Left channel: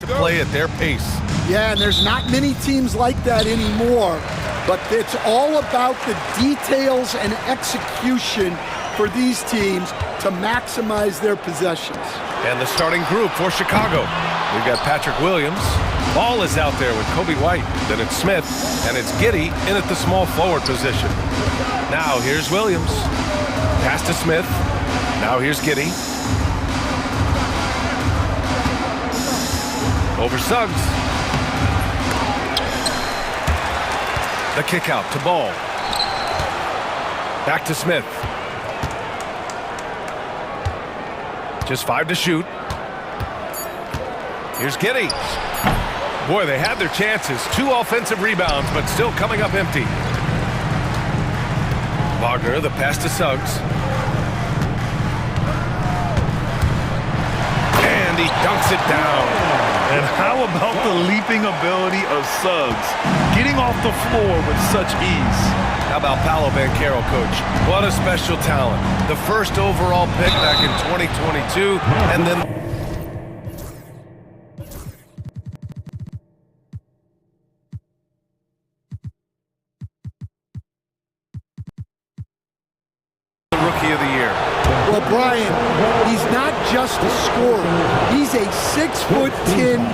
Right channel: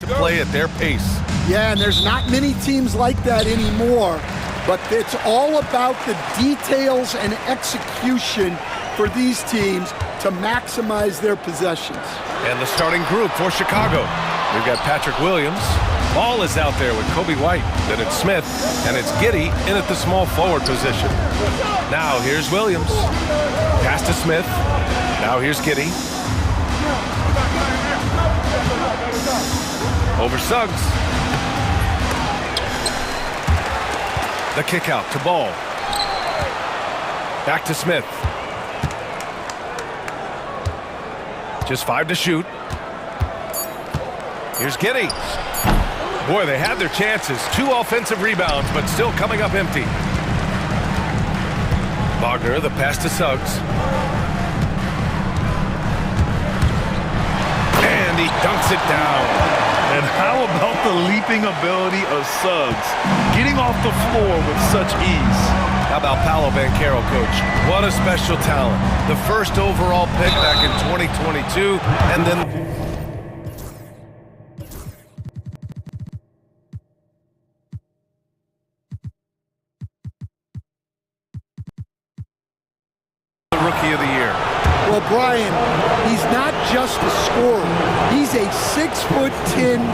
to play at their pace. Yeah, and there's not many teams like that anymore, but it's all about the details and execution for these teams to maximize their possessions. And the starting group for Chicago. We've got Patrick Williams. Ball is out there with Kobe White. Then it's Smith, and it's Giddey in at the small forward position. Now here's Williams. Pass to Smith. Now here's Giddey. Over Suggs. The kick out to Ball. Back to Smith. Just 5 to shoot. Here's Giddey. Boy, they had their chances. 2 offensive rebounds, but still coming up empty. Wagner, the pass to Suggs. And he dunks it down. And how about the leaping ability of Suggs? Getting off the floor with such ease. How about Paolo Banchero, coach? What a special talent. The first overall pick back in 2022, and then the Rookie of the Year. Well, Brian, he's not just a scorer. He's a 6'10"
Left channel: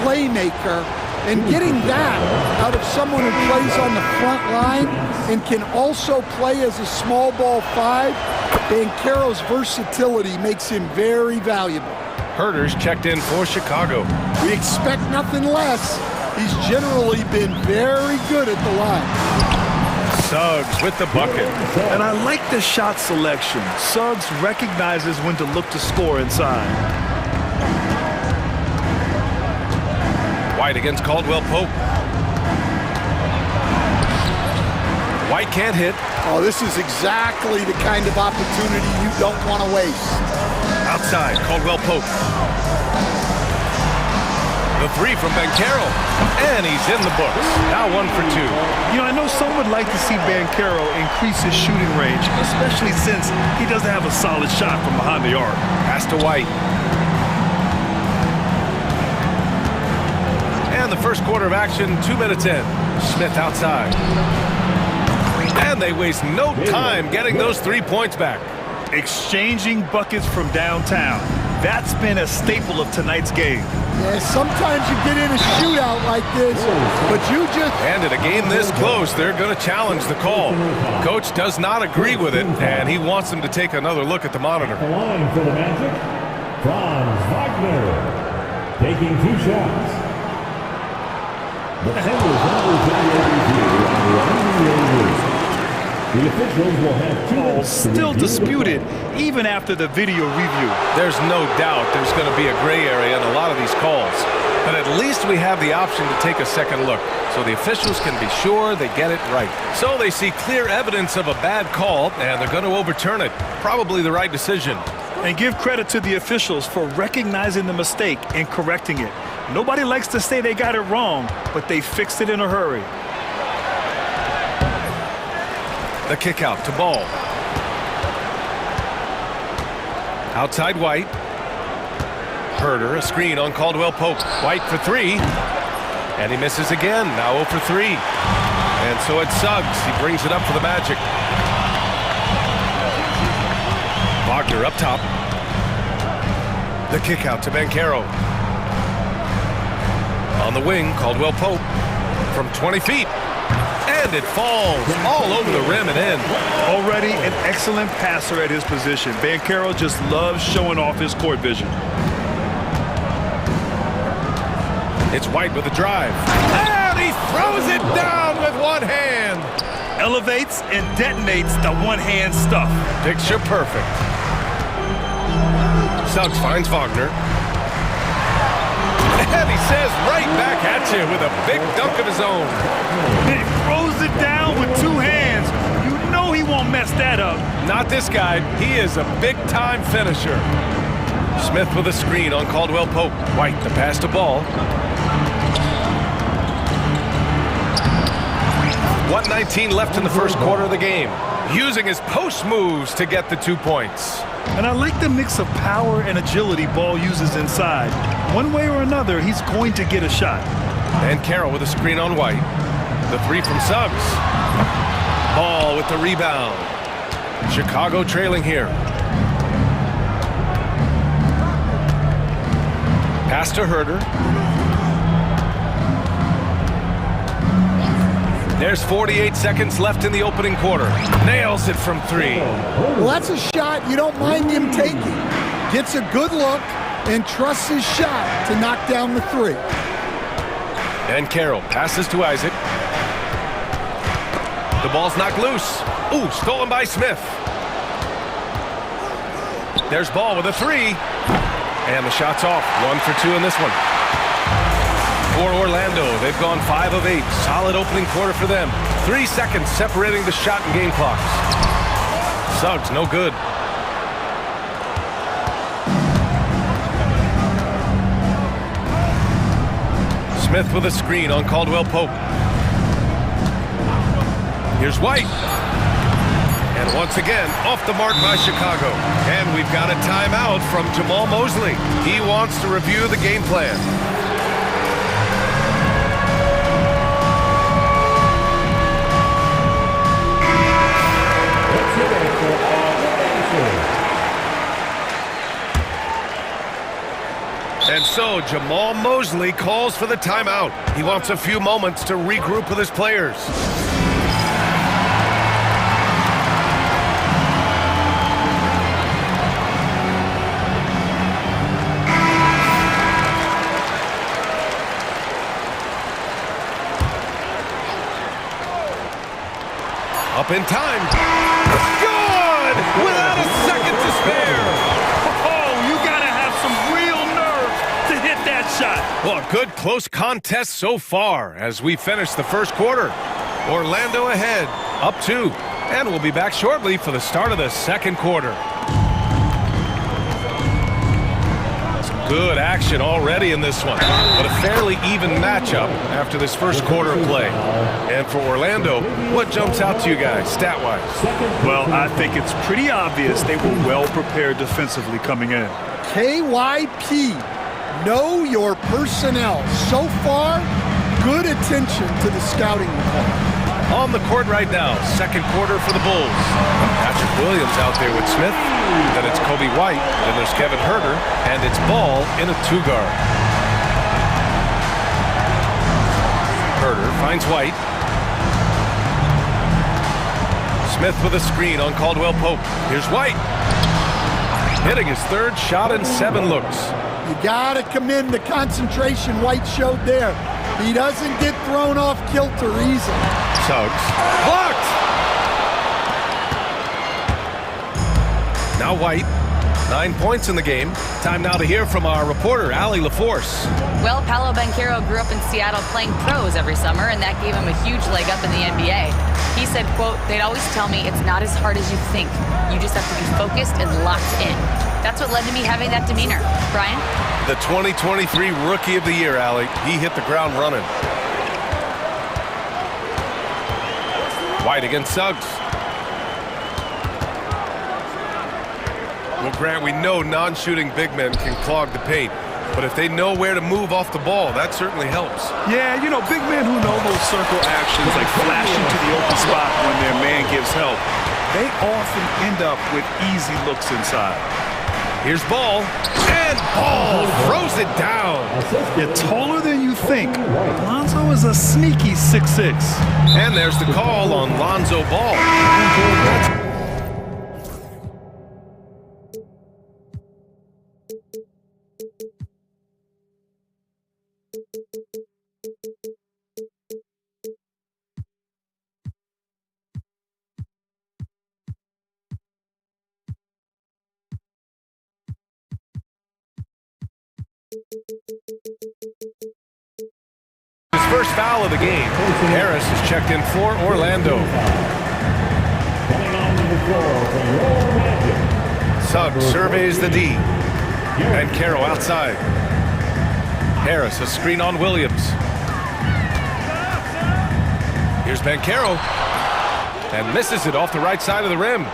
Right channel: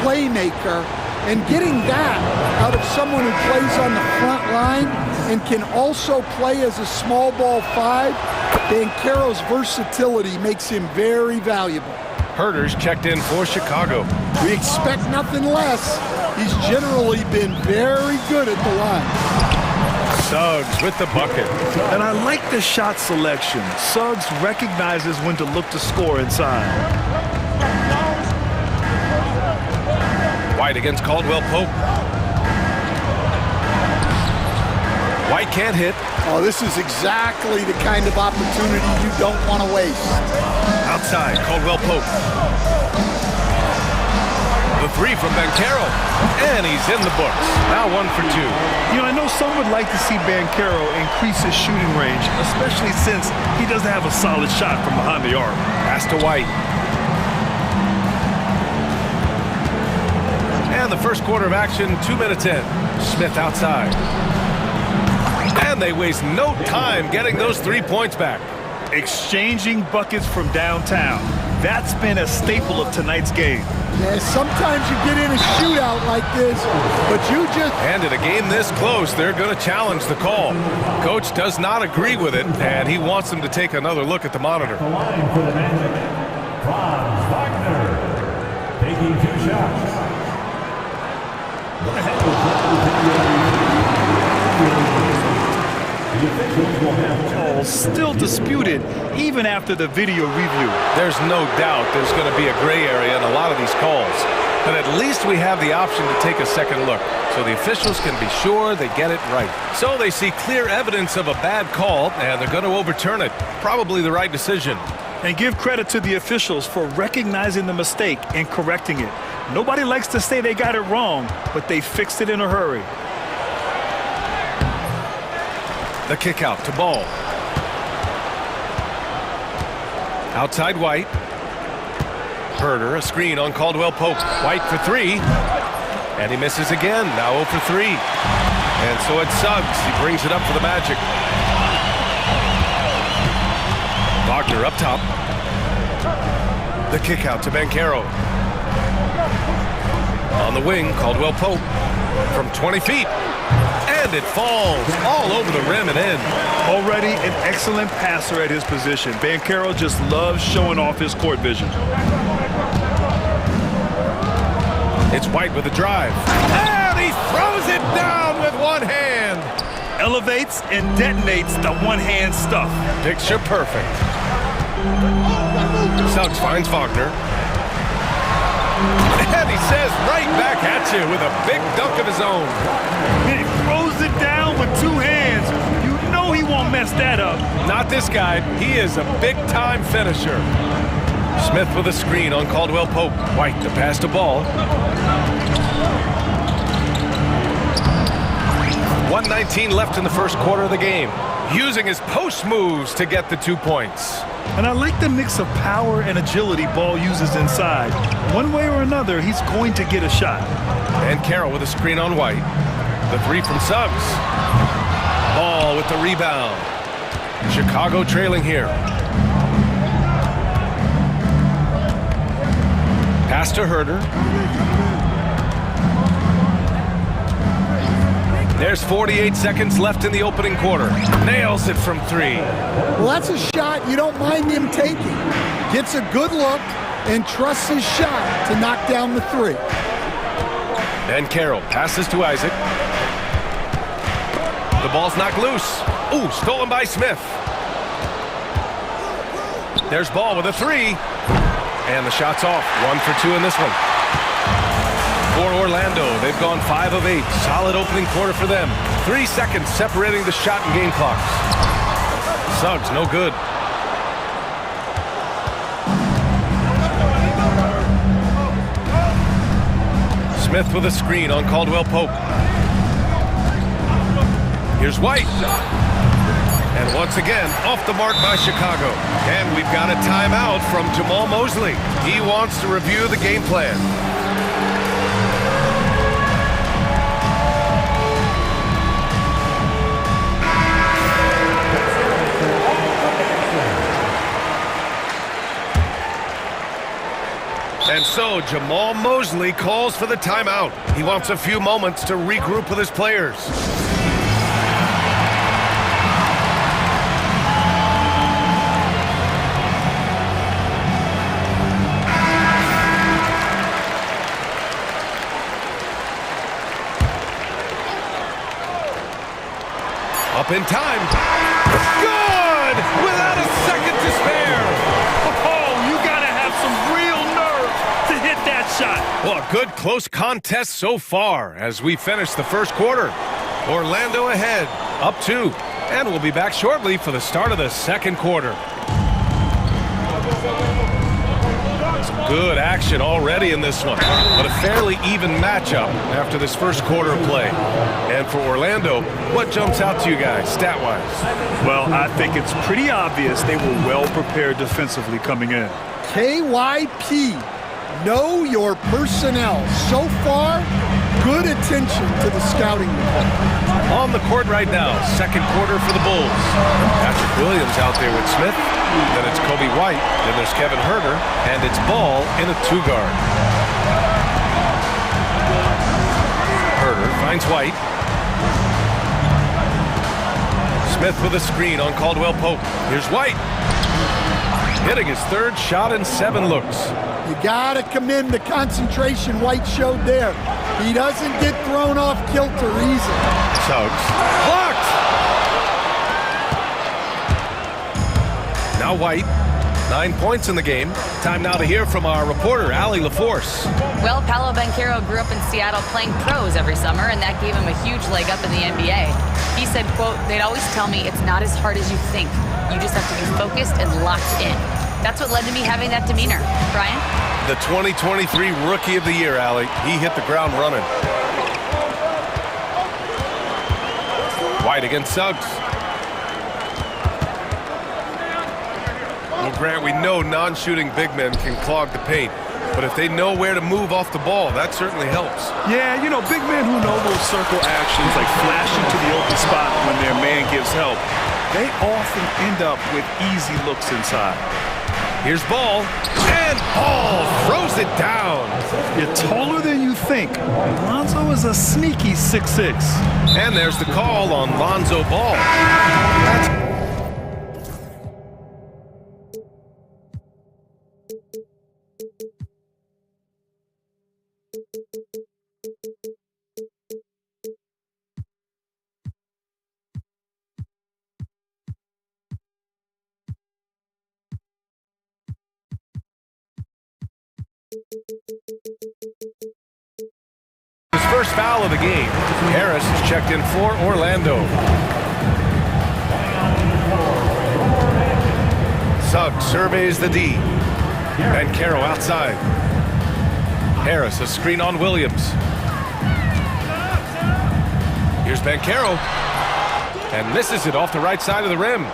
playmaker, and getting that out of someone who plays on the front line and can also play as a small ball 5, Banchero's versatility makes him very valuable. Herter's checked in for Chicago. We expect nothing less. He's generally been very good at the line. Suggs with the bucket. And I like the shot selection. Suggs recognizes when to look to score inside. White against Caldwell Pope. White can't hit. Oh, this is exactly the kind of opportunity you don't want to waste. Outside, Caldwell Pope. The 3 from Banchero. And he's in the books. Now 1 for 2. You know, I know some would like to see Banchero increase his shooting range, especially since he doesn't have a solid shot from behind the arc. Pass to White. And the first quarter of action, 2 minutes in. Smith outside. And they waste no time getting those 3 points back. Exchanging buckets from downtown. That's been a staple of tonight's game. Yeah, sometimes you get in a shootout like this, but you just... And in a game this close, they're going to challenge the call. Coach does not agree with it, and he wants them to take another look at the monitor. The line for the Magic, Franz Wagner, taking 2 shots. The Bengals under video review. The officials will have 2 calls still disputed even after the video review. There's no doubt there's going to be a gray area in a lot of these calls. But at least we have the option to take a second look, so the officials can be sure they get it right. So they see clear evidence of a bad call, and they're going to overturn it. Probably the right decision. And give credit to the officials for recognizing the mistake and correcting it. Nobody likes to say they got it wrong, but they fixed it in a hurry. The kick out to Ball. Outside White. Herter, a screen on Caldwell Pope. White for 3. And he misses again. Now 0 for 3. And so it's Suggs. He brings it up for the Magic. Wagner up top. The kick out to Banchero. On the wing, Caldwell Pope. From 20 feet. And it falls all over the rim and in. Already an excellent passer at his position. Banchero just loves showing off his court vision. It's White with a drive. And he throws it down with one hand. Elevates and detonates the one-hand stuff. Picture perfect. Suggs finds Wagner. And he says right back at you with a big dunk of his own. He throws it down with 2 hands. You know he won't mess that up. Not this guy. He is a big-time finisher. Smith with a screen on Caldwell Pope. White the pass to Ball. 1:19 left in the first quarter of the game. using his post moves to get the 2 points. And I like the mix of power and agility Ball uses inside. One way or another, he's going to get a shot. And Carroll with a screen on White. The 3 from Suggs. Ball with the rebound. Chicago trailing here. Pass to Herder. There's 48 seconds left in the opening quarter. Nails it from 3. Well, that's a shot you don't mind him taking. Gets a good look and trusts his shot to knock down the 3. And Carroll passes to Isaac. The ball's knocked loose. Ooh, stolen by Smith. There's Ball with a 3. And the shot's off. 1 for 2 in this one. For Orlando, they've gone 5 of 8. Solid opening quarter for them. 3 seconds separating the shot and game clocks. Suggs, no good. Smith with a screen on Caldwell Pope. Here's White. And once again, off the mark by Chicago. And we've got a timeout from Jamal Mosley. He wants to review the game plan. And so Jamal Mosley calls for the timeout. He wants a few moments to regroup with his players. Up in time. Good! Without a second to spare. Oh, you gotta have some real nerve to hit that shot. Well, a good close contest so far as we finish the first quarter. Orlando ahead, up 2. And we'll be back shortly for the start of the second quarter. Some good action already in this one, but a fairly even matchup after this first quarter of play. And for Orlando, what jumps out to you guys, stat-wise? Well, I think it's pretty obvious they were well prepared defensively coming in. KYP, know your personnel. So far, good attention to the scouting report. On the court right now, second quarter for the Bulls. Patrick Williams out there with Smith. Then it's Kobe White. Then there's Kevin Herder. And it's Ball in a 2-guard. Herder finds White. Smith with a screen on Caldwell Pope. Here's White. Hitting his 3rd shot in 7 looks. You gotta commend the concentration White showed there. He doesn't get thrown off kilter easily. Suggs. Blocked! Now White. 9 points in the game. Time now to hear from our reporter, Allie LaForce. Well, Paolo Banchero grew up in Seattle playing pros every summer, and that gave him a huge leg up in the NBA. He said, quote, "They'd always tell me it's not as hard as you think. You just have to be focused and locked in." That's what led to me having that demeanor. Brian? The 2023 Rookie of the Year, Allie. He hit the ground running. White against Suggs. Well, Grant, we know non-shooting big men can clog the paint, but if they know where to move off the ball, that certainly helps. Yeah, you know, big men who know those circle actions, like flashing to the open spot when their man gives help, they often end up with easy looks inside. Here's Ball, and Ball throws it down. You're taller than you think. Lonzo is a sneaky 6'6". And there's the call on Lonzo Ball. That's his first foul of the game. Harris is checked in for Orlando. Suggs surveys the D. And Carroll outside. Harris, a screen on Williams. Here's Banchero. and misses it off the right side of the rim.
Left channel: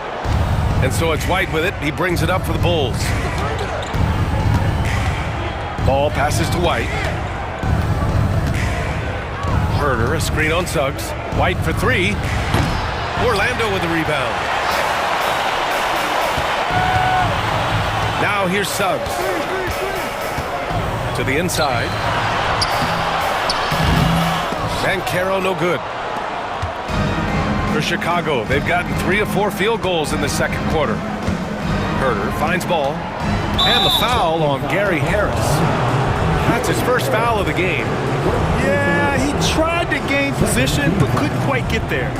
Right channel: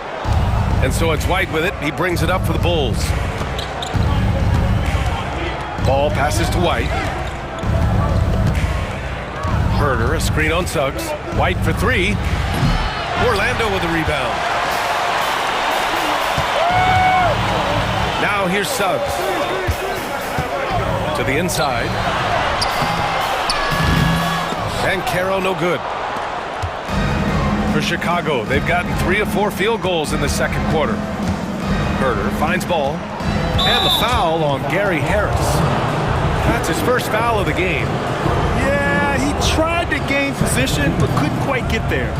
And so it's White with it. He brings it up for the Bulls. Ball passes to White. Herder, a screen on Suggs. White for three. Orlando with the rebound. Now here's Suggs. To the inside. Banchero no good. For Chicago, they've gotten 3 of 4 field goals in the second quarter. Herder finds ball. And the foul on Gary Harris. That's his first foul of the game. Yeah, he tried to gain position, but couldn't quite get there.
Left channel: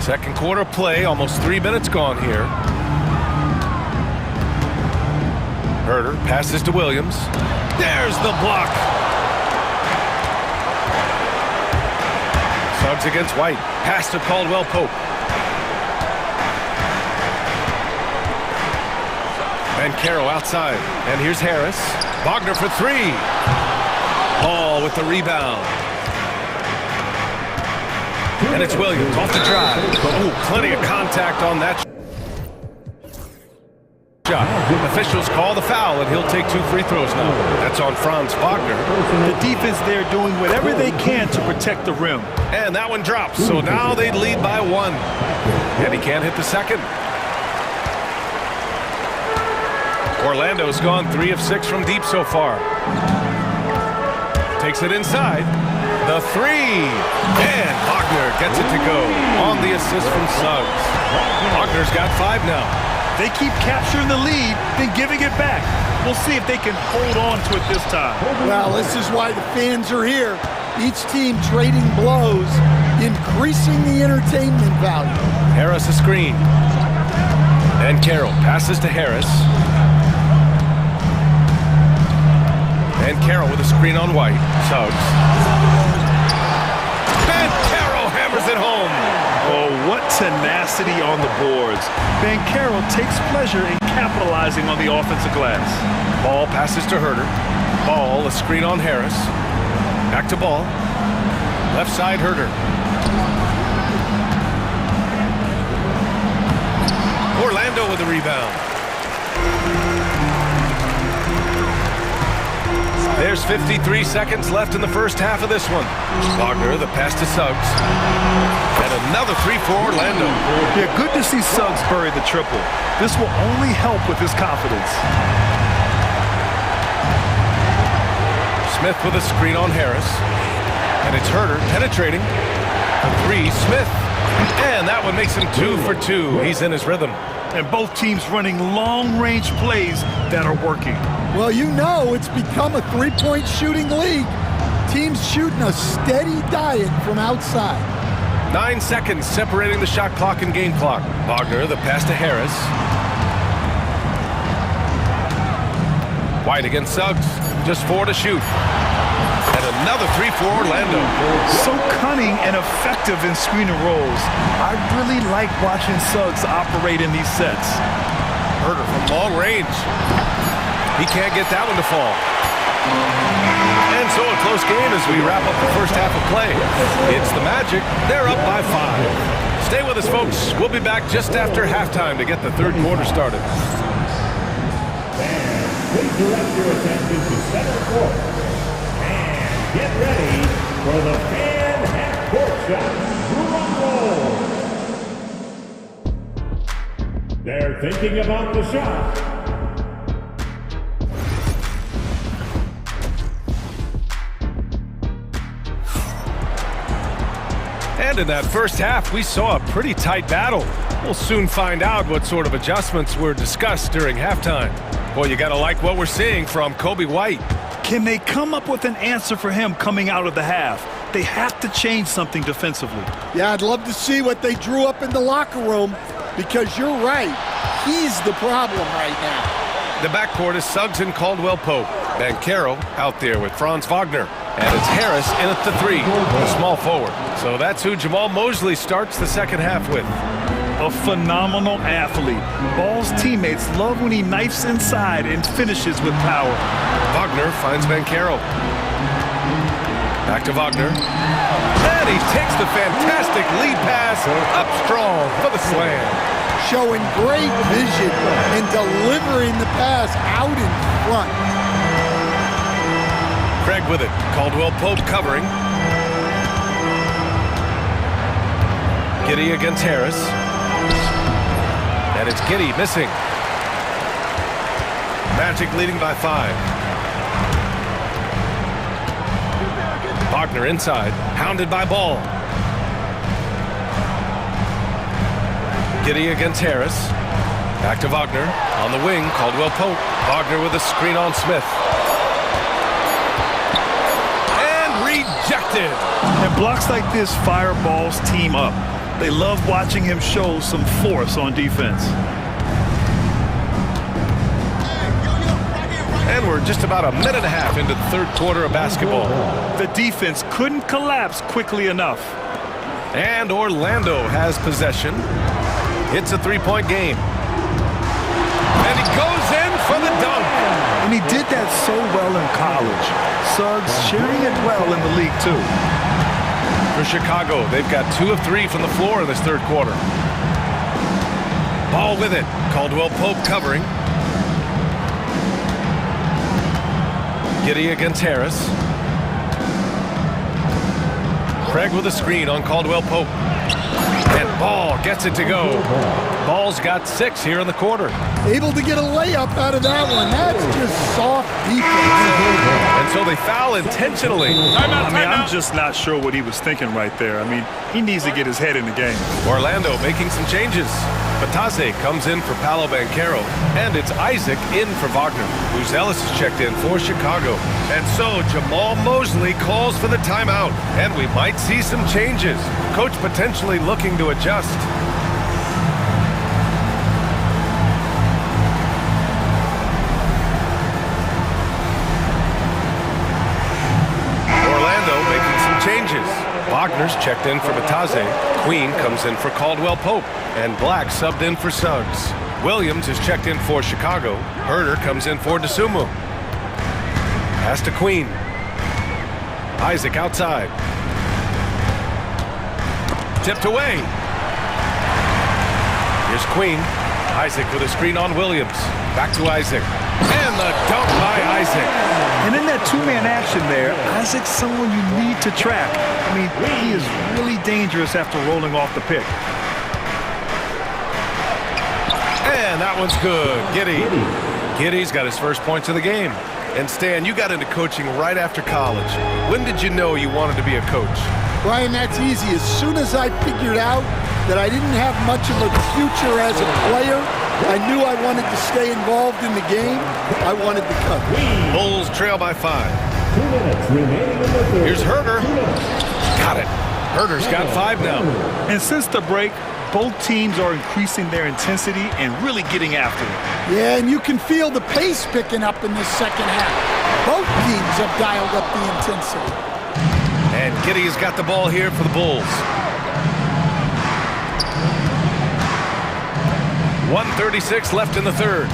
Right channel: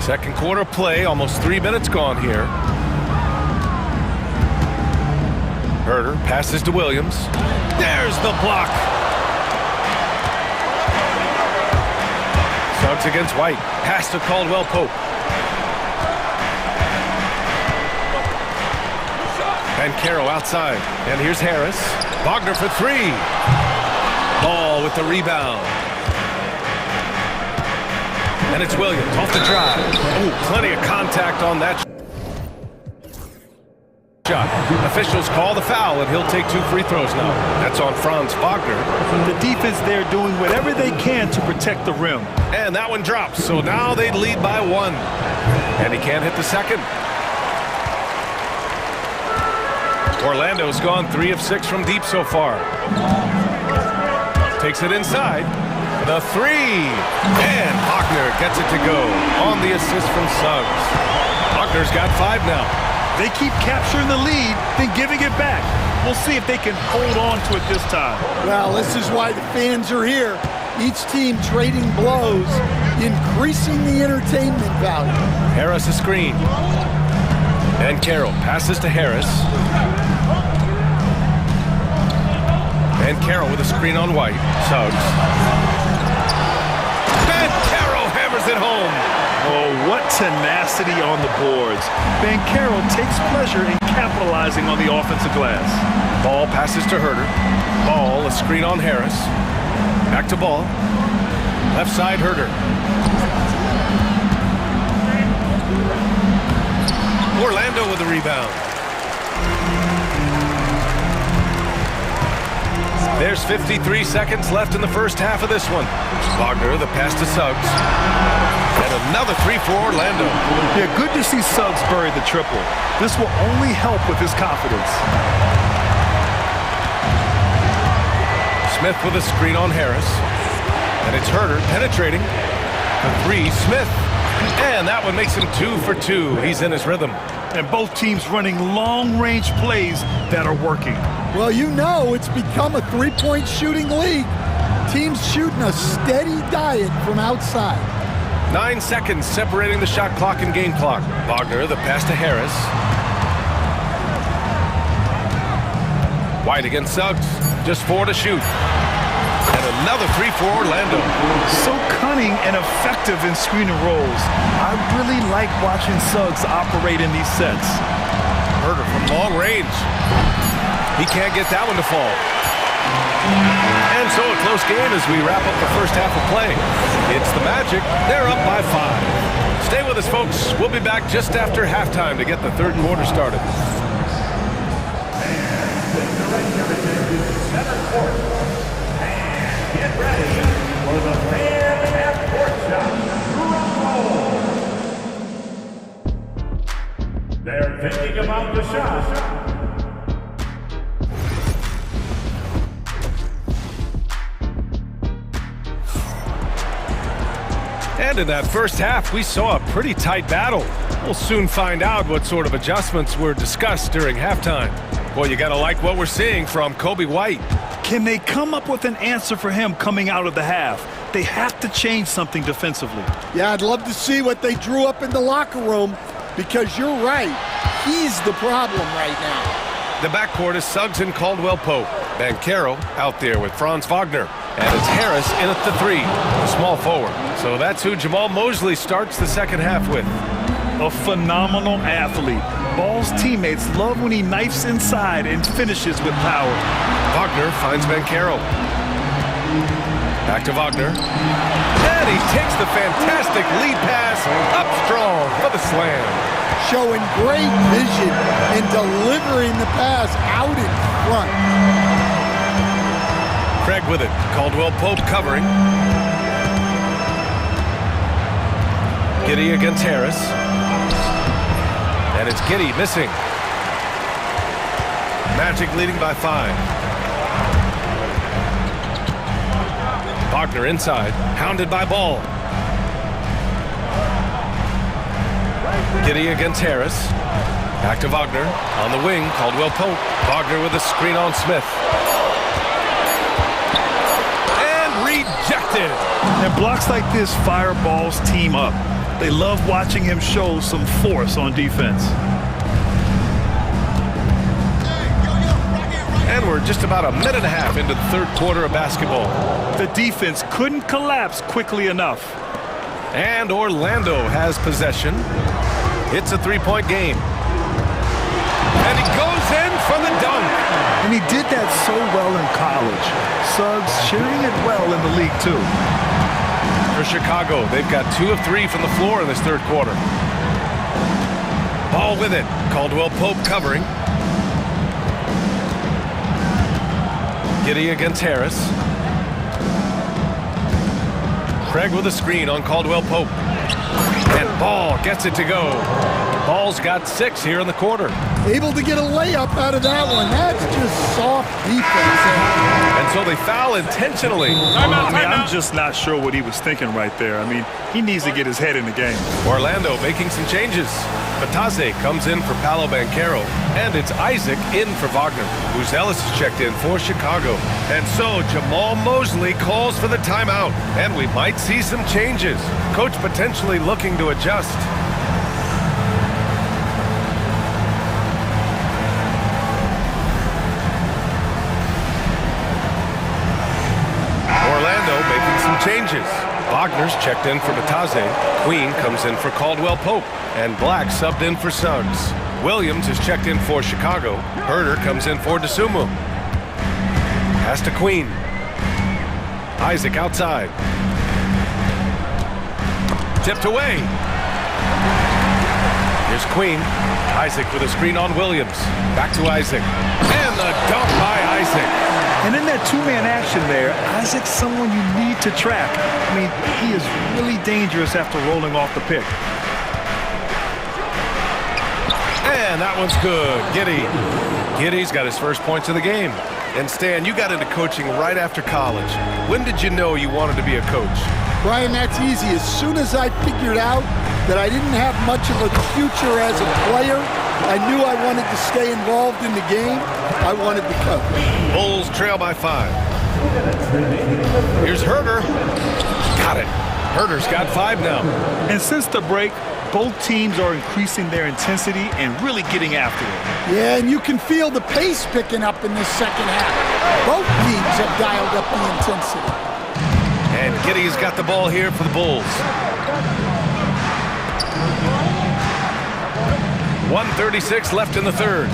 Second quarter play, almost 3 minutes gone here. Herder passes to Williams. There's the block. Suggs against White. Pass to Caldwell Pope. Banchero outside. And here's Harris. Wagner for three. Ball with the rebound. And it's Williams off the drive. Oh, plenty of contact on that shot. Officials call the foul, and he'll take 2 free throws now. That's on Franz Wagner. The defense there doing whatever they can to protect the rim. And that one drops, so now they lead by 1. And he can't hit the second. Orlando's gone 3 of 6 from deep so far. Takes it inside. The three. And Wagner gets it to go on the assist from Suggs. Wagner's got 5 now. They keep capturing the lead, then giving it back. We'll see if they can hold on to it this time. Well, this is why the fans are here. Each team trading blows, increasing the entertainment value. Harris a screen. And Carroll passes to Harris. And Carroll with a screen on White. Suggs. And Carroll hammers it home. Oh, what tenacity on the boards. Banchero takes pleasure in capitalizing on the offensive glass. Ball passes to Herder. Ball, a screen on Harris. Back to Ball. Left side, Herder. Orlando with the rebound. There's 53 seconds left in the first half of this one. Wagner, the pass to Suggs. And another three for Orlando. Yeah, good to see Suggs bury the triple. This will only help with his confidence. Smith with a screen on Harris. And it's Herder penetrating. For three, Smith. And that one makes him 2 for 2. He's in his rhythm. And both teams running long-range plays that are working. Well, you know it's become a three-point shooting league. Teams shooting a steady diet from outside. 9 seconds separating the shot clock and game clock. Wagner, the pass to Harris. White against Suggs. Just 4 to shoot. And another 3 for Orlando. So cunning and effective in screen and rolls. I really like watching Suggs operate in these sets. Herder from long range. He can't get that one to fall. And so a close game as we wrap up the first half of play. It's the Magic. They're up by 5. Stay with us, folks. We'll be back just after halftime to get the third quarter started. And please direct your attention to center court. And get ready for the fan half-court shot. Drum roll. They're thinking about the shot. And in that first half, we saw a pretty tight battle. We'll soon find out what sort of adjustments were discussed during halftime. Well, you gotta like what we're seeing from Kobe White. Can they come up with an answer for him coming out of the half? They have to change something defensively. Yeah, I'd love to see what they drew up in the locker room, because you're right. He's the problem right now. The backcourt is Suggs and Caldwell Pope. Banchero out there with Franz Wagner. And it's Harris in at the 3, a small forward. So that's who Jamal Mosley starts the second half with. A phenomenal athlete. Ball's teammates love when he knifes inside and finishes with power. Wagner finds Banchero. Back to Wagner. And he takes the fantastic lead pass up strong for the slam. Showing great vision in delivering the pass out in front. Craig with it. Caldwell Pope covering. Giddy against Harris. And it's Giddy missing. Magic leading by 5. Wagner inside, hounded by Ball. Giddy against Harris. Back to Wagner. On the wing, Caldwell Pope. Wagner with a screen on Smith. And rejected. And blocks like this fire Ball's team up. They love watching him show some force on defense. And we're just about a minute and a half into the third quarter of basketball. The defense couldn't collapse quickly enough. And Orlando has possession. It's a three-point game. And he goes in for the dunk. And he did that so well in college. Suggs sharing it well in the league, too. For Chicago, they've got 2 of 3 from the floor in this third quarter. Ball with it. Caldwell Pope covering. Giddy against Harris. Craig with a screen on Caldwell Pope. And Ball gets it to go. Ball's got 6 here in the quarter. Able to get a layup out of that one. That's just soft defense. And so they foul intentionally. I'm just not sure what he was thinking right there. I mean, he needs to get his head in the game. Orlando making some changes. Batase comes in for Paolo Banchero, and it's Isaac in for Wagner. Buzelis is checked in for Chicago. And so Jamal Mosley calls for the timeout, and we might see some changes. Coach potentially looking to adjust. Orlando making some changes. Wagner's checked in for Batase. Queen comes in for Caldwell Pope. And Black subbed in for Suggs. Williams is checked in for Chicago. Herder comes in for DeSumo. Pass to Queen. Isaac outside. Tipped away. Here's Queen. Isaac with a screen on Williams. Back to Isaac. And the dunk by Isaac. And in that two-man action there, Isaac's someone you need to track. I mean, he is really dangerous after rolling off the pick. And that one's good. Giddy's got his first points of the game. And Stan, you got into coaching right after college. When did you know you wanted to be a coach? Brian, that's easy. As soon as I figured out that I didn't have much of a future as a player, I knew I wanted to stay involved in the game. I wanted to coach. Bulls trail by 5. Here's Herder. Got it. Herder's got 5 now. And since the break, both teams are increasing their intensity and really getting after it. Yeah, and you can feel the pace picking up in this second half. Both teams have dialed up the intensity. And Giddy's got the ball here for the Bulls. 1:36 left in the third.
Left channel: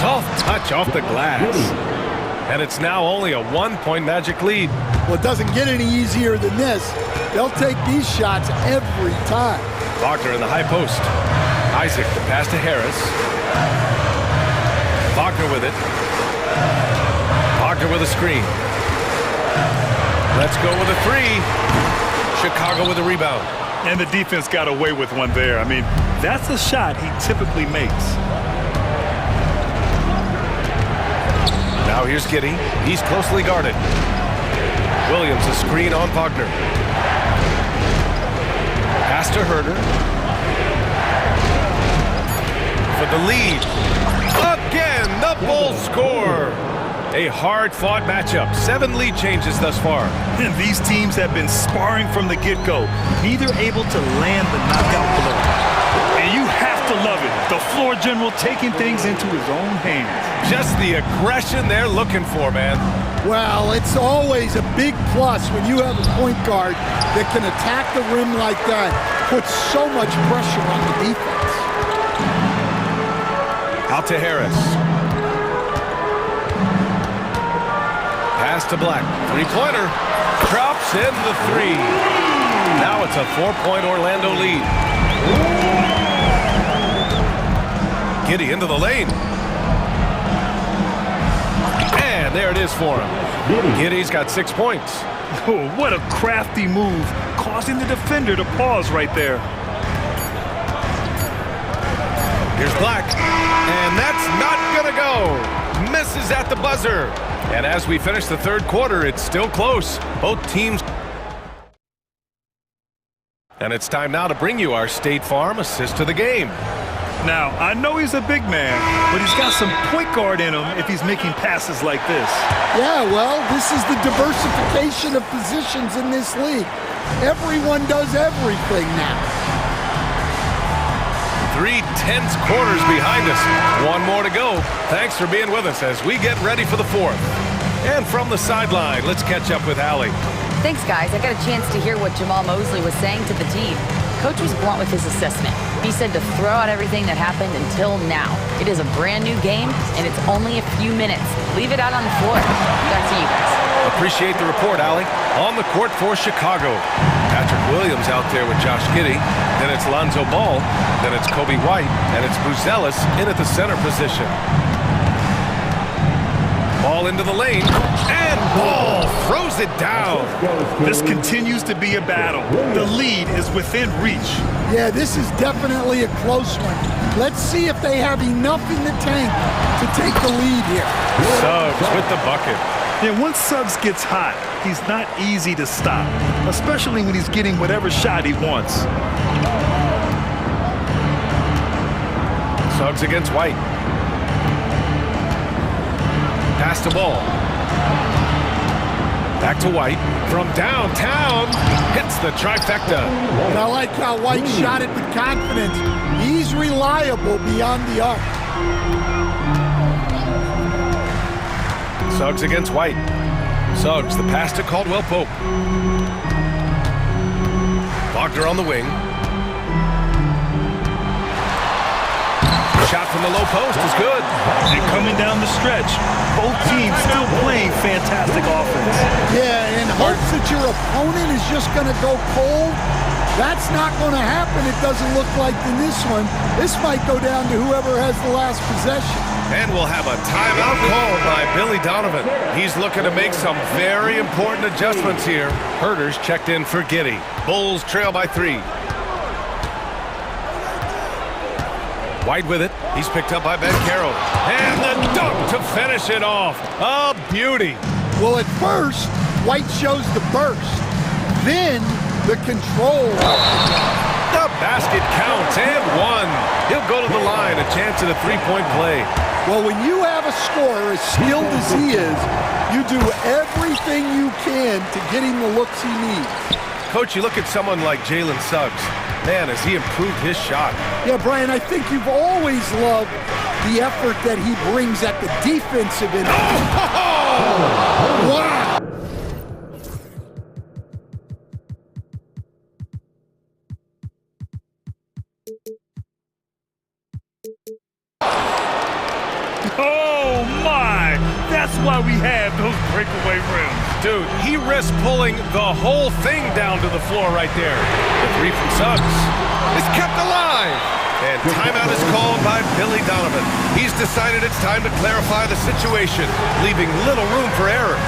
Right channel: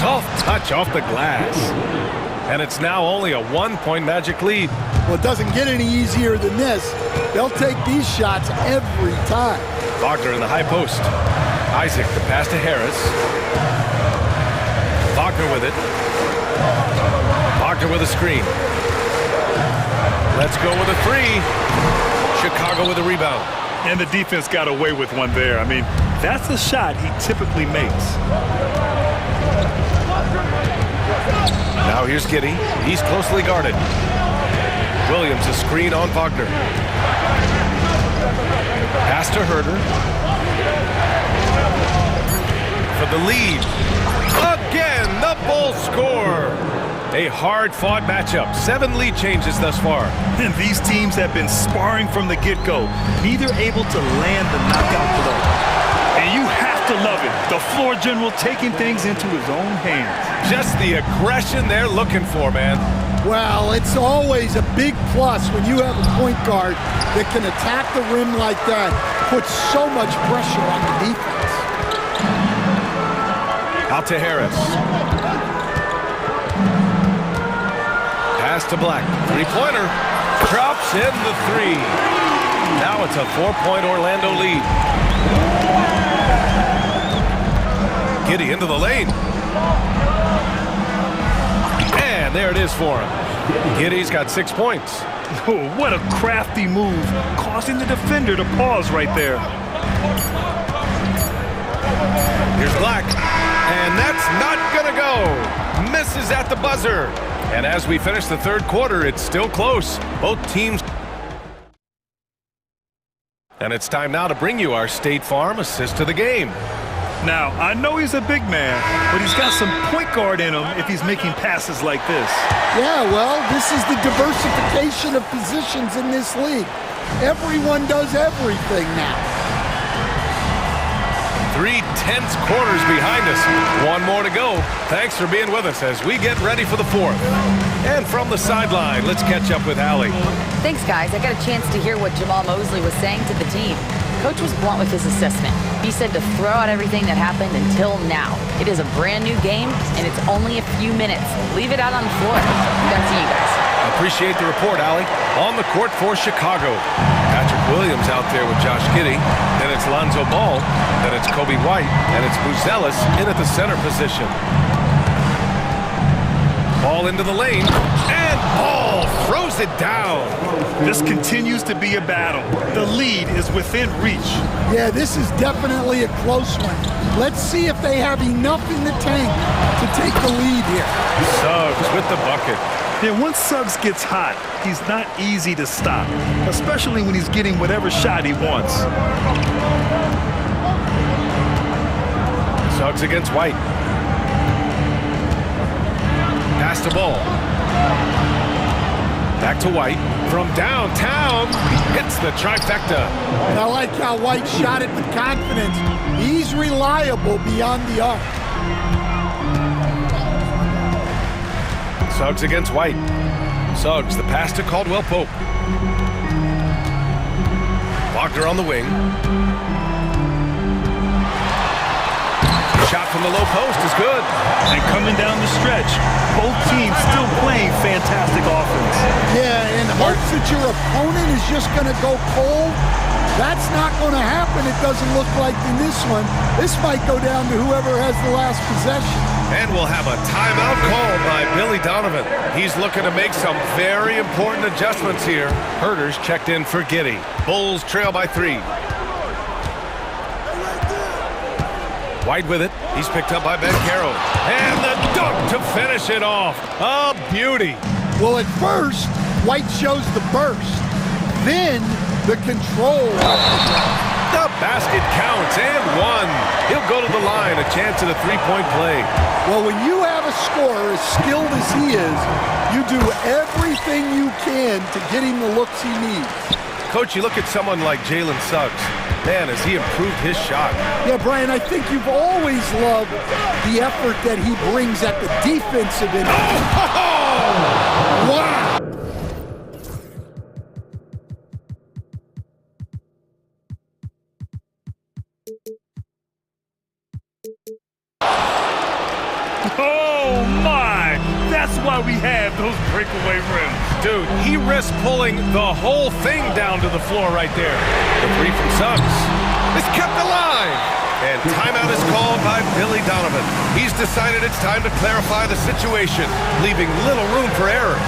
Soft touch off the glass. And it's now only a 1-point Magic lead. Well, it doesn't get any easier than this. They'll take these shots every time. Wagner in the high post. Isaac, the pass to Harris. Wagner with it. Wagner with a screen. Let's go with a 3. Chicago with a rebound. And the defense got away with one there. I mean, that's a shot he typically makes. Now here's Giddy. He's closely guarded. Williams a screen on Wagner. Pass to Herder. For the lead. Again, the Bulls score. A hard-fought matchup. 7 lead changes thus far. And these teams have been sparring from the get-go, neither able to land the knockout blow. And you have to love it. The floor general taking things into his own hands. Just the aggression they're looking for, man. Well, it's always a big plus when you have a point guard that can attack the rim like that, puts so much pressure on the defense. Pass to Black. Three-pointer. Drops in the three. Now it's a 4-point Orlando lead. Giddey into the lane. And there it is for him. Giddey's got 6 points. Oh, what a crafty move, causing the defender to pause right there. Here's Black. And that's not gonna go. Misses at the buzzer. And as we finish the third quarter, it's still close. Both teams. And it's time now to bring you our State Farm assist to the game. Now, I know he's a big man, but he's got some point guard in him if he's making passes like this. Yeah, well, this is the diversification of positions in this league. Everyone does everything now. 3 tense quarters behind us. One more to go. Thanks for being with us as we get ready for the fourth. And from the sideline, let's catch up with Allie. Thanks, guys. I got a chance to hear what Jamal Mosley was saying to the team. Coach was blunt with his assessment. He said to throw out everything that happened until now. It is a brand new game, and it's only a few minutes. Leave it out on the floor. Back to you guys. Appreciate the report, Allie. On the court for Chicago. Patrick Williams out there with Josh Giddey. Then it's Lonzo Ball. Then it's Kobe White. And it's Buzelis in at the center position. Ball into the lane. And Ball throws it down. This continues to be a battle. The lead is within reach. Yeah, this is definitely a close one. Let's see if they have enough in the tank to take the lead here. Suggs with the bucket. And once Suggs gets hot, he's not easy to stop, especially when he's getting whatever shot he wants. Suggs against White. Pass the ball. Back to White. From downtown, hits the trifecta. And I like how White shot it with confidence. He's reliable beyond the arc. Suggs against White. Suggs, the pass to Caldwell Pope. Wagner on the wing. Shot from the low post is good. And coming down the stretch, both teams still playing fantastic offense. Yeah, and hopes that your opponent is just going to go cold. That's not going to happen, it doesn't look like in this one. This might go down to whoever has the last possession. And we'll have a timeout called by Billy Donovan. He's looking to make some very important adjustments here. Herders checked in for Giddey. Bulls trail by 3. White with it. He's picked up by Ben Caro. And the dunk to finish it off. A beauty. Well, at first, White shows the burst. Then, the control off the dunk. The basket counts and one. He'll go to the line, a chance at a three-point play. Well, when you have a scorer as skilled as he is, you do everything you can to get him the looks he needs. Coach, you look at someone like Jalen Suggs. Man, has he improved his shot. Yeah, Brian, I think you've always loved the effort that he brings at the defensive end. Oh! Wow! Oh, my! That's why we have those breakaway rims. Dude, he risks pulling the whole thing down to the floor right there. The three from Suggs is kept alive. And timeout is called by Billy Donovan. He's decided it's time to clarify the situation, leaving little room for error.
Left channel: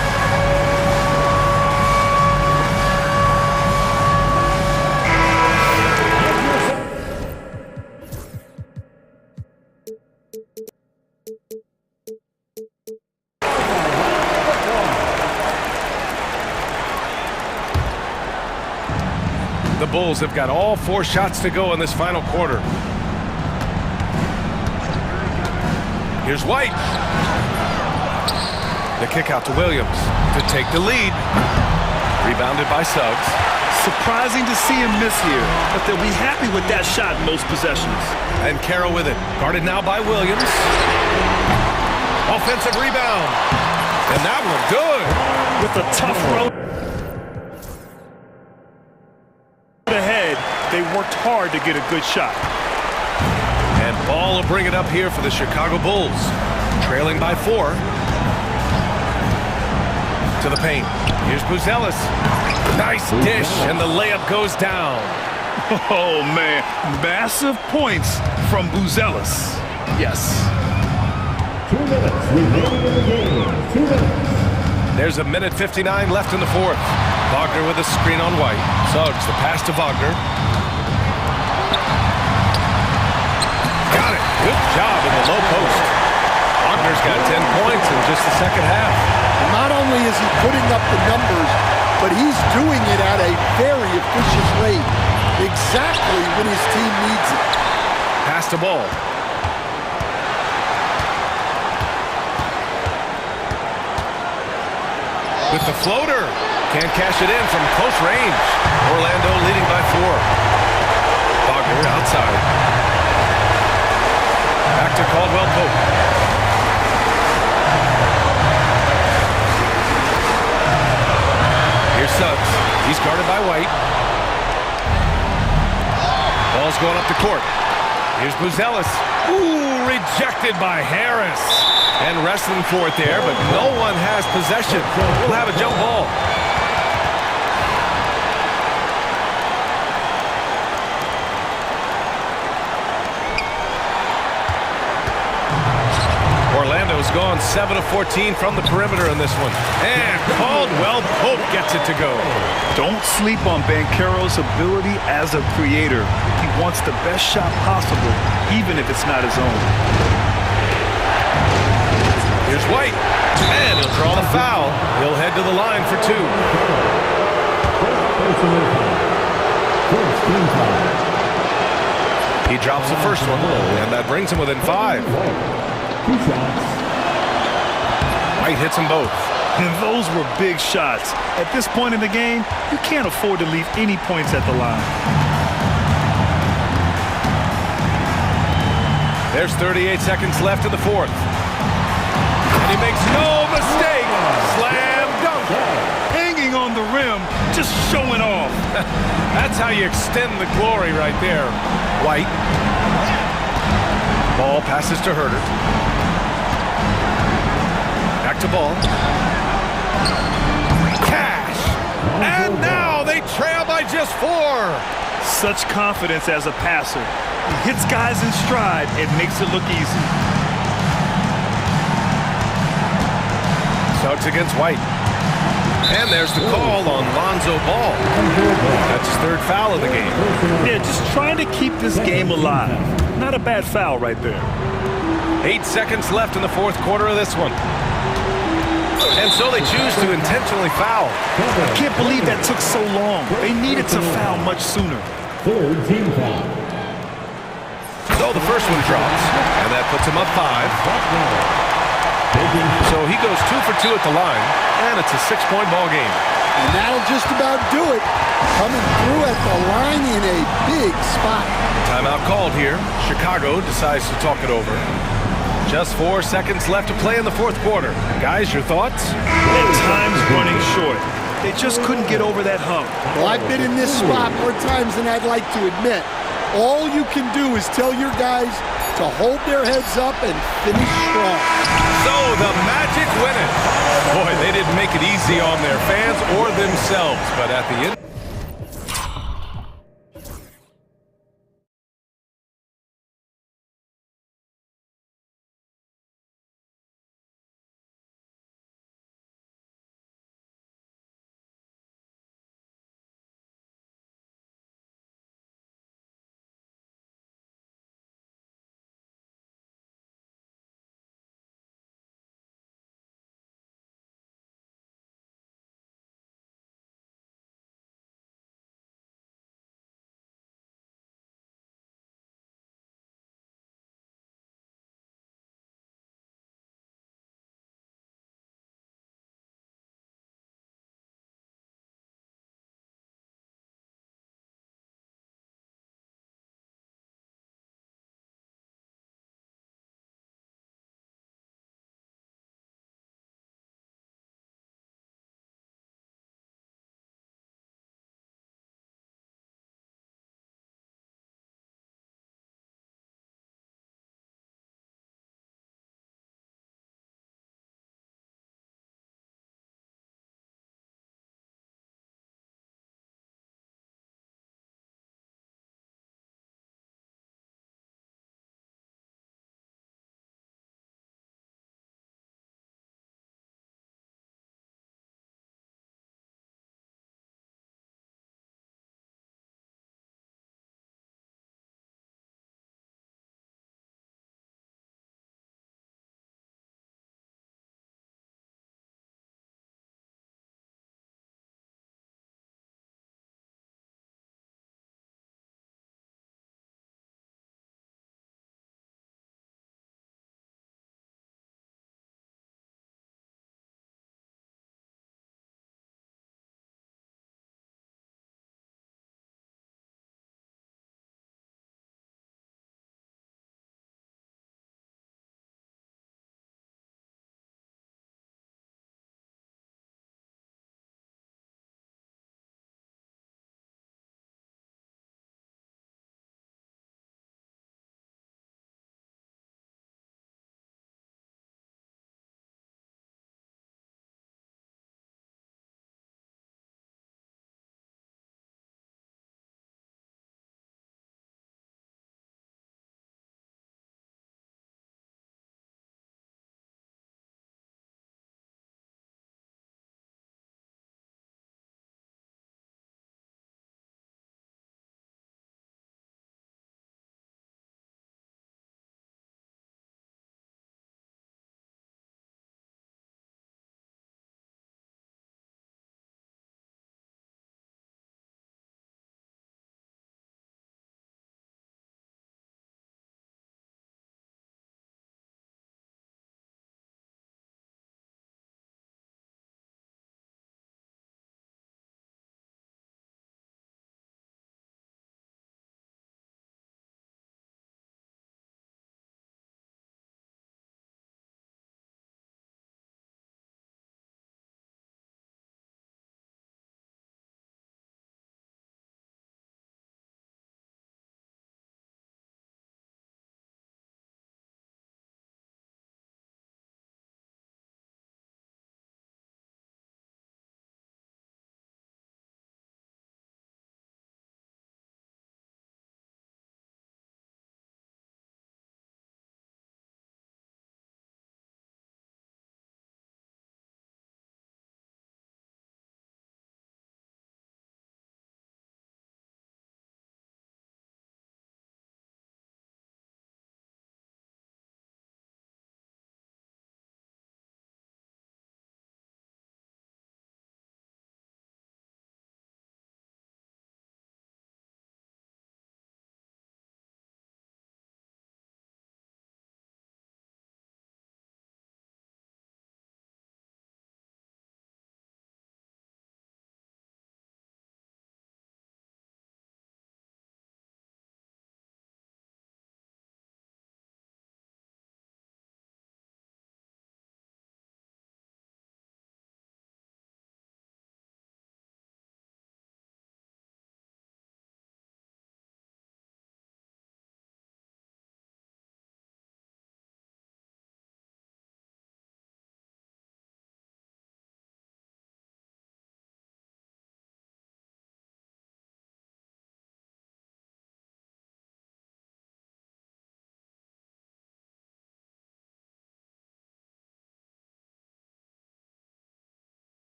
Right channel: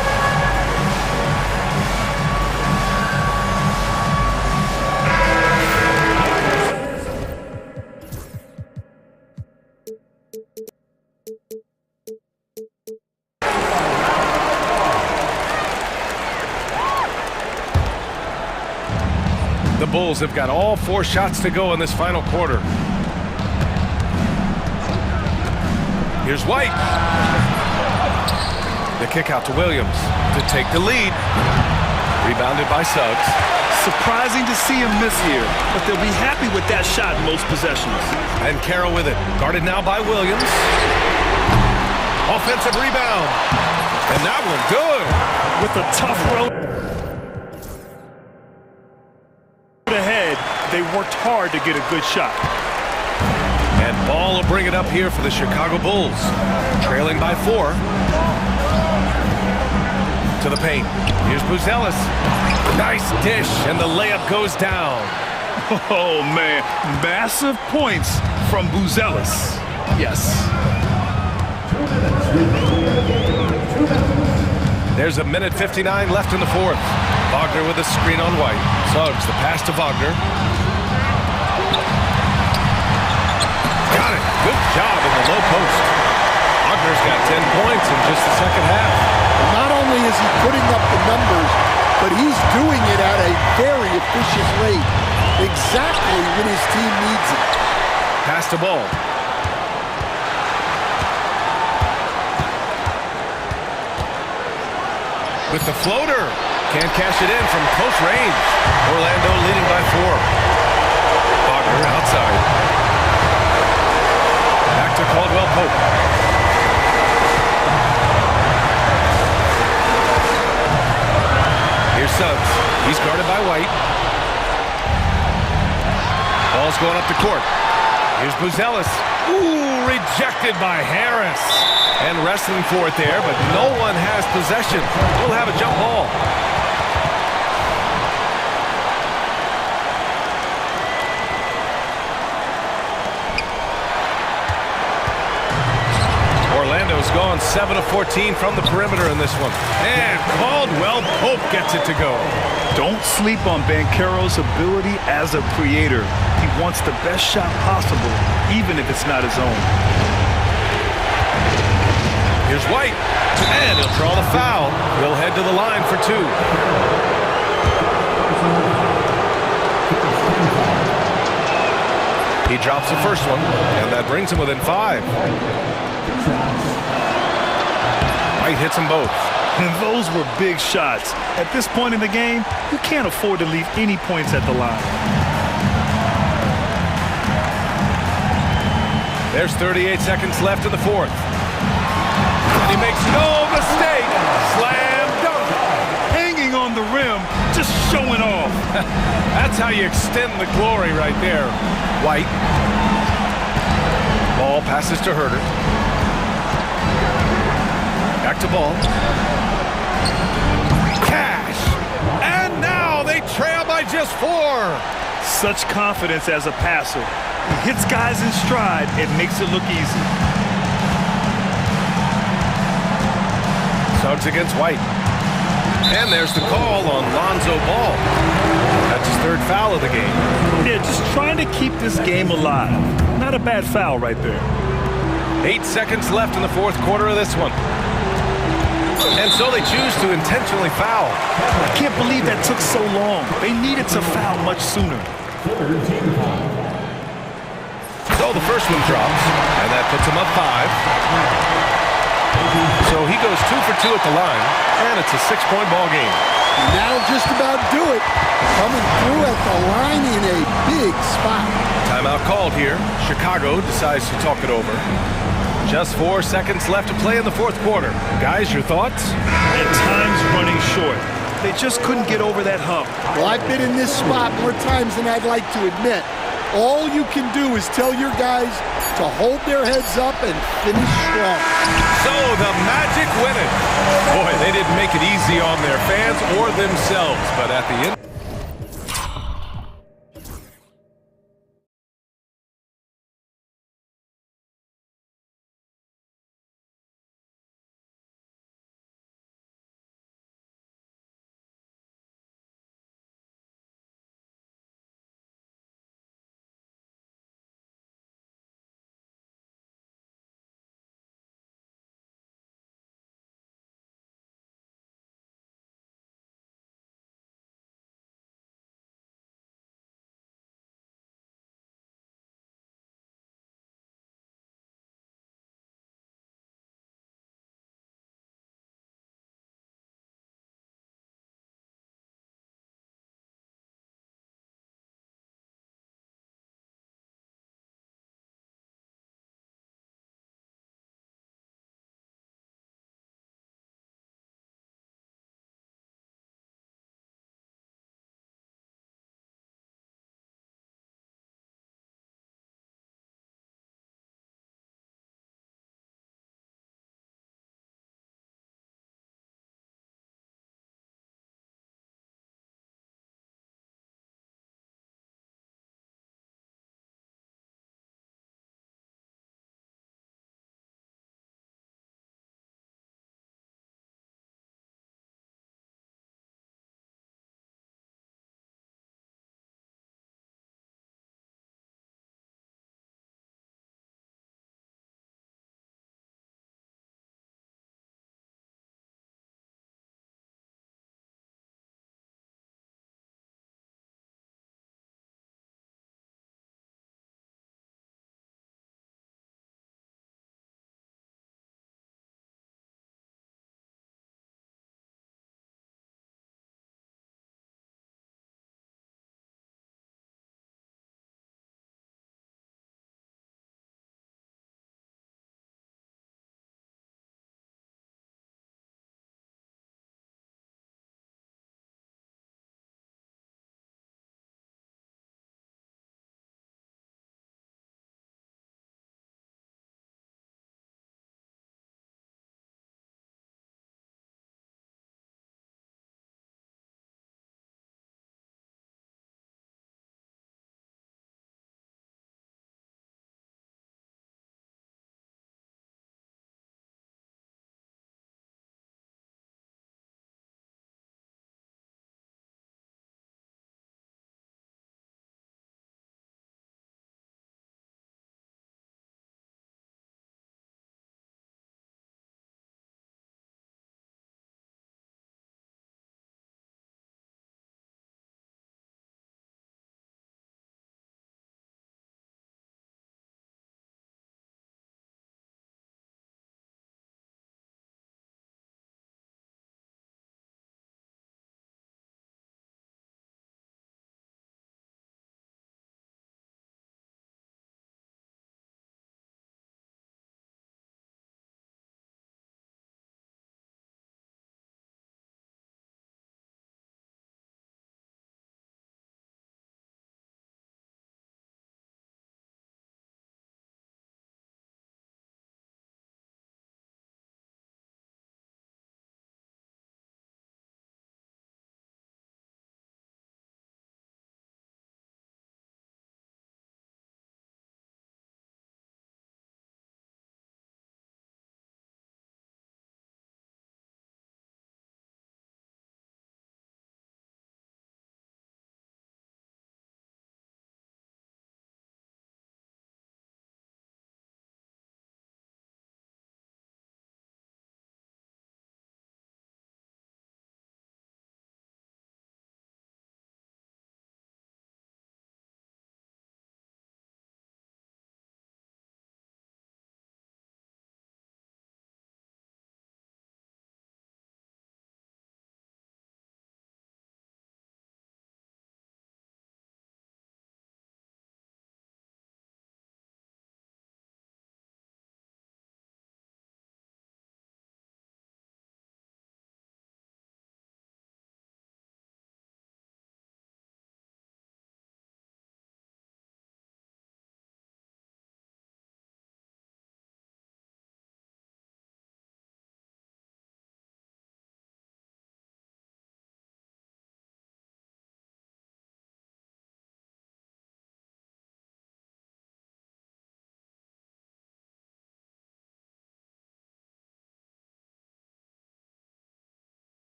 The Bulls have got all 4 shots to go in this final quarter. Here's White. The kick out to Williams to take the lead. Rebounded by Suggs. Surprising to see him miss here, but they'll be happy with that shot in most possessions. And Caro with it. Guarded now by Williams. Offensive rebound. And that one good. With a tough road ahead, they worked hard to get a good shot. And Ball will bring it up here for the Chicago Bulls. Trailing by 4. to the paint. Here's Buzelis. Nice dish, and the layup goes down. Oh, man. Massive points from Buzelis. Yes. 2 minutes remaining in the game. 2 minutes. There's a minute 59 left in the fourth. Wagner with a screen on White. Suggs, the pass to Wagner. Got it. Good job in the low post. Wagner's got 10 points in just the second half. And not only is he putting up the numbers, but he's doing it at a very efficient rate. Exactly when his team needs it. Pass to Ball. With the floater. Can't cash it in from close range. Orlando leading by 4. Wagner outside. Back to Caldwell Pope. Here's Suggs. He's guarded by White. Ball's going up the court. Here's Buzelis. Ooh, rejected by Harris. And wrestling for it there, but no one has possession. We'll have a jump ball. Orlando's gone 7 of 14 from the perimeter in this one. And Caldwell Pope gets it to go. Don't sleep on Banchero's ability as a creator. He wants the best shot possible, even if it's not his own. Here's White. And he'll draw the foul. He'll head to the line for 2. He drops the first one, and that brings him within 5. White hits them both. And those were big shots. At this point in the game, you can't afford to leave any points at the line. There's 38 seconds left in the fourth. And he makes no mistake. Slam dunk. Hanging on the rim, just showing off. That's how you extend the glory right there. White. Ball passes to Herter. Back to Ball. Cash. And now they trail by just 4. Such confidence as a passer. He hits guys in stride. It makes it look easy. Suggs against White. And there's the call on Lonzo Ball. That's his 3rd foul of the game. Yeah, just trying to keep this game alive. Not a bad foul right there. 8 seconds left in the fourth quarter of this one. And so they choose to intentionally foul. I can't believe that took so long. They needed to foul much sooner. 3rd team foul. So the first one drops, and that puts him up 5. So he goes 2 for 2 at the line, and it's a 6-point ball game. And that'll just about do it. Coming through at the line in a big spot. Timeout called here. Chicago decides to talk it over. Just 4 seconds left to play in the fourth quarter. Guys, your thoughts? And time's running short. They just couldn't get over that hump. Well, I've been in this spot more times than I'd like to admit. All you can do is tell your guys to hold their heads up and finish strong. So the Magic win it. Boy, they didn't make it easy on their fans or themselves, but at the end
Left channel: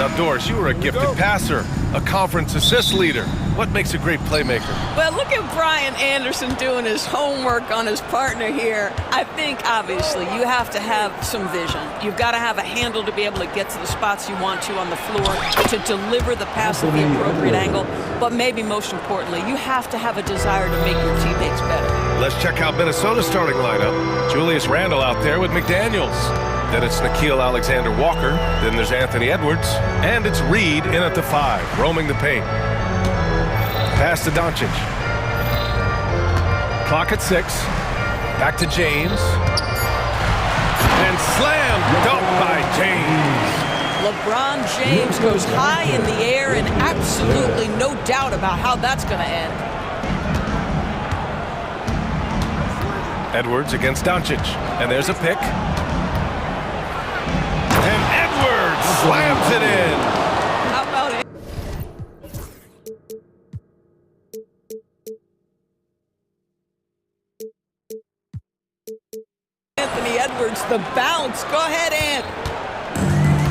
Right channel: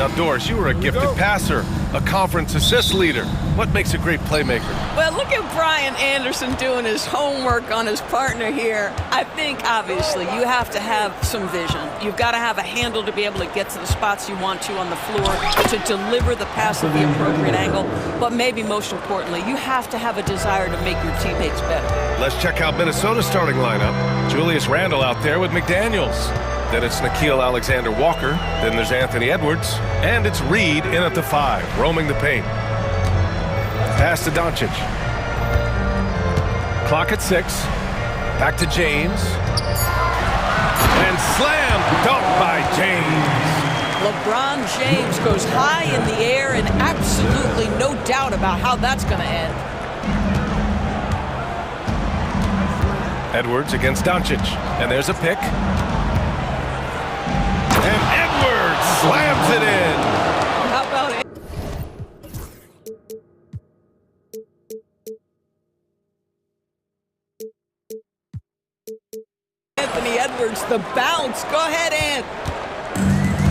Now, Doris, you were a gifted passer, a conference assist leader. What makes a great playmaker? Well, look at Brian Anderson doing his homework on his partner here. I think, obviously, you have to have some vision. You've got to have a handle to be able to get to the spots you want to on the floor, to deliver the pass at the appropriate angle. But maybe most importantly, you have to have a desire to make your teammates better. Let's check out Minnesota's starting lineup. Julius Randle out there with McDaniels. Then it's Nickeil Alexander-Walker. Then there's Anthony Edwards. And it's Reed in at the 5, roaming the paint. Pass to Doncic. Clock at 6. Back to James. And slam dunk by James. LeBron James goes high in the air, and absolutely no doubt about how that's going to end. Edwards against Doncic. And there's a pick. And Edwards slams it in. How about it? Anthony Edwards, the bounce. Go ahead, Ant.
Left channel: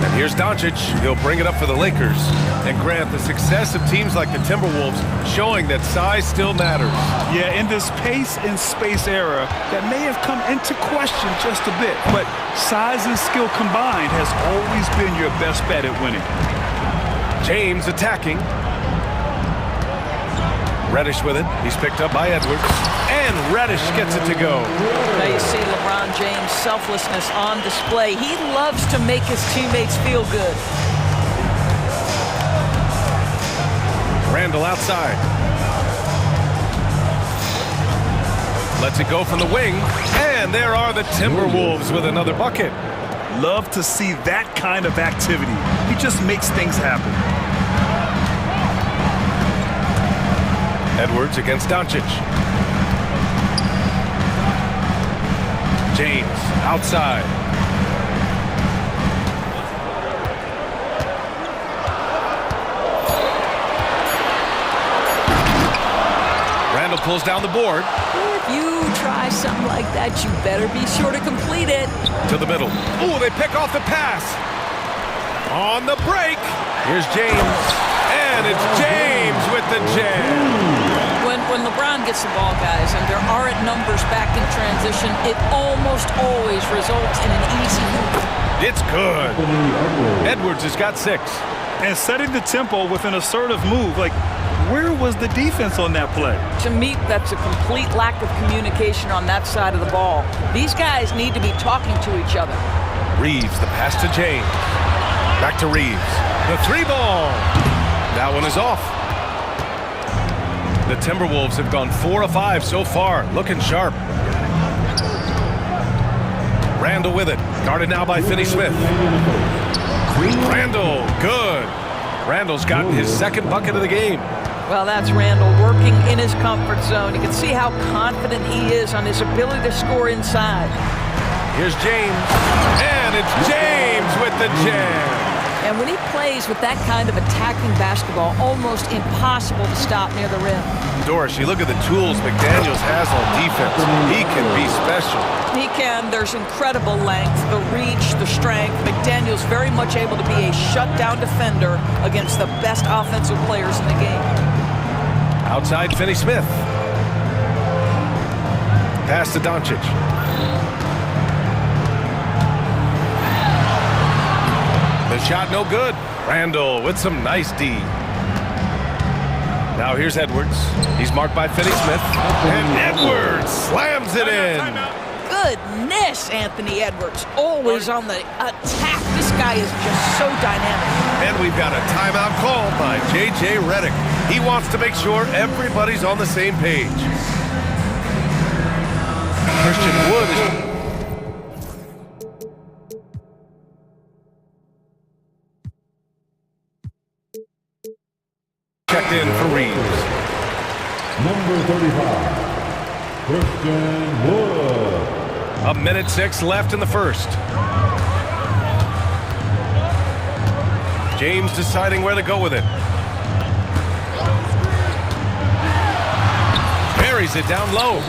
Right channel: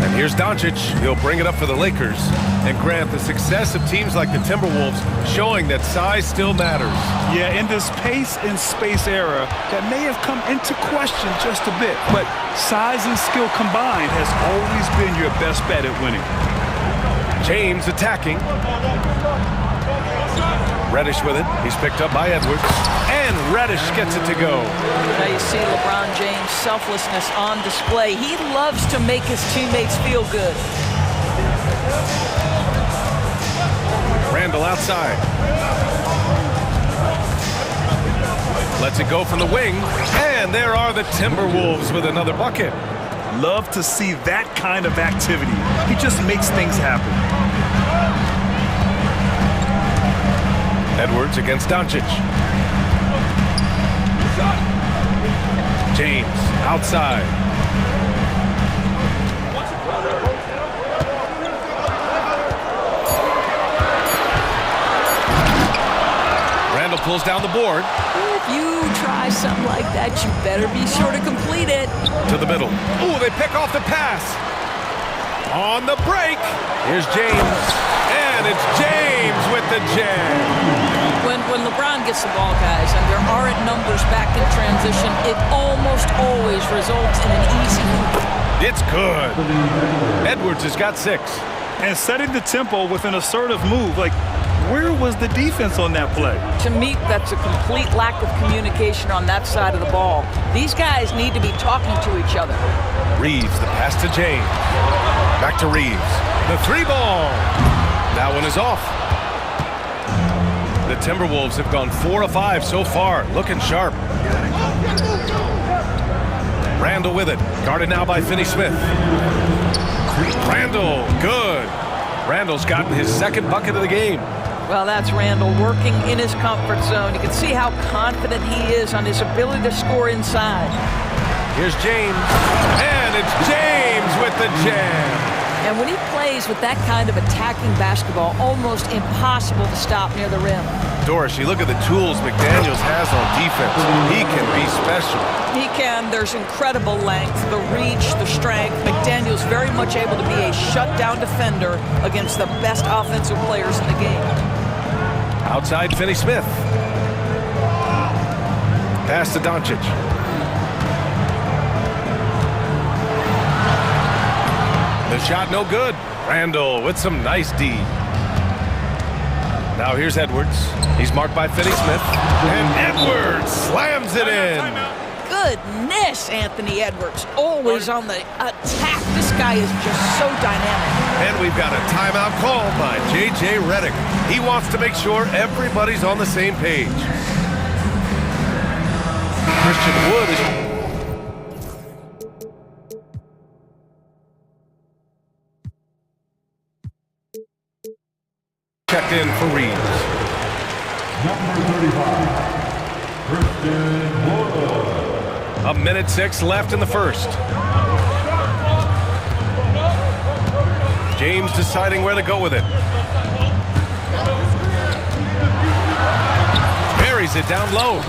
And here's Doncic. He'll bring it up for the Lakers. And Grant, the success of teams like the Timberwolves showing that size still matters. Yeah, in this pace and space era, that may have come into question just a bit, but size and skill combined has always been your best bet at winning. James attacking. Reddish with it. He's picked up by Edwards. And Reddish gets it to go. Now you see LeBron James' selflessness on display. He loves to make his teammates feel good. Randle outside. Lets it go from the wing. And there are the Timberwolves with another bucket. Love to see that kind of activity. He just makes things happen. Edwards against Doncic. James outside. Randle pulls down the board. If you try something like that, you better be sure to complete it. To the middle. Ooh, they pick off the pass. On the break. Here's James. And it's James with the jam. When LeBron gets the ball, guys, and there aren't numbers back in transition, it almost always results in an easy hoop. It's good. Edwards has got 6. And setting the tempo with an assertive move, like, where was the defense on that play? To me, that's a complete lack of communication on that side of the ball. These guys need to be talking to each other. Reeves, the pass to James. Back to Reeves. The 3-ball. That one is off. The Timberwolves have gone 4 of 5 so far, looking sharp. Randle with it, guarded now by Finney-Smith. Randle, good. Randle's gotten his 2nd bucket of the game. Well, that's Randle working in his comfort zone. You can see how confident he is on his ability to score inside. Here's James, and it's James with the jam. And when he plays with that kind of attacking basketball, almost impossible to stop near the rim. Doris, you look at the tools McDaniels has on defense. He can be special. He can. There's incredible length, the reach, the strength. McDaniels very much able to be a shutdown defender against the best offensive players in the game. Outside Finney-Smith. Pass to Doncic. The shot no good. Randle with some nice D. Now here's Edwards. He's marked by Finney-Smith. And Edwards slams it in. Goodness, Anthony Edwards. Always on the attack. This guy is just so dynamic. And we've got a timeout called by J.J. Redick. He wants to make sure everybody's on the same page. Christian Wood is... checked in for Reeves. Number 35, Christian Wood. 1:06 left in the first. James deciding where to go with it. Buries it down low.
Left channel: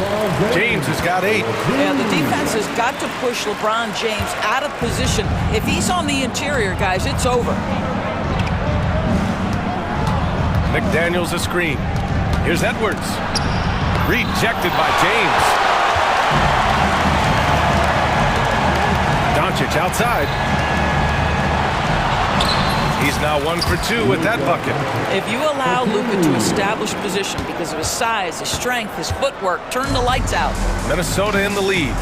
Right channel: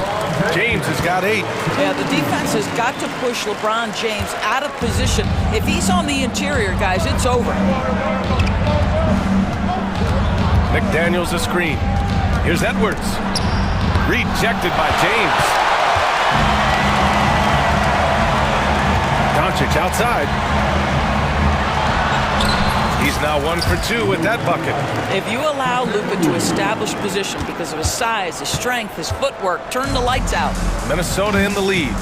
James has got 8. Yeah, the defense has got to push LeBron James out of position. If he's on the interior, guys, it's over. McDaniels a screen. Here's Edwards. Rejected by James. Doncic outside. He's now 1 for 2 with that bucket. If you allow Luka to establish position because of his size, his strength, his footwork, turn the lights out. Minnesota in the lead.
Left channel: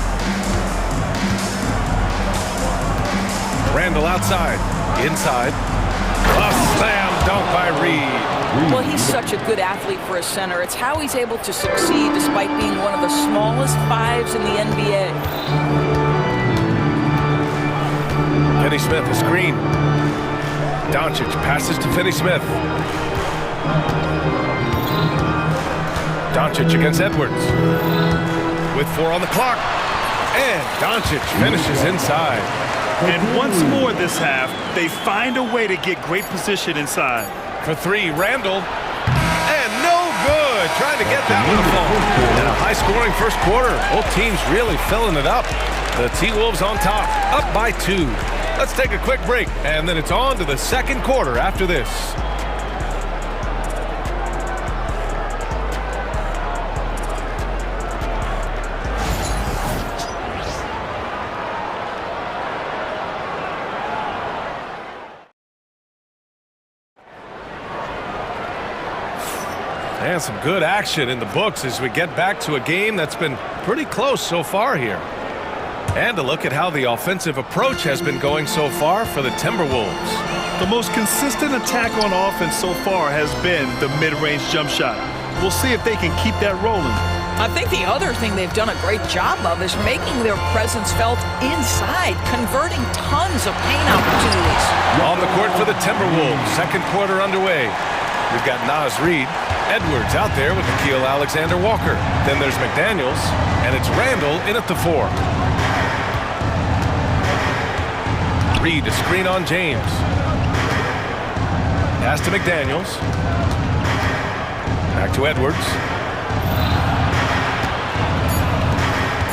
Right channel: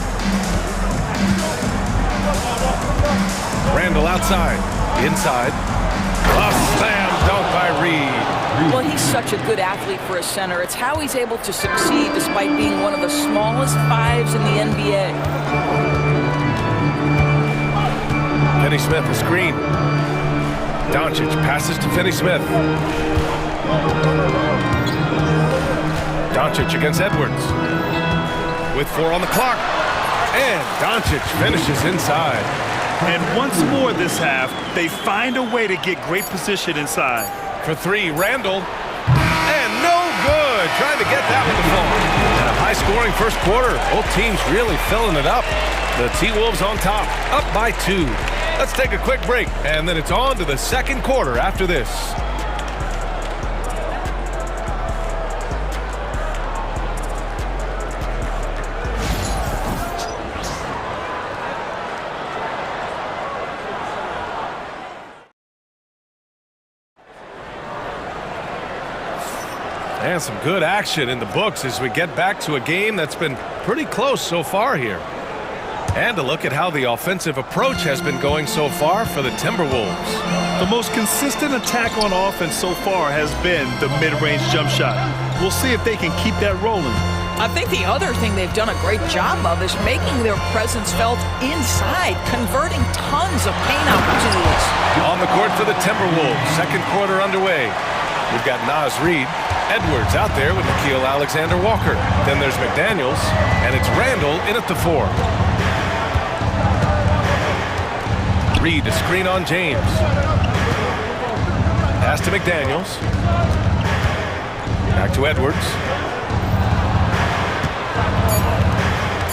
Randall outside. Inside. A slam dunk by Reed. Well, he's such a good athlete for a center. It's how he's able to succeed despite being one of the smallest fives in the NBA. Finney-Smith a screen. Doncic passes to Finney-Smith. Doncic against Edwards. With 4 on the clock. And Doncic finishes inside. And once more this half, they find a way to get great position inside. For 3, Randall. And no good. Trying to get that one to fall. And a high-scoring first quarter. Both teams really filling it up. The T-Wolves on top, up by 2. Let's take a quick break, and then it's on to the second quarter after this. And some good action in the books as we get back to a game that's been pretty close so far here. And a look at how the offensive approach has been going so far for the Timberwolves. The most consistent attack on offense so far has been the mid-range jump shot. We'll see if they can keep that rolling. I think the other thing they've done a great job of is making their presence felt inside, converting tons of paint opportunities. On the court for the Timberwolves, second quarter underway. We've got Naz Reid, Edwards out there with Nickeil Alexander-Walker. Then there's McDaniels, and it's Randall in at the 4. Reed a screen on James. Pass to McDaniels. Back to Edwards.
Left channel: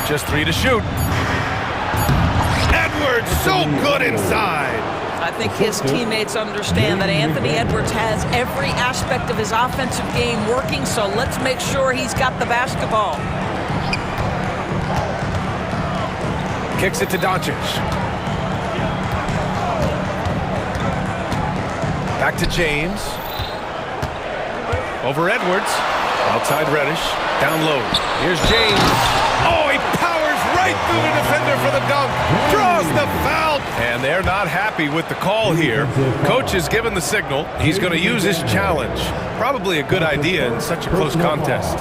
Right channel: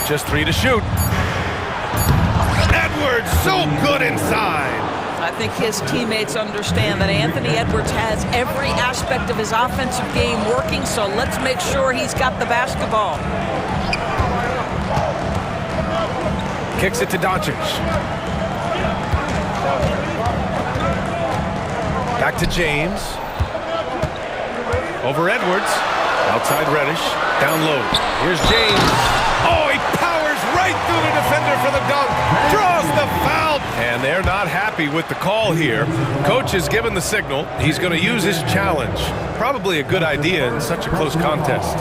Just 3 to shoot. Edwards so good inside. I think his teammates understand that Anthony Edwards has every aspect of his offensive game working, so let's make sure he's got the basketball. Kicks it to Doncic. Back to James. Over Edwards. Outside Reddish. Down low. Here's James. Oh, he powers right through the defender for the dunk. Draws the foul. And they're not happy with the call here. Coach has given the signal. He's going to use his challenge. Probably a good idea in such a close contest.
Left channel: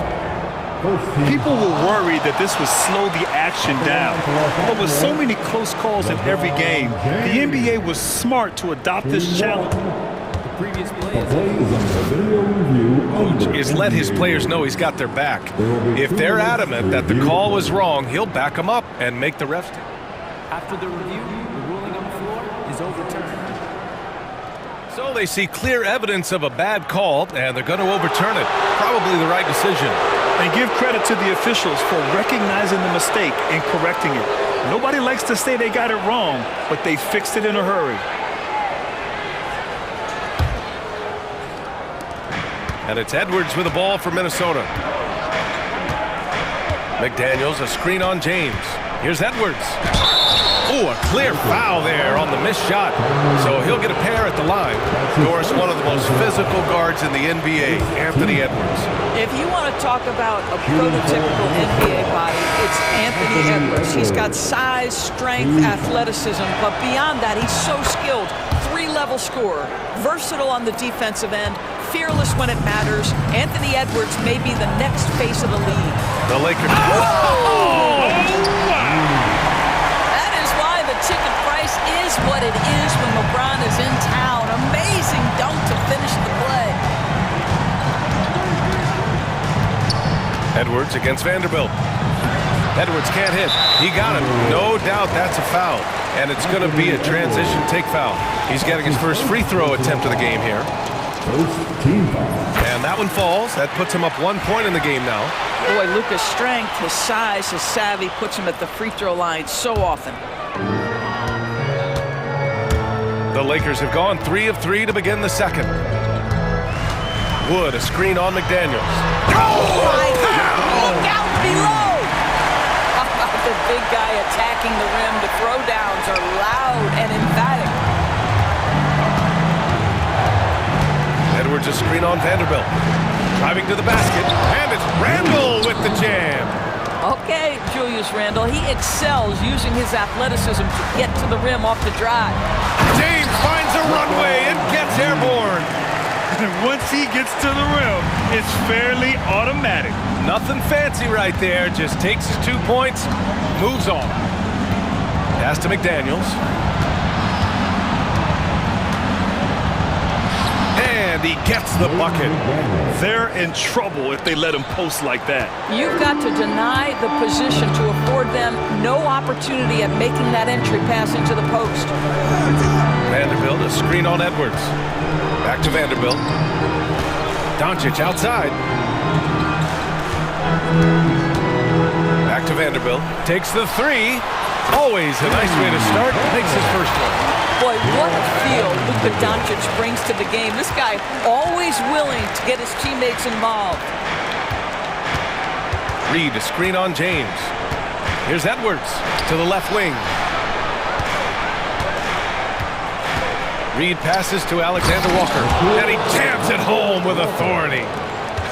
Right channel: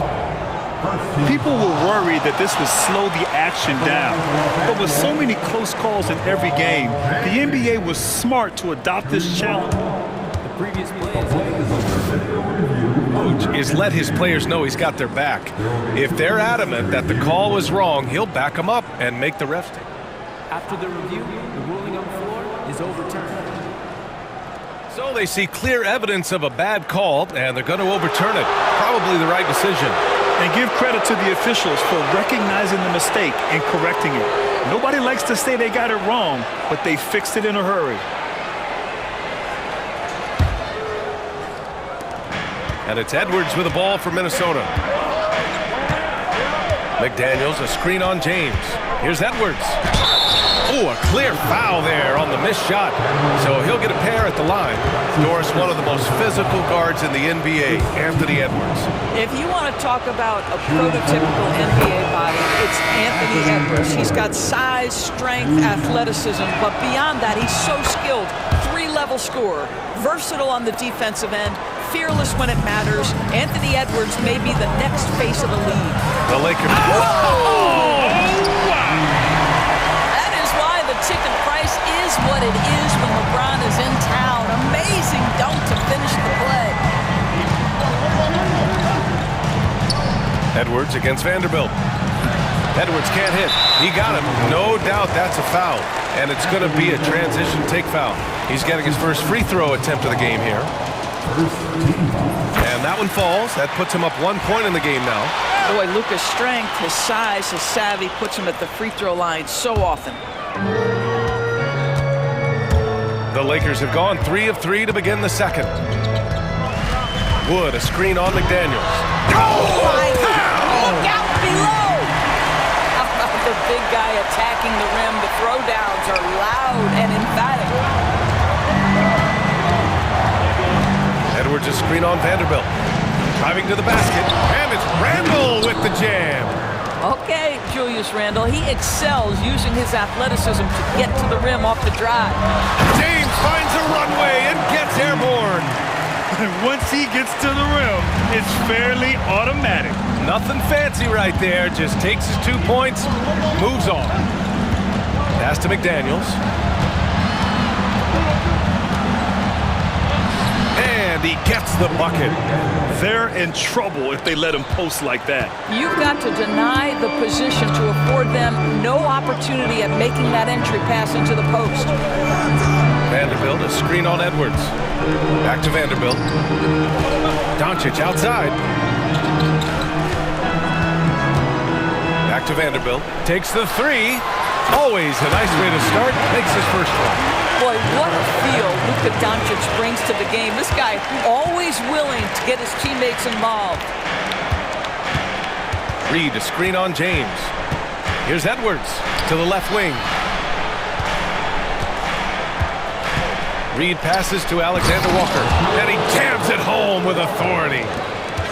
People were worried that this would slow the action down. But with so many close calls in every game, the NBA was smart to adopt this challenge. Previous plays. Coach is let his players know he's got their back. If they're adamant that the call was wrong, he'll back them up and make the refs take. After the review, the ruling on the floor is overturned. So they see clear evidence of a bad call, and they're going to overturn it. Probably the right decision. And give credit to the officials for recognizing the mistake and correcting it. Nobody likes to say they got it wrong, but they fixed it in a hurry. And it's Edwards with the ball for Minnesota. McDaniels, a screen on James. Here's Edwards. Oh, a clear foul there on the missed shot. So he'll get a pair at the line. Doris, one of the most physical guards in the NBA, Anthony Edwards. If you want to talk about a prototypical NBA body, it's Anthony Edwards. He's got size, strength, athleticism, but beyond that, he's so skilled. 3-level scorer, versatile on the defensive end, fearless when it matters. Anthony Edwards may be the next face of the league. The Lakers. Oh! That is why the ticket price is what it is when LeBron is in town. Amazing dunk to finish the play. Edwards against Vanderbilt. Edwards can't hit. He got him. No doubt that's a foul. And it's going to be a transition take foul. He's getting his first free throw attempt of the game here. And that one falls. That puts him up 1 point in the game now. Boy, Luka's strength, his size, his savvy puts him at the free throw line so often. The Lakers have gone 3 of 3 to begin the second. Wood, a screen on McDaniels. Oh, my God. Look out below. How about the big guy attacking the rim? The throwdowns are loud and emphatic. Edwards, a screen on Vanderbilt. Driving to the basket, and it's Randall with the jam. Okay, Julius Randle, he excels using his athleticism to get to the rim off the drive. James finds a runway and gets airborne. And once he gets to the rim, it's fairly automatic. Nothing fancy right there, just takes his 2 points, moves on. Pass to McDaniels. And he gets the bucket. They're in trouble if they let him post like that. You've got to deny the position to afford them no opportunity at making that entry pass into the post. Vanderbilt, a screen on Edwards. Back to Vanderbilt. Doncic outside. Back to Vanderbilt. Takes the three. Always a nice way to start. Makes his first one. Boy, what a feel Luka Doncic brings to the game. This guy always willing to get his teammates involved. Reed, a screen on James. Here's Edwards to the left wing. Reed passes to Alexander Walker, and he jams it home with authority.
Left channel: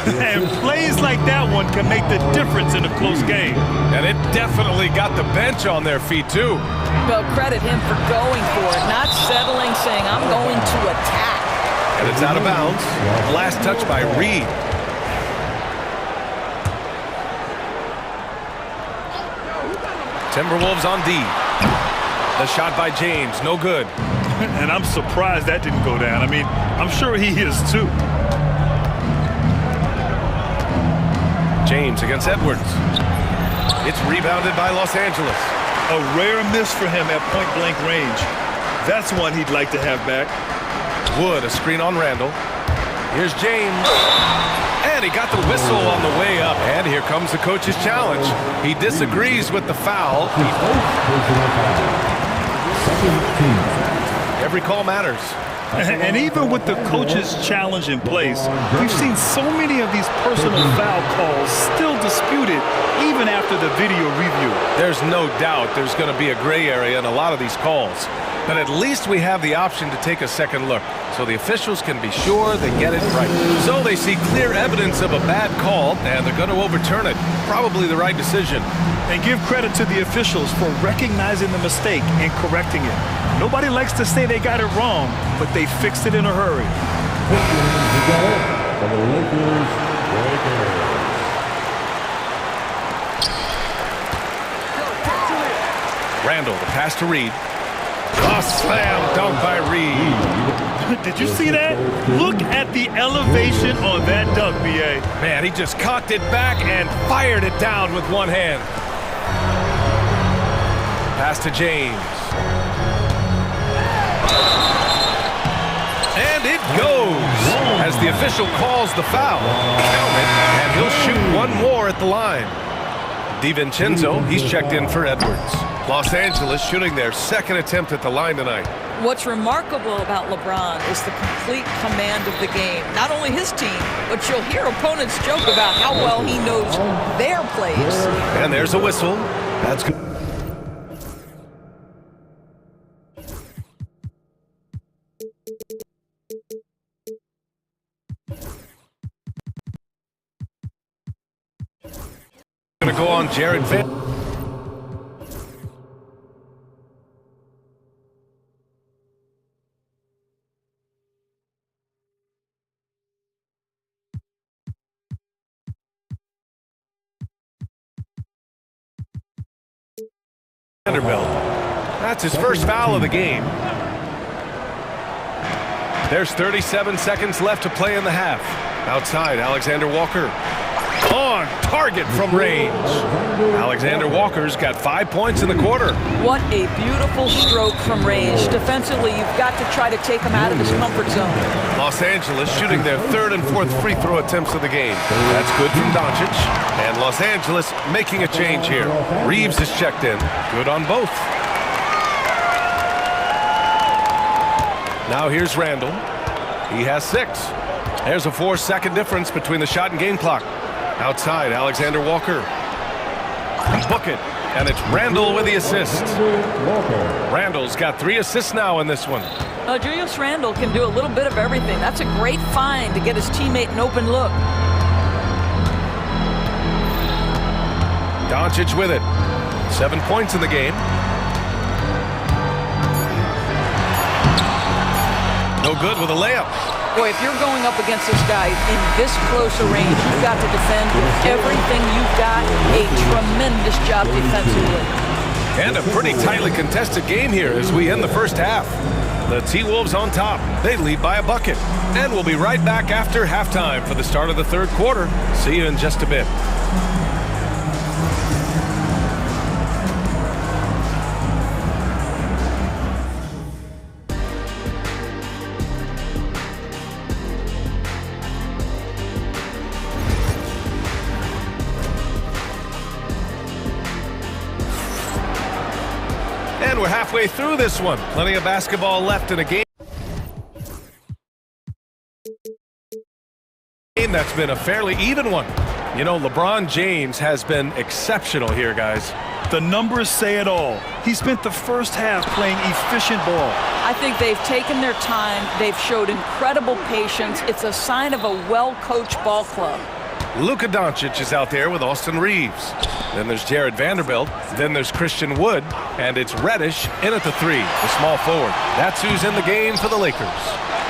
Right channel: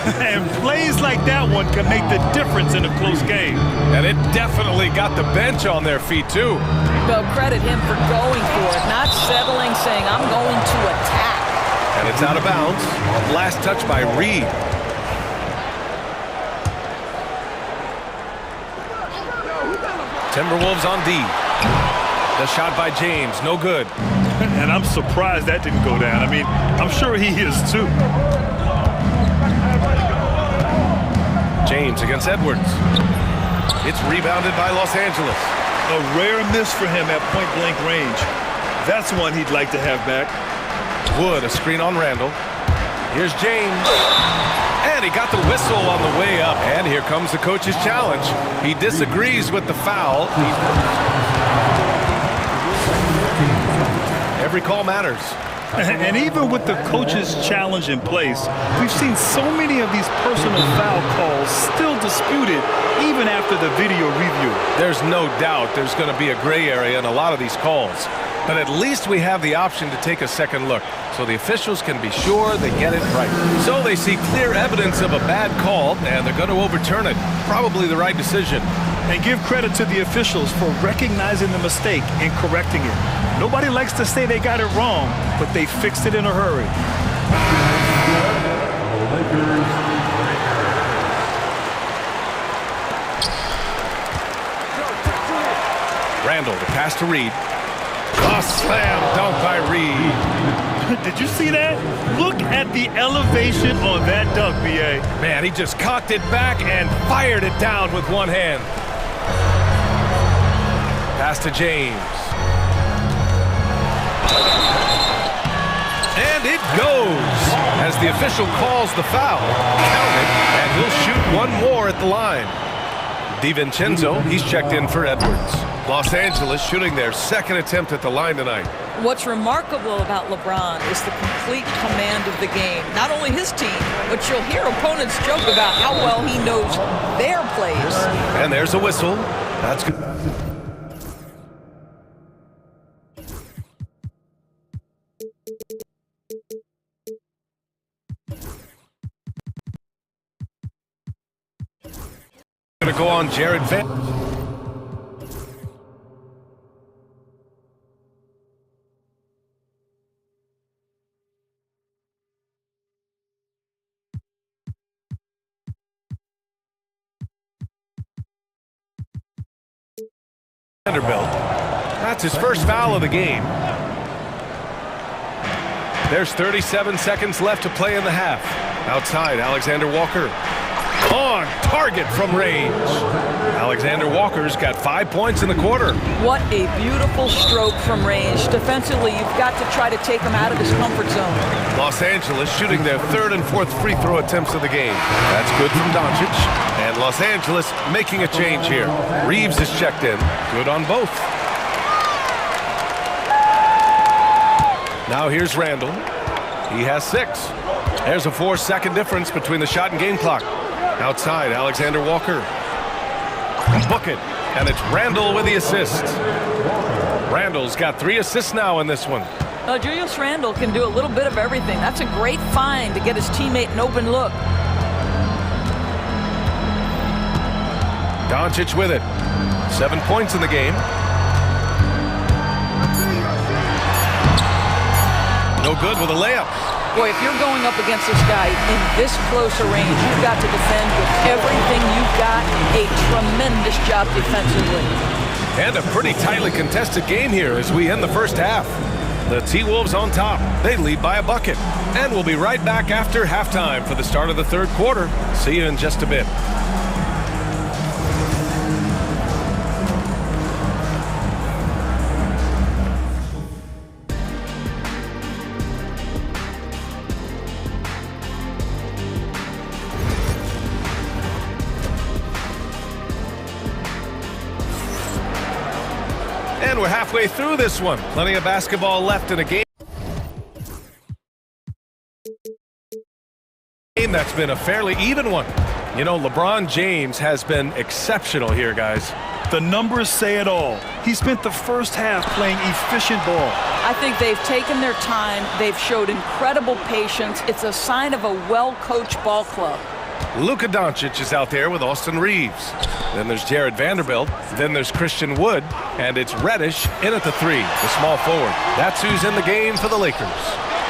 And plays like that one can make the difference in a close game. And it definitely got the bench on their feet, too. Well, credit him for going for it, not settling, saying, I'm going to attack. And it's out of bounds. Last touch by Reed. Timberwolves on D. The shot by James, no good. And I'm surprised that didn't go down. I mean, I'm sure he is too. James against Edwards. It's rebounded by Los Angeles. A rare miss for him at point-blank range. That's one he'd like to have back. Wood, a screen on Randall. Here's James. And he got the whistle on the way up. And here comes the coach's challenge. He disagrees with the foul. Every call matters. And even with the coach's challenge in place, we've seen so many of these personal foul calls still disputed even after the video review. There's no doubt there's going to be a gray area in a lot of these calls. But at least we have the option to take a second look, so the officials can be sure they get it right. So they see clear evidence of a bad call, and they're going to overturn it. Probably the right decision. And give credit to the officials for recognizing the mistake and correcting it. Nobody likes to say they got it wrong, but they fixed it in a hurry. Randall, the pass to Reed. A slam dunk by Reed. Did you see that? Look at the elevation on that dunk, B.A. Man, he just cocked it back and fired it down with one hand. Pass to James. And it goes as the official calls the foul. Count it, and he'll shoot one more at the line. DiVincenzo, he's checked in for Edwards. Los Angeles shooting their second attempt at the line tonight. What's remarkable about LeBron is the complete command of the game. Not only his team, but you'll hear opponents joke about how well he knows their plays. And there's a whistle. That's good. Going to go on Jared Vanderbilt. That's his first foul of the game. There's 37 seconds left to play in the half. Outside, Alexander Walker. On target from range. Alexander Walker's got 5 points in the quarter. What a beautiful stroke from range. Defensively, you've got to try to take him out of his comfort zone. Los Angeles shooting their third and fourth free throw attempts of the game. That's good from Doncic. And Los Angeles making a change here. Reeves is checked in. Good on both. Now here's Randall. He has 6. There's a 4-second difference between the shot and game clock. Outside, Alexander Walker. Book it. And it's Randall with the assist. Randall's got 3 assists now in this one. Julius Randle can do a little bit of everything. That's a great find to get his teammate an open look. Doncic with it. 7 points in the game. No good with a layup. Boy, if you're going up against this guy in this close a range, you've got to defend with everything you've got. A tremendous job defensively. And a pretty tightly contested game here as we end the first half. The T-Wolves on top. They lead by a bucket. And we'll be right back after halftime for the start of the third quarter. See you in just a bit. And we're halfway through this one. Plenty of basketball left in a game that's been a fairly even one. You know, LeBron James has been exceptional here, guys. The numbers say it all. He spent the first half playing efficient ball. I think they've taken their time. They've showed incredible patience. It's a sign of a well-coached ball club. Luka Doncic is out there with Austin Reeves. Then there's Jared Vanderbilt. Then there's Christian Wood. And it's Reddish in at the 3, the small forward. That's who's in the game for the Lakers.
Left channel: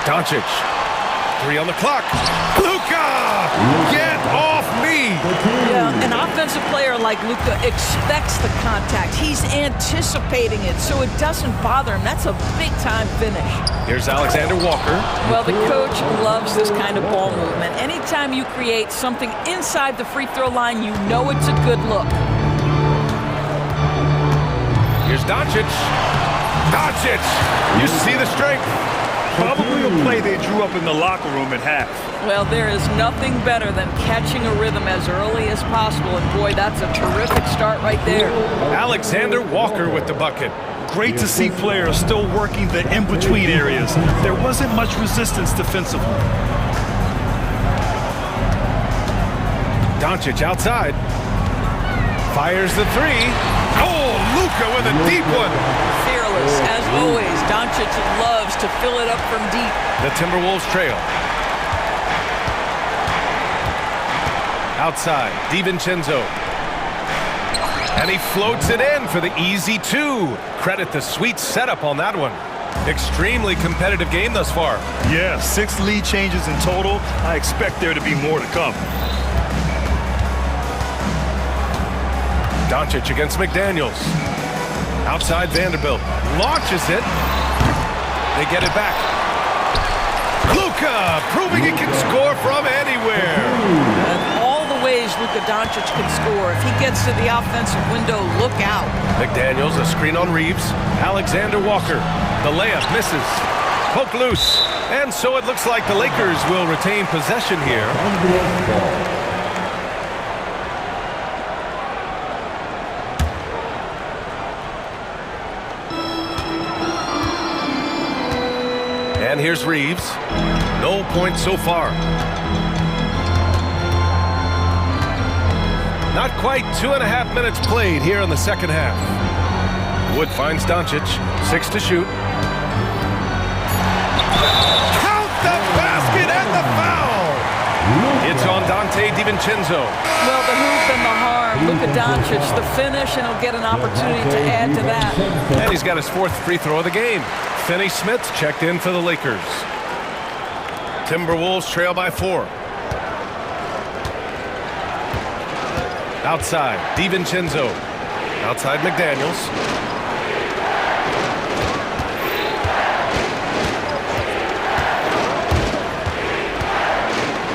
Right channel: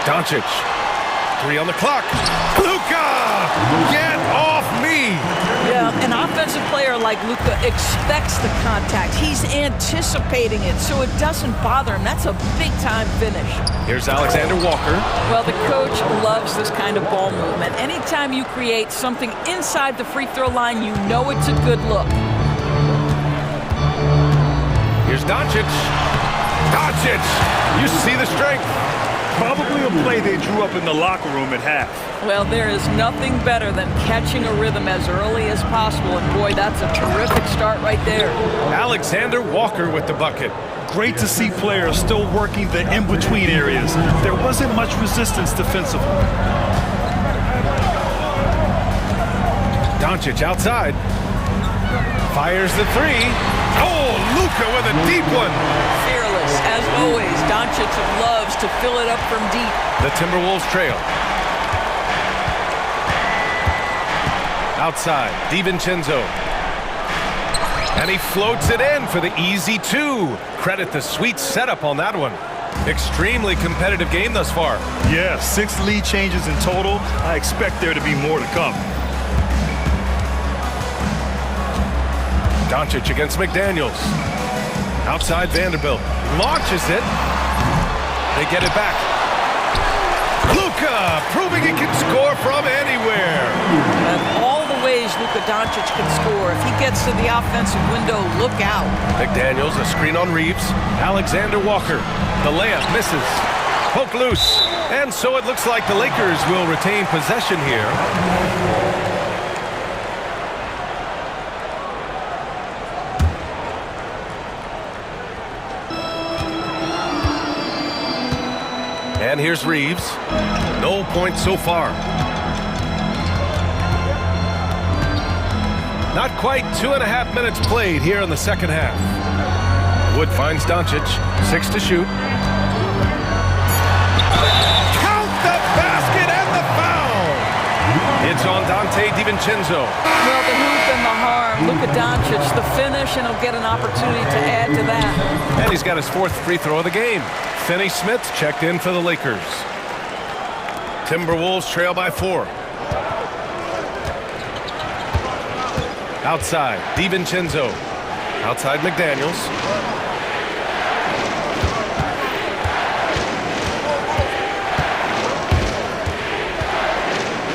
Doncic. 3 on the clock. Luka! Get off me! Yeah, an offensive player like Luka expects the contact. He's anticipating it, so it doesn't bother him. That's a big-time finish. Here's Alexander Walker. Well, the coach loves this kind of ball movement. Anytime you create something inside the free throw line, you know it's a good look. Here's Doncic. Doncic! You see the strength. Probably a play they drew up in the locker room at half. Well, there is nothing better than catching a rhythm as early as possible, and boy, that's a terrific start right there. Alexander Walker with the bucket. Great to see players still working the in-between areas. There wasn't much resistance defensively. Doncic outside. Fires the 3. Oh, Luka with a deep one. Fearless, as always. Doncic loves to fill it up from deep. The Timberwolves trail. Outside, DiVincenzo. And he floats it in for the easy 2. Credit the sweet setup on that one. Extremely competitive game thus far. Yeah, 6 lead changes in total. I expect there to be more to come. Doncic against McDaniels. Outside Vanderbilt. Launches it. They get it back. Luka proving he can score from anywhere. And all the ways Luka Doncic can score. If he gets to the offensive window, look out. McDaniels, a screen on Reeves. Alexander Walker. The layup misses. Poke loose. And so it looks like the Lakers will retain possession here. And here's Reeves. No points so far. Not quite 2.5 minutes played here in the second half. Wood finds Doncic. 6 to shoot. Count the basket and the foul! It's on Dante DiVincenzo. Well, the hoop and the harm. Luka Doncic, the finish, and he'll get an opportunity to add to that. And he's got his 4th free throw of the game. Finney Smith checked in for the Lakers. Timberwolves trail by 4. Outside, DiVincenzo. Outside, McDaniels.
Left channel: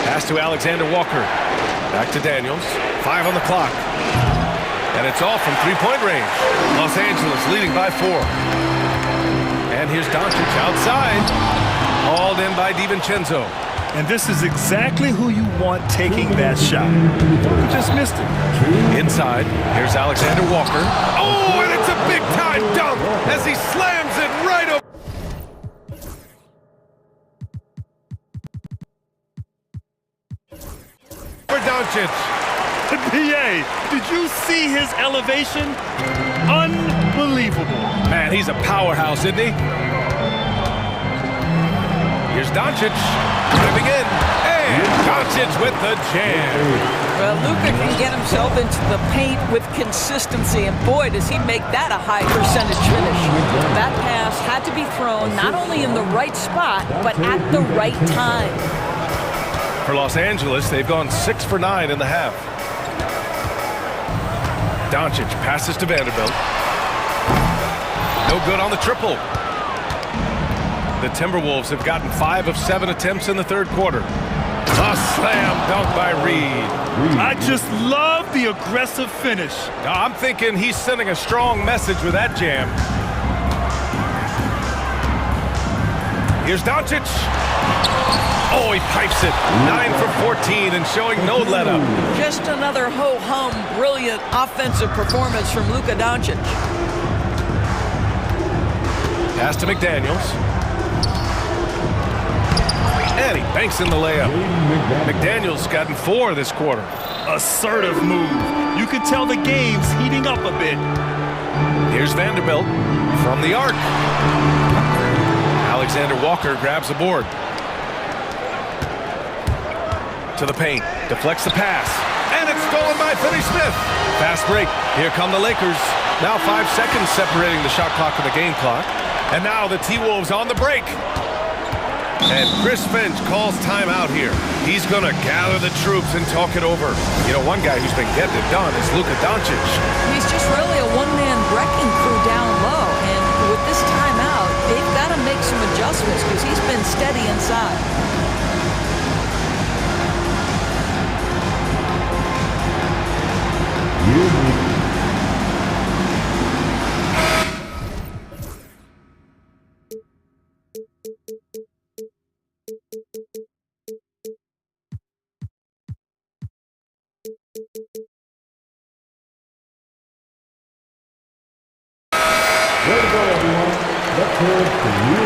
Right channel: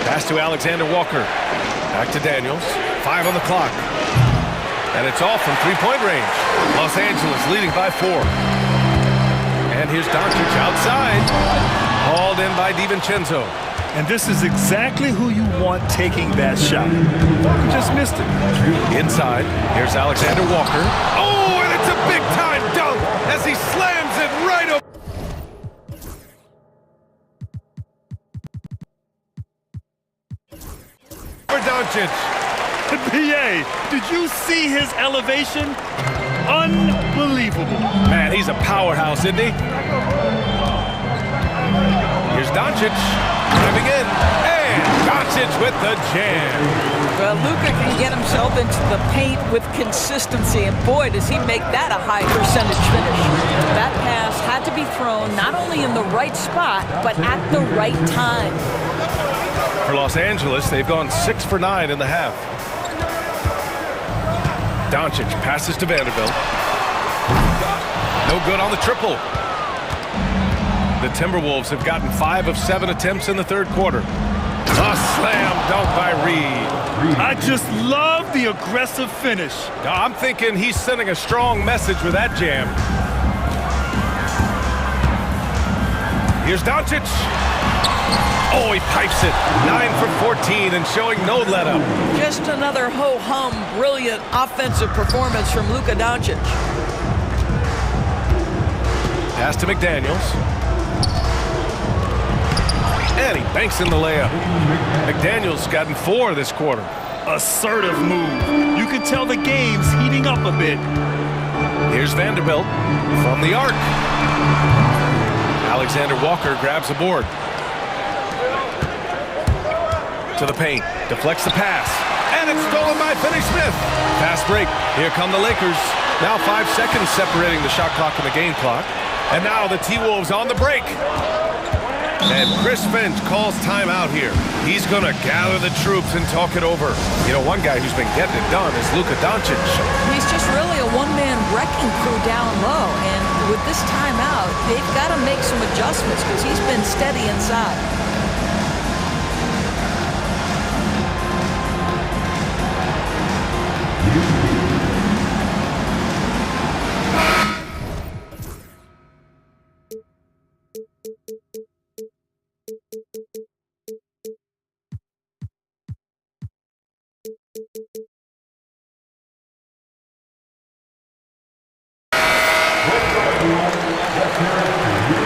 Pass to Alexander Walker. Back to Daniels. 5 on the clock. And it's all from 3-point range. Los Angeles leading by 4. And here's Doncic outside. Hauled in by DiVincenzo. And this is exactly who you want taking that shot. He just missed it. Inside, here's Alexander Walker. Oh, and it's a big-time dunk as he slams it right over. for Doncic. BA, did you see his elevation? Unbelievable. Man, he's a powerhouse, isn't he? Here's Doncic driving in, and Doncic with the jam. Well, Luka can get himself into the paint with consistency, and boy, does he make that a high percentage finish. That pass had to be thrown not only in the right spot, but at the right time. For Los Angeles, they've gone 6 for 9 in the half. Doncic passes to Vanderbilt. No good on the triple. The Timberwolves have gotten 5 of 7 attempts in the third quarter. A slam dunk by Reed. I just love the aggressive finish. I'm thinking he's sending a strong message with that jam. Here's Doncic. Oh, he pipes it. 9 for 14 and showing no let-up. Just another ho-hum, brilliant offensive performance from Luka Doncic. Pass to McDaniels. And he banks in the layup. McDaniels gotten 4 this quarter. Assertive move. You can tell the game's heating up a bit. Here's Vanderbilt from the arc. Alexander Walker grabs the board. To the paint, deflects the pass, and it's stolen by Finney-Smith. Fast break. Here come the Lakers. Now 5 seconds separating the shot clock and the game clock. And now the T-Wolves on the break. And Chris Finch calls timeout here. He's going to gather the troops and talk it over. You know, one guy who's been getting it done is Luka Doncic. He's just really a one-man wrecking crew down low. And with this timeout, they've got to make some adjustments because he's been steady inside. Let's hear it for you.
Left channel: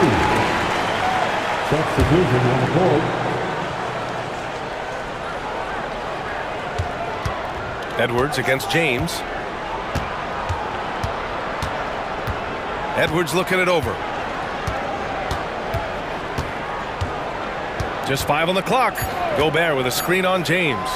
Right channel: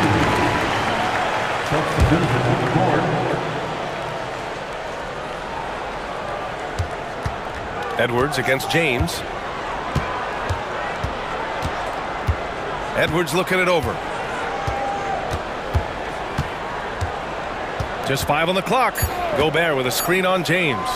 Substitution on the court. Edwards against James. Edwards looking it over. Just 5 on the clock. Gobert with a screen on James.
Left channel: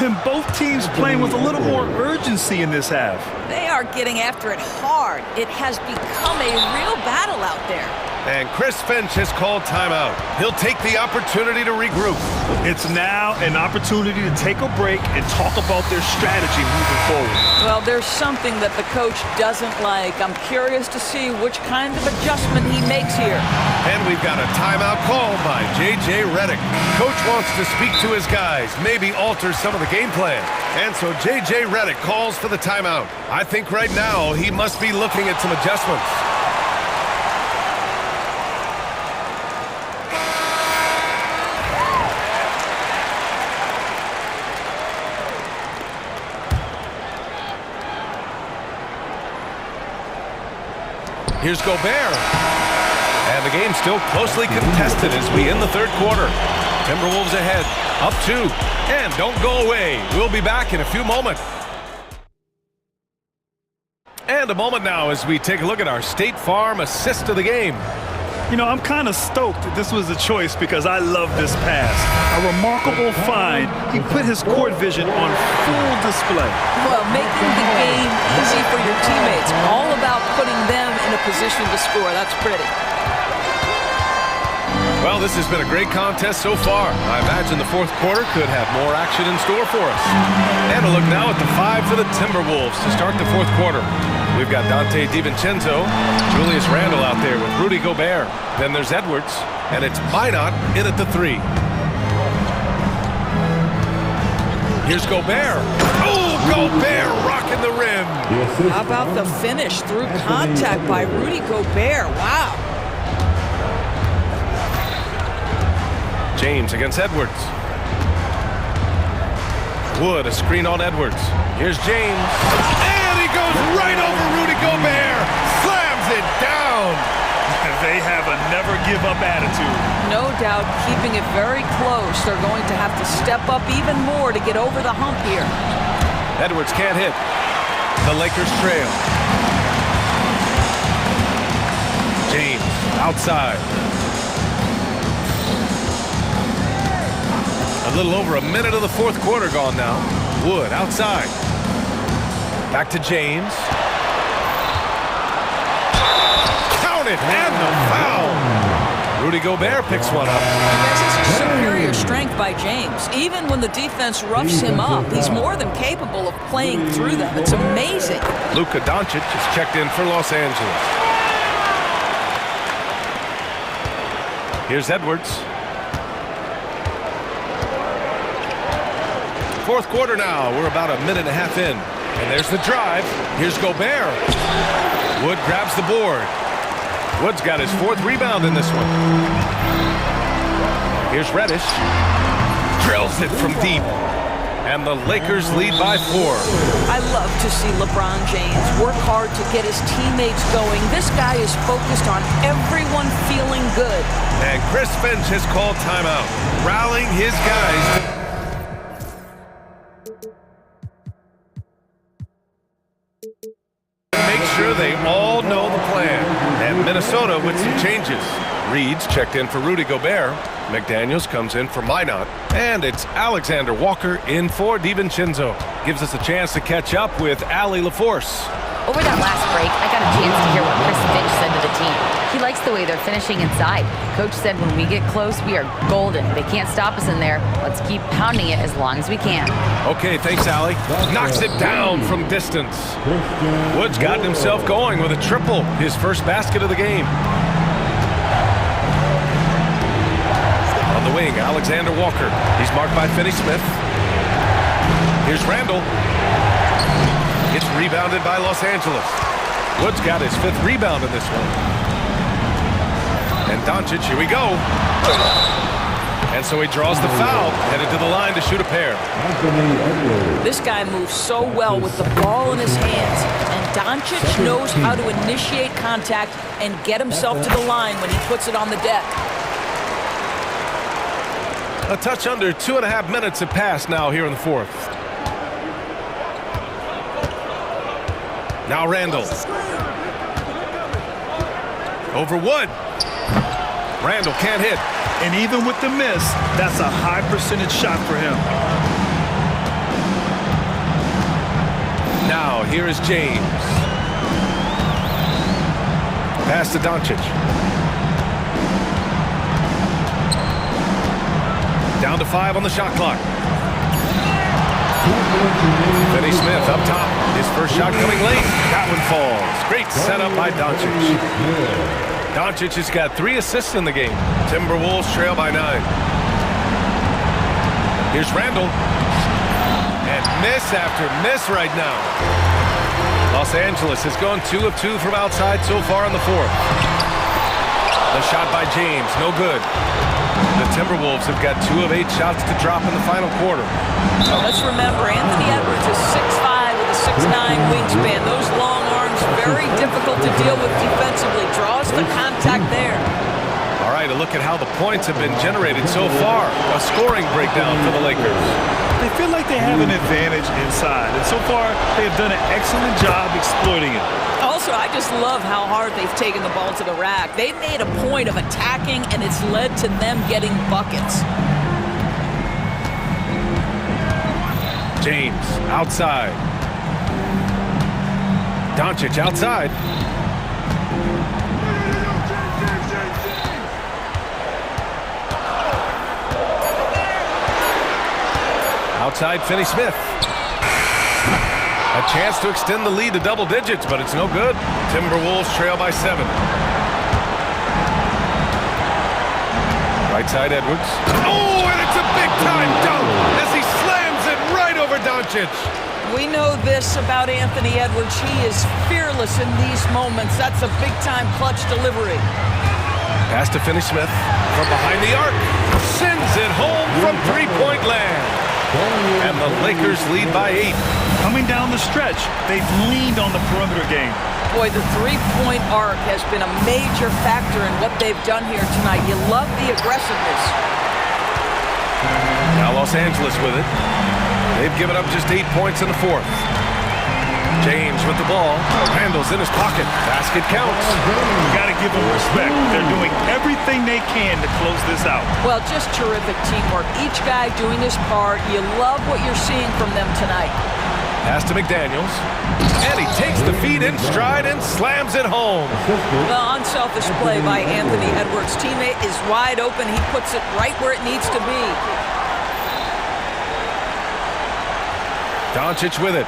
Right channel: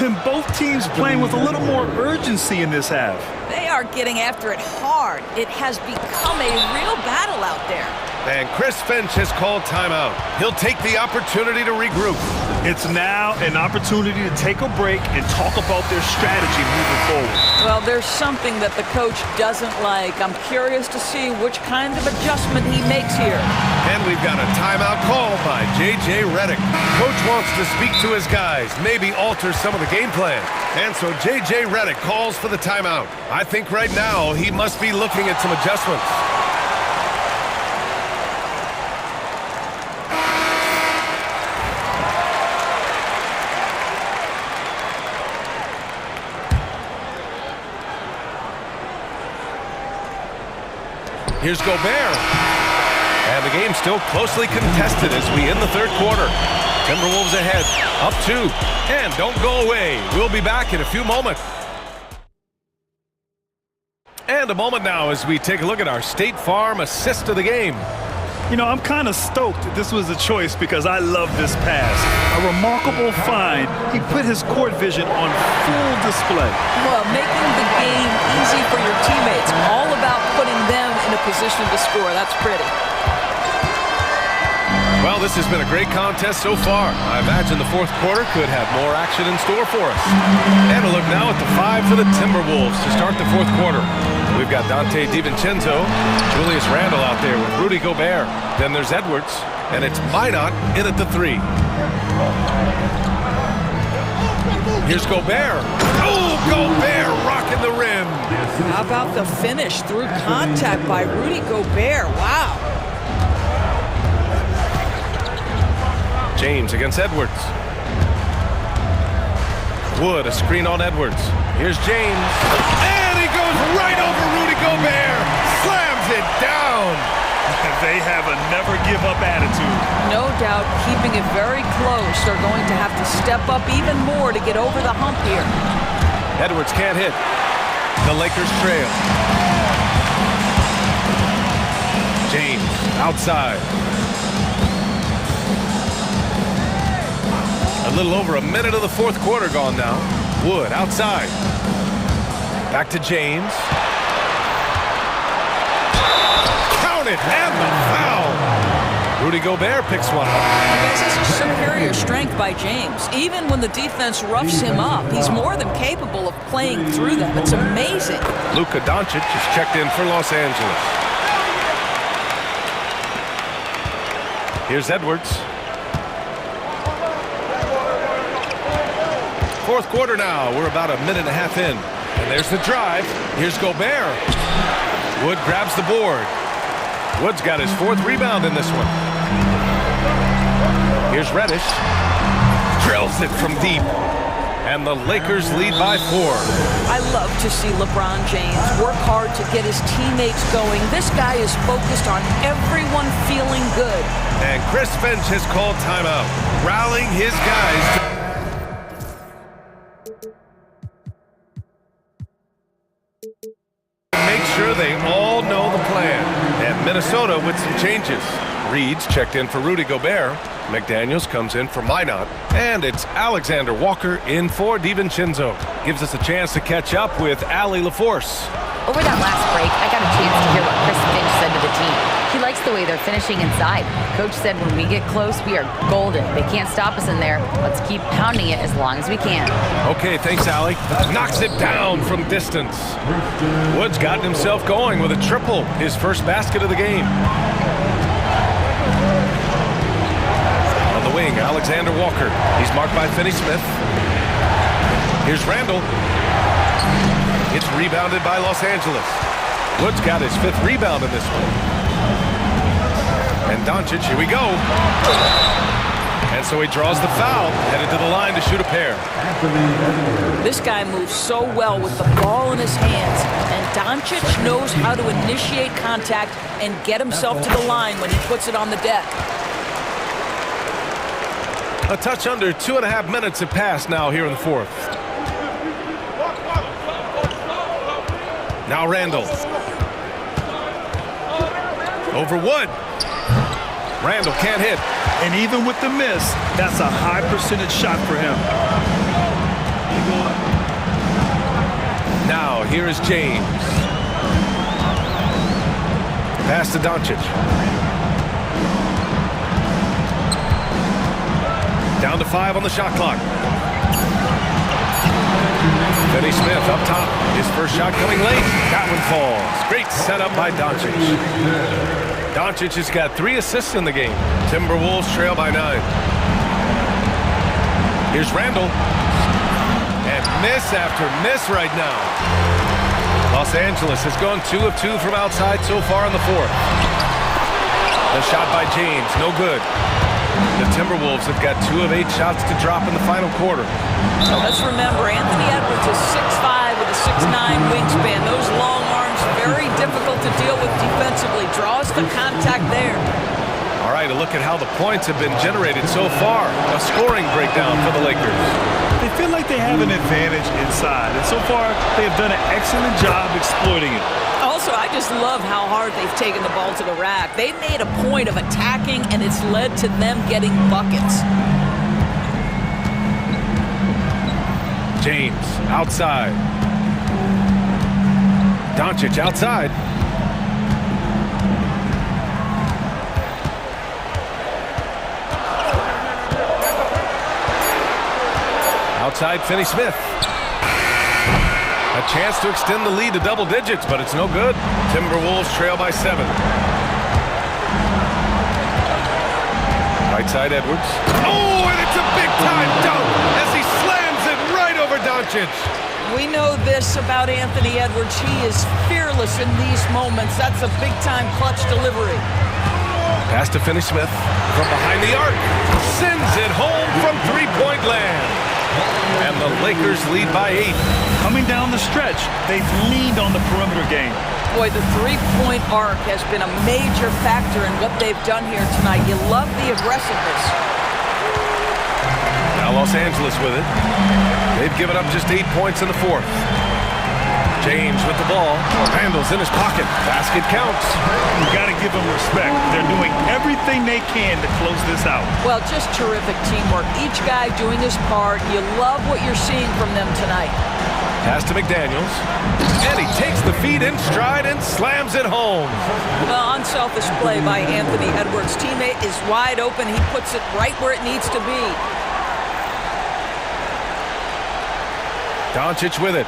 And both teams playing with a little more urgency in this half. They are getting after it hard. It has become a real battle out there. And Chris Finch has called timeout. He'll take the opportunity to regroup. It's now an opportunity to take a break and talk about their strategy moving forward. Well, there's something that the coach doesn't like. I'm curious to see which kind of adjustment he makes here. And we've got a timeout called by J.J. Redick. Coach wants to speak to his guys, maybe alter some of the game plan. And so J.J. Redick calls for the timeout. I think right now he must be looking at some adjustments. Here's Gobert. And the game's still closely contested as we end the third quarter. Timberwolves ahead, up 2. And don't go away. We'll be back in a few moments. And a moment now as we take a look at our State Farm assist of the game. You know, I'm kind of stoked that this was a choice because I love this pass. A remarkable find. He put his court vision on full display. Well, making the game easy for your teammates. All about putting them in a position to score. That's pretty. Well, this has been a great contest so far. I imagine the fourth quarter could have more action in store for us. And a look now at the 5 for the Timberwolves to start the fourth quarter. We've got Dante DiVincenzo, Julius Randle out there with Rudy Gobert. Then there's Edwards, and it's Minot in at the 3. Here's Gobert. Oh, Gobert rocking the rim. How about the finish through contact by Rudy Gobert? Wow. James against Edwards. Wood, a screen on Edwards. Here's James. And he goes right over Rudy Gobert. Slams it down. They have a never-give-up attitude. No doubt, keeping it very close. They're going to have to step up even more to get over the hump here. Edwards can't hit. The Lakers trail. James outside. A little over a minute of the fourth quarter gone now. Wood outside. Back to James. Count it, and the foul. Rudy Gobert picks one up. You guys, this is superior strength by James. Even when the defense roughs him up, he's more than capable of playing through them. It's amazing. Luka Doncic is checked in for Los Angeles. Here's Edwards. Fourth quarter now. We're about a minute and a half in. And there's the drive. Here's Gobert. Wood grabs the board. Wood's got his fourth rebound in this one. Here's Reddish. Drills it from deep. And the Lakers lead by 4. I love to see LeBron James work hard to get his teammates going. This guy is focused on everyone feeling good. And Chris Finch has called timeout, rallying his guys to make sure they all know the plan. And Minnesota with some changes. Reed's checked in for Rudy Gobert. McDaniels comes in for Minot. And it's Alexander Walker in for DiVincenzo. Gives us a chance to catch up with Allie LaForce. Over that last break, I got a chance to hear what Chris Finch said to the team. He likes the way they're finishing inside. Coach said when we get close, we are golden. They can't stop us in there. Let's keep pounding it as long as we can. Okay, thanks, Allie. Knocks it down from distance. Wood's gotten himself going with a triple, his first basket of the game. On the wing, Alexander Walker. He's marked by Finney-Smith. Here's Randall. It's rebounded by Los Angeles. Wood's got his 5th rebound in this one. And Doncic, here we go. And so he draws the foul, headed to the line to shoot a pair. This guy moves so well with the ball in his hands, and Doncic knows how to initiate contact and get himself to the line when he puts it on the deck. A touch under 2.5 minutes have passed now here in the fourth. Now Randall. Over Wood. Randall can't hit. And even with the miss, that's a high percentage shot for him. Now here is James. Pass to Doncic. Down to 5 on the shot clock. Finney-Smith up top. His first shot coming late. That one falls. Great setup by Doncic. Doncic has got 3 assists in the game. Timberwolves trail by 9. Here's Randall. And miss after miss right now. Los Angeles has gone 2 of 2 from outside so far in the fourth. The shot by James, no good. The Timberwolves have got 2 of 8 shots to drop in the final quarter. Let's remember, Anthony Edwards is 6'5" with a 6'9" wingspan. Those long arms, very difficult to deal with defensively. Draws the contact there. All right, a look at how the points have been generated so far. A scoring breakdown for the Lakers. They feel like they have an advantage inside, and so far they have done an excellent job exploiting it. Also, I just love how hard they've taken the ball to the rack. They've made a point of attacking, and it's led to them getting buckets. James outside. Doncic outside. Outside Finney-Smith. A chance to extend the lead to double digits, but it's no good. Timberwolves trail by 7. Right side Edwards. Oh, and it's a big-time dunk as he slams it right over Doncic. We know this about Anthony Edwards. He is fearless in these moments. That's a big-time clutch delivery. Pass to Finney-Smith from behind the arc. Sends it home from three-point land. And the Lakers lead by 8. Coming down the stretch, they've leaned on the perimeter game. Boy, the three-point arc has been a major factor in what they've done here tonight. You love the aggressiveness. Now Los Angeles with it. They've given up just 8 points in the fourth. James with the ball. Randall's in his pocket. Basket counts. You got to give them respect. They're doing everything they can to close this out. Well, just terrific teamwork. Each guy doing his part. You love what you're seeing from them tonight. Pass to McDaniels. And he takes the feed in stride and slams it home. Well, unselfish play by Anthony Edwards. Teammate is wide open. He puts it right where it needs to be. Doncic with it.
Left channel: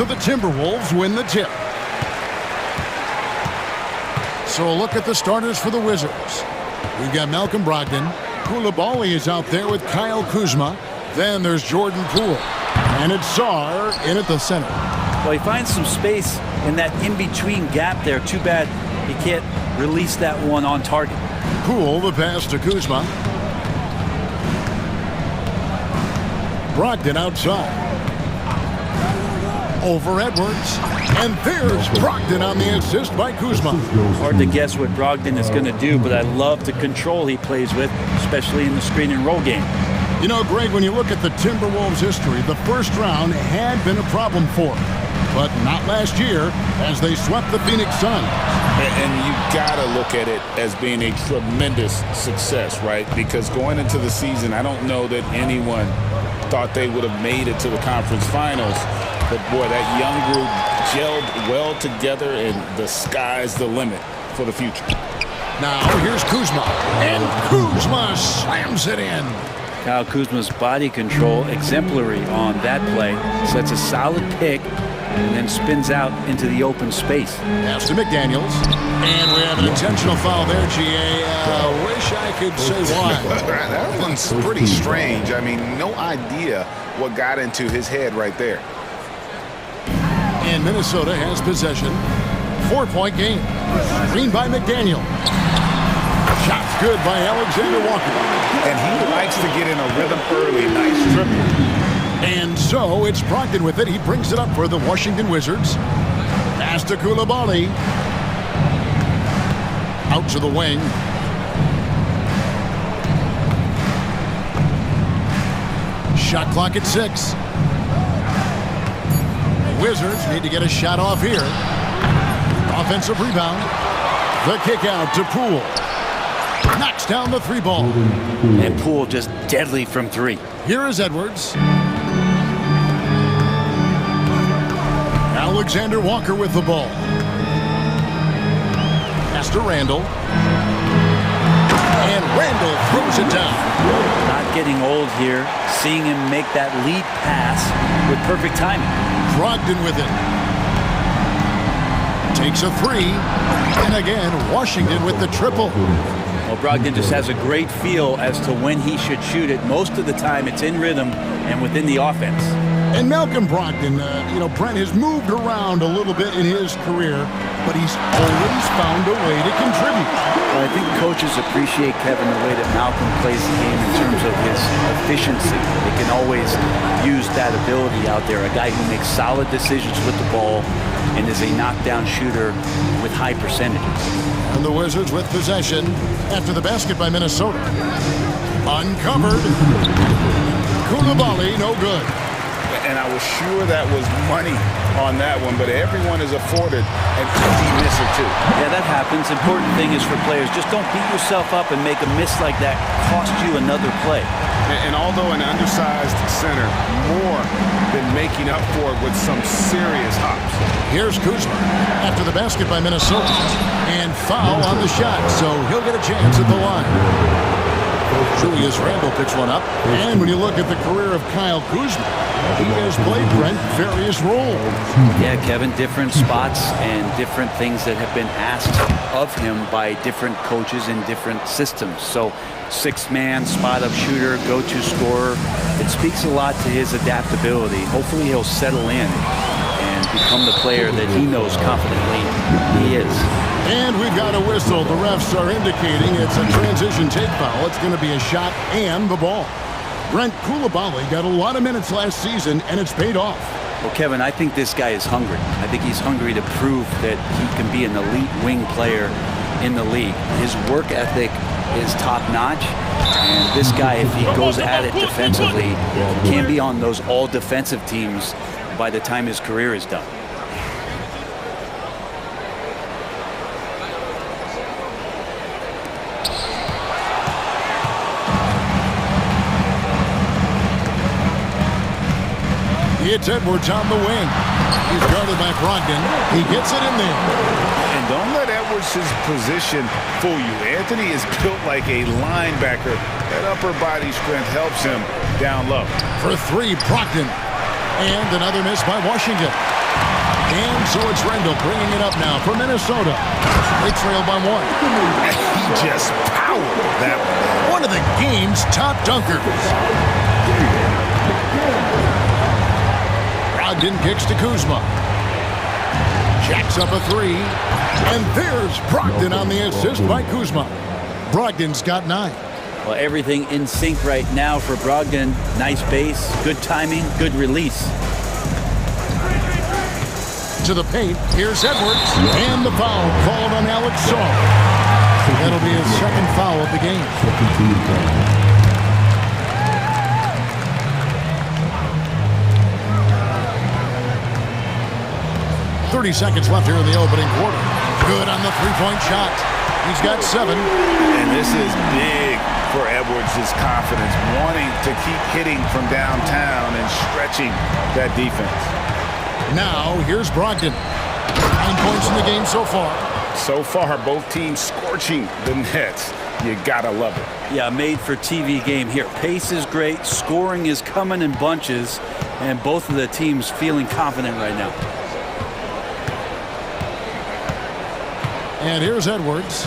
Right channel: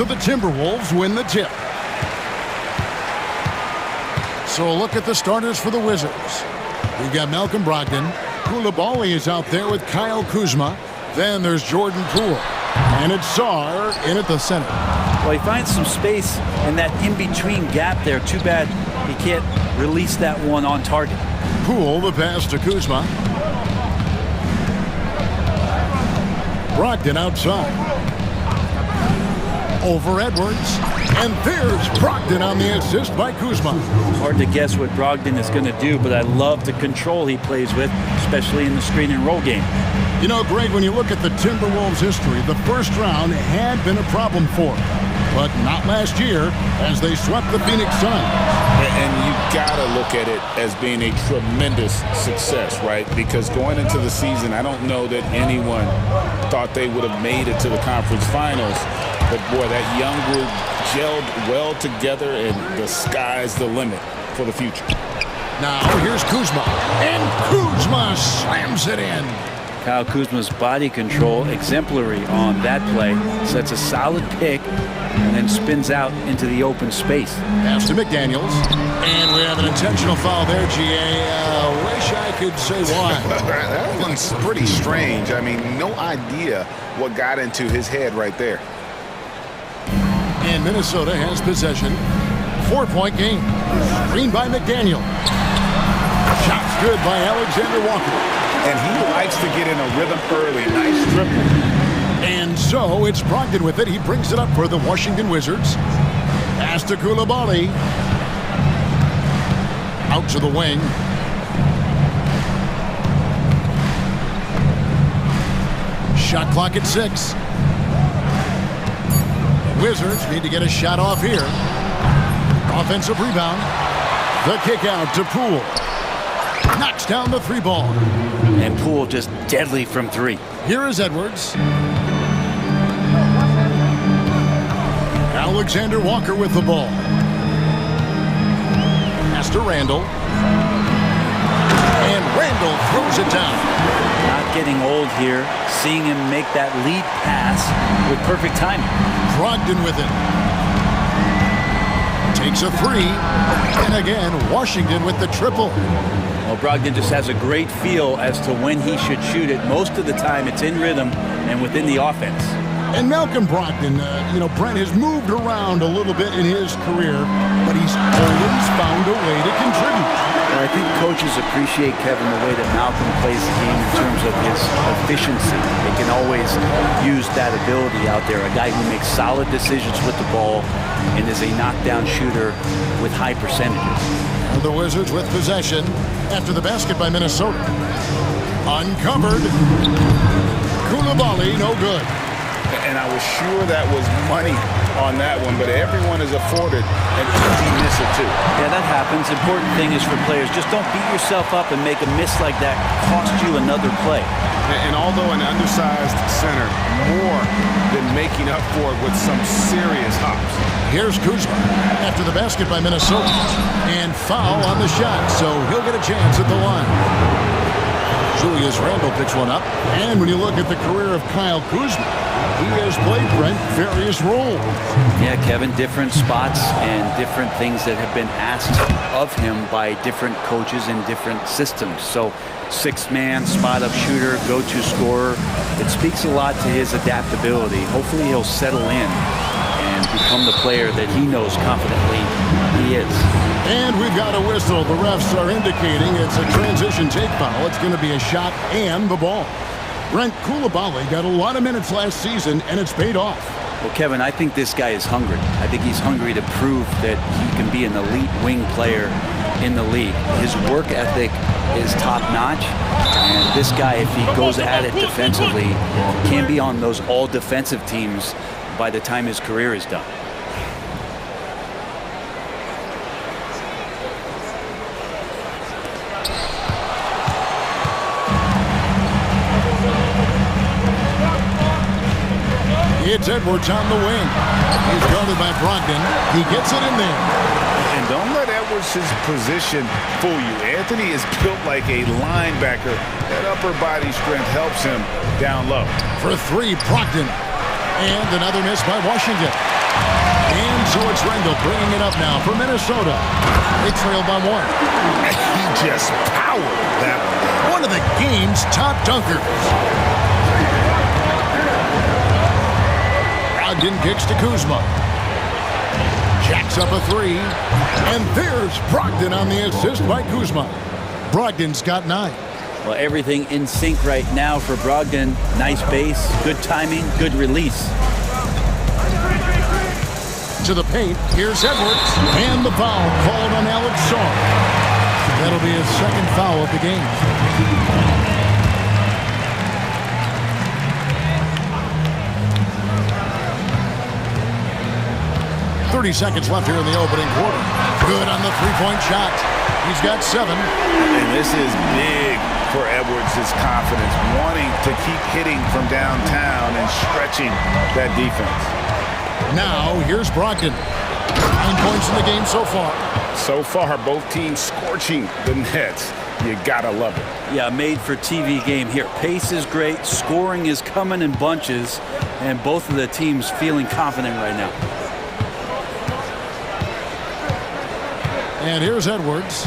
So the Timberwolves win the tip. So a look at the starters for the Wizards. We've got Malcolm Brogdon. Koulibaly is out there with Kyle Kuzma. Then there's Jordan Poole. And it's Sarr in at the center. Well, he finds some space in that in-between gap there. Too bad he can't release that one on target. Poole, the pass to Kuzma. Brogdon outside. Over Edwards. And there's Brogdon on the assist by Kuzma. Hard to guess what Brogdon is going to do, but I love the control he plays with, especially in the screen and roll game. You know, Greg, when you look at the Timberwolves' history, the first round had been a problem for them. But not last year, as they swept the Phoenix Suns. And you gotta look at it as being a tremendous success, right? Because going into the season, I don't know that anyone thought they would have made it to the conference finals. But boy, that young group gelled well together, and the sky's the limit for the future. Now here's Kuzma, and Kuzma slams it in. Kyle Kuzma's body control exemplary on that play. Sets a solid pick and then spins out into the open space. Pass to McDaniels. And we have an intentional foul there, GA. Wish I could say why. That one's pretty strange. I mean, no idea what got into his head right there. And Minnesota has possession. 4-point game. Screen by McDaniel. Shot's good by Alexander Walker. And he likes to get in a rhythm early. Nice triple. And so it's Brogdon with it. He brings it up for the Washington Wizards. Pass to Koulibaly. Out to the wing. Shot clock at 6. The Wizards need to get a shot off here. Offensive rebound. The kick out to Poole. Knocks down the 3 ball. And Poole just deadly from 3. Here is Edwards. Alexander Walker with the ball. Pass to Randall. And Randall throws it down. Not getting old here. Seeing him make that lead pass with perfect timing. Brogdon with it. Takes a 3. And again, Washington with the triple. Well, Brogdon just has a great feel as to when he should shoot it. Most of the time, it's in rhythm and within the offense. And Malcolm Brogdon, Brent has moved around a little bit in his career, but he's always found a way to contribute. Well, I think coaches appreciate, Kevin, the way that Malcolm plays the game in terms of his efficiency. They can always use that ability out there. A guy who makes solid decisions with the ball and is a knockdown shooter with high percentages. And the Wizards with possession after the basket by Minnesota. Uncovered. Koulibaly, no good. And I was sure that was money on that one, but everyone is afforded an easy miss or two. Yeah, that happens. Important thing is for players, just don't beat yourself up and make a miss like that cost you another play. And although an undersized center, more than making up for it with some serious hops. Here's Kuzma after the basket by Minnesota. And foul on the shot, so he'll get a chance at the line. Julius Randle picks one up. And when you look at the career of Kyle Kuzma, he has played, Brent, various roles. Yeah, Kevin, different spots and different things that have been asked of him by different coaches in different systems. So, 6-man, spot-up shooter, go-to scorer. It speaks a lot to his adaptability. Hopefully he'll settle in and become the player that he knows confidently he is. And we've got a whistle. The refs are indicating it's a transition take foul. It's going to be a shot and the ball. Brent, Koulibaly got a lot of minutes last season, and it's paid off. Well, Kevin, I think this guy is hungry. I think he's hungry to prove that he can be an elite wing player in the league. His work ethic is top-notch, and this guy, if he goes at it defensively, can be on those all-defensive teams by the time his career is done. It's Edwards on the wing. He's guarded by Brogdon. He gets it in there. And don't let Edwards' position fool you. Anthony is built like a linebacker. That upper body strength helps him down low. For 3, Brogdon. And another miss by Washington. so it's Rendell bringing it up now for Minnesota. They trail by 1. He just powered that one. One of the game's top dunkers. Brogdon kicks to Kuzma. Jacks up a 3. And there's Brogdon on the assist by Kuzma. Brogdon's got 9. Well, everything in sync right now for Brogdon. Nice base, good timing, good release. To the paint, here's Edwards. And the foul called on Alex Shaw. That'll be his second foul of the game. .30 seconds left here in the opening quarter. Good on the three-point shot. He's got 7. And this is big for Edwards' confidence, wanting to keep hitting from downtown and stretching that defense. Now, here's Brogdon. 9 points in the game so far. So far, both teams scorching the Nets. You gotta love it. Yeah, made for TV game here. Pace is great, scoring is coming in bunches, and both of the teams feeling confident right now. And here's Edwards.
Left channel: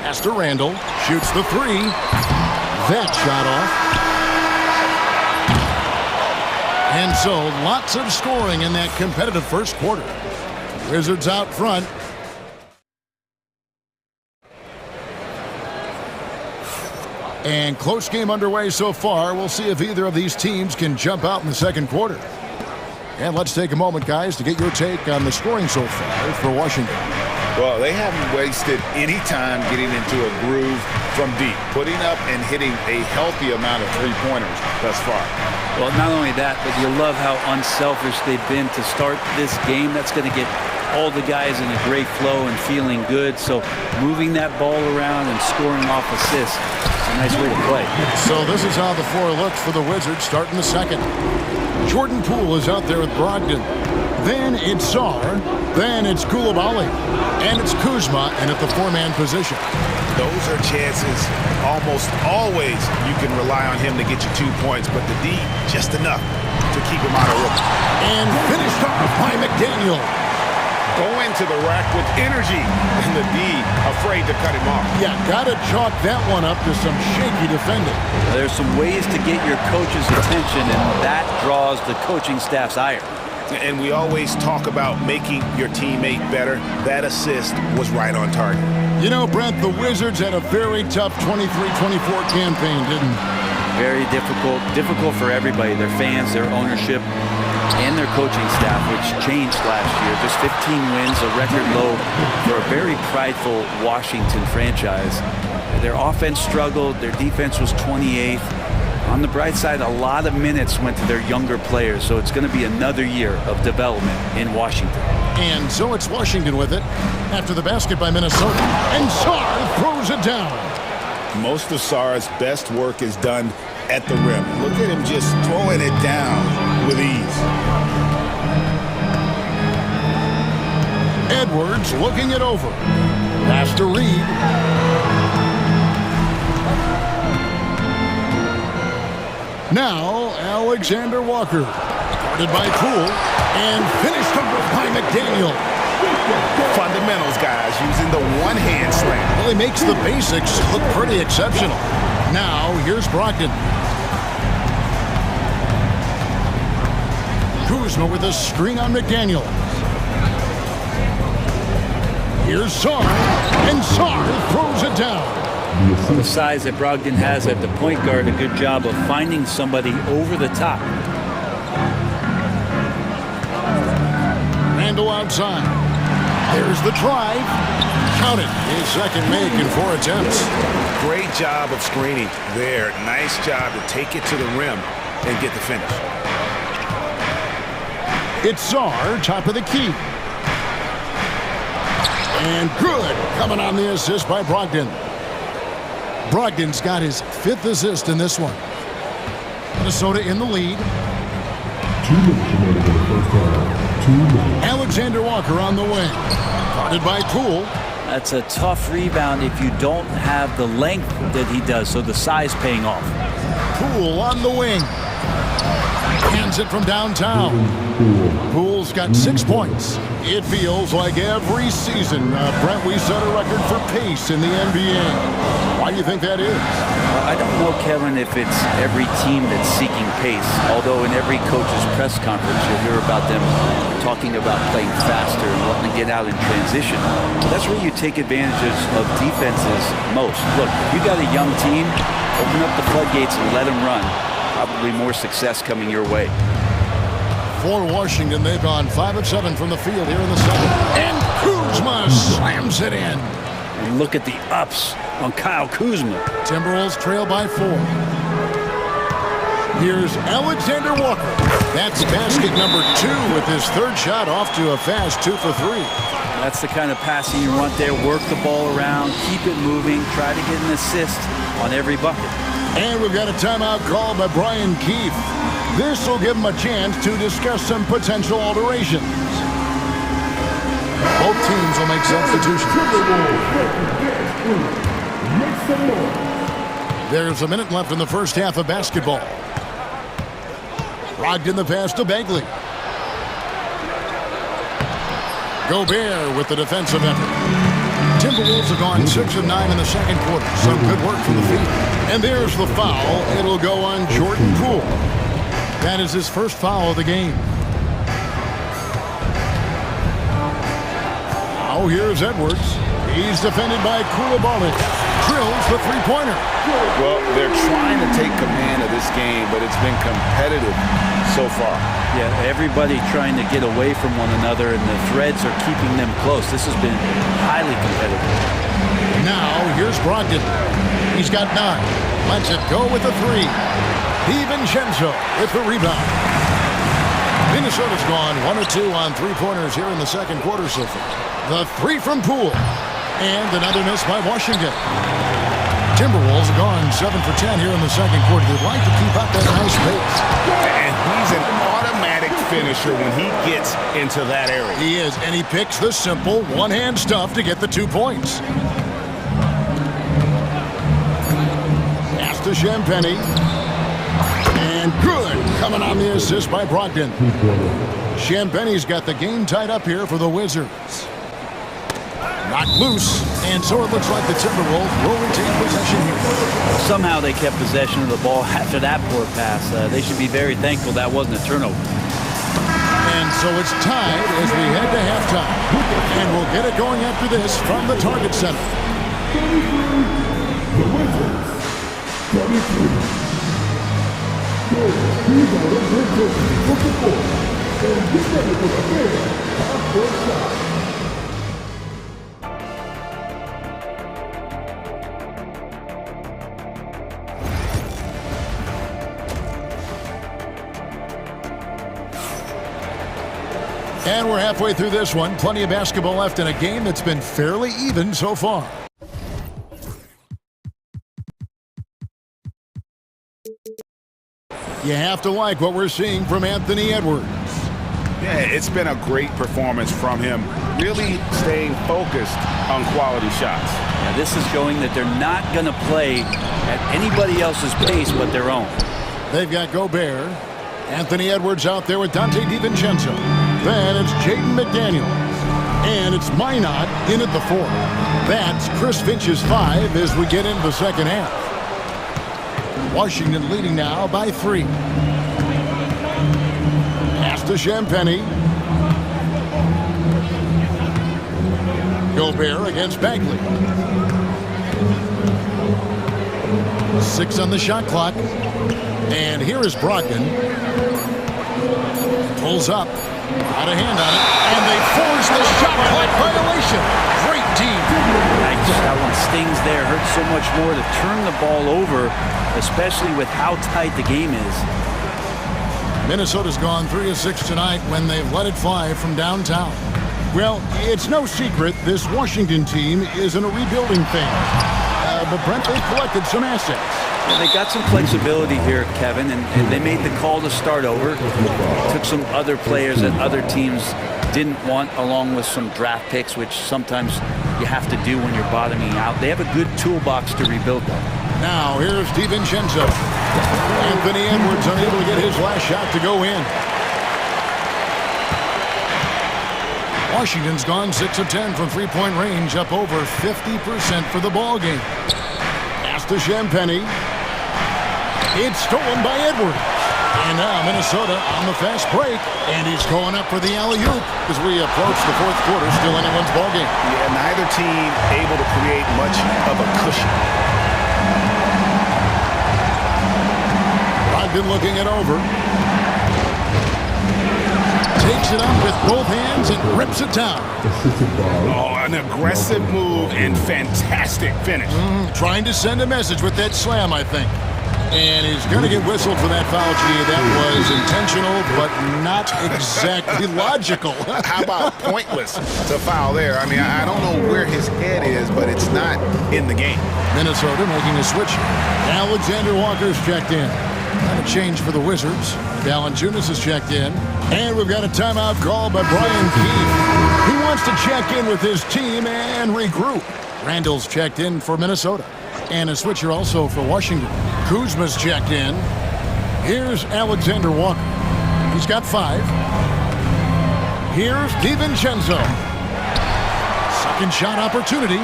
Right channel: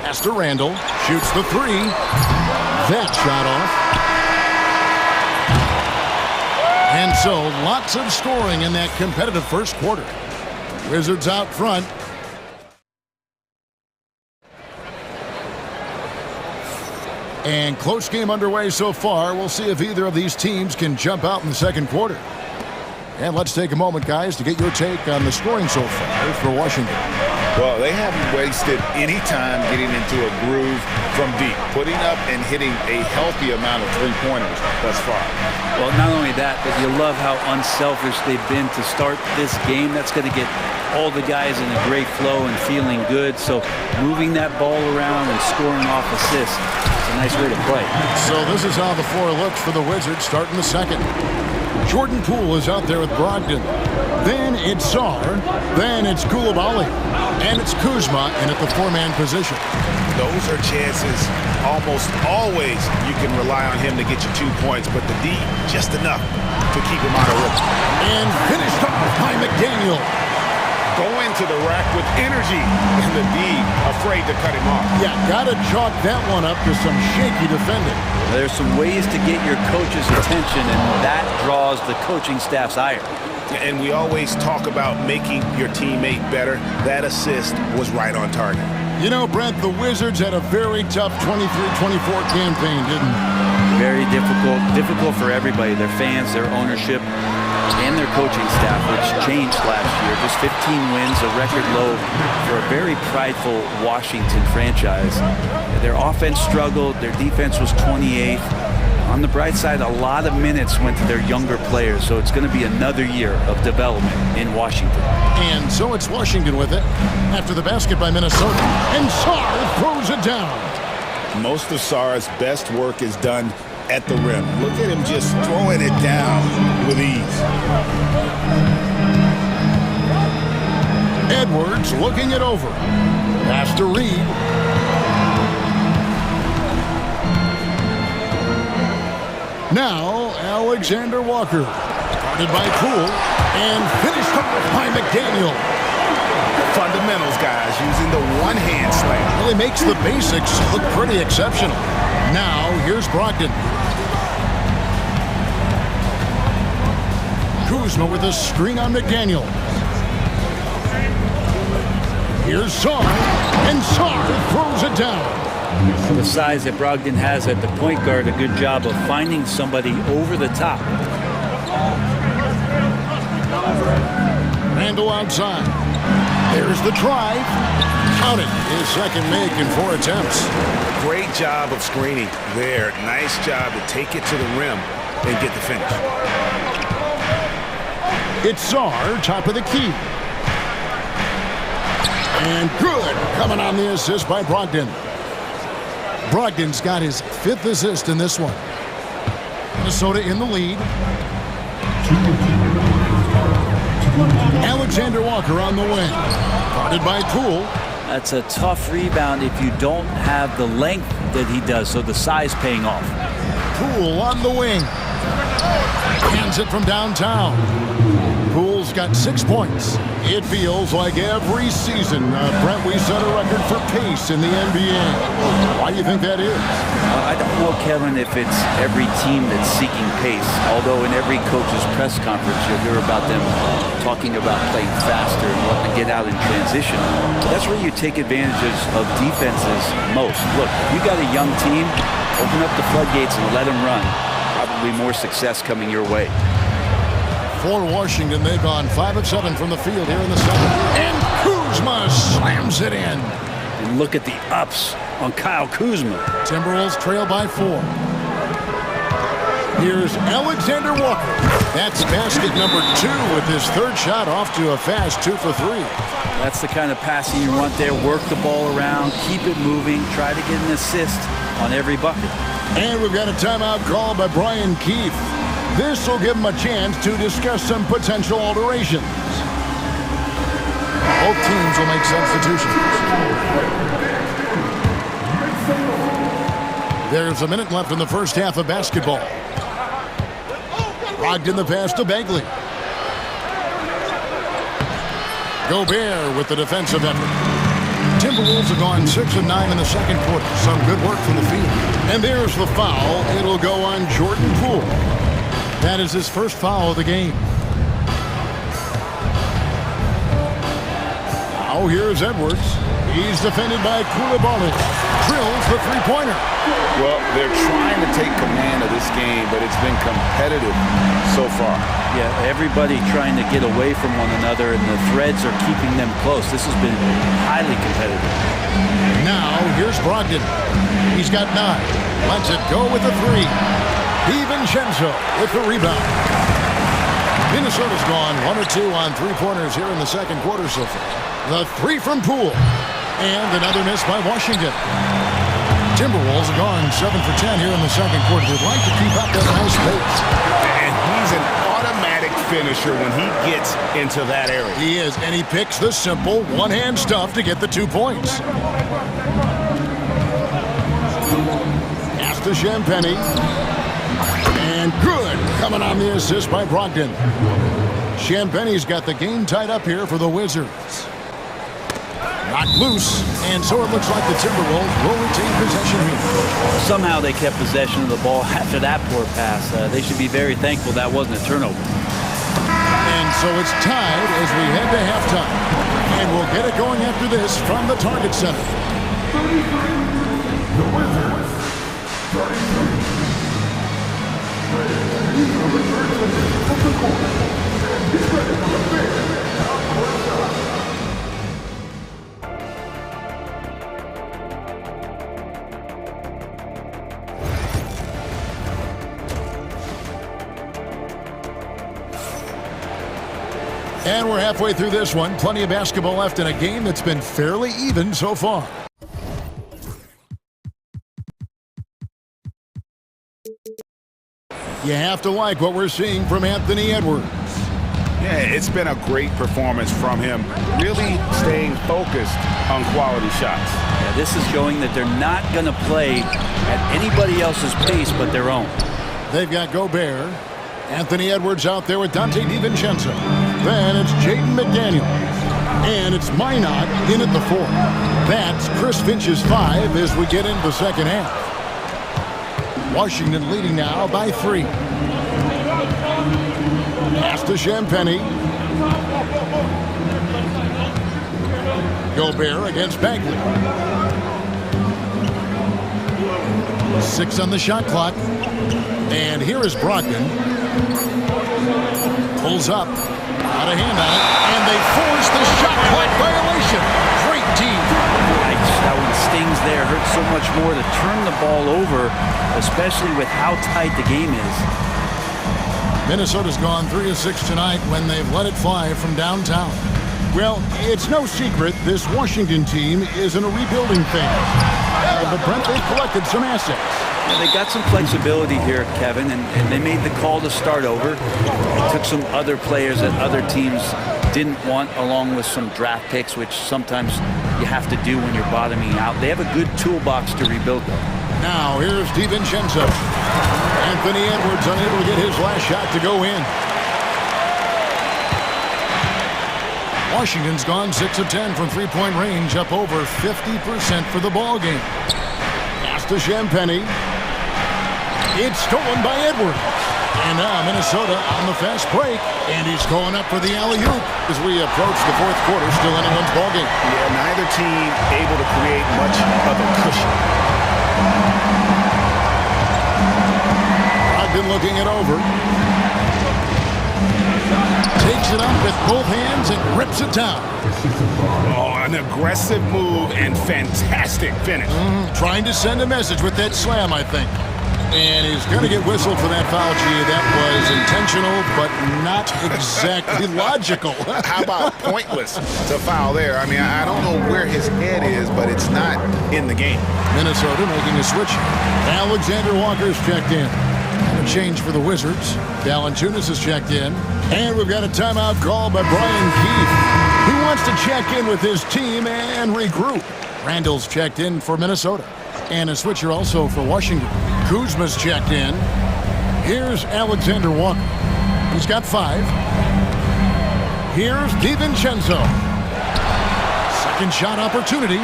Pass to Randall. Shoots the 3. That shot off. And so, lots of scoring in that competitive first quarter. Wizards out front. And close game underway so far. We'll see if either of these teams can jump out in the second quarter. And let's take a moment, guys, to get your take on the scoring so far for Washington. Well, they haven't wasted any time getting into a groove from deep, putting up and hitting a healthy amount of three-pointers thus far. Well, not only that, but you love how unselfish they've been to start this game. That's going to get all the guys in a great flow and feeling good. So moving that ball around and scoring off assists, it's a nice way to play. So this is how the floor looks for the Wizards starting the second. Jordan Poole is out there with Brogdon. Then it's Sar. Then it's Koulibaly. And it's Kuzma in at the 4-man position. Those are chances almost always you can rely on him to get you 2 points, but the D, just enough to keep him out of rhythm. And finished off by McDaniel. Going to the rack with energy, and the D afraid to cut him off. Yeah, gotta chalk that one up to some shaky defending. There's some ways to get your coach's attention, and that draws the coaching staff's ire. And we always talk about making your teammate better. That assist was right on target. You know, Brent, the Wizards had a very tough 23-24 campaign, didn't they? Very difficult for everybody, their fans, their ownership, and their coaching staff, which changed last year. Just 15 wins, a record low for a very prideful Washington franchise. Their offense struggled, their defense was 28th. On the bright side, a lot of minutes went to their younger players, so it's going to be another year of development in Washington. And so it's Washington with it after the basket by Minnesota. And Sar throws it down. Most of Sar's best work is done at the rim. Look at him just throwing it down with ease. Edwards looking it over. Pass to Reed. Now, Alexander Walker. Guarded by Poole. And finished off by McDaniel. Fundamentals, guys, using the one-hand slam. Well, he makes the basics look pretty exceptional. Now, here's Brogdon. Kuzma with a screen on McDaniel. Here's Sar. And Sar throws it down. Well, the size that Brogdon has at the point guard, a good job of finding somebody over the top. Randall outside. There's the drive. Count it. His second make in 4 attempts. Great job of screening there. Nice job to take it to the rim and get the finish. It's Sar, top of the key. And good. Coming on the assist by Brogdon. Brogdon's got his 5th assist in this one. Minnesota in the lead. Alexander Walker on the wing. Guarded by Poole. That's a tough rebound if you don't have the length that he does, so the size paying off. Poole on the wing. Hands it from downtown. Poole's got 6 points. It feels like every season, Brent, we set a record for pace in the NBA. Why do you think that is? I don't know, Kevin, if it's every team that's seeking pace, although in every coach's press conference you'll hear about them talking about playing faster and wanting to get out in transition. But that's where you take advantages of defenses most. Look, if you got a young team, open up the floodgates and let them run. Probably more success coming your way. For Washington, they've gone 5 of 7 from the field here in the second. And Kuzma slams it in. And look at the ups on Kyle Kuzma. Timberwolves trail by 4. Here's Alexander Walker. That's basket number 2 with his third shot off to a fast 2 for 3. That's the kind of passing you want there. Work the ball around, keep it moving, try to get an assist on every bucket. And we've got a timeout called by Brian Keefe. This will give him a chance to discuss some potential alterations. Both teams will make substitutions. There's a minute left in the first half of basketball. Brogdon the pass to Bagley. Gobert with the defensive effort. Timberwolves have gone 6 of 9 in the second quarter. Some good work from the field. And there's the foul. It'll go on Jordan Poole. That is his first foul of the game. Now here's Edwards. He's defended by Koulibaly. Drills the three-pointer. Well, they're trying to take command of this game, but it's been competitive so far. Yeah, everybody trying to get away from one another, and the threads are keeping them close. This has been highly competitive. Now here's Brogdon. He's got 9. Lets it go with a 3. DiVincenzo with the rebound. Minnesota's gone 1 of 2 on three-pointers here in the second quarter so far. The 3 from Poole. And another miss by Washington. Timberwolves have gone 7 for 10 here in the second quarter. They'd like to keep up that nice pace. And he's an automatic finisher when he gets into that area. He is, and he picks the simple one-hand stuff to get the 2 points. Pass to Champagny. And good, coming on the assist by Brogdon. Champagny's got the game tied up here for the Wizards. Knocked loose, and so it looks like the Timberwolves will retain possession here. Somehow they kept possession of the ball after that poor pass. They should be very thankful that wasn't a turnover. And so it's tied as we head to halftime. And we'll get it going after this from the Target Center. 33, the Wizards. 33. These are reverse of the court. And get ready for the big half-court shot. And we're halfway through this one. Plenty of basketball left in a game that's been fairly even so far. You have to like what we're seeing from Anthony Edwards. Yeah, it's been a great performance from him, really staying focused on quality shots. Yeah, this is showing that they're not going to play at anybody else's pace but their own. They've got Gobert. Anthony Edwards out there with Dante DiVincenzo. Then it's Jaden McDaniels. And it's Minot in at the 4. That's Chris Finch's 5 as we get into the second half. Washington leading now by 3. Pass to Champagny. Gobert against Bagley. 6 on the shot clock. And here is Brogdon. Pulls up. Out of hand on it. And they force the shot clock violation. Great team. Nice. That one stings there. Hurts so much more to turn the ball over, especially with how tight the game is. Minnesota's gone 3 of 6 tonight when they've let it fly from downtown. Well, it's no secret this Washington team is in a rebuilding phase. But Brent, they've collected some assets. Yeah, they got some flexibility here, Kevin, and they made the call to start over. They took some other players that other teams didn't want, along with some draft picks, which sometimes you have to do when you're bottoming out. They have a good toolbox to rebuild, though. Now, here's DiVincenzo. Anthony Edwards unable to get his last shot to go in. Washington's gone 6 of 10 from three-point range, up over 50% for the ball game. Pass to Champagny. It's stolen by Edwards. And now Minnesota on the fast break. And he's going up for the alley-oop as we approach the fourth quarter. Still anyone's ball game. Yeah, neither team able to create much of a cushion. Brogdon looking it over. Takes it up with both hands and rips it down. Oh, an aggressive move and fantastic finish. Trying to send a message with that slam, I think. And he's going to get whistled for that foul, G. That was intentional, but not exactly logical. How about pointless to foul there? I mean, I don't know where his head is, but it's not in the game. Minnesota making a switch. Alexander Walker's checked in. And a change for the Wizards. Valanciunas has checked in. And we've got a timeout called by Brian Keefe. He wants to check in with his team and regroup. Randall's checked in for Minnesota. And a switcher also for Washington. Kuzma's checked in. Here's Alexander Walker. He's got 5. Here's DiVincenzo. Second shot opportunity.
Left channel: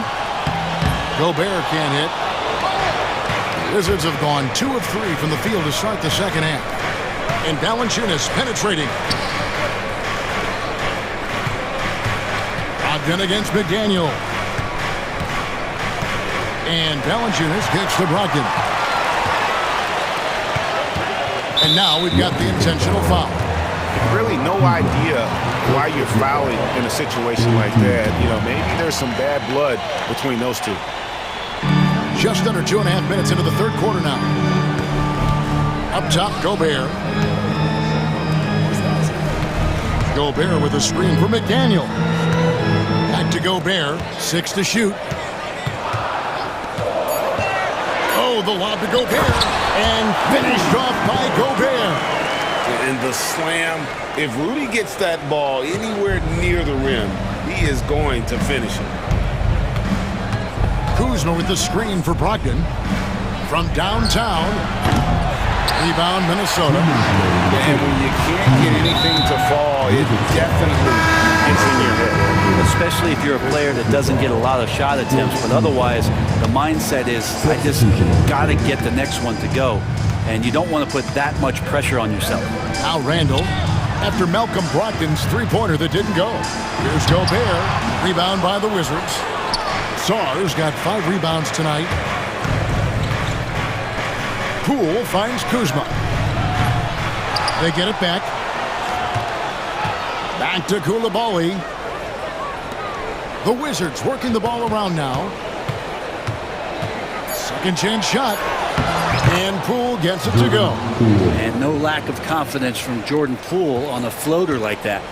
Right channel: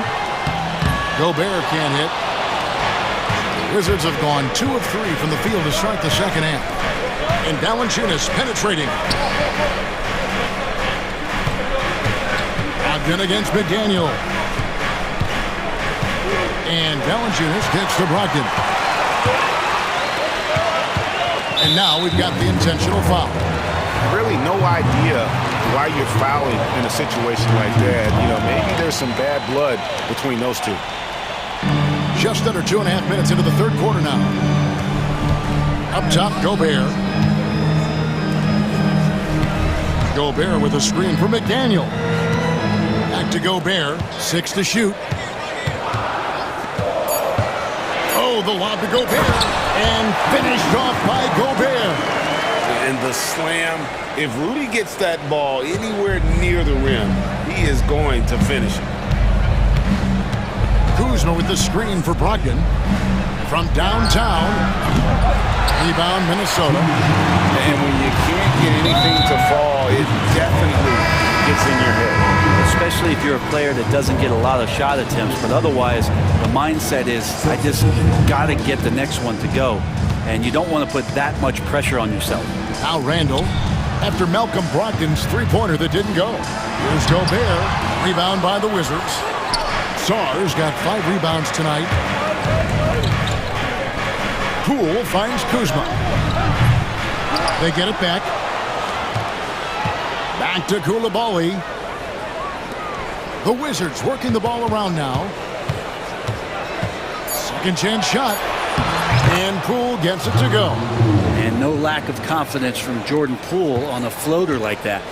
Gobert can't hit. The Wizards have gone 2 of 3 from the field to start the second half. And Valanciunas penetrating. Brogdon against McDaniel. And Valanciunas kicks to Brogdon. And now we've got the intentional foul. Really no idea why you're fouling in a situation like that. You know, maybe there's some bad blood between those two. Just under 2.5 minutes into the third quarter now. Up top, Gobert. Gobert with a screen for McDaniel. Back to Gobert. 6 to shoot. Oh, the lob to Gobert. And finished off by Gobert. And the slam. If Rudy gets that ball anywhere near the rim, he is going to finish it. Kuzma with the screen for Brogdon. From downtown. Rebound, Minnesota. And when you can't get anything to fall, it definitely gets in your head. Especially if you're a player that doesn't get a lot of shot attempts, but otherwise the mindset is, I just got to get the next one to go. And you don't want to put that much pressure on yourself. Now Randall, after Malcolm Brogdon's three-pointer that didn't go. Here's Gobert, rebound by the Wizards. Sarr's got 5 rebounds tonight. Poole finds Kuzma. They get it back. Back to Koulibaly. The Wizards working the ball around now. Second chance shot. And Poole gets it to go. And no lack of confidence from Jordan Poole on a floater like that.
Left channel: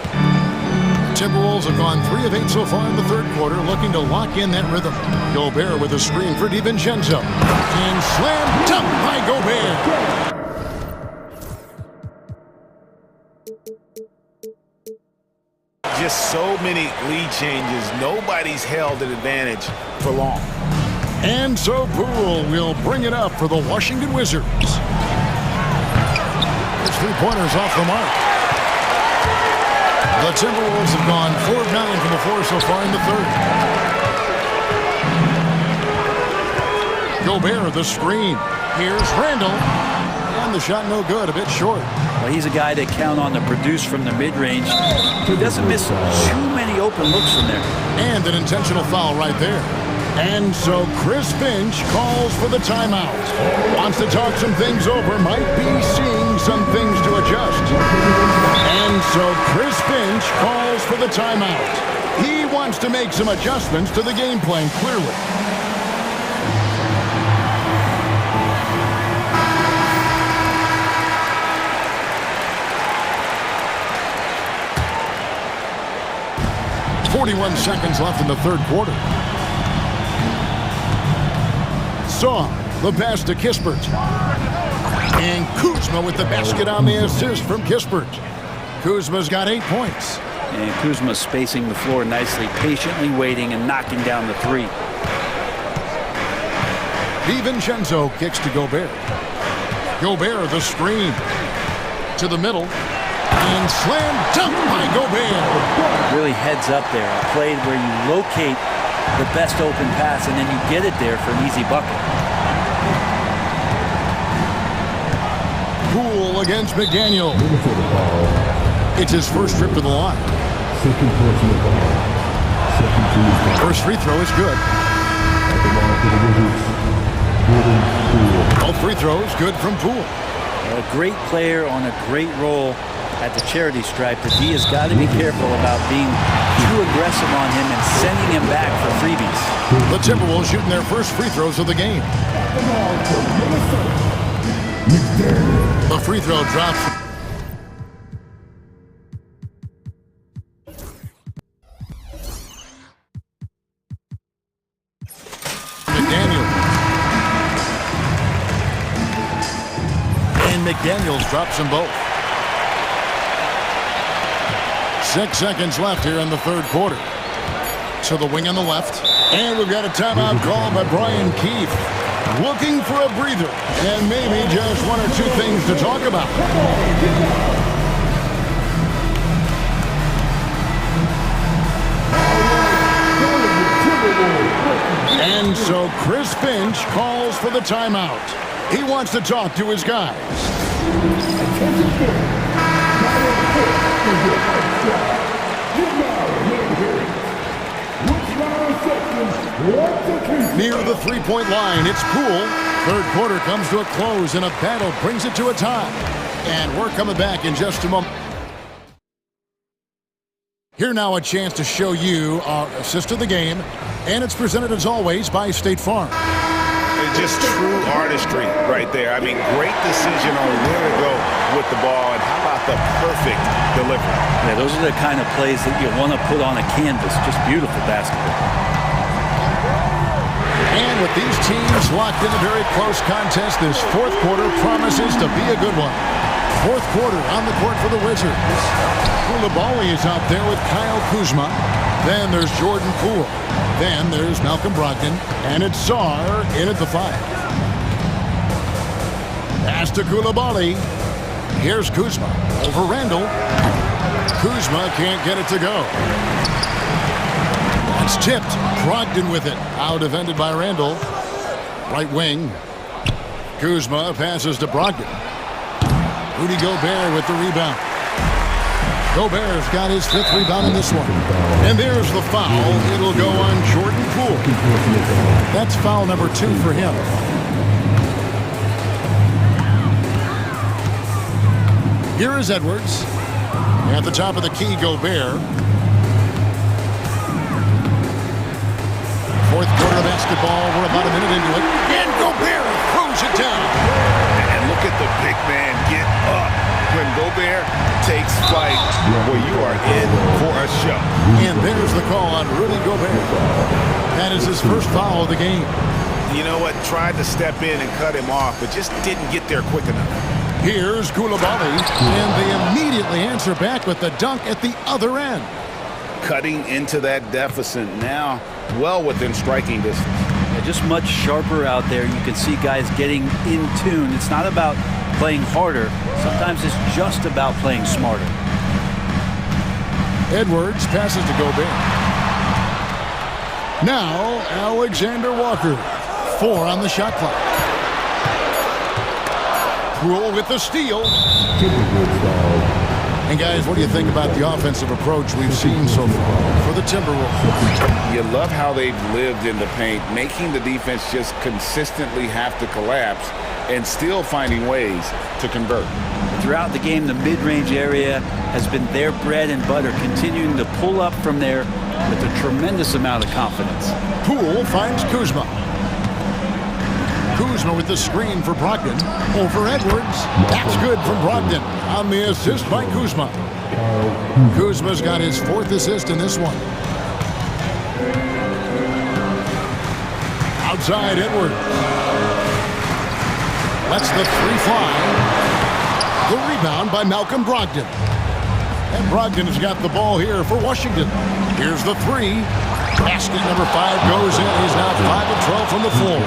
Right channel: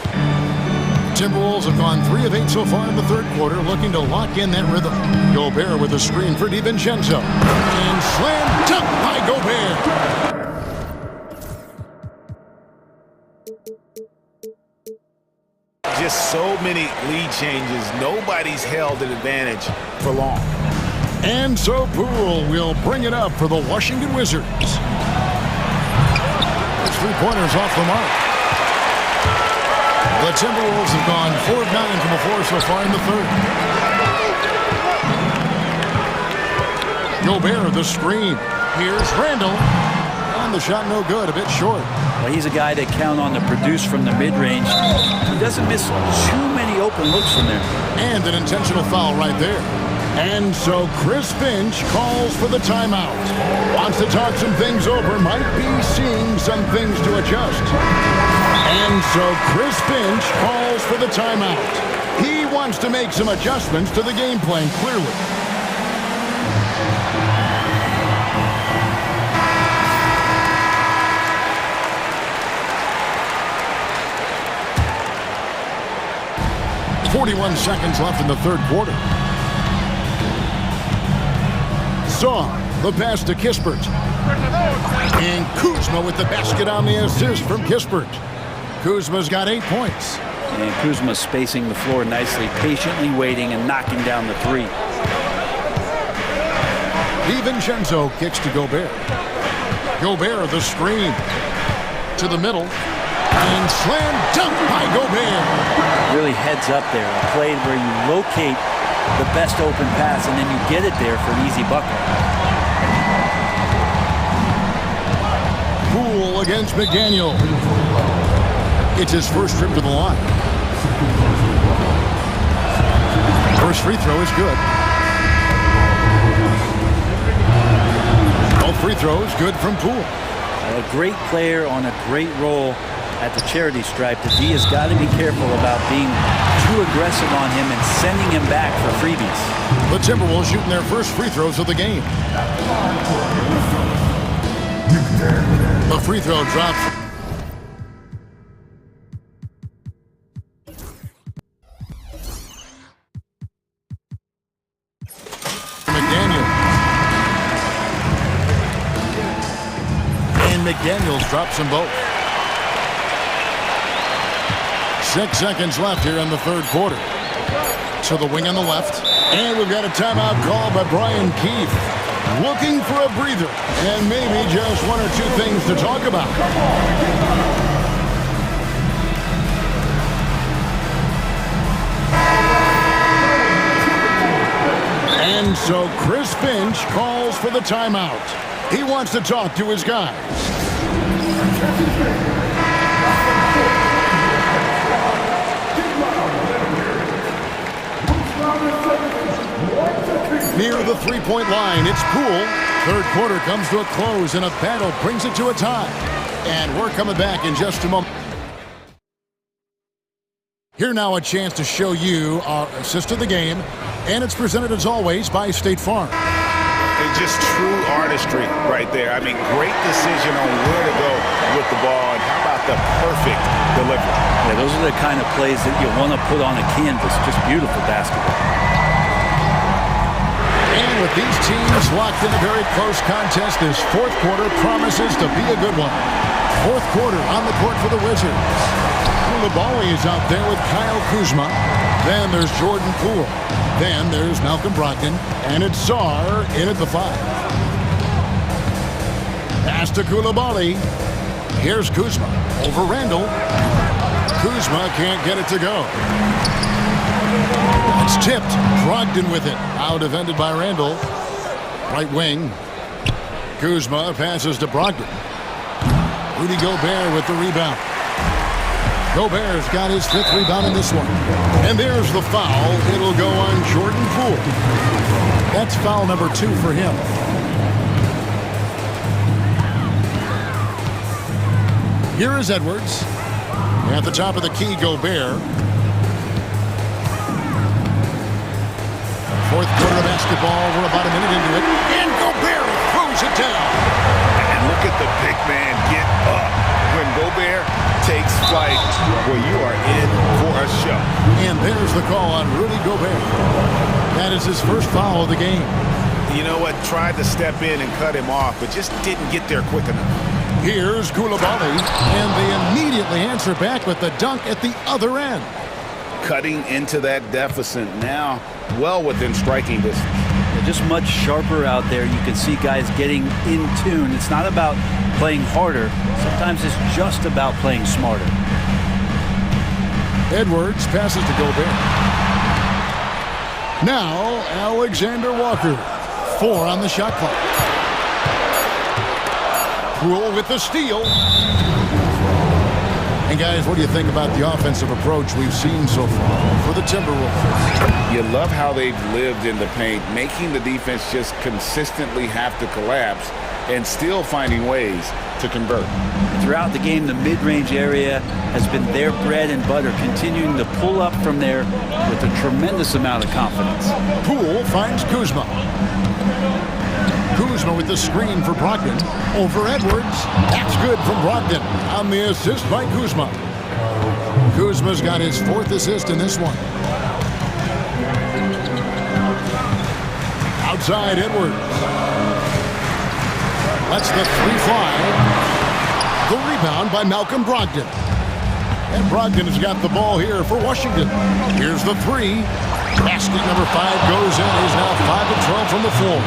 Timberwolves have gone 3 of 8 so far in the third quarter, looking to lock in that rhythm. Gobert with a screen for DiVincenzo. And slam dunk by Gobert. Just so many lead changes. Nobody's held an advantage for long. And so Poole will bring it up for the Washington Wizards. His three-pointers off the mark. The Timberwolves have gone 4 of 9 from the floor so far in the third. Gobert, the screen. Here's Randall. And the shot no good, a bit short. Well, he's a guy that count on to produce from the mid-range. He doesn't miss too many open looks from there. And an intentional foul right there. And so Chris Finch calls for the timeout. Wants to talk some things over, might be seeing some things to adjust. And so Chris Finch calls for the timeout. He wants to make some adjustments to the game plan, clearly. .41 seconds left in the third quarter. Saw the pass to Kispert. And Kuzma with the basket on the assist from Kispert. Kuzma's got 8 points. And Kuzma spacing the floor nicely, patiently waiting and knocking down the three. DiVincenzo kicks to Gobert. Gobert, the screen. To the middle. And slam dunk by Gobert. Really heads up there. A play where you locate the best open pass and then you get it there for an easy bucket. Poole against McDaniel. It's his first trip to the line. First free throw is good. Both free throws good from Poole. A great player on a great role at the charity stripe. The D has got to be careful about being too aggressive on him and sending him back for freebies. The Timberwolves shooting their first free throws of the game. The free throw drops. McDaniel. And McDaniels drops them both. 6 seconds left here in the third quarter. To the wing on the left. And we've got a timeout call by Brian Keefe. Looking for a breather. And maybe just one or two things to talk about. And so Chris Finch calls for the timeout. He wants to talk to his guys. Near the three-point line, it's Poole. Third quarter comes to a close, and a battle brings it to a tie. And we're coming back in just a moment. Here now a chance to show you our assist of the game, and it's presented as always by State Farm. It's just true artistry right there. I mean, great decision on where to go with the ball, and how about the perfect delivery? Yeah, those are the kind of plays that you want to put on a canvas. Just beautiful basketball. And with these teams locked in a very close contest, this fourth quarter promises to be a good one. Fourth quarter on the court for the Wizards. Koulibaly is out there with Kyle Kuzma. Then there's Jordan Poole. Then there's Malcolm Brogdon. And it's Sarr in at the 5. Pass to Koulibaly. Here's Kuzma over Randall. Kuzma can't get it to go. It's tipped. Brogdon with it. Out defended by Randall. Right wing. Kuzma passes to Brogdon. Rudy Gobert with the rebound. Gobert's got his 5th rebound in this one. And there's the foul. It'll go on Jordan Poole. That's foul number 2 for him. Here is Edwards. At the top of the key, Gobert. Fourth quarter of basketball. We're about a minute into it. And Gobert throws it down. And look at the big man get up. When Gobert takes flight, well, you are in for a show. And there's the call on Rudy Gobert. That is his first foul of the game. You know what? Tried to step in and cut him off, but just didn't get there quick enough. Here's Koulibaly, and they immediately answer back with the dunk at the other end. Cutting into that deficit now, well within striking distance. Yeah, just much sharper out there. You can see guys getting in tune. It's not about playing harder. Sometimes it's just about playing smarter. Edwards passes to Gobert. Now, Alexander Walker. 4 on the shot clock. Poole with the steal. And guys, what do you think about the offensive approach we've seen so far for the Timberwolves? You love how they've lived in the paint, making the defense just consistently have to collapse and still finding ways to convert. And throughout the game, the mid-range area has been their bread and butter, continuing to pull up from there with a tremendous amount of confidence. Poole finds Kuzma. Kuzma with the screen for Brogdon. Over Edwards. That's good from Brogdon on the assist by Kuzma. Kuzma's got his 4th assist in this one. Outside Edwards. Lets the 3 fly. The rebound by Malcolm Brogdon. And Brogdon has got the ball here for Washington. Here's the three. Basket number 5 goes in. He's now 5 of 12 from the floor.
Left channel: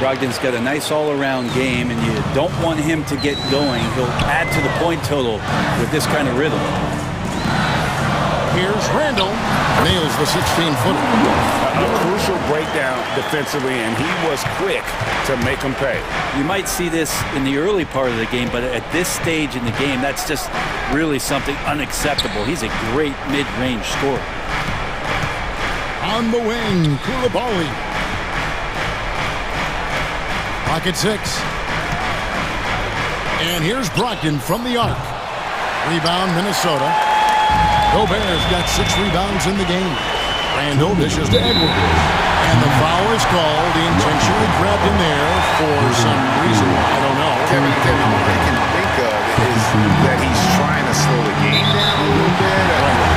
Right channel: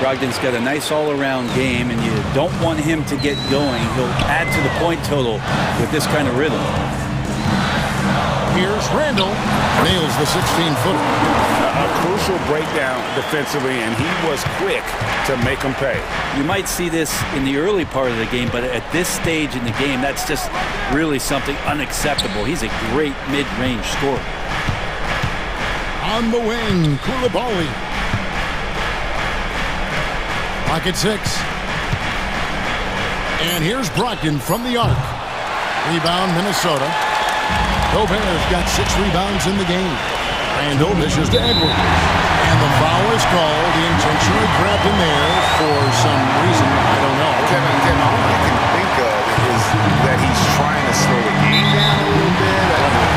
Brogdon's got a nice all-around game, and you don't want him to get going. He'll add to the point total with this kind of rhythm. Here's Randall. Nails the 16-footer. A crucial breakdown defensively, and he was quick to make him pay. You might see this in the early part of the game, but at this stage in the game, that's just really something unacceptable. He's a great mid-range scorer. On the wing, Koulibaly. Pocket 6. And here's Brogdon from the arc. Rebound, Minnesota. Gobert's got 6 rebounds in the game. Randall dishes to Edwards. And the foul is called. He intentionally grabbed him there for some reason. I don't know. Kevin, all I can think of is that he's trying to slow the game down a little bit.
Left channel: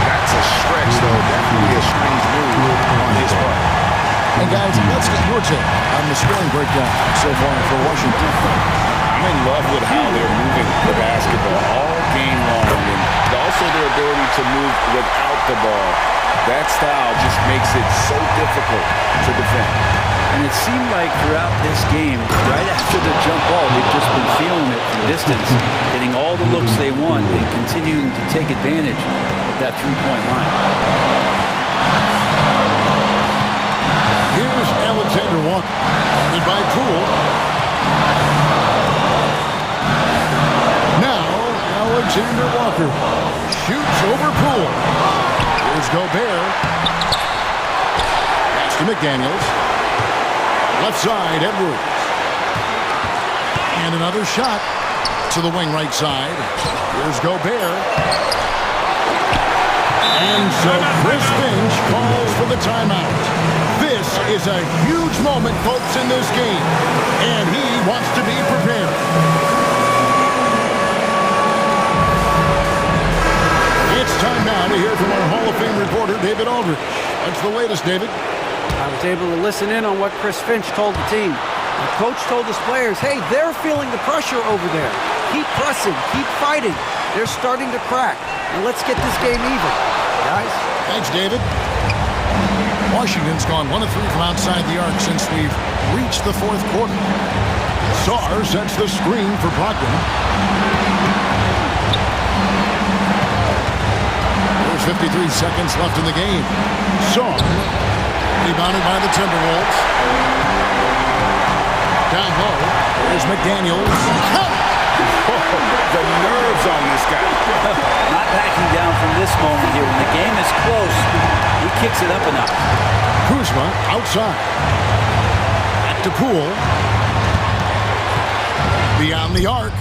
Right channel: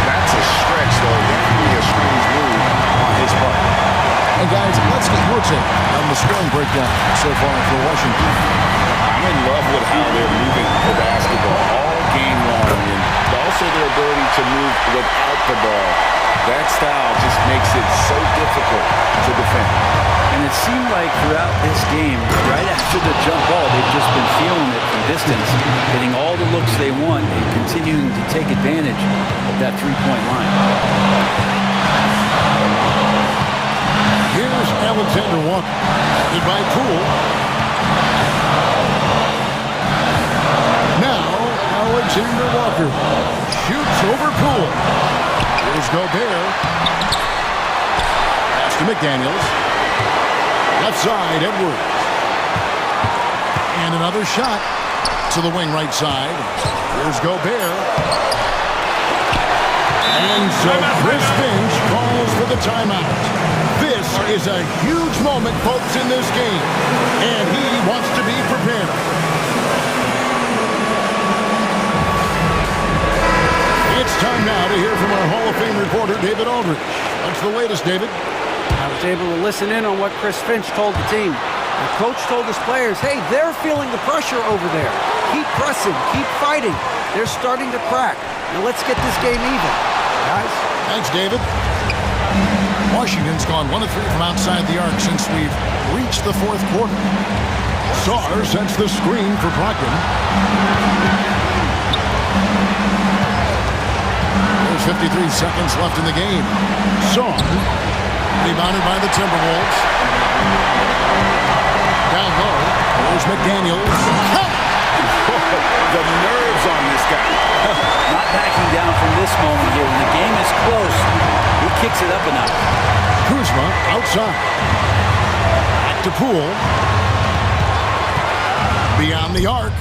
That's a stretch, though. Definitely a strange move on his part. And guys, let's get your take on the scoring breakdown so far for Washington. I'm in love with how they're moving the basketball all game long, and also their ability to move without the ball. That style just makes it so difficult to defend. And it seemed like throughout this game, right after the jump ball, they've just been feeling it from distance, getting all the looks they want, and continuing to take advantage of that three-point line. Here's Alexander Walker, guarded by Poole. Now, Alexander Walker shoots over Poole. Here's Gobert. Pass to McDaniels. Left side, Edwards. And another shot to the wing right side. Here's Gobert. And so Chris Finch calls for the timeout. This is a huge moment, folks, in this game. And he wants to be prepared. It's time now to hear from our Hall of Fame reporter, David Aldridge. What's the latest, David? I was able to listen in on what Chris Finch told the team. The coach told his players, hey, they're feeling the pressure over there. Keep pressing, keep fighting. They're starting to crack. Now let's get this game even, guys. Thanks, David. Washington's gone 1 of 3 from outside the arc since we've reached the 4th quarter. Sarr sets the screen for Brogdon. There's 53 seconds left in the game. Sarr, rebounded by the Timberwolves. Down low, there's McDaniels. The nerves on this guy. Not backing down from this moment here. When the game is close, he kicks it up a notch. Kuzma outside. Back to Poole. Beyond the arc.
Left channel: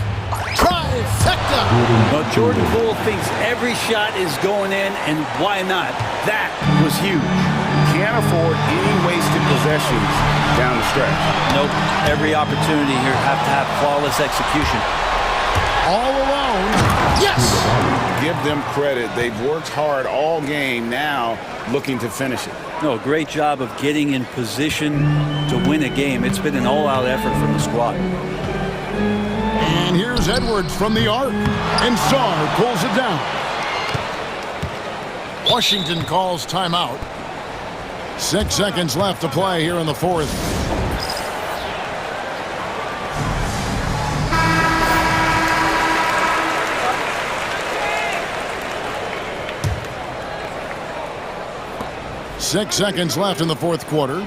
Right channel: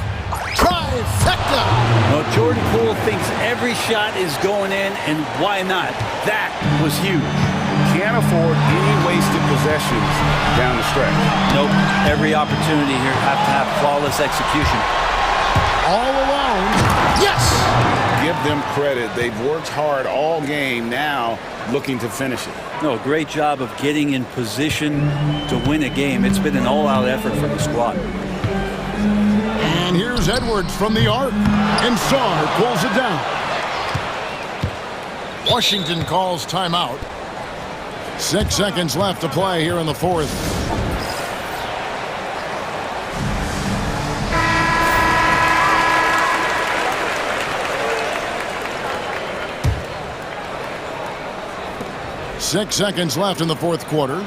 Trifecta! Well, Jordan Poole thinks every shot is going in, and why not? That was huge. Can't afford any wasted possessions down the stretch. Nope. Every opportunity here have to have flawless execution. All alone. Yes! Give them credit. They've worked hard all game, now looking to finish it. No, great job of getting in position to win a game. It's been an all-out effort from the squad. And here's Edwards from the arc. And Sarr pulls it down. Washington calls timeout. 6 seconds left to play here in the 4th. Six seconds left in the 4th quarter.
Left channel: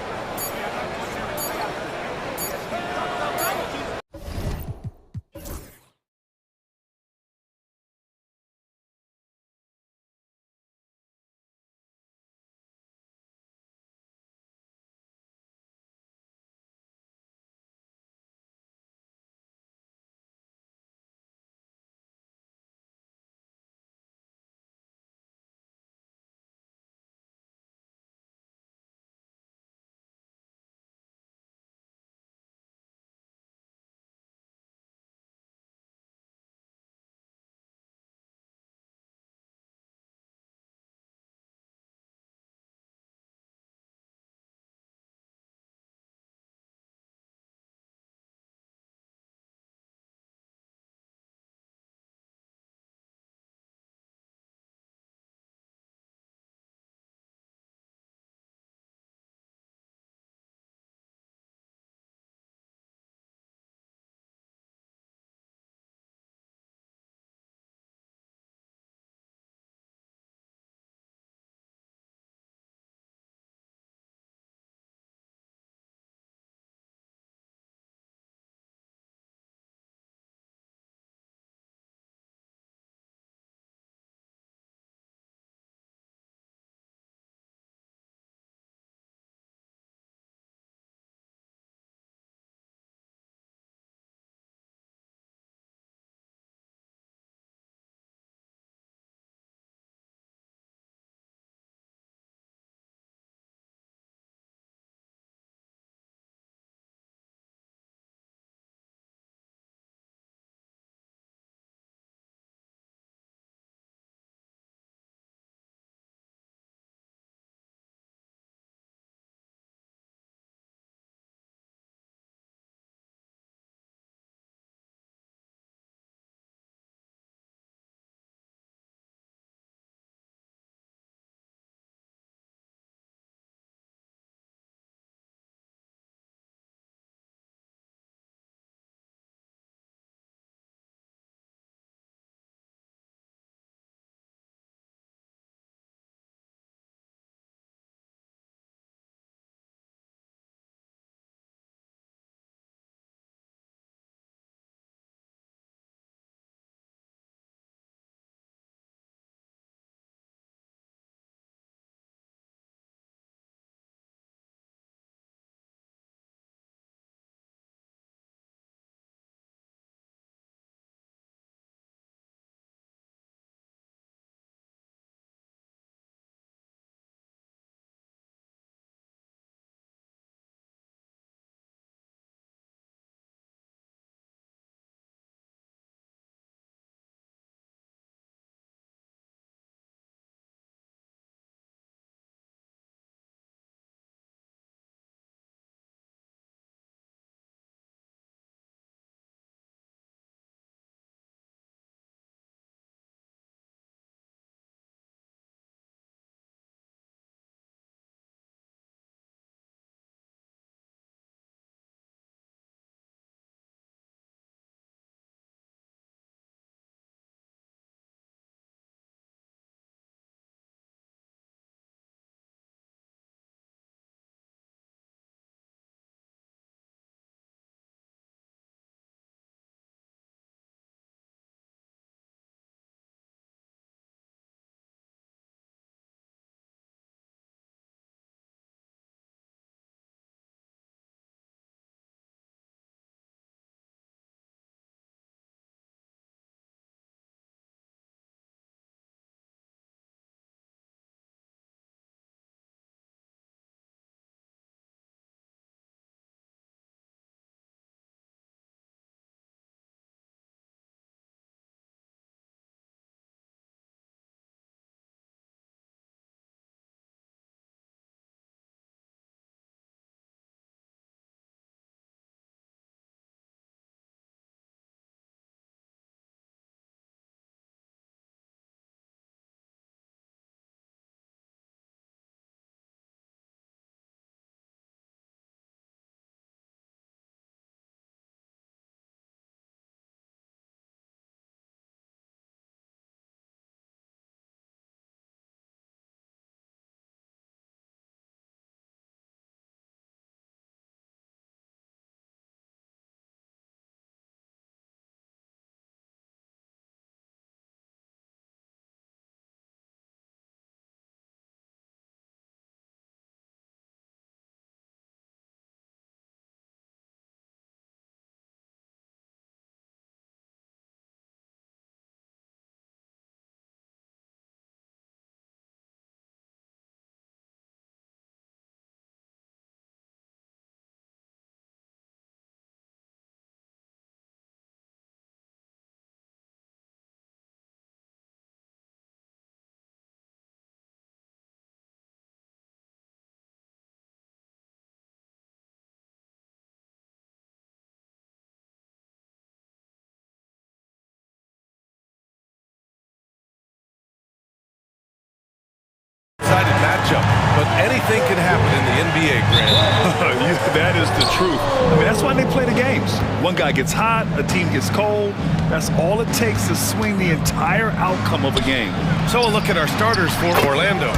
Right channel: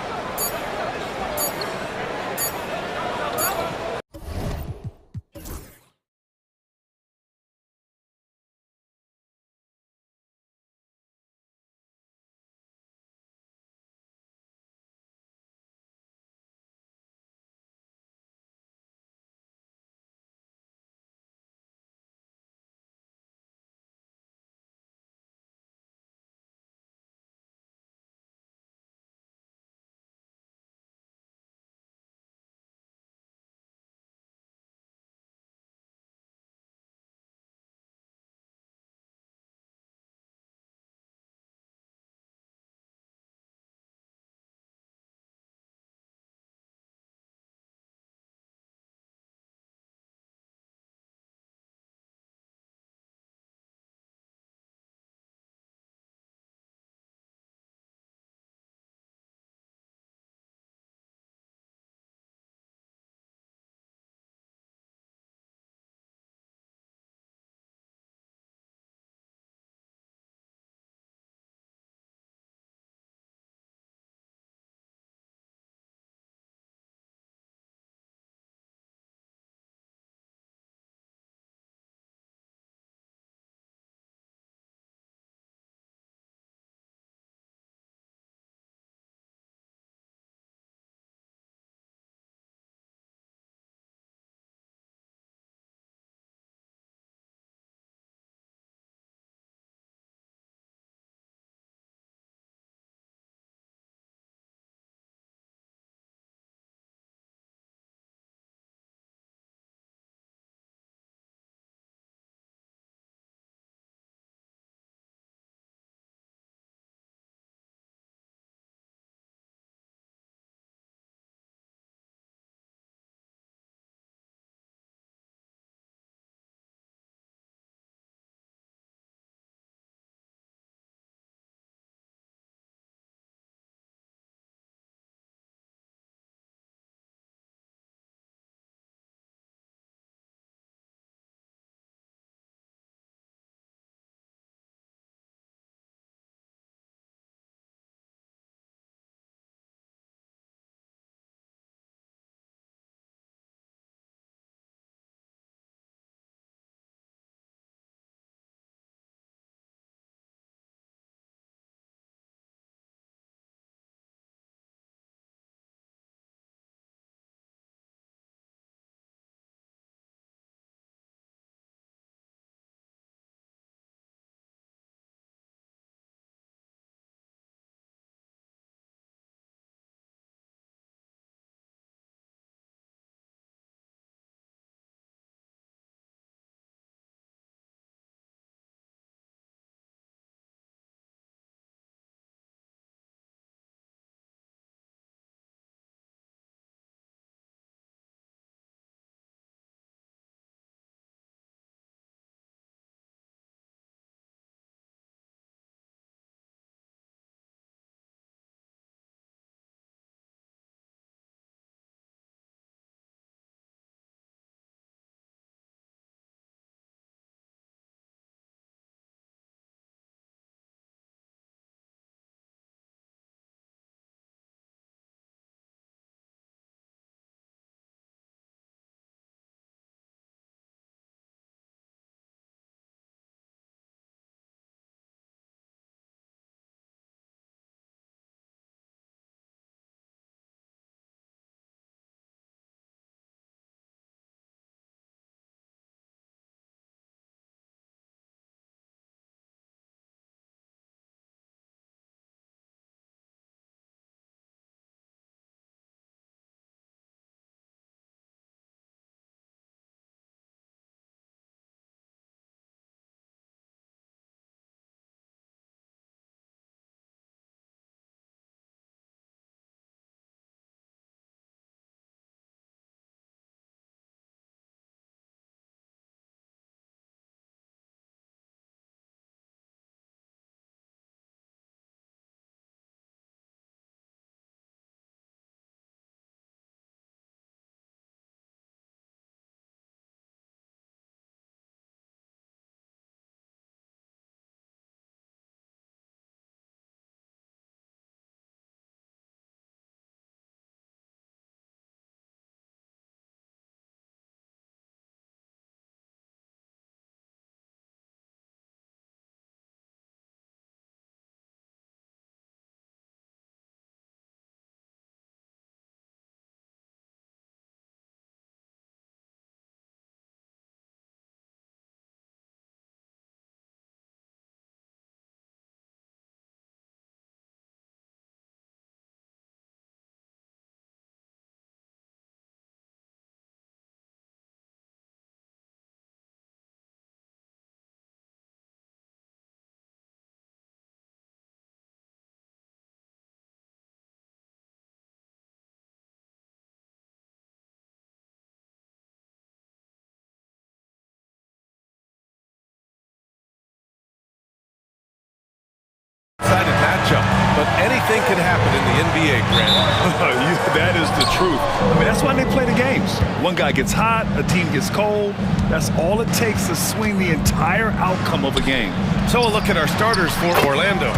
matchup, but anything can happen in the NBA, Grant. That is the truth. I mean, that's why they play the games. One guy gets hot, a team gets cold. That's all it takes to swing the entire outcome of a game. So a look at our starters for Orlando.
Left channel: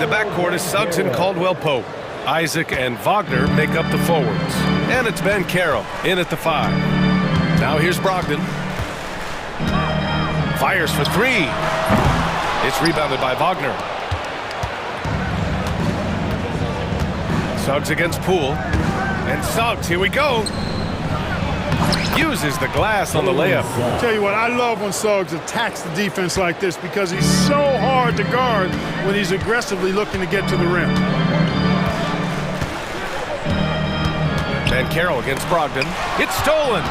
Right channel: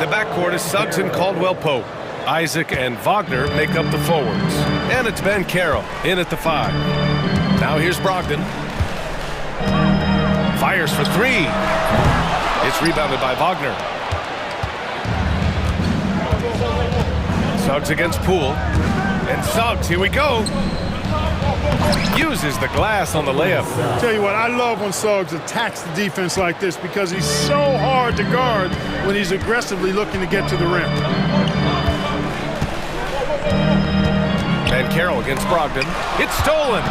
The backcourt is Suggs and Caldwell-Pope. Isaac and Wagner make up the forwards. And it's Ben Carroll in at the 5. Now here's Brogdon. Fires for 3. It's rebounded by Wagner. Suggs against Poole. And Suggs, here we go. Uses the glass on the layup. Tell you what, I love when Suggs attacks the defense like this because he's so hard to guard when he's aggressively looking to get to the rim. Van Carroll against Brogdon. It's stolen.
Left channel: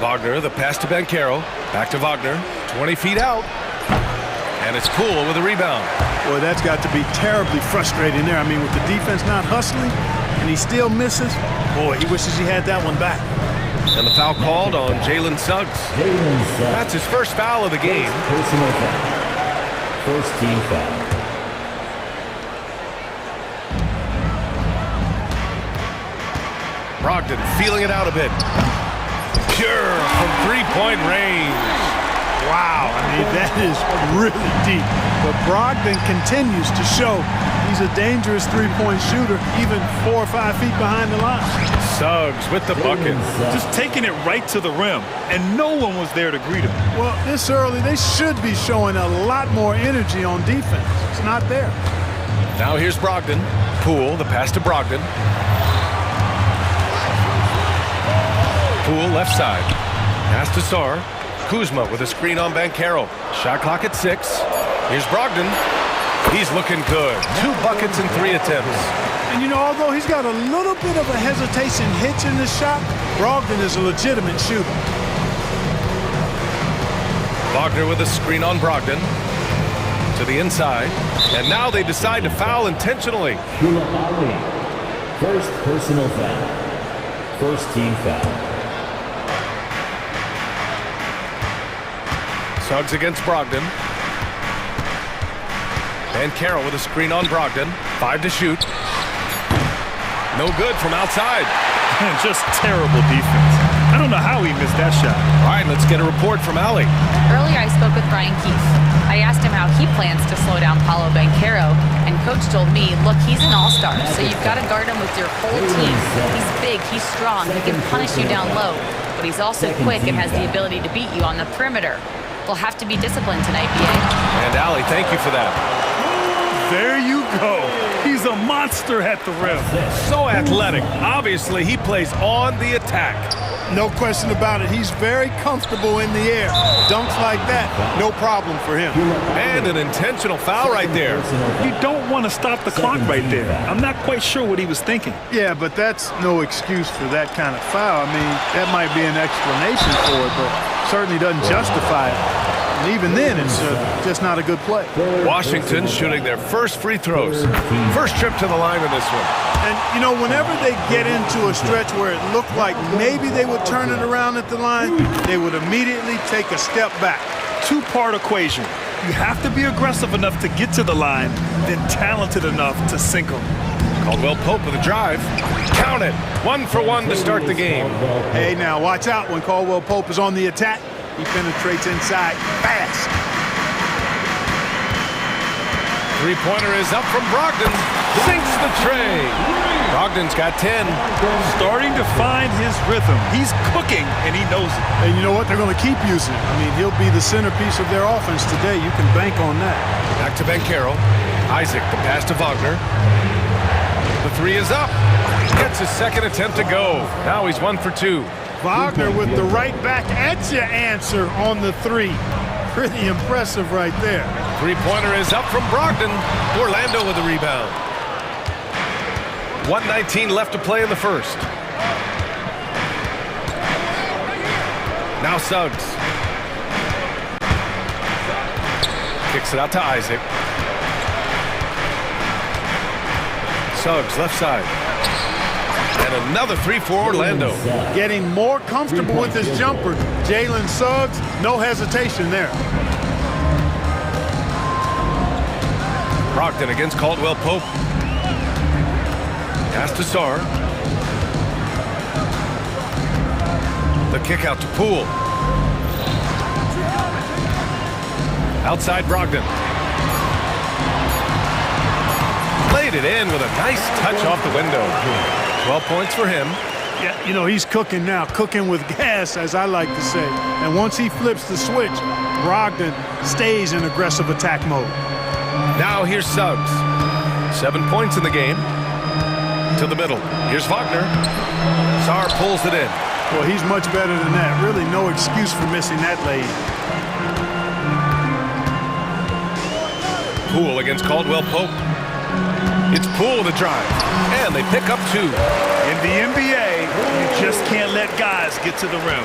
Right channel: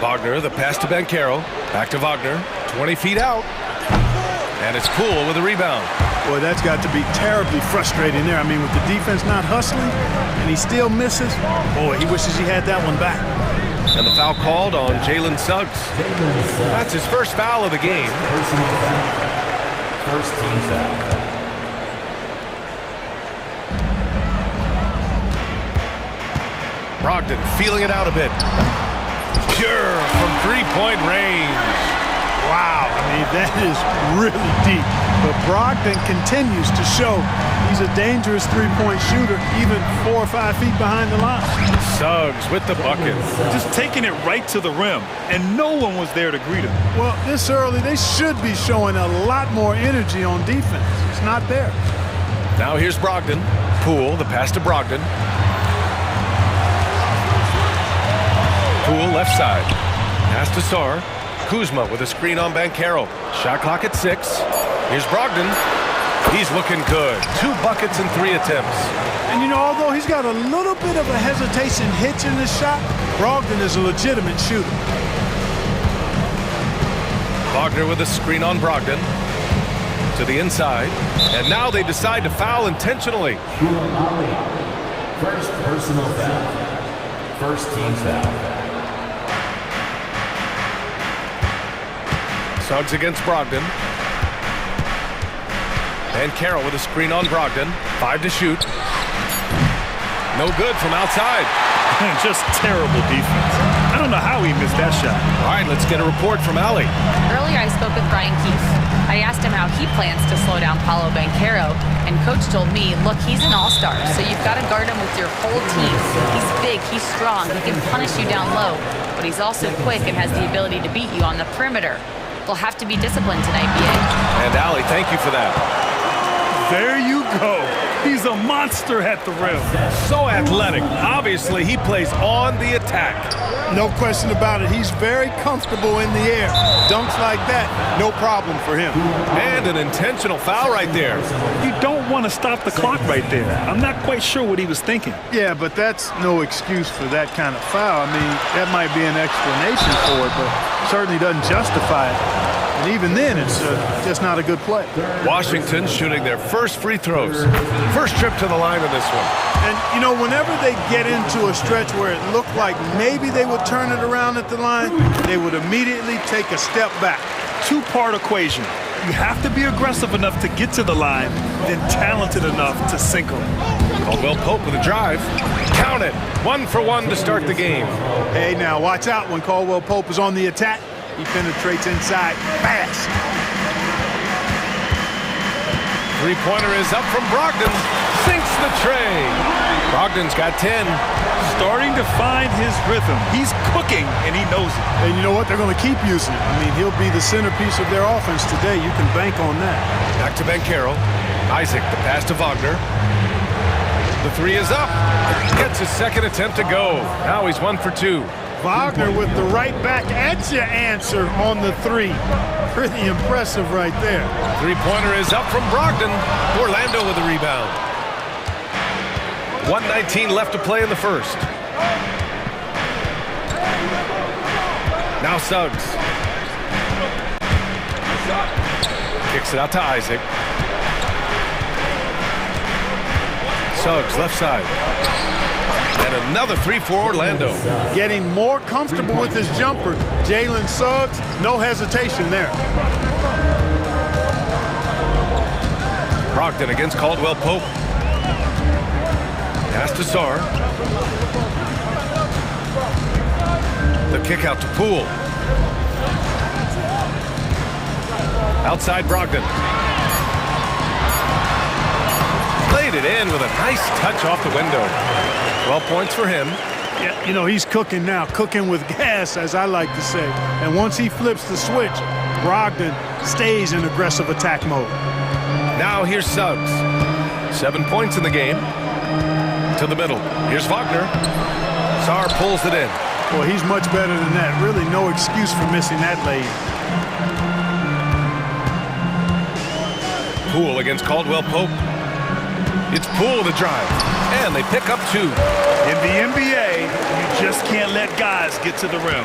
Wagner, the pass to Ben Carroll. Back to Wagner. 20 feet out. And it's Poole with a rebound. Boy, that's got to be terribly frustrating there. I mean, with the defense not hustling and he still misses, boy, he wishes he had that one back. And the foul called on Jalen Suggs. That's his first foul of the game. Personal foul. First team foul. Brogdon feeling it out a bit. Pure from three-point range. Wow, I mean, that is really deep. But Brogdon continues to show he's a dangerous three-point shooter, even 4 or 5 feet behind the line. Suggs with the bucket. Just taking it right to the rim, and no one was there to greet him. Well, this early, they should be showing a lot more energy on defense. It's not there. Now here's Brogdon. Poole, the pass to Brogdon. Poole left side. Pass to Sarr. Kuzma with a screen on Banchero. Shot clock at 6. Here's Brogdon. He's looking good. 2 buckets in 3 attempts. And, you know, although he's got a little bit of a hesitation hitch in this shot, Brogdon is a legitimate shooter. Wagner with a screen on Brogdon. To the inside. And now they decide to foul intentionally. First personal foul. First team foul. Suggs against Brogdon. And Carroll with a screen on Brogdon. 5 to shoot. No good from outside. Just terrible defense. I don't know how he missed that shot. All right, let's get a report from Allie. Earlier, I spoke with Brian Keefe. I asked him how he plans to slow down Paolo Banchero, and Coach told me, look, he's an all-star, so you've got to guard him with your whole team. He's big, he's strong, he can punish you down low, but he's also quick and has the ability to beat you on the perimeter. They'll have to be disciplined tonight, B.A. And Allie, thank you for that. There you go. He's a monster at the rim. So athletic. Obviously, he plays on the attack. No question about it. He's very comfortable in the air. Dunks like that, no problem for him. And an intentional foul right there. You don't want to stop the clock right there. I'm not quite sure what he was thinking. Yeah, but that's no excuse for that kind of foul. I mean, that might be an explanation for it, but certainly doesn't justify it. And even then, it's just not a good play. Washington shooting their first free throws. First trip to the line in this one. And, you know, whenever they get into a stretch where it looked like maybe they would turn it around at the line, they would immediately take a step back. 2-part equation. You have to be aggressive enough to get to the line, then talented enough to sink them. Caldwell-Pope with a drive. Count it. 1 for 1 to start the game. Hey, now watch out when Caldwell-Pope is on the attack. He penetrates inside fast. Three-pointer is up from Brogdon. Sinks the tray. Brogdon's got 10. Starting to find his rhythm. He's cooking, and he knows it. And you know what? They're going to keep using him. I mean, he'll be the centerpiece of their offense today. You can bank on that. Back to Banchero. Isaac, the pass to Wagner. The 3 is up. Gets his second attempt to go. Now he's 1 for 2. Wagner with the right back at your answer on the 3. Pretty impressive right there. Three-pointer is up from Brogdon. Orlando with the rebound. 1:19 left to play in the first. Now Suggs. Kicks it out to Isaac. Suggs left side. And another three for Orlando. Getting more comfortable with his jumper. Jalen Suggs, no hesitation there. Brogdon against Caldwell Pope. Pass to Sarr. The kick out to Poole. Outside Brogdon. Played it in with a nice touch off the window. 12 points for him. Yeah, you know, he's cooking now, cooking with gas, as I like to say. And once he flips the switch, Brogdon stays in aggressive attack mode. Now here's Suggs. 7 points in the game. To the middle. Here's Wagner. Sarr pulls it in. Well, he's much better than that. Really no excuse for missing that lane. Poole against Caldwell Pope. It's Poole the drive. And they pick up 2. In the NBA, you just can't let guys get to the rim.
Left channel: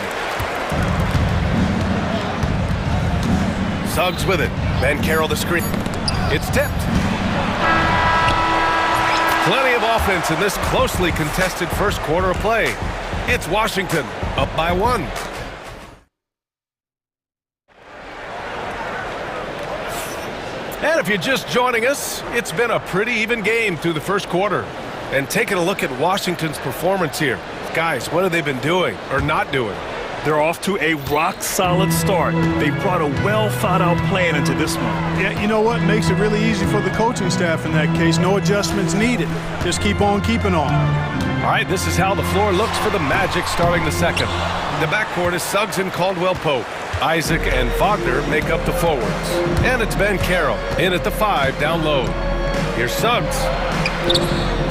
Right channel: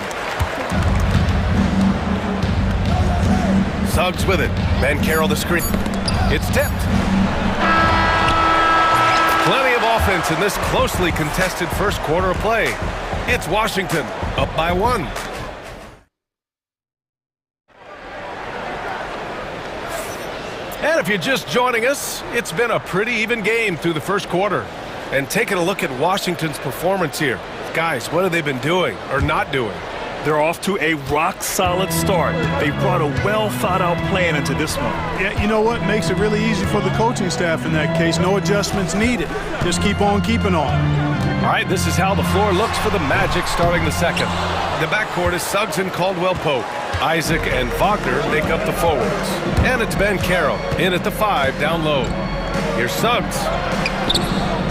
Suggs with it. Banchero the screen. It's tipped. Plenty of offense in this closely contested first quarter of play. It's Washington up by 1. And if you're just joining us, it's been a pretty even game through the first quarter. And taking a look at Washington's performance here. Guys, what have they been doing or not doing? They're off to a rock-solid start. They brought a well-thought-out plan into this one. Yeah, you know what? Makes it really easy for the coaching staff in that case. No adjustments needed. Just keep on keeping on. All right, this is how the floor looks for the Magic starting the second. The backcourt is Suggs and Caldwell Pope. Isaac and Wagner make up the forwards. And it's Banchero in at the 5 down low. Here's Suggs.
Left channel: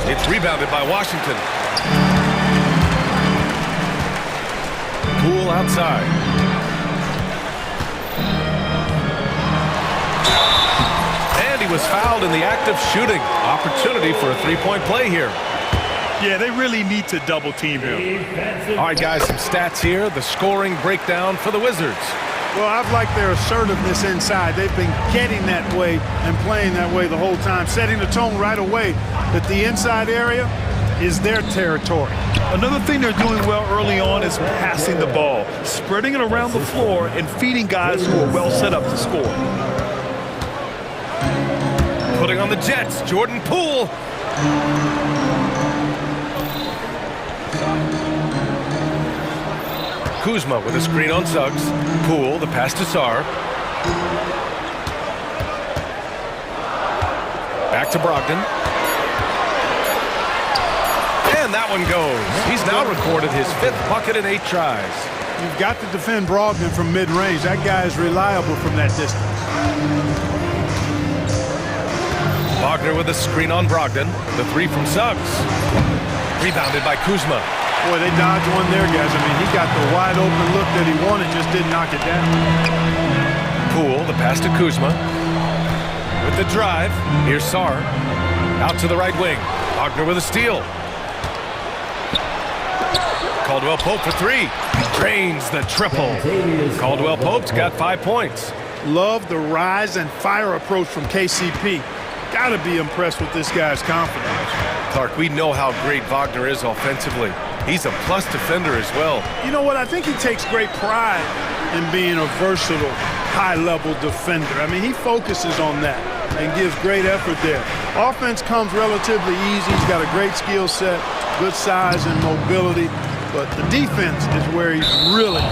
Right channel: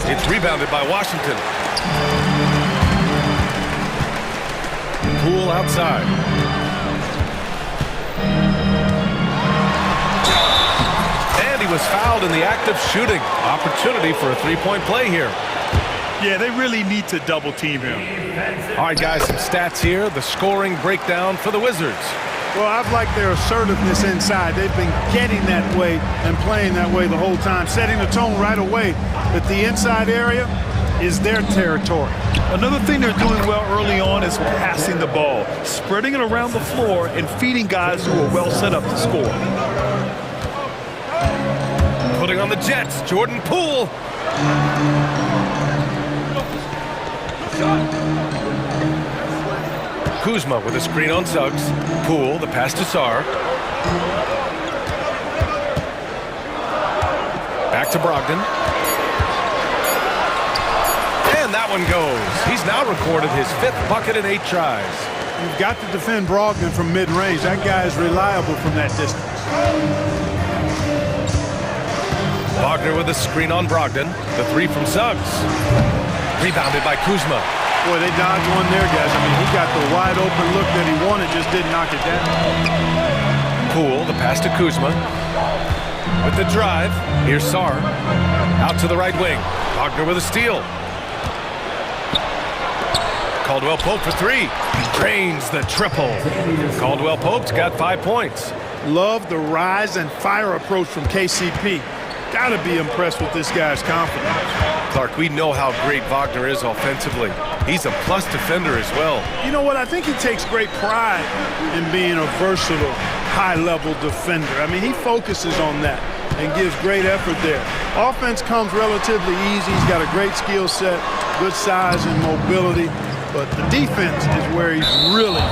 It's rebounded by Washington. Poole outside. And he was fouled in the act of shooting. Opportunity for a three-point play here. Yeah, they really need to double team him. All right, guys, some stats here. The scoring breakdown for the Wizards. Well, I've liked their assertiveness inside. They've been getting that way and playing that way the whole time, setting the tone right away that the inside area is their territory. Another thing they're doing well early on is passing the ball, spreading it around the floor and feeding guys who are well set up to score. Putting on the Jets, Jordan Poole. Kuzma with a screen on Suggs. Poole, the pass to Sarr. Back to Brogdon. And that one goes. He's now recorded his 5th bucket in 8 tries. You've got to defend Brogdon from mid-range. That guy is reliable from that distance. Wagner with a screen on Brogdon. The 3 from Suggs. Rebounded by Kuzma. Boy, they dodged one there, guys. I mean, he got the wide open look that he wanted, just didn't knock it down. Poole, the pass to Kuzma. With the drive, here's Sarr. Out to the right wing. Wagner with a steal. Caldwell Pope for 3. Drains the triple. Caldwell Pope's got 5 points. Love the rise and fire approach from KCP. Got to be impressed with this guy's confidence. Clark, we know how great Wagner is offensively. He's a plus defender as well. You know what? I think he takes great pride in being a versatile, high-level defender. I mean, he focuses on that and gives great effort there. Offense comes relatively easy. He's got a great skill set, good size and mobility. But the defense is where he's really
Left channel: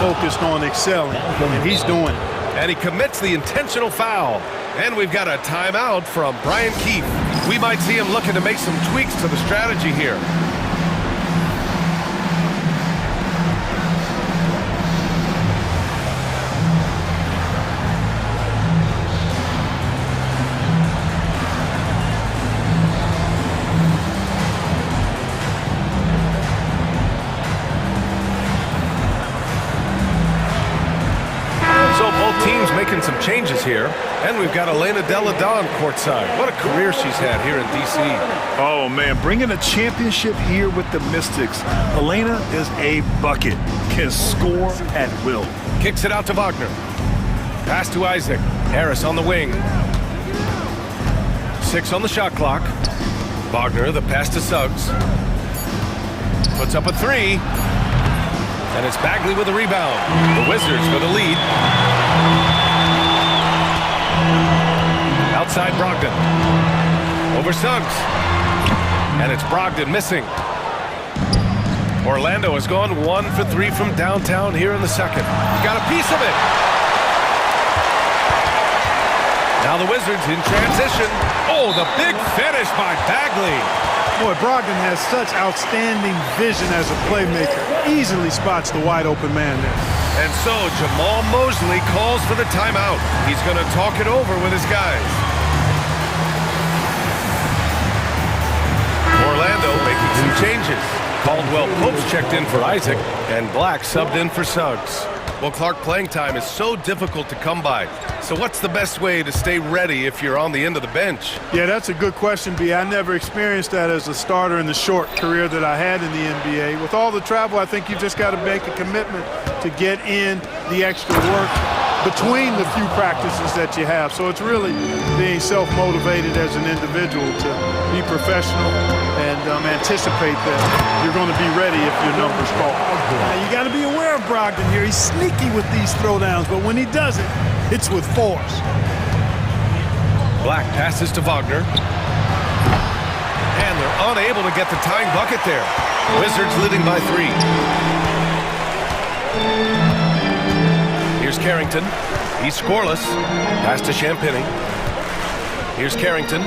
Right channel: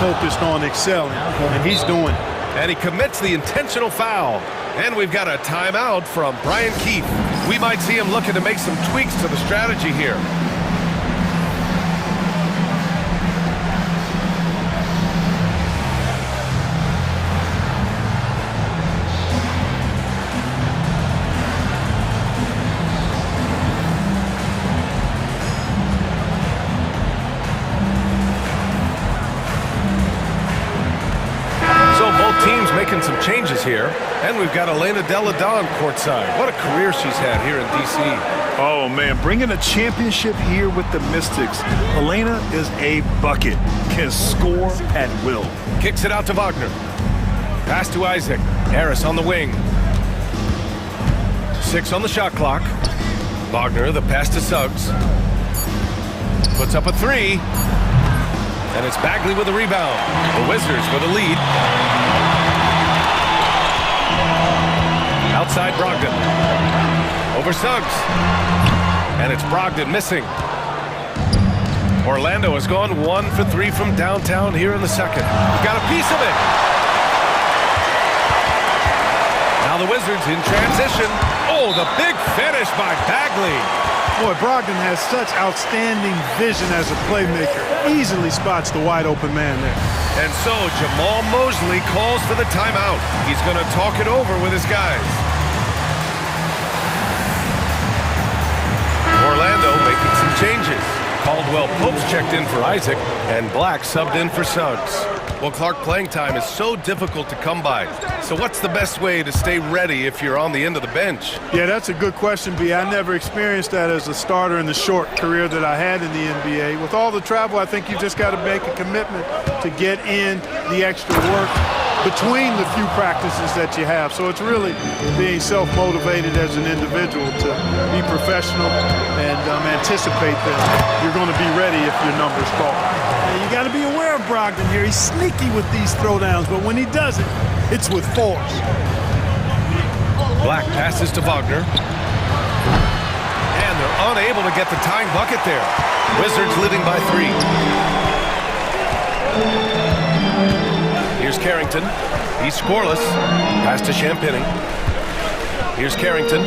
focused on excelling, and he's doing it. And he commits the intentional foul. And we've got a timeout from Brian Keefe. We might see him looking to make some tweaks to the strategy here. Teams making some changes here, and we've got Elena Delle Donne courtside. What a career she's had here in D.C. Oh, man, bringing a championship here with the Mystics. Elena is a bucket, can score at will. Kicks it out to Wagner. Pass to Isaac. Harris on the wing. 6 on the shot clock. Wagner, the pass to Suggs. Puts up a three. And it's Bagley with the rebound. The Wizards with the lead. Outside Brogdon. Over Suggs. And it's Brogdon missing. Orlando has gone 1 for 3 from downtown here in the second. Got a piece of it. Now the Wizards in transition. Oh, the big finish by Bagley. Boy, Brogdon has such outstanding vision as a playmaker. Easily spots the wide open man there. And so Jamal Mosley calls for the timeout. He's going to talk it over with his guys. Orlando making some changes. Caldwell Pope's checked in for Isaac, and Black subbed in for Suggs. Well, Clark, playing time is so difficult to come by. So what's the best way to stay ready if you're on the end of the bench? Yeah, that's a good question, B. I never experienced that as a starter in the short career that I had in the NBA. With all the travel, I think you just got to make a commitment to get in the extra work between the few practices that you have. So it's really being self-motivated as an individual to be professional and anticipate that you're going to be ready if your number's called. You got to be aware of Brogdon here. He's sneaky with these throwdowns, but when he does it, it's with force. Black passes to Wagner. And they're unable to get the tying bucket there. Wizards leading by 3. Here's Carrington. He's scoreless. Pass to Champagny. Here's Carrington.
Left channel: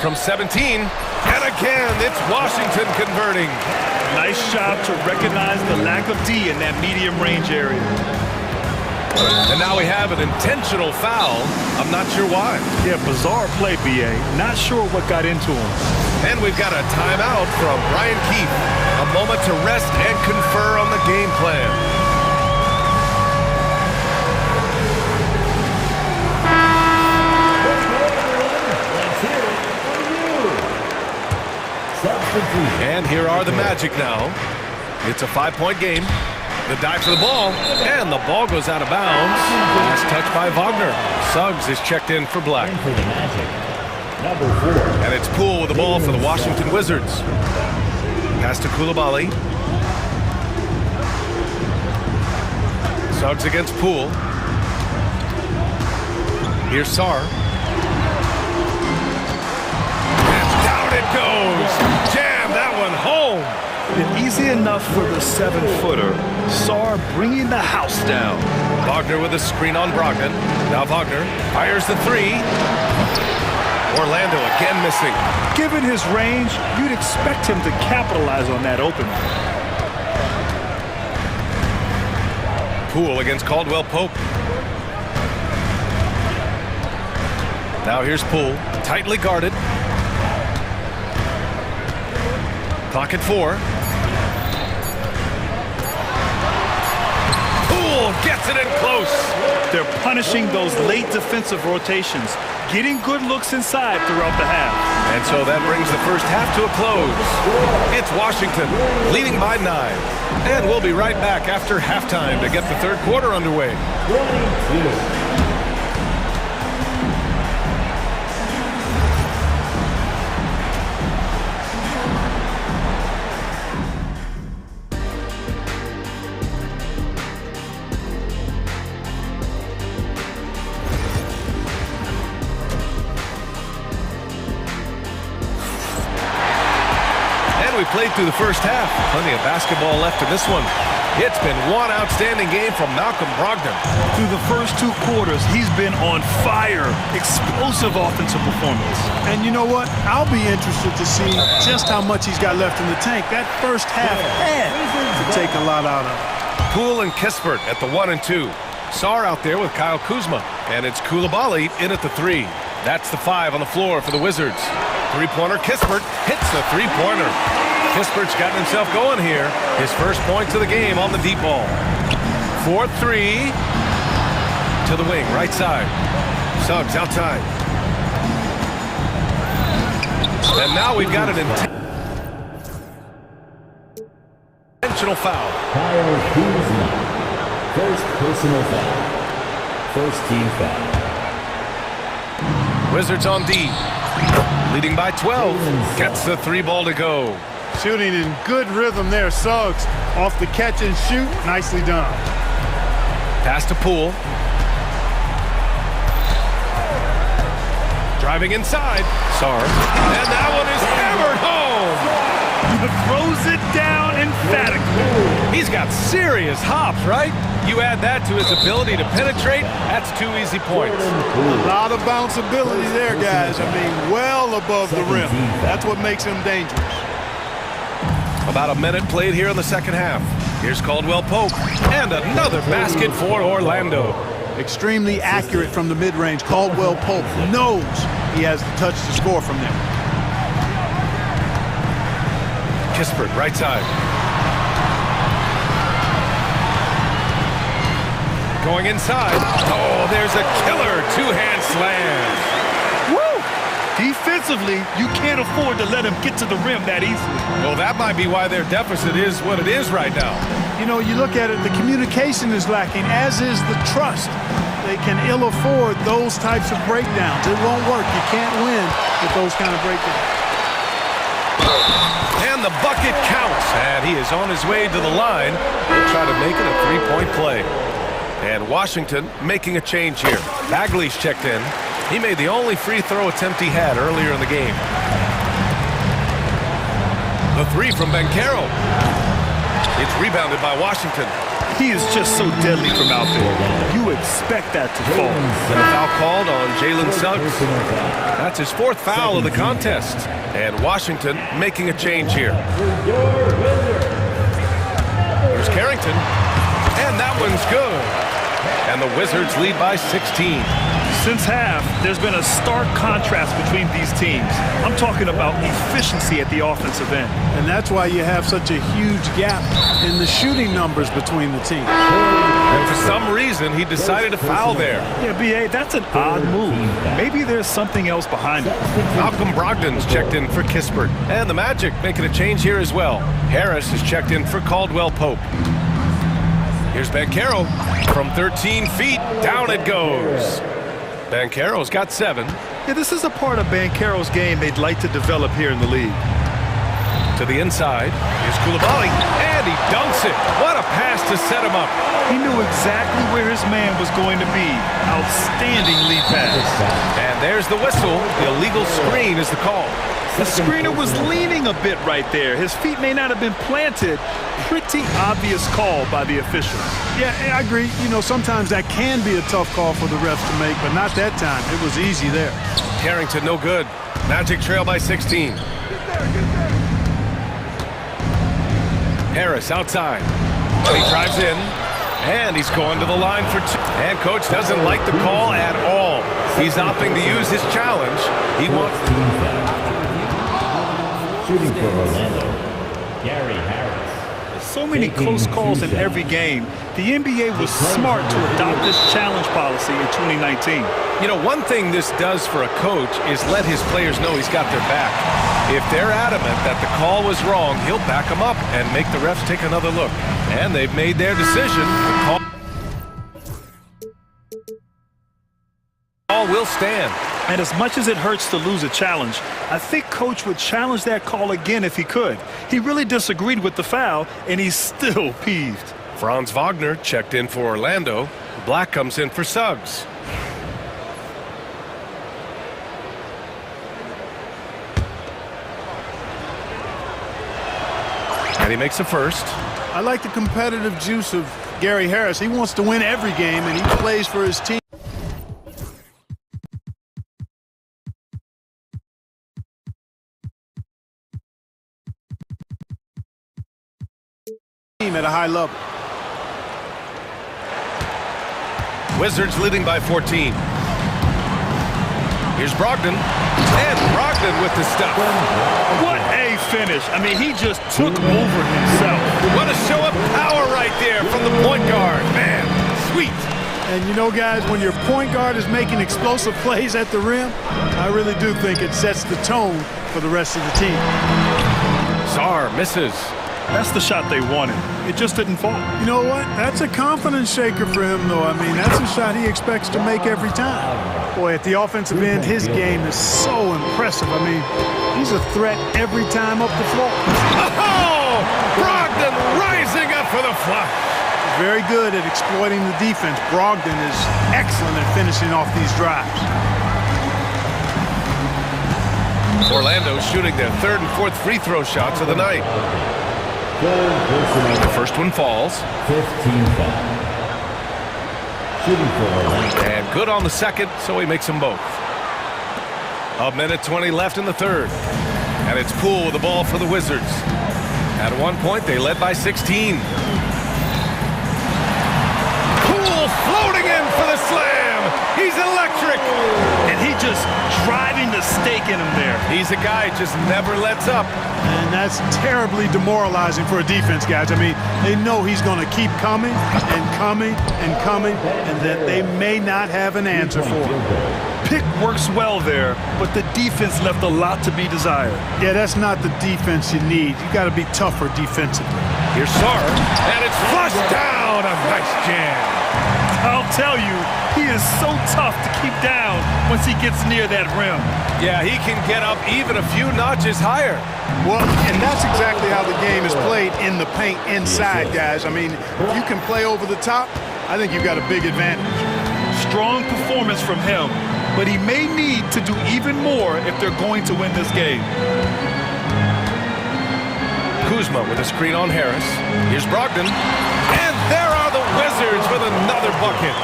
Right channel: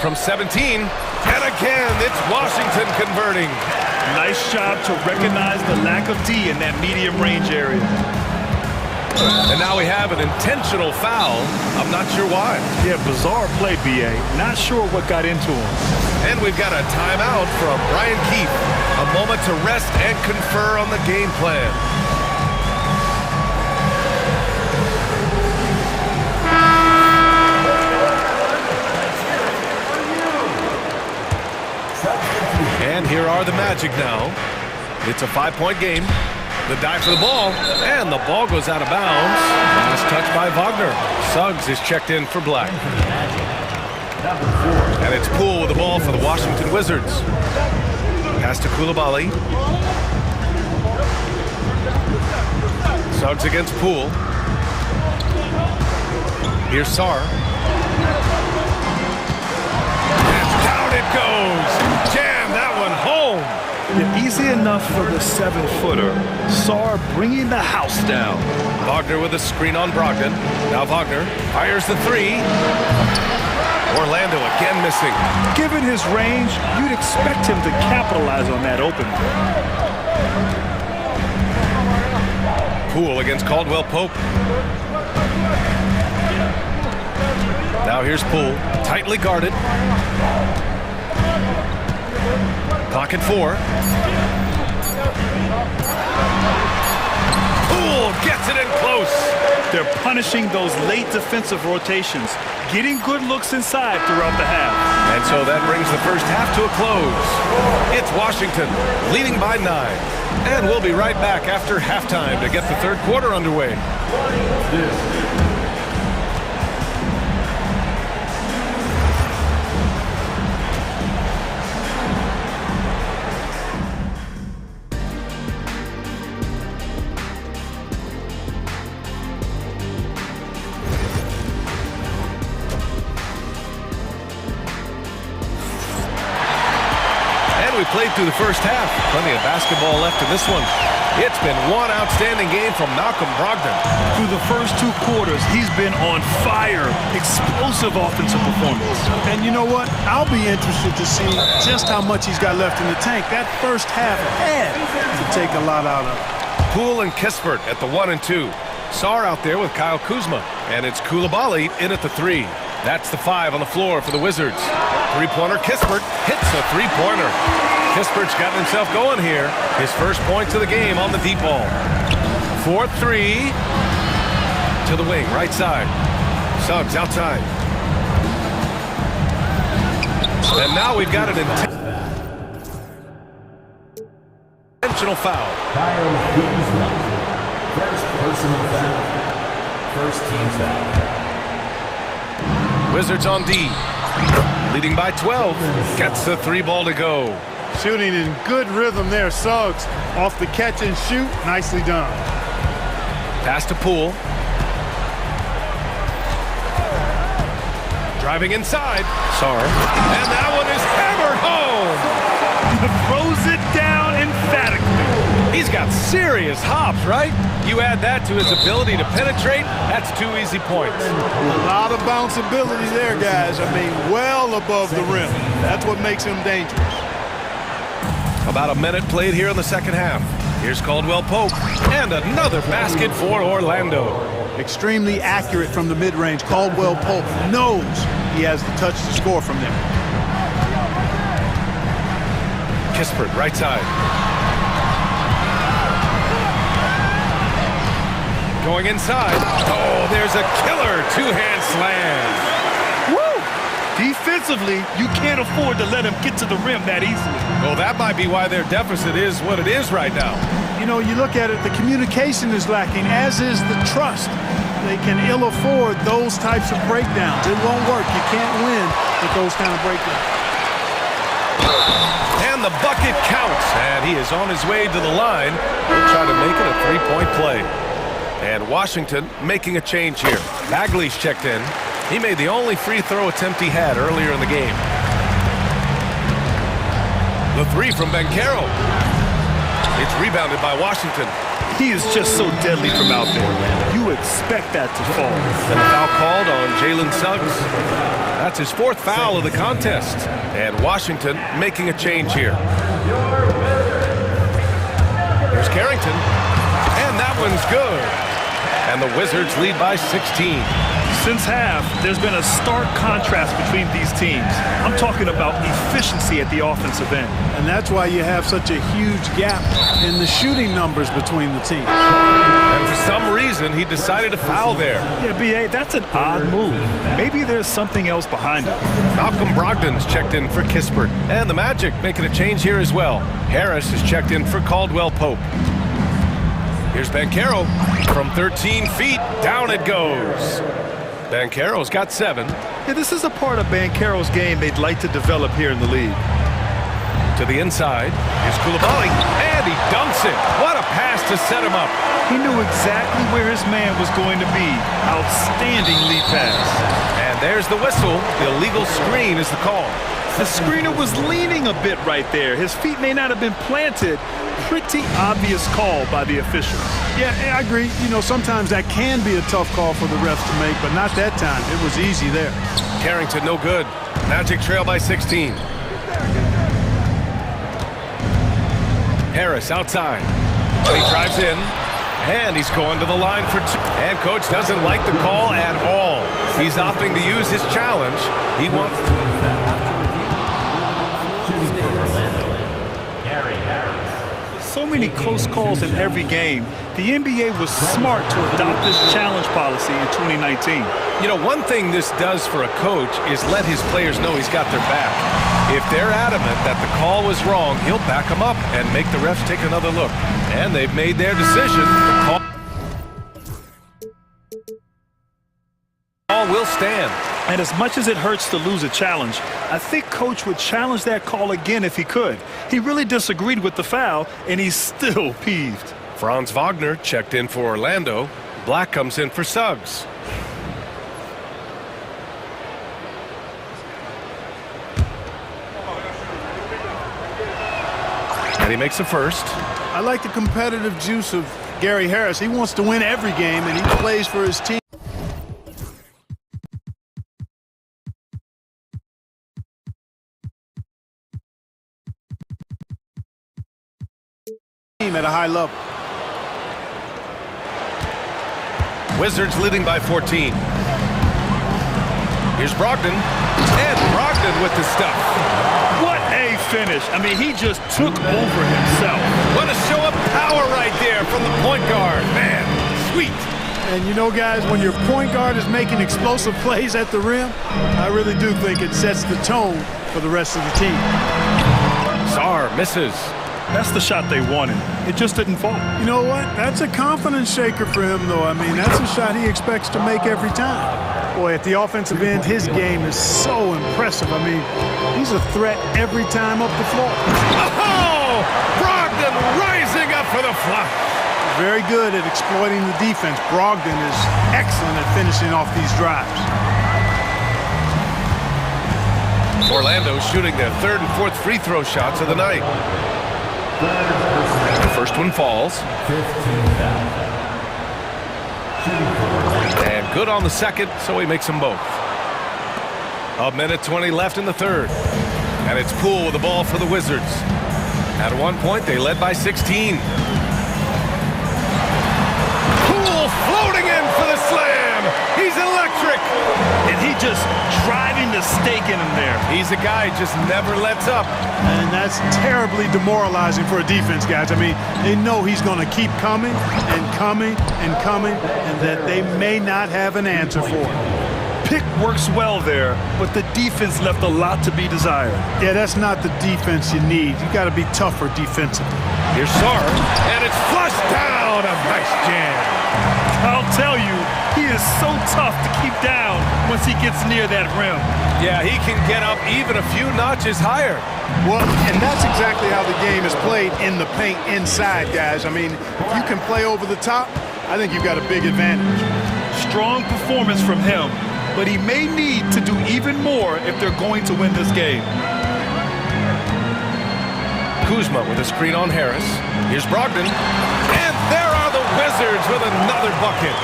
From 17. And again, it's Washington converting. Nice job to recognize the lack of D in that medium range area. And now we have an intentional foul. I'm not sure why. Yeah, bizarre play, B.A. Not sure what got into him. And we've got a timeout from Brian Keefe. A moment to rest and confer on the game plan. And here are the Magic now. It's a 5-point game. The dive for the ball, and the ball goes out of bounds. Last touch by Wagner. Suggs is checked in for Black. And it's Poole with the ball for the Washington Wizards. Pass to Coulibaly. Suggs against Poole. Here's Sarr. And down it goes. Jam that one home. Yeah, easy enough for the 7-footer. Sarr bringing the house down. Wagner with a screen on Brogdon. Now Wagner fires the 3. Orlando again missing. Given his range, you'd expect him to capitalize on that opening. Poole against Caldwell Pope. Now here's Poole, tightly guarded. Clock at 4. Poole gets it in close. They're punishing those late defensive rotations, getting good looks inside throughout the half. And so that brings the first half to a close. It's Washington leading by 9. And we'll be right back after halftime to get the third quarter underway. 22. We played through the first half. Plenty of basketball left in this one. It's been one outstanding game from Malcolm Brogdon. Through the first 2 quarters, he's been on fire. Explosive offensive performance. And you know what? I'll be interested to see just how much he's got left in the tank. That first half had to take a lot out of it. Poole and Kispert at the 1 and 2. Sarr out there with Kyle Kuzma. And it's Coulibaly in at the 3. That's the 5 on the floor for the Wizards. Three-pointer, Kispert hits the three-pointer. Kispert's gotten himself going here. His first points of the game on the deep ball. 4-3 to the wing, right side. Suggs outside. And now we've got an intentional foul. Kyle Kuzma. First personal foul. First team foul. Wizards on D. leading by 12, gets the 3 ball to go. Shooting in good rhythm there. Suggs off the catch and shoot. Nicely done. Pass to Poole. Driving inside. Sarr. And that one is hammered home. Throws it down emphatically. He's got serious hops, right? You add that to his ability to penetrate, that's 2 easy points. A lot of bounceability there, guys. I mean, well above the rim. That's what makes him dangerous. About a minute played here in the second half. Here's Caldwell Pope. And another basket for Orlando. Extremely accurate from the mid-range. Caldwell Pope knows he has the touch to score from there. Kispert, right side. Going inside. Oh, there's a killer 2-hand slam. Woo! Defensively, you can't afford to let him get to the rim that easily. Well, that might be why their deficit is what it is right now. You know, you look at it, the communication is lacking, as is the trust. They can ill afford those types of breakdowns. It won't work. You can't win with those kind of breakdowns. And the bucket counts, and he is on his way to the line. He'll try to make it a 3-point play. And Washington making a change here. Bagley's checked in. He made the only free throw attempt he had earlier in the game. The 3 from Banchero. It's rebounded by Washington. He is just so deadly from out there. You expect that to fall. And the foul called on Jalen Suggs. That's his 4th foul of the contest. And Washington making a change here. Here's Carrington. And that one's good. And the Wizards lead by 16. Since half, there's been a stark contrast between these teams. I'm talking about efficiency at the offensive end. And that's why you have such a huge gap in the shooting numbers between the teams. And for some reason, he decided to foul there. Yeah, B.A., that's an odd move. Maybe there's something else behind it. Malcolm Brogdon's checked in for Kispert. And the Magic making a change here as well. Harris is checked in for Caldwell Pope. Here's Banchero. From 13 feet, down it goes. Banchero's got 7. Yeah, this is a part of Banchero's game they'd like to develop here in the league. To the inside. Here's Coulibaly. And he dunks it. What a pass to set him up. He knew exactly where his man was going to be. Outstanding lead pass. And there's the whistle. The illegal screen is the call. The screener was leaning a bit right there. His feet may not have been planted. Pretty obvious call by the officials. Yeah, I agree. You know, sometimes that can be a tough call for the refs to make, but not that time. It was easy there. Carrington, no good. Magic trail by 16. Harris outside. He drives in, and he's going to the line for 2. And coach doesn't like the call at all. He's opting to use his challenge. He wants... Shooting for Orlando, Gary Harris. So many close calls in every game. The NBA was smart to adopt this challenge policy in 2019. You know, one thing this does for a coach is let his players know he's got their back. If they're adamant that the call was wrong, he'll back them up and make the refs take another look. And they've made their decision. The call will stand. And as much as it hurts to lose a challenge, I think Coach would challenge that call again if he could. He really disagreed with the foul, and he's still peeved. Franz Wagner checked in for Orlando. Black comes in for Suggs. And he makes the first. I like the competitive juice of Gary Harris. He wants to win every game, and he plays for his team. At a high level. Wizards leading by 14. Here's Brogdon. And Brogdon with the stuff. What a finish. I mean, he just took over himself. What a show of power right there from the point guard. Man, sweet. And you know, guys, when your point guard is making explosive plays at the rim, I really do think it sets the tone for the rest of the team. Sarr misses. That's the shot they wanted. It just didn't fall. You know what? That's a confidence shaker for him, though. I mean, that's a shot he expects to make every time. Boy, at the offensive end, his game is so impressive. I mean, he's a threat every time up the floor. Oh! Brogdon rising up for the flush. Very good at exploiting the defense. Brogdon is excellent at finishing off these drives. Orlando shooting their third and fourth free throw shots of the night. The first one falls. 15 foul. Shooting for Orlando. And good on the second, so he makes them both. A minute 20 left in the third. And it's Poole with the ball for the Wizards. At one point, they led by 16. Poole floating in for the slam. He's electric. And he just driving the stake in him there. He's a guy who just never lets up. And that's terribly demoralizing for a defense, guys. I mean, they know he's going to keep coming and coming and coming, and that they may not have an answer for him. Pick works well there, but the defense left a lot to be desired. Yeah, that's not the defense you need. You got to be tougher defensively. Here's Sarr, and it's flushed down. A nice jam. I'll tell you, he is so tough to keep down once he gets near that rim. Yeah, he can get up even a few notches higher. Well, and that's exactly how the game is played in the paint inside, guys. I mean, if you can play over the top, I think you've got a big advantage. Strong performance from him, but he may need to do even more if they're going to win this game. Kuzma with a screen on Harris. Here's Brogdon. And there are the Wizards with another bucket.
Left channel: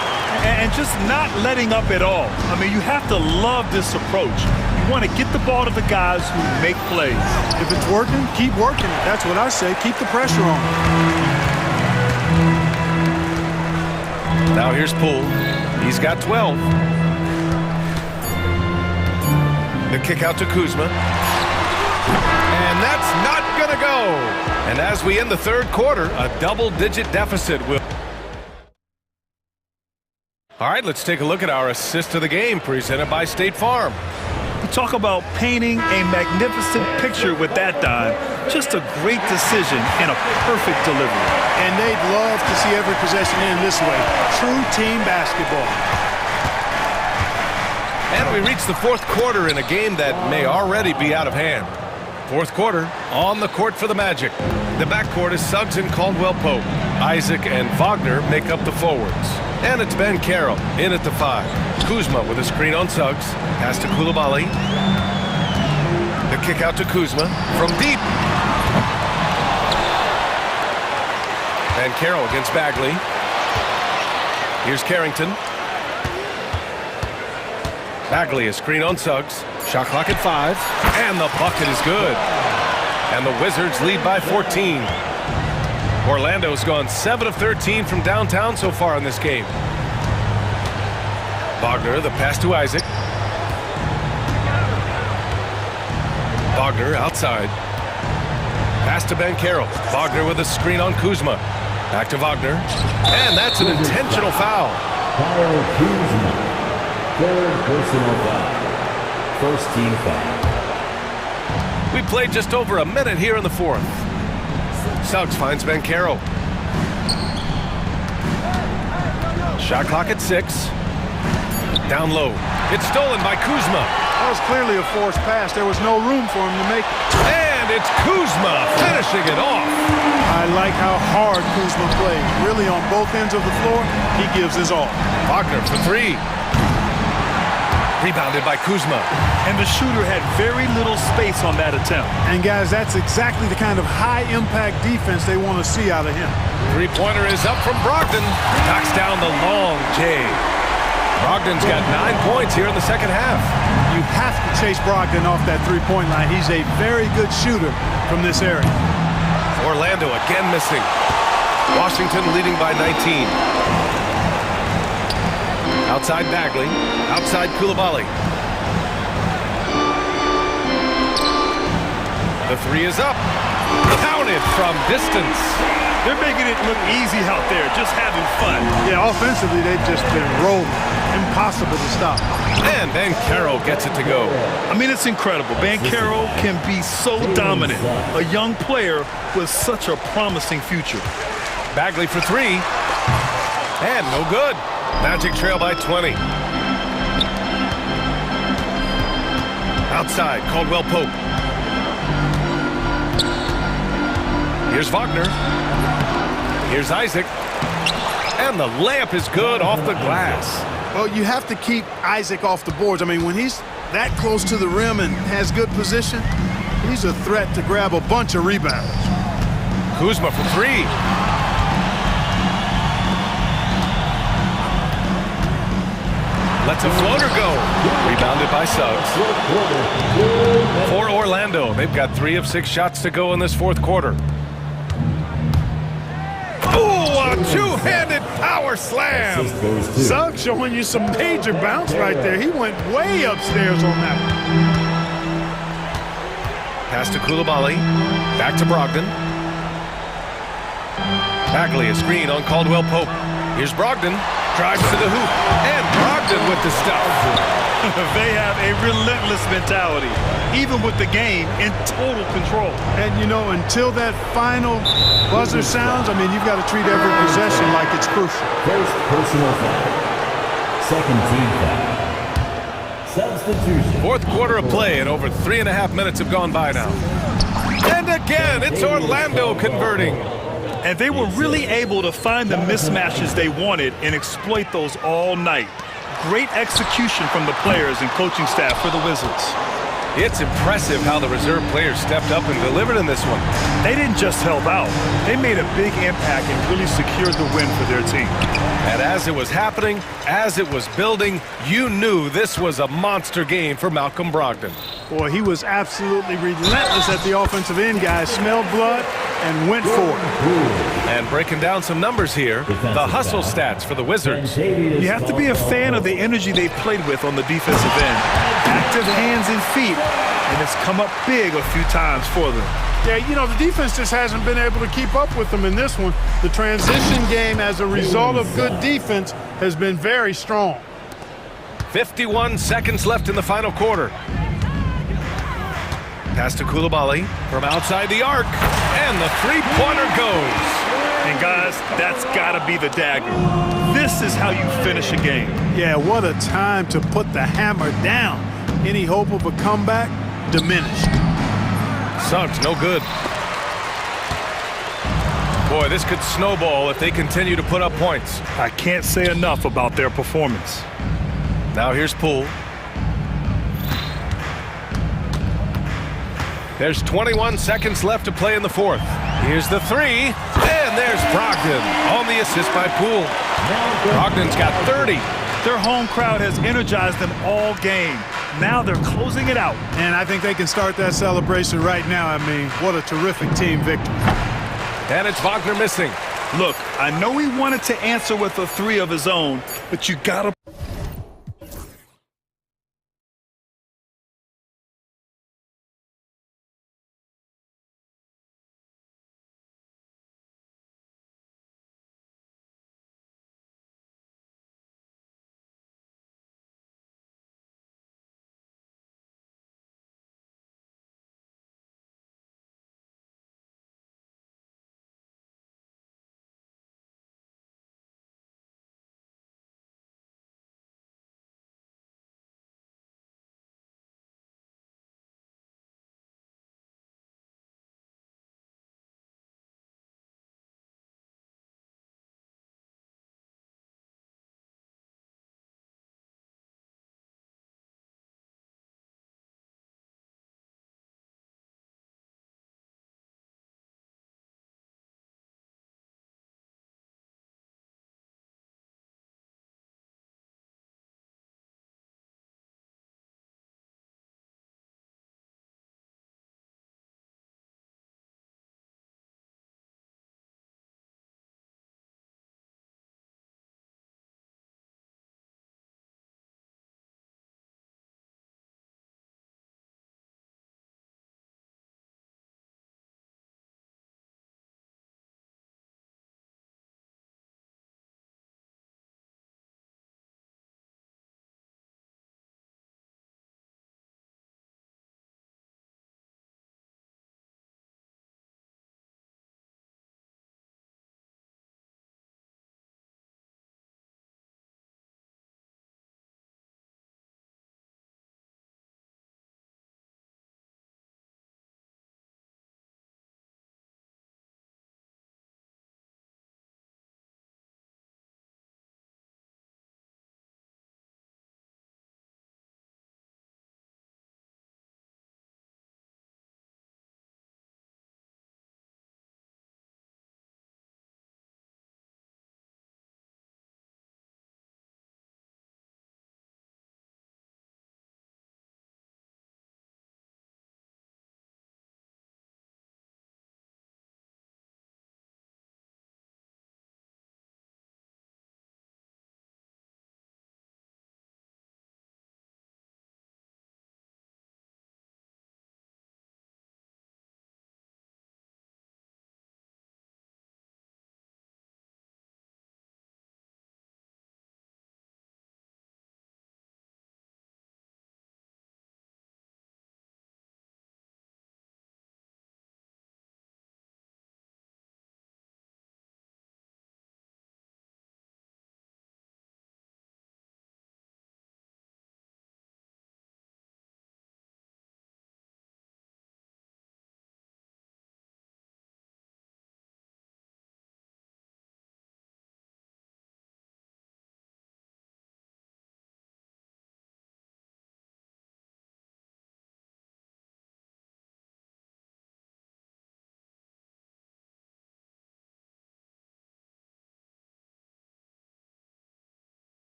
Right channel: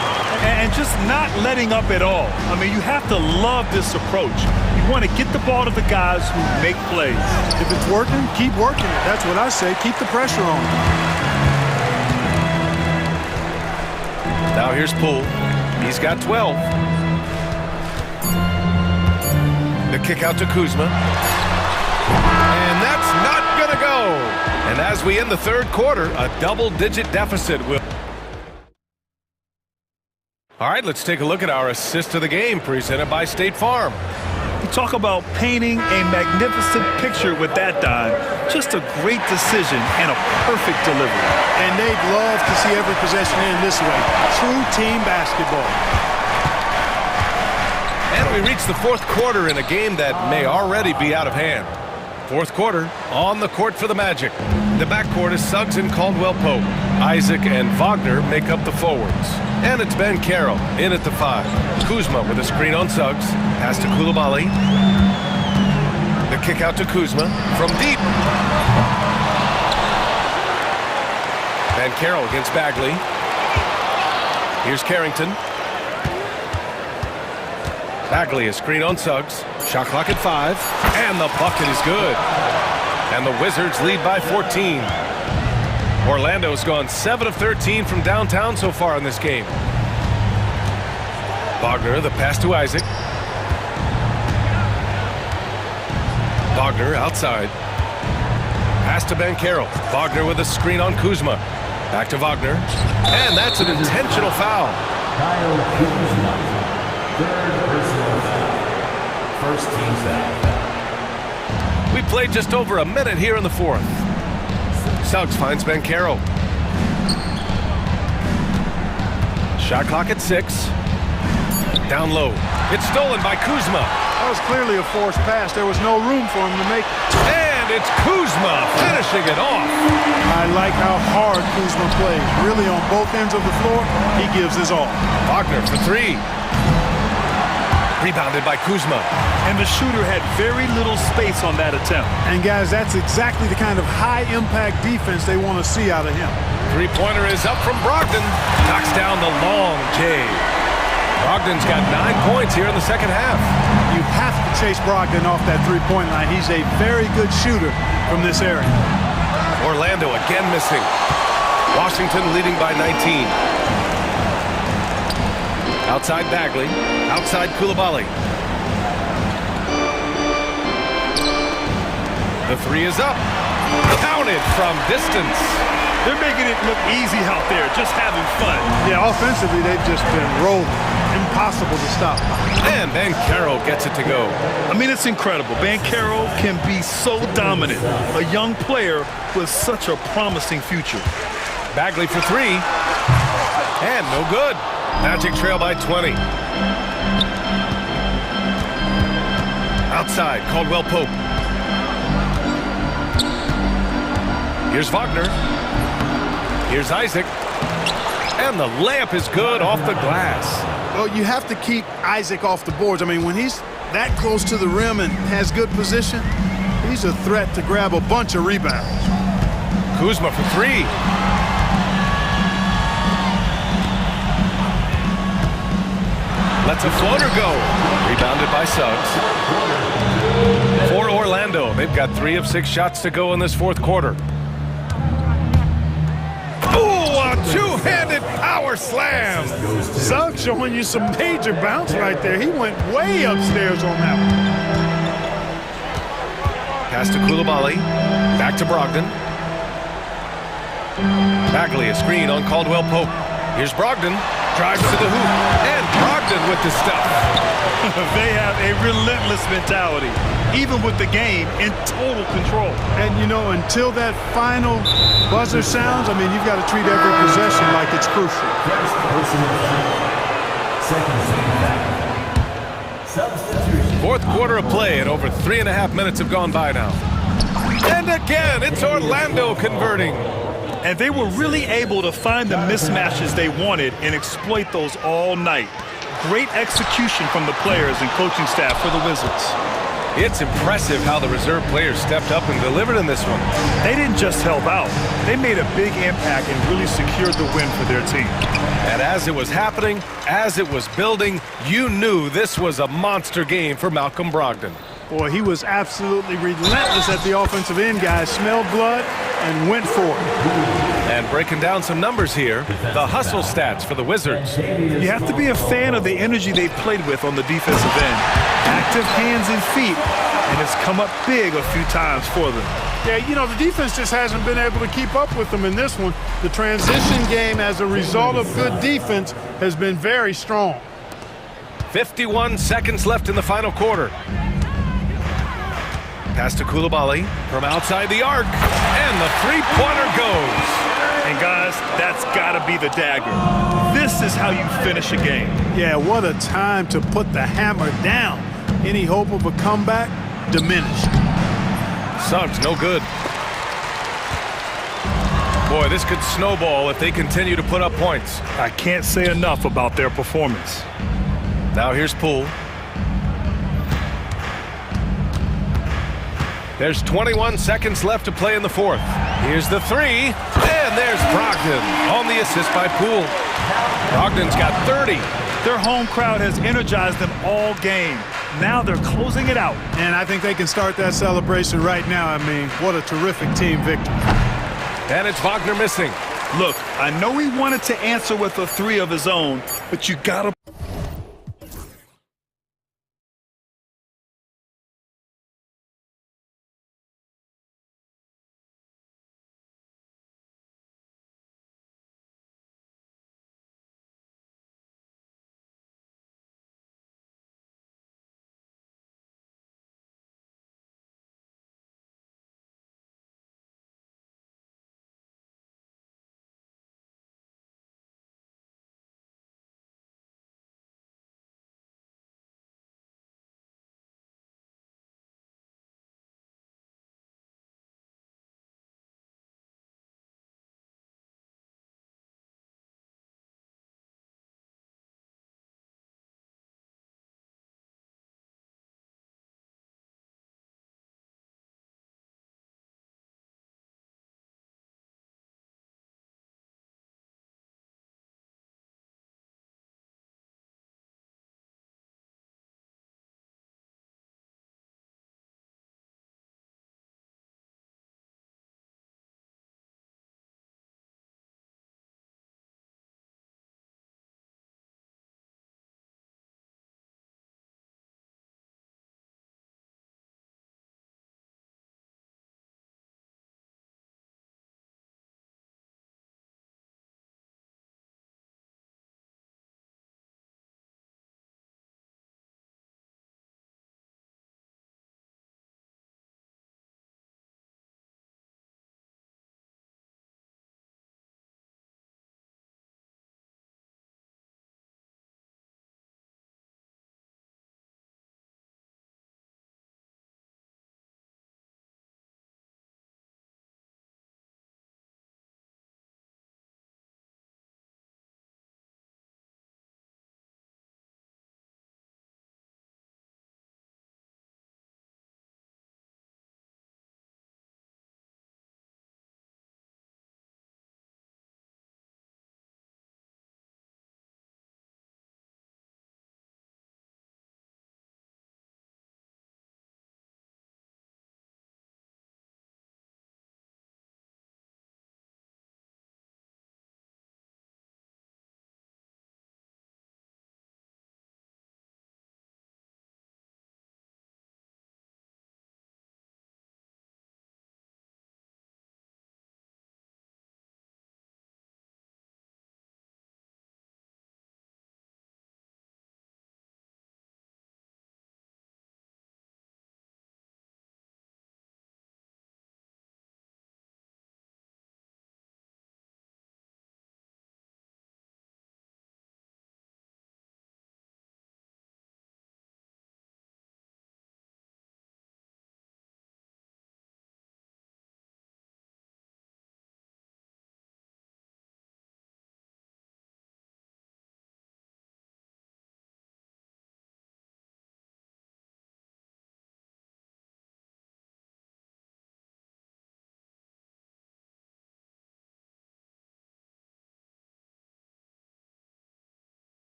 And just not letting up at all. I mean, you have to love this approach. You want to get the ball to the guys who make plays. If it's working, keep working it. That's what I say. Keep the pressure on. Now here's Poole. He's got 12. The kick out to Kuzma. And that's not going to go. And as we end the third quarter, a double-digit deficit will... All right, let's take a look at our assist of the game presented by State Farm. You talk about painting a magnificent picture with that dime. Just a great decision and a perfect delivery. And they'd love to see every possession end this way. True team basketball. And we reach the fourth quarter in a game that may already be out of hand. Fourth quarter, on the court for the Magic. The backcourt is Suggs and Caldwell-Pope. Isaac and Wagner make up the forwards. And it's Ben Carroll in at the 5. Kuzma with a screen on Suggs. Pass to Coulibaly. The kick out to Kuzma from deep. Ben Carroll against Bagley. Here's Carrington. Bagley a screen on Suggs. Shot clock at 5. And the bucket is good. And the Wizards lead by 14. Orlando's gone 7 of 13 from downtown so far in this game. Wagner, the pass to Isaac. Wagner outside. Pass to Ben Carroll. Wagner with a screen on Kuzma. Back to Wagner. And that's an intentional foul. Kyle Kuzma. Third personal foul. First team foul. We played just over a minute here in the fourth. Suggs finds Ben Carroll. Shot clock at 6. Down low. It's stolen by Kuzma. That was clearly a forced pass. There was no room for him to make it. And it's Kuzma finishing it off. I like how hard Kuzma plays. Really on both ends of the floor, he gives his all. Wagner for 3. Rebounded by Kuzma. And the shooter had very little space on that attempt. And guys, that's exactly the kind of high-impact defense they want to see out of him. Three-pointer is up from Brogdon. Knocks down the long J. Brogdon's got 9 points here in the second half. You have to chase Brogdon off that three-point line. He's a very good shooter from this area. Orlando again missing. Washington leading by 19. Outside Bagley. Outside Coulibaly. The 3 is up. Counted from distance. They're making it look easy out there, just having fun. Yeah, offensively, they've just been rolling. Impossible to stop. And Ben Carroll gets it to go. I mean, it's incredible. Ben Carroll can be so dominant. A young player with such a promising future. Bagley for 3. And no good. Magic trail by 20. Outside, Caldwell Pope. Here's Wagner. Here's Isaac. And the layup is good off the glass. Well, you have to keep Isaac off the boards. I mean, when he's that close to the rim and has good position, he's a threat to grab a bunch of rebounds. Kuzma for three. Lets a floater go. Rebounded by Suggs. For Orlando, they've got 3 of 6 shots to go in this fourth quarter. Oh, a two-handed power slam. Suggs showing you some major bounce right there. He went way upstairs on that one. Pass to Koulibaly. Back to Brogdon. Bagley, a screen on Caldwell Pope. Here's Brogdon. Drives to the hoop. And Brogdon with the stuff. They have a relentless mentality, even with the game in total control. And, you know, until that final buzzer sounds, I mean, you've got to treat every possession like it's crucial. First personal foul. Second team foul. Substitution. Fourth quarter of play, and over 3.5 minutes have gone by now. And again, it's Orlando converting. And they were really able to find the mismatches they wanted and exploit those all night. Great execution from the players and coaching staff for the Wizards. It's impressive how the reserve players stepped up and delivered in this one. They didn't just help out. They made a big impact and really secured the win for their team. And as it was happening, as it was building, you knew this was a monster game for Malcolm Brogdon. Boy, he was absolutely relentless at the offensive end, guys. Smelled blood and went for it. And breaking down some numbers here, the hustle stats for the Wizards. You have to be a fan of the energy they've played with on the defensive end. Active hands and feet, and it's come up big a few times for them. Yeah, you know, the defense just hasn't been able to keep up with them in this one. The transition game, as a result of good defense, has been very strong. 51 seconds left in the final quarter. Pass to Koulibaly from outside the arc, and the three-pointer goes. And guys, that's got to be the dagger. This is how you finish a game. Yeah, what a time to put the hammer down. Any hope of a comeback diminished. Suggs, no good. Boy, this could snowball if they continue to put up points. I can't say enough about their performance. Now here's Poole. There's 21 seconds left to play in the fourth. Here's the three, and there's Brogdon on the assist by Poole. Brogdon's got 30. Their home crowd has energized them all game. Now they're closing it out. And I think they can start that celebration right now. I mean, what a terrific team victory. And it's Wagner missing. Look, I know he wanted to answer with a three of his own, but you gotta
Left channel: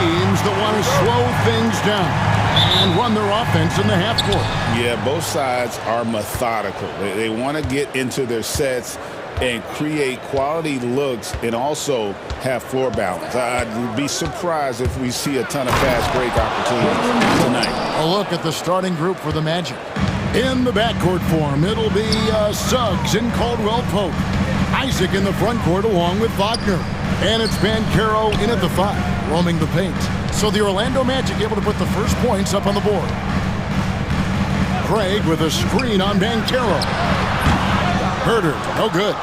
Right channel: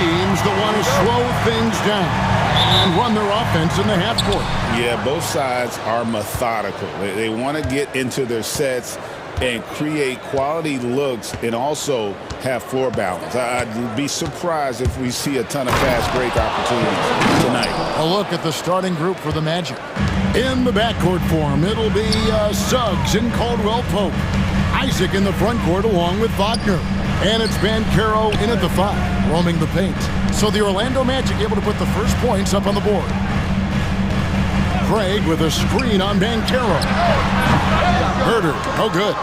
teams that want to slow things down and run their offense in the half court. Yeah, both sides are methodical. They want to get into their sets and create quality looks and also have floor balance. I'd be surprised if we see a ton of fast break opportunities tonight. A look at the starting group for the Magic. In the backcourt form, it'll be Suggs and Caldwell Pope. Isaac in the front court along with Wagner. And it's Banchero in at the 5, roaming the paint. So the Orlando Magic able to put the first points up on the board. Craig with a screen on Banchero. Herder, no good.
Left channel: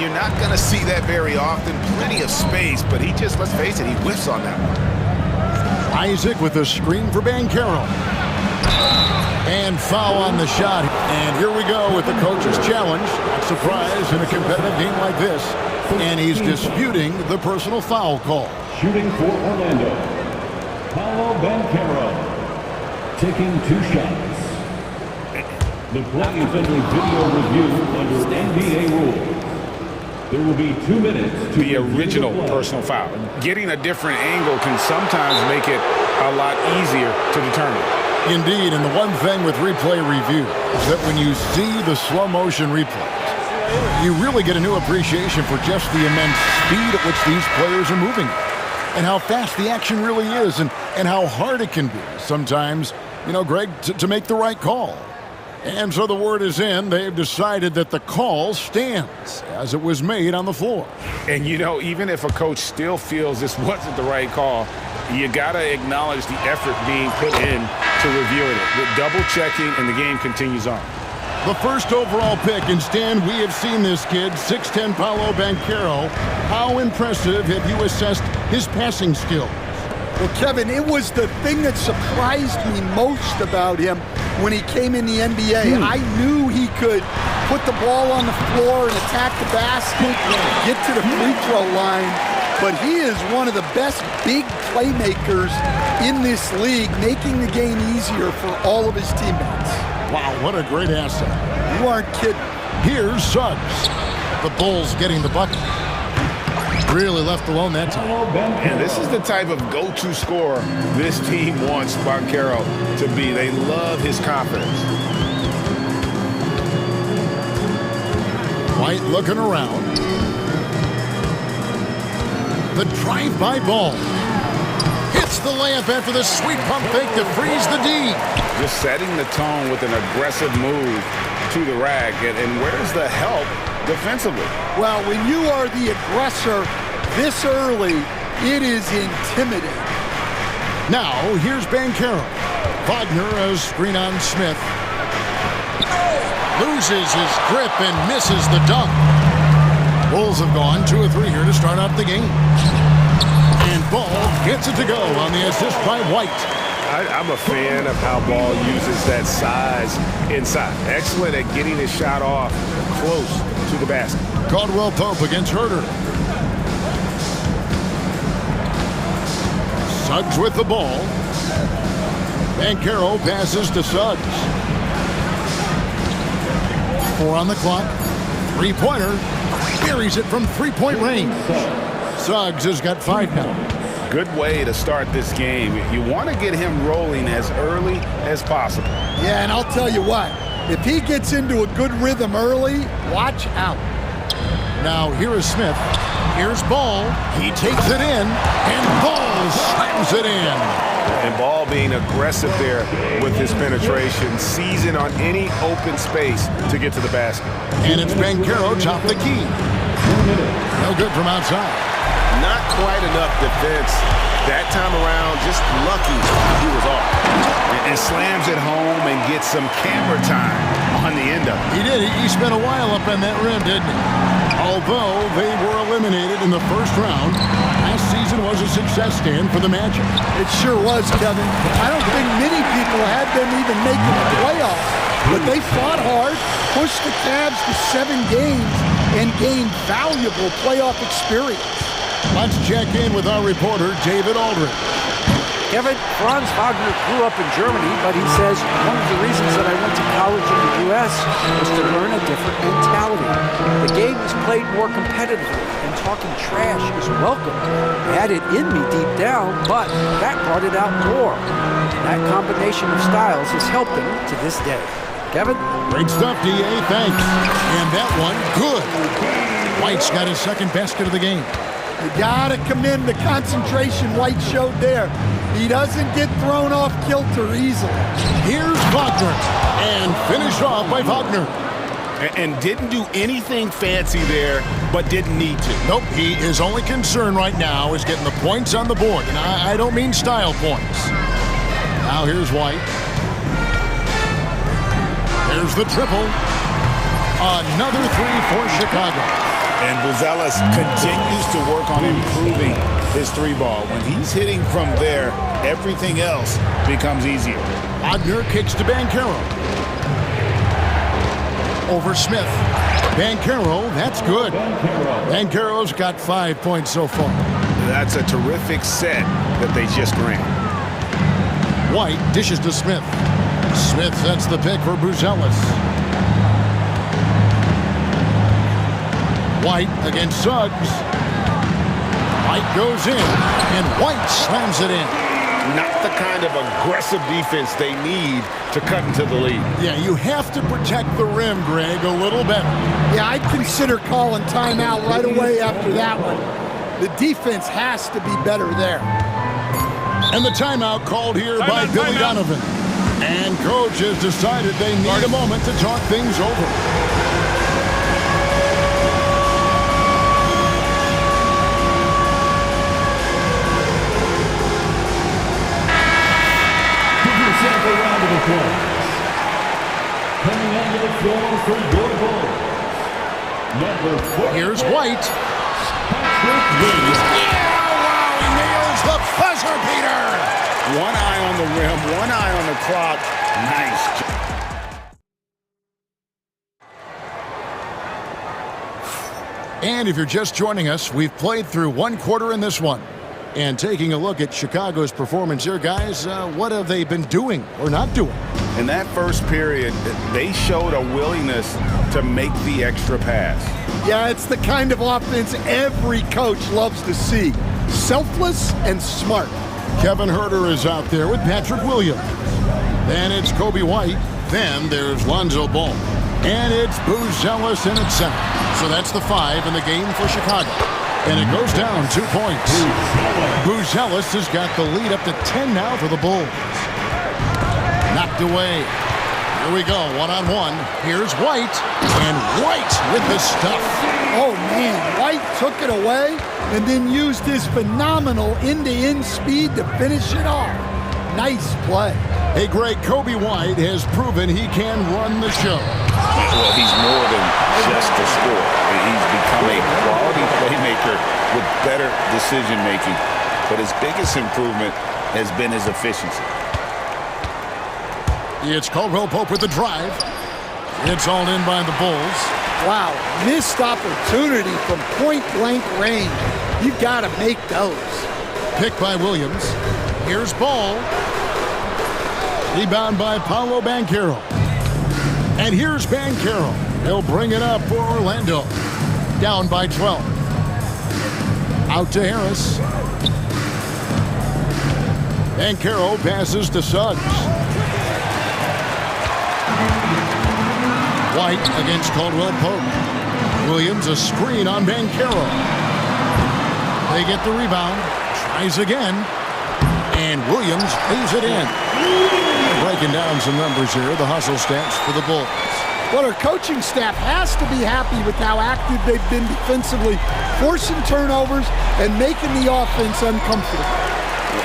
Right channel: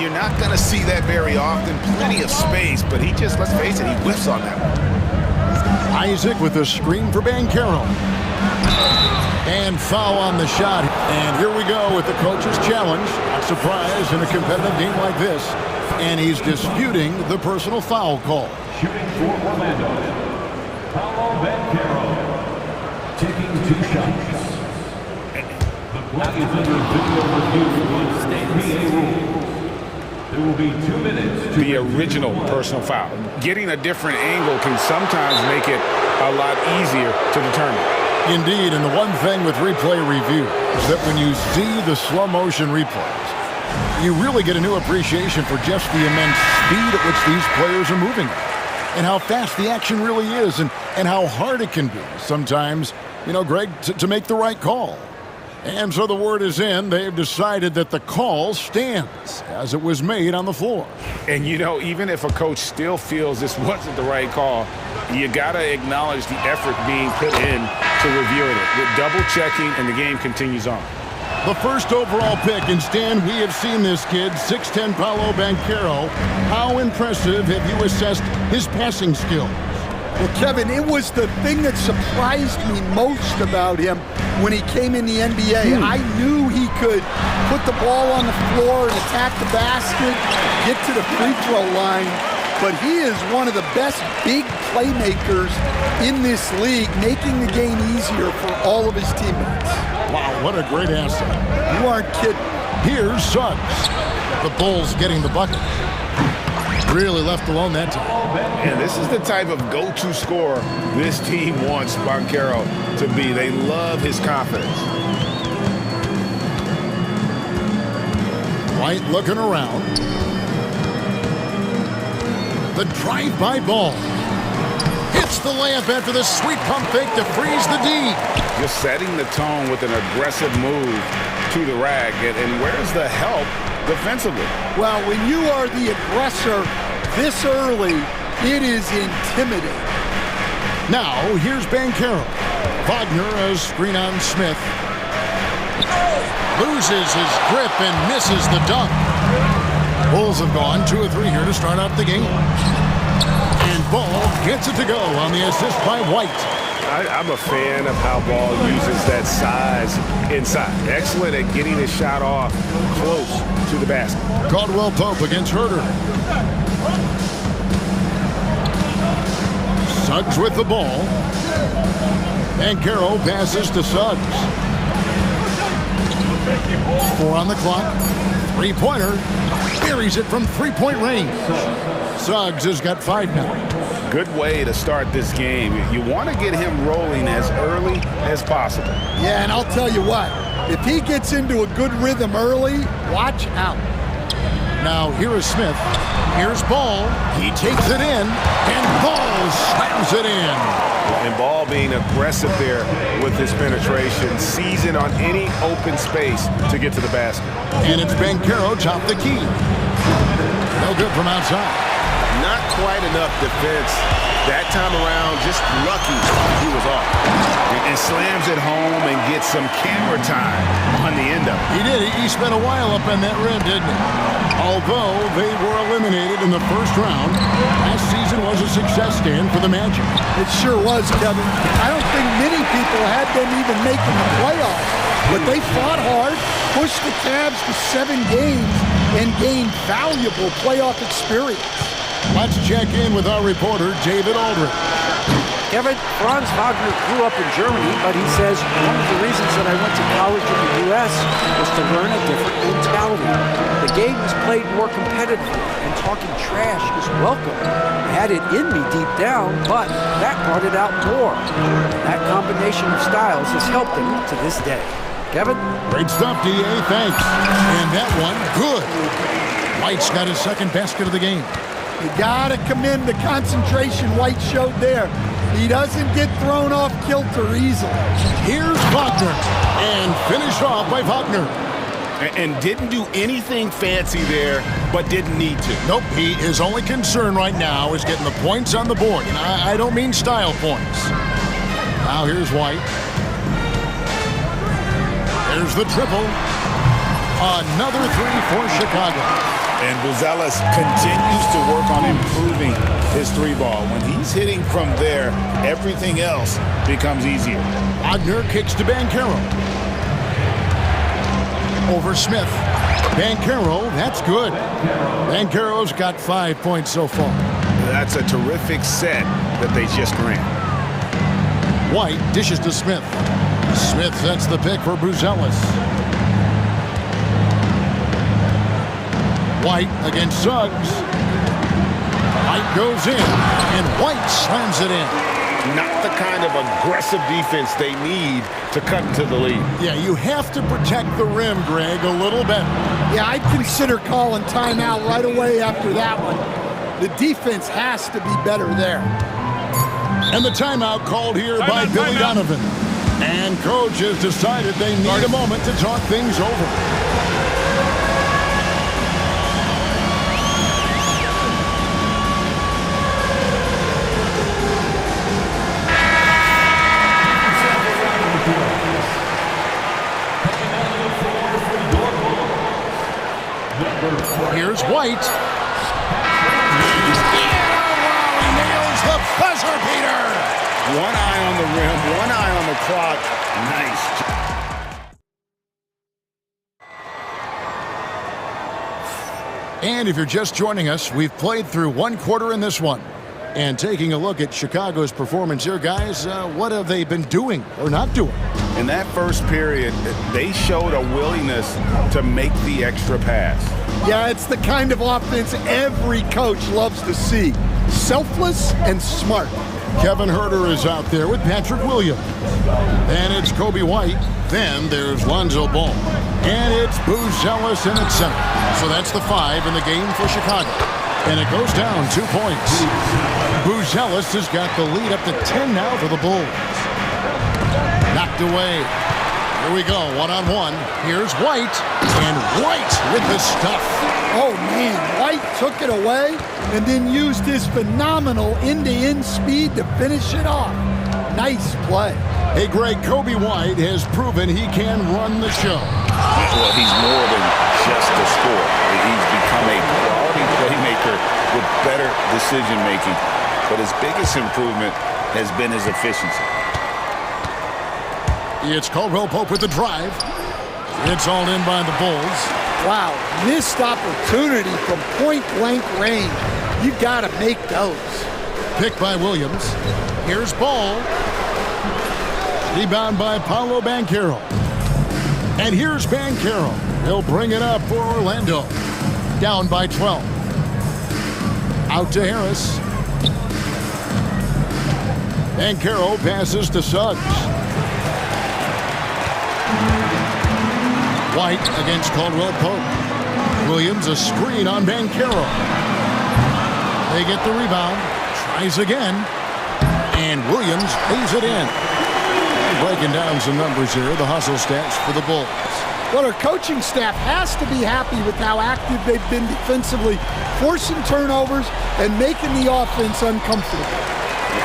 You're not going to see that very often. Plenty of space, but he just, let's face it, he whiffs on that one. Isaac with a screen for Banchero. And foul on the shot. And here we go with the coach's challenge. Not surprised in a competitive game like this. And he's disputing the personal foul call. Shooting for Orlando, Paolo Banchero, taking 2 shots. The play is under video review under NBA rules. There will be 2 minutes to the original personal foul. Getting a different angle can sometimes make it a lot easier to determine. Indeed, and the one thing with replay review is that when you see the slow motion replays, you really get a new appreciation for just the immense speed at which these players are moving at, and how fast the action really is, and how hard it can be sometimes, you know, Greg, to make the right call. And so the word is in. They've decided that the call stands as it was made on the floor. And, you know, even if a coach still feels this wasn't the right call, you got to acknowledge the effort being put in to reviewing it. With double checking, and the game continues on. The first overall pick, and Stan, we have seen this kid, 6'10" Paolo Banchero. How impressive have you assessed his passing skills? Well, Kevin, it was the thing that surprised me most about him when he came in the NBA. I knew he could put the ball on the floor and attack the basket, get to the free throw line, but he is one of the best big playmakers in this league, making the game easier for all of his teammates. Wow, what a great asset. You aren't kidding. Here's Suggs. The Bulls getting the bucket. Really left alone that time. And this is the type of go-to scorer this team wants Banchero to be. They love his confidence. White looking around. The drive-by ball. Hits the layup after the sweet pump fake to freeze the D. Just setting the tone with an aggressive move to the rack. And where's the help defensively? Well, when you are the aggressor this early, it is intimidating. Now, here's Banchero. Wagner, a screen on Smith. Loses his grip and misses the dunk. Bulls have gone 2 of 3 here to start out the game. And Ball gets it to go on the assist by White. I'm a fan of how Ball uses that size inside. Excellent at getting his shot off close to the basket. Caldwell Pope against Herder. Suggs with the ball. Banchero passes to Suggs. 4 on the clock. 3-pointer. Buries it from 3-point range. Suggs has got 5 now. Good way to start this game. You want to get him rolling as early as possible. Yeah, and I'll tell you what, if he gets into a good rhythm early, watch out. Now here is Smith. Here's Ball. He takes it in, and Ball slams it in. And Ball being aggressive there with his penetration, seizing on any open space to get to the basket. And it's Banchero top the key. No good from outside. Not quite enough defense that time around. Just lucky he was off. And slams it home and gets some camera time on the end of it. He did. He spent a while up on that rim, didn't he? Although they were eliminated in the first round, last season was a success stand for the Magic. It sure was, Kevin. I don't think many people had them even making the playoffs, but they fought hard, pushed the Cavs to 7 games, and gained valuable playoff experience. Let's check in with our reporter, David Aldridge. Kevin, Franz Wagner grew up in Germany, but he says one of the reasons that I went to college in the U.S. was to learn a different mentality. The game is played more competitively, and talking trash is welcome. I had it in me deep down, but that brought it out more. That combination of styles has helped him to this day. Kevin? Great stuff, D.A. Thanks. And that one, good. White's got his second basket of the game. You got to commend the concentration White showed there. He doesn't get thrown off kilter easily. Here's Wagner, and finished off by Wagner. And didn't do anything fancy there, but didn't need to. Nope, his only concern right now is getting the points on the board, and I don't mean style points. Now here's White. There's the triple. Another three for Chicago. And Buzelis continues to work on improving his three ball. When he's hitting from there, everything else becomes easier. Wagner kicks to Banchero. Over Smith. Banchero, that's good. Banchero's got 5 points so far. That's a terrific set that they just ran. White dishes to Smith. Smith sets the pick for Buzelis. White against Suggs. White goes in, and White slams it in. Not the kind of aggressive defense they need to cut into the lead. Yeah, you have to protect the rim, Greg, a little better. Yeah, I'd consider calling timeout right away after that one. The defense has to be better there. And the timeout called here by Billy Donovan. And coach has decided they need a moment to talk things over. Coming onto the floor for your Bulls, number 4. Here's White. Yeah, wow, he nails the buzzer beater. One eye on the rim, one eye on the clock. Nice. And if you're just joining us, we've played through one quarter in this one. And taking a look at Chicago's performance here, guys, what have they been doing or not doing? In that first period, they showed a willingness to make the extra pass. Yeah, it's the kind of offense every coach loves to see. Selfless and smart. Kevin Herter is out there with Patrick Williams. Then it's Kobe White. Then there's Lonzo Ball. And it's Buzelis in at center. So that's the 5 in the game for Chicago. And it goes down 2 points. Buzelis has got the lead up to 10 now for the Bulls. Knocked away. Here we go, one-on-one. Here's White, and White with the stuff. Oh, man, White took it away and then used his phenomenal end-to-end speed to finish it off. Nice play. Hey, Greg, Kobe White has proven he can run the show. Well, he's more than just a scorer. He's become a quality playmaker with better decision-making. But his biggest improvement has been his efficiency. It's Caldwell Pope with the drive. It's all in by the Bulls. Wow, missed opportunity from point-blank range. You've got to make those. Picked by Williams. Here's Ball. Rebound by Paolo Banchero. And here's Banchero. He'll bring it up for Orlando. Down by 12. Out to Harris. Banchero passes to Suggs. White against Caldwell Pope. Williams a screen on Banchero. They get the rebound. Tries again. And Williams pays it in. And breaking down some numbers here, the hustle stats for the Bulls. Well, our coaching staff has to be happy with how active they've been defensively, forcing turnovers and making the offense uncomfortable.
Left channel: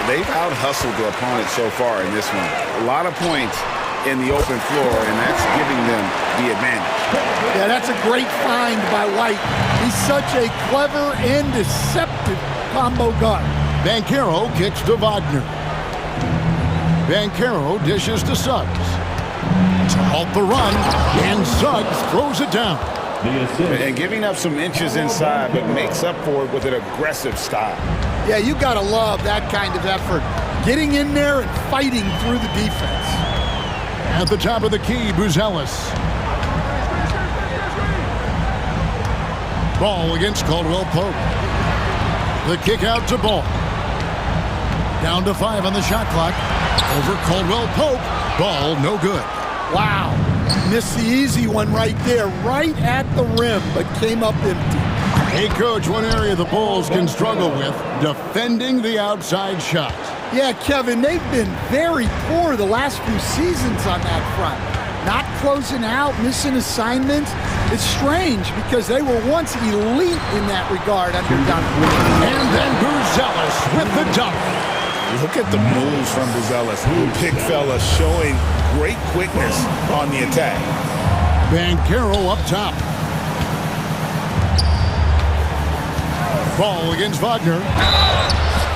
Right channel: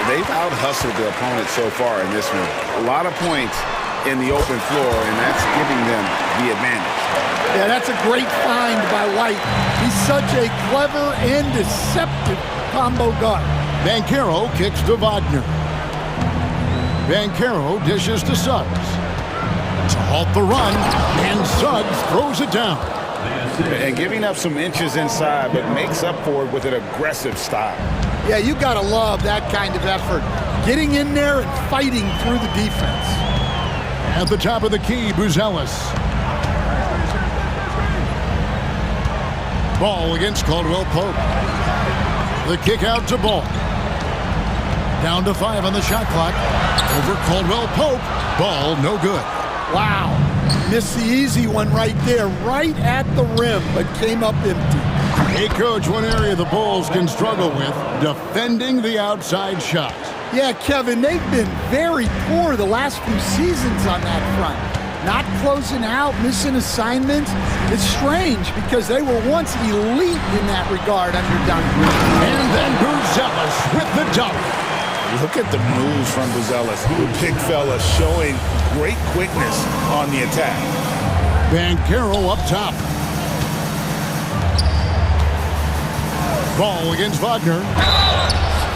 They've out-hustled the opponent so far in this one. A lot of points in the open floor, and that's giving them the advantage. Yeah, that's a great find by White. He's such a clever and deceptive combo guard. Banchero kicks to Wagner. Banchero dishes to Suggs. To halt the run, and Suggs throws it down. And giving up some inches inside, but makes up for it with an aggressive style. Yeah, you got to love that kind of effort. getting in there and fighting through the defense. At the top of the key, Buzelis. Ball against Caldwell Pope. The kick out to Ball. Down to 5 on the shot clock. Over Caldwell Pope. Ball no good. Wow. Missed the easy one right there, right at the rim, but came up empty. Hey, Coach, one area the Bulls can struggle with, defending the outside shot. Yeah, Kevin, they've been very poor the last few seasons on that front. Not closing out, missing assignments. It's strange because they were once elite in that regard under Duncan. And then Buzelis with the dunk. Look at the moves from Buzelis. The big fella showing great quickness on the attack. Banchero up top. Ball against Wagner.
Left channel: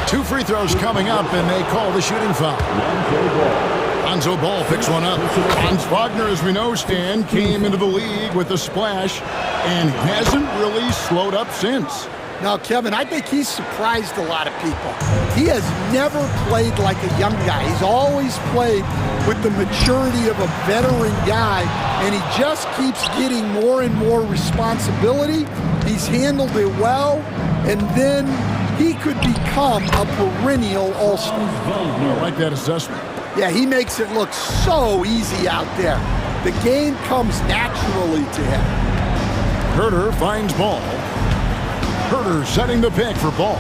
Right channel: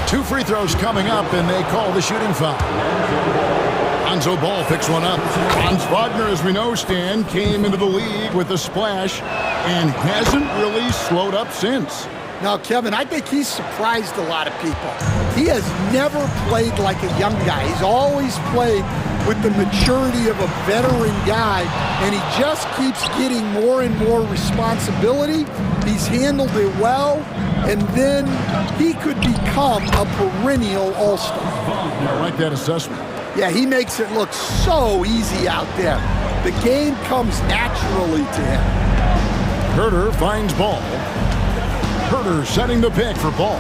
2 free throws coming up, and they call the shooting foul. Lonzo Ball picks one up. Franz Wagner, as we know, Stan, came into the league with a splash and hasn't really slowed up since. Now, Kevin, I think he's surprised a lot of people. He has never played like a young guy. He's always played with the maturity of a veteran guy, and he just keeps getting more and more responsibility. He's handled it well, and then he could become a perennial all-star. I like that assessment. Yeah, he makes it look so easy out there. The game comes naturally to him. Herter finds Ball. Herter setting the pick for Ball.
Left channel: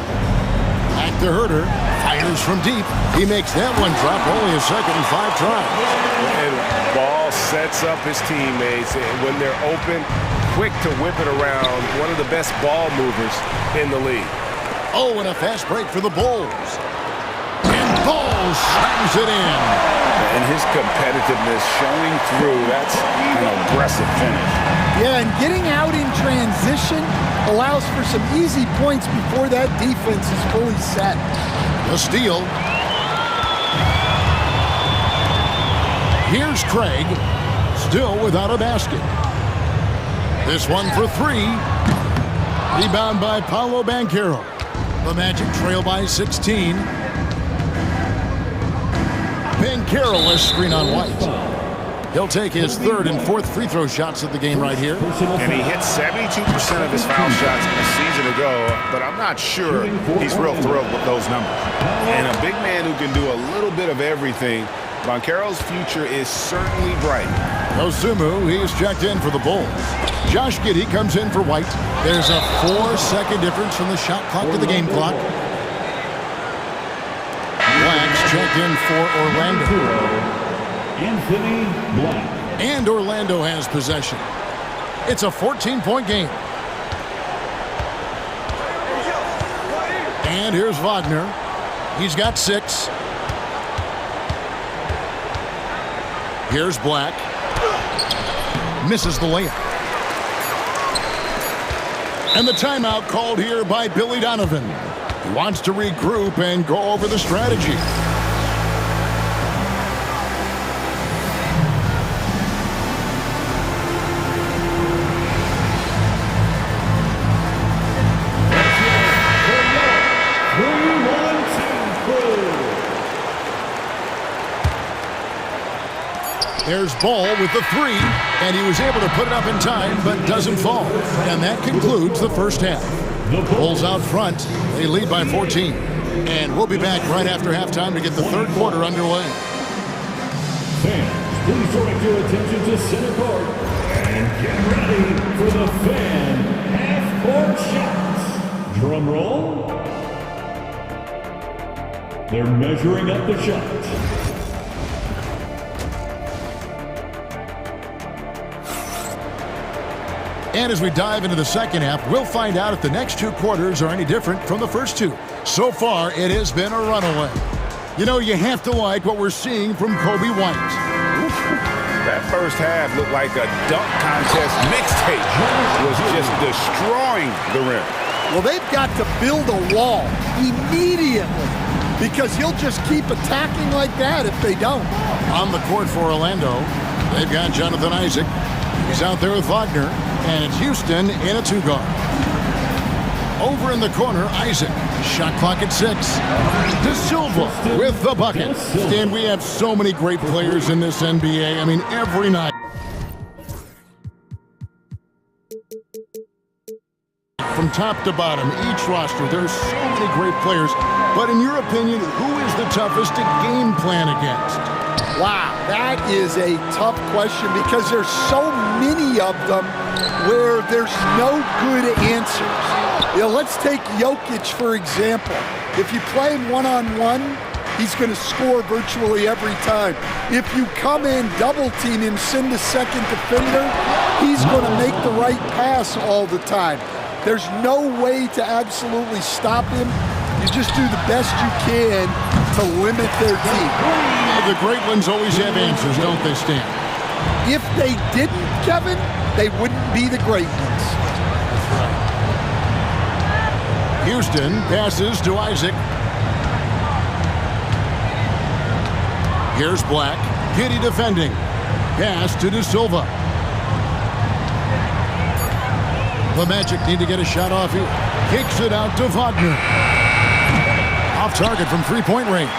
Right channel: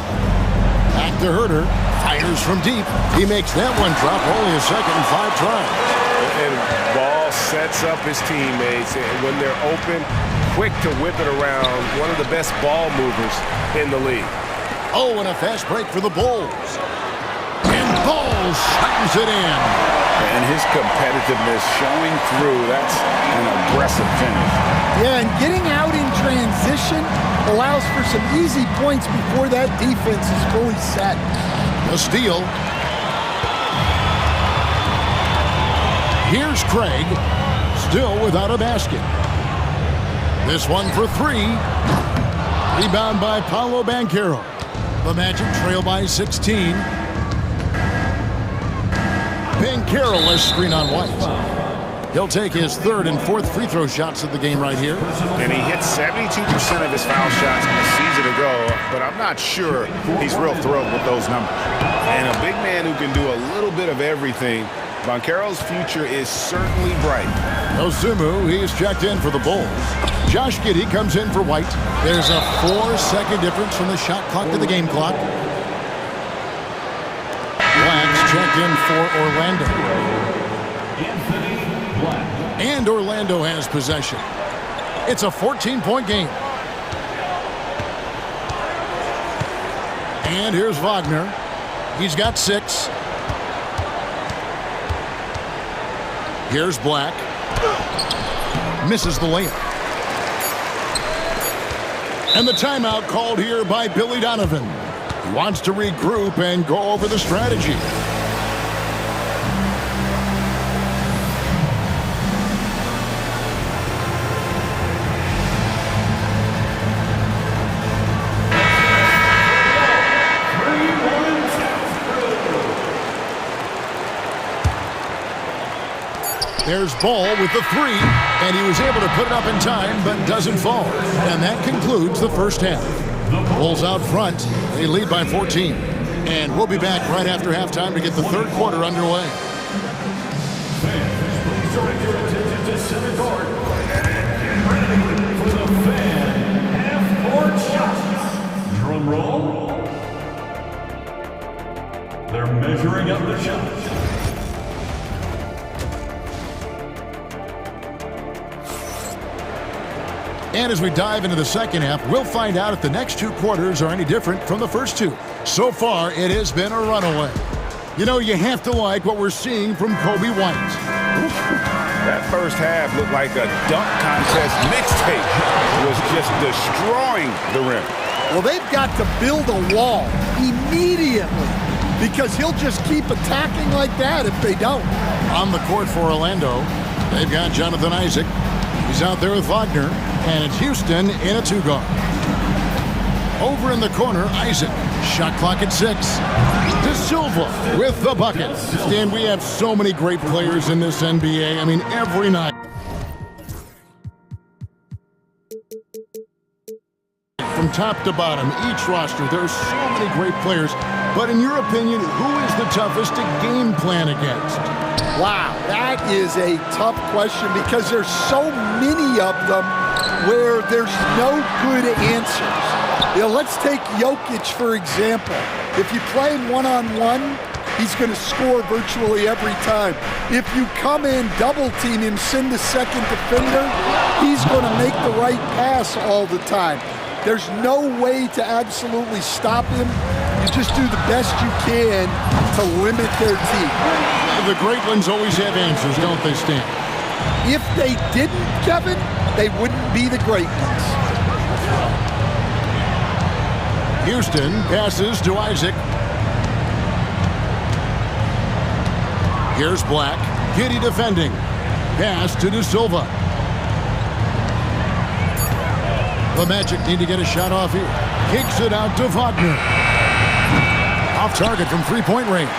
Back to Herter. Fires from deep. He makes that one drop, only a second and 5 tries. And Ball sets up his teammates, and when they're open, quick to whip it around. One of the best ball movers in the league. Oh, and a fast break for the Bulls. And Ball slams it in. And his competitiveness showing through. That's an aggressive finish. Yeah, and getting out in transition allows for some easy points before that defense is fully set. The steal. Here's Craig, still without a basket. This one for 3. Rebound by Paolo Banchero. The Magic trail by 16. Banchero screen on White. He'll take his 3rd and 4th free throw shots of the game right here. And he hit 72% of his foul shots a season ago, but I'm not sure he's real thrilled with those numbers. And a big man who can do a little bit of everything. Banchero's future is certainly bright. Ozumu, he's checked in for the Bulls. Josh Giddey comes in for White. There's a 4-second difference from the shot clock to the game clock. Black's checked in for Orlando. Anthony Black. And Orlando has possession. It's a 14-point game. And here's Wagner. He's got 6. Here's Black. Misses the layup. And the timeout called here by Billy Donovan. He wants to regroup and go over the strategy. There's Ball with the 3, and he was able to put it up in time, but doesn't fall. And that concludes the first half. Bulls out front. They lead by 14. And we'll be back right after halftime to get the 3rd quarter underway. Fans, please direct your attention to center court and get ready for the fan half-court shots. Drum roll. They're measuring up the shots. And as we dive into the second half, we'll find out if the next 2 quarters are any different from the first 2. So far, it has been a runaway. You know, you have to like what we're seeing from Kobe White. That first half looked like a dunk contest mixtape. Was just destroying the rim. Well, they've got to build a wall immediately because he'll just keep attacking like that if they don't. On the court for Orlando, they've got Jonathan Isaac. He's out there with Wagner. And it's Houston in a 2-guard. Over in the corner, Isaac. Shot clock at 6. De Silva with the bucket. Stan, we have so many great players in this NBA. I mean, every night. From top to bottom, each roster, there are so many great players. But in your opinion, who is the toughest to game plan against? Wow, that is a tough question because there's so many of them where there's no good answers. You know, let's take Jokic, for example. If you play him one-on-one, he's going to score virtually every time. If you come in, double-team him, send a second defender, he's going to make the right pass all the time. There's no way to absolutely stop him. You just do the best you can to limit their team. The great ones always have answers, don't they, Stan? If they didn't, Kevin, they wouldn't be the great ones. That's right. Houston passes to Isaac. Here's Black. Giddey defending. Pass to De Silva. The Magic need to get a shot off here. Kicks it out to Wagner. Off target from three-point range.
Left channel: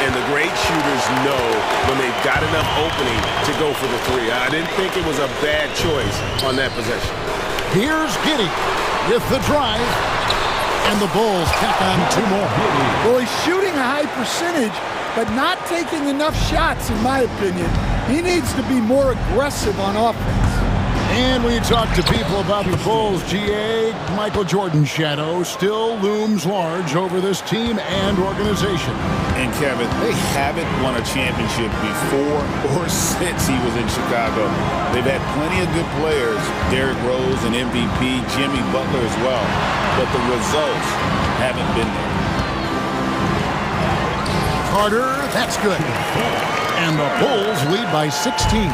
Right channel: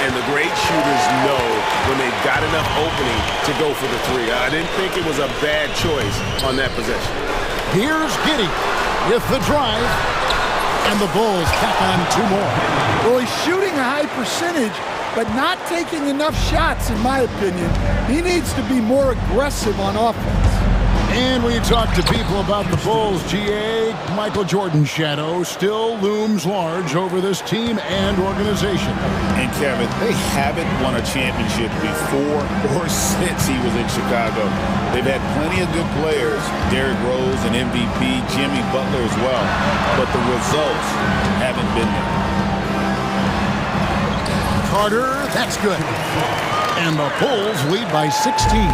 And the great shooters know when they've got enough opening to go for the three. I didn't think it was a bad choice on that possession. Here's Giddey with the drive. And the Bulls tack on 2 more. Well, he's shooting a high percentage, but not taking enough shots, in my opinion. He needs to be more aggressive on offense. And when you talk to people about the Bulls, GA, Michael Jordan's shadow still looms large over this team and organization. And Kevin, they haven't won a championship before or since he was in Chicago. They've had plenty of good players, Derrick Rose, an MVP, Jimmy Butler as well, but the results haven't been there. Carter, that's good. And the Bulls lead by 16.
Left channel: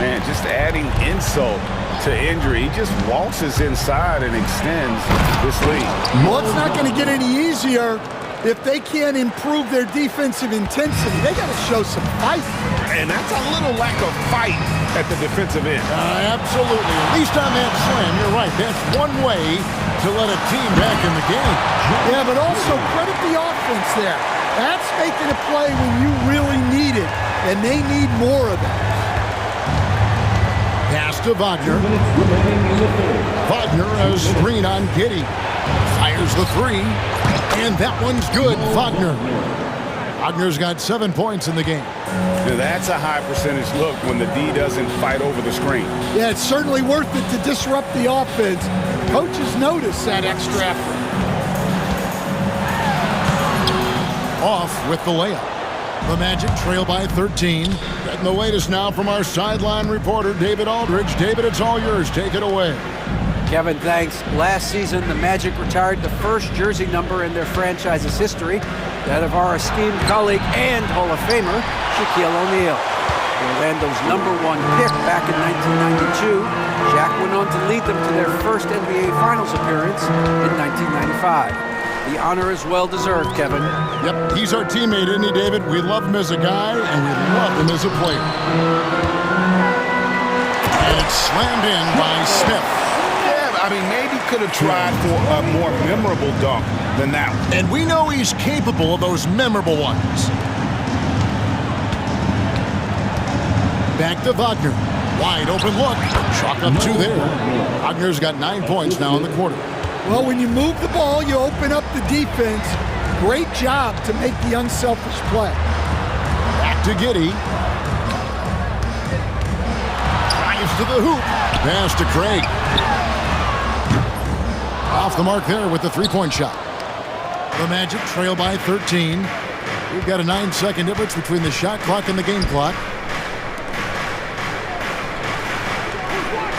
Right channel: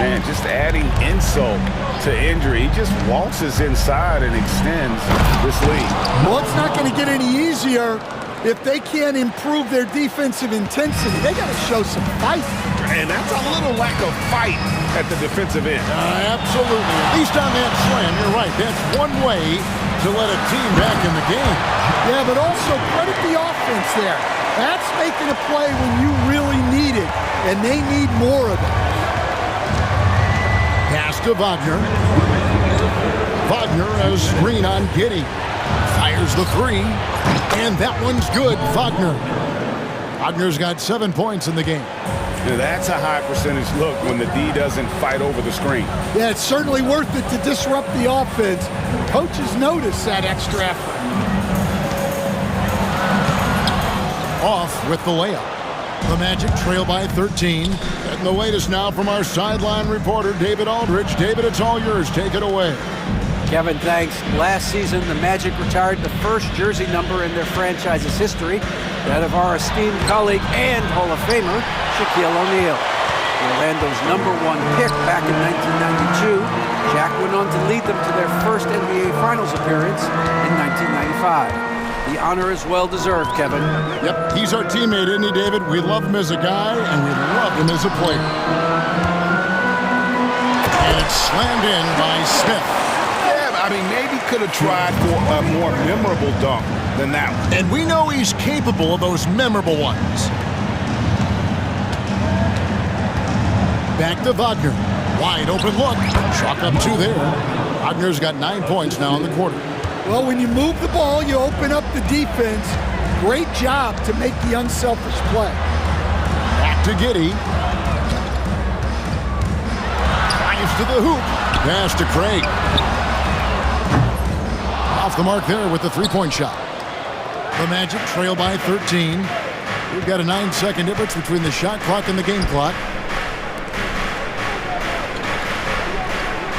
Man, just adding insult to injury. He just waltzes inside and extends this lead. Well, it's not going to get any easier if they can't improve their defensive intensity. They got to show some fight. And that's a little lack of fight at the defensive end. Absolutely. At least on that slam, you're right. That's one way to let a team back in the game. Yeah, but also credit the offense there. That's making a play when you really need it, and they need more of that. Pass to Wagner. Wagner a screen on Giddey. Fires the 3. And that one's good. Wagner's got 7 points in the game. Now that's a high percentage look when the D doesn't fight over the screen. Yeah, it's certainly worth it to disrupt the offense. Coaches notice that extra effort. Off with the layup. The Magic trail by 13. Getting the latest now from our sideline reporter, David Aldridge. David, it's all yours. Take it away. Kevin, thanks. Last season, the Magic retired the first jersey number in their franchise's history, that of our esteemed colleague and Hall of Famer, Shaquille O'Neal. Orlando's #1 pick back in 1992, Shaq went on to lead them to their first NBA Finals appearance in 1995. The honor is well-deserved, Kevin. Yep, he's our teammate, isn't he, David? We love him as a guy, and we love him as a player. And it's slammed in by Smith. Yeah, I mean, maybe could have tried for a more memorable dunk than that one. And we know he's capable of those memorable ones. Back to Wagner. Wide open look. Chalk up 2 there. Wagner's got 9 points now in the quarter. Well, when you move the ball, you open up the defense. Great job to make the unselfish play. Back to Giddey. Drives to the hoop. Pass to Craig. Off the mark there with the 3-point shot. The Magic trail by 13. We've got a 9-second difference between the shot clock and the game clock.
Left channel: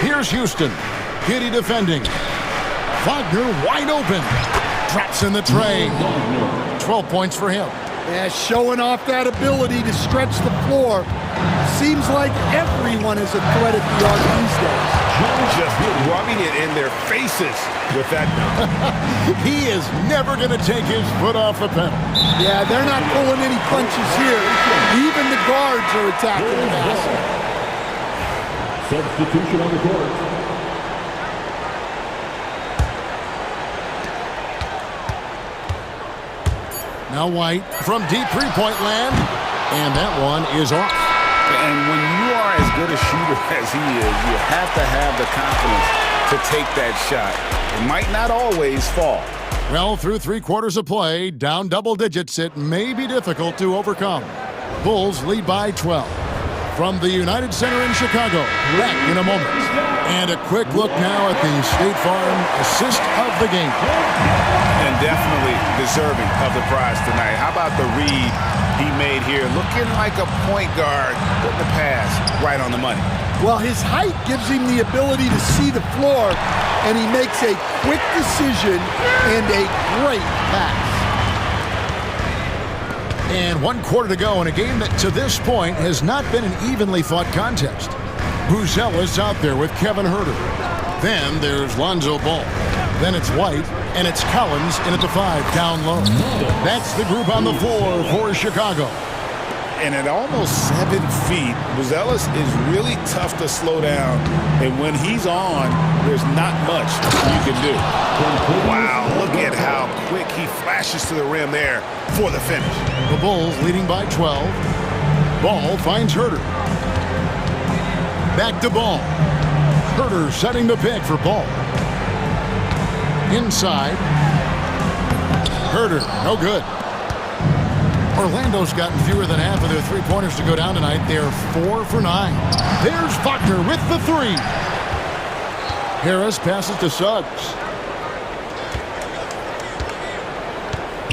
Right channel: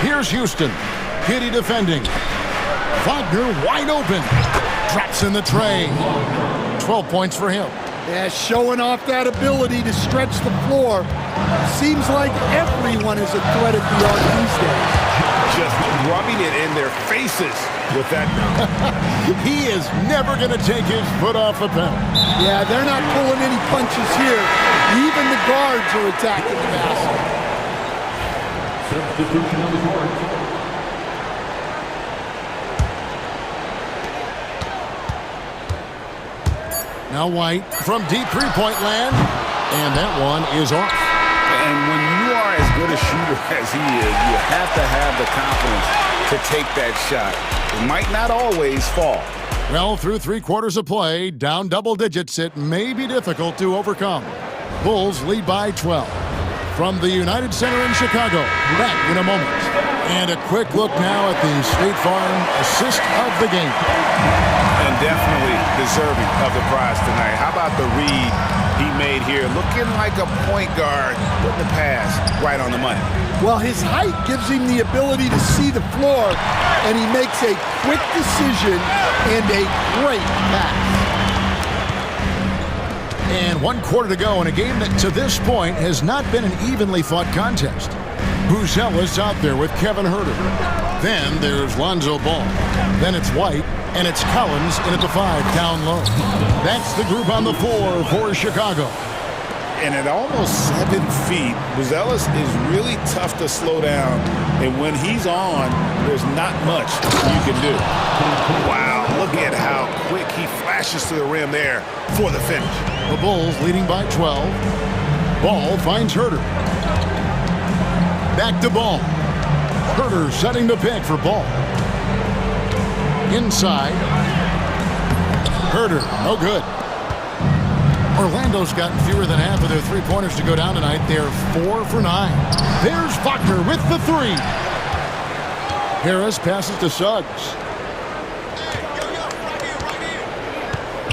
Here's Houston. Giddey defending. Wagner wide open. Drops in the tray. 12 points for him. Yeah, showing off that ability to stretch the floor. Seems like everyone is a threat at the arc these days. Just rubbing it in their faces with that dunk. He is never going to take his foot off the pedal. Yeah, they're not pulling any punches here. Even the guards are attacking the basket. Substitution on the court. Now White from deep three-point land, and that one is off. And when you are as good a shooter as he is, you have to have the confidence to take that shot. It might not always fall. Well, through 3 quarters of play, down double digits, it may be difficult to overcome. Bulls lead by 12. From the United Center in Chicago, back in a moment. And a quick look now at the State Farm assist of the game. And definitely deserving of the prize tonight. How about the read he made here? Looking like a point guard, putting the pass right on the money. Well, his height gives him the ability to see the floor, and he makes a quick decision and a great pass. And 1 quarter to go in a game that to this point has not been an evenly fought contest. Buzelis out there with Kevin Huerter. Then there's Lonzo Ball. Then it's White, and it's Collins in at the 5 down low. That's the group on the floor for Chicago. And at almost 7 feet, Buzelis is really tough to slow down. And when he's on, there's not much you can do. Wow, look at how quick he flashes to the rim there for the finish. The Bulls leading by 12. Ball finds Huerter. Back to Ball. Huerter setting the pick for Ball. Inside. Huerter, no good. Orlando's gotten fewer than half of their three-pointers to go down tonight. They're 4 for 9. There's Wagner with the 3. Harris passes to Suggs.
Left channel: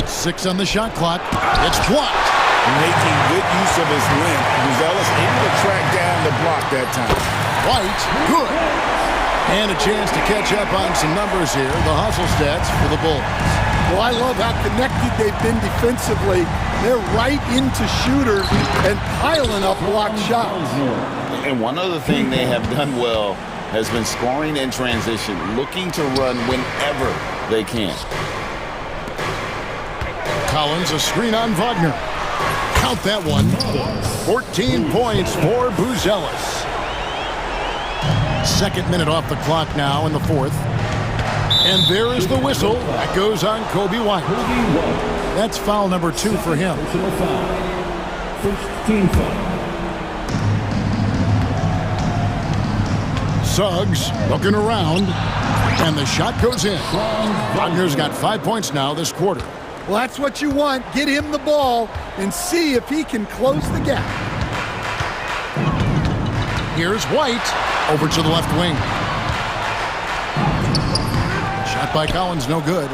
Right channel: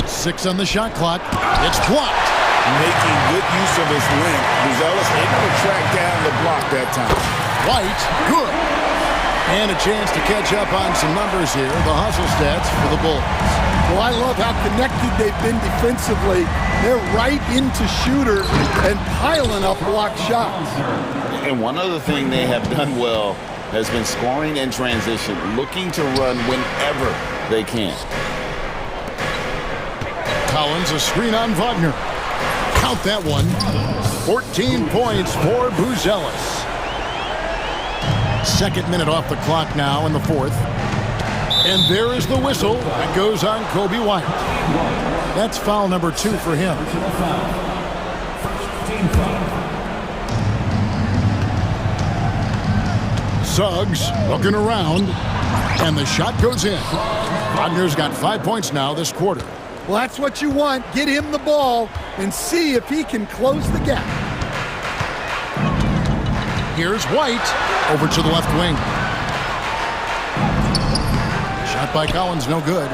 6 on the shot clock. It's blocked. Making good use of his length. Buzelis able to track down the block that time. White, good. And a chance to catch up on some numbers here. The hustle stats for the Bulls. Well, I love how connected they've been defensively. They're right into shooters and piling up blocked shots. And one other thing they have done well has been scoring in transition, looking to run whenever they can. Collins, a screen on Wagner. Count that one. 14 points for Buzelis. 2nd minute off the clock now in the 4th. And there is the whistle. That goes on Kobe White. That's foul number 2 for him. Personal foul. First team foul. Suggs looking around. And the shot goes in. Wagner's got 5 points now this quarter. Well, that's what you want. Get him the ball and see if he can close the gap. Here's White over to the left wing. Shot by Collins, no good.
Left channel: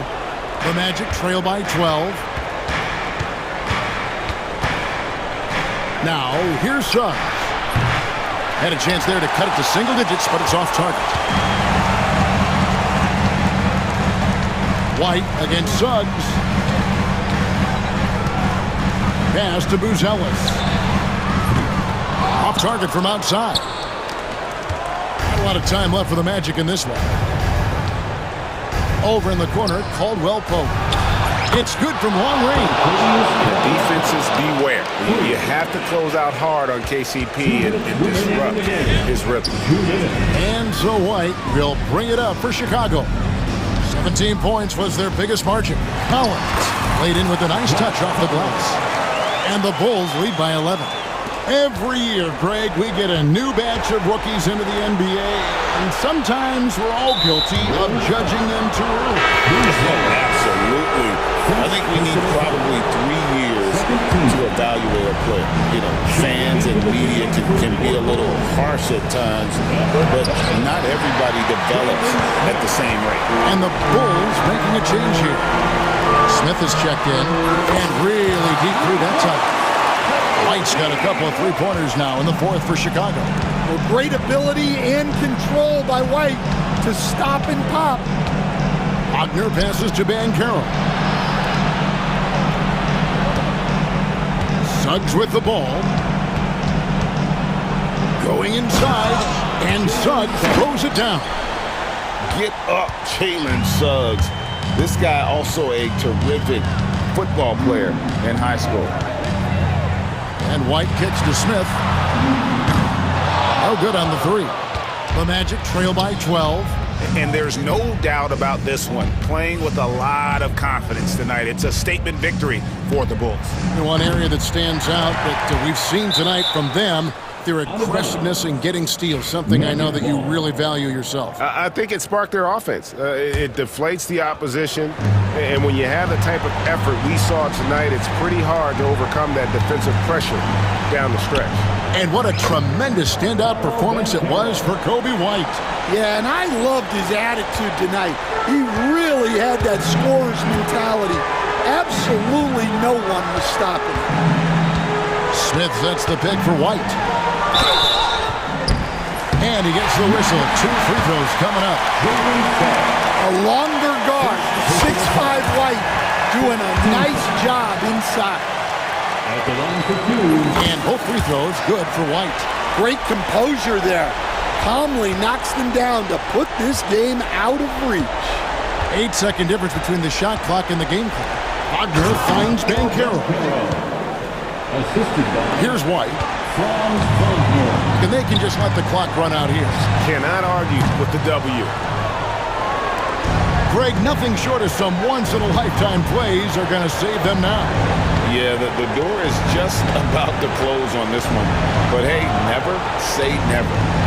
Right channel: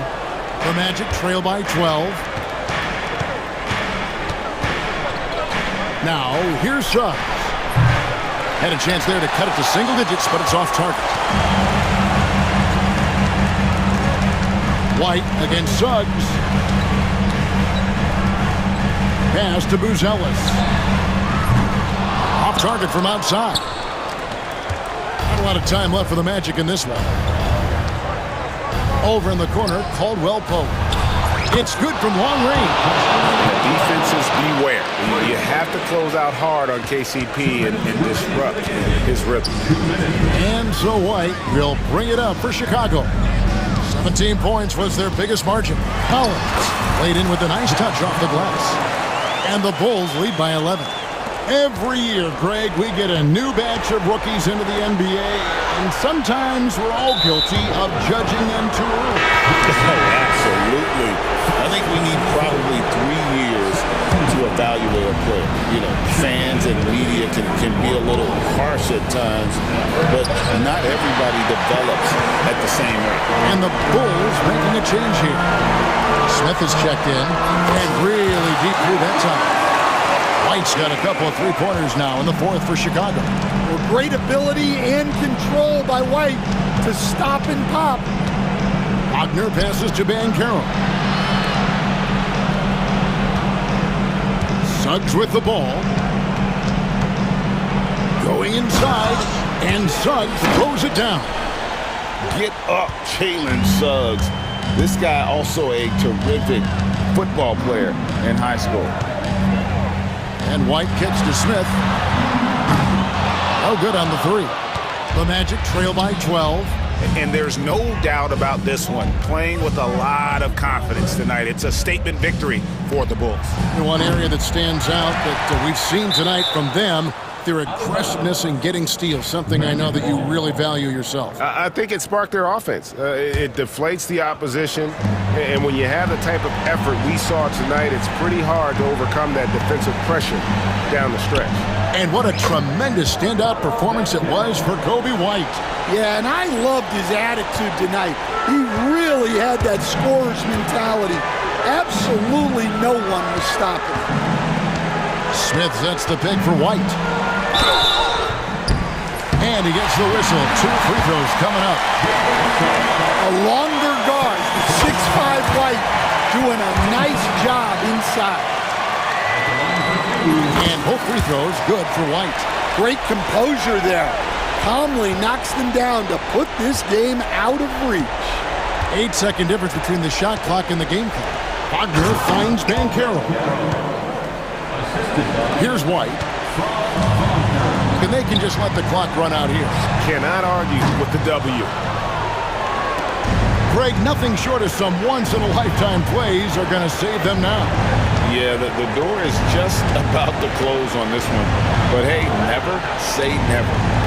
The Magic trail by 12. Now, here's Suggs. Had a chance there to cut it to single digits, but it's off target. White against Suggs. Pass to Buzelis. Off target from outside. Not a lot of time left for the Magic in this one. Over in the corner, Caldwell Pope. It's good from long range. The defenses beware. You have to close out hard on KCP and disrupt his rhythm. And so White will bring it up for Chicago. 17 points was their biggest margin. Collins laid in with a nice touch off the glass. And the Bulls lead by 11. Every year, Greg, we get a new batch of rookies into the NBA, and sometimes we're all guilty of judging them too early. Oh, absolutely. I think we need probably 3 years to evaluate a player. You know, fans and media can be a little harsh at times, but not everybody develops at the same rate. And the Bulls making a change here. Smith has checked in, and really deep through that time. White's got a couple of three-pointers now in the 4th for Chicago. Well, great ability and control by White to stop and pop. Wagner passes to Banchero. Suggs with the ball. Going inside, and Suggs throws it down. Get up, Jalen Suggs. This guy also a terrific football player in high school. And White kicks to Smith. No good on the 3. The Magic trail by 12. And there's no doubt about this one. Playing with a lot of confidence tonight. It's a statement victory for the Bulls. And one area that stands out that we've seen tonight from them, their aggressiveness in getting steals, something I know that you really value yourself. I think it sparked their offense. It deflates the opposition, and when you have the type of effort we saw tonight, it's pretty hard to overcome that defensive pressure down the stretch. And what a tremendous standout performance it was for Kobe White. Yeah, and I loved his attitude tonight. He really had that scorer's mentality. Absolutely no one was stopping him. Smith sets the pick for White. And he gets the whistle. 2 free throws coming up. A longer guard, 6'5" White, doing a nice job inside. And both free throws good for White. Great composure there. Calmly knocks them down to put this game out of reach. 8-second difference between the shot clock and the game clock. Wagner finds Banchero. Here's White. And they can just let the clock run out here. Cannot argue with the W. Greg, nothing short of some once-in-a-lifetime plays are going to save them now. Yeah, the door is just about to close on this one. But hey, never say never.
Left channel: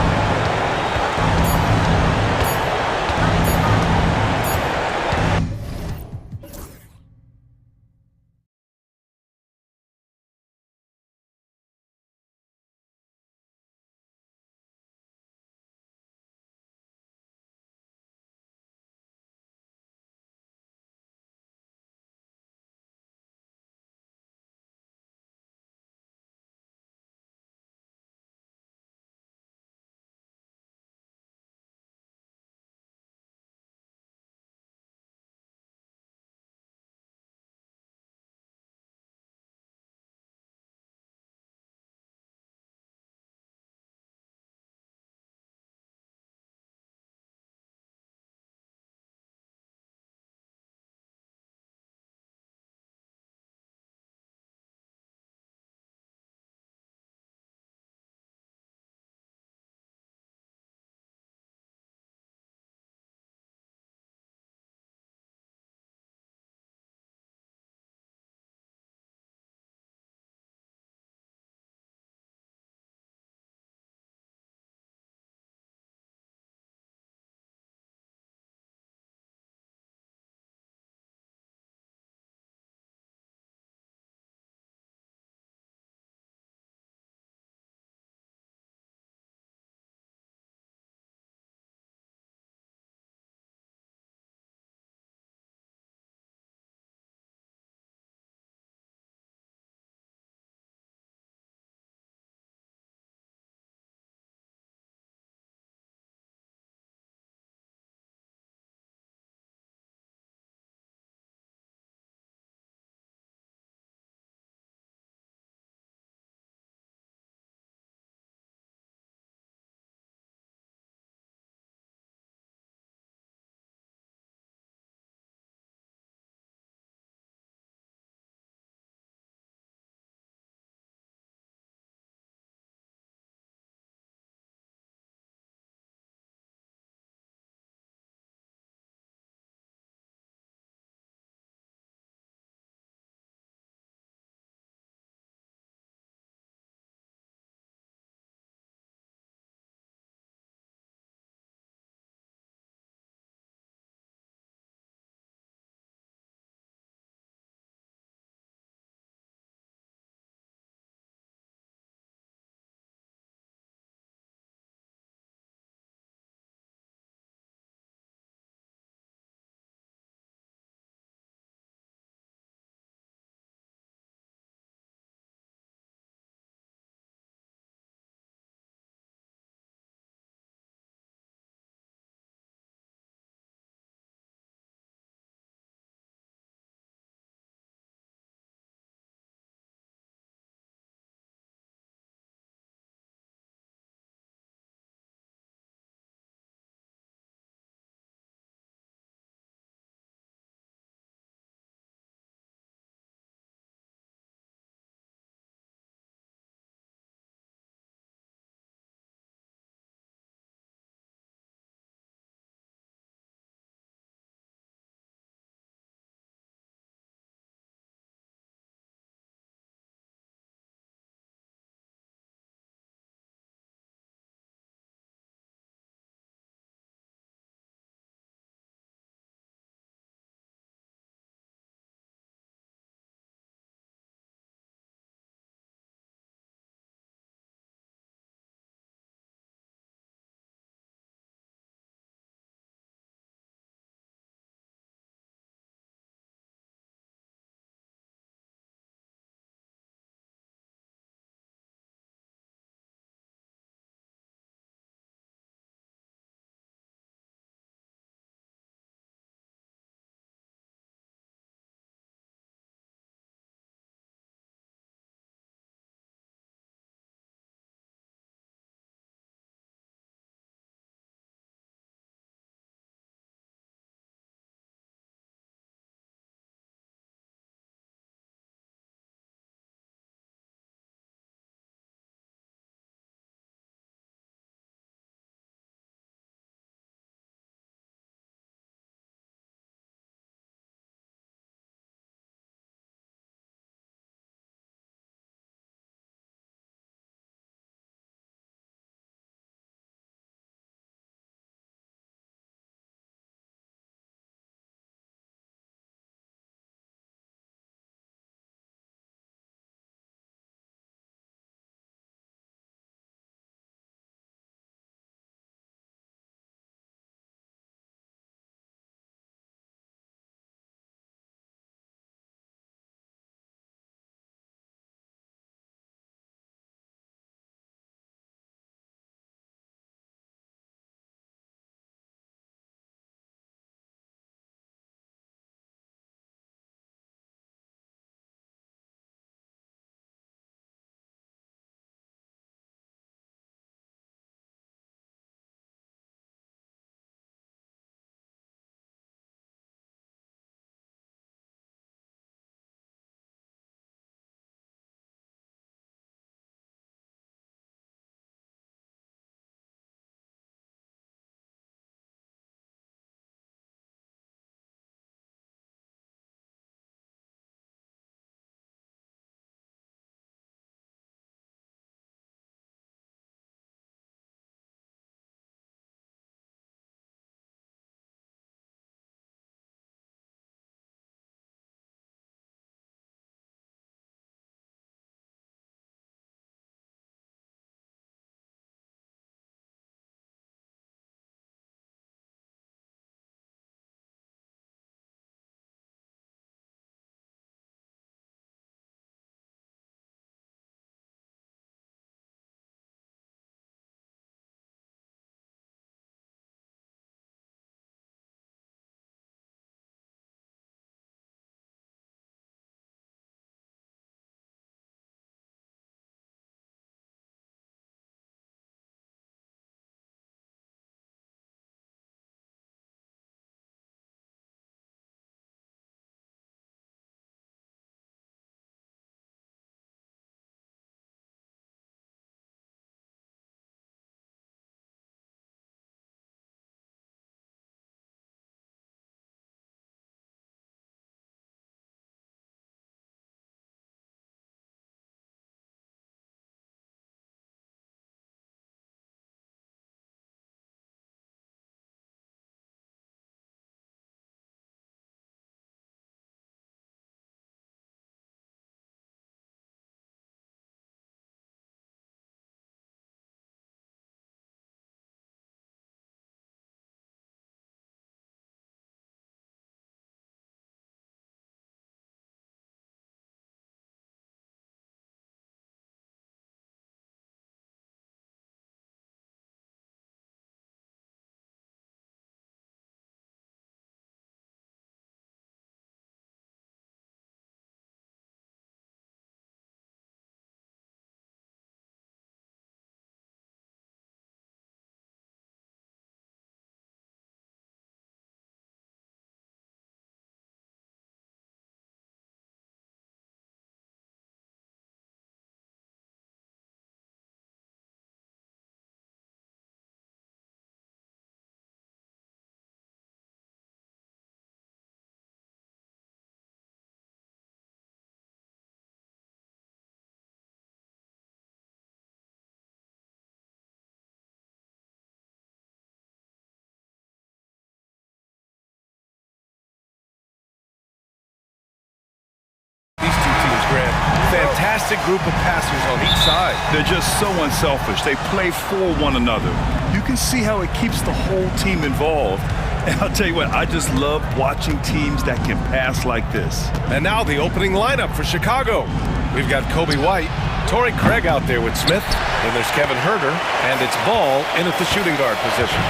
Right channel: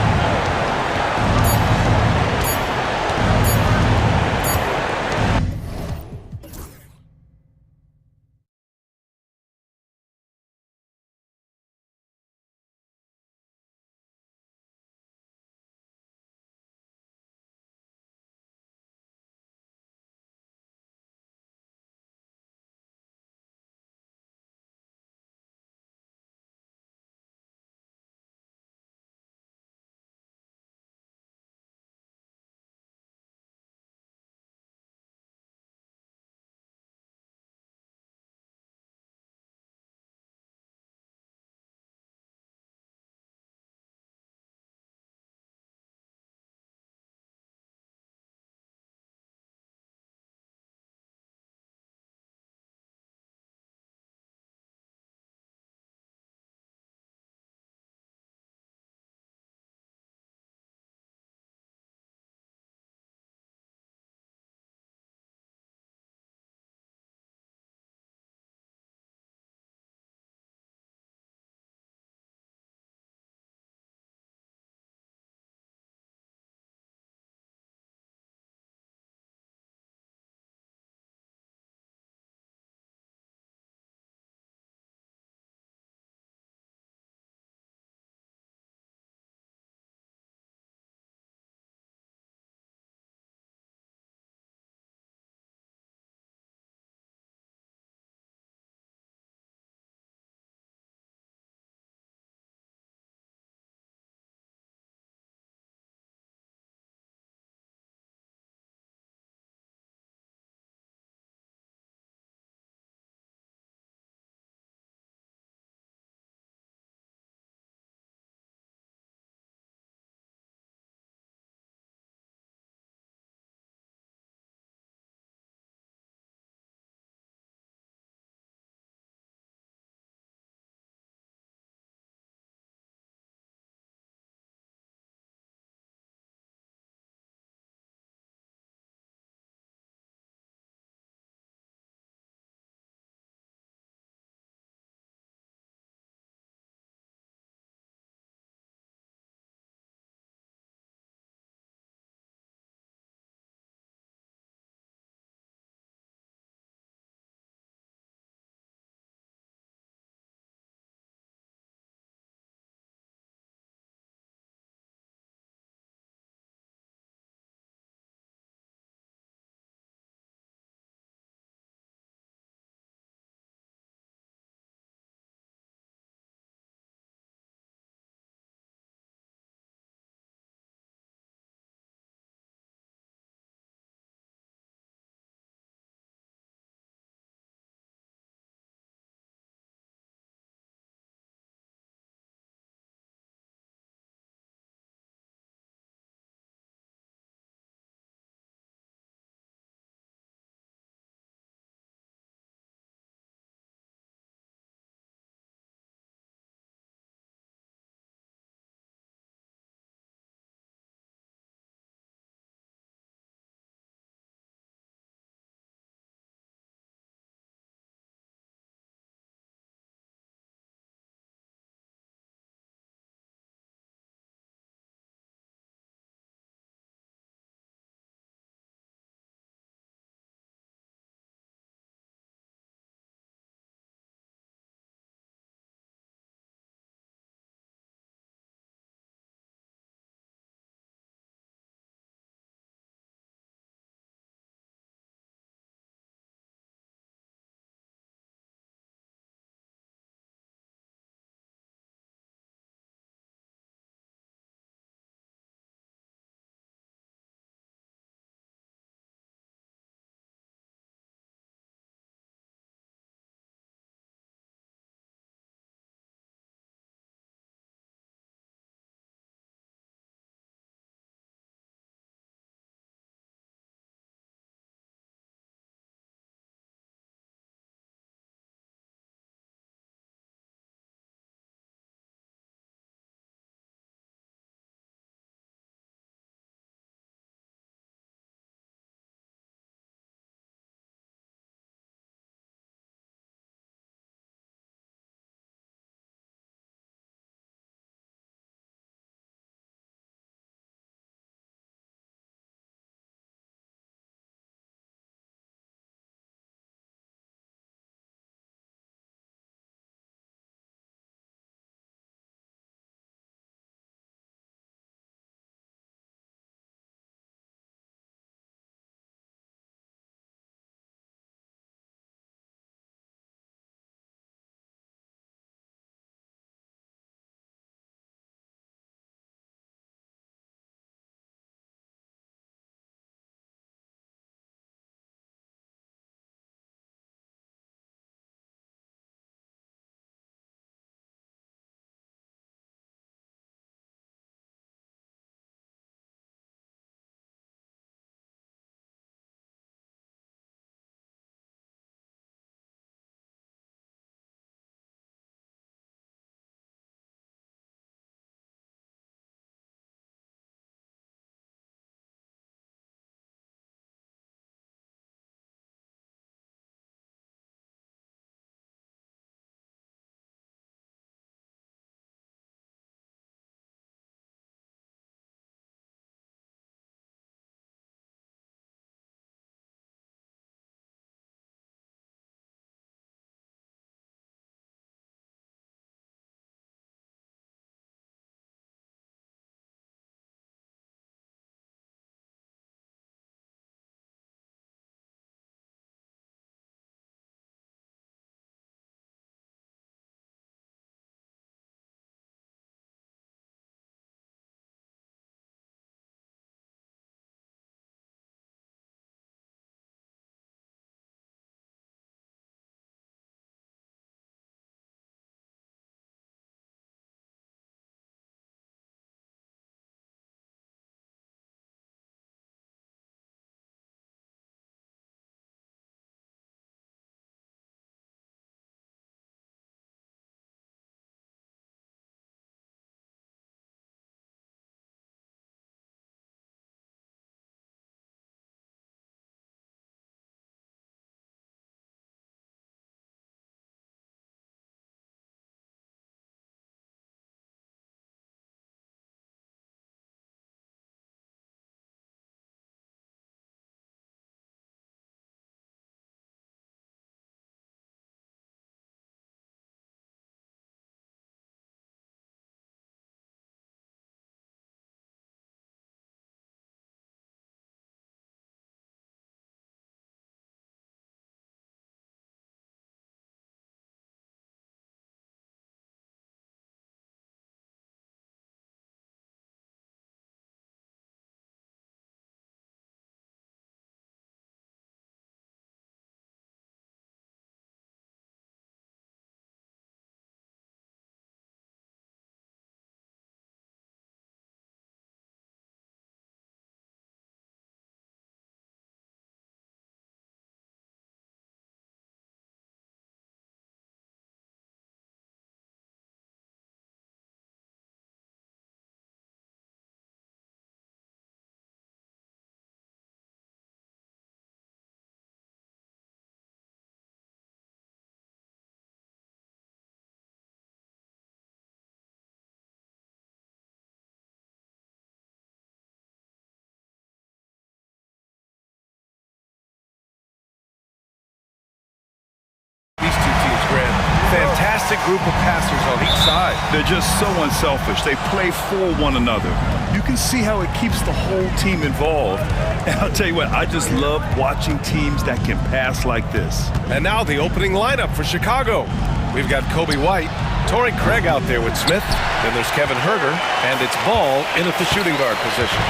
Grant. Fantastic group of passers on each side. They're just so unselfish. They play for one another. You can see how it keeps the whole team involved. And I'll tell you what, I just love watching teams that can pass like this. And now the opening lineup for Chicago. We've got Kobe White, Torrey Craig out there with Smith. Then there's Kevin Herter, and it's Ball in at the shooting guard position.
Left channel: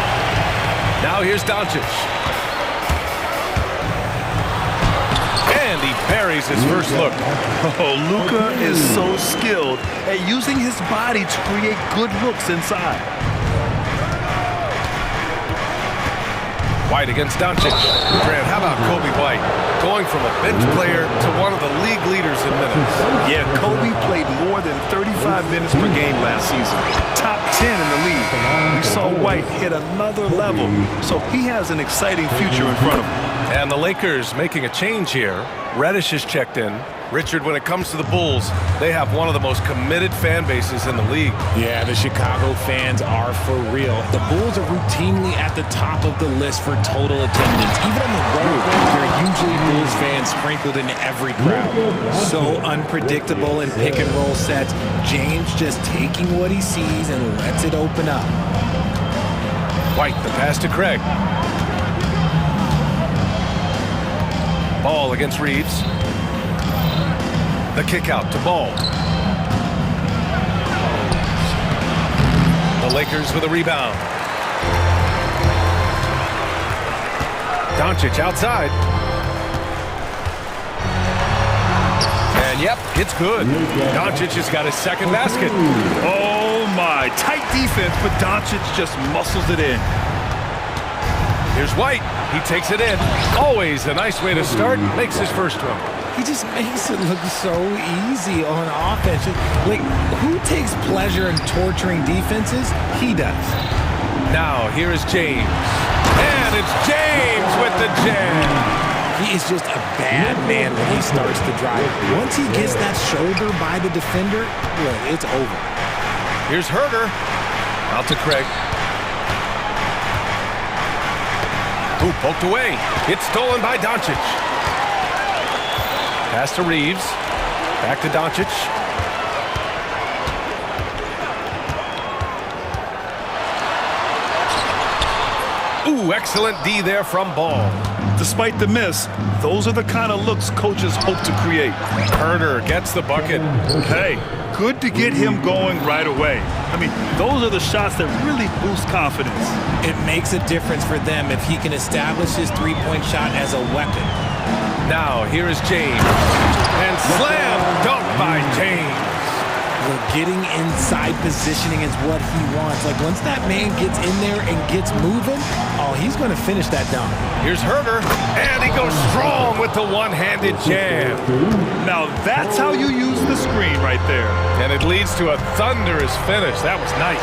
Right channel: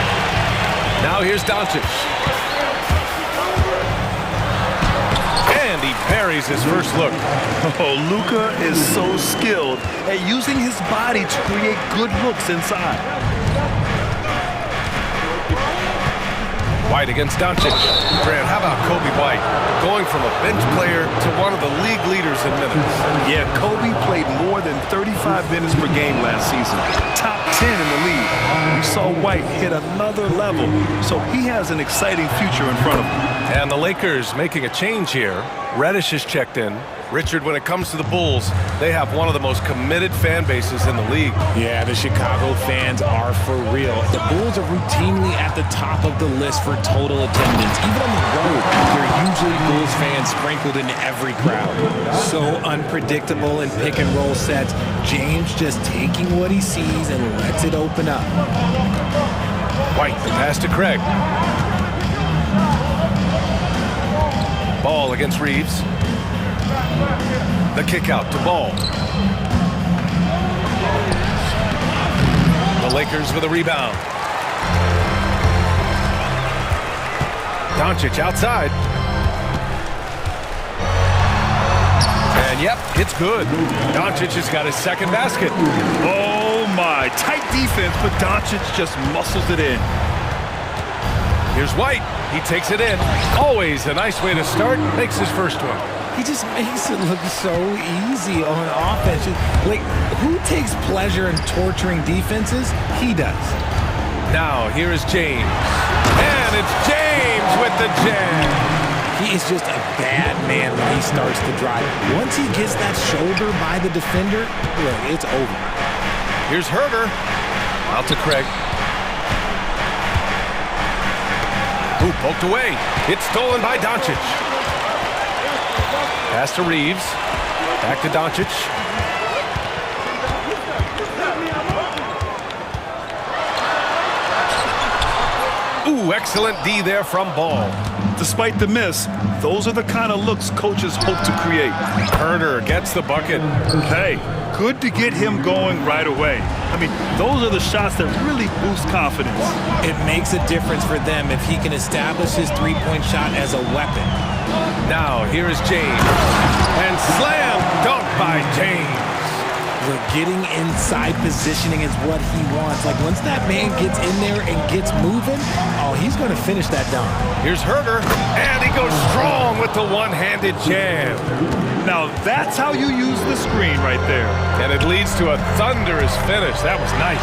Now here's Doncic. And he buries his first look. Oh, Luka is so skilled at using his body to create good looks inside. White against Doncic. Grant, how about Kobe White? Going from a bench player to one of the league leaders in minutes. Yeah, Kobe played more than 35 minutes per game last season. Top 10 in the league. We saw White hit another level, so he has an exciting future in front of him. And the Lakers making a change here. Reddish is checked in. Richard, when it comes to the Bulls, they have one of the most committed fan bases in the league. Yeah, the Chicago fans are for real. The Bulls are routinely at the top of the list for total attendance. Even on the road, there are usually Bulls fans sprinkled in every crowd. So unpredictable in pick and roll sets. James just taking what he sees and lets it open up. White, the pass to Craig. Ball against Reeves. The kick out to Ball. The Lakers with a rebound. Doncic outside. And yep, it's good. Doncic has got his second basket. Oh my, tight defense, but Doncic just muscles it in. Here's White. He takes it in. Always a nice way to start. Makes his first one. He just makes it look so easy on offense. Like, who takes pleasure in torturing defenses? He does. Now, here is James. And it's James with the jam. He is just a bad man when he starts to drive. Once he gets that shoulder by the defender, look, it's over. Here's Herter. Out to Craig. Ooh, poked away. It's stolen by Doncic. Pass to Reeves. Back to Doncic. Ooh, excellent D there from Ball. Despite the miss, those are the kind of looks coaches hope to create. Herter gets the bucket. Hey, good to get him going right away. I mean, those are the shots that really boost confidence. It makes a difference for them if he can establish his three-point shot as a weapon. Now, here is James. And slam dunk by James. Look, getting inside positioning is what he wants. Like, once that man gets in there and gets moving, oh, he's going to finish that dunk. Here's Herter, and he goes strong with the one-handed jam. Now, that's how you use the screen right there. And it leads to a thunderous finish. That was nice.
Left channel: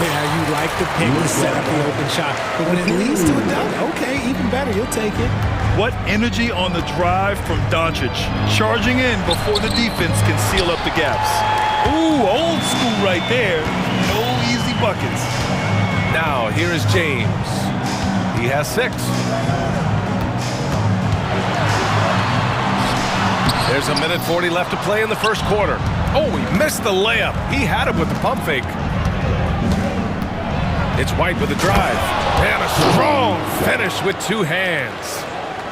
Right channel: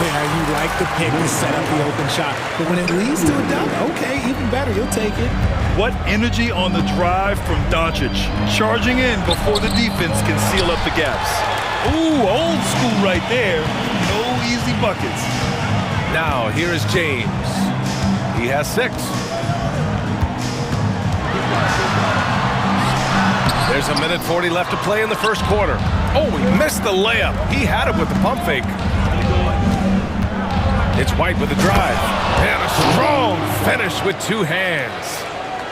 Yeah, you like the pick to set up the open shot. But when it leads to a dunk, okay, even better, you'll take it. What energy on the drive from Doncic. Charging in before the defense can seal up the gaps. Ooh, old school right there. No easy buckets. Now, here is James. He has 6. There's 1:40 left to play in the first quarter. Oh, he missed the layup. He had it with the pump fake. It's White with the drive. And a strong finish with 2 hands.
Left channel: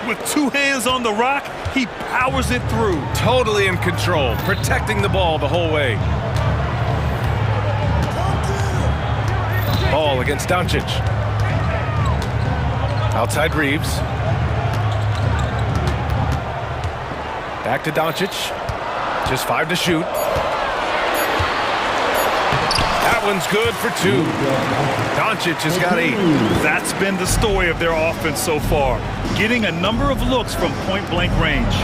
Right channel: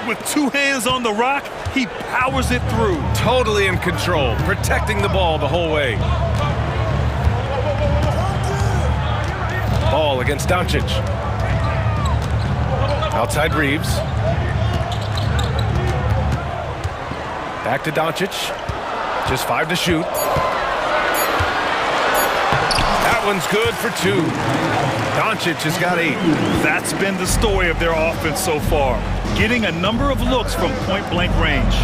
With 2 hands on the rock, he powers it through. Totally in control, protecting the ball the whole way. Ball against Doncic. Outside Reeves. Back to Doncic. Just 5 to shoot. That one's good for 2. Doncic has got 8. That's been the story of their offense so far. Getting a number of looks from point-blank range.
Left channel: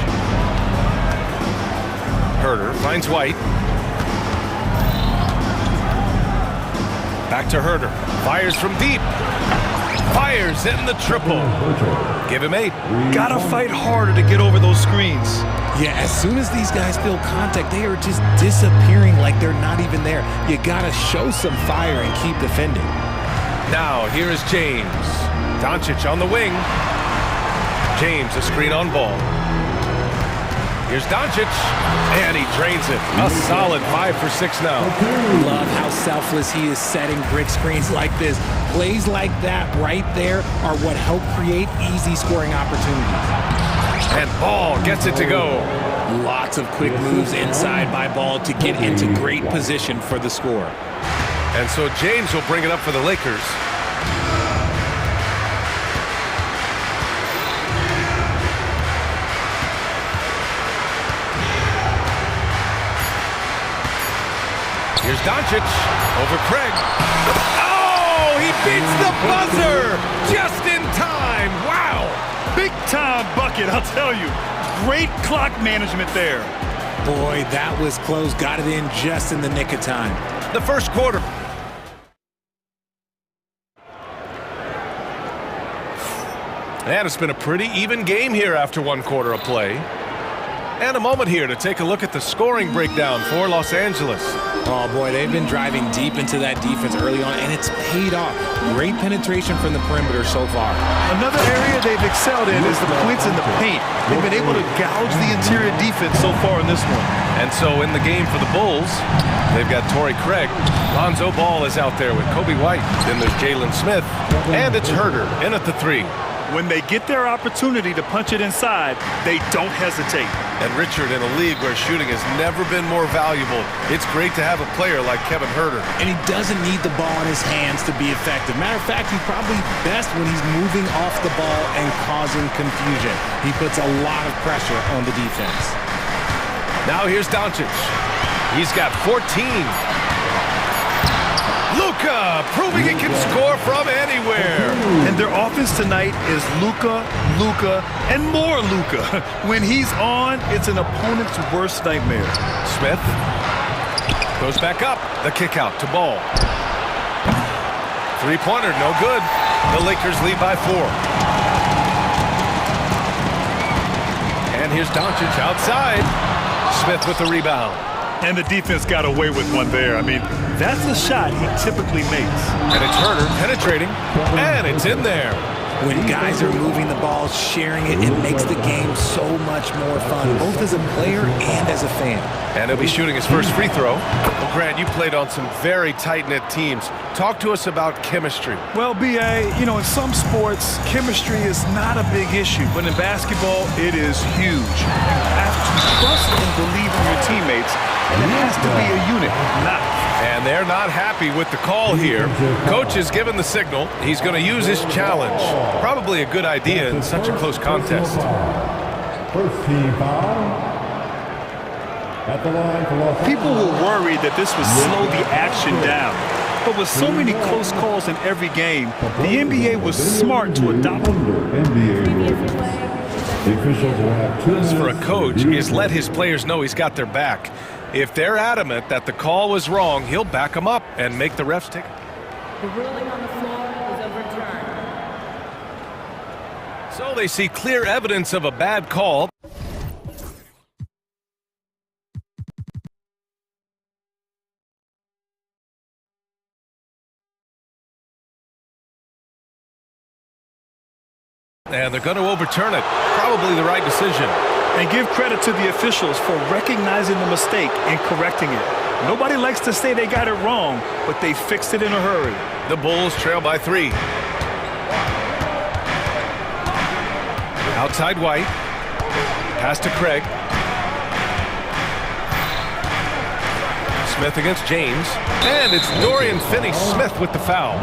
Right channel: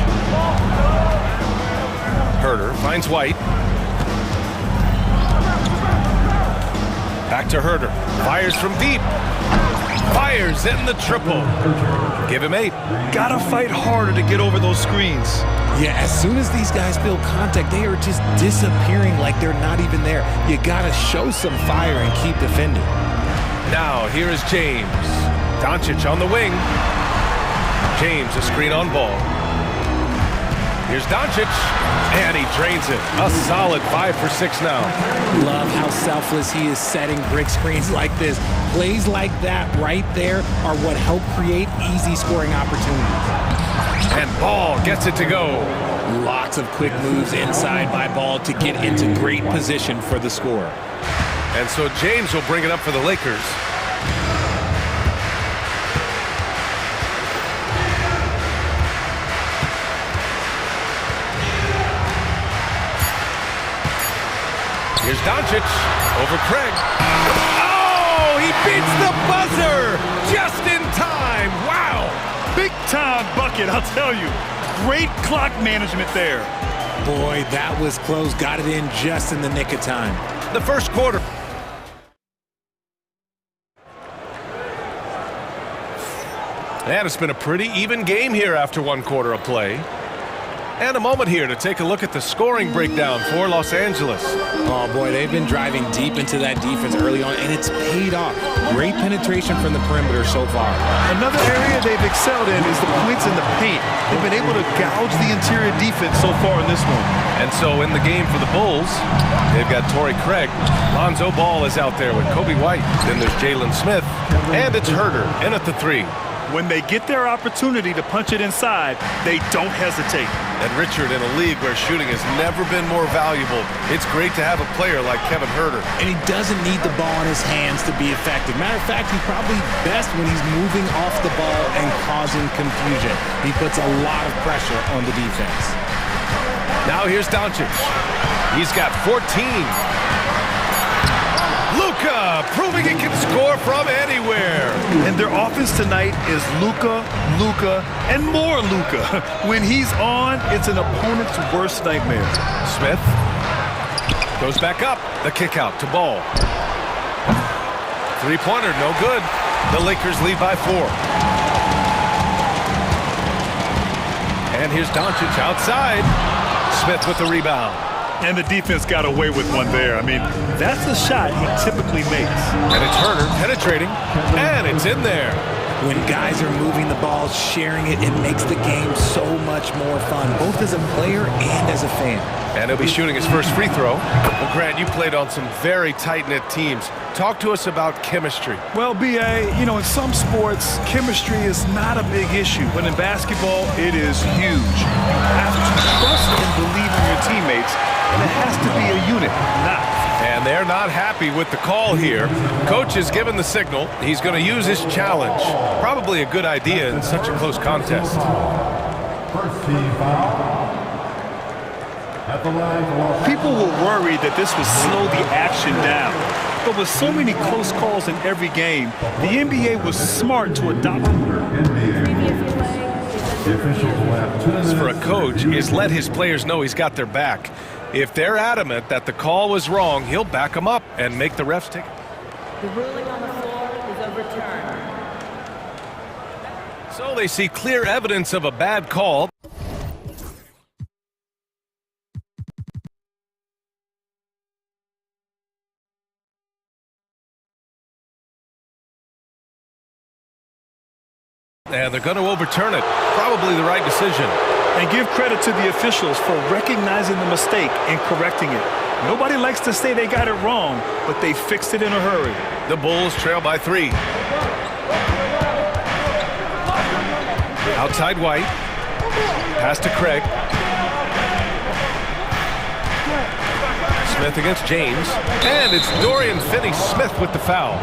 Herter finds White. Back to Herter. Fires from deep. Fires in the triple. Give him 8. Gotta fight harder to get over those screens. Yeah, as soon as these guys feel contact, they are just disappearing like they're not even there. You gotta show some fire and keep defending. Now, here is James. Doncic on the wing. James, a screen on Ball. Here's Doncic, and he drains it. A solid 5 for 6 now. Love how selfless he is setting brick screens like this. Plays like that right there are what help create easy scoring opportunities. And Ball gets it to go. Lots of quick moves inside by Ball to get into great position for the score. And so James will bring it up for the Lakers. Here's Doncic over Craig. Oh, he beats the buzzer just in time. Wow. Big time bucket, I'll tell you. Great clock management there. Boy, that was close. Got it in just in the nick of time. The first quarter. And it's been a pretty even game here after 1 quarter of play. And a moment here to take a look at the scoring breakdown for Los Angeles. Oh boy, they've been driving deep into that defense early on, and it's paid off. Great penetration from the perimeter so far. Another area they've excelled in is the points in the paint. They've been able to gouge the interior defense so far in this one. And so in the game for the Bulls, they've got Torrey Craig. Lonzo Ball is out there with Kobe White. Then there's Jalen Smith, and it's Herter in at the 3. When they get their opportunity to punch it inside, they don't hesitate. And Richard, in a league where shooting has never been more valuable, it's great to have a player like Kevin Herter. And he doesn't need the ball in his hands to be effective. Matter of fact, he's probably best when he's moving off the ball and causing confusion. He puts a lot of pressure on the defense. Now here's Doncic. He's got 14. Luka proving he can score from anywhere. And their offense tonight is Luka, and more Luka. When he's on, it's an opponent's worst nightmare. Smith goes back up. The kick out to Ball. 3-pointer, no good. The Lakers lead by 4. And here's Doncic outside. Smith with the rebound. And the defense got away with one there. I mean, that's the shot he typically makes. And it's Herter penetrating, and it's in there. When guys are moving the ball, sharing it, it makes the game so much more fun, both as a player and as a fan. And he'll be shooting his first free throw. Well, Grant, you played on some very tight-knit teams. Talk to us about chemistry. Well, B.A., you know, in some sports, chemistry is not a big issue. But in basketball, it is huge. You have to trust and believe in your teammates, and it has to be a unit, not. And they're not happy with the call here. Coach has given the signal. He's going to use his challenge. Probably a good idea in such a close contest. First team foul. People were worried that this would slow the action down. But with so many close calls in every game, the NBA was smart to adopt them. For a coach is let his players know he's got their back. If they're adamant that the call was wrong, he'll back them up and make the refs take it. The ruling on the floor is overturned. So they see clear evidence of a bad call. And they're going to overturn it. Probably the right decision. And give credit to the officials for recognizing the mistake and correcting it. Nobody likes to say they got it wrong, but they fixed it in a hurry. The Bulls trail by 3. Outside White. Pass to Craig. Smith against James. And it's Dorian Finney-Smith with the foul.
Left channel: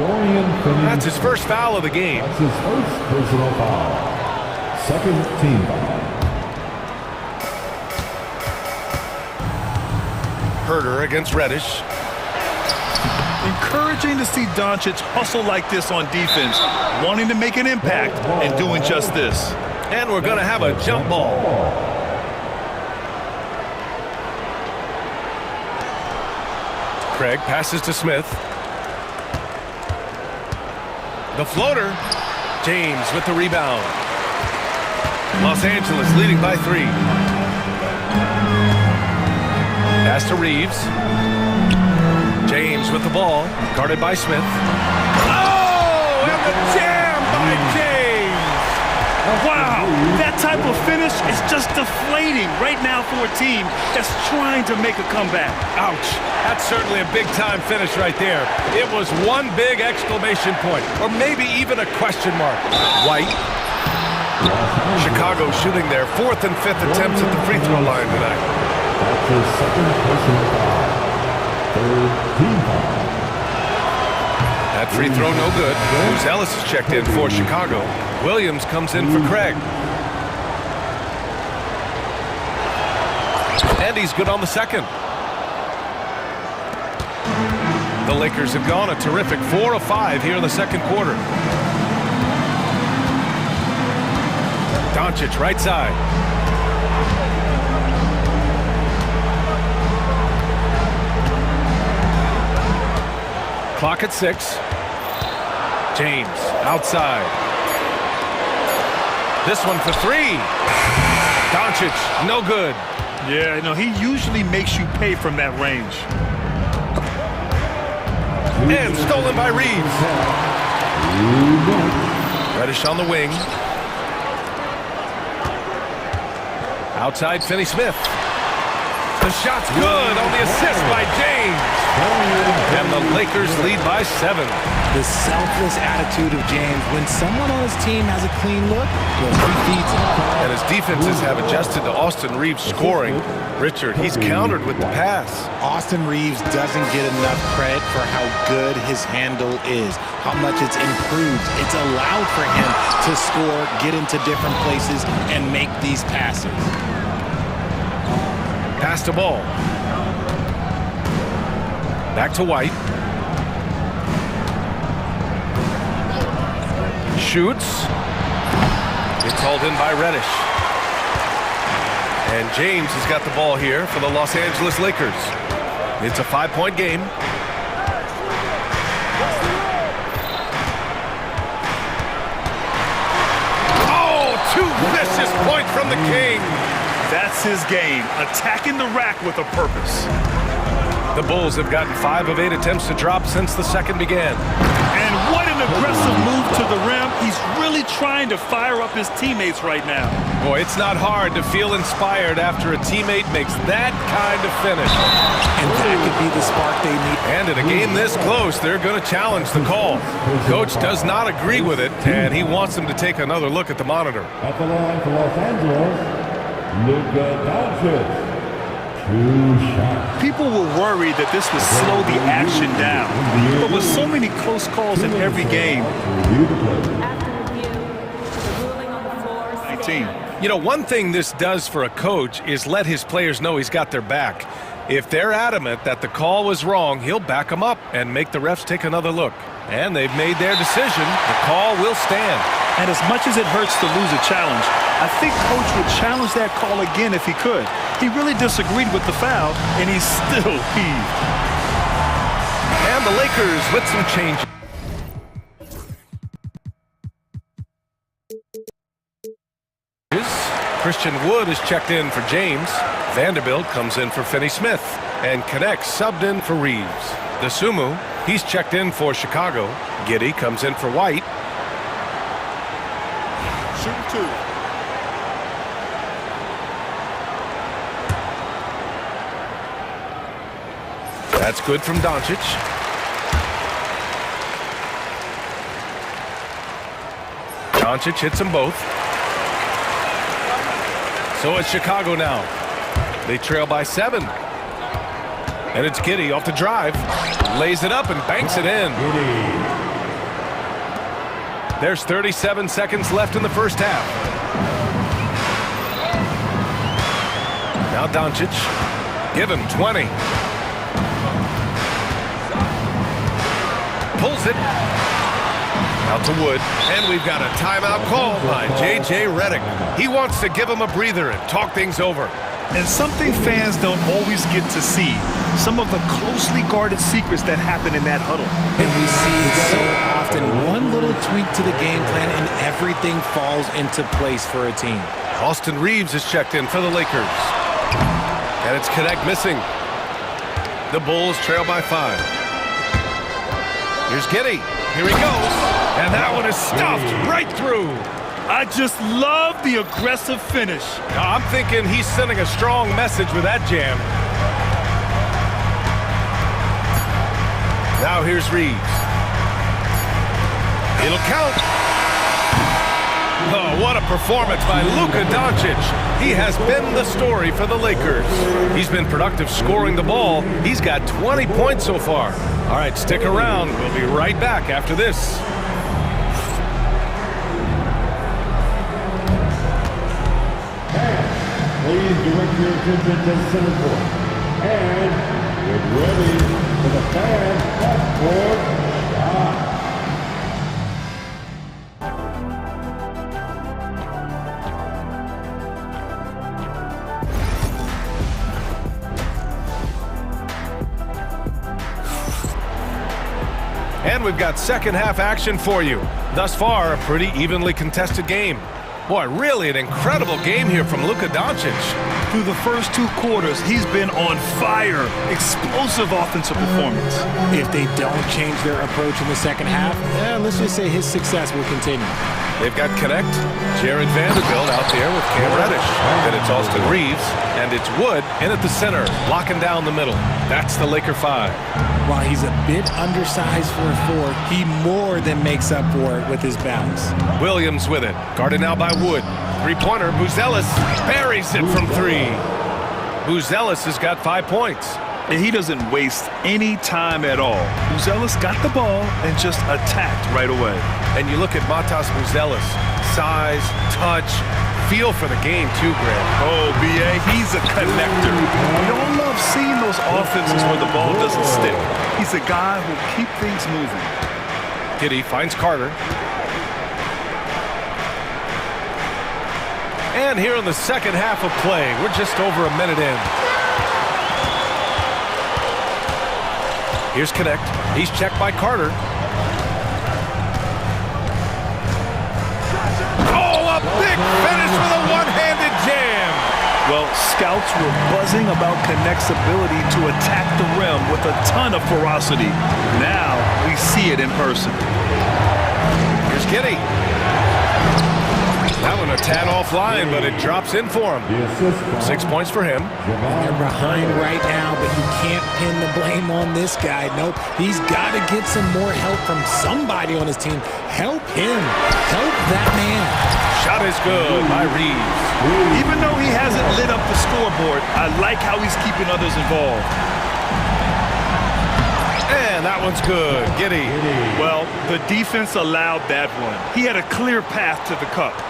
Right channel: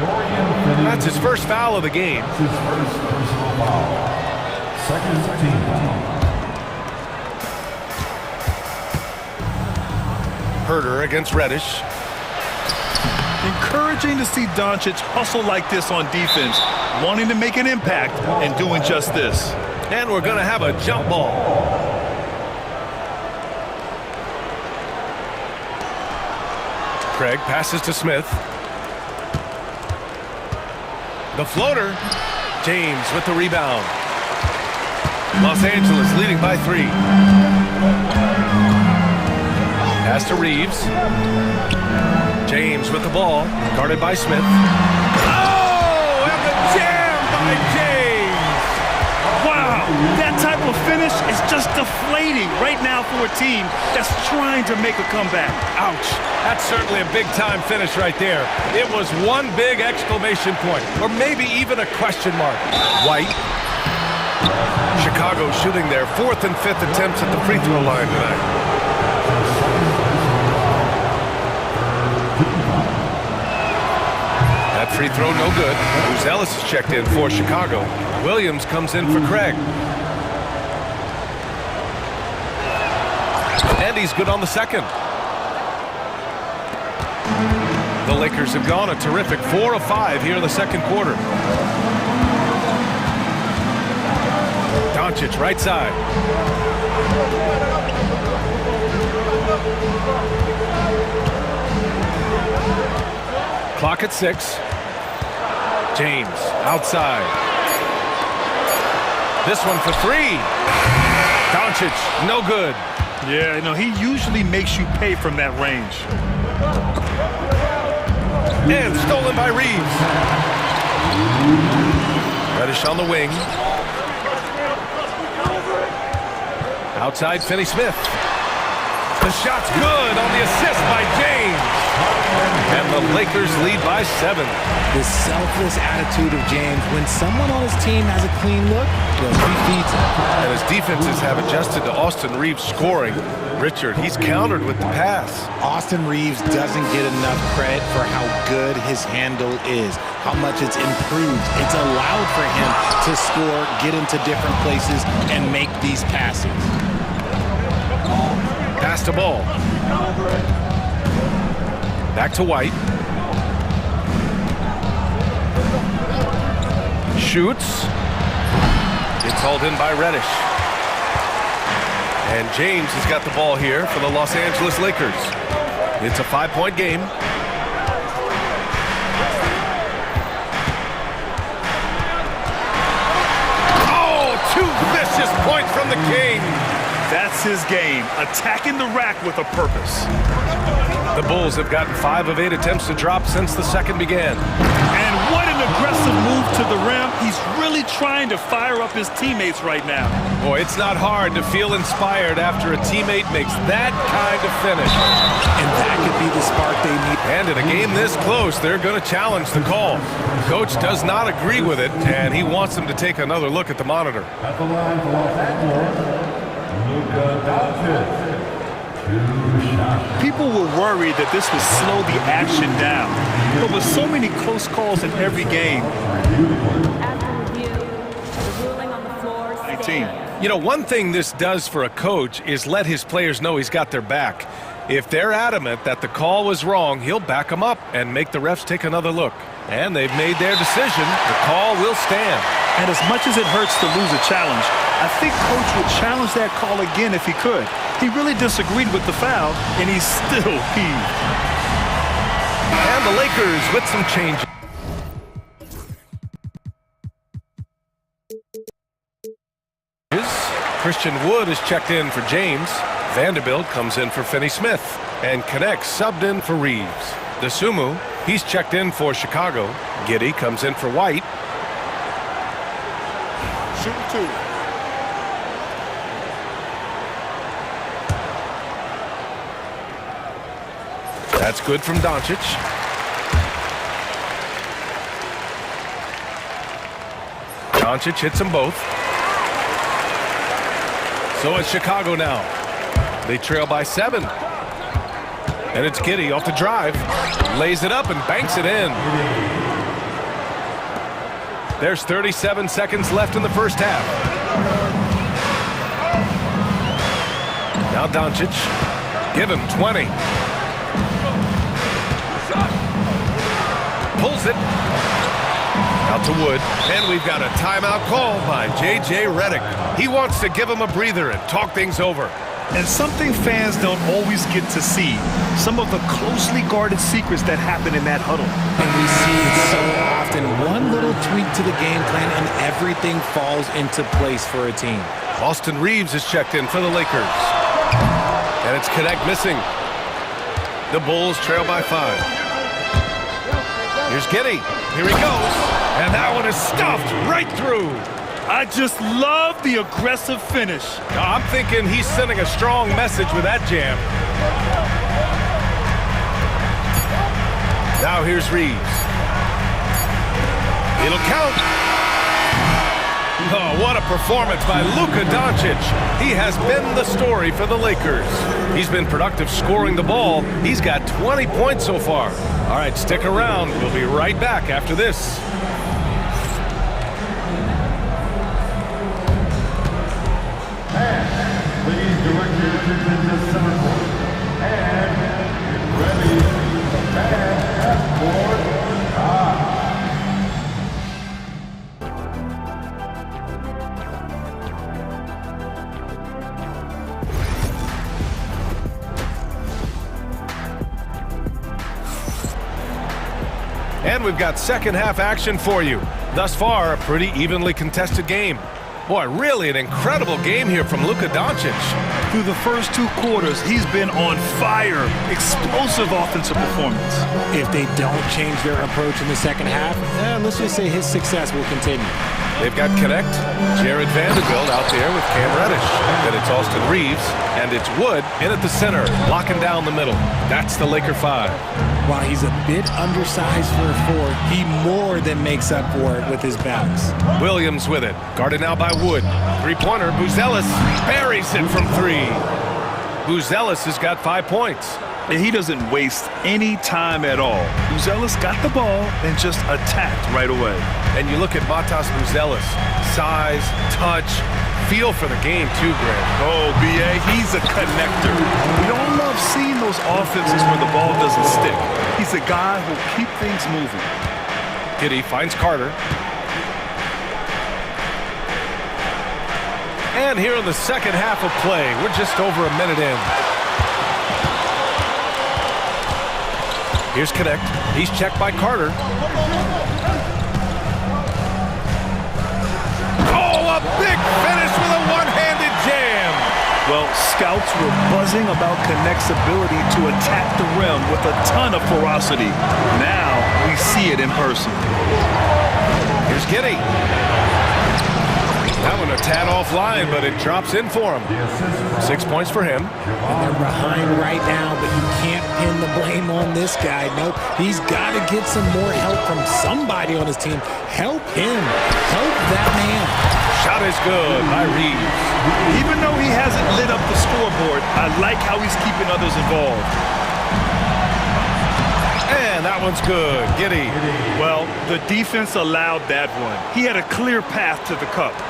That's his first foul of the game. That's his first personal foul. Second team foul. Herter against Reddish. Encouraging to see Doncic hustle like this on defense, wanting to make an impact and doing just this. And we're going to have a jump ball. Craig passes to Smith. The floater. James with the rebound. Los Angeles leading by 3. Pass to Reeves. James with the ball. Guarded by Smith. Oh, and the jam by James. Wow, that type of finish is just deflating right now for a team that's trying to make a comeback. Ouch. That's certainly a big-time finish right there. It was one big exclamation point, or maybe even a question mark. White. Chicago shooting their 4th and 5th attempts at the free throw line tonight. That free throw no good. Bruce Ellis is checked in for Chicago. Williams comes in for Craig. And he's good on the second. The Lakers have gone a terrific 4 of 5 here in the second quarter. Doncic right side. Clock at 6. James outside. This one for 3. Doncic, no good. Yeah, you know, he usually makes you pay from that range. And stolen by Reeves. Reddish on the wing. Outside, Finney-Smith. The shot's good on the assist by James. And the Lakers lead by 7. The selfless attitude of James. When someone on his team has a clean look, he feeds him. And his defenses have adjusted to Austin Reeves scoring. Richard, he's countered with the pass. Austin Reeves doesn't get enough credit for how good his handle is, how much it's improved. It's allowed for him to score, get into different places, and make these passes. Pass the ball. Back to White. Shoots. It's hauled in by Reddish. And James has got the ball here for the Los Angeles Lakers. It's a 5-point game. Oh, 2 vicious points from the King. That's his game, attacking the rack with a purpose. The Bulls have gotten 5 of 8 attempts to drop since the second began. And what an aggressive move to the rim. He's really trying to fire up his teammates right now. Boy, it's not hard to feel inspired after a teammate makes that kind of finish. And that could be the spark they need. And in a game this close, they're going to challenge the call. Coach does not agree with it, and he wants them to take another look at the monitor. At the line for Los Angeles, Luka Doncic. 2 shots. People were worried that this would slow the action down. But with so many close calls in every game. After review, the ruling on the floor stands. You know, one thing this does for a coach is let his players know he's got their back. If they're adamant that the call was wrong, he'll back them up and make the refs take another look. And they've made their decision. The call will stand. And as much as it hurts to lose a challenge, I think Coach would challenge that call again if he could. He really disagreed with the foul, and he's still peeved. And the Lakers with some change. Christian Wood is checked in for James. Vanderbilt comes in for Finney-Smith. And Connect subbed in for Reeves. The Sumu, he's checked in for Chicago. Giddey comes in for White. Shooting 2. That's good from Doncic. Doncic hits them both. So it's Chicago now. They trail by 7. And it's Giddey off the drive. Lays it up and banks it in. There's 37 seconds left in the first half. Now Doncic. Give him 20. Pulls it. Out to Wood. And we've got a timeout called by J.J. Redick. He wants to give him a breather and talk things over. And something fans don't always get to see, some of the closely guarded secrets that happen in that huddle. And we see it so often. One little tweak to the game plan and everything falls into place for a team. Austin Reeves is checked in for the Lakers. And it's Connect missing. The Bulls trail by 5. Here's Giddey. Here he goes. And that one is stuffed right through. I just love the aggressive finish. I'm thinking he's sending a strong message with that jam. Now here's Reeves. It'll count. Oh, what a performance by Luka Doncic. He has been the story for the Lakers. He's been productive scoring the ball. He's got 20 points so far. All right, stick around. We'll be right back after this. Please direct your attention to center court. And get ready for the fan half-court shot. And we've got second half action for you. Thus far, a pretty evenly contested game. Boy, really an incredible game here from Luka Doncic. Through the first 2 quarters, he's been on fire. Explosive offensive performance. If they don't change their approach in the second half, let's just say his success will continue. They've got Connect, Jared Vanderbilt out there with Cam Reddish. Then it's Austin Reeves, and it's Wood in at the center, locking down the middle. That's the Laker 5. While he's a bit undersized for a 4, he more than makes up for it with his bounce. Williams with it, guarded now by Wood. Three-pointer, Buzelis buries it from 3. Buzelis has got 5 points. And he doesn't waste any time at all. Buzelis got the ball and just attacked right away. And you look at Matas Buzelis, size, touch, feel for the game too, Grant. Oh, B.A., he's a connector. We all love seeing those offenses where the ball doesn't stick. He's a guy who'll keep things moving. Giddey finds Carter. And here in the second half of play, we're just over a minute in. Here's Connect. He's checked by Carter. Oh, a big finish with a one-handed jam. Well, scouts were buzzing about Connect's ability to attack the rim with a ton of ferocity. Now we see it in person. Here's Giddey. That one a tad offline, but it drops in for him. 6 points for him. And they're behind right now, but you can't pin the blame on this guy. Nope, he's got to get some more help from somebody on his team. Help him. Help that man. Shot is good by Reeves. Even though he hasn't lit up the scoreboard, I like how he's keeping others involved. And that one's good. Giddey. Well, the defense allowed that one. He had a clear path to the cup.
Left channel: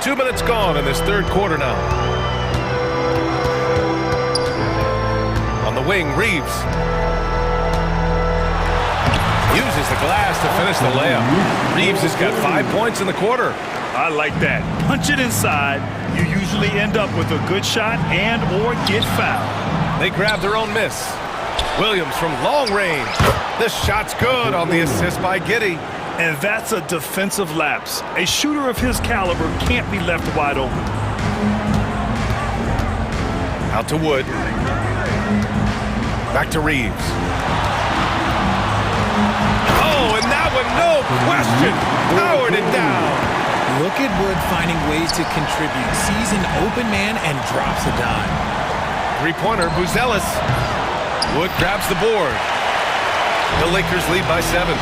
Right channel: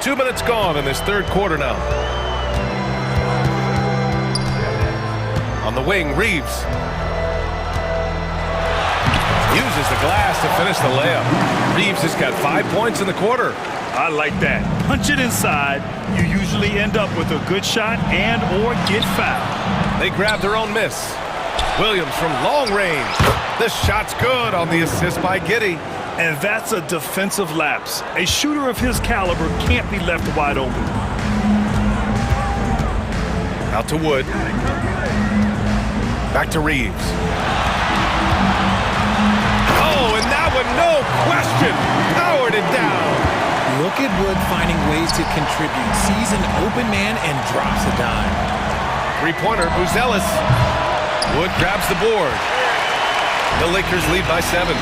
2 minutes gone in this third quarter now. On the wing, Reeves uses the glass to finish the layup. Reeves has got 5 points in the quarter. I like that. Punch it inside. You usually end up with a good shot and or get fouled. They grab their own miss. Williams from long range. The shot's good on the assist by Giddey. And that's a defensive lapse. A shooter of his caliber can't be left wide open. Out to Wood. Back to Reeves. Oh, and that one, no question, powered it down. Look at Wood finding ways to contribute. Sees an open man and drops a dime. Three-pointer, Buzelis. Wood grabs the board. The Lakers lead by 7.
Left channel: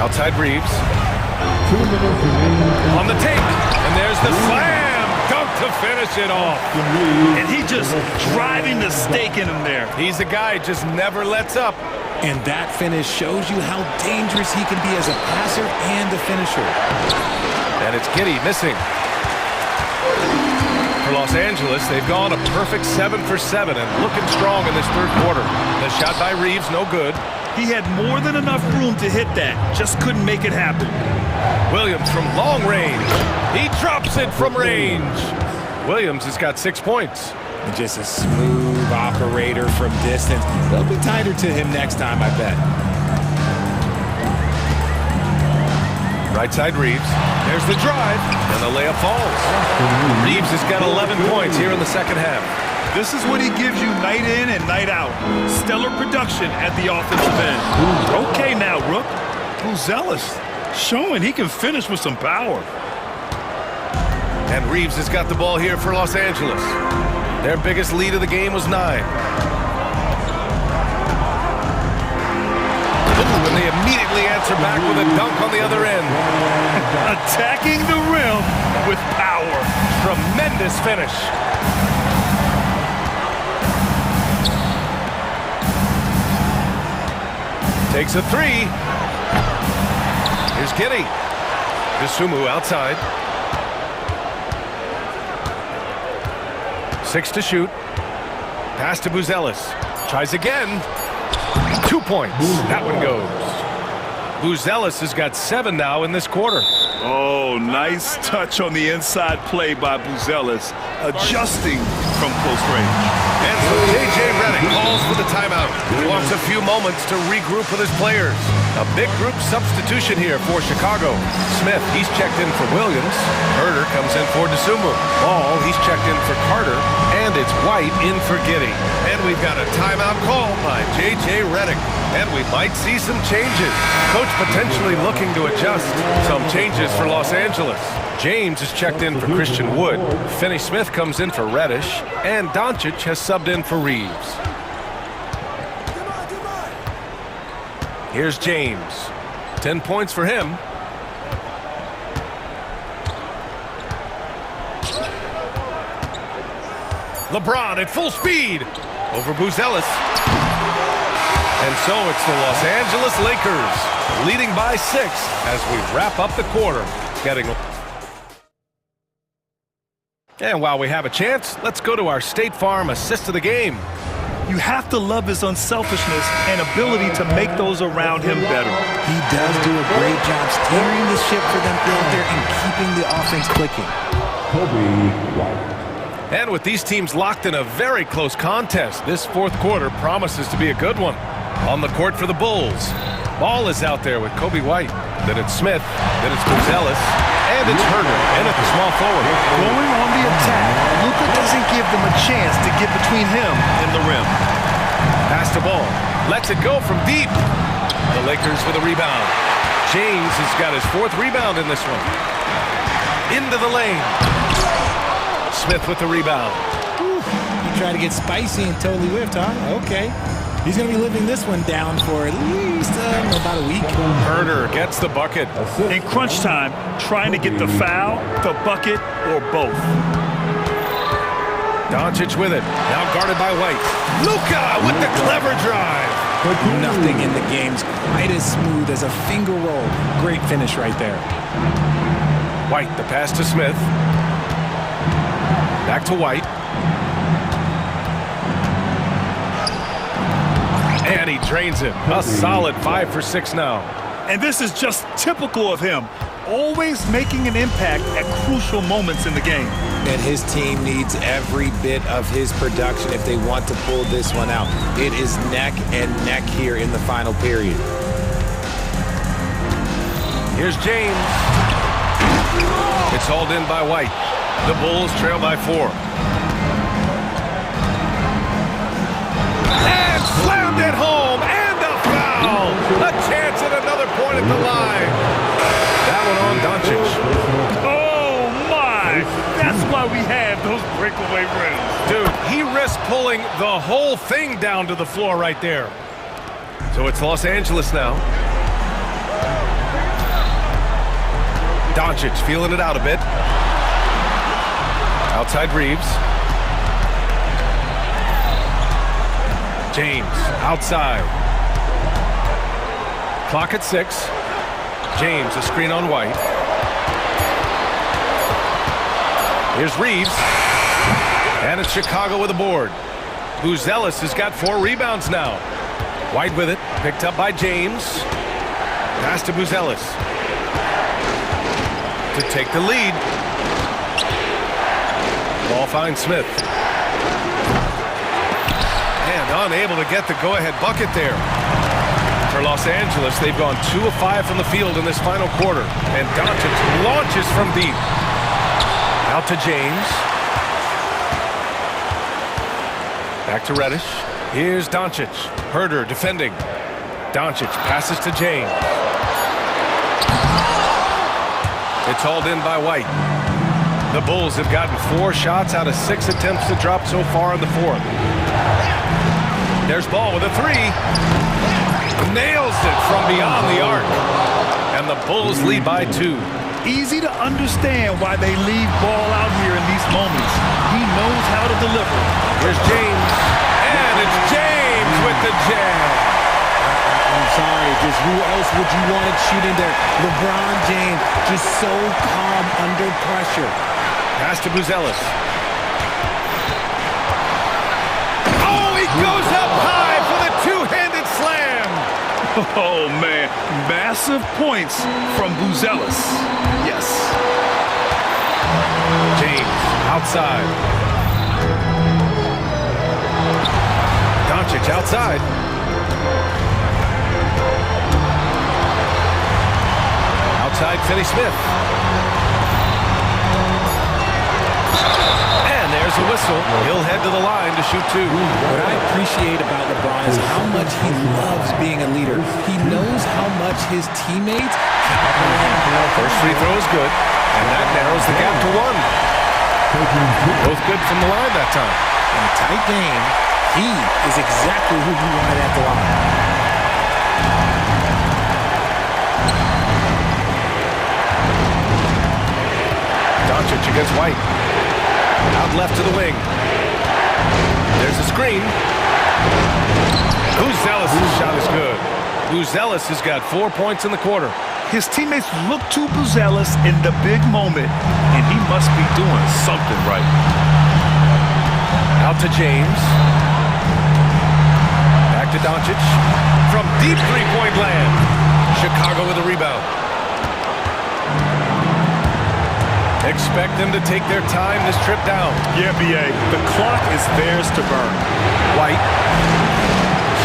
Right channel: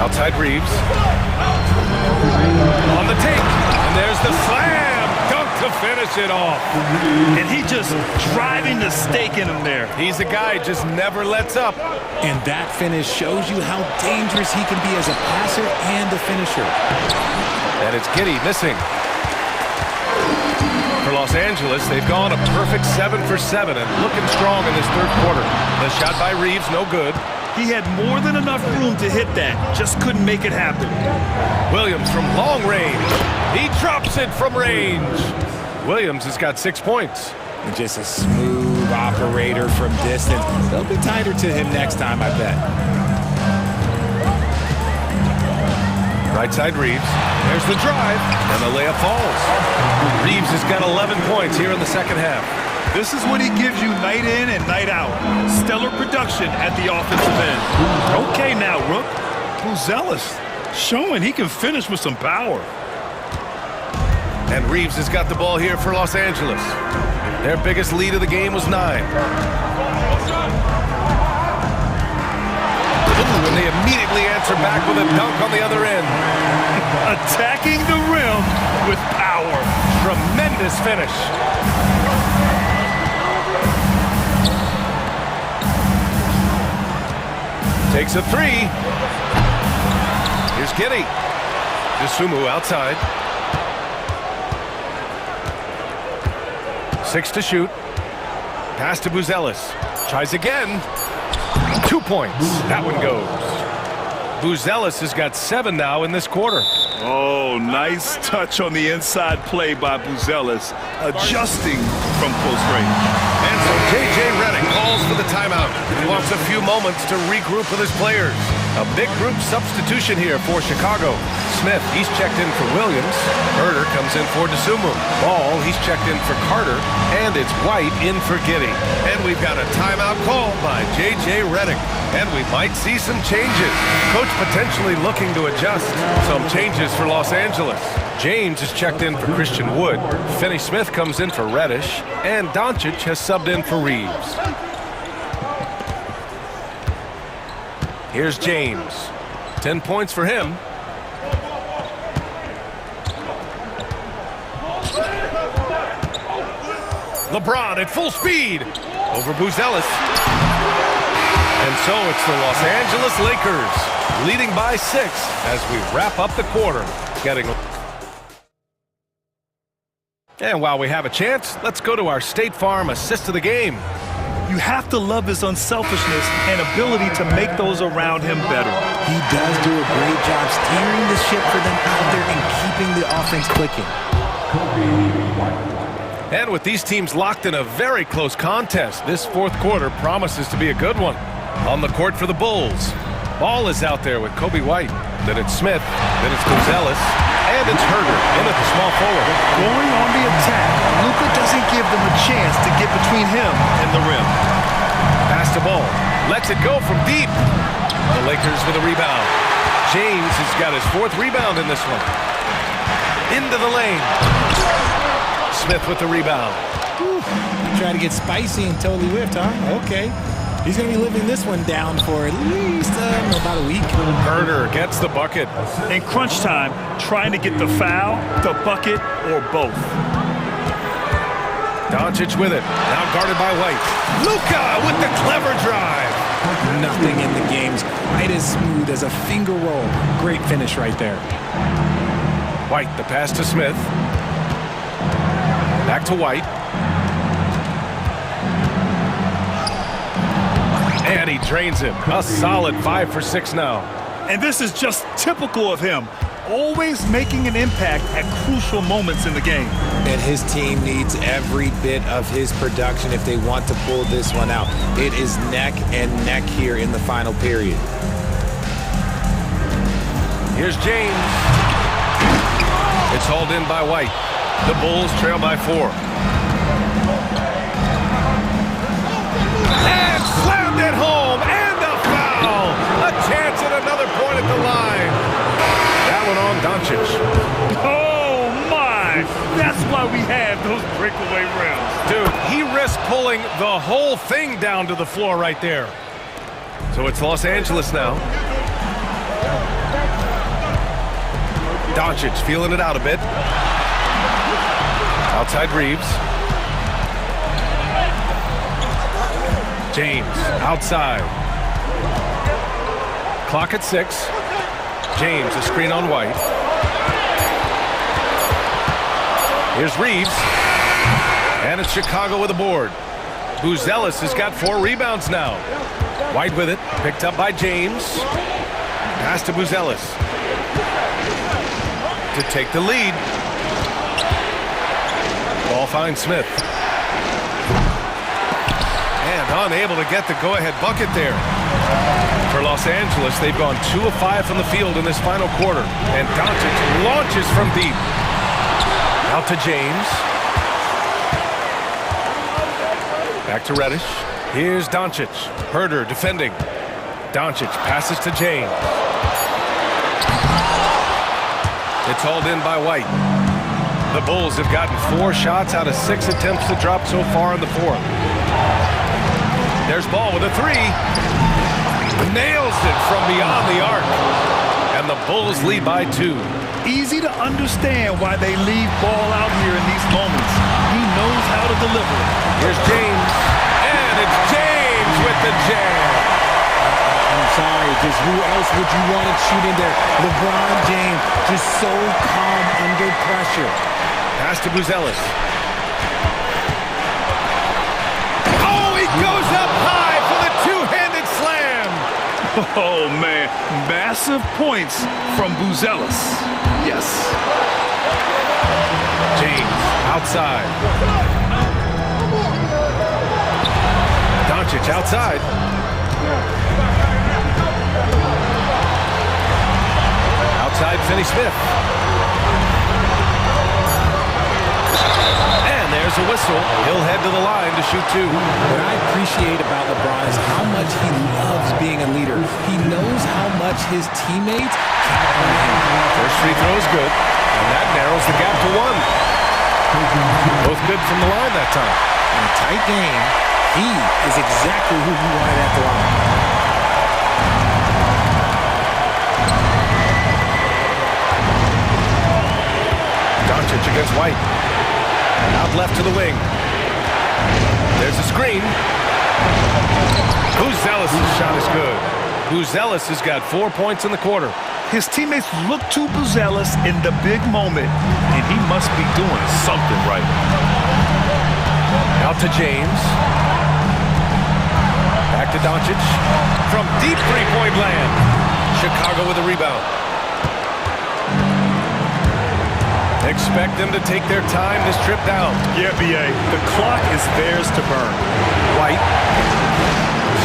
Outside Reeves. On the take. And there's the slam dunk to finish it off. And he just driving the stake in him there. He's a guy who just never lets up. And that finish shows you how dangerous he can be as a passer and a finisher. And it's Giddey missing. For Los Angeles, they've gone a perfect 7 for 7 and looking strong in this third quarter. The shot by Reeves, no good. He had more than enough room to hit that, just couldn't make it happen. Williams from long range. He drops it from range. Williams has got 6 points. And just a smooth operator from distance. They'll be tighter to him next time, I bet. Right side Reeves. There's the drive, and the layup falls. Reeves has got 11 points here in the second half. This is what he gives you night in and night out. Stellar production at the offensive end. Okay now, Rook. Buzelis. showing he can finish with some power. And Reeves has got the ball here for Los Angeles. Their biggest lead of the game was 9. Ooh, and they immediately answer back with a dunk on the other end. Attacking the rim with power. Tremendous finish. Takes a 3. Here's Giddy. Dosunmu outside. 6 to shoot. Pass to Buzelis. Tries again. 2 points. That one goes. Buzelis has got 7 now in this quarter. Oh, nice touch on the inside play by Buzelis, adjusting from close range. And so J.J. Redick calls for the timeout. He wants a few moments to regroup with his players. A big group substitution here for Chicago. Smith, he's checked in for Williams. Herder comes in for Dosunmu. Ball, he's checked in for Carter. And it's White in for Giddy. And we've got a timeout call by J.J. Redick. And we might see some changes. Coach potentially looking to adjust. Some changes for Los Angeles. James is checked in for Christian Wood. Finney-Smith comes in for Reddish. And Doncic has subbed in for Reeves. Here's James. 10 points for him. LeBron at full speed over Buzelis. And so it's the Los Angeles Lakers leading by 6 as we wrap up the quarter. And while we have a chance, let's go to our State Farm assist of the game. You have to love his unselfishness and ability to make those around him better. He does do a great job steering the ship for them out there and keeping the offense clicking. And with these teams locked in a very close contest, this fourth quarter promises to be a good one. On the court for the Bulls. Ball is out there with Kobe White. Then it's Smith. Then it's Buzelis. And it's Herder in at the small forward. Going on the attack, Luka doesn't give them a chance to get between him and the rim. Pass the ball. Lets it go from deep. The Lakers with a rebound. James has got his 4th rebound in this one. Into the lane. Smith with the rebound. He tried to get spicy and totally whiffed, huh? Okay. He's going to be living this one down for at least about a week. Herder gets the bucket. In crunch time, trying to get the foul, the bucket, or both. Doncic with it. Now guarded by White. Luka with the clever drive. Nothing in the game's quite as smooth as a finger roll. Great finish right there. White, the pass to Smith. Back to White. And he drains him. A solid 5 for 6 now. And this is just typical of him. Always making an impact at crucial moments in the game. And his team needs every bit of his production if they want to pull this one out. It is neck and neck here in the final period. Here's James. It's hauled in by White. The Bulls trail by 4. And slammed it home, and a foul. A chance at another point at the line. That one on Doncic. Oh, my. That's why we have those breakaway rims. Dude, he risked pulling the whole thing down to the floor right there. So it's Los Angeles now. Doncic feeling it out a bit. Outside Reeves. James outside. Clock at 6. James, a screen on White. Here's Reeves. And it's Chicago with a board. Buzelis has got 4 rebounds now. White with it. Picked up by James. Pass to Buzelis. To take the lead. Ball finds Smith. And unable to get the go-ahead bucket there. For Los Angeles, they've gone 2 of 5 from the field in this final quarter. And Doncic launches from deep. Out to James. Back to Reddish. Here's Doncic. Herder defending. Doncic passes to James. It's hauled in by White. The Bulls have gotten 4 shots out of 6 attempts to drop so far in the fourth. There's Ball with a 3. Nails it from beyond the arc. And the Bulls lead by 2. Easy to understand why they leave Ball out here in these moments. He knows how to deliver. Here's James. And it's James with the jam. I'm sorry, just who else would you want it shooting there? LeBron James, just so calm under pressure. Pass to Buzelis. Oh, he goes up high for the two-handed slam. Oh, man. Massive points from Buzelis. Yes. James outside. Doncic outside. Outside Finney-Smith. And there's a whistle. He'll head to the line to shoot 2. What I appreciate about LeBron is how much he loves being a leader. He knows how much his teammates count on him. First free throw is good, and that narrows the gap to 1. Both good from the line that time. In a tight game, he is exactly who you wanted at the line. Doncic against White. Out left to the wing. There's a screen. Buzelis' shot is good. Buzelis has got 4 points in the quarter. His teammates look to Buzelis in the big moment, and he must be doing something right. Out to James. Back to Doncic. From deep three-point land. Chicago with a rebound. Expect them to take their time this trip down. Yeah, B.A., the clock is theirs to burn. White.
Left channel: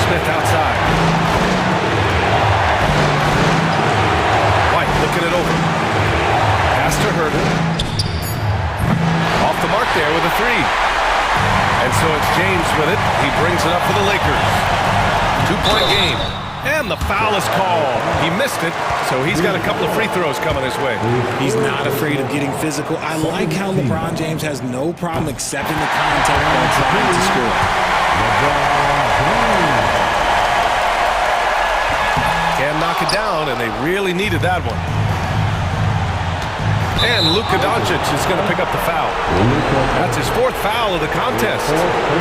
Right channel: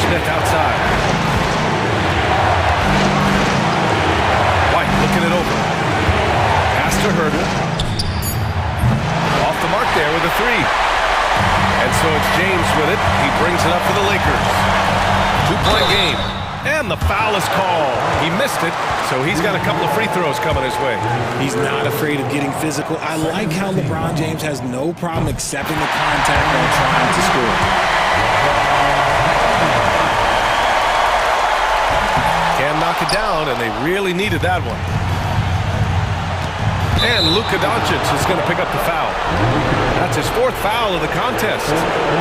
Smith outside. White looking it over. Pass to Herter. Off the mark there with a 3. And so it's James with it. He brings it up for the Lakers. 2-point game. And the foul is called. He missed it, so he's got a couple of free throws coming his way. He's not afraid of getting physical. I like how LeBron James has no problem accepting the contact while trying to score. Can knock it down, and they really needed that one. And Luka Doncic is going to pick up the foul. That's his 4th foul of the contest.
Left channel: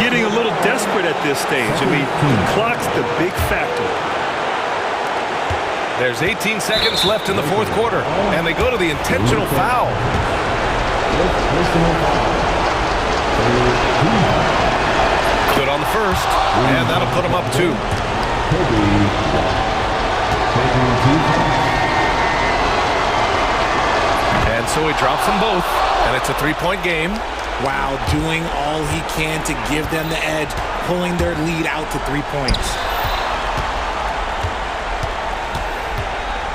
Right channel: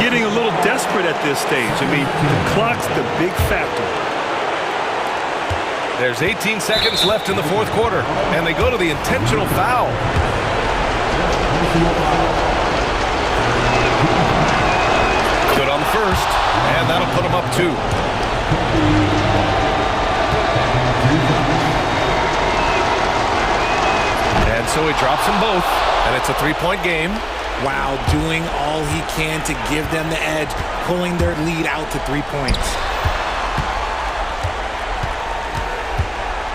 Getting a little desperate at this stage. I mean, the clock's the big factor. There's 18 seconds left in the 4th quarter, and they go to the intentional foul. Good on the first, and that'll put them up 2. And so he drops them both, and it's a 3-point game. Wow, doing all he can to give them the edge, pulling their lead out to 3 points.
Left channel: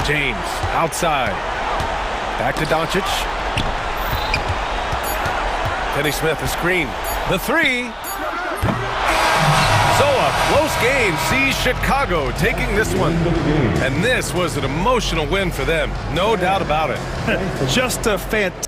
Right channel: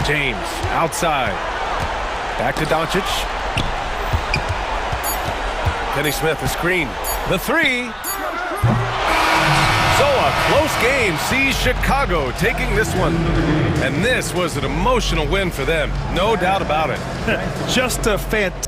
James outside. Back to Doncic. Finney-Smith a screen. The 3. So a close game sees Chicago taking this one. And this was an emotional win for them. No doubt about it. Just a fantastic.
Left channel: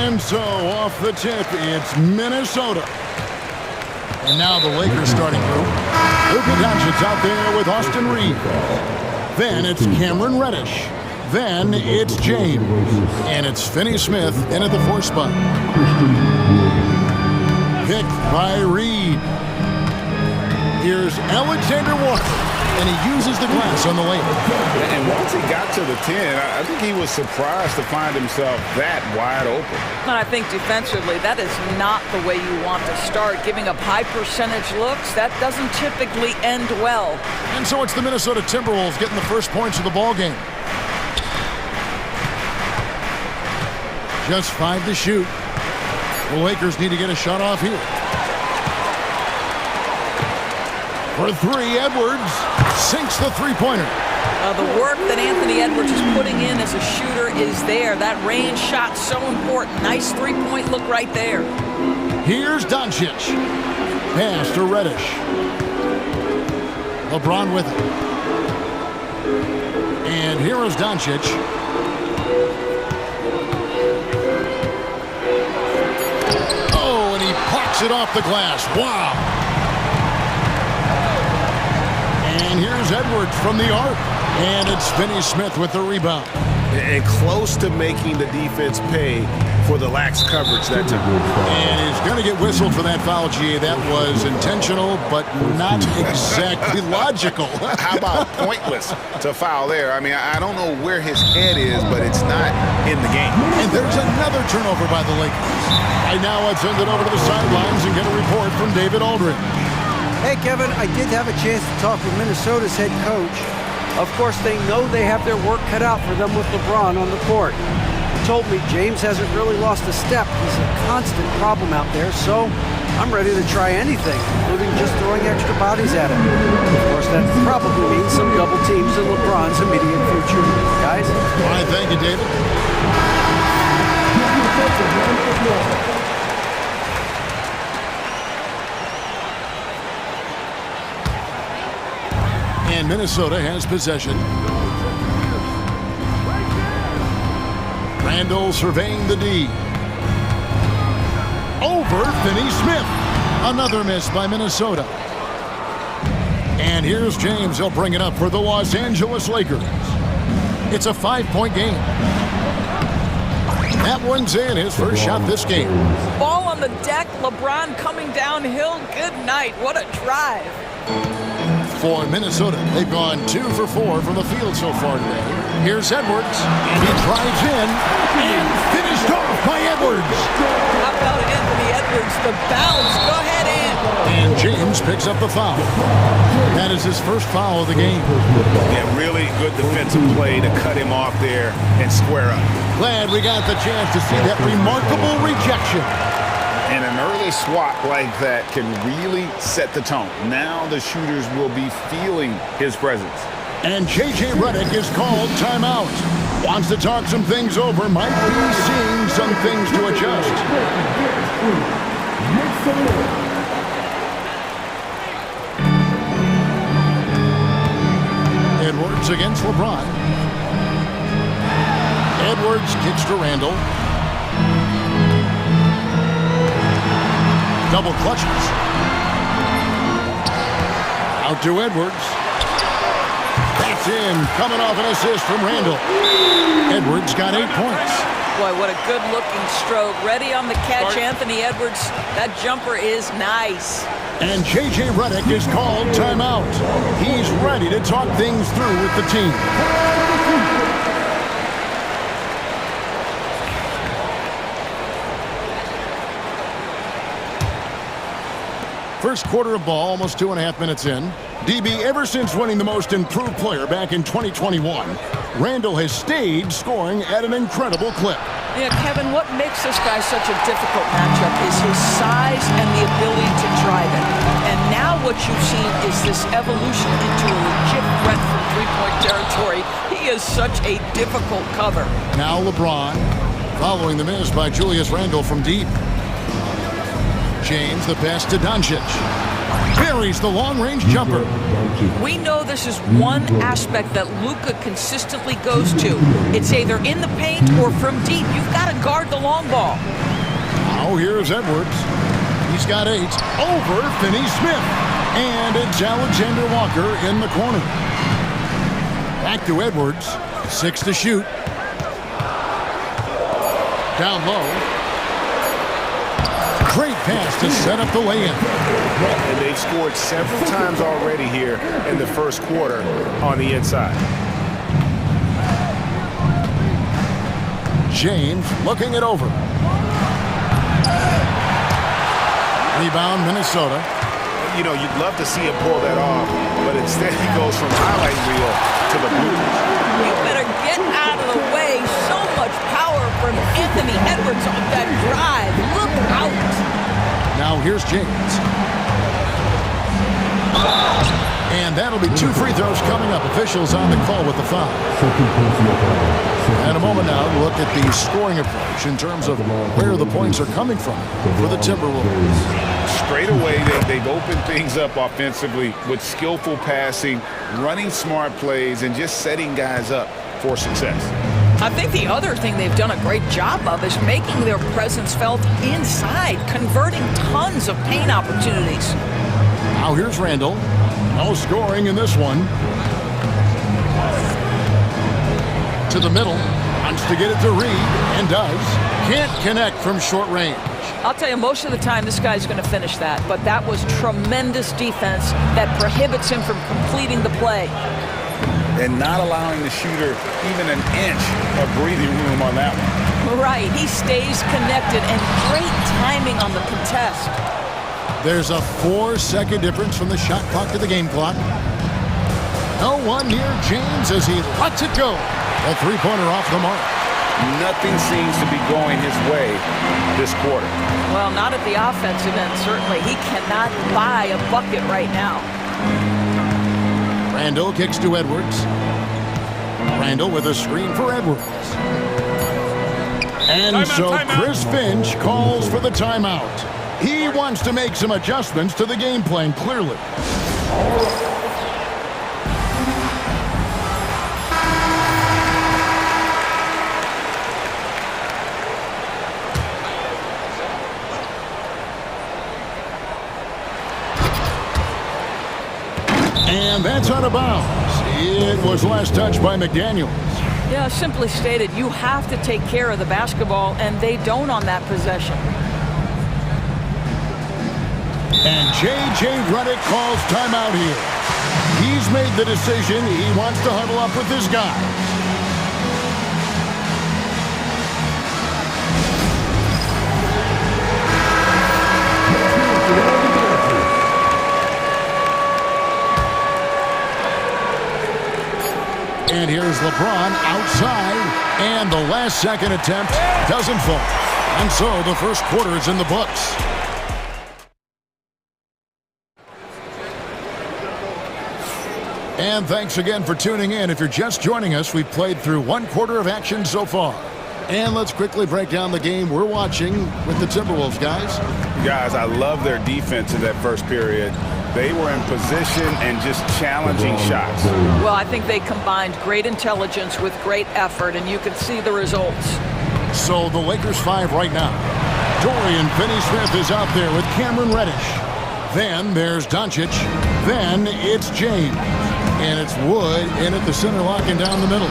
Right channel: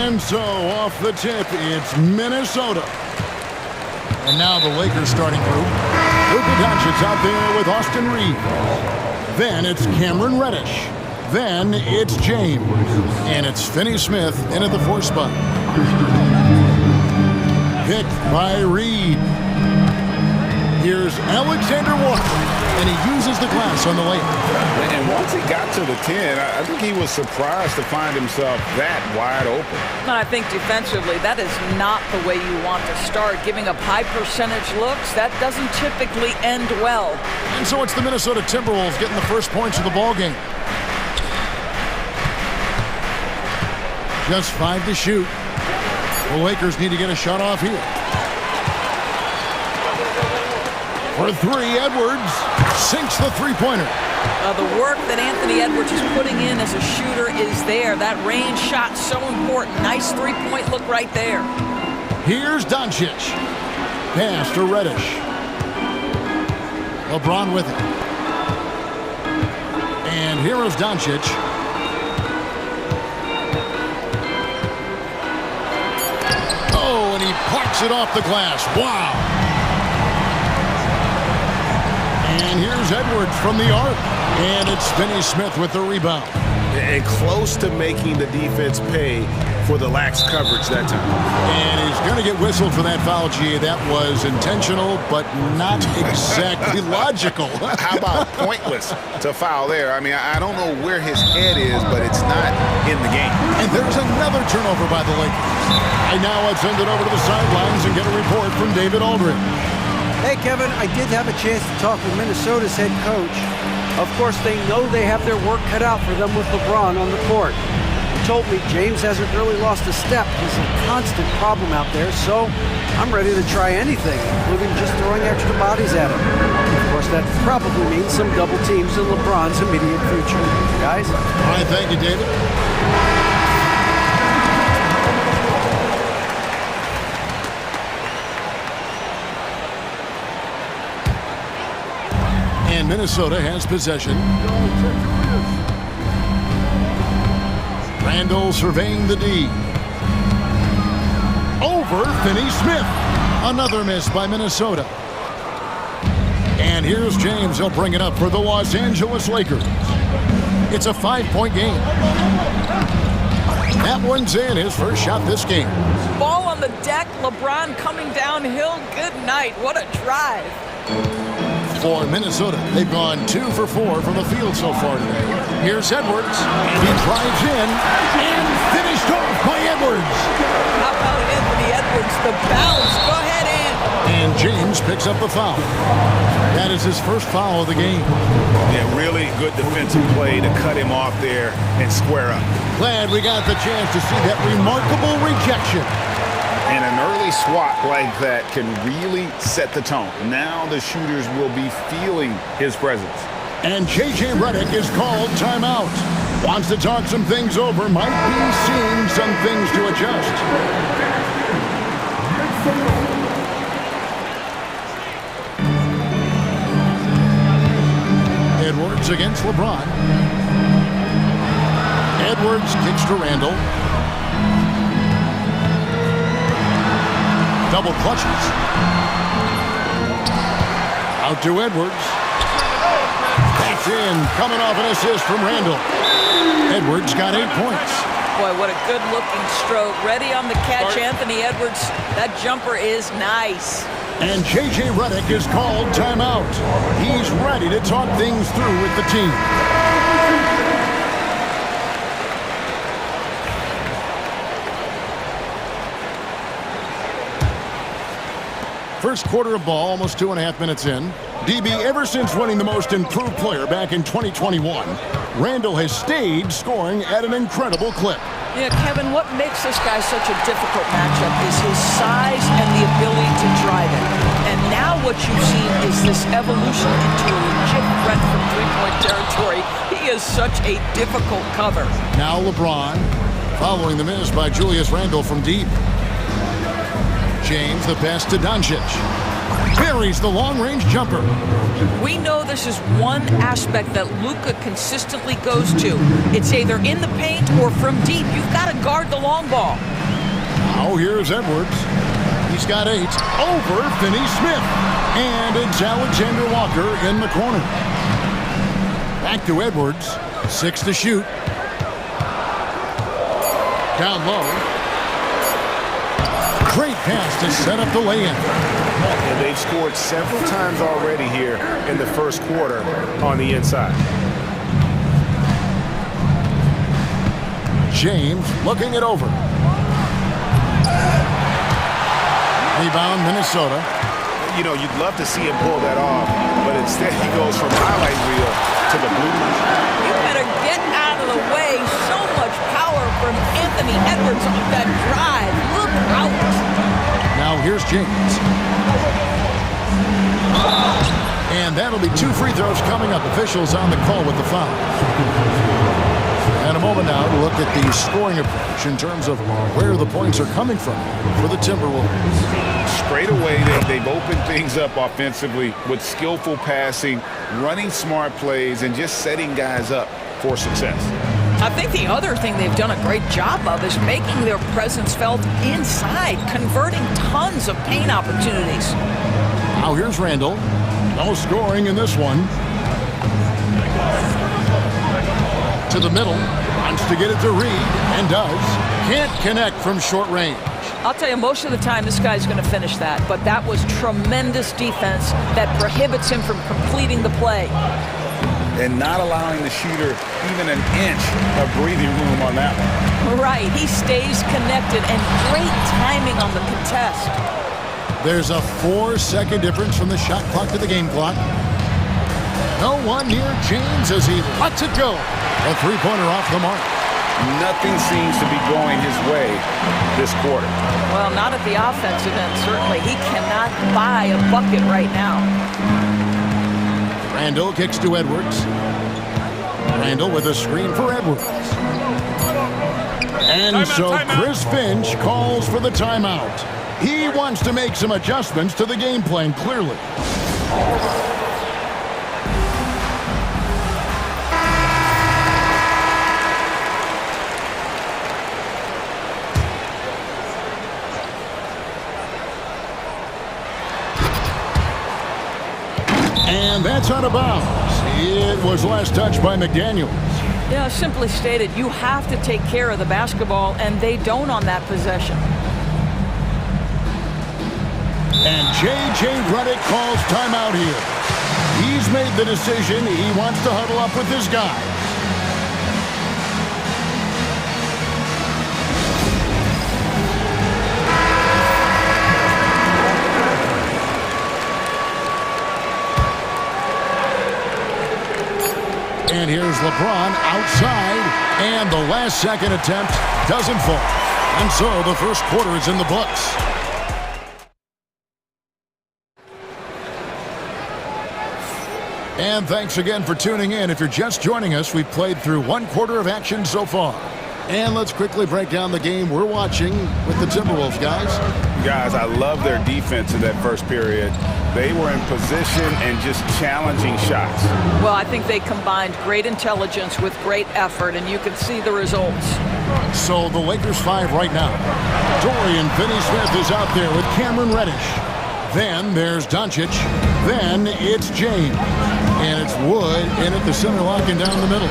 And so off the tip, it's Minnesota. And now the Lakers starting group. Luka Doncic out there with Austin Reeves. Then it's Cameron Reddish. Then it's James. And it's Finney Smith in at the 4 spot. Picked by Reed. Here's Alexander Walker. And he uses the glass on the layup. And once he got to the 10, I think he was surprised to find himself that wide open. And I think defensively, that is not the way you want to start. Giving up high percentage looks, that doesn't typically end well. And so it's the Minnesota Timberwolves getting the first points of the ball game. Just 5 to shoot. The Lakers need to get a shot off here. For 3, Edwards sinks the three-pointer. The work that Anthony Edwards is putting in as a shooter is there. That range shot so important. Nice three-point look right there. Here's Doncic. Pass to Reddish. LeBron with it. And here is Doncic. Oh, and he plucks it off the glass. Wow. And here's Edwards from the arc. And it's Finney Smith with the rebound. And close to making the defense pay for the lax coverage that time. And he's going to get whistled for that foul, G. That was intentional, but not exactly logical. How about pointless to foul there? I mean, I don't know where his head is, but it's not in the game. And there's another turnover by the Lakers. Right now, let's send it over to the sidelines and get a report from David Aldridge. Hey, Kevin, I did have a chance to talk with Minnesota's head coach. Of course, they know they have their work cut out for them with LeBron on the court. He told me James hasn't really lost a step. He's a constant problem out there, so I'm ready to try anything, including just throwing extra bodies at him. Of course, that probably means some double teams in LeBron's immediate future. Guys? All right, thank you, David. And Minnesota has possession. Randall surveying the D. Over Finney Smith. Another miss by Minnesota. And here's James. He'll bring it up for the Los Angeles Lakers. It's a 5-point game. That one's in, his first shot this game. Ball on the deck, LeBron coming downhill. Good night. What a drive. For Minnesota, they've gone 2 for 4 from the field so far today. Here's Edwards, and he drives in, and finished off by Edwards. How about Anthony Edwards, the bounce? Go ahead, And James picks up the foul. That is his first foul of the game. Yeah, really good defensive play to cut him off there and square up. Glad we got the chance to see that remarkable rejection. And an early swat like that can really set the tone. Now the shooters will be feeling his presence. And J.J. Redick is called timeout. Wants to talk some things over, might be seeing some things to adjust. Edwards against LeBron. Edwards kicks to Randall. Double clutches. Out to Edwards. That's in. Coming off an assist from Randall. Edwards got 8 points. Boy, what a good-looking stroke. Ready on the catch, Anthony Edwards. That jumper is nice. And J.J. Redick is called timeout. He's ready to talk things through with the team. First quarter of ball, almost 2.5 minutes in. DB, ever since winning the most improved player back in 2021, Randall has stayed scoring at an incredible clip. Yeah, Kevin, what makes this guy such a difficult matchup is his size and the ability to drive it. And now what you've seen is this evolution into a legit threat from three-point territory. He is such a difficult cover. Now LeBron, following the miss by Julius Randle from deep. James, the pass to Doncic. buries the long-range jumper. We know this is one aspect that Luka consistently goes to. It's either in the paint or from deep. You've got to guard the long ball. Now here's Edwards. He's got 8 over Finney-Smith. And it's Alexander Walker in the corner. Back to Edwards. 6 to shoot. Down low. Great pass to set up the lay-in. And they've scored several times already here in the first quarter on the inside. James looking it over. Rebound, Minnesota. You know, you'd love to see him pull that off, but instead he goes from highlight reel to the bloopers. You better get out of the way. So much power from Anthony Edwards on that drive. Look out. Now here's James. And that'll be 2 free throws coming up. Officials on the call with the foul. And a moment now to look at the scoring approach in terms of where the points are coming from for the Timberwolves. Straight away, they've opened things up offensively with skillful passing, running smart plays, and just setting guys up for success. I think the other thing they've done a great job of is making their presence felt inside, converting tons of paint opportunities. Now here's Randall. No scoring in this one. To the middle. Wants to get it to Reed, and does. Can't connect from short range. I'll tell you, most of the time this guy's going to finish that, but that was tremendous defense that prohibits him from completing the play. And not allowing the shooter even an inch of breathing room on that one. Right, he stays connected, and great timing on the contest. There's a 4-second difference from the shot clock to the game clock. No one near James as he lets it go. A three-pointer off the mark. Nothing seems to be going his way this quarter. Well, not at the offensive end, certainly. He cannot buy a bucket right now. Randall kicks to Edwards. Randall with a screen for Edwards. And so Chris Finch calls for the timeout. He wants to make some adjustments to the game plan, clearly. And that's out of bounds. It was last touched by McDaniels. Yeah, simply stated, you have to take care of the basketball, and they don't on that possession. And J.J. Redick calls timeout here. He's made the decision. He wants to huddle up with his guys. And here's LeBron outside, and the last second attempt doesn't fall. And so the first quarter is in the books. And thanks again for tuning in. If you're just joining us, we've played through one quarter of action so far. And let's quickly break down the game we're watching with the Timberwolves, guys. Guys, I love their defense in that first period. They were in position and just challenging shots. Well, I think they combined great intelligence with great effort, and you can see the results. So the Lakers 5 right now. Dorian Finney-Smith is out there with Cameron Reddish. Then there's Doncic. Then it's James. And it's Wood in at the center, locking down the middle.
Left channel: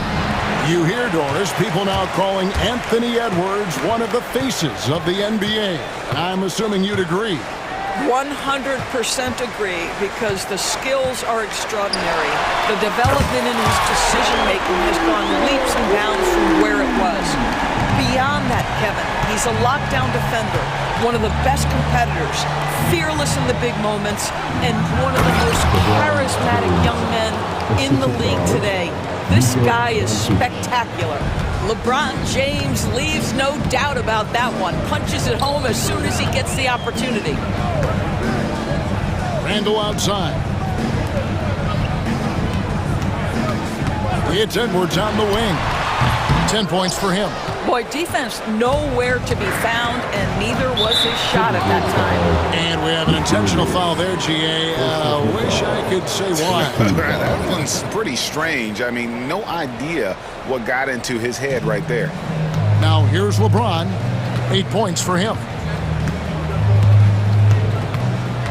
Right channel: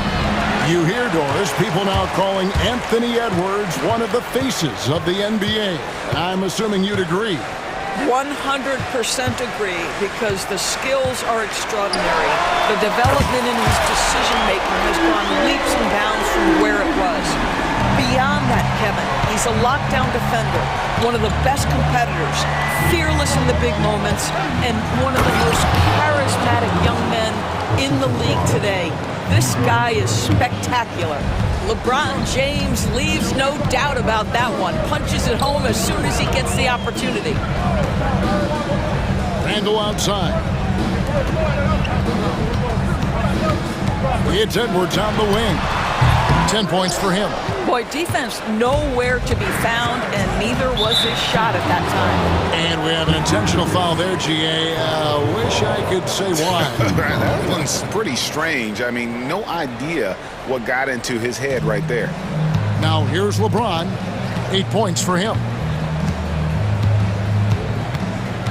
You hear, Doris, people now calling Anthony Edwards one of the faces of the NBA. I'm assuming you'd agree. 100% agree, because the skills are extraordinary. The development in his decision-making has gone leaps and bounds from where it was. Beyond that, Kevin, he's a lockdown defender, one of the best competitors, fearless in the big moments, and one of the most charismatic young men in the league today. This guy is spectacular. LeBron James leaves no doubt about that one. Punches it home as soon as he gets the opportunity. Randall outside. It's Edwards on the wing. 10 points for him. Boy, defense nowhere to be found, and neither was his shot at that time. And we have an intentional foul there, GA. Wish I could say why. That one's pretty strange. I mean, no idea what got into his head right there. Now here's LeBron. 8 points for him.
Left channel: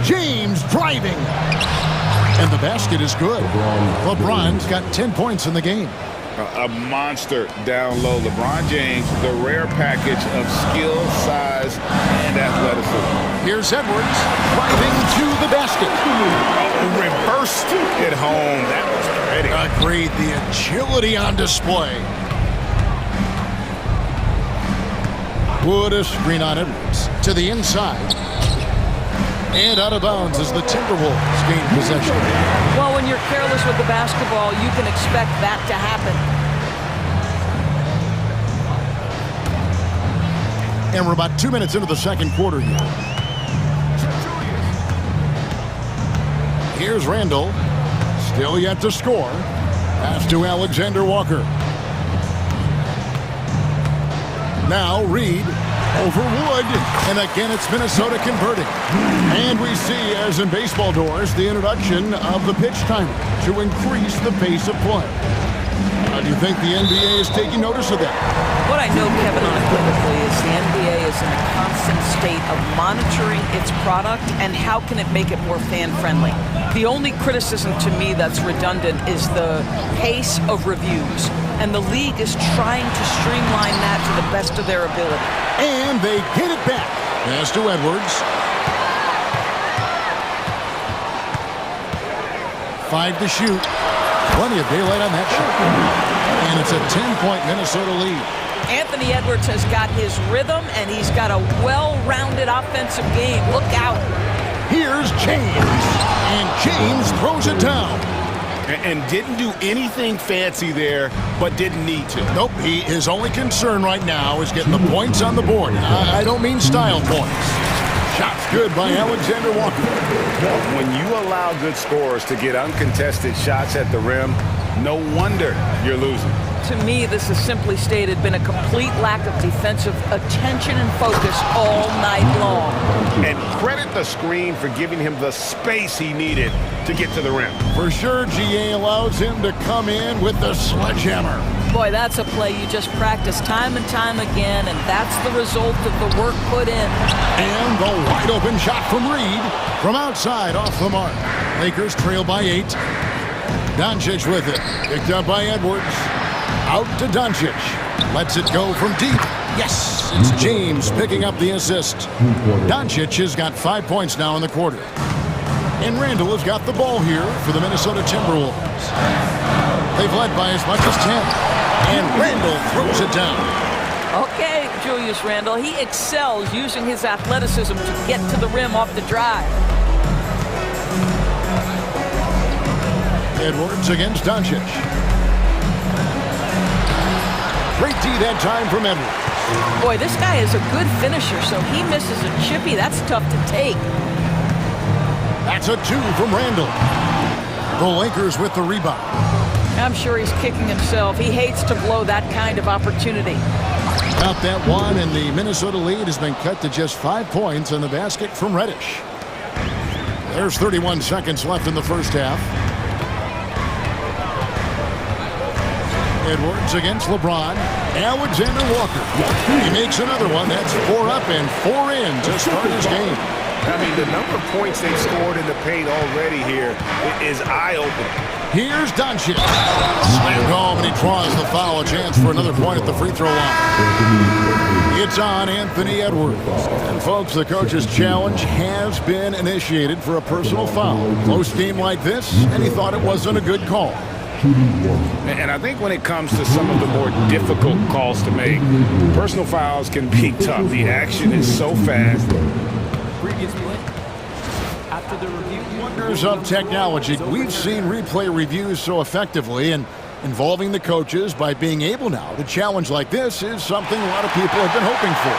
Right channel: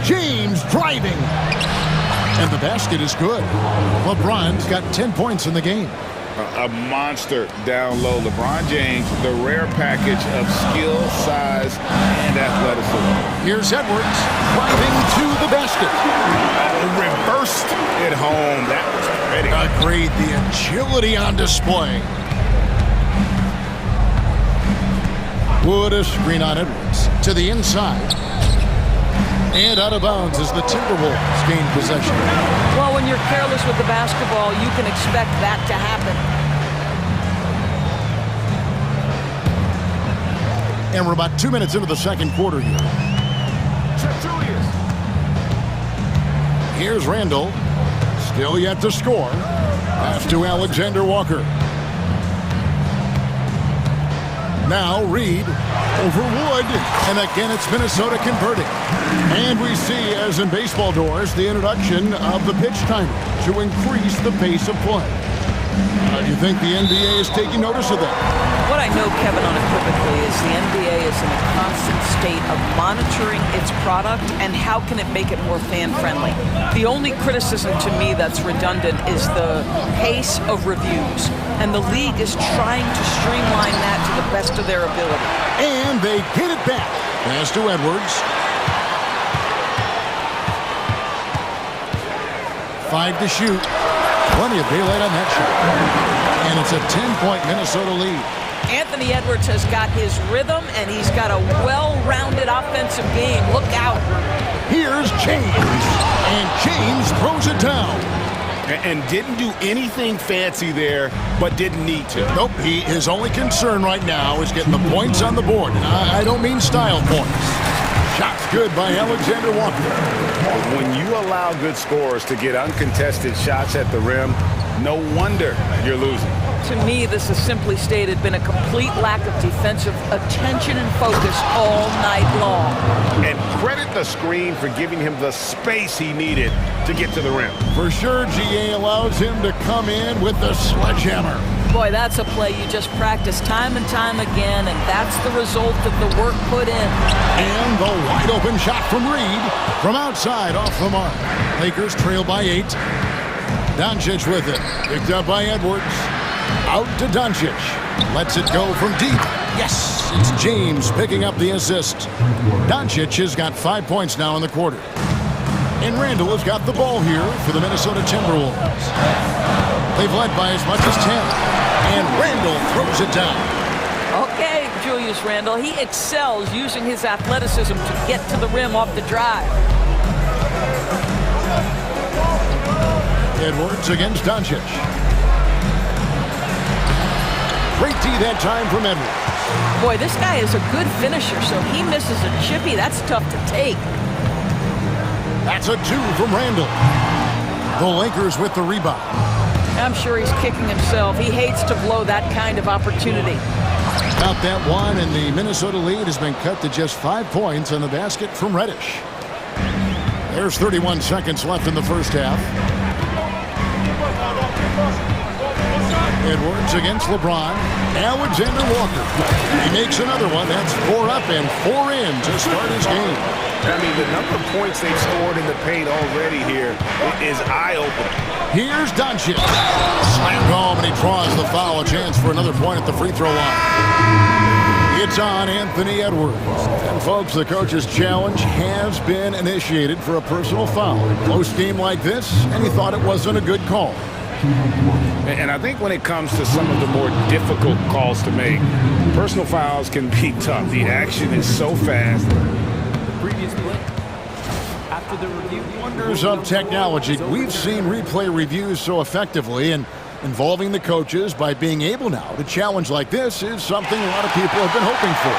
James driving. And the basket is good. LeBron's got 10 points in the game. A monster down low. LeBron James, the rare package of skill, size, and athleticism. Here's Edwards driving to the basket. Oh, reversed it home. That was pretty. Agreed. The agility on display. Wood a screen on Edwards to the inside. And out of bounds as the Timberwolves gain possession. Well, when you're careless with the basketball, you can expect that to happen. And we're about 2 minutes into the second quarter here. Here's Randall. Still yet to score. Pass to Alexander Walker. Now Reed over Wood, and again it's Minnesota converting. And we see, as in baseball doors, the introduction of the pitch timer to increase the pace of play. Do you think the NBA is taking notice of that? What I know, Kevin, unequivocally is the NBA is in a constant state of monitoring its product and how can it make it more fan-friendly. The only criticism to me that's redundant is the pace of reviews. And the league is trying to streamline that to the best of their ability. And they get it back. Pass to Edwards. 5 to shoot. Plenty of daylight on that shot. And it's a 10-point Minnesota lead. Anthony Edwards has got his rhythm, and he's got a well-rounded offensive game. Look out. Here's James. And James throws it down. And didn't do anything fancy there, but didn't need to. Nope, his only concern right now is getting the points on the board. And I don't mean style points. Shots good by Alexander Walker. When you allow good scorers to get uncontested shots at the rim, no wonder you're losing. To me, this has simply stated been a complete lack of defensive attention and focus all night long. And credit the screen for giving him the space he needed to get to the rim. For sure, GA allows him to come in with the sledgehammer. Boy, that's a play you just practice time and time again, and that's the result of the work put in. And the wide open shot from Reed from outside off the mark. Lakers trail by 8. Doncic with it. Picked up by Edwards. Out to Doncic. Lets it go from deep. Yes, it's James picking up the assist. Doncic has got 5 points now in the quarter. And Randall has got the ball here for the Minnesota Timberwolves. They've led by as much as 10. And Randall throws it down. Okay, Julius Randle, he excels using his athleticism to get to the rim off the drive. Edwards against Doncic. Great D that time from Edwards. Boy, this guy is a good finisher, so he misses a chippy. That's tough to take. That's a 2 from Randall. The Lakers with the rebound. I'm sure he's kicking himself. He hates to blow that kind of opportunity. About that one, and the Minnesota lead has been cut to just 5 points on the basket from Reddish. There's 31 seconds left in the first half. Edwards against LeBron. Alexander Walker. He makes another one. That's 4 up and 4 in to start his game. I mean, the number of points they've scored in the paint already here is eye-opening. Here's Doncic. Slammed home, and he draws the foul. A chance for another point at the free throw line. It's on Anthony Edwards. And, folks, the coach's challenge has been initiated for a personal foul. Close game like this, and he thought it wasn't a good call. And I think when it comes to some of the more difficult calls to make, personal fouls can be tough. The action is so fast. The previous play, after the review, Wonders of technology. We've seen replay reviews so effectively, and involving the coaches by being able now to challenge like this is something a lot of people have been hoping for.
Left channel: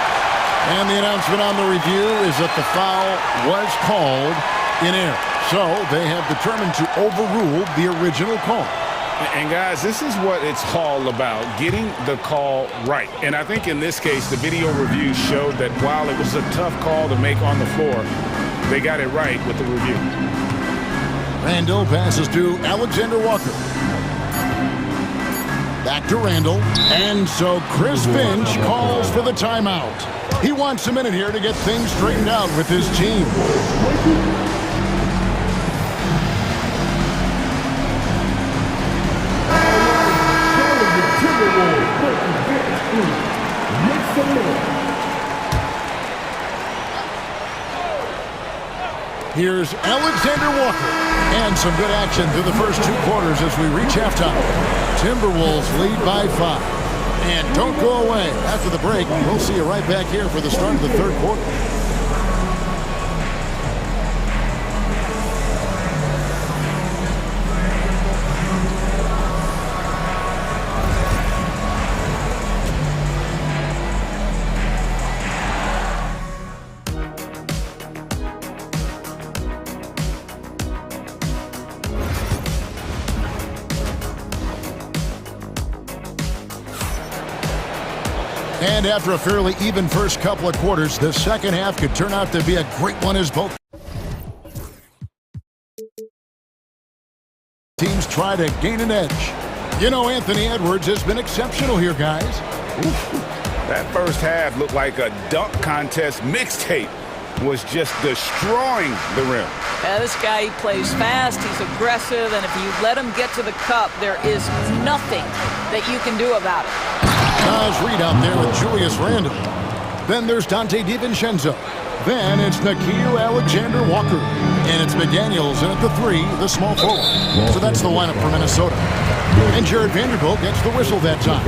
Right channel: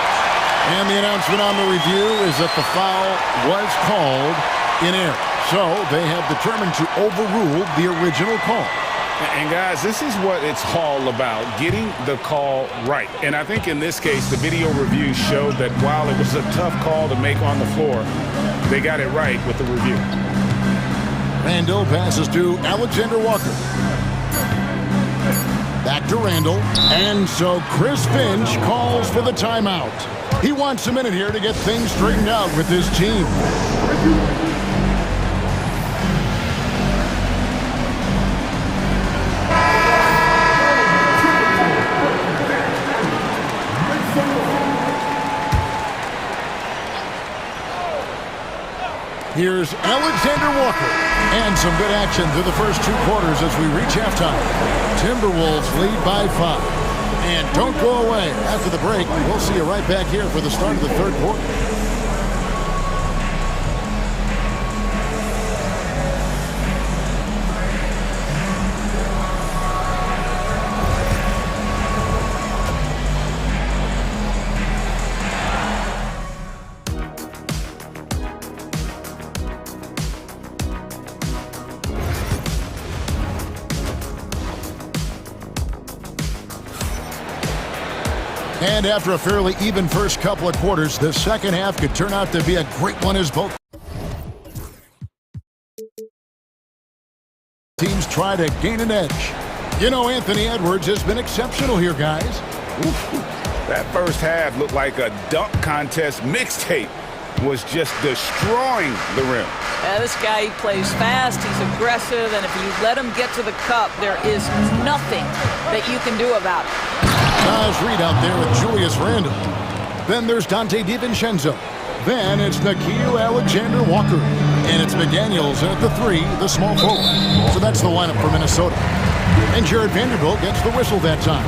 And the announcement on the review is that the foul was called in error. So they have determined to overrule the original call. And guys, this is what it's all about, getting the call right. And I think in this case, the video review showed that while it was a tough call to make on the floor, they got it right with the review. Randall passes to Alexander Walker. Back to Randall. And so Chris Finch calls for the timeout. He wants a minute here to get things straightened out with his team. Here's Alexander Walker. And some good action through the first 2 quarters as we reach halftime. Timberwolves lead by 5. And don't go away. After the break, we'll see you right back here for the start of the third quarter. And after a fairly even first couple of quarters, the second half could turn out to be a great one as both teams try to gain an edge. You know, Anthony Edwards has been exceptional here, guys. Oof. That first half looked like a dunk contest mixtape. Was just destroying the rim. This guy, he plays fast, he's aggressive, and if you let him get to the cup, there is nothing that you can do about it. Nice read out there with Julius Randle. Then there's Dante DiVincenzo. Then it's Nickeil Alexander-Walker. And it's McDaniels in at the 3, the small forward. So that's the lineup for Minnesota. And Jared Vanderbilt gets the whistle that time.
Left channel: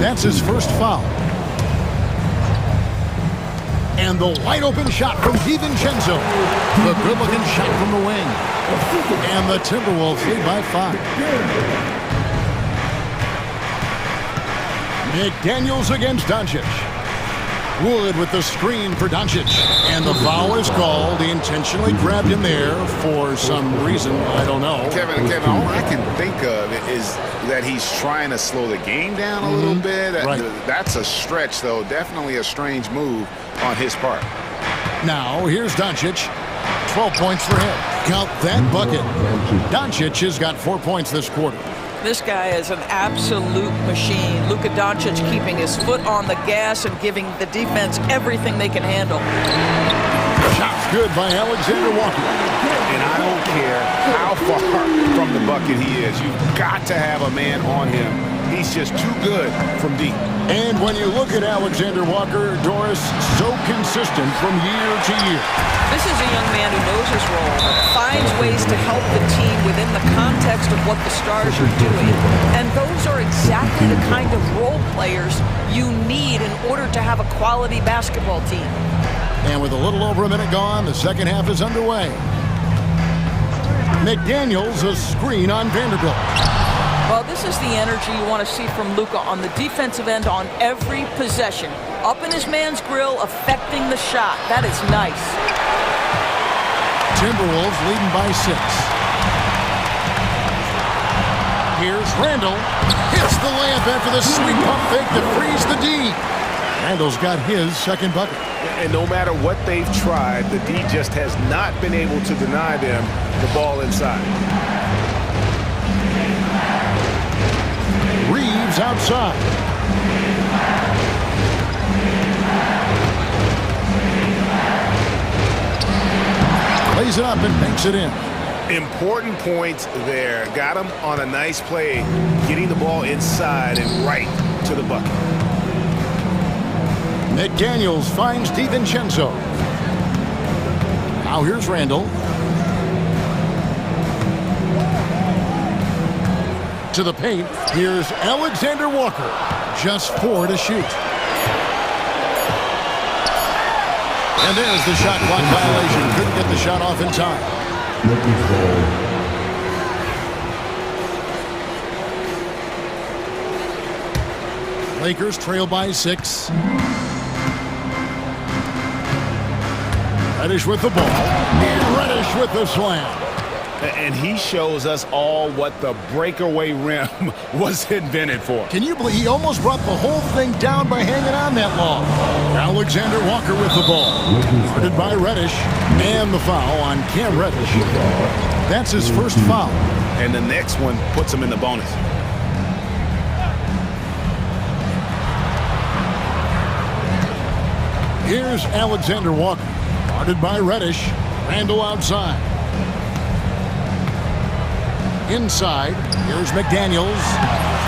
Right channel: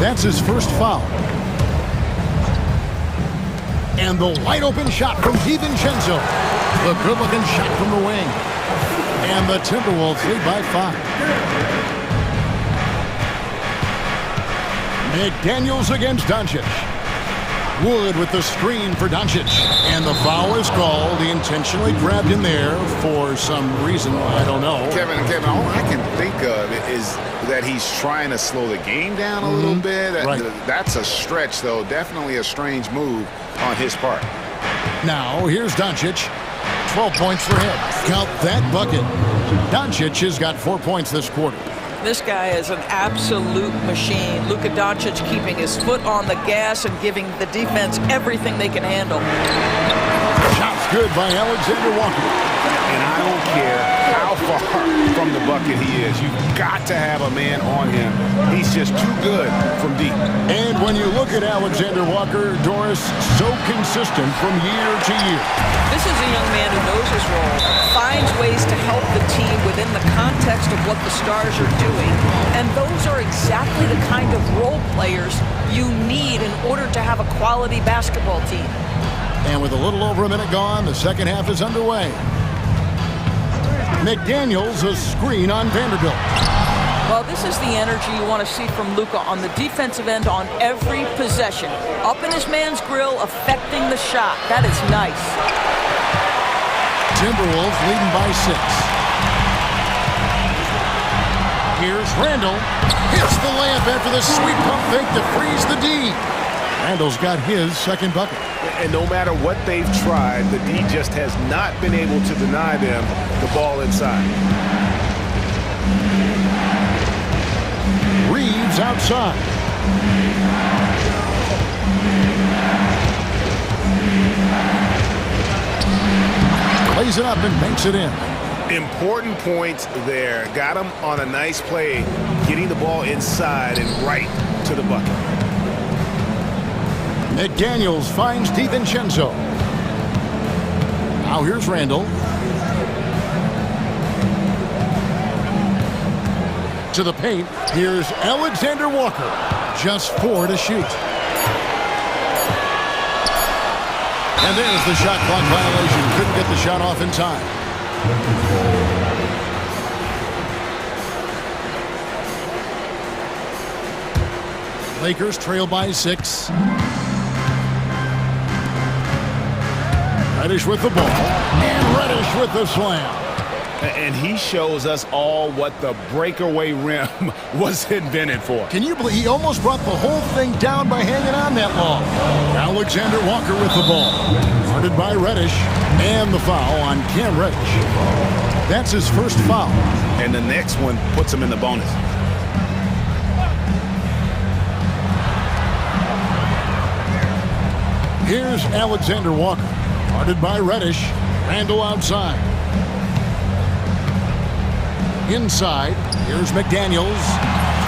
That's his first foul. And the wide-open shot from DiVincenzo. The good-looking shot from the wing. And the Timberwolves lead by 5. McDaniels against Doncic. Wood with the screen for Doncic. And the foul is called. He intentionally grabbed him there for some reason. I don't know. Kevin, all I can think of is that he's trying to slow the game down a little bit. That's a stretch, though. Definitely a strange move on his part. Now, here's Doncic. 12 points for him. Count that bucket. Doncic has got 4 points this quarter. This guy is an absolute machine. Luka Doncic keeping his foot on the gas and giving the defense everything they can handle. Shot's good by Alexander Walker. And I don't care how far from the bucket he is. You've got to have a man on him. He's just too good from deep. And when you look at Alexander Walker, Doris, so consistent from year to year. This is a young man who knows his role, finds ways to help the team within the context of what the Stars are doing. And those are exactly the kind of role players you need in order to have a quality basketball team. And with a little over a minute gone, the second half is underway. McDaniels, a screen on Vanderbilt. Well, this is the energy you want to see from Luka on the defensive end on every possession. Up in his man's grill, affecting the shot. That is nice. Timberwolves leading by 6. Here's Randall. Hits the layup after the sweet pump fake to freeze the D. Randall's got his second bucket. And no matter what they've tried, the D just has not been able to deny them the ball inside. Reeves outside. Plays it up and banks it in. Important points there. Got him on a nice play, getting the ball inside and right to the bucket. McDaniels finds DiVincenzo. Now here's Randall. To the paint, here's Alexander Walker. Just 4 to shoot. And there's the shot clock violation. Couldn't get the shot off in time. Lakers trail by 6. Reddish with the ball. And Reddish with the slam. And he shows us all what the breakaway rim was invented for. Can you believe he almost brought the whole thing down by hanging on that long? Alexander Walker with the ball. Guarded by Reddish. And the foul on Cam Reddish. That's his first foul. And the next one puts him in the bonus. Here's Alexander Walker. Guarded by Reddish. Randall outside. Inside. Here's McDaniels.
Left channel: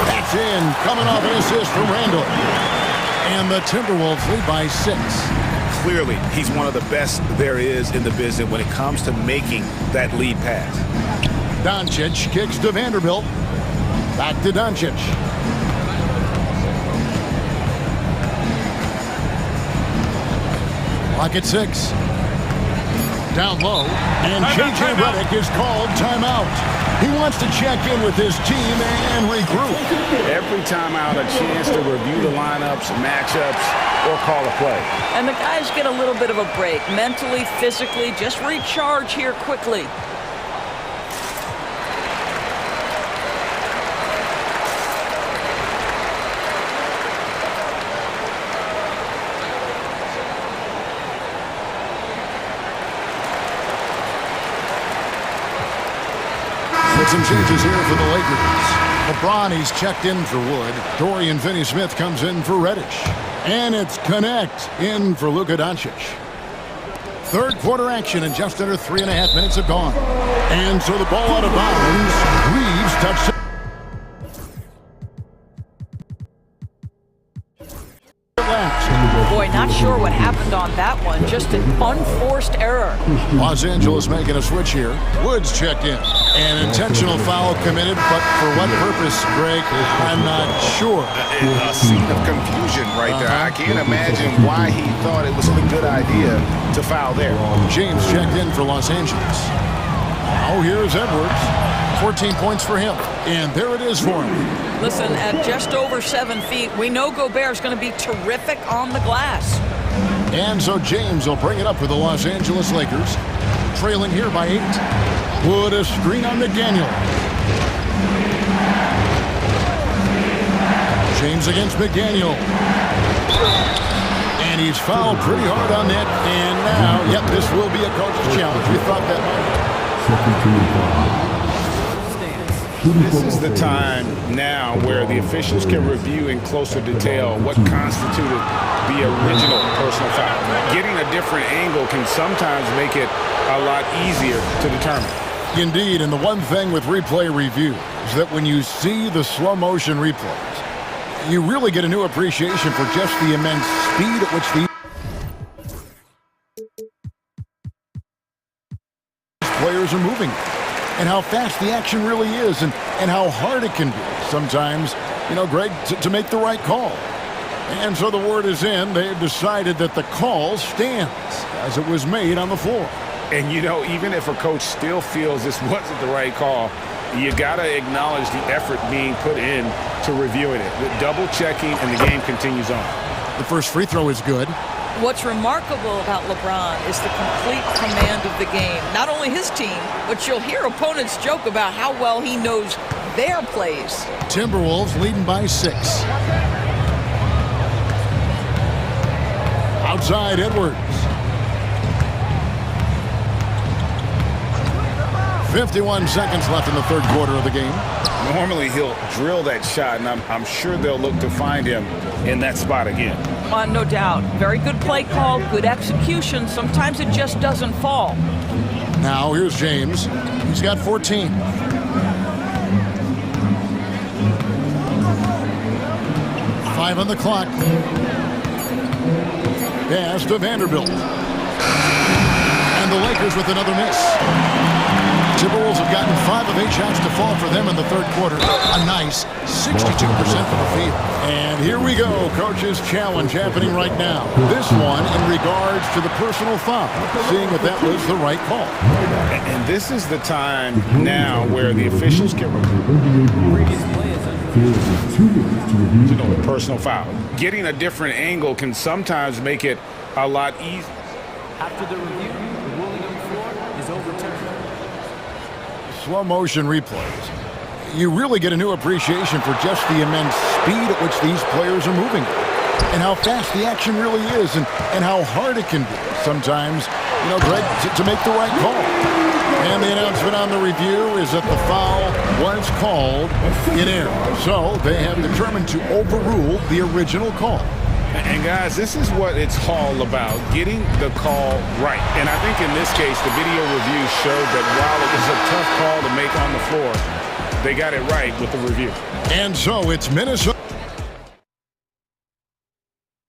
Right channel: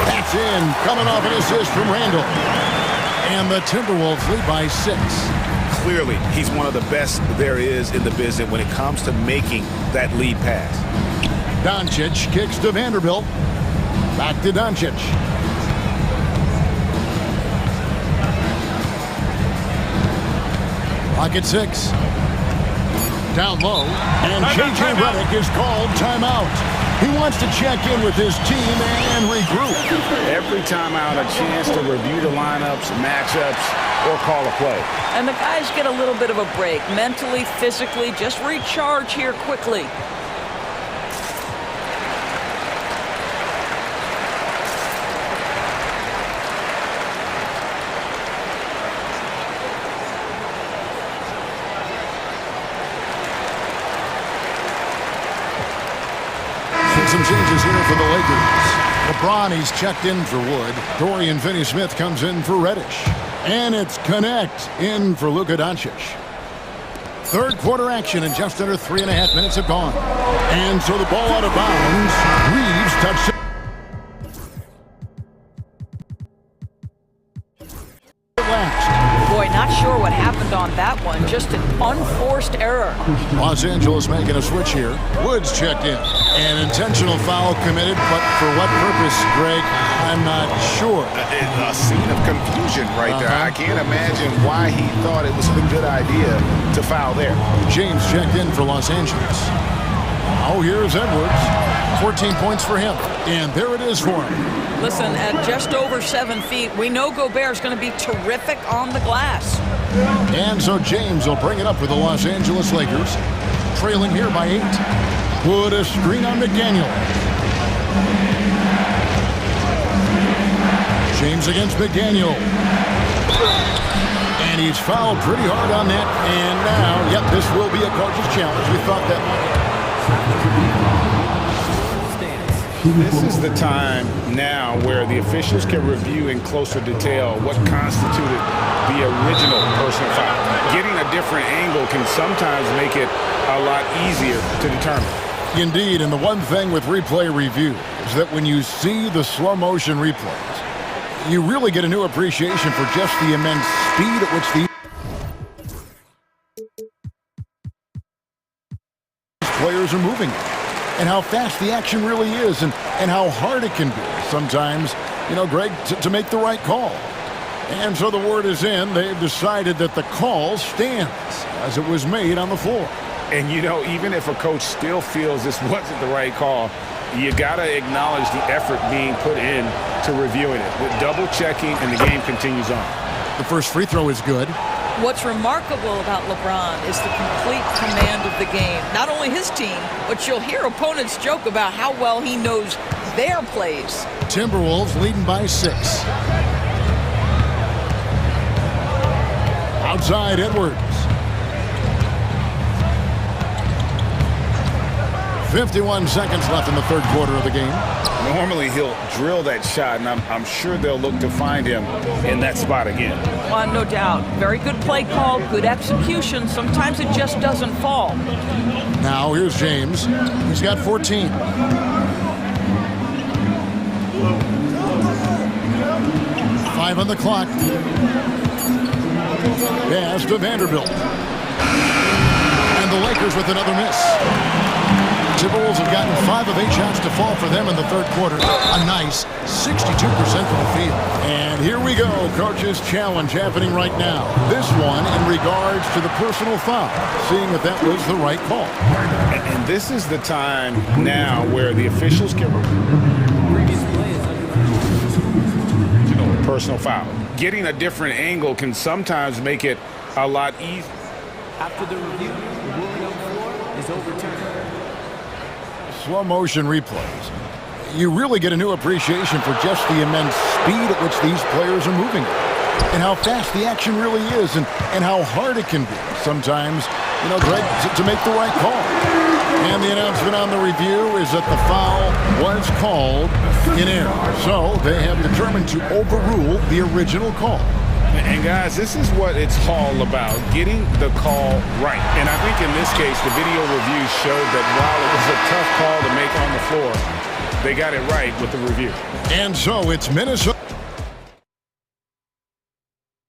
That's in. Coming off an assist from Randall. And the Timberwolves lead by 6. Clearly, he's one of the best there is in the business when it comes to making that lead pass. Doncic kicks to Vanderbilt. Back to Doncic. Clock at 6. Down low. And J.J. Redick is called timeout. He wants to check in with his team and regroup. Every timeout, a chance to review the lineups, matchups, or call a play. And the guys get a little bit of a break. Mentally, physically, just recharge here quickly. Some changes here for the Lakers. LeBron, he's checked in for Wood. Dorian Finney-Smith comes in for Reddish. And it's Connect in for Luka Doncic. Third quarter action and just under 3.5 minutes have gone. And so the ball out of bounds. Reeves touched it. Boy, not sure what happened on that one. Just an unforced error. Los Angeles making a switch here. Woods checked in. An intentional foul committed, but for what purpose, Greg? I'm not sure. A scene of confusion right there. I can't imagine why he thought it was a good idea to foul there. James checked in for Los Angeles. Now here's Edwards. 14 points for him. And there it is for him. Listen, at just over 7 feet, we know Gobert's going to be terrific on the glass. And so James will bring it up for the Los Angeles Lakers. Trailing here by 8. Put a screen on McDaniel. James against McDaniel. And he's fouled pretty hard on that. And now, yep, this will be a coach's challenge. We thought that might. This is the time now where the officials can review in closer detail what constituted the original personal foul. Getting a different angle can sometimes make it a lot easier to determine. Indeed, and the one thing with replay review is that when you see the slow motion replays, you really get a new appreciation for just the immense speed at which these players are moving and how fast the action really is and how hard it can be sometimes, you know, Greg, to make the right call. And so the word is in. They've decided that the call stands as it was made on the floor. And, you know, even if a coach still feels this wasn't the right call, you got to acknowledge the effort being put in to reviewing it. The double checking, and the game continues on. The first free throw is good. What's remarkable about LeBron is the complete command of the game. Not only his team, but you'll hear opponents joke about how well he knows their plays. Timberwolves leading by 6. Outside Edwards. 51 seconds left in the third quarter of the game. Normally he'll drill that shot, and I'm sure they'll look to find him in that spot again. No doubt. Very good play call, good execution. Sometimes it just doesn't fall. Now here's James. He's got 14. Five on the clock. Pass to Vanderbilt. And the Lakers with another miss. Timberwolves have gotten 5 of 8 shots to fall for them in the third quarter. A nice 62% from the field. And here we go. Coach's challenge happening right now. This one in regards to the personal foul. Seeing if that was the right call. And this is the time now where the officials can Previous play is under personal foul. Getting a different angle can sometimes make it a lot easier. After the review, the ruling on the floor is overturned. slow motion replays, you really get a new appreciation for just the immense speed at which these players are moving and how fast the action really is and how hard it can be sometimes, Greg, to make the right call. And the announcement on the review is that the foul was called in error. So they have determined to overrule the original call. And guys, this is what it's all about, getting the call right. And I think in this case, the video review showed that while it was a tough call to make on the floor, they got it right with the review. And so it's Minnesota.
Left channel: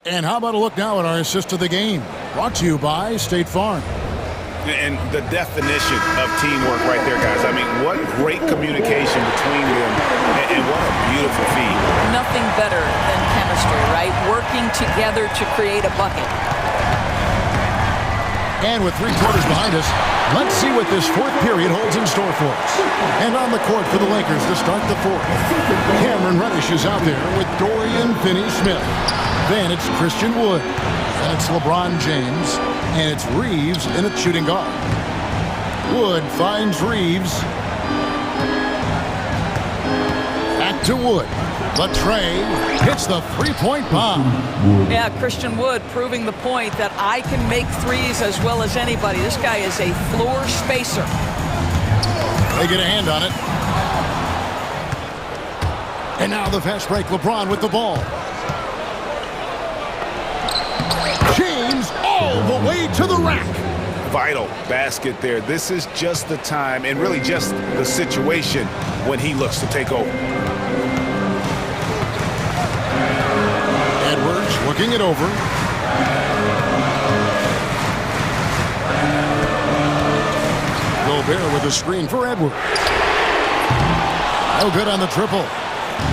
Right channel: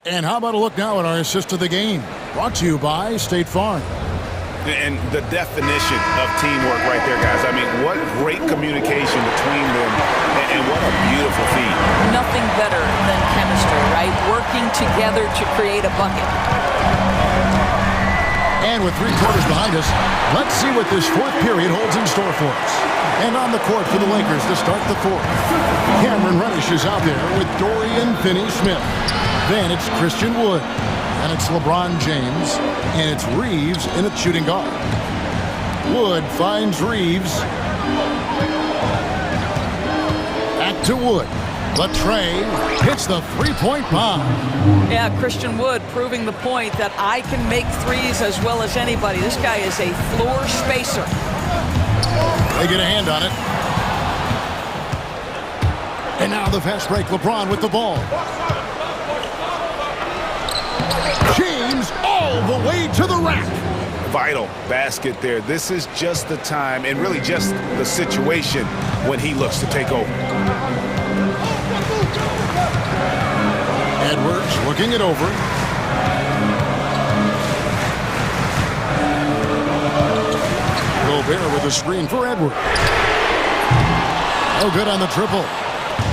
And how about a look now at our assist of the game? Brought to you by State Farm. And the definition of teamwork right there, guys. I mean, what great communication between them, and what a beautiful feed. Nothing better than chemistry, right? Working together to create a bucket. And with 3 quarters behind us, let's see what this fourth period holds in store for us. And on the court for the Lakers to start the fourth, Cameron Reddish is out there with Dorian Finney-Smith. Then it's Christian Wood. And it's LeBron James. And it's Reeves in at shooting guard. Wood finds Reeves. Back to Wood. Latrey hits the three-point bomb. Yeah, Christian Wood proving the point that I can make threes as well as anybody. This guy is a floor spacer. They get a hand on it. And now the fast break. LeBron with the ball. James all the way to the rack. Vital basket there. This is just the time and really just the situation when he looks to take over. Edwards looking it over. Gobert with a screen for Edwards. No good on the triple.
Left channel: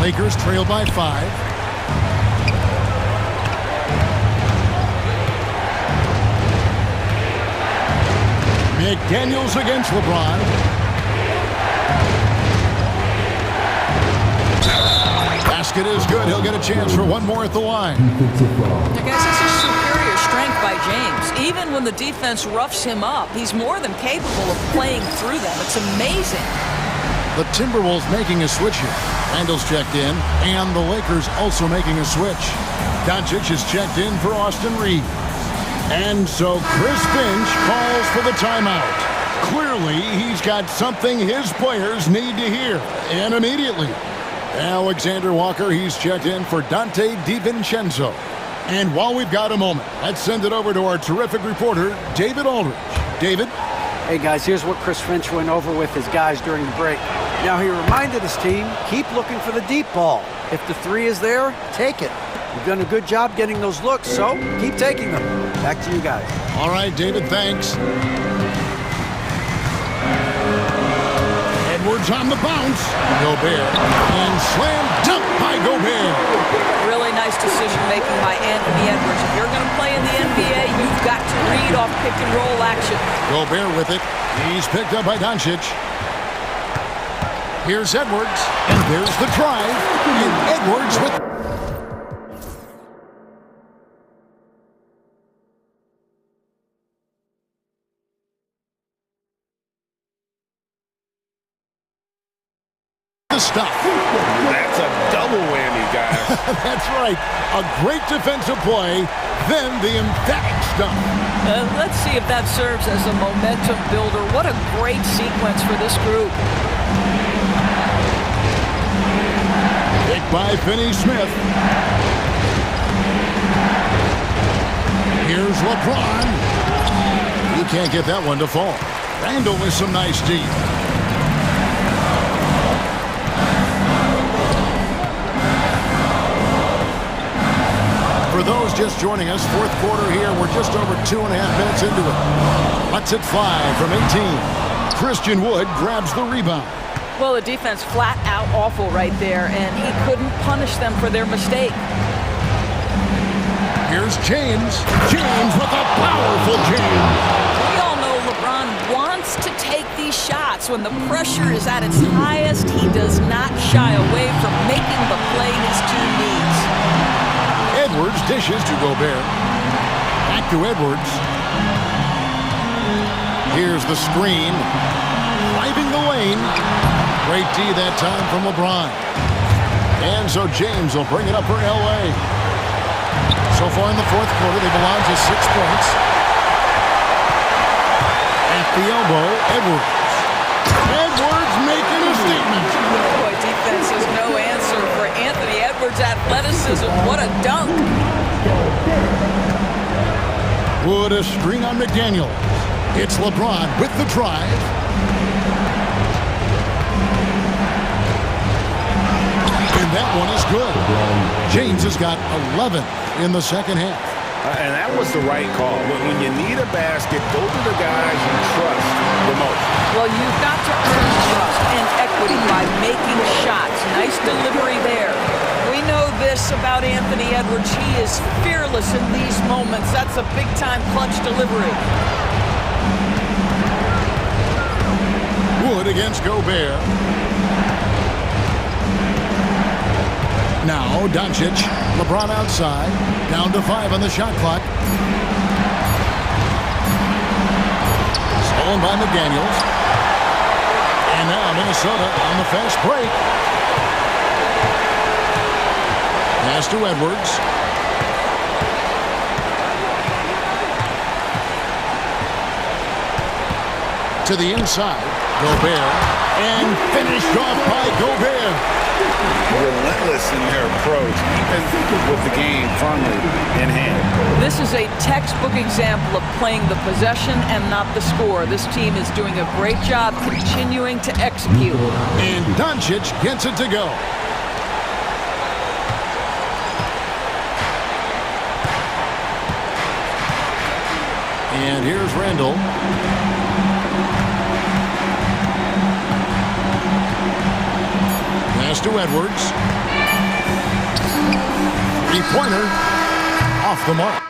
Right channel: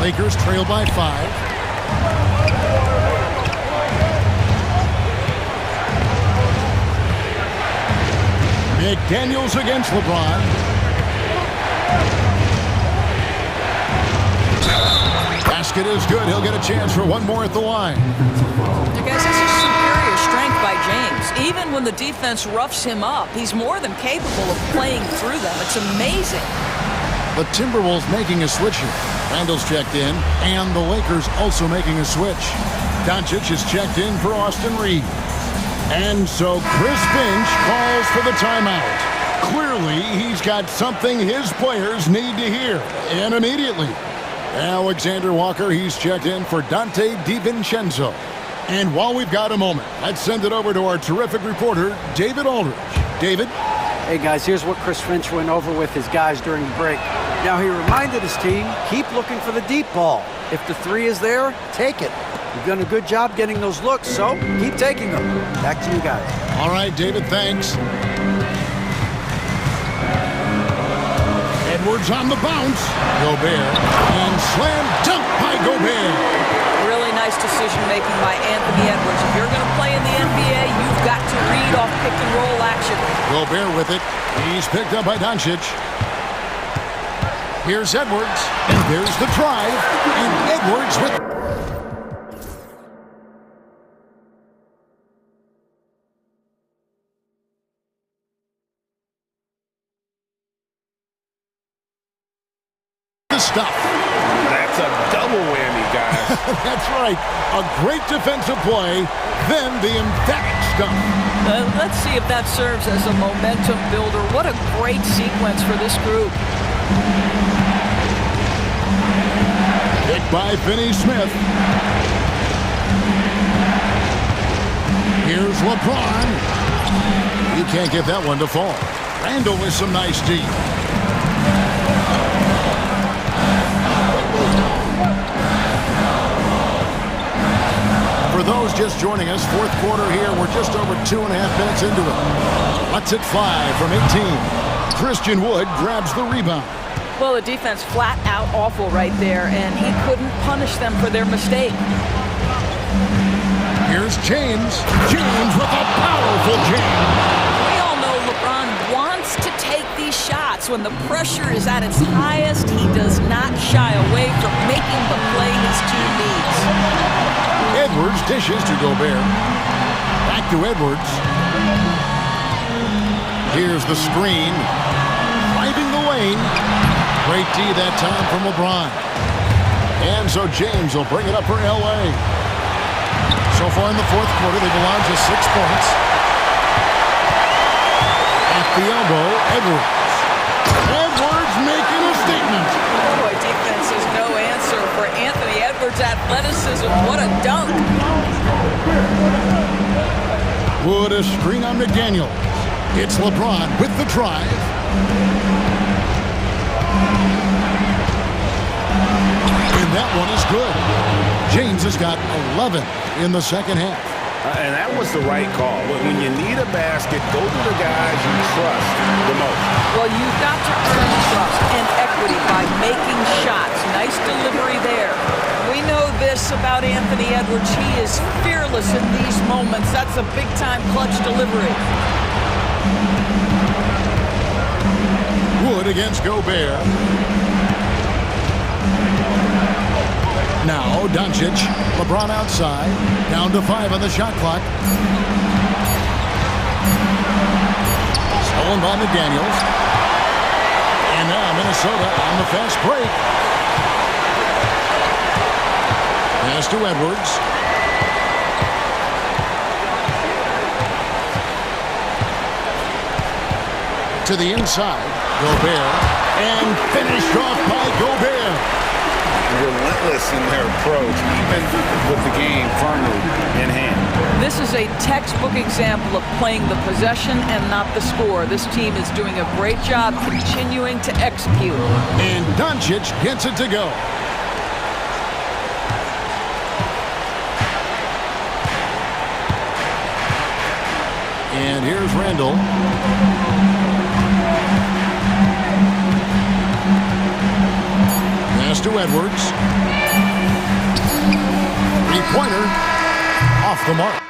Lakers trail by 5. McDaniels against LeBron. Basket is good. He'll get a chance for one more at the line. Now, guys, this is superior strength by James. Even when the defense roughs him up, he's more than capable of playing through them. It's amazing. The Timberwolves making a switch here. Randall's checked in, and the Lakers also making a switch. Doncic is checked in for Austin Reeves. And so Chris Finch calls for the timeout. Clearly, he's got something his players need to hear, and immediately. Alexander Walker, he's checked in for Dante DiVincenzo. And while we've got a moment, let's send it over to our terrific reporter, David Aldridge. David? Hey, guys, here's what Chris Finch went over with his guys during the break. Now, he reminded his team, keep looking for the deep ball. If the three is there, take it. You've done a good job getting those looks, so keep taking them. Back to you guys. All right, David, thanks. Edwards on the bounce. Gobert. And slam dunk by Gobert. Really nice decision-making by Anthony Edwards. If you're going to play in the NBA, you've got to read off pick-and-roll action. Gobert with it. He's picked up by Doncic. Here's Edwards. And there's the drive. And Edwards with... the stuff. That's a double whammy, guys. That's right. A great defensive play, then the emphatic stuff. Let's see if that serves as a momentum builder. What a great sequence for this group. Picked by Finney-Smith. Here's LeBron. He can't get that one to fall. Randall with some nice D. For those just joining us, fourth quarter here. We're just over 2.5 minutes into it. Lets it fly from 18. Christian Wood grabs the rebound. Well, the defense flat out awful right there, and he couldn't punish them for their mistake. Here's James. James with a powerful jam. We all know LeBron wants to take these shots. When the pressure is at its highest, he does not shy away from making the play his team needs. Edwards dishes to Gobert. Back to Edwards. Here's the screen. driving the lane. Great D that time from LeBron. And so James will bring it up for L.A. So far in the fourth quarter, they've allowed just 6 points. At the elbow, Edwards. Edwards making a statement. Boy, defense has no answer for Anthony Edwards' athleticism. What a dunk. Wood a screen on McDaniels. It's LeBron with the drive. And that one is good. James has got 11 in the second half. And that was the right call. When you need a basket, go to the guys you trust the most. Well, you've got to earn trust and equity by making shots. Nice delivery there. We know this about Anthony Edwards. He is fearless in these moments. That's a big-time clutch delivery. Wood against Gobert. Now Doncic. LeBron outside. Down to 5 on the shot clock. Stolen by McDaniels. And now Minnesota on the fast break. Pass to Edwards. To the inside. Gobert. And finished off by Gobert. Relentless in their approach, even with the game firmly in hand. This is a textbook example of playing the possession and not the score. This team is doing a great job continuing to execute. And Doncic gets it to go. And here's Randall. Pass to Edwards. Three-pointer off the mark.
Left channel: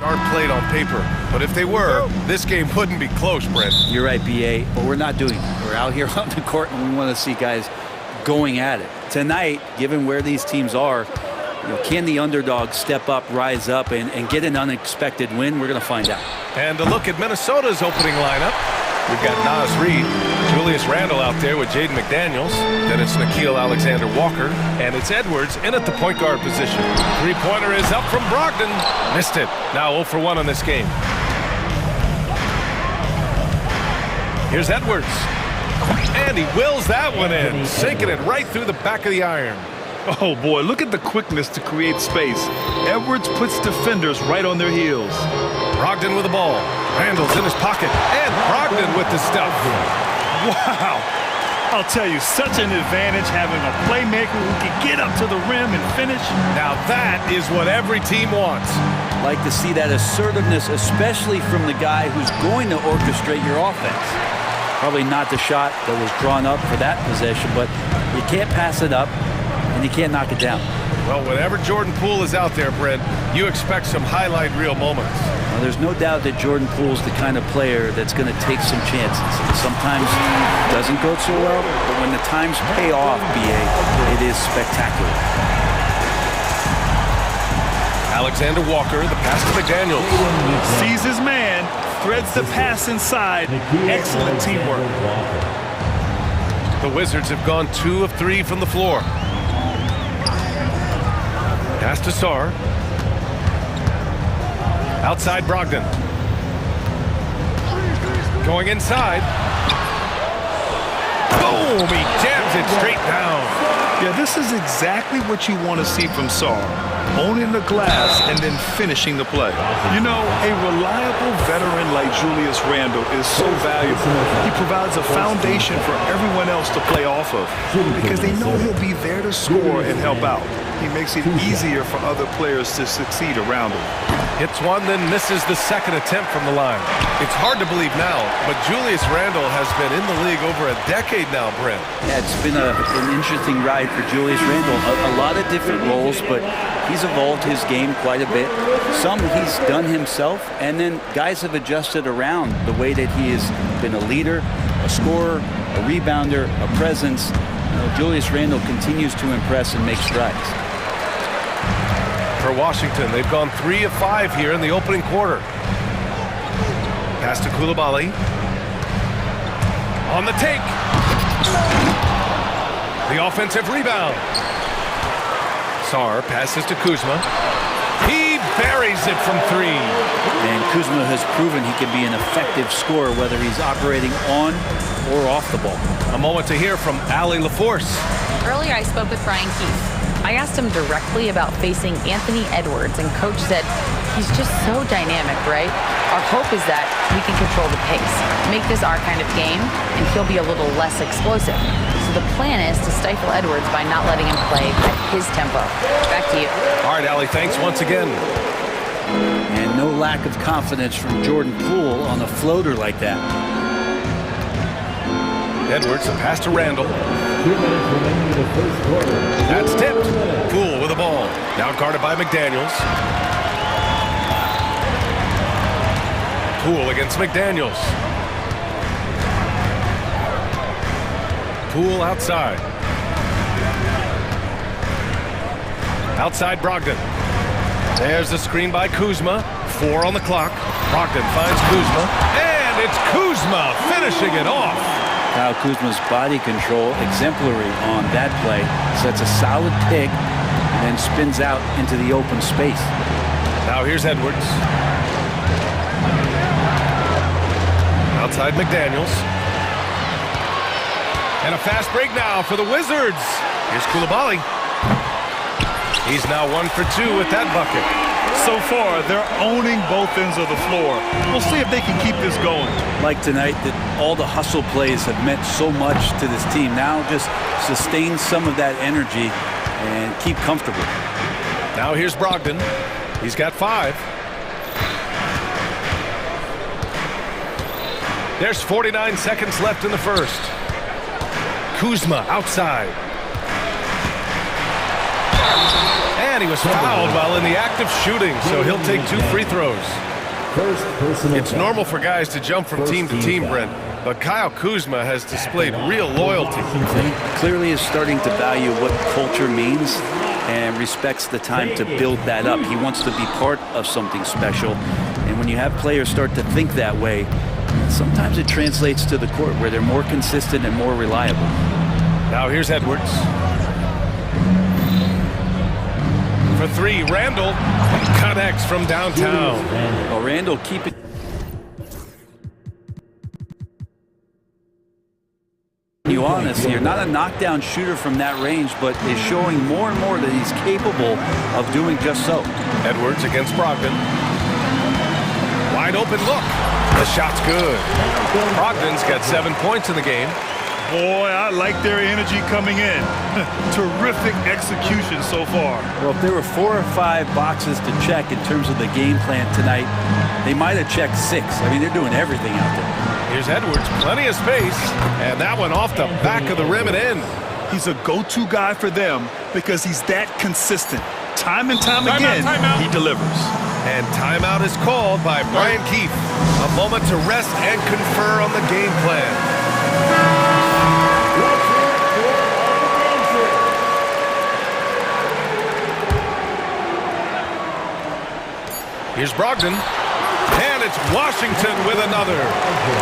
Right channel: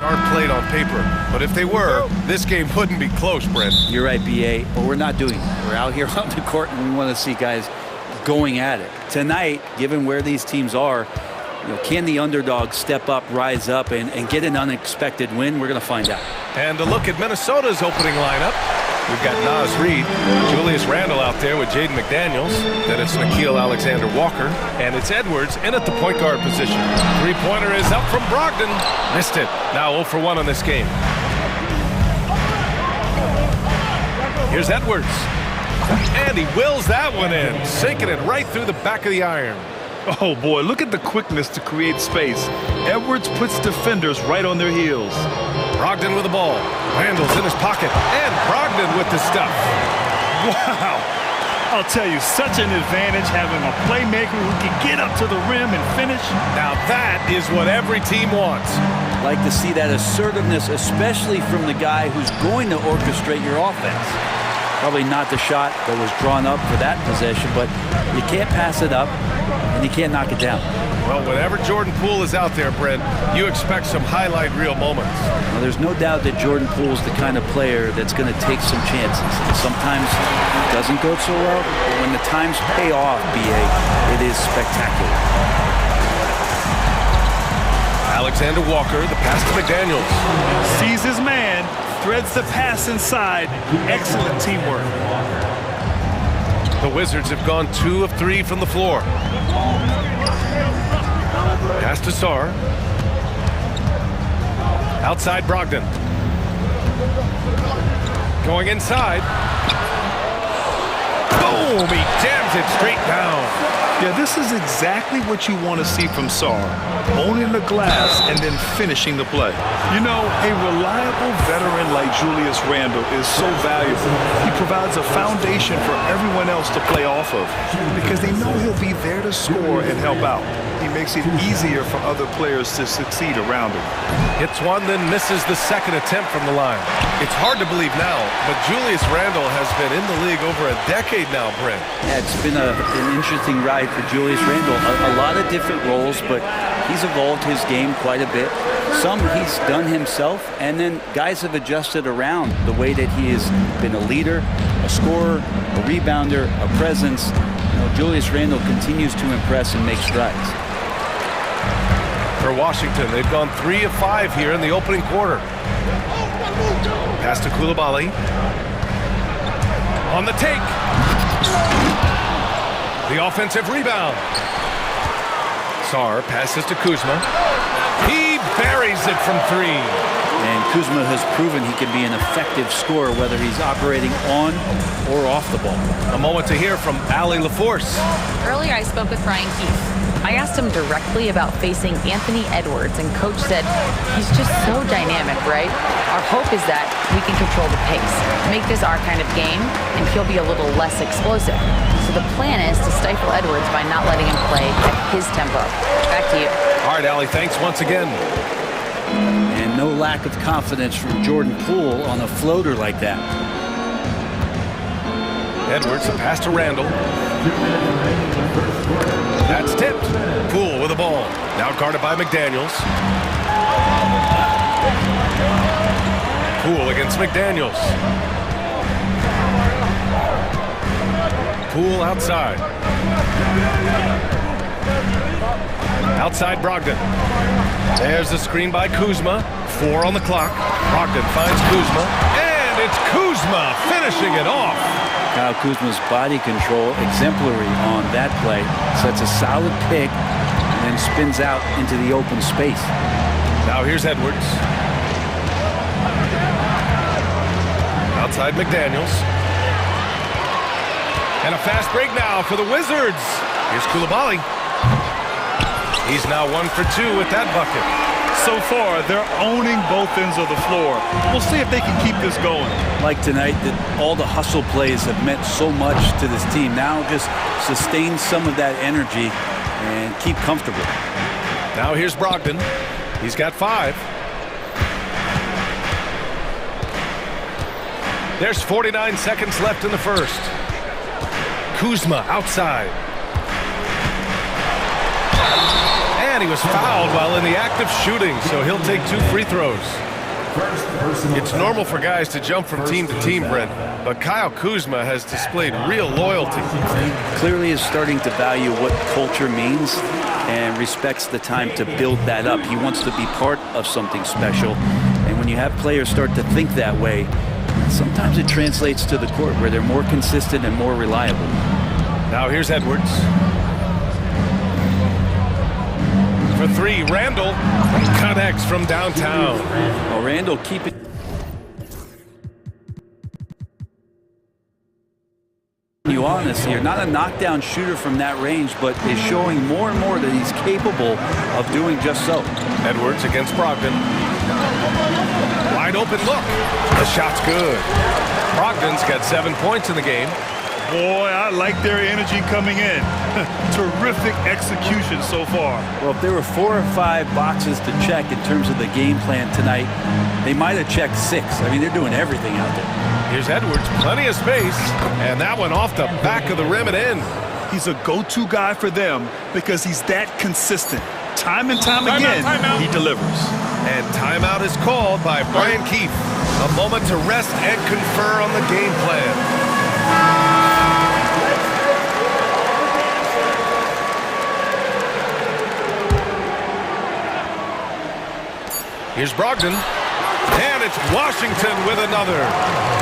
Aren't played on paper, but if they were, this game wouldn't be close, Brent. You're right, BA, but we're not doing it. We're out here on the court, and we want to see guys going at it. Tonight, given where these teams are, can the underdog step up, rise up, and get an unexpected win? We're going to find out. And a look at Minnesota's opening lineup. We've got Nas Reed, Julius Randle out there with Jaden McDaniels. Then it's Nickeil Alexander-Walker. And it's Edwards in at the point guard position. Three-pointer is up from Brogdon. Missed it. Now 0 for 1 on this game. Here's Edwards. And he wills that one in, sinking it right through the back of the iron. Oh, boy, look at the quickness to create space. Edwards puts defenders right on their heels. Brogdon with the ball. Randall's in his pocket. And Brogdon with the stuff. Wow. I'll tell you, such an advantage having a playmaker who can get up to the rim and finish. Now that is what every team wants. Like to see that assertiveness, especially from the guy who's going to orchestrate your offense. Probably not the shot that was drawn up for that possession, but you can't pass it up and you can't knock it down. Well, whenever Jordan Poole is out there, Brent, you expect some highlight reel moments. Well, there's no doubt that Jordan Poole's the kind of player that's going to take some chances. And sometimes it doesn't go so well, but when the times pay off, BA, it is spectacular. Alexander Walker, the pass to McDaniels. Sees his man, threads the pass inside. Excellent teamwork. The Wizards have gone 2 of 3 from the floor. Pass to Sarr. Outside Brogdon. Going inside. Boom! He jams it straight down. Yeah, this is exactly what you want to see from Sarr. Owning the glass and then finishing the play. You know, a reliable veteran like Julius Randle is so valuable. He provides a foundation for everyone else to play off of because they know he'll be there to score and help out. He makes it easier for other players to succeed around him. Hits one, then misses the second attempt from the line. It's hard to believe now, but Julius Randle has been in the league over a decade now, Brent. Yeah, it's been an interesting ride for Julius Randle. A lot of different roles, but he's evolved his game quite a bit. Some he's done himself, and then guys have adjusted around the way that he has been a leader, a scorer, a rebounder, a presence. Julius Randle continues to impress and make strides. For Washington, they've gone 3 of 5 here in the opening quarter. Pass to Coulibaly. On the take. The offensive rebound. Sarr passes to Kuzma. He buries it from 3. And Kuzma has proven he can be an effective scorer, whether he's operating on or off the ball. A moment to hear from Allie LaForce. Earlier, I spoke with Brian Keefe. I asked him directly about facing Anthony Edwards, and Coach said he's just so dynamic, right? Our hope is that we can control the pace, make this our kind of game, and he'll be a little less explosive. So the plan is to stifle Edwards by not letting him play at his tempo. Back to you. All right, Allie, thanks once again. And no lack of confidence from Jordan Poole on a floater like that. Edwards, a pass to Randle. That's tipped. Poole with the ball. Now guarded by McDaniels. Poole against McDaniels. Poole outside. Outside Brogdon. There's the screen by Kuzma. 4 on the clock. Brogdon finds Kuzma. And it's Kuzma finishing it off. Kyle Kuzma's body control exemplary on that play. Sets a solid pick and then spins out into the open space. Now here's Edwards. Outside McDaniels. And a fast break now for the Wizards. Here's Coulibaly. He's now 1 for 2 with that bucket. So far, they're owning both ends of the floor. We'll see if they can keep this going. Like tonight, that all the hustle plays have meant so much to this team. Now just sustain some of that energy and keep comfortable. Now here's Brogdon. He's got 5. There's 49 seconds left in the first. Kuzma outside. And And he was fouled while in the act of shooting, so he'll take 2 free throws. It's normal for guys to jump from team to team, Brent, but Kyle Kuzma has displayed real loyalty. Clearly is starting to value what culture means and respects the time to build that up. He wants to be part of something special. And when you have players start to think that way, sometimes it translates to the court where they're more consistent and more reliable. Now here's Edwards. For 3, Randall connects from downtown. Well, Randall keeping you honest here, not a knockdown shooter from that range, but is showing more and more that he's capable of doing just so. Edwards against Brogdon. Wide open look. The shot's good. Brogdon's got 7 points in the game. Boy, I like their energy coming in. Terrific execution so far. Well, if there were 4 or 5 boxes to check in terms of the game plan tonight, they might have checked 6. I mean, they're doing everything out there. Here's Edwards, plenty of space, and that one off the back of the rim and in. He's a go-to guy for them because he's that consistent. Time and time again, he delivers. And timeout is called by Brian Keefe. A moment to rest and confer on the game plan. Here's Brogdon, and it's Washington with another.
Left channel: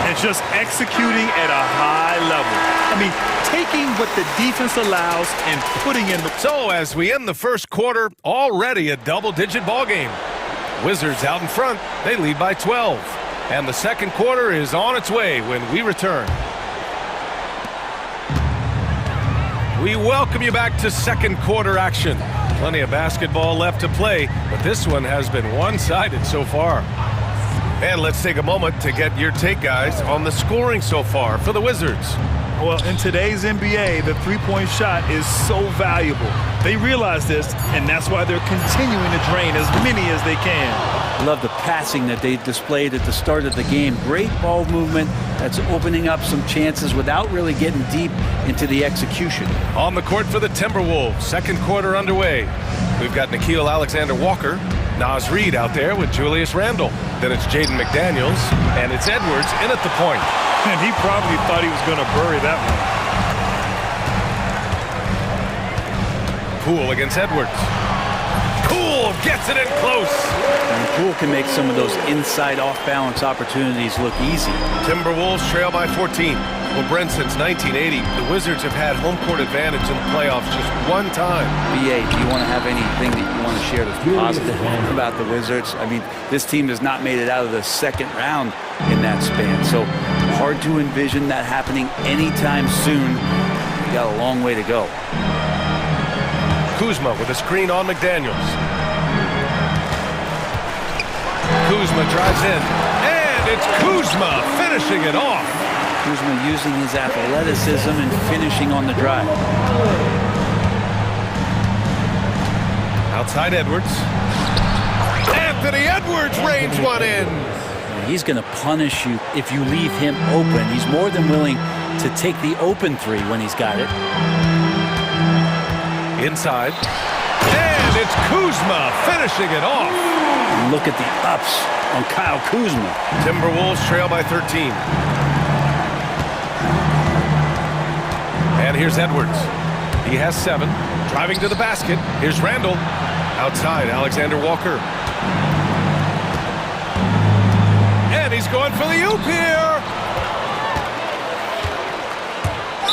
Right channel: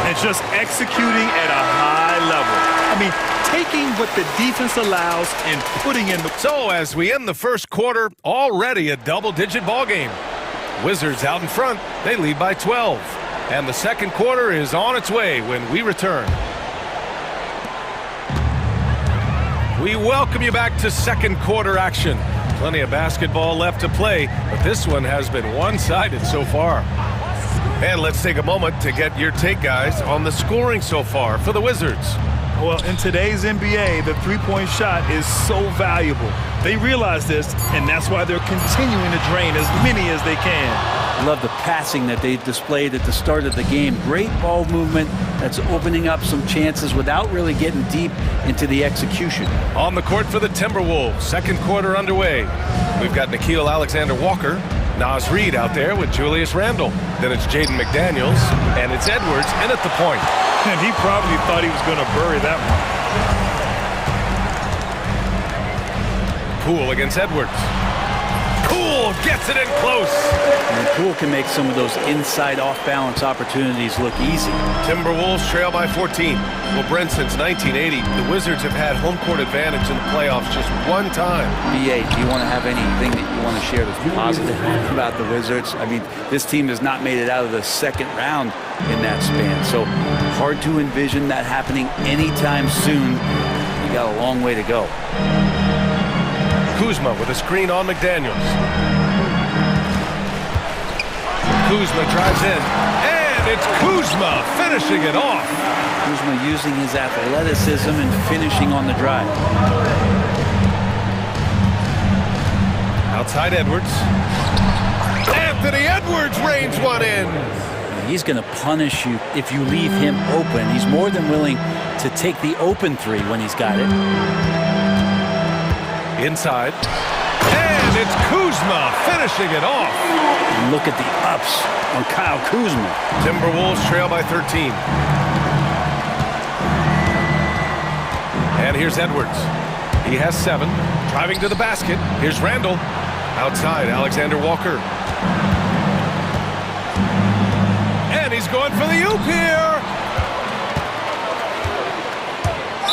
And just executing at a high level. I mean, taking what the defense allows and putting in the... So as we end the first quarter, already a double-digit ball game. Wizards out in front, they lead by 12. And the second quarter is on its way when we return. We welcome you back to second quarter action. Plenty of basketball left to play, but this one has been one-sided so far. And let's take a moment to get your take, guys, on the scoring so far for the Wizards. Well, in today's NBA, the three-point shot is so valuable. They realize this, and that's why they're continuing to drain as many as they can. I love the passing that they displayed at the start of the game. Great ball movement that's opening up some chances without really getting deep into the execution. On the court for the Timberwolves, second quarter underway. We've got Nickeil Alexander-Walker, Naz Reid out there with Julius Randle. Then it's Jaden McDaniels, and it's Edwards in at the point. And he probably thought he was going to bury that one. Poole against Edwards. Poole gets it in close. And Poole can make some of those inside off-balance opportunities look easy. Timberwolves trail by 14. Well, Brent, since 1980, the Wizards have had home court advantage in the playoffs just one time. BA, do you want to have anything that you want to share that's positive about the Wizards? I mean, this team has not made it out of the second round in that span, so hard to envision that happening anytime soon. We got a long way to go. Kuzma with a screen on McDaniels. Kuzma drives in, and it's Kuzma finishing it off. Kuzma using his athleticism and finishing on the drive. Outside Edwards. Anthony Edwards rains one in. He's going to punish you if you leave him open. He's more than willing to take the open three when he's got it. Inside. And it's Kuzma finishing it off. And look at the ups on Kyle Kuzma. Timberwolves trail by 13. And here's Edwards. He has 7. Driving to the basket. Here's Randall. Outside, Alexander Walker. And he's going for the oop here.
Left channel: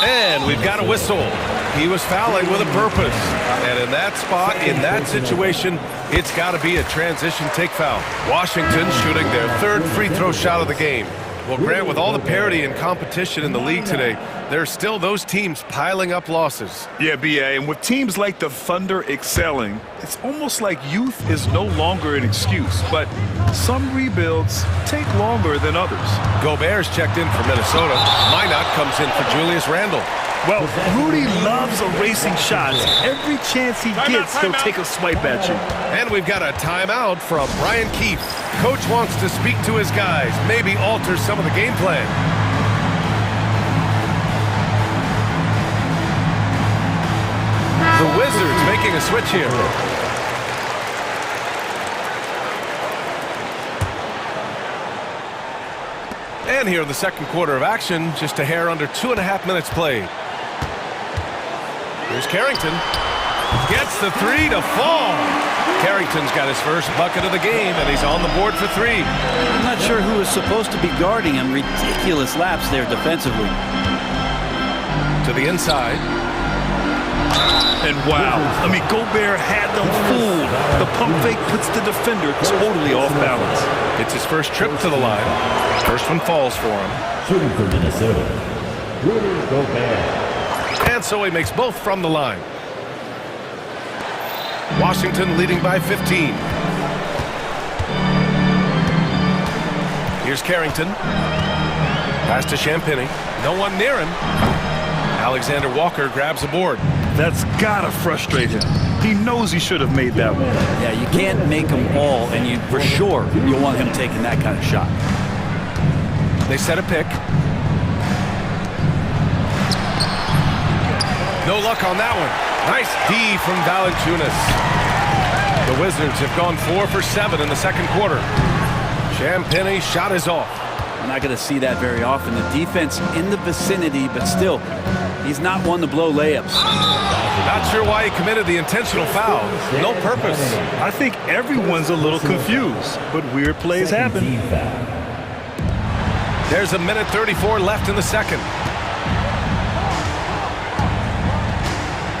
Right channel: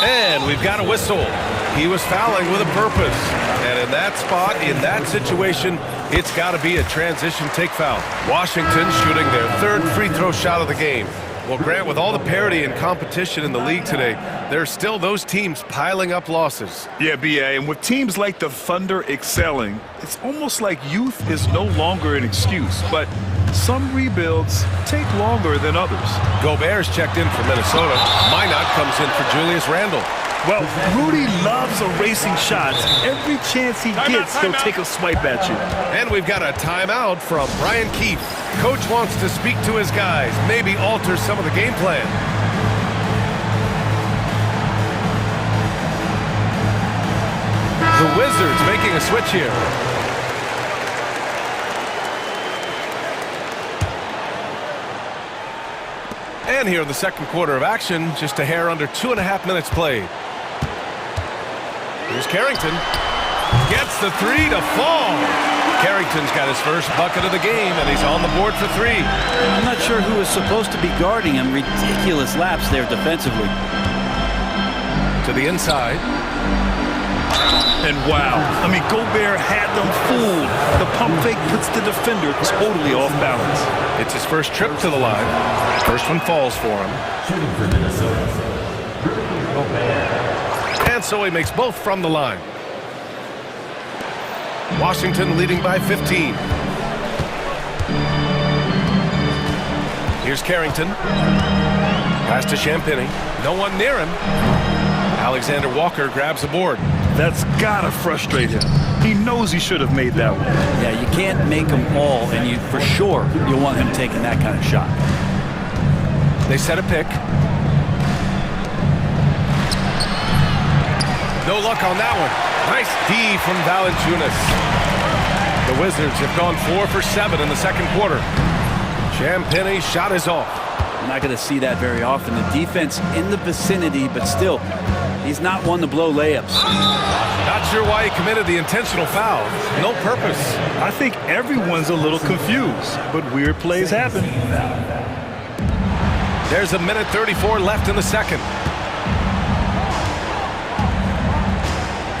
And we've got a whistle. He was fouling with a purpose. And in that spot, in that situation, it's got to be a transition take foul. Washington shooting their 3rd free throw shot of the game. Well, Grant, with all the parity and competition in the league today, there's still those teams piling up losses. Yeah, BA, and with teams like the Thunder excelling, it's almost like youth is no longer an excuse, but some rebuilds take longer than others. Gobert's checked in for Minnesota. Minot comes in for Julius Randle. Well, Rudy loves erasing shots. Every chance he gets, he'll take a swipe at you. And we've got a timeout from Brian Keefe. Coach wants to speak to his guys, maybe alter some of the game plan. The Wizards making a switch here. again here in the second quarter of action. Just a hair under 2.5 minutes played. Here's Carrington. Gets the three to fall. Carrington's got his first bucket of the game, and he's on the board for three. I'm not sure who is supposed to be guarding him. Ridiculous laps there defensively. To the inside. And wow, I mean, Gobert had them fooled. The pump fake puts the defender totally off balance. It's his first trip to the line. First one falls for him. Shooting for Minnesota, Rudy Gobert. And so he makes both from the line. Washington leading by 15. Here's Carrington. Pass to Champagny. No one near him. Alexander Walker grabs the board. That's gotta frustrate him. He knows he should have made that one. Yeah, you can't make them all, and you for sure you'll want him taking that kind of shot. They set a pick. No luck on that one. Nice D from Valanciunas. The Wizards have gone 4 for 7 in the second quarter. Champagny shot is off. We're not going to see that very often. The defense in the vicinity, but still, he's not one to blow layups. Not sure why he committed the intentional foul. No purpose. I think everyone's a little confused, but weird plays happen. There's a minute 34 left in the second.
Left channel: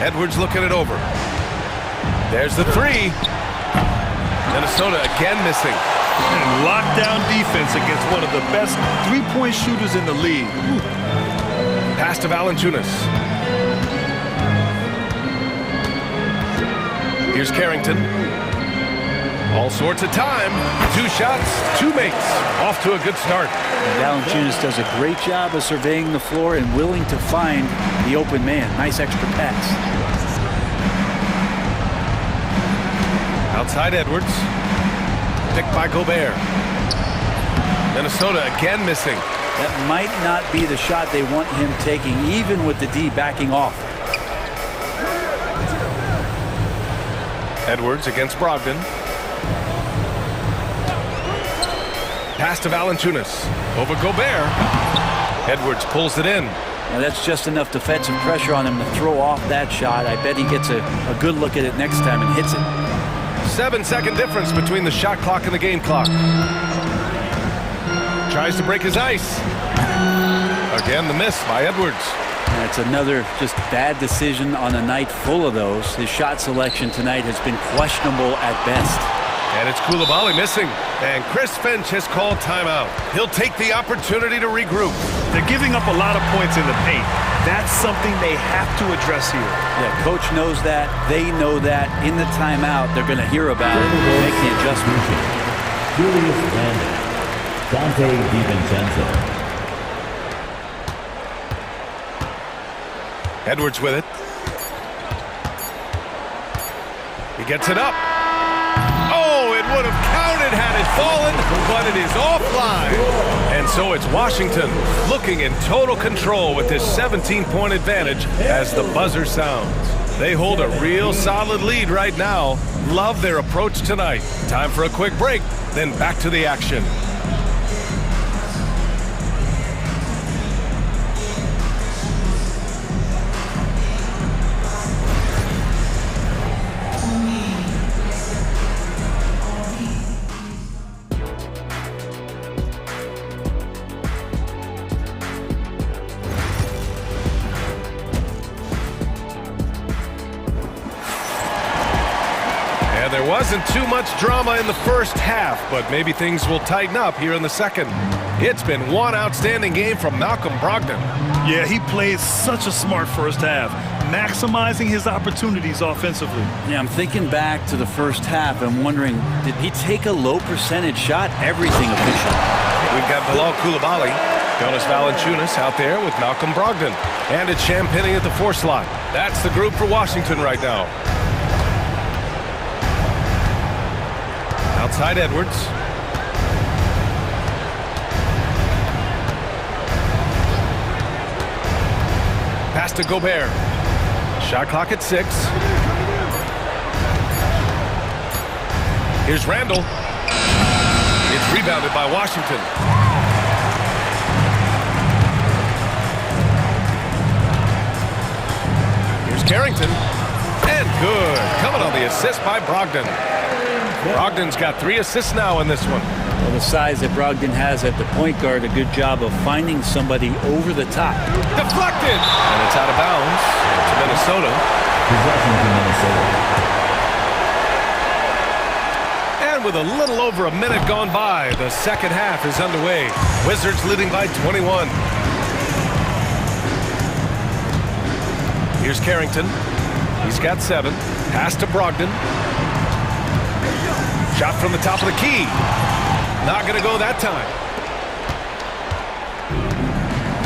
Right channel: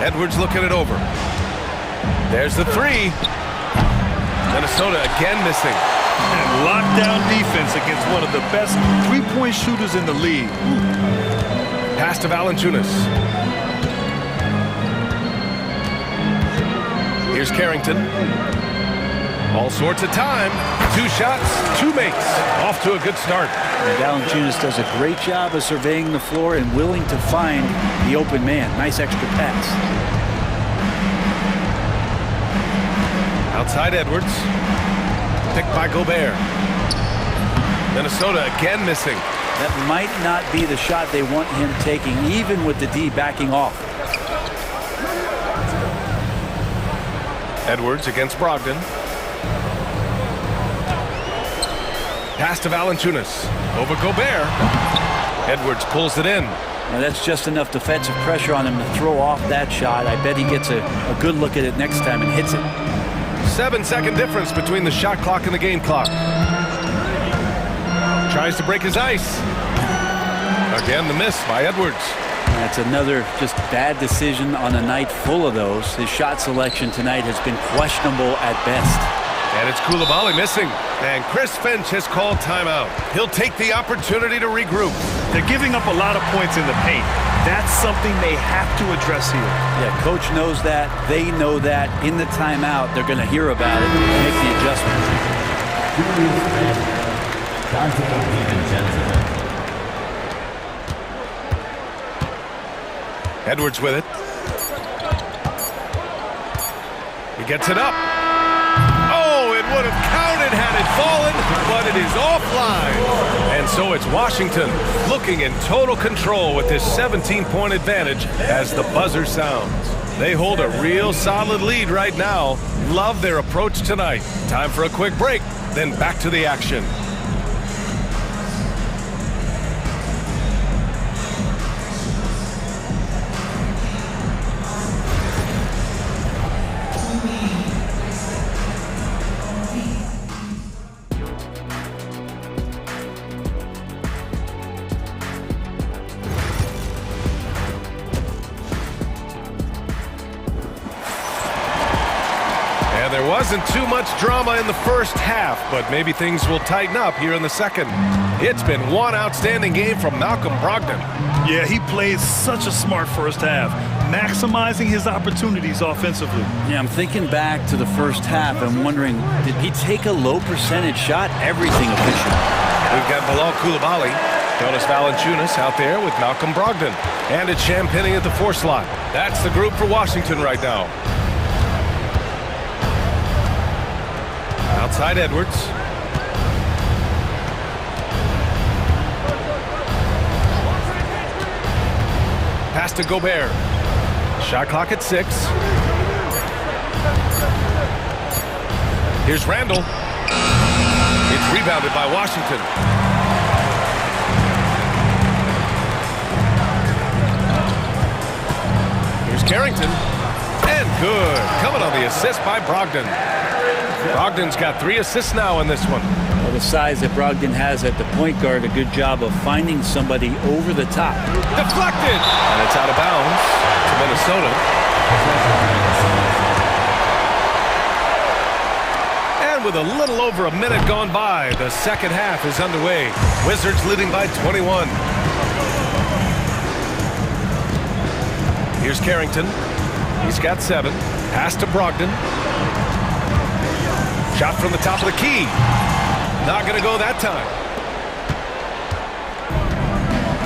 Edwards looking it over. There's the three. Minnesota again missing. And lockdown defense against one of the best three-point shooters in the league. Ooh. Pass to Valanciunas. Here's Carrington. All sorts of time. 2 shots, 2 makes. Off to a good start. And Valanciunas does a great job of surveying the floor and willing to find the open man. Nice extra pass. Outside Edwards. Picked by Gobert. Minnesota again missing. That might not be the shot they want him taking, even with the D backing off. Edwards against Brogdon. Pass to Valanciunas. Over Gobert. Edwards pulls it in. Now that's just enough defensive pressure on him to throw off that shot. I bet he gets a good look at it next time and hits it. 7-second difference between the shot clock and the game clock. Tries to break his ice. Again, the miss by Edwards. That's another just bad decision on a night full of those. His shot selection tonight has been questionable at best. And it's Coulibaly missing. And Chris Finch has called timeout. He'll take the opportunity to regroup. They're giving up a lot of points in the paint. That's something they have to address here. Yeah, coach knows that. They know that. In the timeout, they're going to hear about it and make the adjustment. Julius Randle, Dante DiVincenzo. Edwards with it. He gets it up. Oh, it would have counted had it fallen, but it is offline. And so it's Washington looking in total control with this 17-point advantage as the buzzer sounds. They hold a real solid lead right now. Love their approach tonight. Time for a quick break, then back to the action. There wasn't too much drama in the first half, but maybe things will tighten up here in the second. It's been one outstanding game from Malcolm Brogdon. Yeah, he played such a smart first half, maximizing his opportunities offensively. Yeah, I'm thinking back to the first half and wondering, did he take a low percentage shot? Everything efficient. We've got Bilal Coulibaly, Jonas Valanciunas out there with Malcolm Brogdon. And it's Champagny at the 4 slot. That's the group for Washington right now. Outside Edwards. Pass to Gobert. Shot clock at 6. Here's Randle. It's rebounded by Washington. Carrington. And good. Coming on the assist by Brogdon. Brogdon's got 3 assists now in this one. Well, the size that Brogdon has at the point guard, a good job of finding somebody over the top. Deflected! And it's out of bounds to Minnesota. And with a little over a minute gone by, the second half is underway. Wizards leading by 21. Here's Carrington. He's got 7. Pass to Brogdon. Shot from the top of the key. Not going to go that time.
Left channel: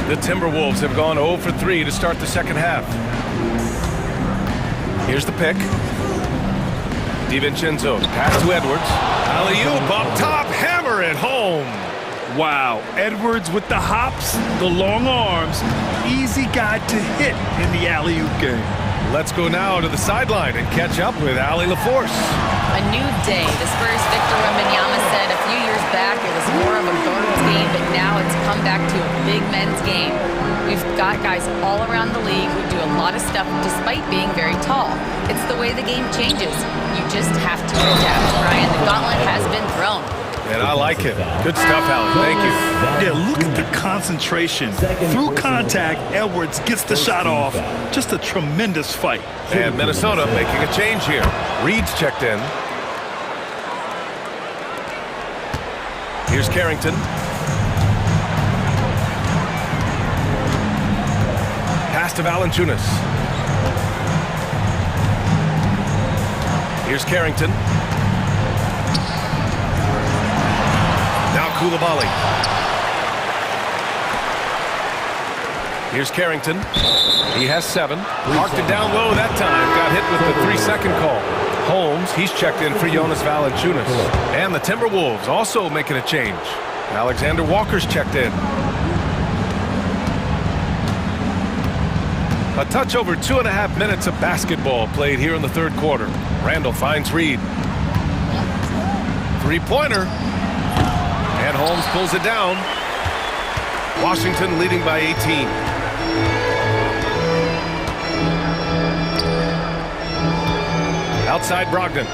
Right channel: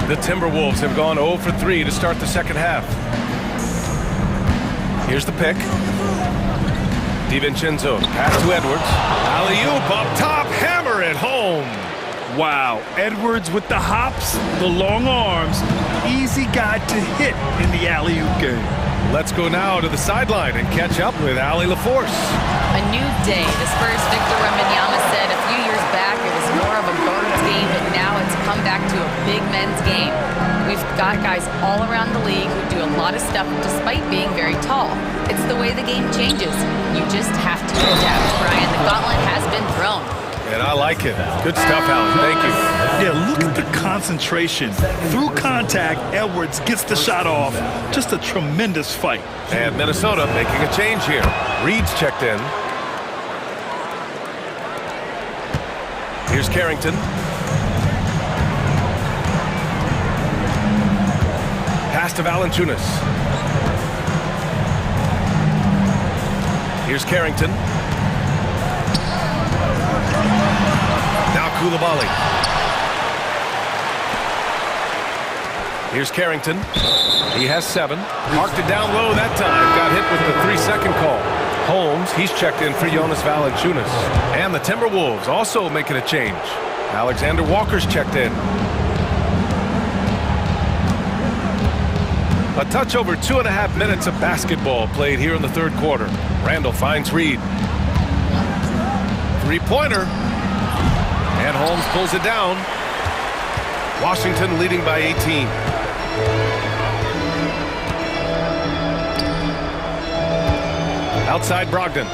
The Timberwolves have gone 0 for 3 to start the second half. Here's the pick. DiVincenzo, pass to Edwards. Alley-oop up top, hammer it home. Wow, Edwards with the hops, the long arms, easy guy to hit in the alley-oop game. Let's go now to the sideline and catch up with Allie LaForce. A new day. The Spurs' Victor Wembanyama said a few years back it was more of a guards game, but now it's come back to a big men's game. We've got guys all around the league who do a lot of stuff despite being very tall. It's the way the game changes. You just have to adapt, Brian. The gauntlet has been thrown. And I like it. Good stuff, Allie. Thank you. Yeah, look at the concentration. Through contact, Edwards gets the shot off. Just a tremendous fight. And Minnesota making a change here. Reed's checked in. Here's Carrington. Pass to Valanciunas. Here's Carrington. Now Koulibaly. Here's Carrington. He has 7. Marked it down low that time. Got hit with the 3-second call. Holmes, he's checked in for Jonas Valanciunas. And the Timberwolves also making a change. Alexander Walker's checked in. A touch over 2.5 minutes of basketball played here in the third quarter. Randall finds Reed. 3-pointer. And Holmes pulls it down. Washington leading by 18. Outside Brogdon.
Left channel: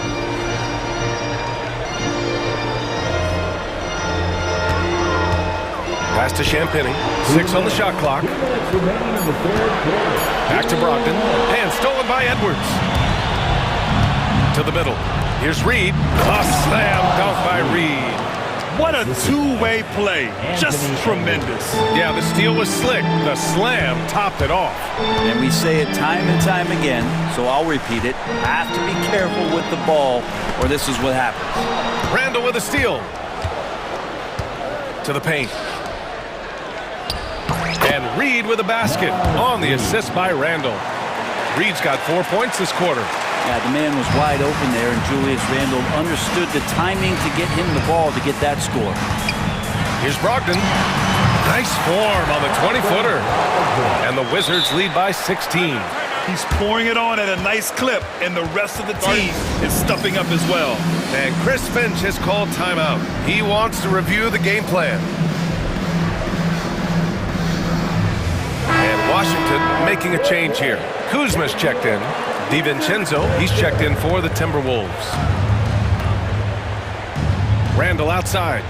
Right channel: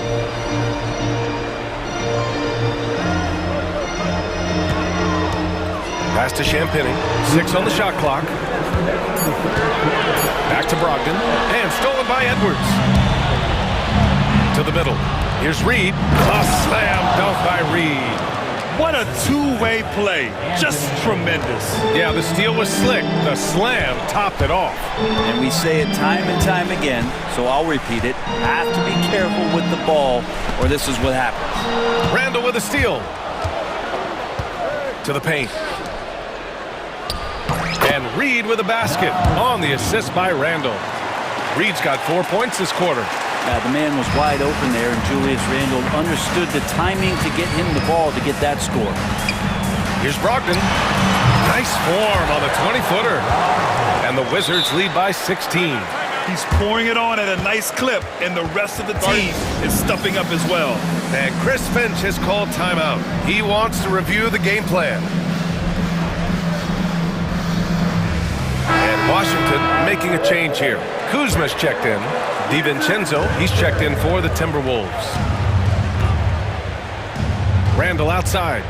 Pass to Champagny. 6 on the shot clock. Back to Brogdon. And stolen by Edwards. To the middle. Here's Reed. A slam dunk by Reed. What a two-way play. Just tremendous. Yeah, the steal was slick. The slam topped it off. And we say it time and time again, so I'll repeat it. Have to be careful with the ball, or this is what happens. Randall with a steal. To the paint. And Reed with a basket on the assist by Randall. Reed's got 4 points this quarter. Yeah, the man was wide open there, and Julius Randle understood the timing to get him the ball to get that score. Here's Brogdon. Nice form on the 20-footer. And the Wizards lead by 16. He's pouring it on at a nice clip, and the rest of the team is stepping up as well. And Chris Finch has called timeout. He wants to review the game plan. And Washington making a change here. Kuzma's checked in. DiVincenzo, he's checked in for the Timberwolves. Randall outside.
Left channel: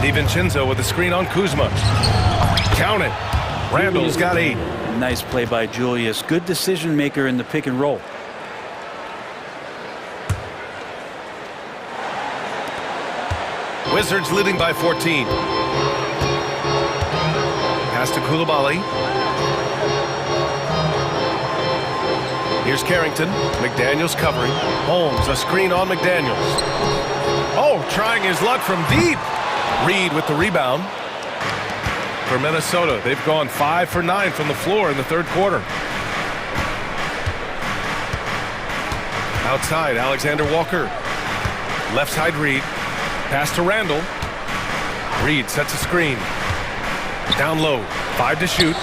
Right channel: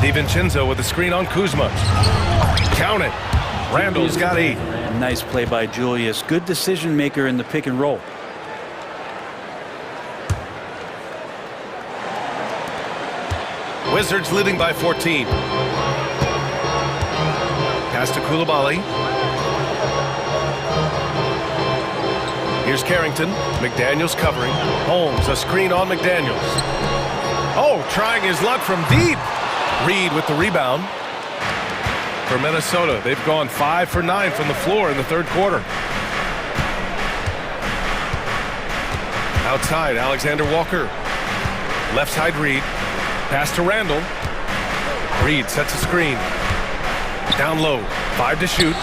DiVincenzo with a screen on Kuzma. Count it. Randall's got 8. Nice play by Julius. Good decision maker in the pick and roll. Wizards leading by 14. Pass to Koulibaly. Here's Carrington. McDaniels covering. Holmes, a screen on McDaniels. Oh, trying his luck from deep. Reed with the rebound. For Minnesota, they've gone 5 for 9 from the floor in the third quarter. Outside, Alexander Walker. Left side, Reed. Pass to Randall. Reed sets a screen. Down low, 5 to shoot.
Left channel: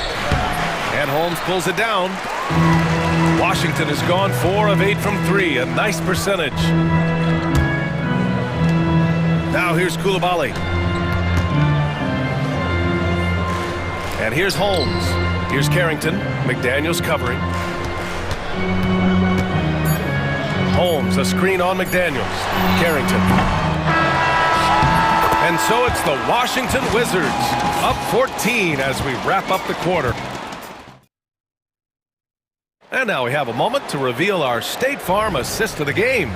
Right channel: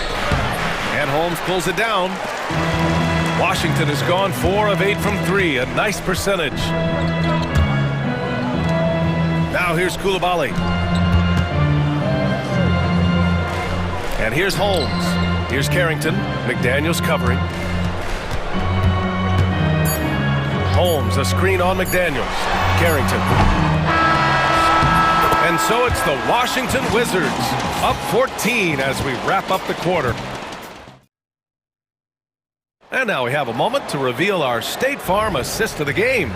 And Holmes pulls it down. Washington has gone 4 of 8 from 3, a nice percentage. Now here's Koulibaly. And here's Holmes. Here's Carrington. McDaniels covering. Holmes, a screen on McDaniels. Carrington. And so it's the Washington Wizards, up 14 as we wrap up the quarter. And now we have a moment to reveal our State Farm assist of the game.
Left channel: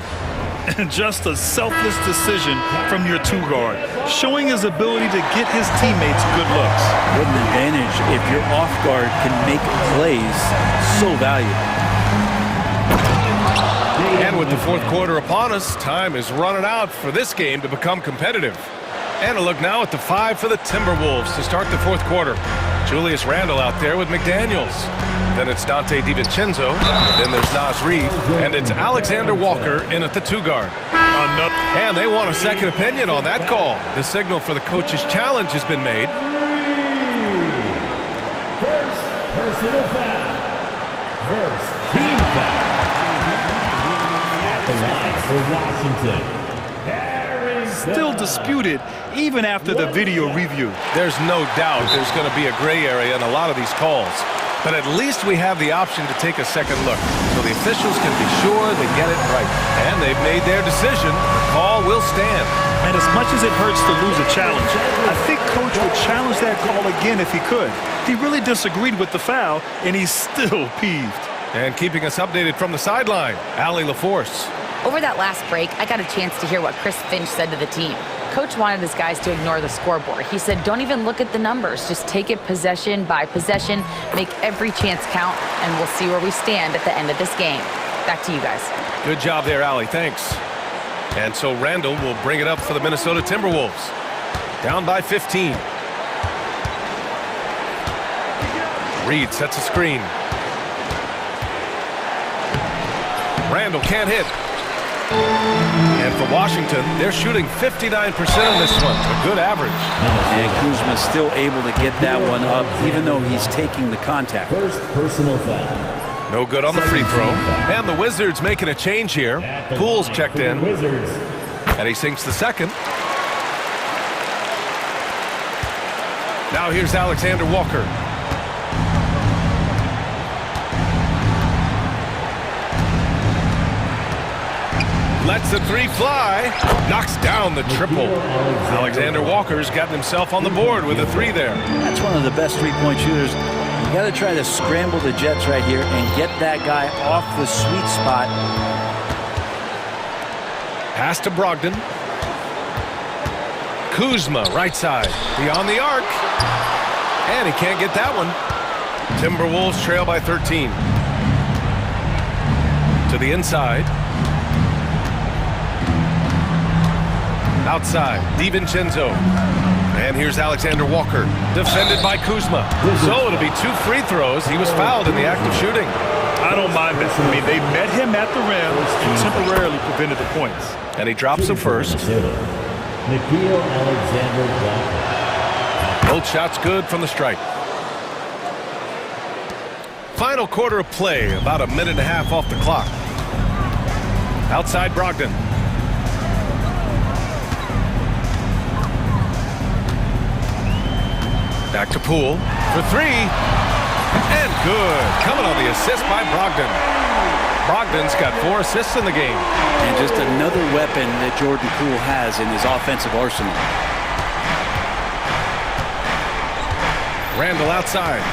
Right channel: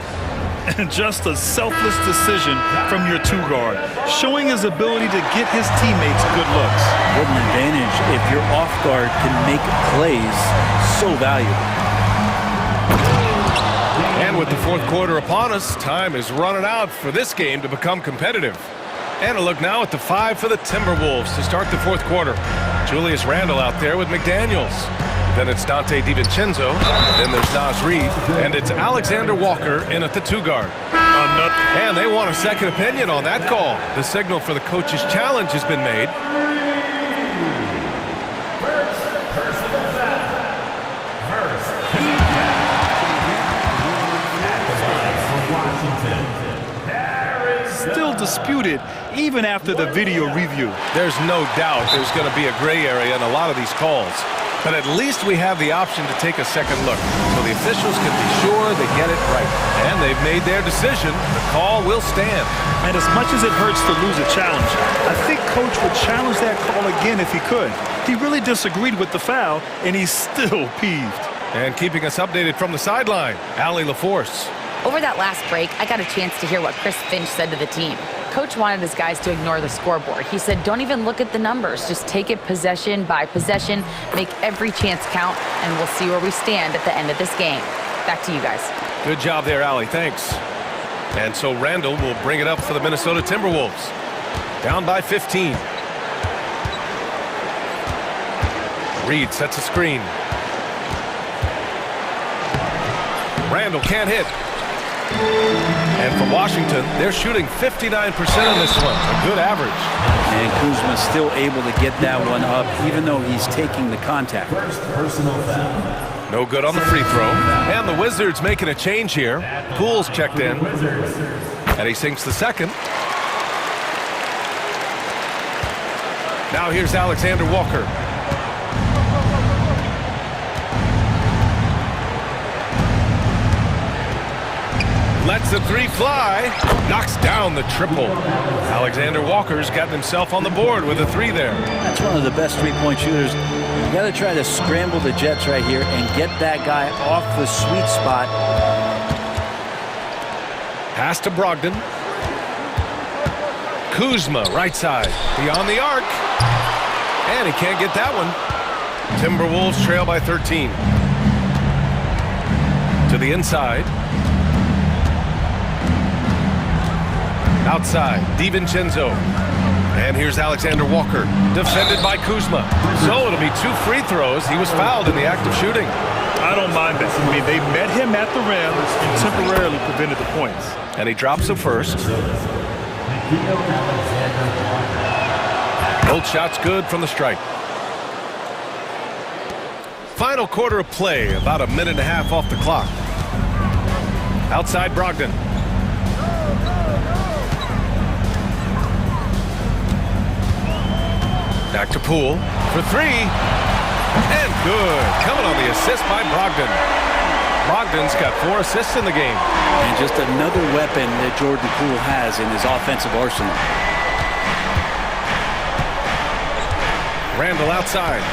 And just a selfless decision from your two-guard, showing his ability to get his teammates good looks. What an advantage if your off-guard can make plays so valuable. And with the fourth quarter upon us, time is running out for this game to become competitive. And a look now at the 5 for the Timberwolves to start the fourth quarter. Julius Randle out there with McDaniels. Then it's Dante DiVincenzo. Then there's Naz Reid. And it's Alexander Walker in at the 2-guard. And they want a second opinion on that call. The signal for the coach's challenge has been made. First personal foul. First team foul. At the line for Washington. Still disputed even after the video review. There's no doubt there's going to be a gray area in a lot of these calls. But at least we have the option to take a second look, so the officials can be sure they get it right. And they've made their decision. The call will stand. And as much as it hurts to lose a challenge, I think Coach would challenge that call again if he could. He really disagreed with the foul, and he's still peeved. And keeping us updated from the sideline, Allie LaForce. Over that last break, I got a chance to hear what Chris Finch said to the team. Coach wanted his guys to ignore the scoreboard. He said, don't even look at the numbers. Just take it possession by possession, make every chance count, and we'll see where we stand at the end of this game. Back to you guys. Good job there, Allie. Thanks. And so Randall will bring it up for the Minnesota Timberwolves. Down by 15. Reed sets a screen. Randall can't hit. And for Washington, they're shooting 59% on this one, a good average. And Kuzma's still able to get that one up, even though he's taking the contact. First personal foul. No good on the free throw. And the Wizards making a change here. Poole's checked in. And he sinks the second. Now here's Alexander Walker. Lets the three fly. Knocks down the triple. Alexander Walker's gotten himself on the board with a three there. That's one of the best three-point shooters. You got to try to scramble the Jets right here and get that guy off the sweet spot. Pass to Brogdon. Kuzma, right side. Beyond the arc. And he can't get that one. Timberwolves trail by 13. To the inside. Outside, DiVincenzo. And here's Alexander Walker, defended by Kuzma. So it'll be 2 free throws. He was fouled in the act of shooting. I don't mind that. I mean, they met him at the rim and temporarily prevented the points. And he drops the first. Nickeil Alexander Walker. Both shots good from the stripe. Final quarter of play, about a minute and a half off the clock. Outside Brogdon. Back to Poole for three. And good. Coming on the assist by Brogdon. Brogdon's got 4 assists in the game. And just another weapon that Jordan Poole has in his offensive arsenal. Randall outside.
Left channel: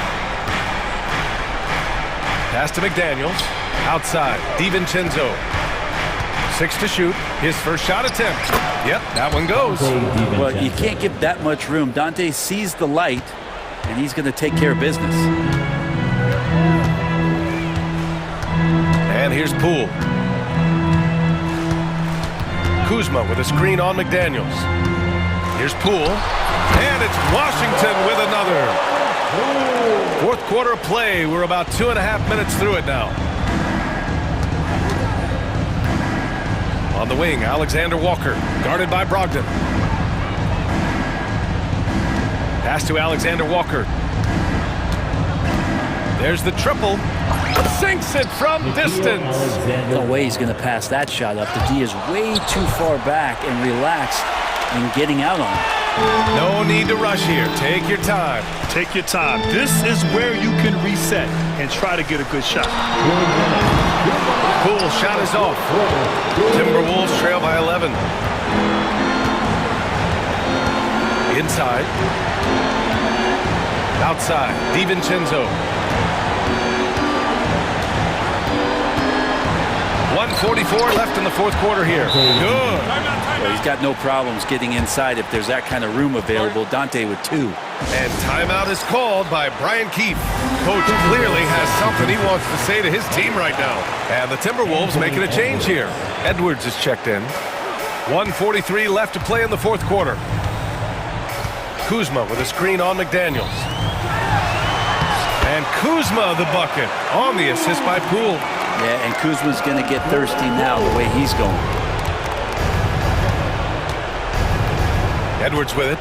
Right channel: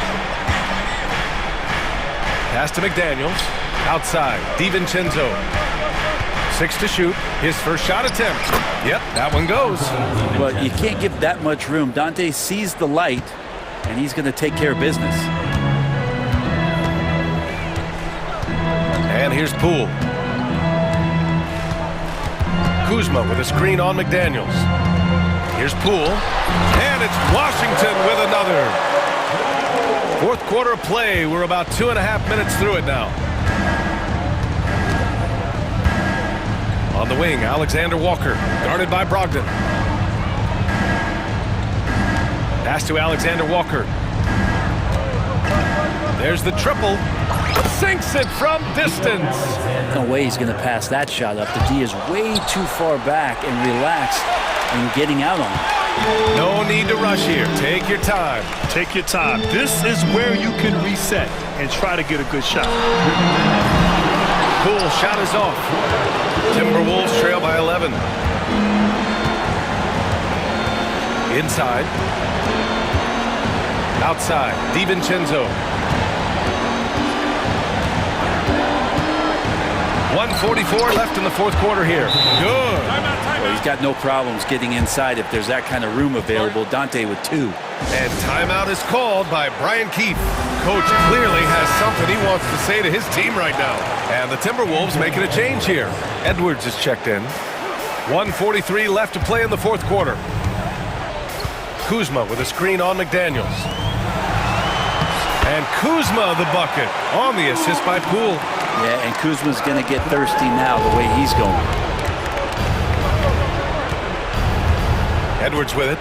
Pass to McDaniels. Outside. DiVincenzo. 6 to shoot. His first shot attempt. Yep, that one goes. Well, you can't give that much room. Dante sees the light, and he's going to take care of business. And here's Poole. Kuzma with a screen on McDaniels. Here's Poole. And it's Washington with another. Fourth quarter of play. We're about 2.5 minutes through it now. On the wing, Alexander Walker, guarded by Brogdon. Pass to Alexander Walker. There's the triple. Sinks it from distance. No way he's going to pass that shot up. The D is way too far back and relaxed in getting out on him. No need to rush here. Take your time. Take your time. This is where you can reset and try to get a good shot. Poole shot is off. Timberwolves trail by 11. Inside. Outside. DiVincenzo. 1:44 left in the fourth quarter here. Good. Well, he's got no problems getting inside if there's that kind of room available. Dante with 2. And timeout is called by Brian Keefe. Coach clearly has something he wants to say to his team right now. And the Timberwolves making a change here. Edwards is checked in. 1:43 left to play in the fourth quarter. Kuzma with a screen on McDaniels. And Kuzma the bucket on the assist by Poole. Yeah, and Kuzma's going to get thirsty now the way he's going. Edwards with it.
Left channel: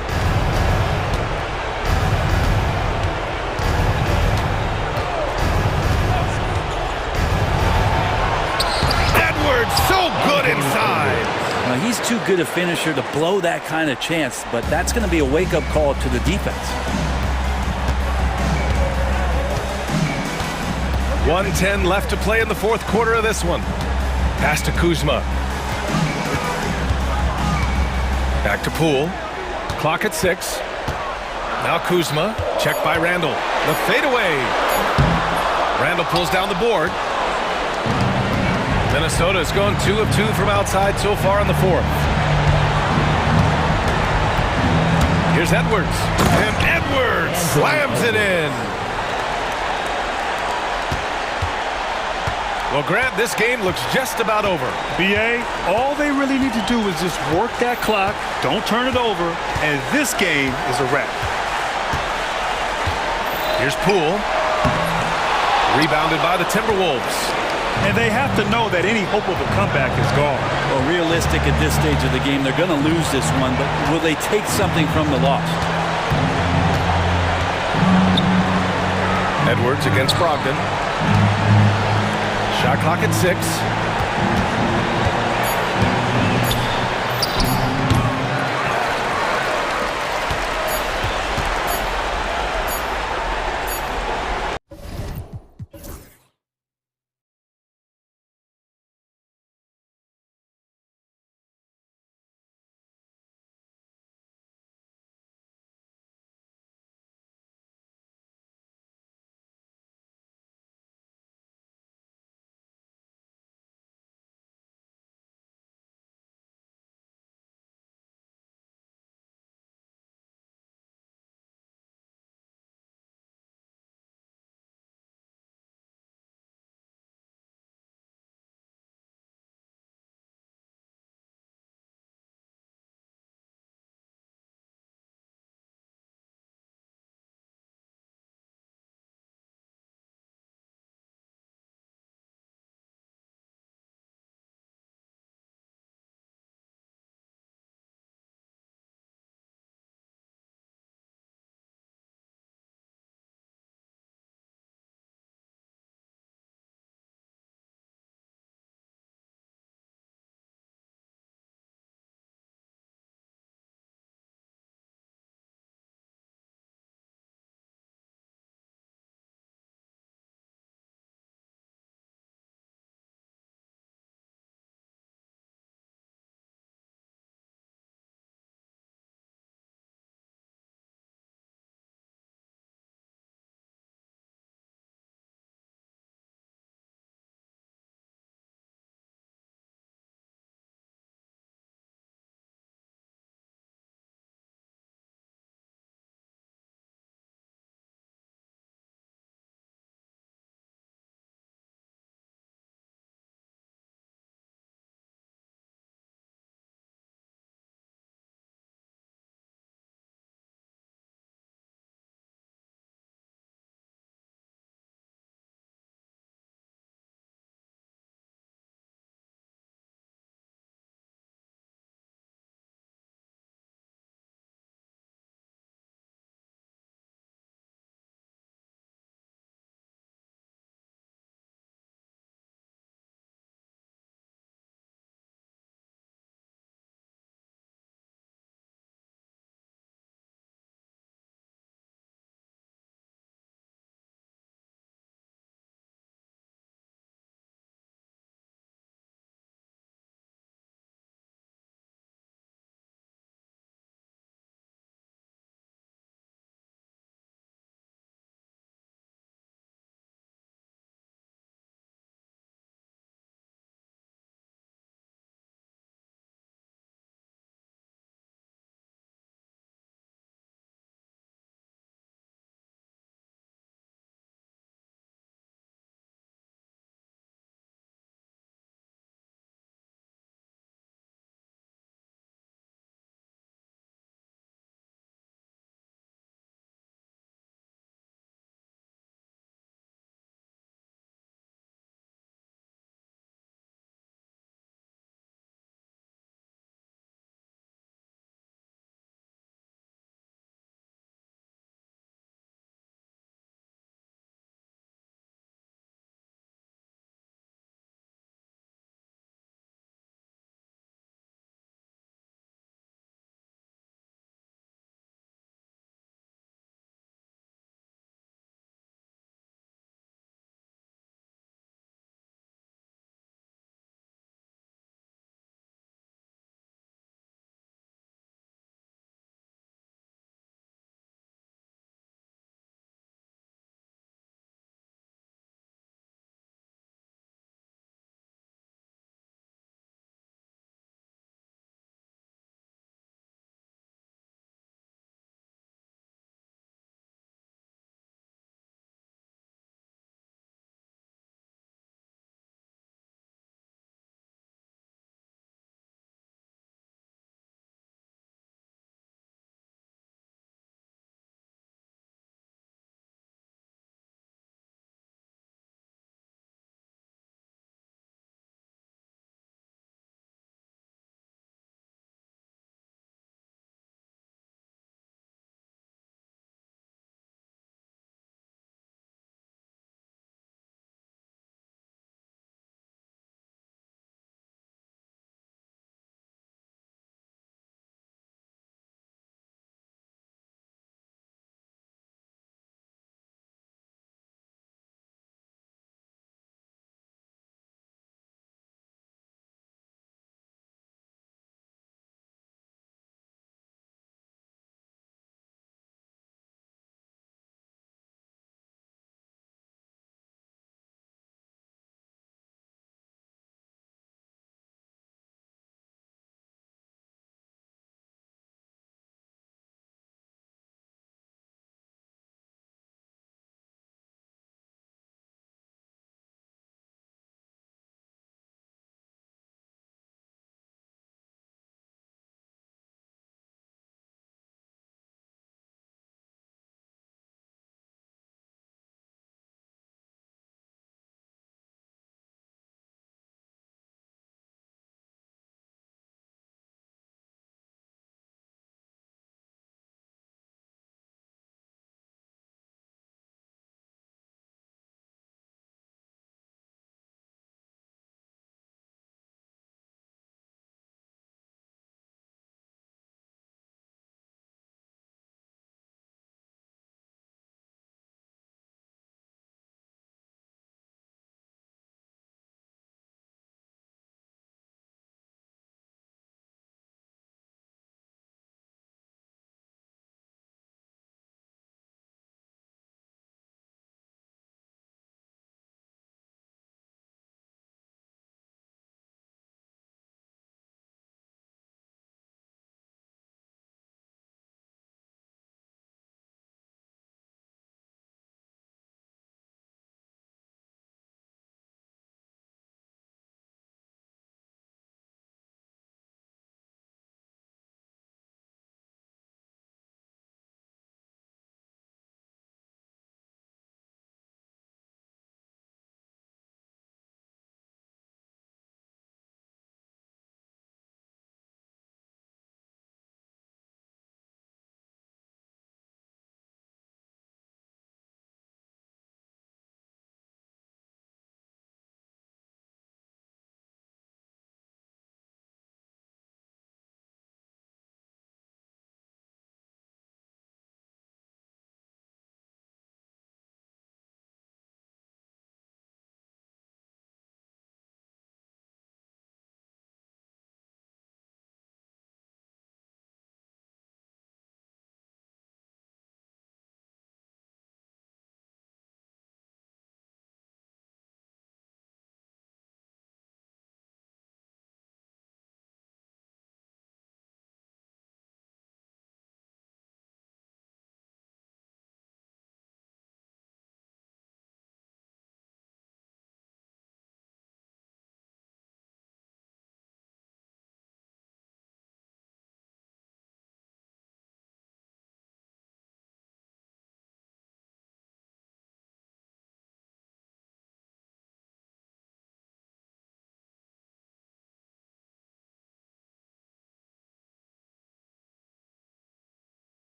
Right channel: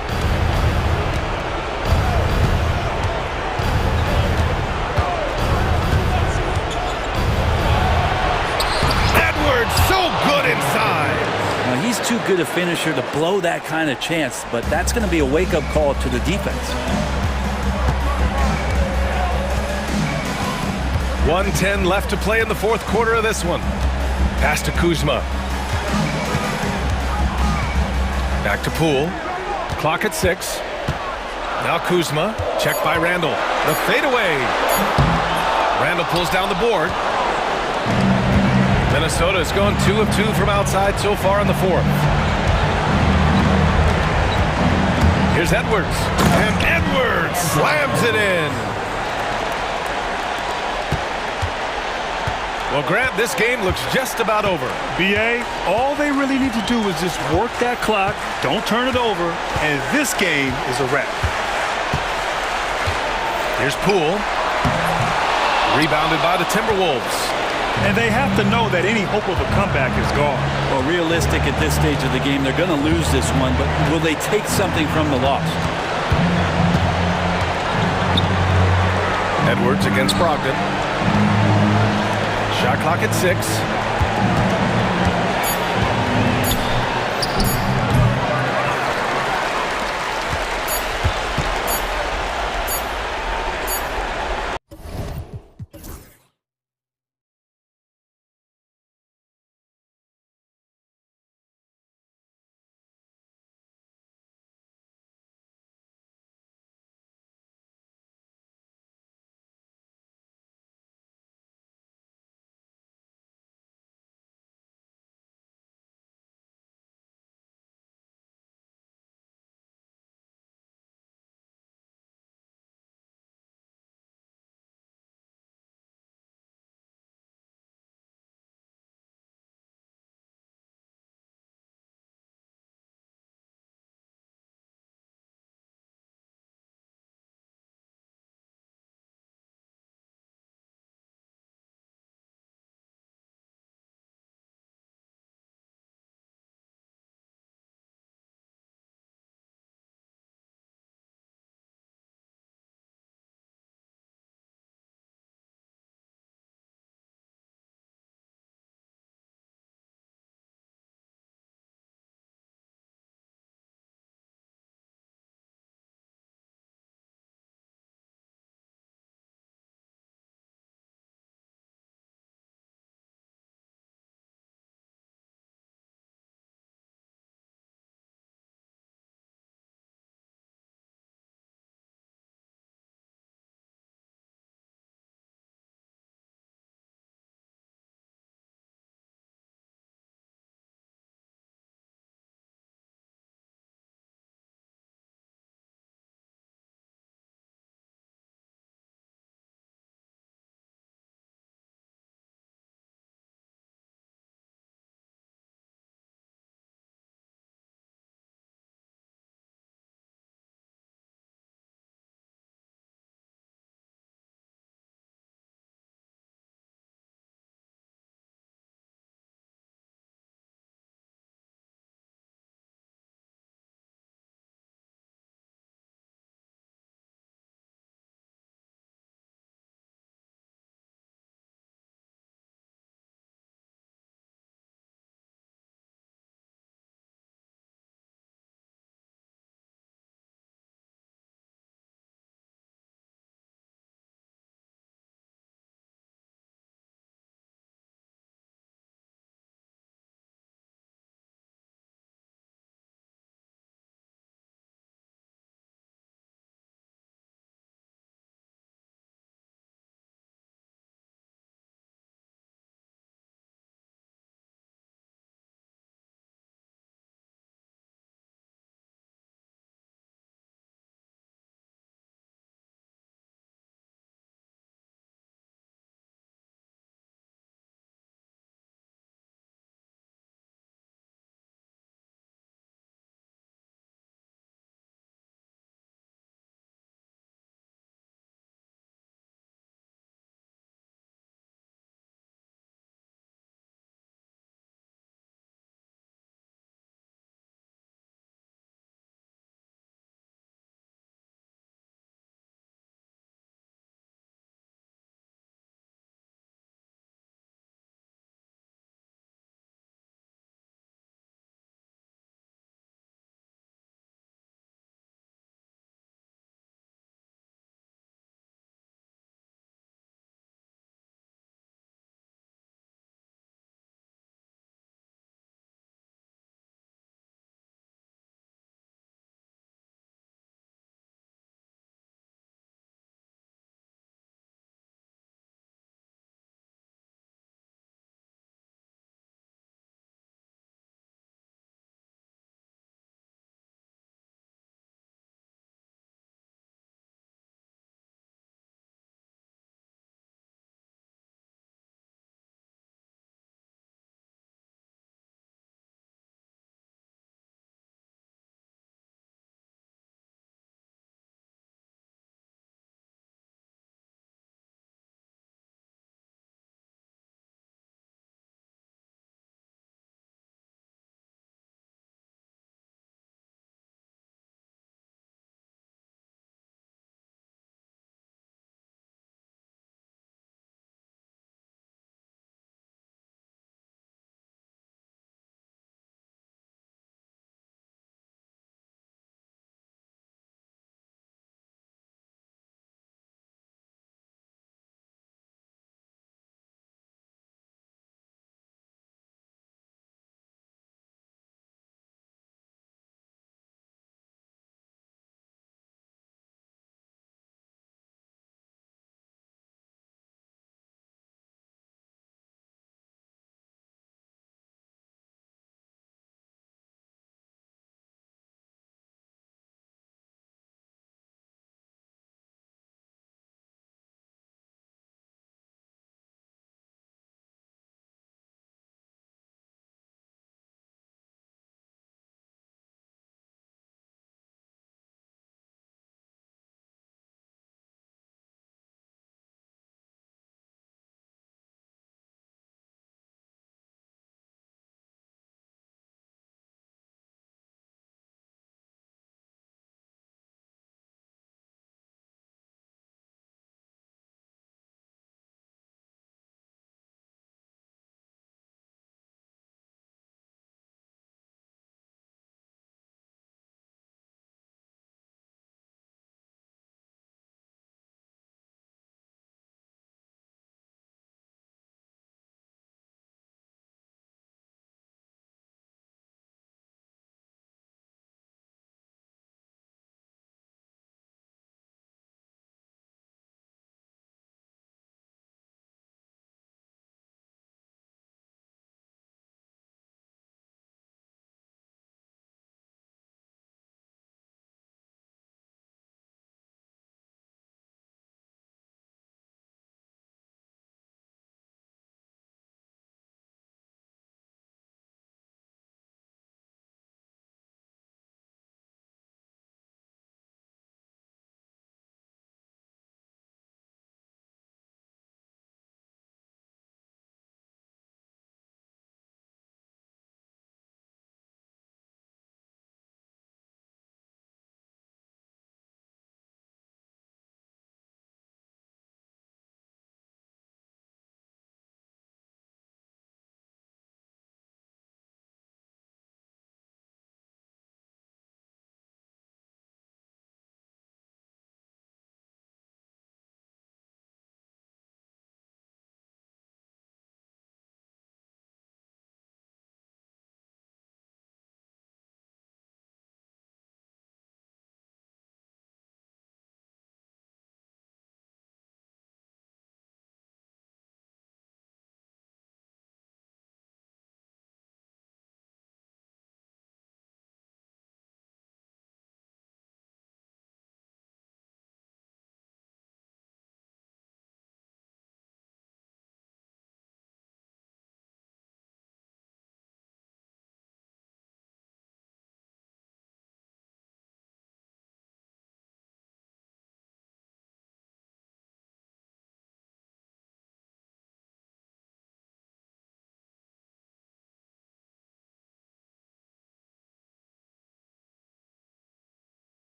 Edwards so good inside. Well, he's too good a finisher to blow that kind of chance, but that's going to be a wake-up call to the defense. 1:10 left to play in the fourth quarter of this one. Pass to Kuzma. Back to Poole. Clock at 6. Now Kuzma. Checked by Randall. The fadeaway. Randall pulls down the board. Minnesota has gone 2 of 2 from outside so far in the fourth. Here's Edwards. And Edwards slams it in. Well, Grant, this game looks just about over. BA, all they really need to do is just work that clock, don't turn it over, and this game is a wrap. Here's Poole. Rebounded by the Timberwolves. And they have to know that any hope of a comeback is gone. Well, realistic at this stage of the game, they're going to lose this one, but will they take something from the loss? Edwards against Brogdon. Shot clock at 6.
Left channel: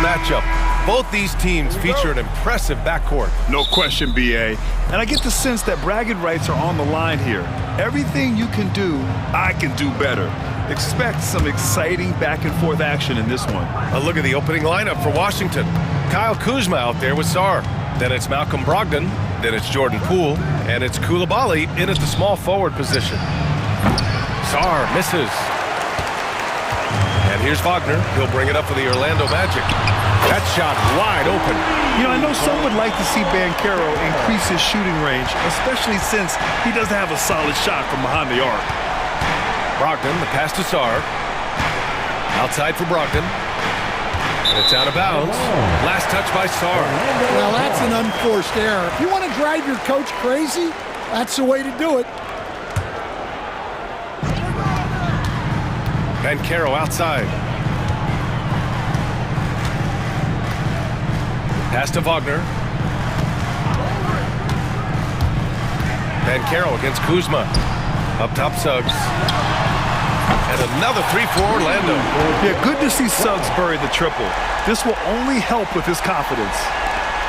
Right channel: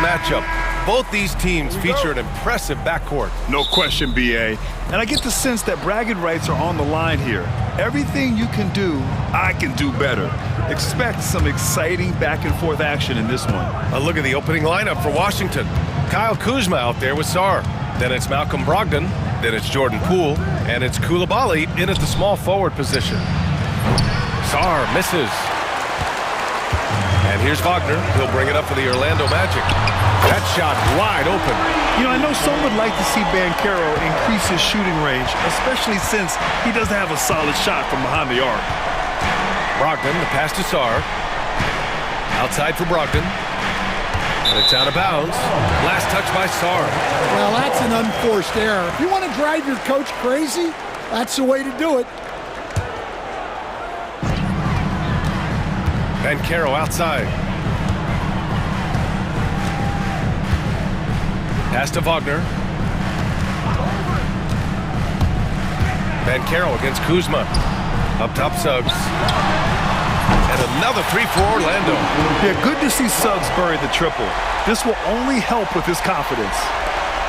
matchup. Both these teams feature an impressive backcourt. No question, B.A. And I get the sense that bragging rights are on the line here. Everything you can do, I can do better. Expect some exciting back-and-forth action in this one. A look at the opening lineup for Washington. Kyle Kuzma out there with Sarr. Then it's Malcolm Brogdon. Then it's Jordan Poole. And it's Coulibaly in at the small forward position. Sarr misses. And here's Wagner. He'll bring it up for the Orlando Magic. That shot wide open. You know, I know some would like to see Banchero increase his shooting range, especially since he doesn't have a solid shot from behind the arc. Brogdon, the pass to Sarr. Outside for Brogdon. And it's out of bounds. Last touch by Sarr. Well, that's an unforced error. If you want to drive your coach crazy, that's the way to do it. Banchero outside. Pass to Wagner. Banchero against Kuzma. Up top, Suggs. And another three for Orlando. Yeah, good to see Suggs bury the triple. This will only help with his confidence.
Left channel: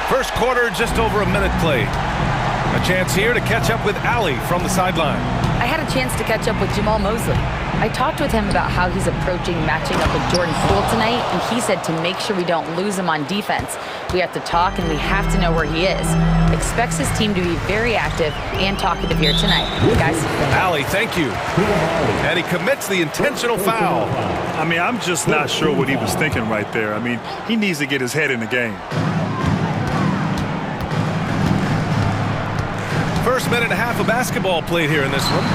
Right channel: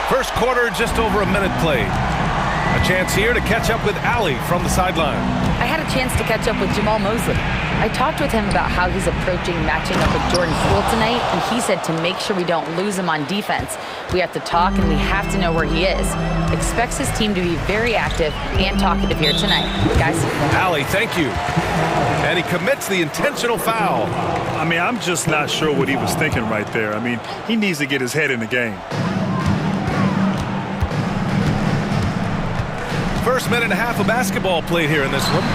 First quarter, just over a minute played. A chance here to catch up with Ali from the sideline. I had a chance to catch up with Jamal Mosley. I talked with him about how he's approaching matching up with Jordan Poole tonight, and he said to make sure we don't lose him on defense, we have to talk and we have to know where he is. Expects his team to be very active and talkative here tonight. Guys? Ali, thank you. And he commits the intentional foul. I mean, I'm just not sure what he was thinking right there. I mean, he needs to get his head in the game. First minute and a half of basketball played here in this one.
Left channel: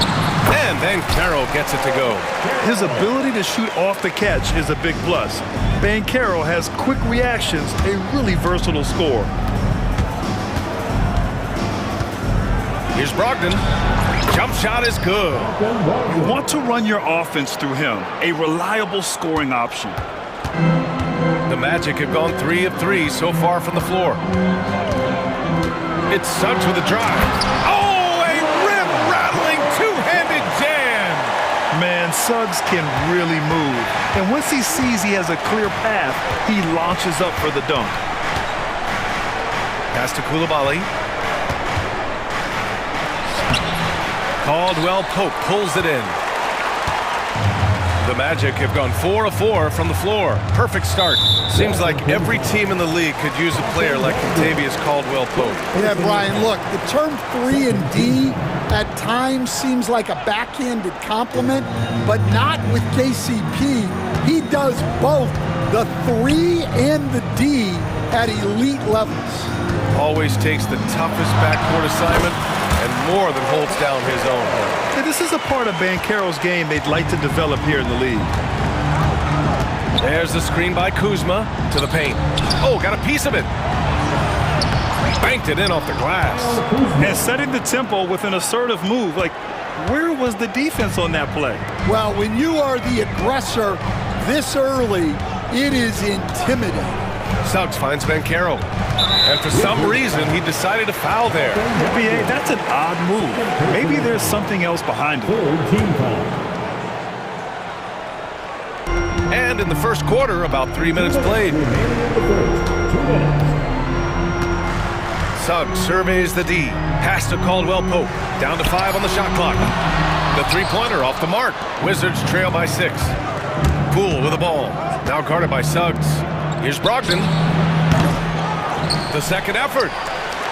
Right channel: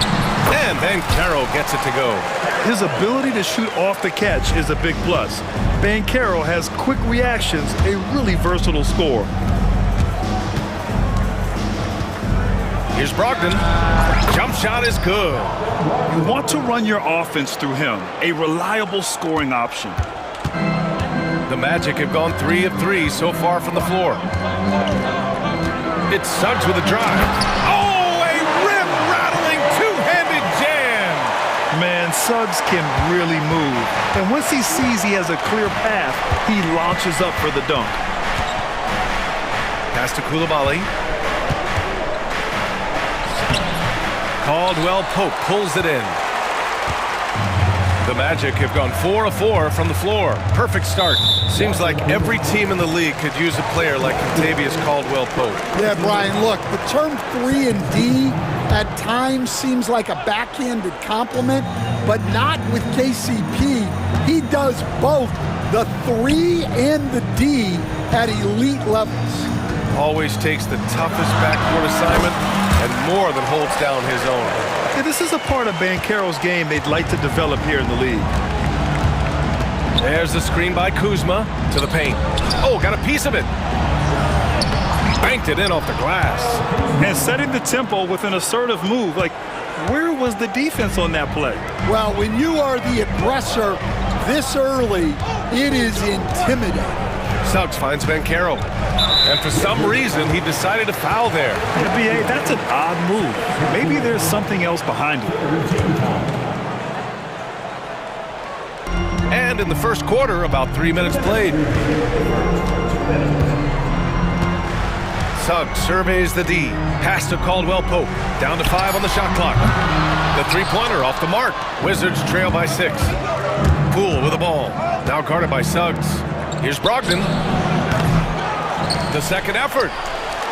And Banchero gets it to go. His ability to shoot off the catch is a big plus. Banchero has quick reactions, a really versatile scorer. Here's Brogdon. Jump shot is good. You want to run your offense through him, a reliable scoring option. The Magic have gone 3 of 3 so far from the floor. It's Suggs with a drive. Oh, a rim-rattling two-handed jam. Man, Suggs can really move. And once he sees he has a clear path, he launches up for the dunk. Pass to Coulibaly. Caldwell Pope pulls it in. The Magic have gone 4 of 4 from the floor. Perfect start. Seems like every team in the league could use a player like Kentavious Caldwell-Pope. Yeah, Brian, look, the term 3 and D at times seems like a backhanded compliment, but not with KCP. He does both the 3 and the D at elite levels. Always takes the toughest backcourt assignment and more than holds down his own. Yeah, this is a part of Banchero's game they'd like to develop here in the league. There's the screen by Kuzma to the paint. Oh, got a piece of it. Banked it in off the glass. And setting the tempo with an assertive move. Like, where was the defense on that play? Well, when you are the aggressor this early, it is intimidating. Suggs finds Banchero. And for some reason, he decided to foul there. Yeah, B.A., that's an odd move. Maybe there's something else behind it. And in the first quarter, about 3 minutes played. Suggs surveys the D. Pass to Caldwell-Pope. Down to 5 on the shot clock. The three-pointer off the mark. Wizards trail by 6. Poole with the ball. Now guarded by Suggs. Here's Brogdon. The second effort.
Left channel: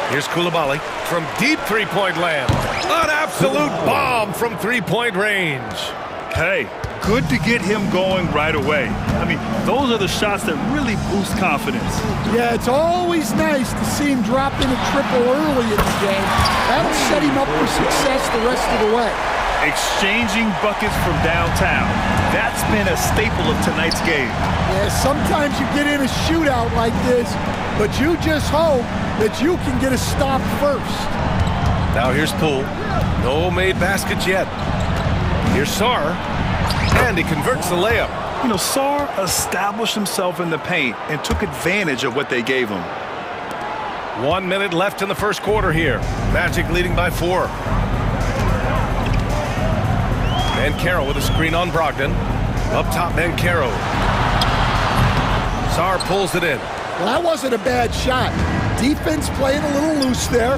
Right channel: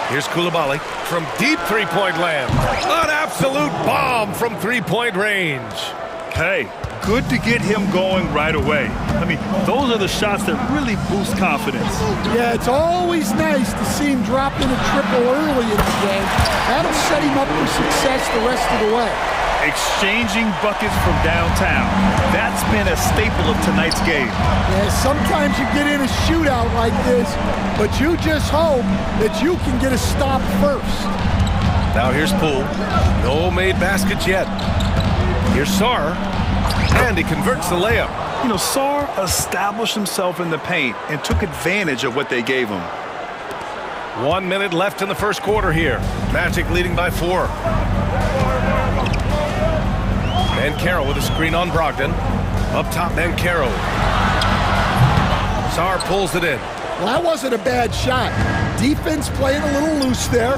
Here's Coulibaly from deep three-point land. An absolute bomb from three-point range. Hey, good to get him going right away. I mean, those are the shots that really boost confidence. Yeah, it's always nice to see him drop in a triple early in the game. That'll set him up for success the rest of the way. Exchanging buckets from downtown. That's been a staple of tonight's game. Yeah, sometimes you get in a shootout like this, but you just hope that you can get a stop first. Now here's Poole. No made baskets yet. Here's Sarr. And he converts the layup. You know, Sarr established himself in the paint and took advantage of what they gave him. 1 minute left in the first quarter here. Magic leading by 4. Banchero with a screen on Brogdon. Up top, Banchero. Sarr pulls it in. Well, that wasn't a bad shot. Defense playing a little loose there.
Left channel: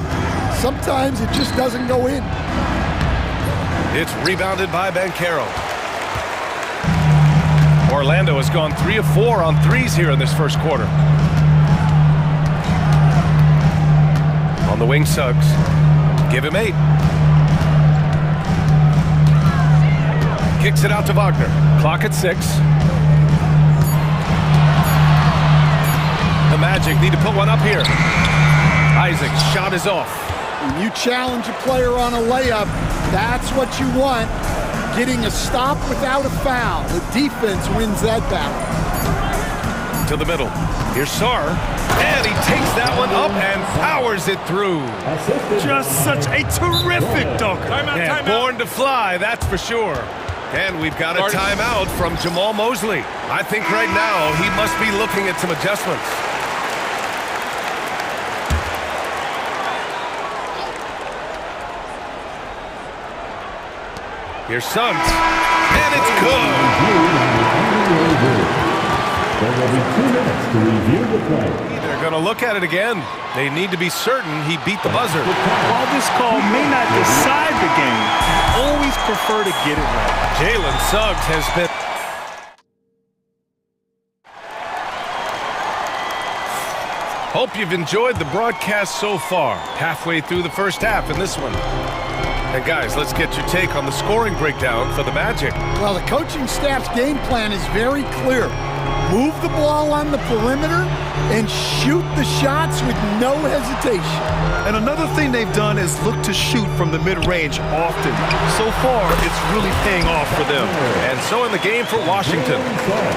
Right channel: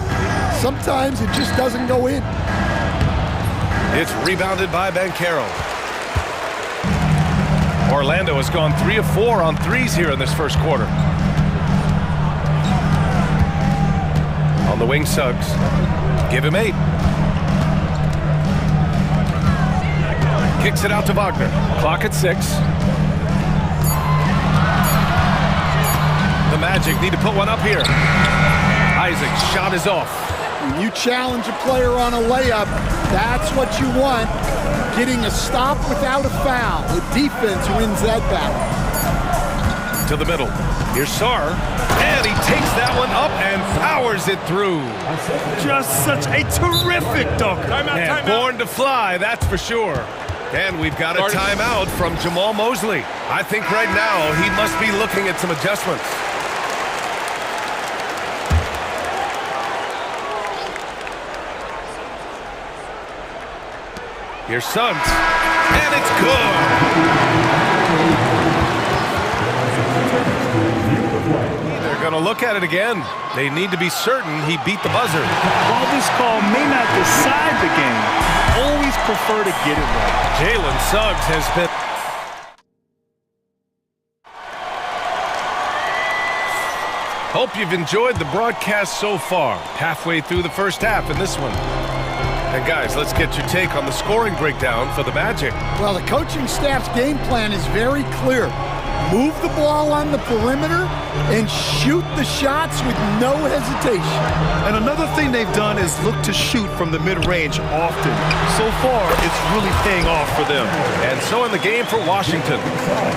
Sometimes it just doesn't go in. It's rebounded by Banchero. Orlando has gone 3 of 4 on threes here in this first quarter. On the wing, Suggs. Give him 8. Kicks it out to Wagner. Clock at 6. The Magic need to put one up here. Isaac's shot is off. When you challenge a player on a layup, that's what you want. Getting a stop without a foul. The defense wins that battle. To the middle. Here's Sarr. And he takes that one up and powers it through. Just such a terrific dunker. And born to fly, that's for sure. And we've got a timeout from Jamal Mosley. I think right now he must be looking at some adjustments. Here's Suggs, and it's good. They're going to look at it again. They need to be certain he beat the buzzer. While this call may not decide the game, always prefer to get it right. Jalen Suggs has been... Hope you've enjoyed the broadcast so far. Halfway through the first half in this one. And guys, let's get your take on the scoring breakdown for the Magic. Well, the coaching staff's game plan is very clear. Move the ball on the perimeter and shoot the shots with no hesitation. And another thing they've done is look to shoot from the mid-range often. So far, it's really paying off for them. And so in the game for Washington,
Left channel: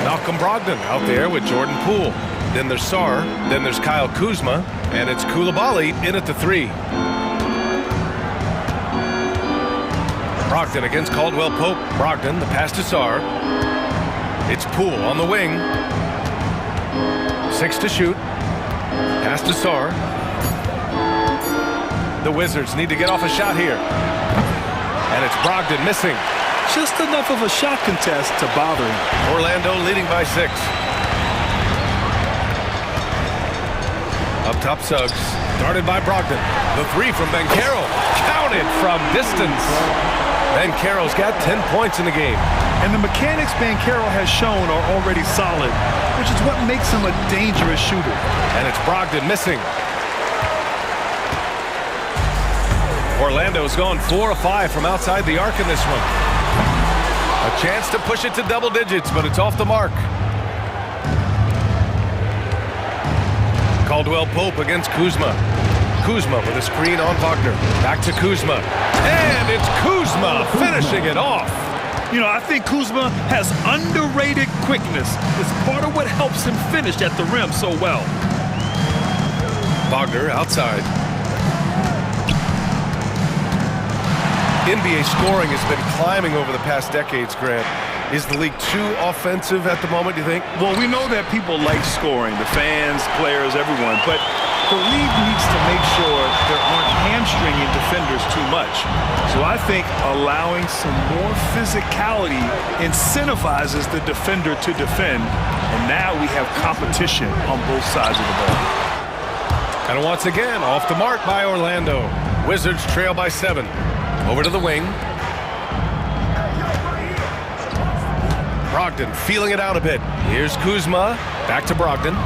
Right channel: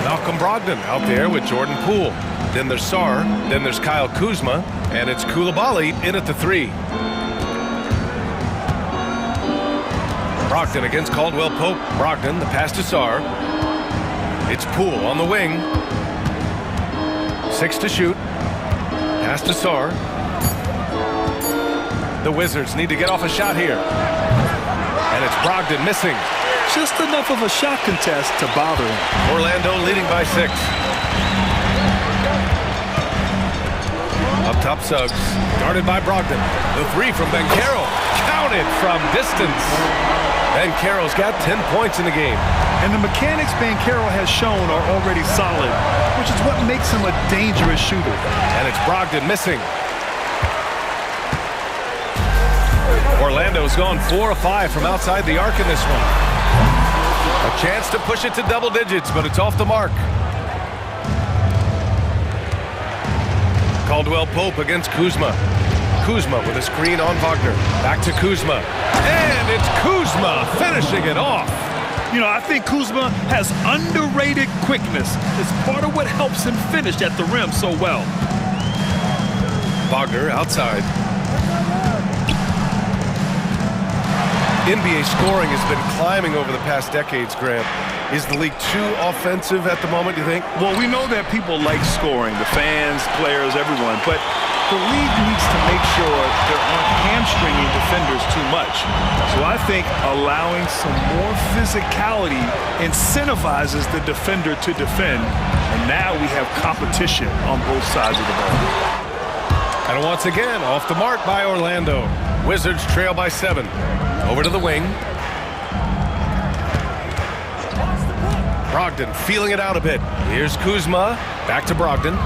Malcolm Brogdon out there with Jordan Poole. Then there's Sarr, then there's Kyle Kuzma, and it's Coulibaly in at the 3. Brogdon against Caldwell Pope. Brogdon, the pass to Sarr. It's Poole on the wing. 6 to shoot. Pass to Sarr. The Wizards need to get off a shot here. And it's Brogdon missing. Just enough of a shot contest to bother him. Orlando leading by 6. Up top, Suggs. Guarded by Brogdon. The 3 from Banchero. Counted from distance. Banchero's got 10 points in the game. And the mechanics Banchero has shown are already solid, which is what makes him a dangerous shooter. And it's Brogdon missing. Orlando's gone 4 of 5 from outside the arc in this one. A chance to push it to double digits, but it's off the mark. Caldwell Pope against Kuzma. Kuzma with a screen on Wagner. Back to Kuzma. And it's Kuzma finishing it off. You know, I think Kuzma has underrated quickness. It's part of what helps him finish at the rim so well. Wagner outside. NBA scoring has been climbing over the past decades, Grant. Is the league too offensive at the moment, do you think? Well, we know that people like scoring, the fans, players, everyone, but the league needs to make sure there aren't hamstringing defenders too much. So I think allowing some more physicality incentivizes the defender to defend, and now we have competition on both sides of the ball. And once again, off the mark by Orlando. Wizards trail by 7. Over to the wing. Brogdon feeling it out a bit. Here's Kuzma. Back to Brogdon.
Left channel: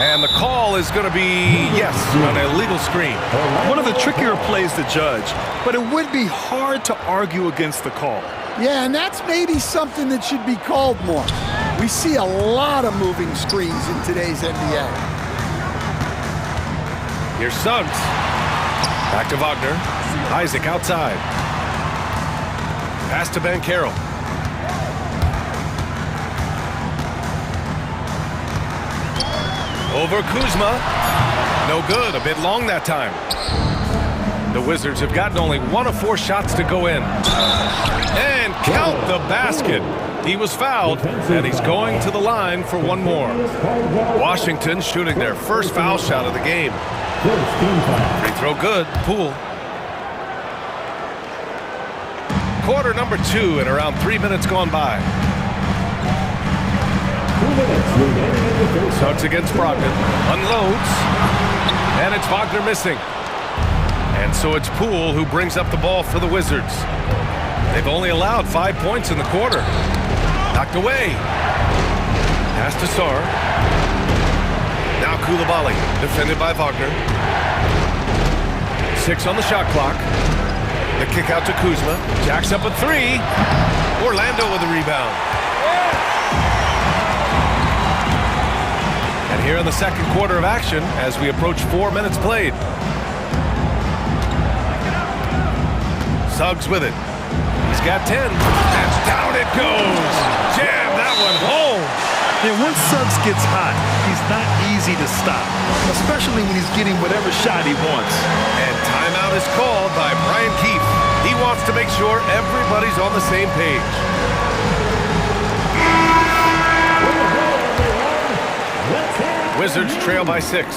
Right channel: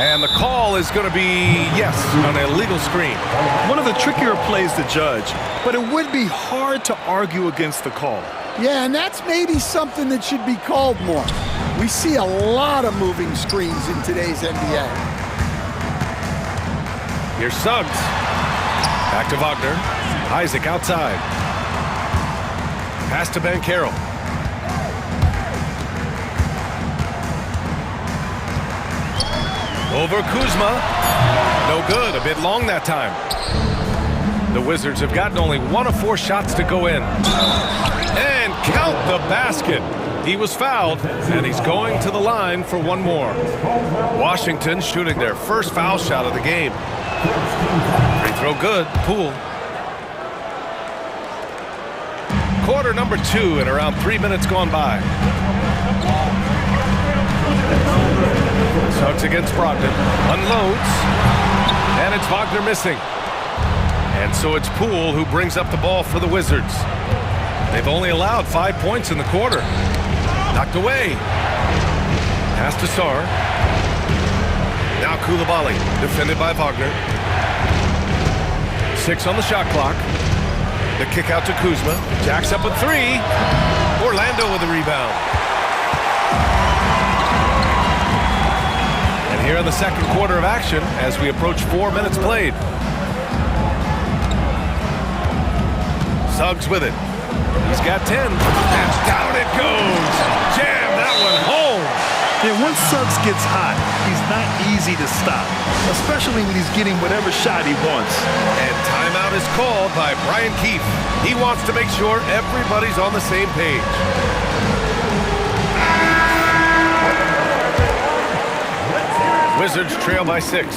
And the call is going to be, yes, an illegal screen. One of the trickier plays to judge, but it would be hard to argue against the call. Yeah, and that's maybe something that should be called more. We see a lot of moving screens in today's NBA. Here's Suggs. Back to Wagner. Isaac outside. Pass to Banchero. Over Kuzma. No good. A bit long that time. The Wizards have gotten only 1 of 4 shots to go in. And count the basket. He was fouled, and he's going to the line for 1 more. Washington shooting their first foul shot of the game. Free throw good. Poole. Quarter number 2 and around 3 minutes gone by. Suggs against Brogdon. Unloads. And it's Wagner missing. And so it's Poole who brings up the ball for the Wizards. They've only allowed 5 points in the quarter. Knocked away. Pass to Sarr. Now Koulibaly, defended by Wagner. 6 on the shot clock. The kick out to Kuzma. Jacks up a 3. Orlando with the rebound. And here in the second quarter of action, as we approach 4 minutes played. Suggs with it. He's got 10. And down it goes. Jam that one home. Yeah, once Suggs gets hot, he's not easy to stop, especially when he's getting whatever shot he wants. And timeout is called by Brian Keefe. He wants to make sure everybody's on the same page. Wizards trail by 6.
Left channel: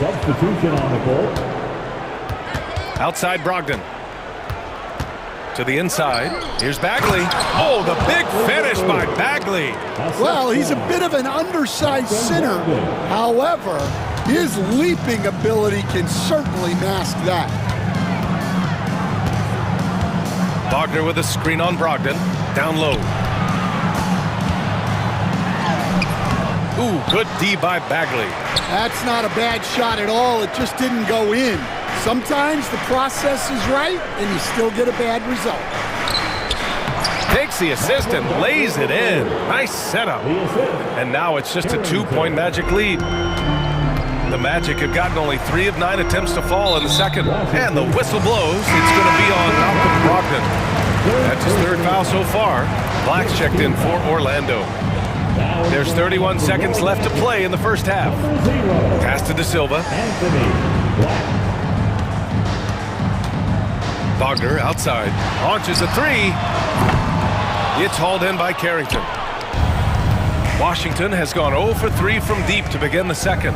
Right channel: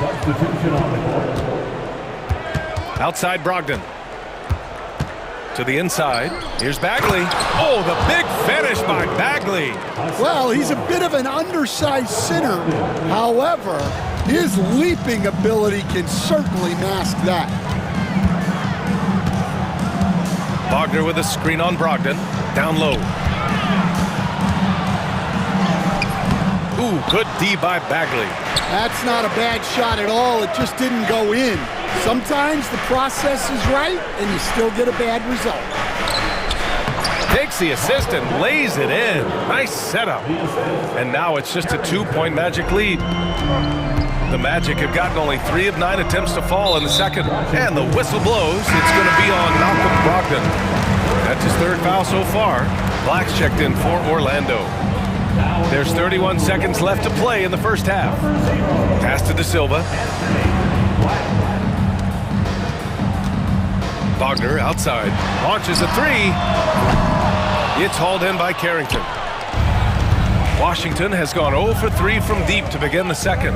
Substitution on the court. Outside Brogdon. To the inside. Here's Bagley. Oh, the big finish by Bagley. Well, he's a bit of an undersized center. However, his leaping ability can certainly mask that. Wagner with a screen on Brogdon. Down low. Ooh, good D by Bagley. That's not a bad shot at all. It just didn't go in. Sometimes the process is right, and you still get a bad result. Takes the assist and lays it in. Nice setup. And now it's just a 2-point Magic lead. The Magic have gotten only 3 of 9 attempts to fall in the second. And the whistle blows. It's going to be on Malcolm Brogdon. That's his 3rd foul so far. Black's checked in for Orlando. There's 31 seconds left to play in the first half. Pass to De Silva. Wagner outside. Launches a 3. It's hauled in by Carrington. Washington has gone 0 for 3 from deep to begin the second.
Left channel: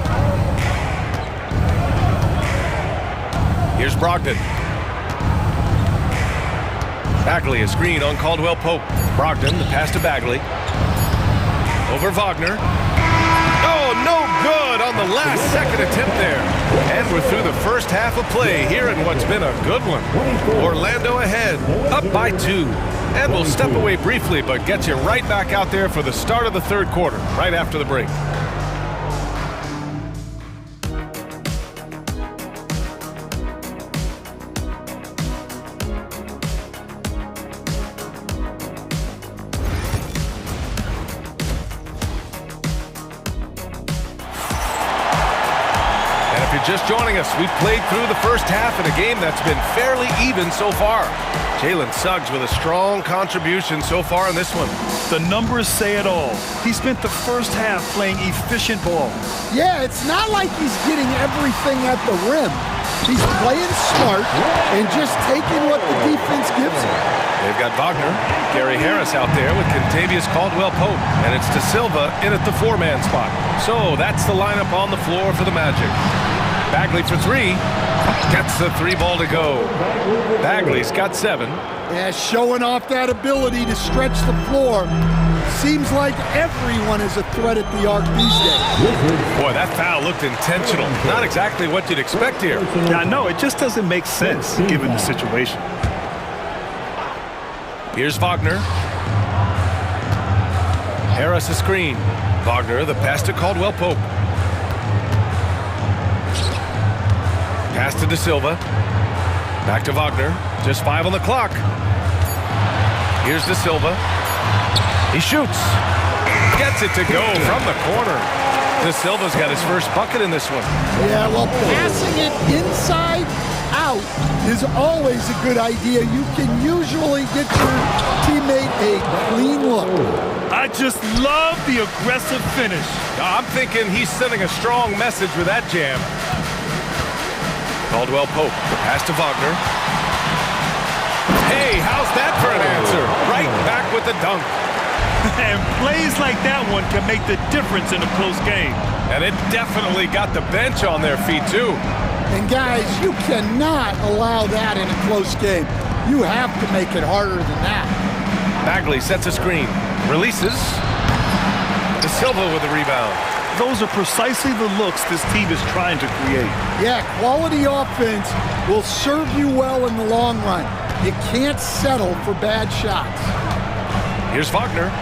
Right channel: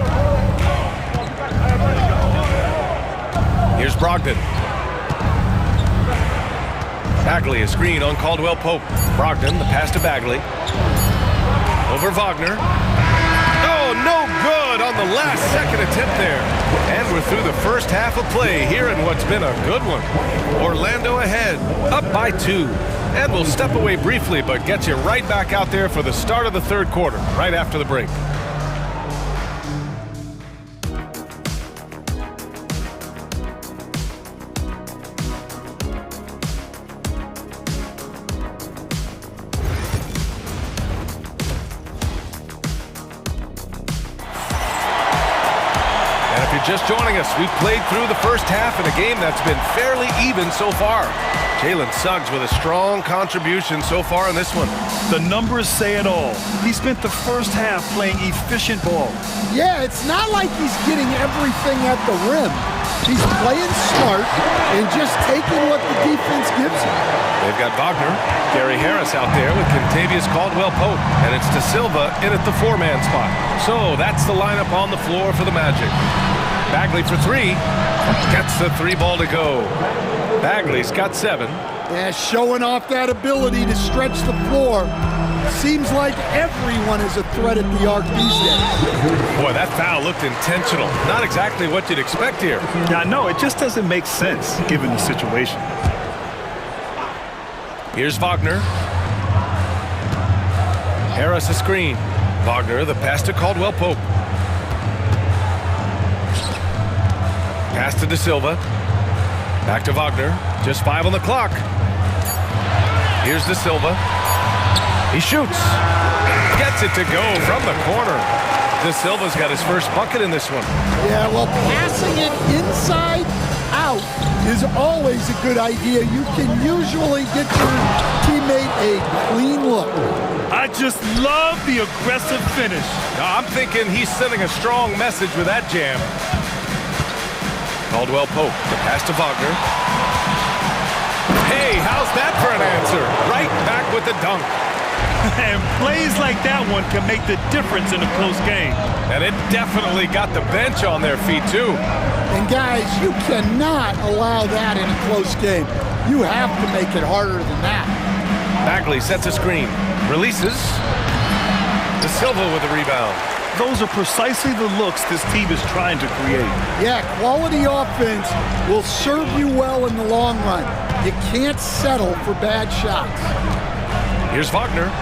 Here's Brogdon. Bagley, a screen on Caldwell Pope. Brogdon, the pass to Bagley. Over Wagner. Oh, no good on the last second attempt there. And we're through the first half of play here in what's been a good one. Orlando ahead, up by 2. And we'll step away briefly, but get you right back out there for the start of the third quarter, right after the break. And if you're just joining us, we've played through the first half in a game that's been fairly even so far. Jalen Suggs with a strong contribution so far in this one. The numbers say it all. He spent the first half playing efficient ball. Yeah, it's not like he's getting everything at the rim. He's playing smart and just taking what the defense gives him. They've got Wagner, Gary Harris out there with Kentavious Caldwell-Pope, and it's De Silva in at the 4-man spot. So that's the lineup on the floor for the Magic. Bagley for 3. Gets the 3 ball to go. Bagley's got 7. Yeah, showing off that ability to stretch the floor. Seems like everyone is a threat at the arc these days. Boy, that foul looked intentional. Not exactly what you'd expect here. Yeah, I know. It just doesn't make sense given the situation. Here's Wagner. Harris a screen. Wagner, the pass to Caldwell-Pope. Pass to De Silva. Back to Wagner. Just 5 on the clock. Here's De Silva. He shoots. Gets it to go from the corner. De Silva's got his first bucket in this one. Yeah, well, passing it inside out is always a good idea. You can usually get your teammate a clean look. I just love the aggressive finish. I'm thinking he's sending a strong message with that jam. Caldwell-Pope, the pass to Wagner. Hey, how's that for an answer? Right back with the dunk. And plays like that one can make the difference in a close game. And it definitely got the bench on their feet, too. And guys, you cannot allow that in a close game. You have to make it harder than that. Bagley sets a screen. Releases. De Silva with the rebound. Those are precisely the looks this team is trying to create. Yeah, quality offense will serve you well in the long run. You can't settle for bad shots. Here's Wagner.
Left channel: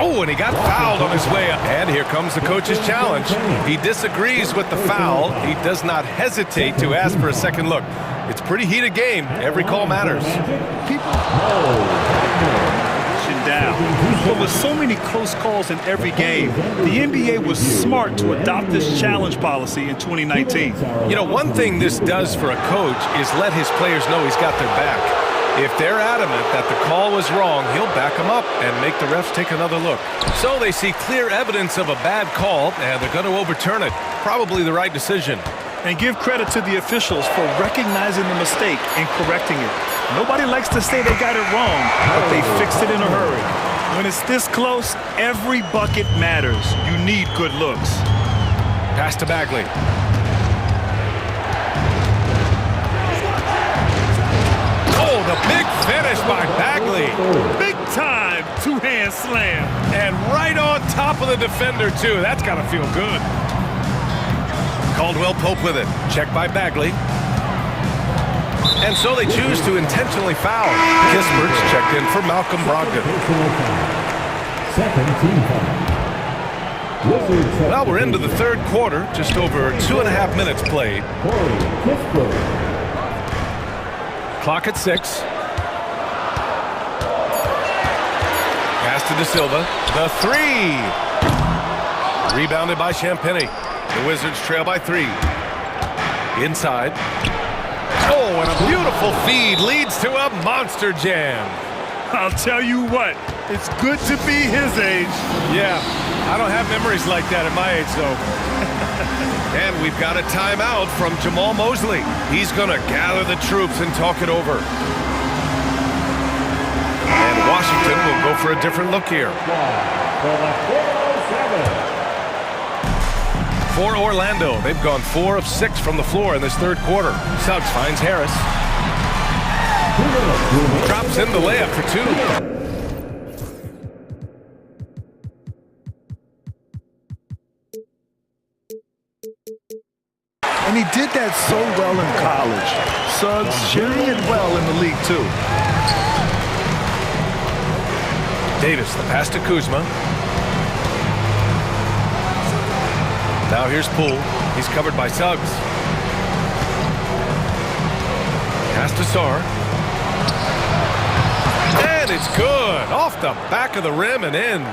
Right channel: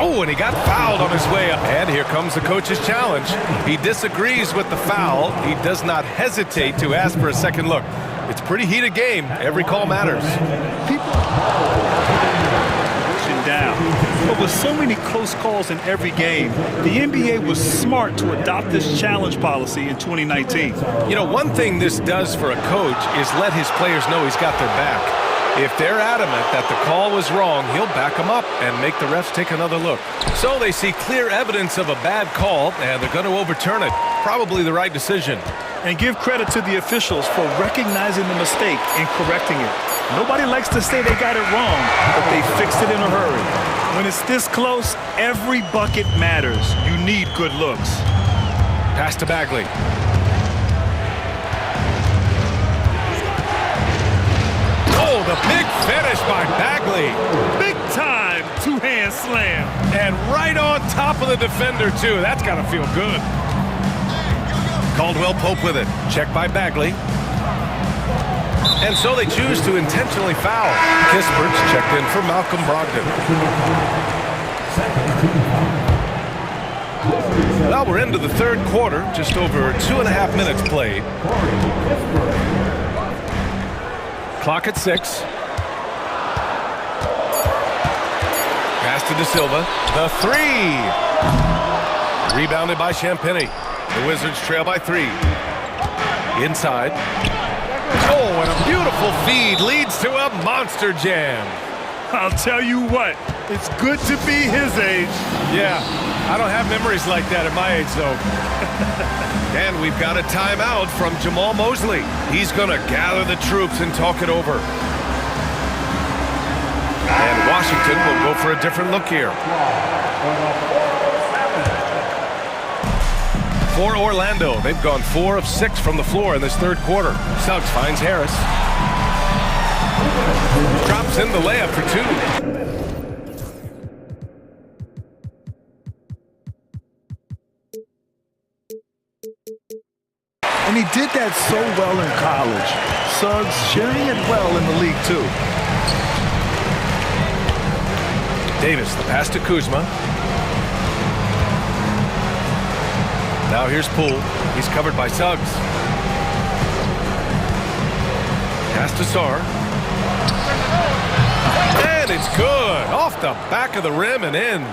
Oh, and he got fouled on his way up. And here comes the coach's challenge. He disagrees with the foul. He does not hesitate to ask for a second look. It's a pretty heated game. Every call matters. People down. But with so many close calls in every game, the NBA was smart to adopt this challenge policy in 2019. You know, one thing this does for a coach is let his players know he's got their back. If they're adamant that the call was wrong, he'll back them up and make the refs take another look. So they see clear evidence of a bad call, and they're going to overturn it. Probably the right decision. And give credit to the officials for recognizing the mistake and correcting it. Nobody likes to say they got it wrong, but they fixed it in a hurry. When it's this close, every bucket matters. You need good looks. Pass to Bagley. Oh, the big finish by Bagley. Big time two-hand slam. And right on top of the defender, too. That's got to feel good. Caldwell Pope with it. Check by Bagley. And so they choose to intentionally foul. Kispert's checked in for Malcolm Brogdon. Well, we're into the third quarter. Just over 2.5 minutes played. Clock at 6. Pass to De Silva. The three. Rebounded by Champagny. The Wizards trail by 3. Inside. Oh, and a beautiful feed leads to a monster jam. I'll tell you what, it's good to be his age. Yeah, I don't have memories like that at my age, though. And we've got a timeout from Jamal Mosley. He's going to gather the troops and talk it over. And Washington will go for a different look here. For Orlando, they've gone 4 of 6 from the floor in this third quarter. Suggs finds Harris. Drops in the layup for 2. And he did that so well in college. Suggs sharing it well in the league, too. Davis, the pass to Kuzma. Now here's Poole. He's covered by Suggs. Pass to Sarr. And it's good. Off the back of the rim and in.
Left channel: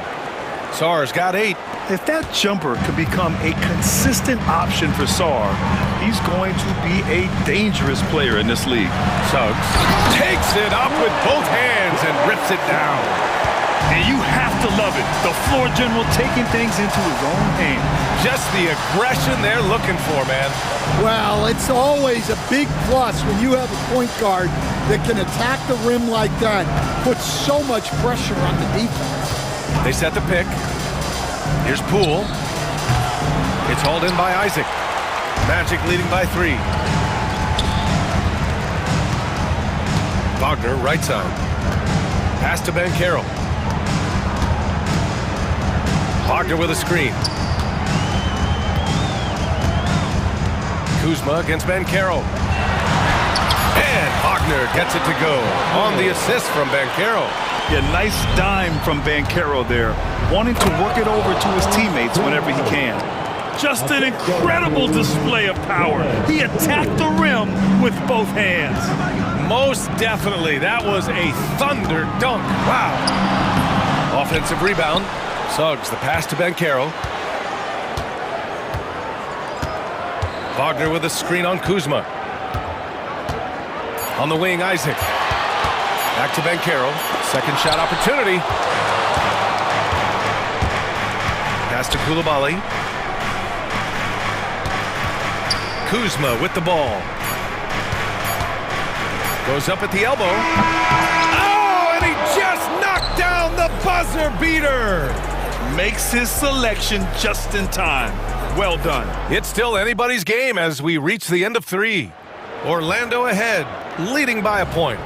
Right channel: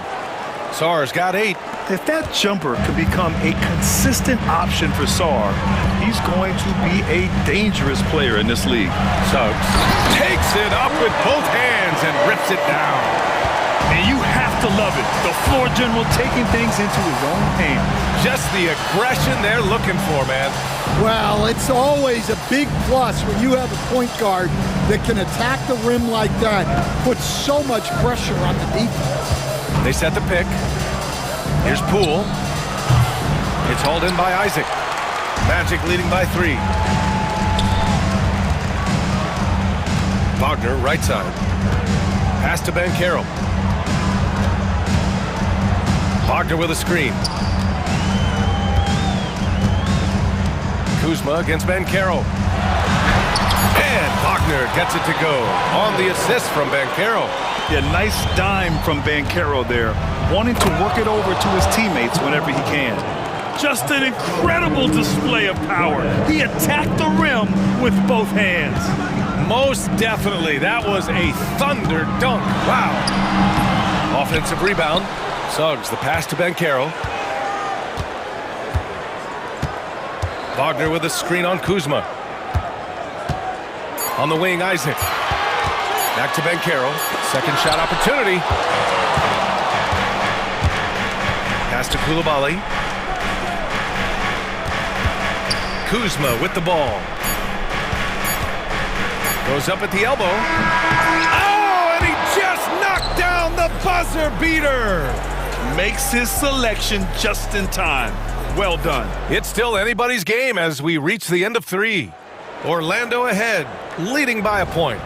Sarr's got 8. If that jumper could become a consistent option for Sarr, he's going to be a dangerous player in this league. Suggs takes it up with both hands and rips it down. And you have to love it. The floor general taking things into his own hands. Just the aggression they're looking for, man. Well, it's always a big plus when you have a point guard that can attack the rim like that. Puts so much pressure on the defense. They set the pick. Here's Poole. It's hauled in by Isaac. Magic leading by 3. Wagner, right side. Pass to Banchero. Wagner with a screen. Kuzma against Banchero. And Wagner gets it to go on the assist from Banchero. Yeah, nice dime from Banchero there, wanting to work it over to his teammates whenever he can. Just an incredible display of power. He attacked the rim with both hands. Most definitely. That was a thunder dunk. Wow. Offensive rebound. Suggs, the pass to Banchero. Wagner with a screen on Kuzma. On the wing, Isaac. Back to Banchero. Second shot opportunity. Pass to Coulibaly. Kuzma with the ball. Goes up at the elbow. Oh, and he just knocked down the buzzer beater. Makes his selection just in time. Well done. It's still anybody's game as we reach the end of 3. Orlando ahead, leading by a point.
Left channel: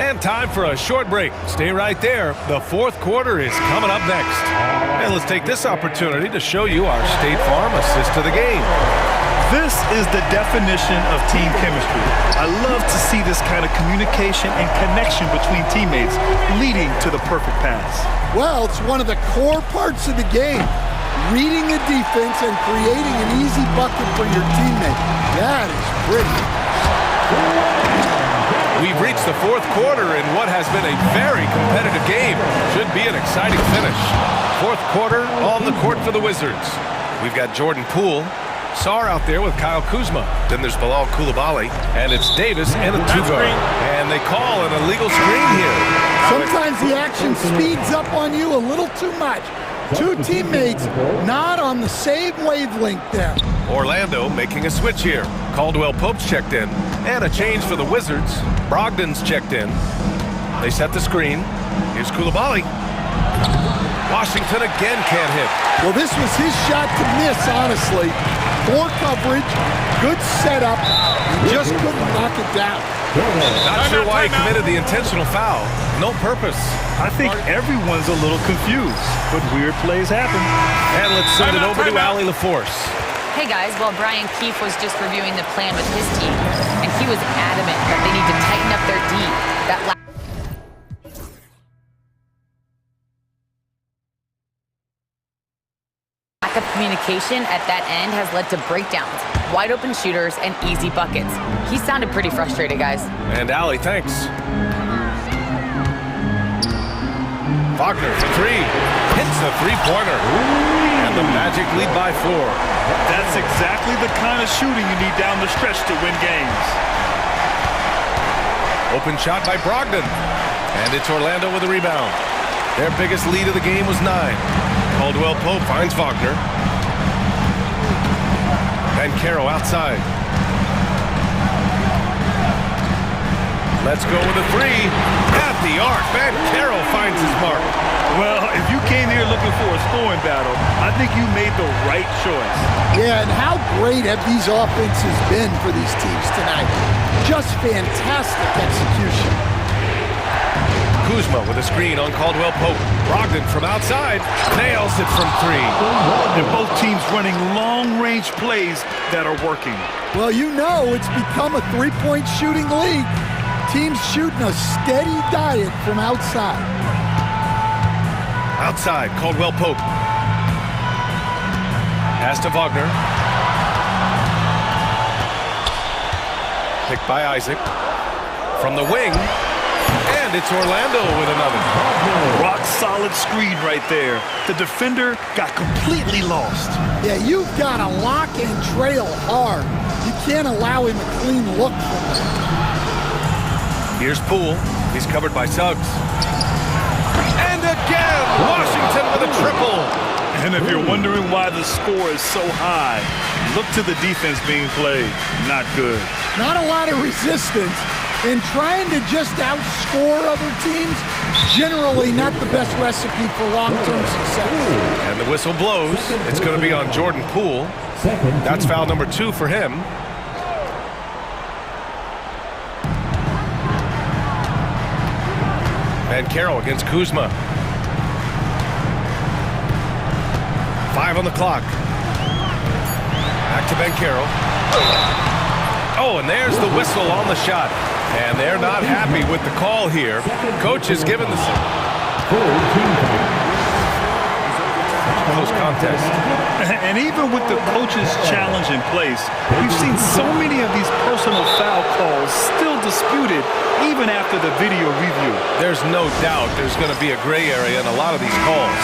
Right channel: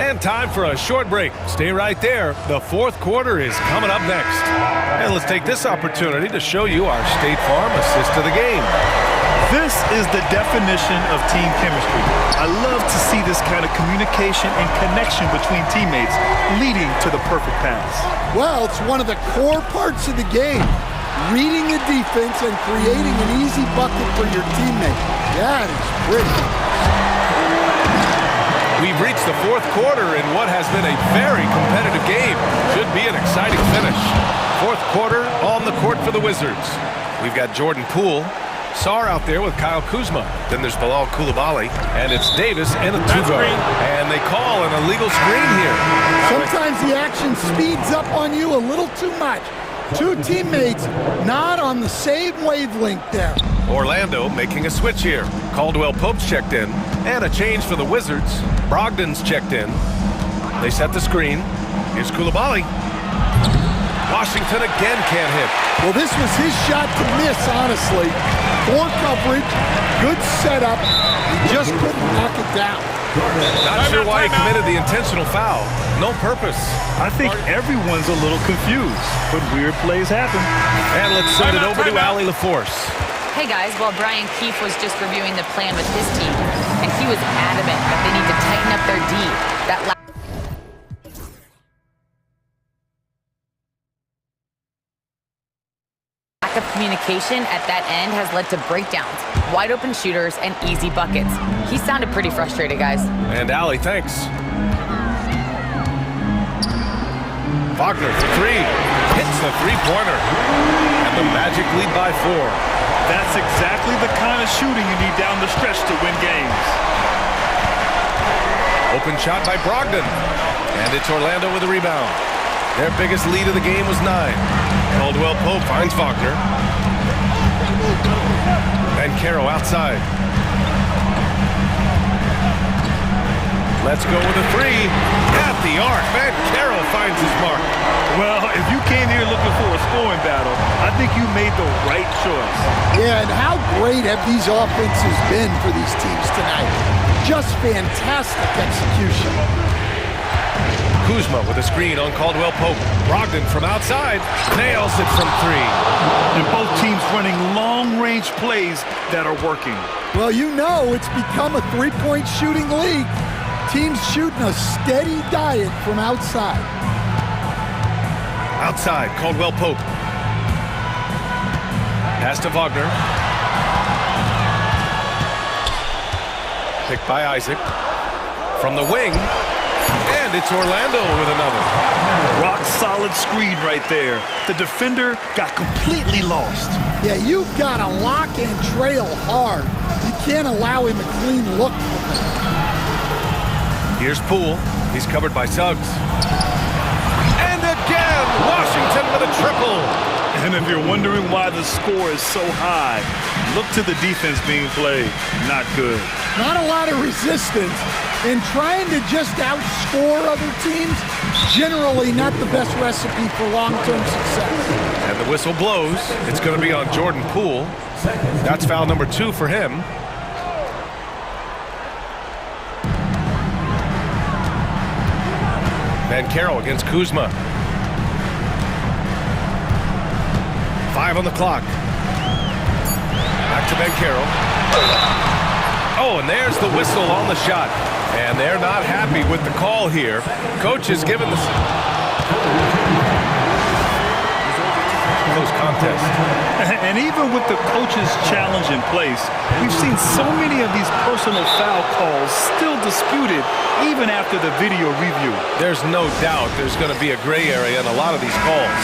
And time for a short break. Stay right there. The fourth quarter is coming up next. And let's take this opportunity to show you our State Farm assist of the game. This is the definition of team chemistry. I love to see this kind of communication and connection between teammates leading to the perfect pass. Well, it's one of the core parts of the game. Reading the defense and creating an easy bucket for your teammate. That is pretty. We've reached the fourth quarter in what has been a very competitive game. Should be an exciting finish. Fourth quarter on the court for the Wizards. We've got Jordan Poole, Sar out there with Kyle Kuzma. Then there's Bilal Coulibaly, and it's Davis and a two-guard. And they call an illegal screen here. Sometimes the action speeds up on you a little too much. Two teammates not on the same wavelength there. Orlando making a switch here. Caldwell Pope's checked in, and a change for the Wizards. Brogdon's checked in. They set the screen. Here's Coulibaly. Washington again can't hit. Well, this was his shot to miss, honestly. Poor coverage, good setup. He just couldn't knock it down. Not sure why he committed the intentional foul. No purpose. I think everyone's a little confused, but weird plays happen. And let's send it over to Allie LaForce. Hey guys, well, Brian Keefe was just reviewing the plan with his team, and he was adamant that they need to tighten up their D. That lack of communication at that end has led to breakdowns, wide open shooters, and easy buckets. He sounded pretty frustrated, guys. And Allie, thanks. Wagner for three. Hits the three-pointer. And the Magic lead by 4. That's exactly the kind of shooting you need down the stretch to win games. Open shot by Brogdon. And it's Orlando with a rebound. Their biggest lead of the game was 9. Caldwell Pope finds Wagner. Banchero outside. Let's go with a three. At the arc, Banchero finds his mark. Well, if you came here looking for a scoring battle, I think you made the right choice. Yeah, and how great have these offenses been for these teams tonight? Just fantastic execution. Kuzma with a screen on Caldwell Pope. Brogdon from outside nails it from 3. And both teams running long-range plays that are working. Well, you know it's become a three-point shooting league. Teams shooting a steady diet from outside. Outside, Caldwell Pope. Pass to Wagner. Picked by Isaac. From the wing. And it's Orlando with another. Rock solid screen right there. The defender got completely lost. Yeah, you've got to lock and trail hard. You can't allow him a clean look from that. Here's Poole. He's covered by Suggs. And again, Washington with a triple. And if you're wondering why the score is so high, look to the defense being played. Not good. Not a lot of resistance. And trying to just outscore other teams, generally not the best recipe for long-term success. And the whistle blows. It's going to be on Jordan Poole. That's foul number 2 for him. Banchero against Kuzma. 5 on the clock. Back to Banchero. Oh, and there's the whistle on the shot. And they're not happy with the call here. Coach has given the close contest. And even with the coach's challenge in place, we've seen so many of these personal foul calls still disputed even after the video review. There's no doubt there's going to be a gray area in a lot of these calls.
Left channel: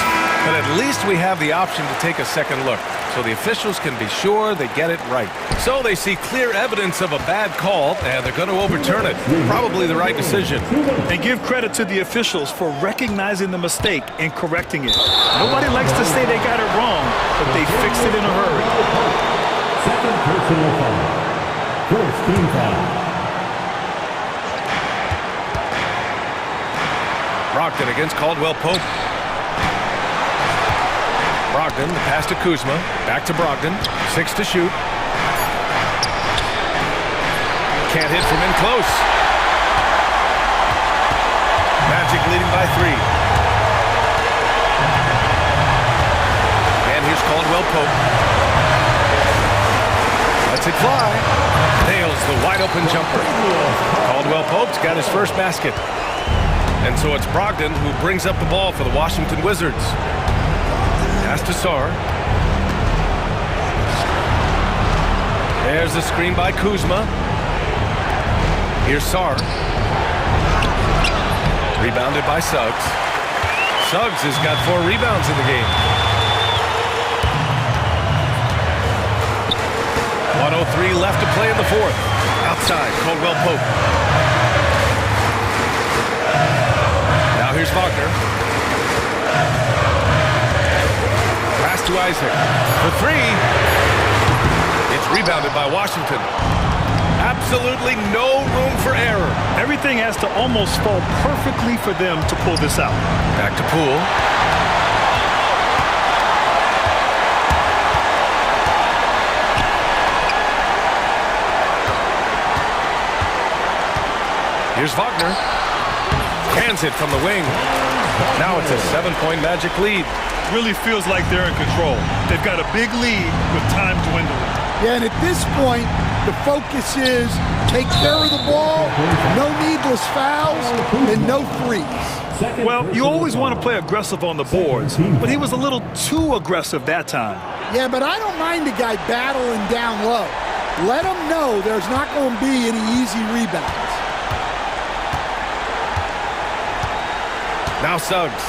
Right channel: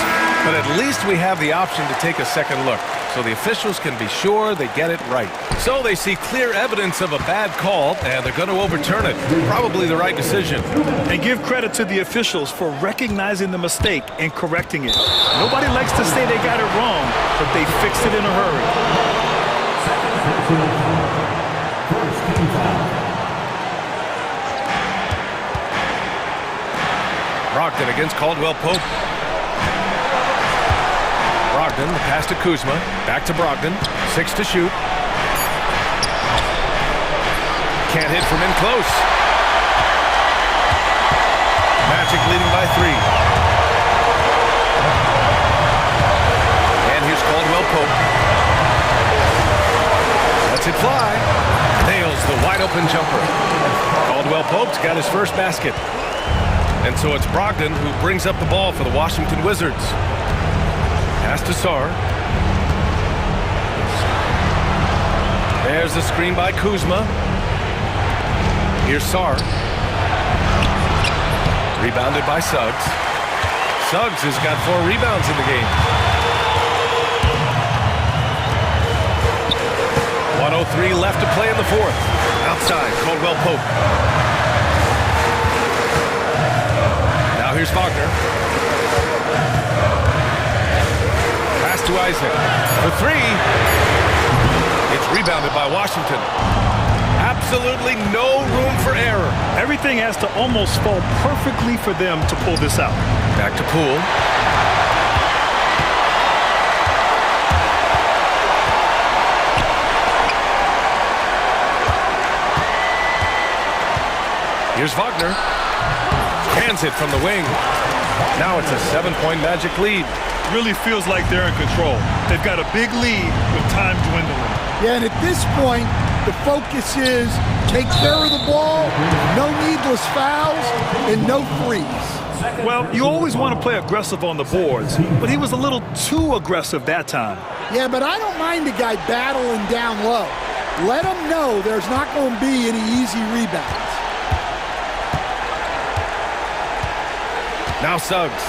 But at least we have the option to take a second look, so the officials can be sure they get it right. So they see clear evidence of a bad call, and they're going to overturn it. Probably the right decision. And give credit to the officials for recognizing the mistake and correcting it. Nobody likes to say they got it wrong, but they fixed it in a hurry. Second personal foul. First team foul. Brogdon against Caldwell Pope. Brogdon, the pass to Kuzma. Back to Brogdon. 6 to shoot. Can't hit from in close. Magic leading by 3. And here's Caldwell Pope. Lets it fly. Nails the wide open jumper. Caldwell Pope's got his first basket. And so it's Brogdon who brings up the ball for the Washington Wizards. Pass to Sarr. There's the screen by Kuzma. Here's Sarr. Rebounded by Suggs. Suggs has got 4 rebounds in the game. 1:03 left to play in the fourth. Outside, Caldwell Pope. Now here's Wagner. Pass to Isaac. For 3. It's rebounded by Washington. Absolutely no room for error. Everything has to almost fall perfectly for them to pull this out. Back to Poole. Here's Wagner. Hands it from the wing. Now it's a 7-point Magic lead. Really feels like they're in control. They've got a big lead with time dwindling. Yeah, and at this point, the focus is take care of the ball, no needless fouls, and no threes. Well, you always want to play aggressive on the boards, but he was a little too aggressive that time. Yeah, but I don't mind a guy battling down low. Let him know there's not going to be any easy rebounds. Now Suggs.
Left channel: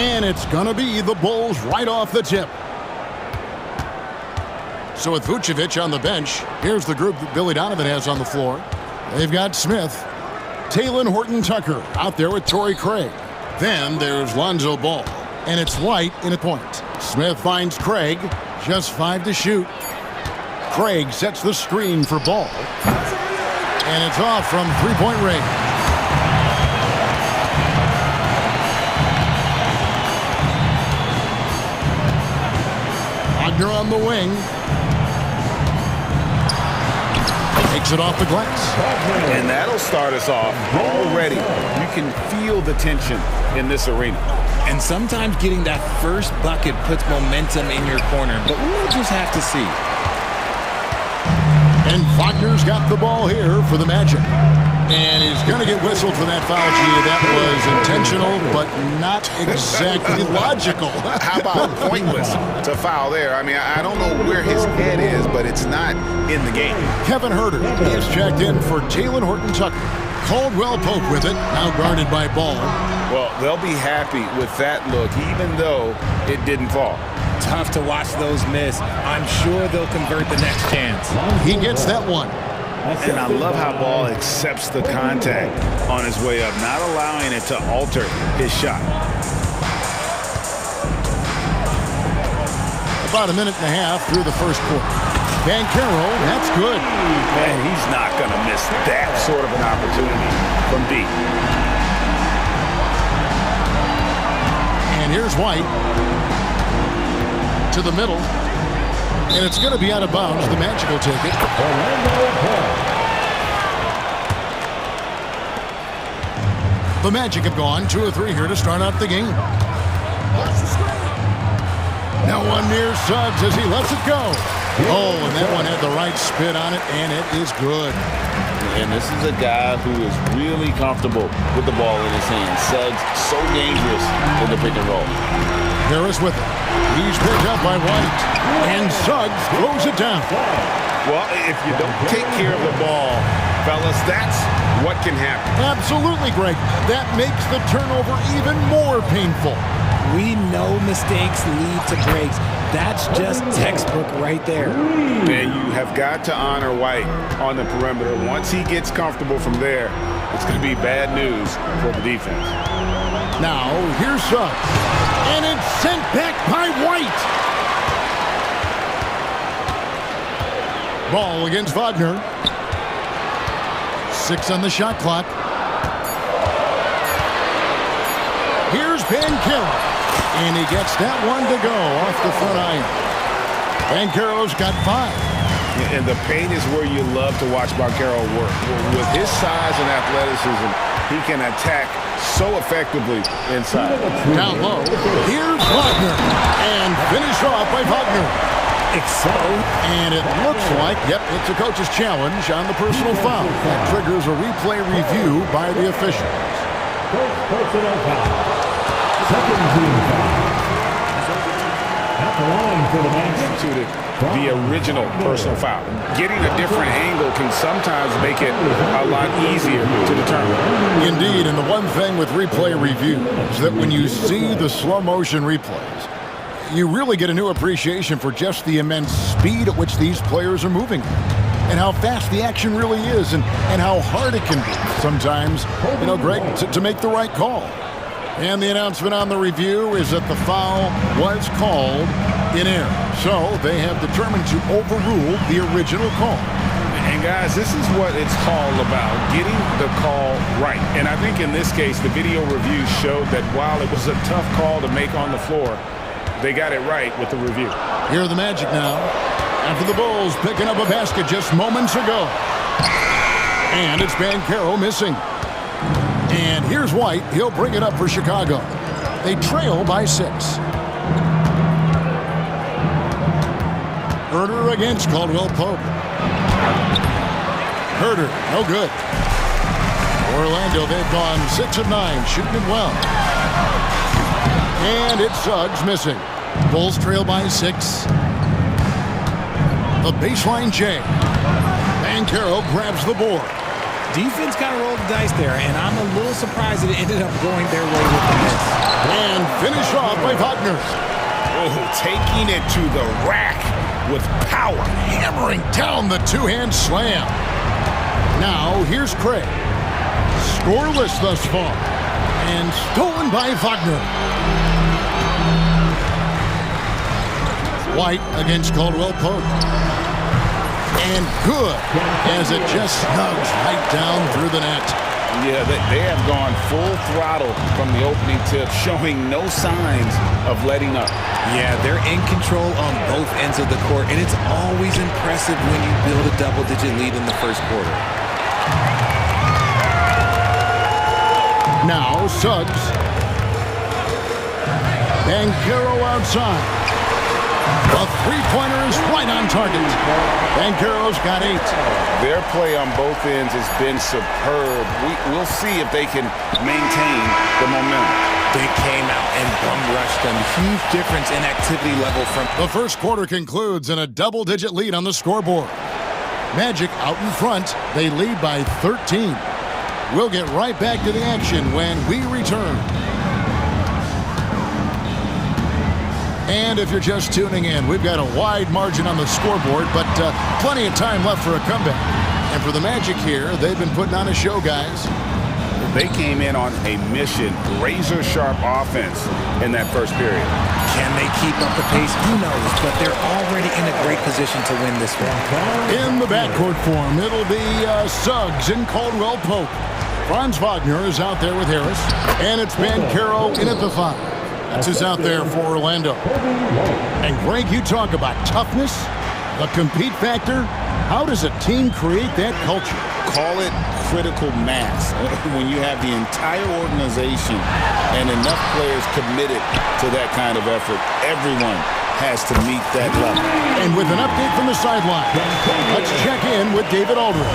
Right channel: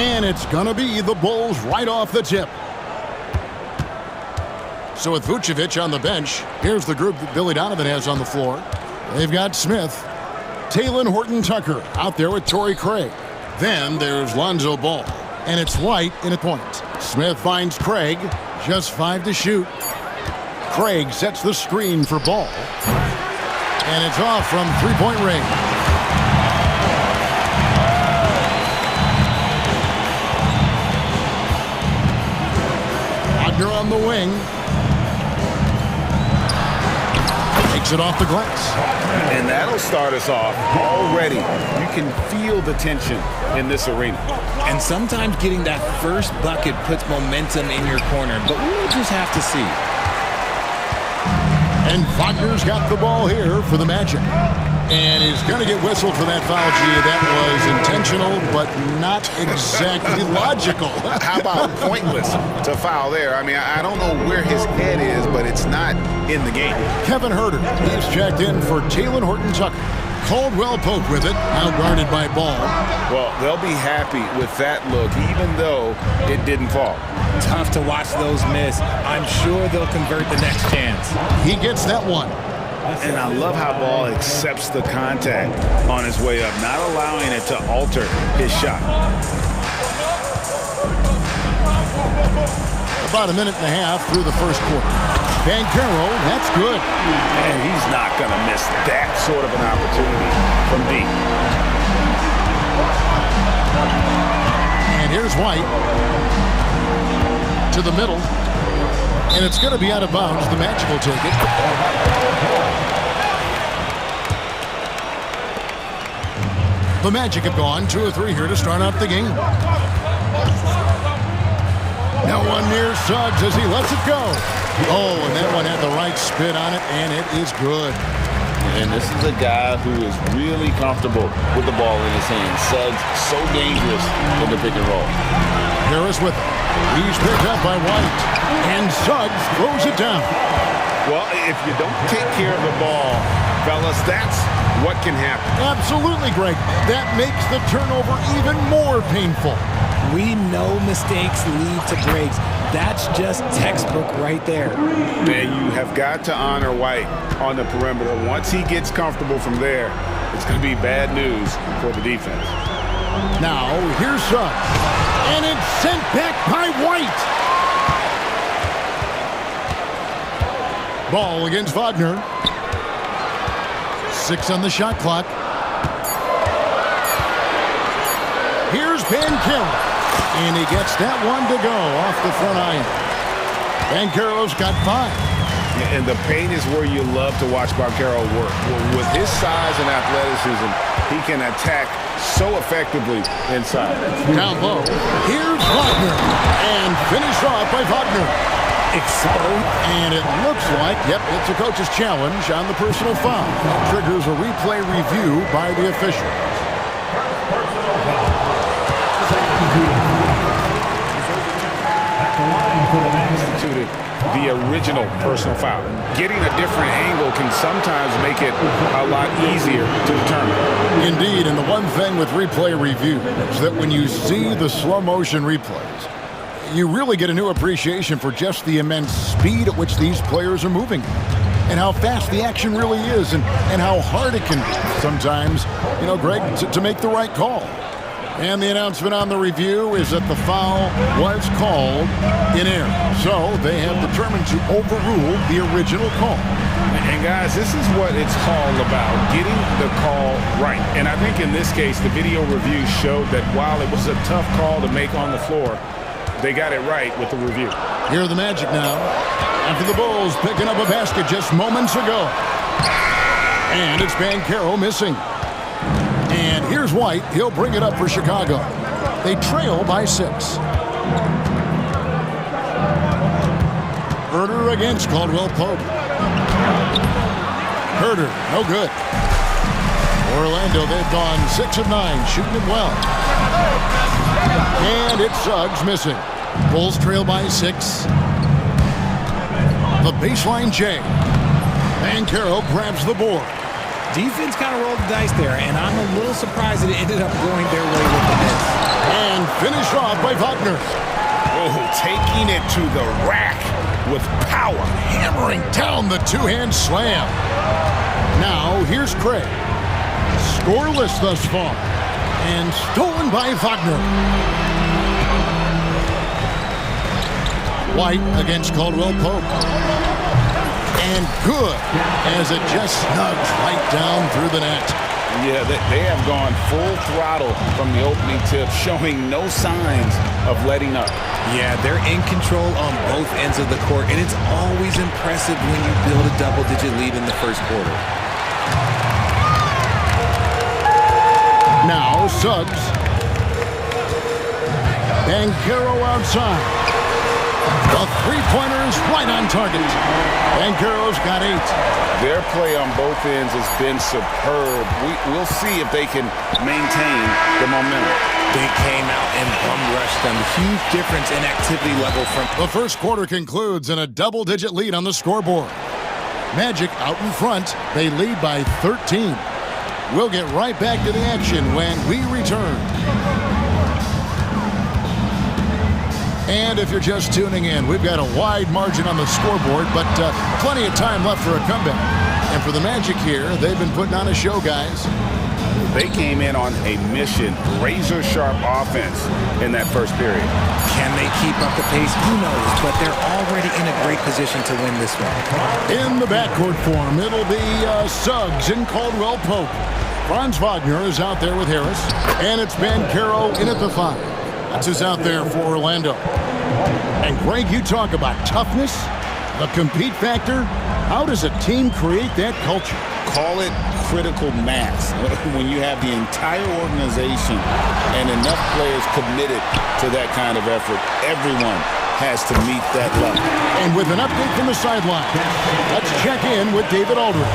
And it's going to be the Bulls right off the tip. So with Vucevic on the bench, here's the group that Billy Donovan has on the floor. They've got Smith, Talen Horton-Tucker out there with Torrey Craig. Then there's Lonzo Ball, and it's White in at point. Smith finds Craig, just 5 to shoot. Craig sets the screen for Ball, and it's off from three-point range. Wagner on the wing. Takes it off the glass. And that'll start us off already. You can feel the tension in this arena. And sometimes getting that first bucket puts momentum in your corner, but we'll just have to see. And Wagner's got the ball here for the Magic. And he's going to get whistled for that foul, G. That was intentional, but not exactly logical. How about pointless to foul there? I mean, I don't know where his head is, but it's not in the game. Kevin Huerter is checked in for Talen Horton-Tucker. Caldwell Pope with it, now guarded by Ball. Well, they'll be happy with that look, even though it didn't fall. Tough to watch those miss. I'm sure they'll convert the next chance. He gets that one. And I love how Ball accepts the contact on his way up, not allowing it to alter his shot. About a minute and a half through the first quarter. Banchero, that's good. And he's not going to miss that sort of an opportunity from deep. And here's White. To the middle. And it's going to be out of bounds. The Magic will take it. The Magic have gone 2 of 3 here to start out the game. Now one near Suggs as he lets it go. Oh, and that one had the right spin on it, and it is good. And this is a guy who is really comfortable with the ball in his hands. Suggs, so dangerous in the pick and roll. Harris with it. He's picked up by White. And Suggs throws it down. Well, if you don't take care of the ball, fellas, that's what can happen. Absolutely, Greg. That makes the turnover even more painful. We know mistakes lead to breaks. That's just textbook right there. And you have got to honor White on the perimeter. Once he gets comfortable from there, it's going to be bad news for the defense. Now, here's Suggs. And it's sent back by White. Ball against Wagner. 6 on the shot clock. Here's Banchero. And he gets that one to go off the front iron. Banchero's got 5. Yeah, and the paint is where you love to watch Banchero work. With his size and athleticism, he can attack so effectively inside. Down low, here's Wagner. And finished off by Wagner. Exposed. And it looks like, yep, it's a coach's challenge on the personal foul. That triggers a replay review by the officials. Personal foul. Second team foul. At the line for the Magic. To the original personal foul. Getting a different angle can sometimes make it a lot easier to determine. Indeed, and the one thing with replay review is that when you see the slow motion replays, you really get a new appreciation for just the immense speed at which these players are moving and how fast the action really is and how hard it can be sometimes, you know, Greg, to make the right call. And the announcement on the review is that the foul was called in error. So they have determined to overrule the original call. And guys, this is what it's all about, getting the call right. And I think in this case, the video review showed that while it was a tough call to make on the floor, they got it right with the review. Here are the Magic now. After the Bulls picking up a basket just moments ago. And it's Banchero missing. And here's White. He'll bring it up for Chicago. They trail by 6. Huerter against Caldwell Pope. Huerter, no good. Orlando, they've gone 6 of 9, shooting it well. And it's Suggs missing. Bulls trail by 6. The baseline J. Banchero grabs the board. Defense kind of rolled the dice there, and I'm a little surprised that it ended up going their way with the miss. And finished off by Wagner. Oh, taking it to the rack with power. Hammering down the two-hand slam. Now, here's Craig. Scoreless thus far. And stolen by Wagner. White against Caldwell Pope. And good, as it just snugs right down through the net. Yeah, they have gone full throttle from the opening tip, showing no signs of letting up. Yeah, they're in control on both ends of the court, and it's always impressive when you build a double-digit lead in the first quarter. Now, Suggs. Banchero outside. The three-pointer is right on target. Banchero's got 8. Their play on both ends has been superb. We'll see if they can maintain the momentum. They came out and bum rushed them. Huge difference in activity level from... The first quarter concludes in a double-digit lead on the scoreboard. Magic out in front. They lead by 13. We'll get right back to the action when we return. And if you're just tuning in, we've got a wide margin on the scoreboard, but plenty of time left for a comeback. And for the Magic here, they've been putting on a show, guys. They came in on a mission, razor-sharp offense in that first period. Can they keep up the pace? Who knows, but they're already in a great position to win this one. In the backcourt form, it'll be Suggs and Caldwell Pope. Franz Wagner is out there with Harris, and it's Banchero in at the 5. That's who's out there for Orlando. And Greg, you talk about toughness, the compete factor. How does a team create that culture? Call it critical mass. When you have the entire organization and enough players committed to that kind of effort, everyone has to meet that level. And with an update from the sideline, let's check in with David Aldridge.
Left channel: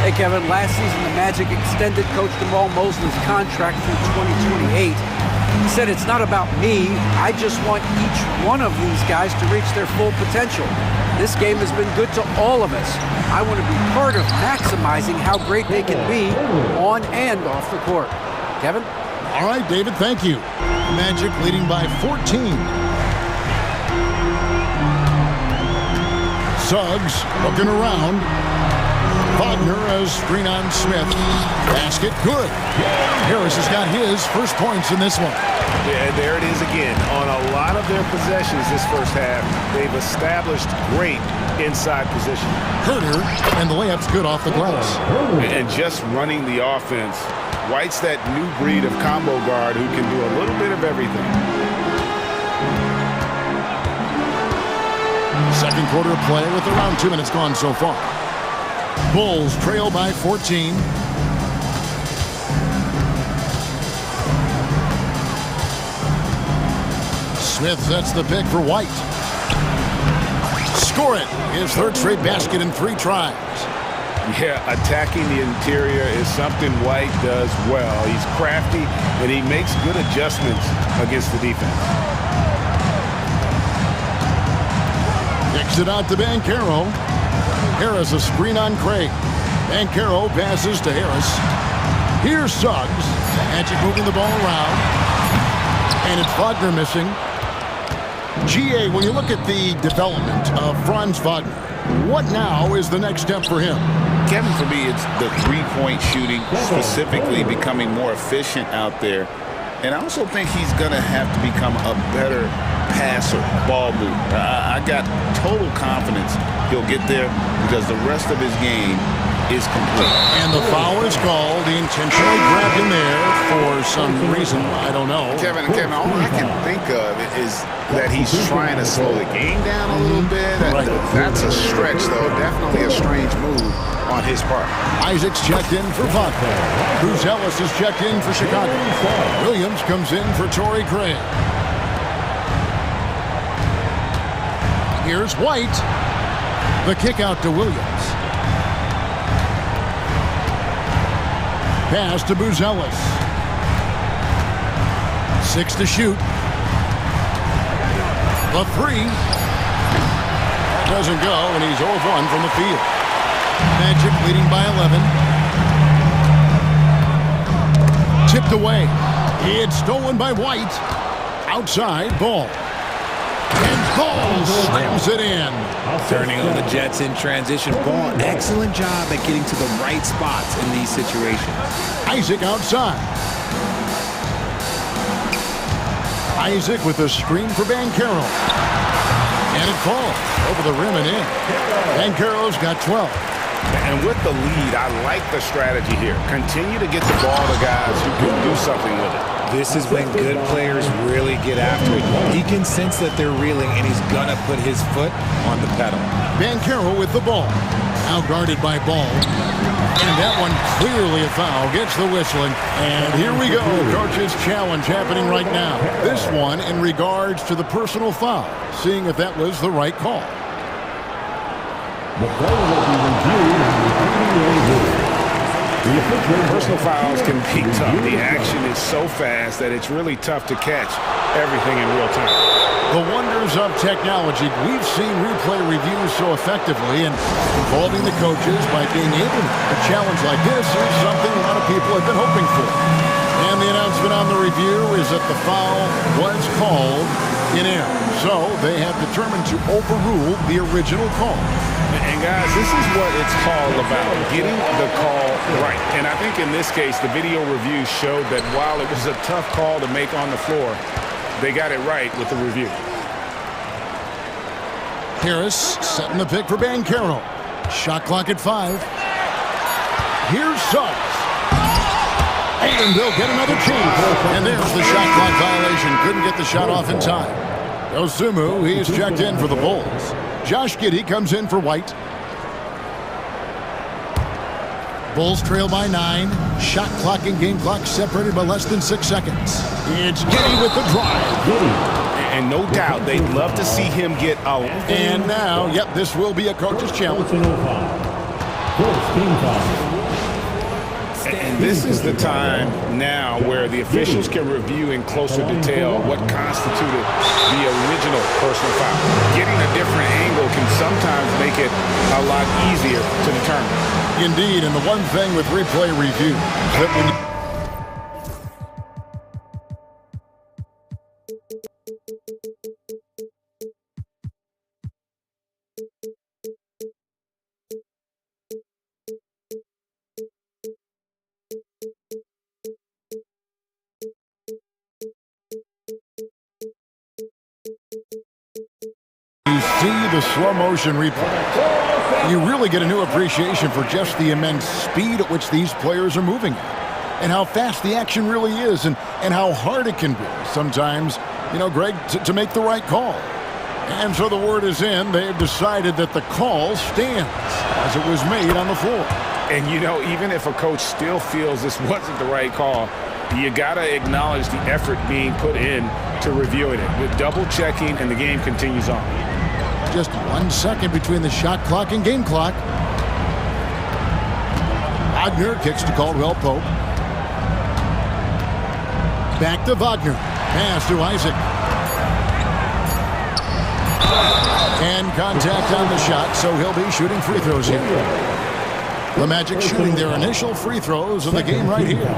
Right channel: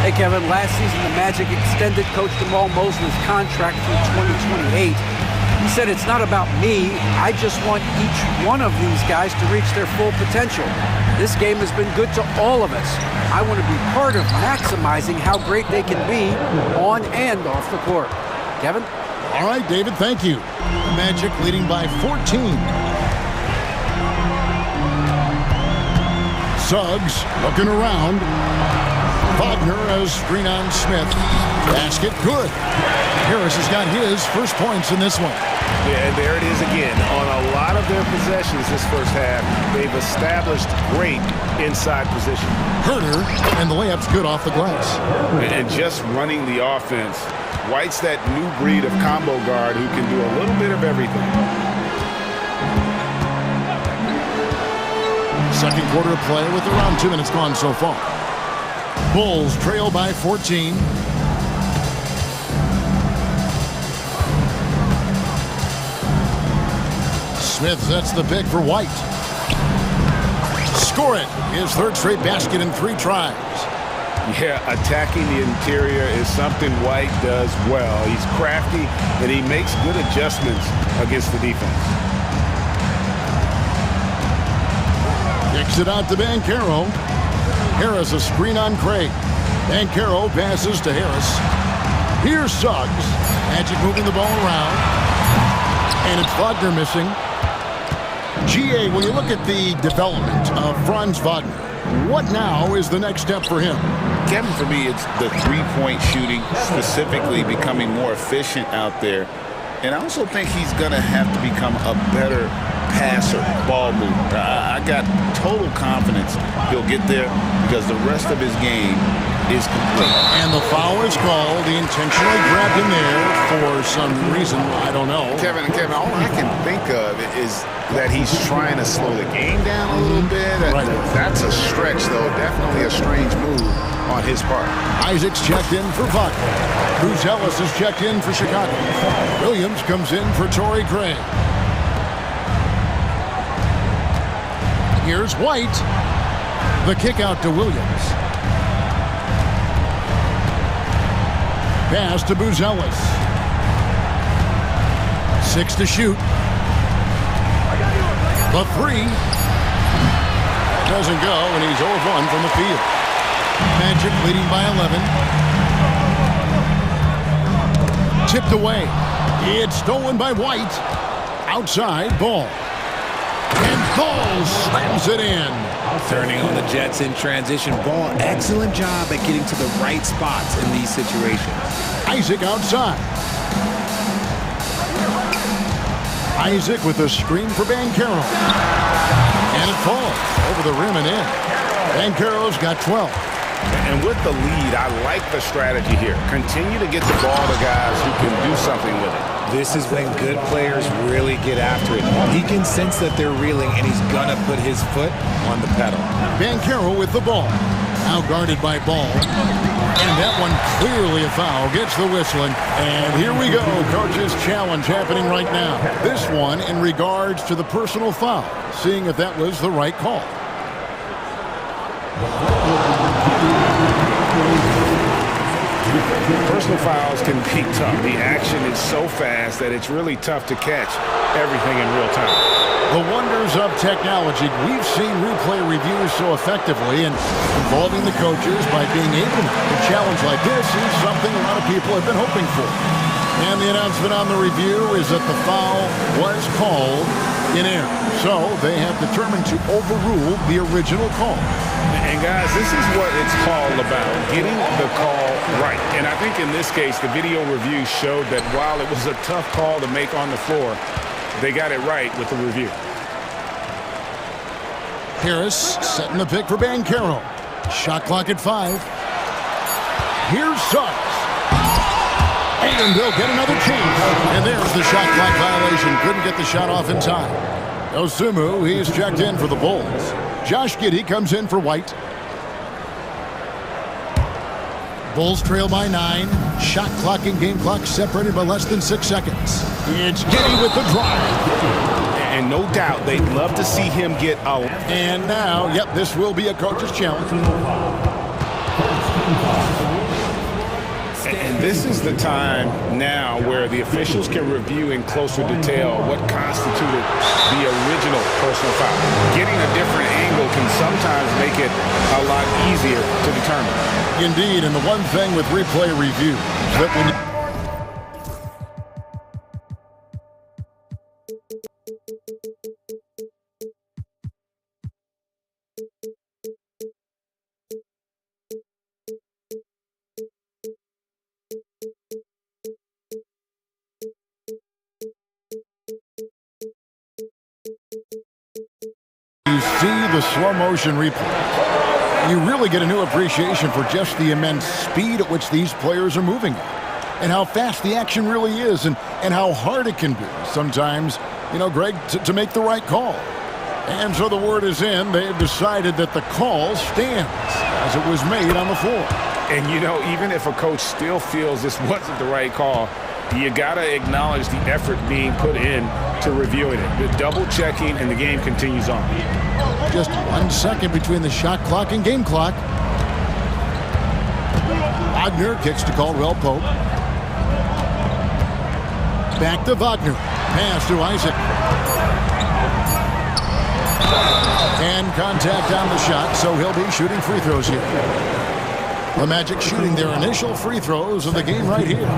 Hey, Kevin, last season the Magic extended Coach Jamal Mosley's contract through 2028. He said, it's not about me. I just want each one of these guys to reach their full potential. This game has been good to all of us. I want to be part of maximizing how great they can be on and off the court. Kevin? All right, David, thank you. Magic leading by 14. Suggs looking around. Wagner as screen on Smith. Basket good. Harris has got his first points in this one. Yeah, there it is again. On a lot of their possessions this first half, they've established great inside position. Herter, and the layup's good off the glass. And just running the offense, White's that new breed of combo guard who can do a little bit of everything. Second quarter of play with around 2 minutes gone so far. Bulls trail by 14. Smith sets the pick for White. Score it. His third straight basket in 3 tries. Yeah, attacking the interior is something White does well. He's crafty, and he makes good adjustments against the defense. Kicks it out to Banchero. Harris a screen on Craig. Banchero passes to Harris. Here's Suggs. Magic moving the ball around. And it's Wagner missing. GA, when you look at the development of Franz Wagner, what now is the next step for him? Kevin, for me, it's the three-point shooting, specifically becoming more efficient out there. And I also think he's going to have to become a better passer, ball mover. I got total confidence he'll get there because the rest of his game is complete. And the foul is called. He intentionally grabbed him there for some reason. I don't know. Kevin, all I can think of is that he's trying to slow the game down a little bit. Right. That's a stretch, though. Definitely a strange move on his part. Isaac's checked in for Wagner. Bruce Ellis is checked in for Chicago. Williams comes in for Torrey Craig. Here's White. The kick out to Williams. Pass to Buzelis. 6 to shoot. The 3. That doesn't go, and he's 0 of 1 from the field. Magic leading by 11. Tipped away. It's stolen by White. Outside, Ball. And Ball slams it in. Turning on the Jets in transition. Ball, excellent job at getting to the right spots in these situations. Isaac outside. Isaac with a screen for Banchero. And it falls over the rim and in. Banchero's got 12. And with the lead, I like the strategy here. Continue to get the ball to guys who can do something with it. This is when good players really get after it. He can sense that they're reeling, and he's gonna put his foot on the pedal. Banchero with the ball. Now guarded by Ball. And that one clearly a foul. Gets the whistling. And here we go. Coach's challenge happening right now. This one in regards to the personal foul. Seeing if that was the right call. The play will be reviewed. Personal fouls can be tough. The action is so fast that it's really tough to catch everything in real time. The wonders of technology. We've seen replay reviews so effectively, and involving the coaches by being able to challenge like this is something a lot of people have been hoping for. And the announcement on the review is that the foul was called in error. So they have determined to overrule the original call. And guys, this is what it's all about, getting the call right. And I think in this case, the video review showed that while it was a tough call to make on the floor, they got it right with the review. Harris setting the pick for Banchero. Shot clock at 5. Here's Suggs. And they'll get another chance. And there's the shot clock violation. Couldn't get the shot off in time. Osumu, he's checked in for the Bulls. Josh Giddey comes in for White. Bulls trail by 9. Shot clock and game clock separated by less than 6 seconds. It's Giddey with the drive. And no doubt they'd love to see him get out. And now, yep, this will be a coach's challenge. And this is the time now where the officials can review in closer detail what constituted the original personal foul. Getting a different angle can sometimes make it a lot easier to determine. Indeed, and the one thing with replay reviews that when you see the slow motion replay, you really get a new appreciation for just the immense speed at which these players are moving at, and how fast the action really is, and how hard it can be sometimes, you know, Greg, to make the right call. And so the word is in. They've decided that the call stands as it was made on the floor. And, you know, even if a coach still feels this wasn't the right call, you got to acknowledge the effort being put in to reviewing it. With double checking, and the game continues on. Just 1 second between the shot clock and game clock. Wagner kicks to Caldwell Pope. Back to Wagner. Pass to Isaac. And contact on the shot, so he'll be shooting free throws here. The Magic shooting their initial free throws of the game right here.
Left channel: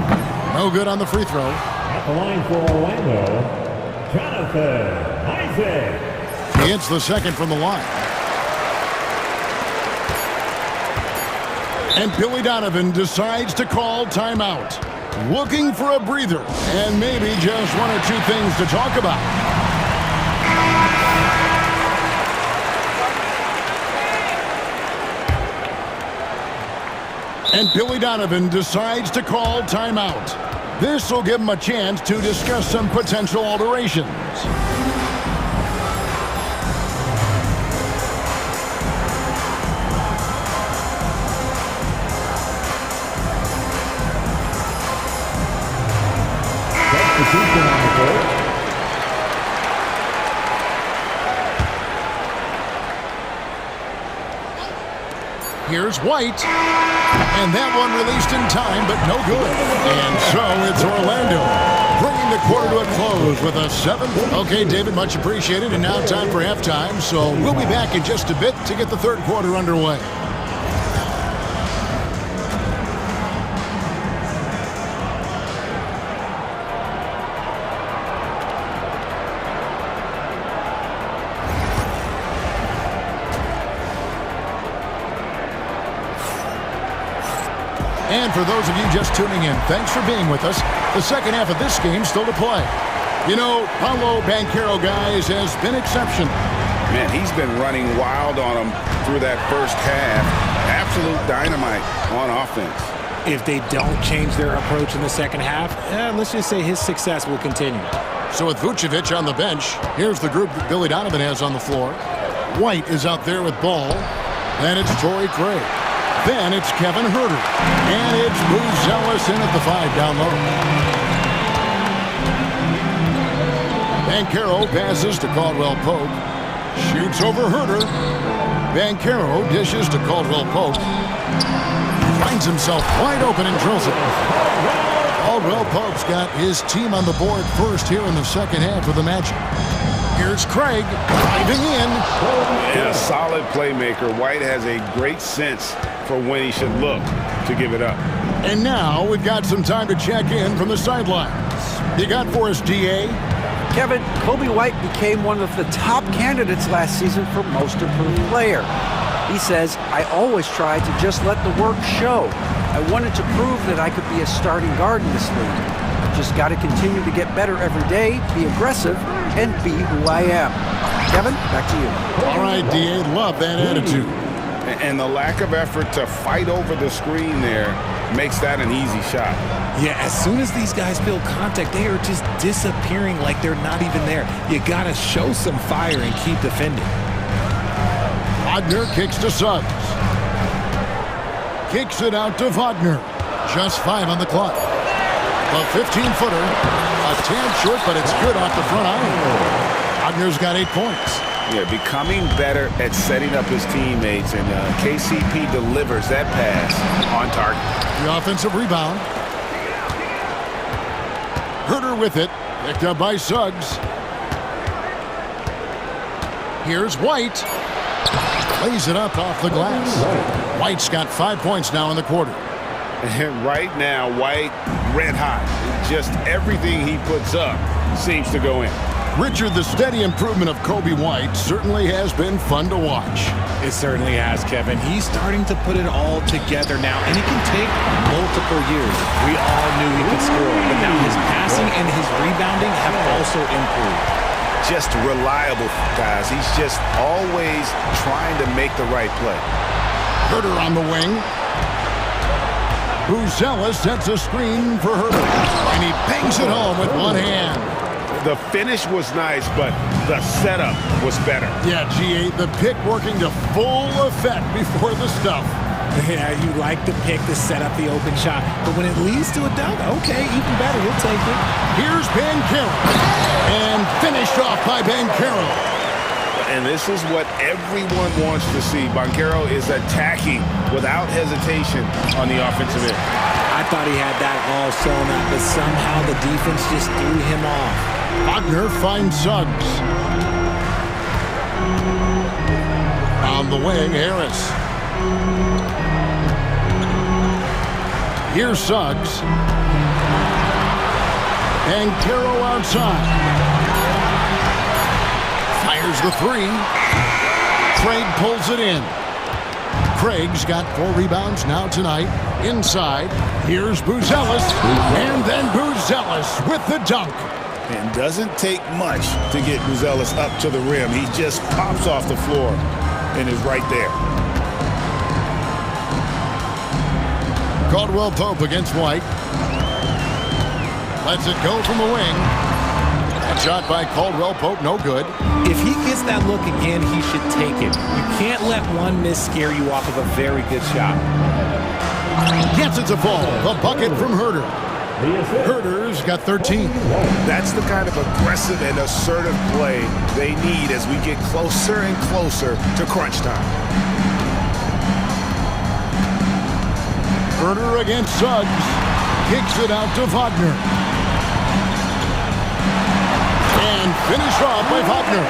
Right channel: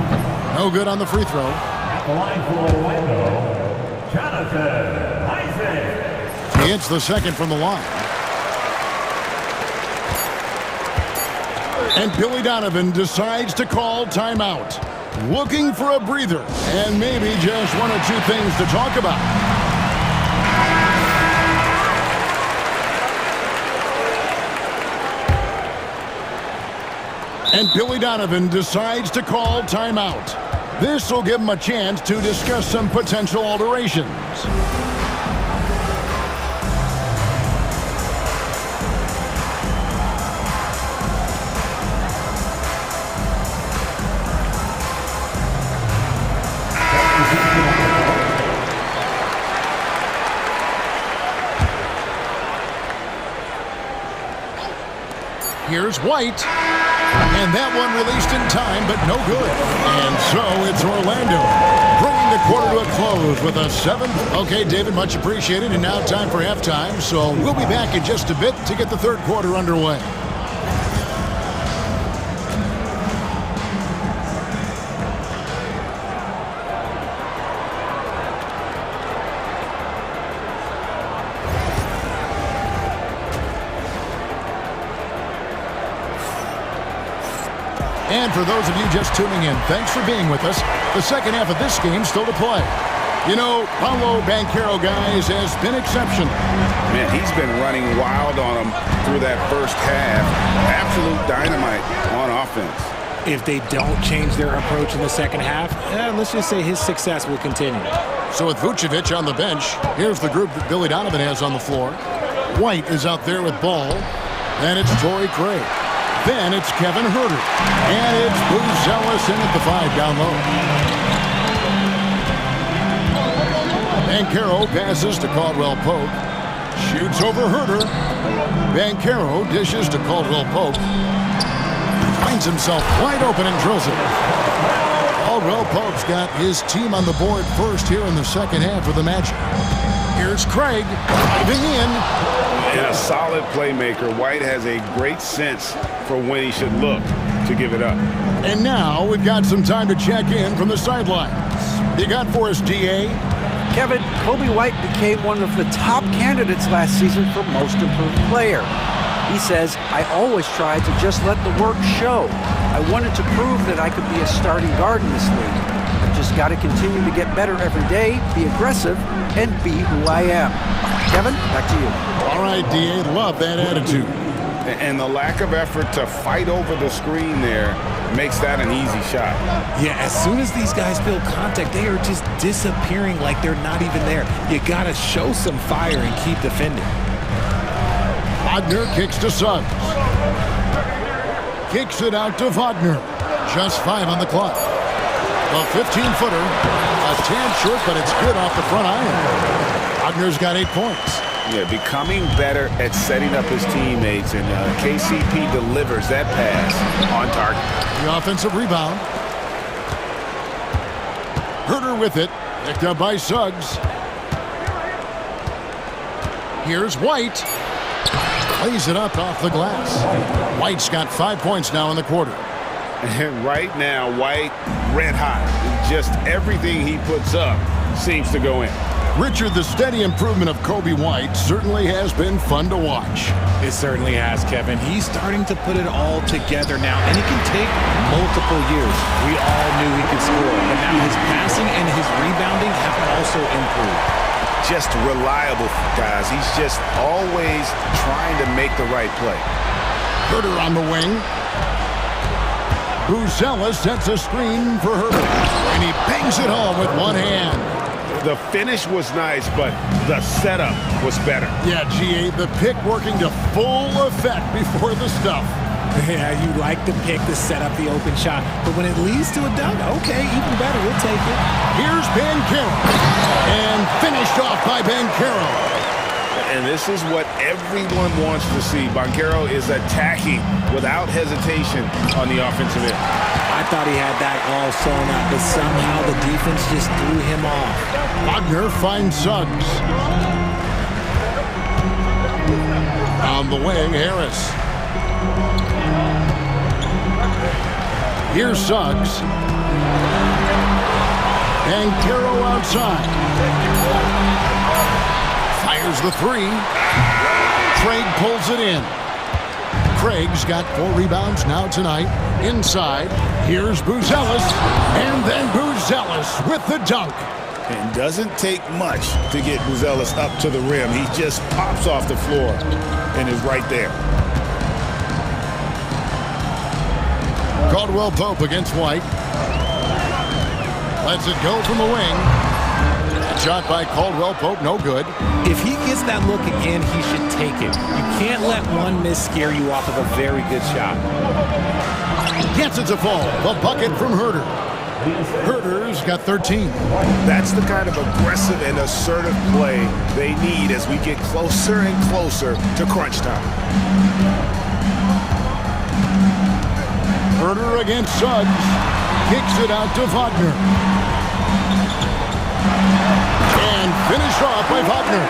No good on the free throw. At the line for Orlando, Jonathan Isaac. He hits the second from the line. And Billy Donovan decides to call timeout. Looking for a breather and maybe just 1 or 2 things to talk about. And Billy Donovan decides to call timeout. This will give him a chance to discuss some potential alterations. Here's White. And that one released in time, but no good. And so it's Orlando, bringing the quarter to a close with a 7th. Okay, David, much appreciated. And now time for halftime. So we'll be back in just a bit to get the third quarter underway. And for those of you just tuning in, thanks for being with us. The second half of this game still to play. You know, Paolo Banchero, guys, has been exceptional. Man, he's been running wild on them through that first half. Absolute dynamite on offense. If they don't change their approach in the second half, let's just say his success will continue. So with Vucevic on the bench, here's the group that Billy Donovan has on the floor. White is out there with ball. Then it's Torrey Craig. Then it's Kevin Huerter. And it's Buzelis in at the 5 down low. Banchero passes to Caldwell Pope. Shoots over Huerter. Banchero dishes to Caldwell Pope. Finds himself wide open and drills it. Caldwell Pope's got his team on the board first here in the second half of the Magic. Here's Craig driving in. And a solid playmaker. White has a great sense for when he should look to give it up. And now we've got some time to check in from the sidelines. You got for us, DA? Kevin, Kobe White became one of the top candidates last season for Most Improved Player. He says, I always tried to just let the work show. I wanted to prove that I could be a starting guard in this league. I've just got to continue to get better every day, be aggressive, and be who I am. Kevin, back to you. All right, DA, love that attitude. And the lack of effort to fight over the screen there makes that an easy shot. Yeah, as soon as these guys feel contact, they are just disappearing like they're not even there. You got to show some fire and keep defending. Wagner kicks to Suggs. Kicks it out to Wagner. Just 5 on the clock. The 15-footer, a tad short, but it's good off the front iron. Wagner's got 8 points. Yeah, becoming better at setting up his teammates, and KCP delivers that pass on target. The offensive rebound. Huerter with it, picked up by Suggs. Here's White. Plays it up off the glass. White's got 5 points now in the quarter. And right now, White red hot. Just everything he puts up seems to go in. Richard, the steady improvement of Kobe White certainly has been fun to watch. It certainly has, Kevin. He's starting to put it all together now, and it can take multiple years. We all knew he could score, but now his passing and his rebounding have also improved. Just reliable, guys. He's just always trying to make the right play. Huerter on the wing. Buzelis sets a screen for Huerter, and he bangs it home with one hand. The finish was nice, but the setup was better. Yeah, GA, the pick working to full effect before the stuff. Yeah, you like the pick to set up the open shot, but when it leads to a dunk, okay, even better, you'll take it. Here's Banchero, and finished off by Banchero. And this is what everyone wants to see. Banchero is attacking without hesitation on the offensive end. I thought he had that all sewn up, but somehow the defense just threw him off. Wagner finds Suggs. On the wing, Harris. Here's Suggs. Banchero outside. Fires the 3. Craig pulls it in. Craig's got 4 rebounds now tonight. Inside, here's Buzelis, and then Buzelis with the dunk. And doesn't take much to get Buzelis up to the rim. He just pops off the floor and is right there. Caldwell Pope against White. Lets it go from the wing. That shot by Caldwell Pope, no good. If he gets that look again, he should take it. You can't let one miss scare you off of a very good shot. Gets it to fall. The bucket from Huerter. Huerter's got 13. That's the kind of aggressive and assertive play they need as we get closer and closer to crunch time. Huerter against Suggs. Kicks it out to Wagner. And finished off by Wagner.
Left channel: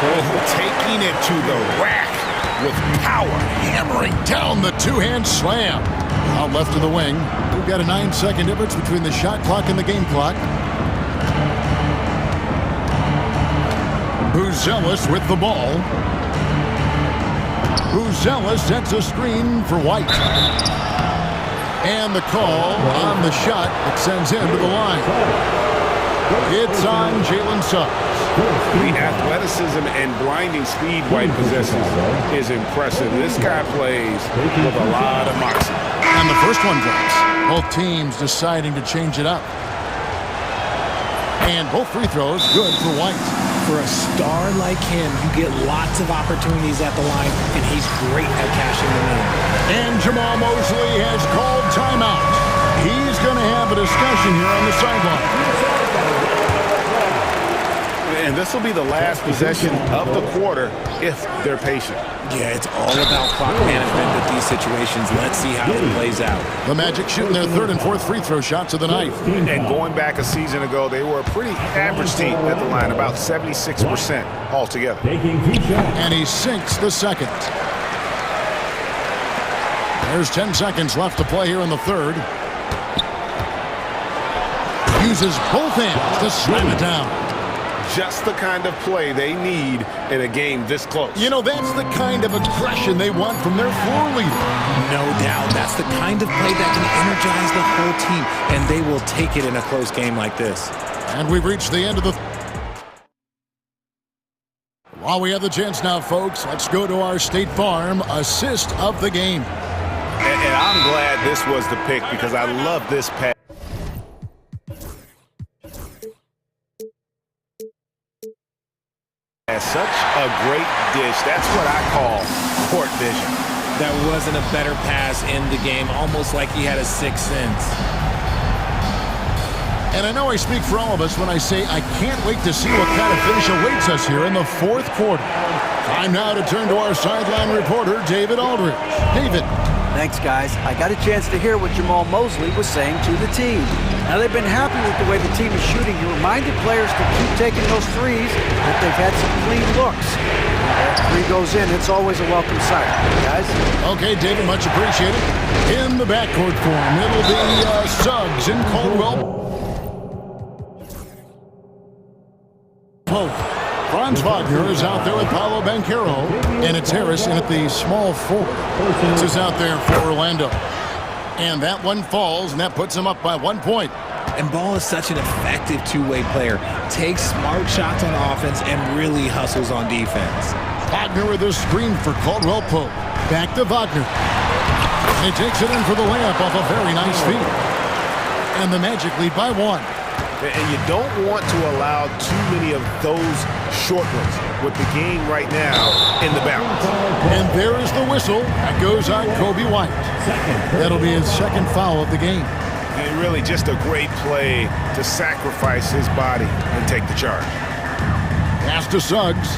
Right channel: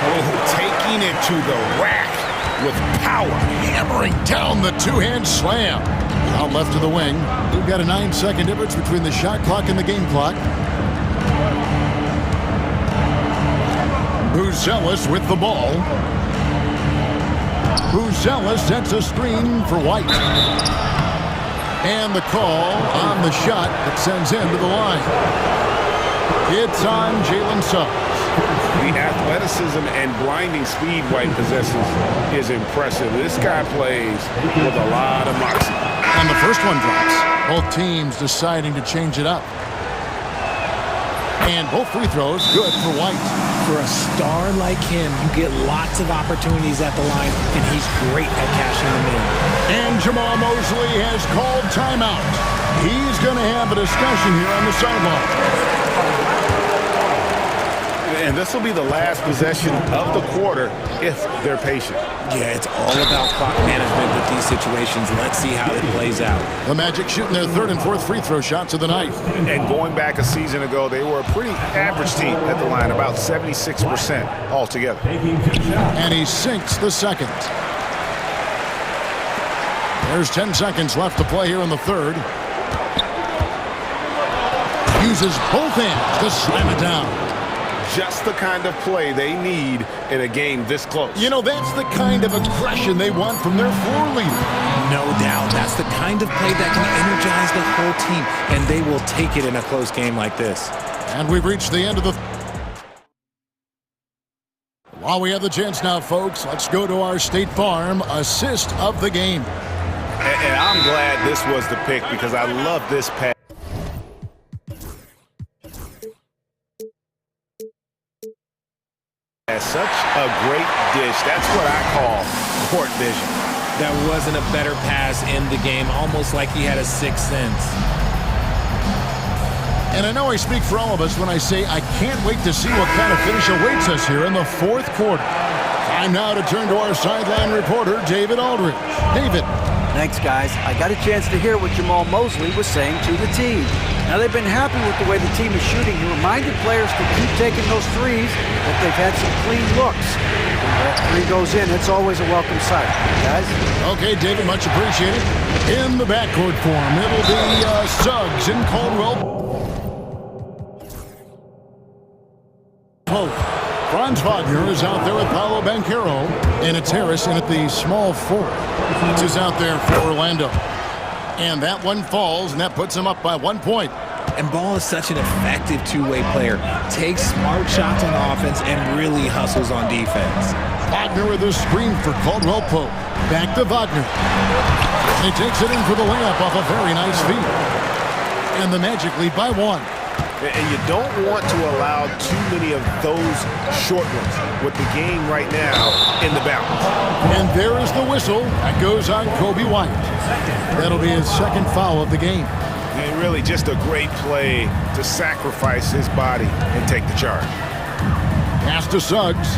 Oh, taking it to the rack with power. Hammering down the two-hand slam. Out left to the wing. We've got a 9-second difference between the shot clock and the game clock. Buzelis with the ball. Buzelis sets a screen for White. And the call on the shot that sends him to the line. It's on Jalen Suggs. The athleticism and blinding speed White possesses is impressive. This guy plays with a lot of moxie. And the first one drops. Both teams deciding to change it up. And both free throws good for White. For a star like him, you get lots of opportunities at the line, and he's great at cashing them in. And Jamal Mosley has called timeout. He's going to have a discussion here on the sideline. And this will be the last possession of the quarter if they're patient. Yeah, it's all about clock management with these situations. Let's see how it plays out. The Magic shooting their third and fourth free throw shots of the night. And going back a season ago, they were a pretty average team at the line, about 76% altogether. And he sinks the second. There's 10 seconds left to play here in the third. Uses both hands to slam it down. Just the kind of play they need in a game this close. You know, that's the kind of aggression they want from their floor leader. No doubt. That's the kind of play that can energize the whole team, and they will take it in a close game like this. And we've reached the end of the... While we have the chance now, folks, let's go to our State Farm assist of the game. And I'm glad this was the pick because I love this pass. Such a great dish. That's what I call court vision. That wasn't a better pass in the game, almost like he had a sixth sense. And I know I speak for all of us when I say I can't wait to see what kind of finish awaits us here in the fourth quarter. Time now to turn to our sideline reporter, David Aldridge. David. Thanks, guys. I got a chance to hear what Jamal Mosley was saying to the team. Now, they've been happy with the way the team is shooting. He reminded players to keep taking those threes, that they've had some clean looks. When that three goes in, it's always a welcome sight. Guys? Okay, David, much appreciated. In the backcourt form, it'll be Suggs and Caldwell Pope. Franz Wagner is out there with Paolo Banchero, and it's Harris in at the small forward. This is out there for Orlando. And that one falls, and that puts him up by 1 point. And Ball is such an effective two-way player. Takes smart shots on offense and really hustles on defense. Wagner with a screen for Caldwell Pope. Back to Wagner. And he takes it in for the layup off a very nice feed. And the Magic lead by 1. And you don't want to allow too many of those short ones with the game right now in the balance. And there is the whistle. That goes on Kobe White. That'll be his second foul of the game. And really just a great play to sacrifice his body and take the charge. Pass to Suggs.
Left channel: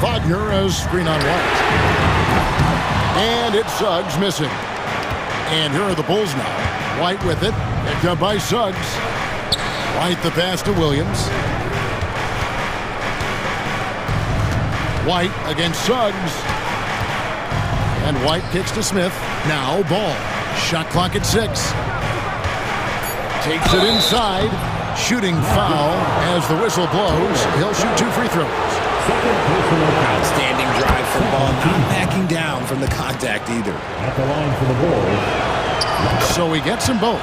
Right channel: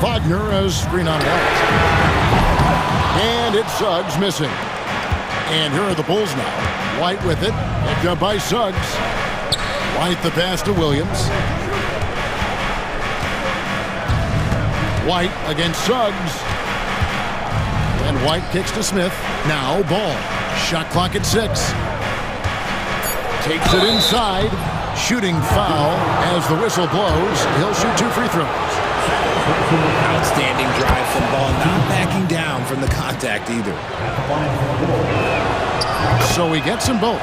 Wagner has screen on White. And it's Suggs missing. And here are the Bulls now. White with it. Picked up by Suggs. White the pass to Williams. White against Suggs. And White kicks to Smith. Now Ball. Shot clock at 6. Takes it inside. Shooting foul as the whistle blows. He'll shoot 2 free throws. Outstanding drive from Ball. Not backing down from the contact either. At the line for the Bulls. So he gets them both.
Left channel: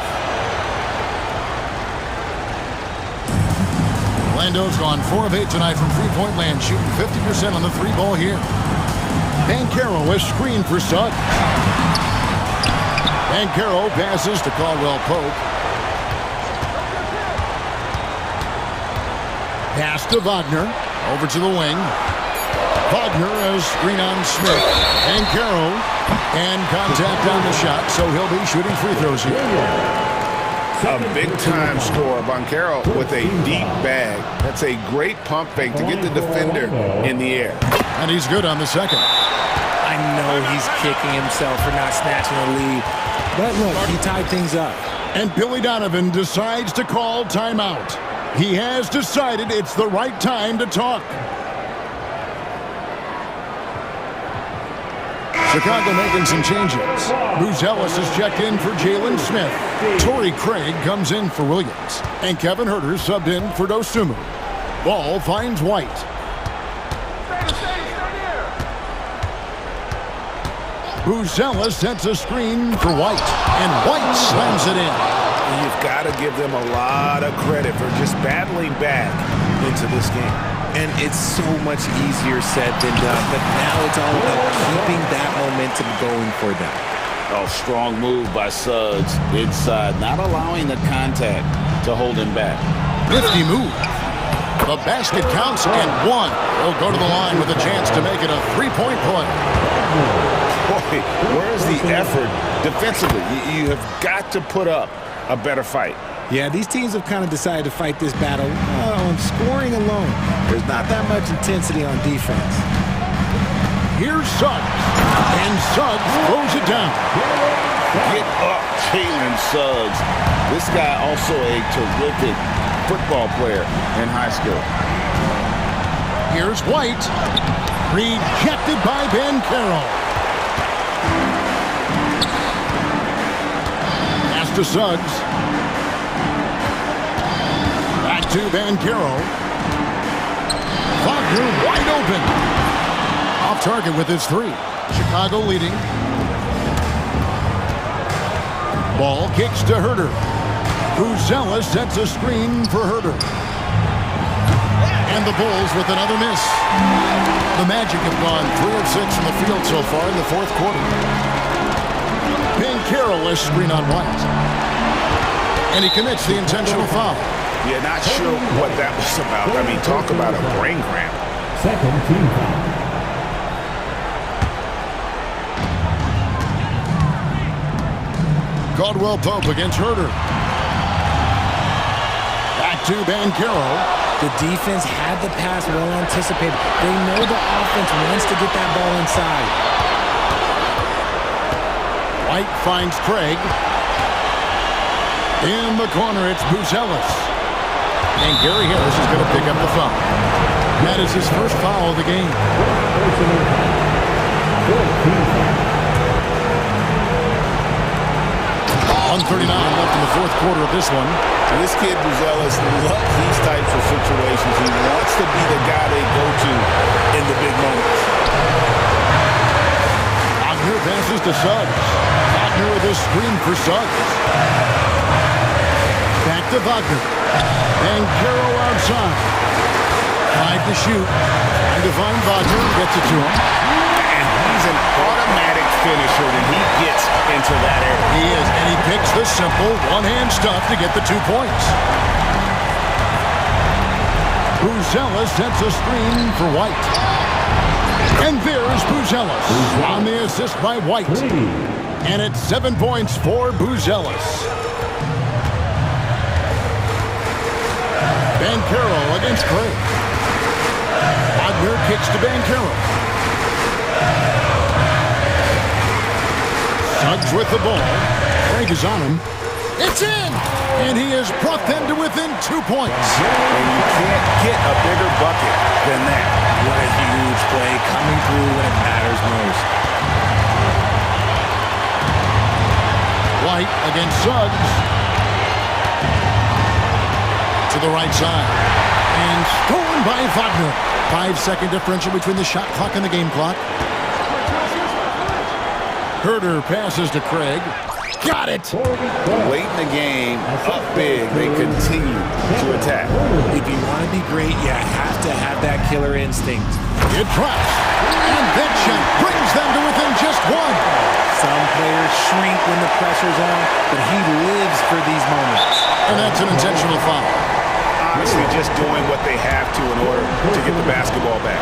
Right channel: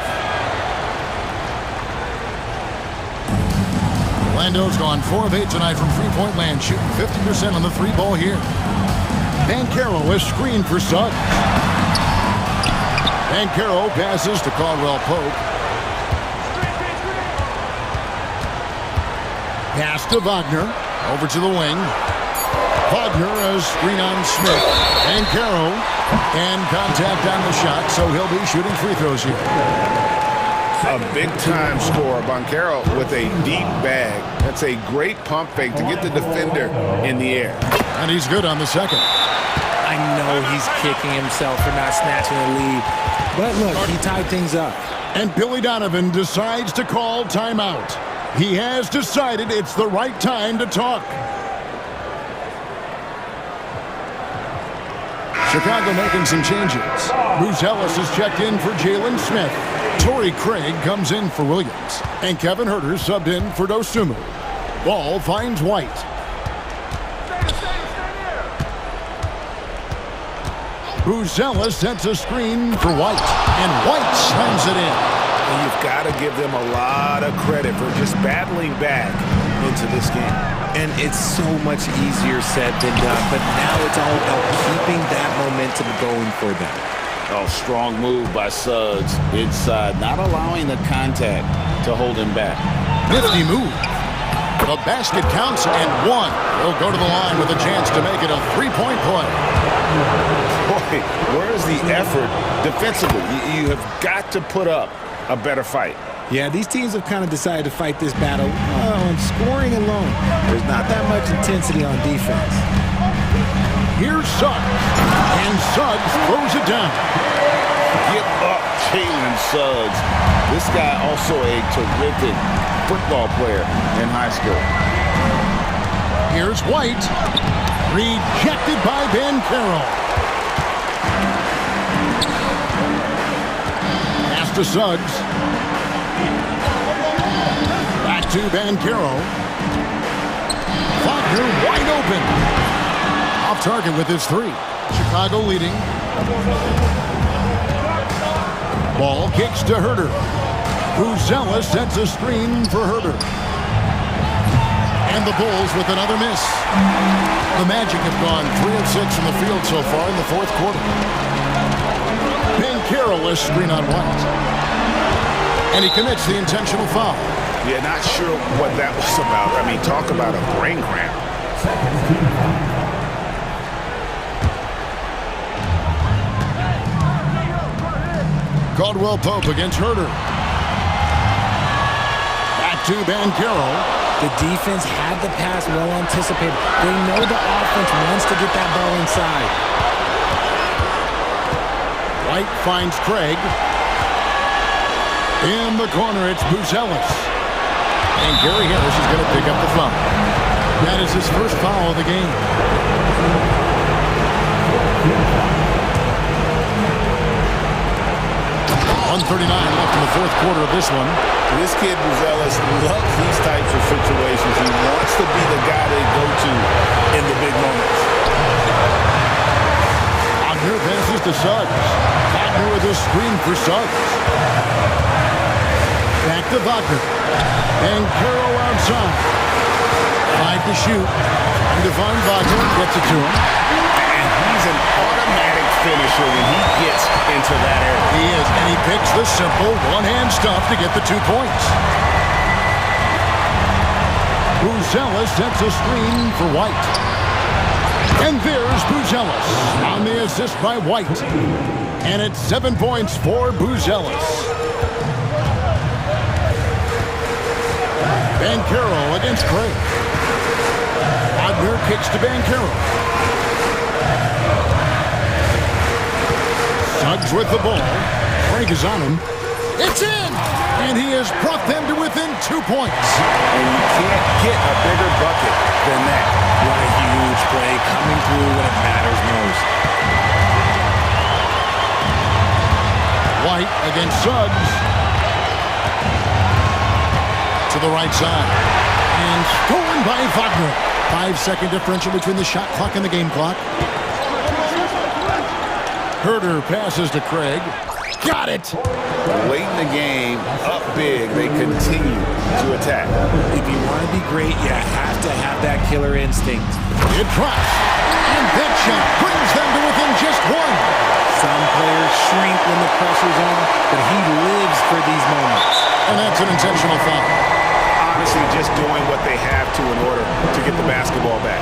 Orlando's gone 4 of 8 tonight from three-point land, shooting 50% on the three ball here. Banchero is screened for Suggs. Banchero passes to Caldwell Pope. Pass to Wagner. Over to the wing. Wagner has screen on Smith. Banchero. And contact on the shot, so he'll be shooting free throws here. A big-time scorer, Banchero with a deep bag. That's a great pump fake to get the defender in the air. And he's good on the second. I know he's kicking himself for not snatching the lead. But look, he tied things up. And Billy Donovan decides to call timeout. He has decided it's the right time to talk. Chicago making some changes. Bruce Ellis has checked in for Jalen Smith. Torrey Craig comes in for Williams. And Kevin Huerter subbed in for Dosunmu. Ball finds White. Buzella sets a screen for White, and White slams it in. And you've got to give them a lot of credit for just battling back into this game. And it's so much easier said than done, but now it's all about keeping that momentum going for them. Oh, strong move by Suggs inside, not allowing the contact to hold him back. Nifty move. The basket counts and one. He'll go to the line with a chance to make it a three-point play. Boy, where's the effort defensively? You have got to put up a better fight. Yeah, these teams have kind of decided to fight this battle on scoring alone. There's not that much intensity on defense. Here's Suggs, and Suggs throws it down. Get up, Jalen Suggs. This guy also a terrific football player in high school. Here's White, rejected by Ben Carroll. Pass to Suggs. Back to Van Carroll. Wagner wide open. Off target with his three. Chicago leading. Ball kicks to Herter. Buzella sets a screen for Herter. And the Bulls with another miss. The Magic have gone 3 of 6 from the field so far in the fourth quarter. Ben Carroll is screen on White. And he commits the intentional foul. Yeah, not sure what that was about. I mean, talk about a brain cramp. Second team foul. Caldwell Pope against Herter. Back to Ben Carroll. The defense had the pass well anticipated. They know the offense wants to get that ball inside. White finds Craig. In the corner, it's Buzelis. And Gary Harris is going to pick up the foul. That is his first foul of the game. 1:39 left in the fourth quarter of this one. This kid, Buzelis, loves these types of situations. He wants to be the guy they go to in the big moments. Wagner passes to Suggs. Wagner with a screen for Suggs. Back to Wagner. And Carroll outside. 5 to shoot. Trying to find Wagner. Gets it to him. And he's an automatic finisher when he gets into that area. He is, and he picks the simple one-hand stuff to get the 2 points. Buzella sets a screen for White. And there's Buzelis on the assist by White. And it's 7 points for Buzelis. Ben Carroll against Craig. Wagner kicks to Ben Carroll. Suggs with the ball. Craig is on him. It's in! And he has brought them to within 2 points. And you can't get a bigger bucket than that. What a huge play coming through when it matters most. White against Suggs. To the right side. And stolen by Wagner. 5-second differential between the shot clock and the game clock. Herter passes to Craig. Got it! Late in the game, up big, they continue to attack. If you want to be great, you have to have that killer instinct. It drops. And that shot brings them to within just 1. Some players shrink when the pressure's on, but he lives for these moments. And that's an intentional foul. Honestly, just doing what they have to in order to get the basketball back.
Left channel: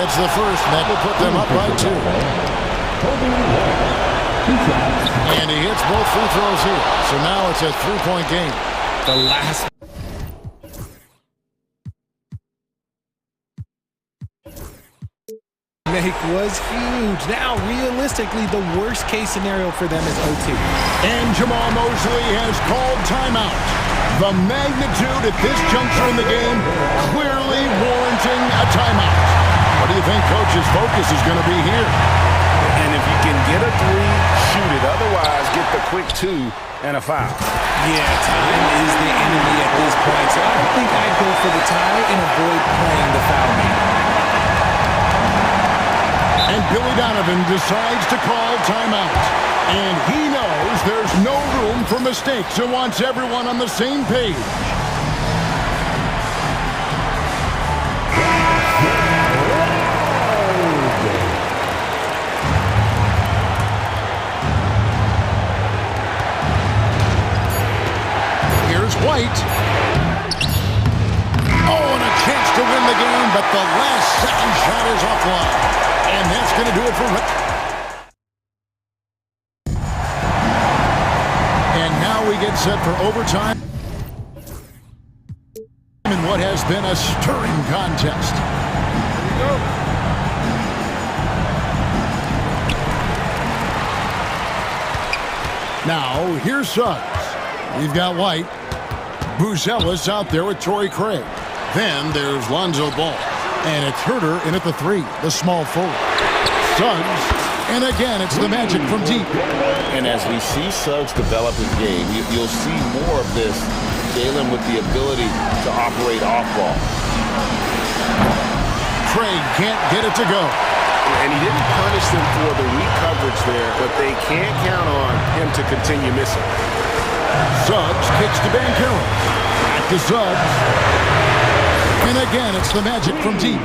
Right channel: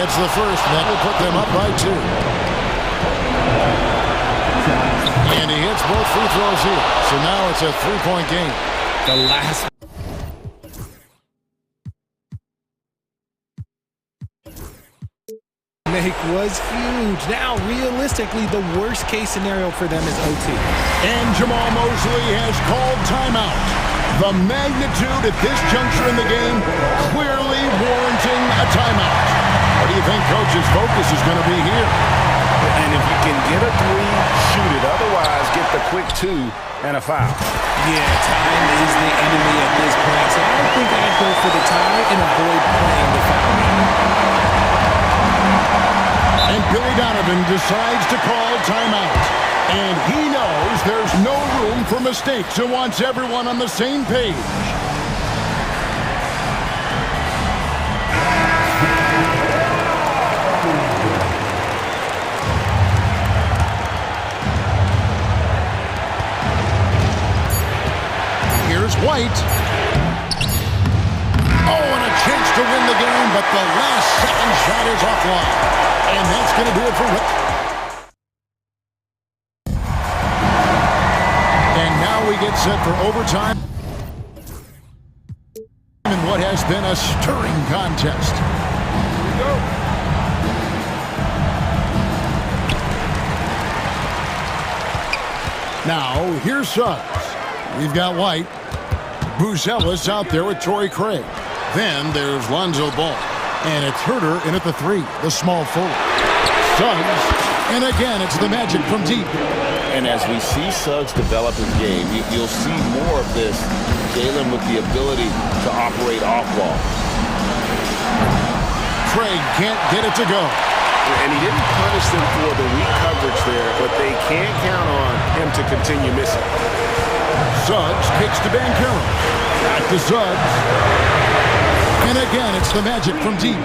It's the first, and that will put them up by 2. And he hits both free throws here. So now it's a 3-point game. The last make was huge. Now, realistically, the worst case scenario for them is OT. And Jamal Mosley has called timeout. The magnitude at this juncture in the game clearly warranting a timeout. What do you think Coach's focus is going to be here? And if you can get a 3, shoot it. Otherwise, get the quick 2 and a foul. Yeah, time is the enemy at this point. So I think I'd go for the tie and avoid playing the foul game. And Billy Donovan decides to call timeout. And he knows there's no room for mistakes and wants everyone on the same page. Here's White. Oh, and a chance to win the game, but the last second shot is offline. And that's going to do it for Rick. And now we get set for overtime in what has been a stirring contest. Here we go. Now, here's Suggs. We've got White. Buzelis out there with Torrey Craig. Then there's Lonzo Ball. And it's Herter in at the 3, the small forward. Suggs, and again, it's the Magic from deep. And as we see Suggs develop his game, you'll see more of this. Jalen with the ability to operate off ball. Craig can't get it to go. And he didn't punish them for the weak coverage there, but they can't count on him to continue missing. Suggs kicks to Banchero. Back to Suggs. And again, it's the Magic from deep.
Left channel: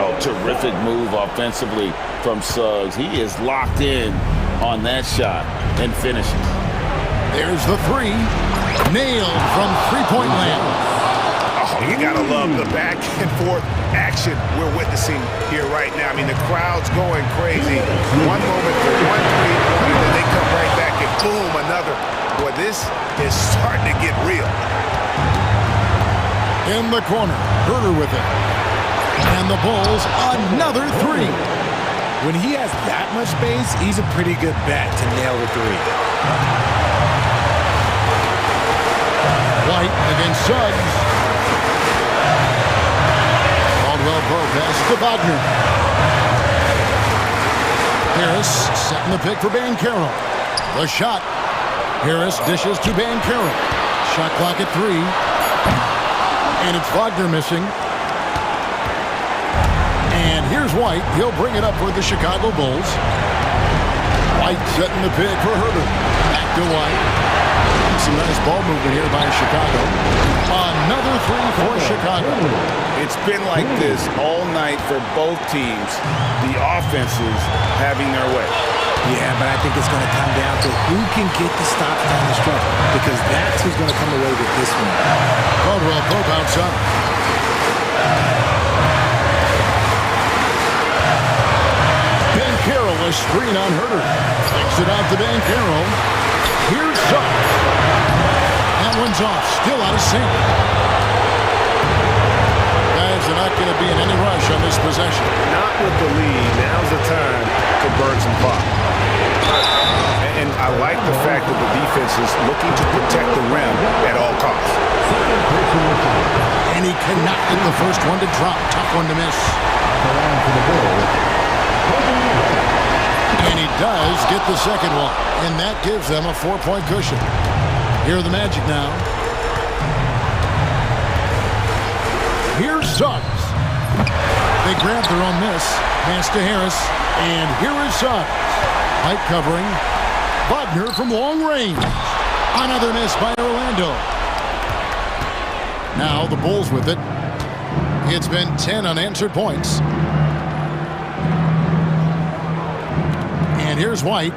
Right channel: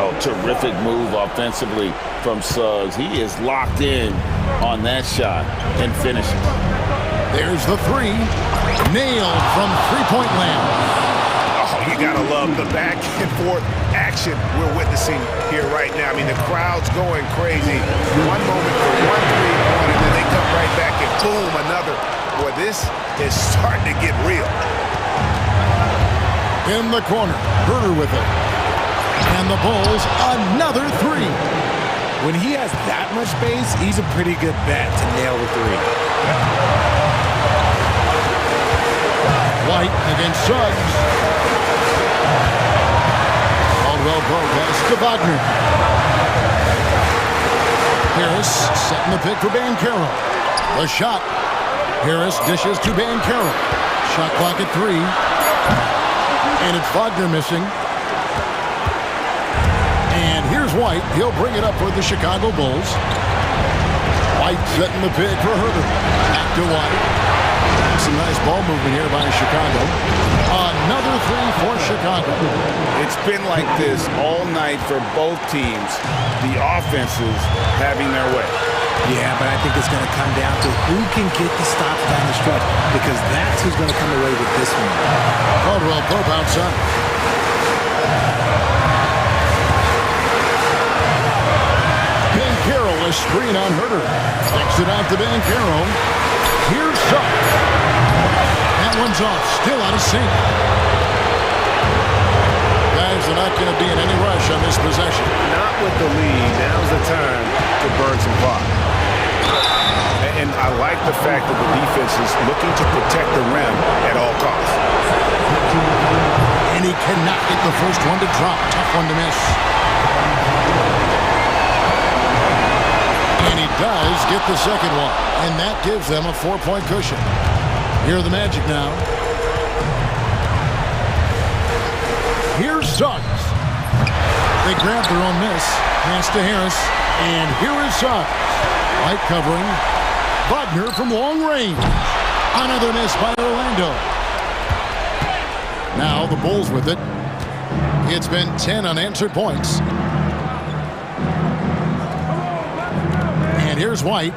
Oh, terrific move offensively from Suggs. He is locked in on that shot and finishes. There's the 3. Nailed from three-point land. Oh, you gotta love the back and forth action we're witnessing here right now. I mean, the crowd's going crazy. One moment for one three-point, and then they come right back and boom, another. Boy, this is starting to get real. In the corner, Herter with it. And the Bulls, another 3. When he has that much space, he's a pretty good bet to nail the 3. White against Suggs. Caldwell Pope passes to Wagner. Harris setting the pick for Banchero. The shot. Harris dishes to Banchero. Shot clock at 3. And it's Wagner missing. And here's White. He'll bring it up for the Chicago Bulls. White setting the pick for Herter. Back to White. And some nice ball movement here by Chicago. Another 3 for Chicago. It's been like this all night for both teams. The offenses having their way. Yeah, but I think it's going to come down to who can get the stops down the stretch, because that's who's going to come away with this one. Caldwell Pope outside. Banchero, a screen on Herter. Takes it out to Banchero. Here's Suggs. That one's off, still out of sync. Guys, they're not going to be in any rush on this possession. Not with the lead. Now's the time to burn some clock. And I like the fact that the defense is looking to protect the rim at all costs. And he cannot get the first one to drop. Tough one to miss. And he does get the second one. And that gives them a 4-point cushion. Here are the Magic now. Here's Suggs. They grab their own miss. Pass to Harris. And here is Suggs. Light covering. Wagner from long range. Another miss by Orlando. Now the Bulls with it. It's been 10 unanswered points. And here's White.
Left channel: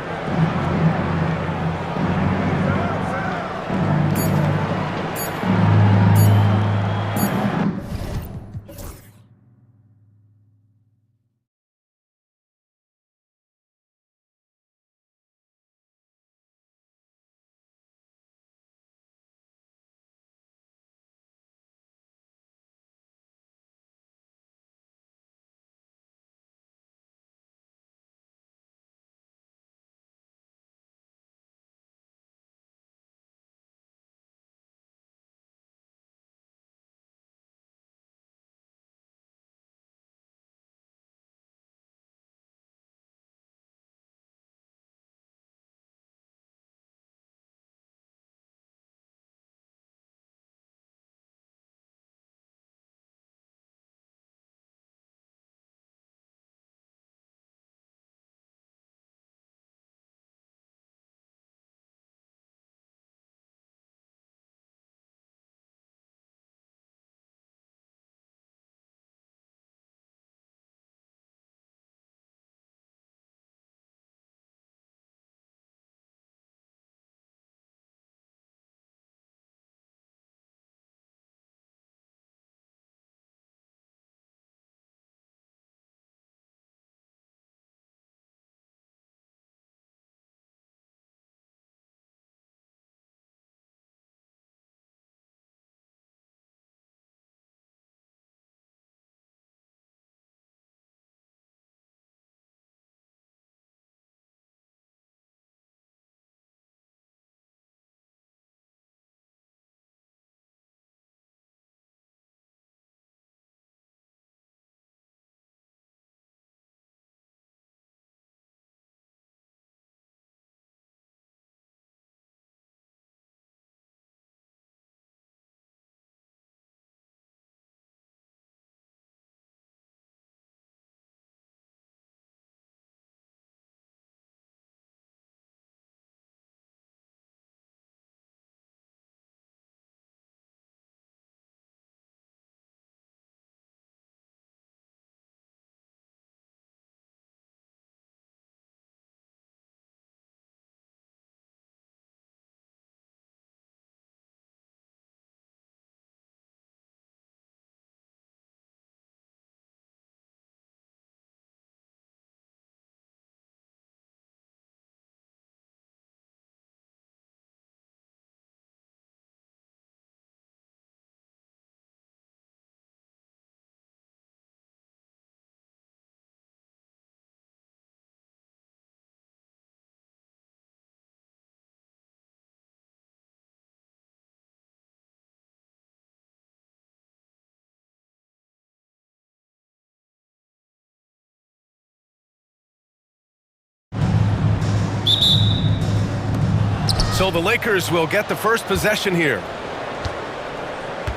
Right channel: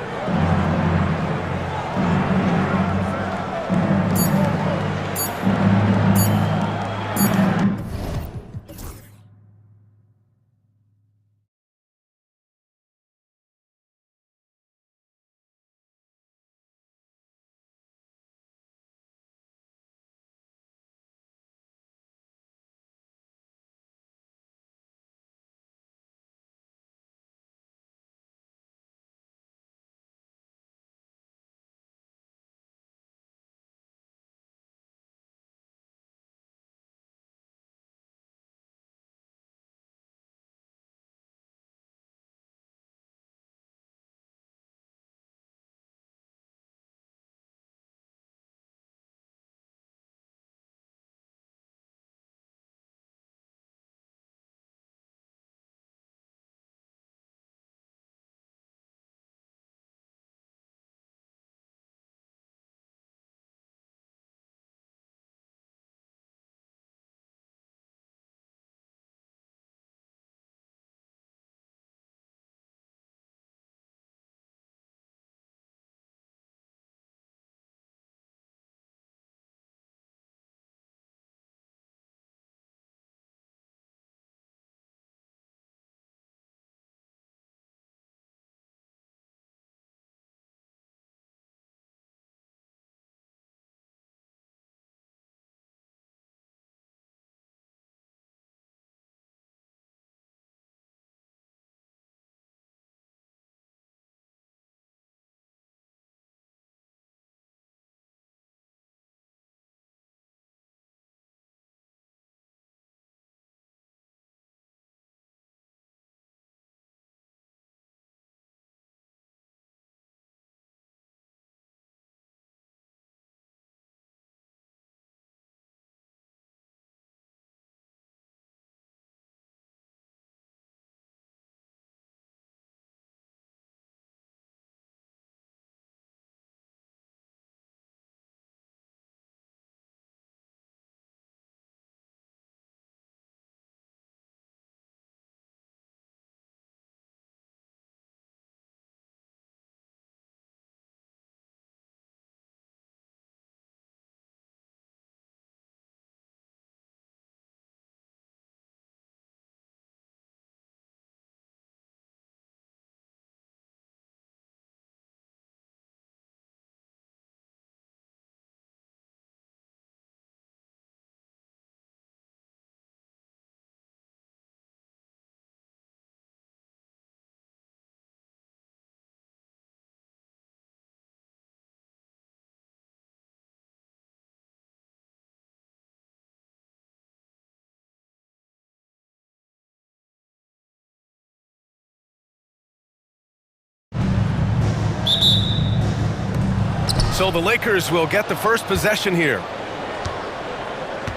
So the Lakers will get the first possession here.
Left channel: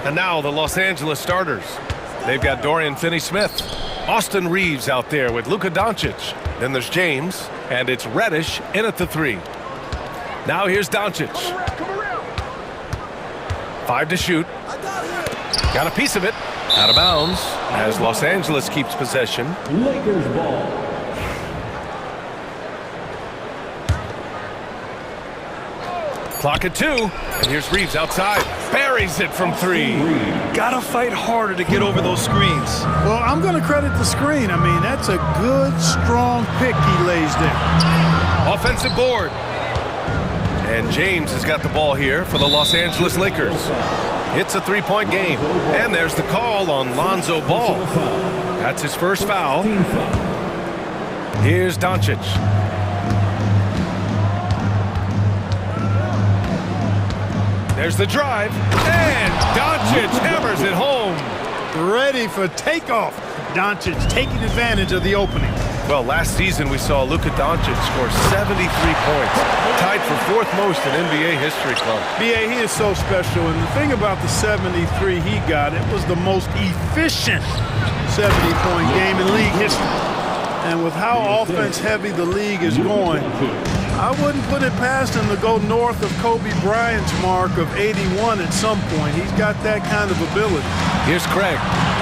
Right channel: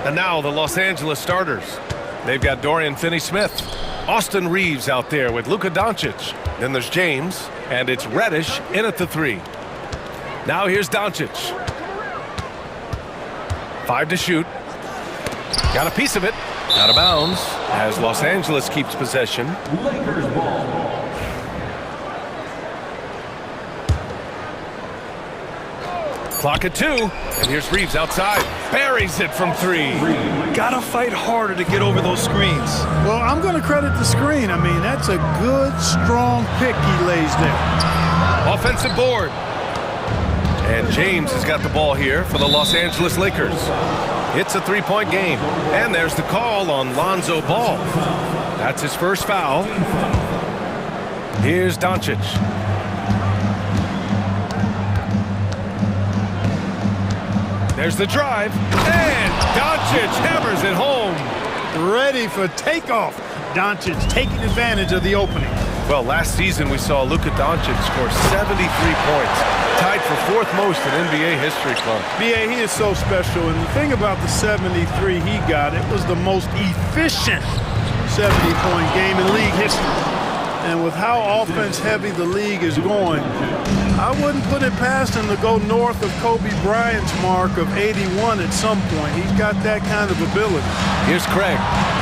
And now the Los Angeles starters. They've got Dorian Finney-Smith, Austin Reeves out there with Luka Doncic. Then there's James, and it's Reddish in at the 3. Now here's Doncic. 5 to shoot. Got a piece of it. Out of bounds as Los Angeles keeps possession. Lakers ball. Clock at 2, and here's Reeves outside. Buries it from 3. Gotta fight harder to get over those screens. Well, I'm going to credit the screen. I mean, that's a good, strong pick he lays there. Offensive board. And James has got the ball here for the Los Angeles Lakers. It's a 3-point game. And there's the call on Lonzo Ball. That's his first foul. Here's Doncic. There's the drive, and Doncic hammers it home. Ready for takeoff. Doncic taking advantage of the opening. Well, last season we saw Luka Doncic score 73 points, tied for 4th most in NBA history, Clark. B.A., he is so special, and the thing about the 73 he got, it was the most efficient 70-point game in league history. And with how offense-heavy the league is going, I wouldn't put it past him to go north of Kobe Bryant's mark of 81 at some point. He's got that kind of ability. Here's Craig,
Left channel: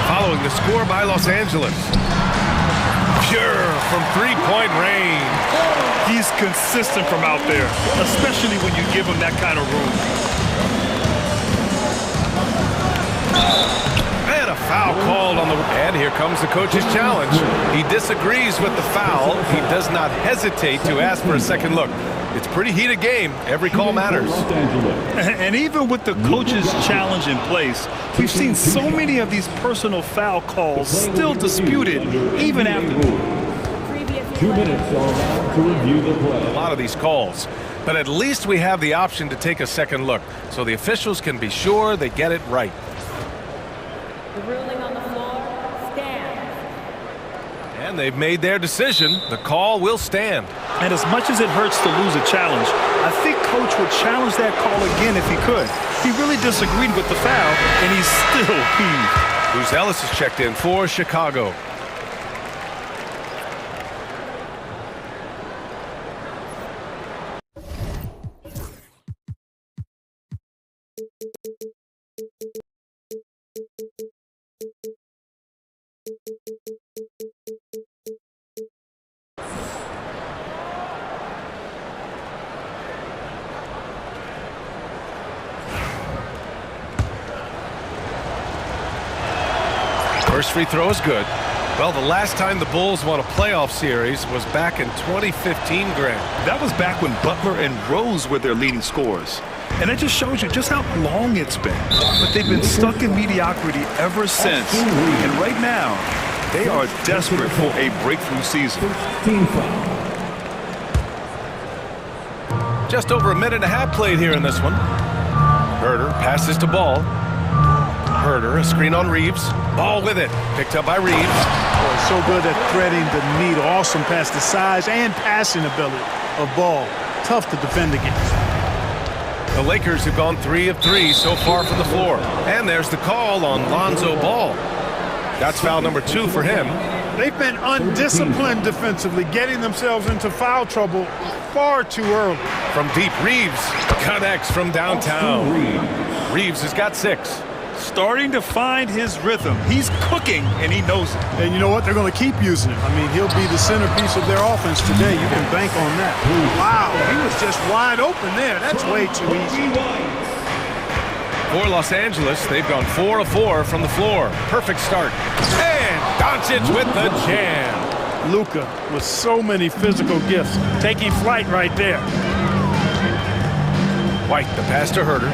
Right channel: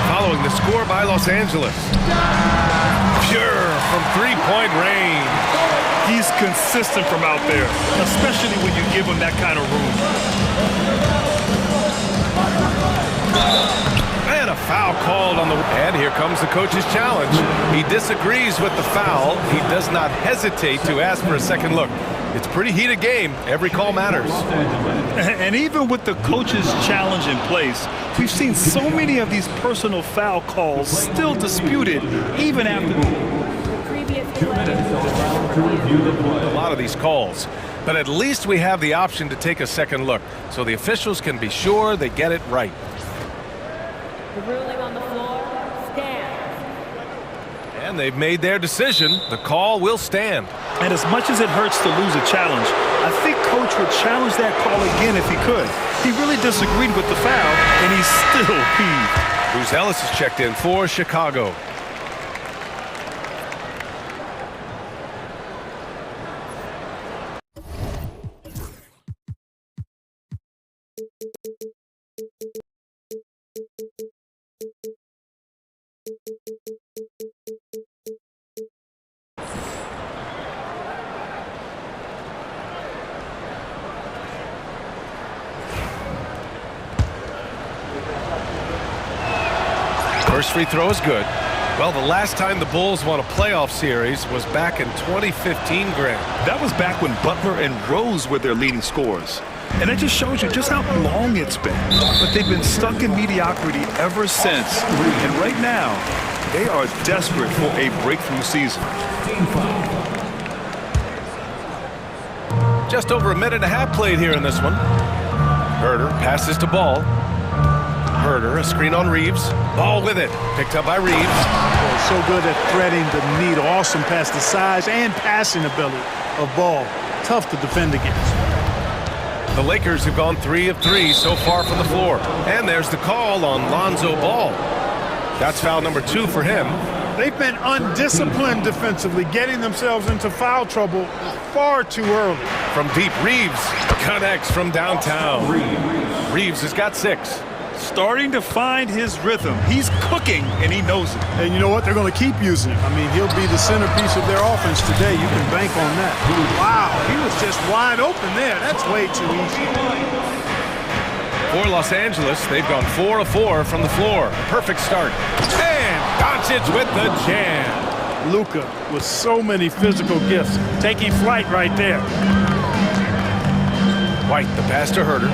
following the score by Los Angeles. Pure from 3-point range. He's consistent from out there, especially when you give him that kind of room. And a foul called on the... And here comes the coach's challenge. He disagrees with the foul. He does not hesitate to ask for a second look. It's a pretty heated game. Every call matters. And even with the coach's challenge in place, we've seen so many of these personal foul calls still disputed even after... The previous 2 minutes allowed to review the play. A lot of these calls. But at least we have the option to take a second look, so the officials can be sure they get it right. The ruling on the floor stands. And they've made their decision. The call will stand. And as much as it hurts to lose a challenge, I think Coach would challenge that call again if he could. He really disagreed with the foul, and he's still peeved. Bruce Ellis is checked in for Chicago. First free throw is good. Well, the last time the Bulls won a playoff series was back in 2015, Graham. That was back when Butler and Rose were their leading scorers. And it just shows you just how long it's been. But they've been stuck in mediocrity ever since. And right now, they are desperate for a breakthrough season. Just over a minute and a half played here in this one. Herder passes to Ball. Herder, a screen on Reeves. Ball with it. Picked up by Reeves. Boy, so good at threading the needle. Awesome pass, the size and passing ability of Ball. Tough to defend against. The Lakers have gone 3 of 3 so far from the floor. And there's the call on Lonzo Ball. That's foul number 2 for him. They've been undisciplined defensively, getting themselves into foul trouble far too early. From deep, Reeves connects from downtown. Reeves has got 6. Starting to find his rhythm. He's cooking, and he knows it. And you know what? They're going to keep using him. I mean, he'll be the centerpiece of their offense today. You can bank on that. Wow, he was just wide open there. That's way too easy. For Los Angeles, they've gone 4 of 4 from the floor. Perfect start. And Doncic with the jam. Luka with so many physical gifts. Taking flight right there. White, the pass to Herder.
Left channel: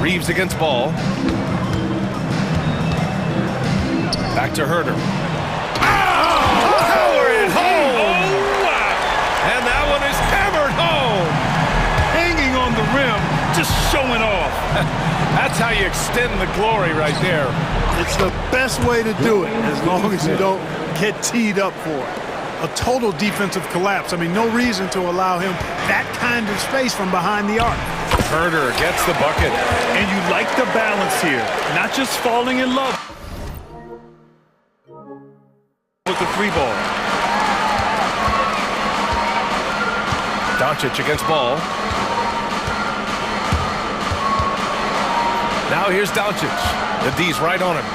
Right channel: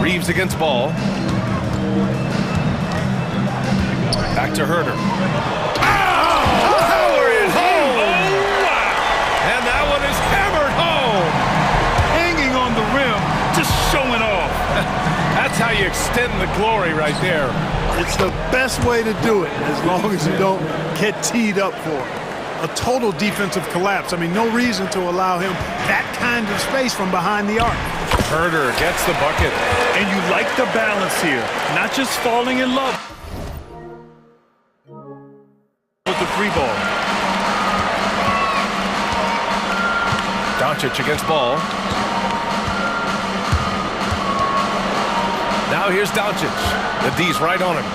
Reeves against Ball. Back to Herder. Oh! Power it home! Oh, wow! And that one is hammered home! Hanging on the rim, just showing off. That's how you extend the glory right there. It's the best way to do it, as long as you don't get teed up for it. a total defensive collapse. I mean, no reason to allow him that kind of space from behind the arc. Herder gets the bucket. And you like the balance here, not just falling in love with the free ball. Doncic against ball. Now here's Doncic. The D's right on him.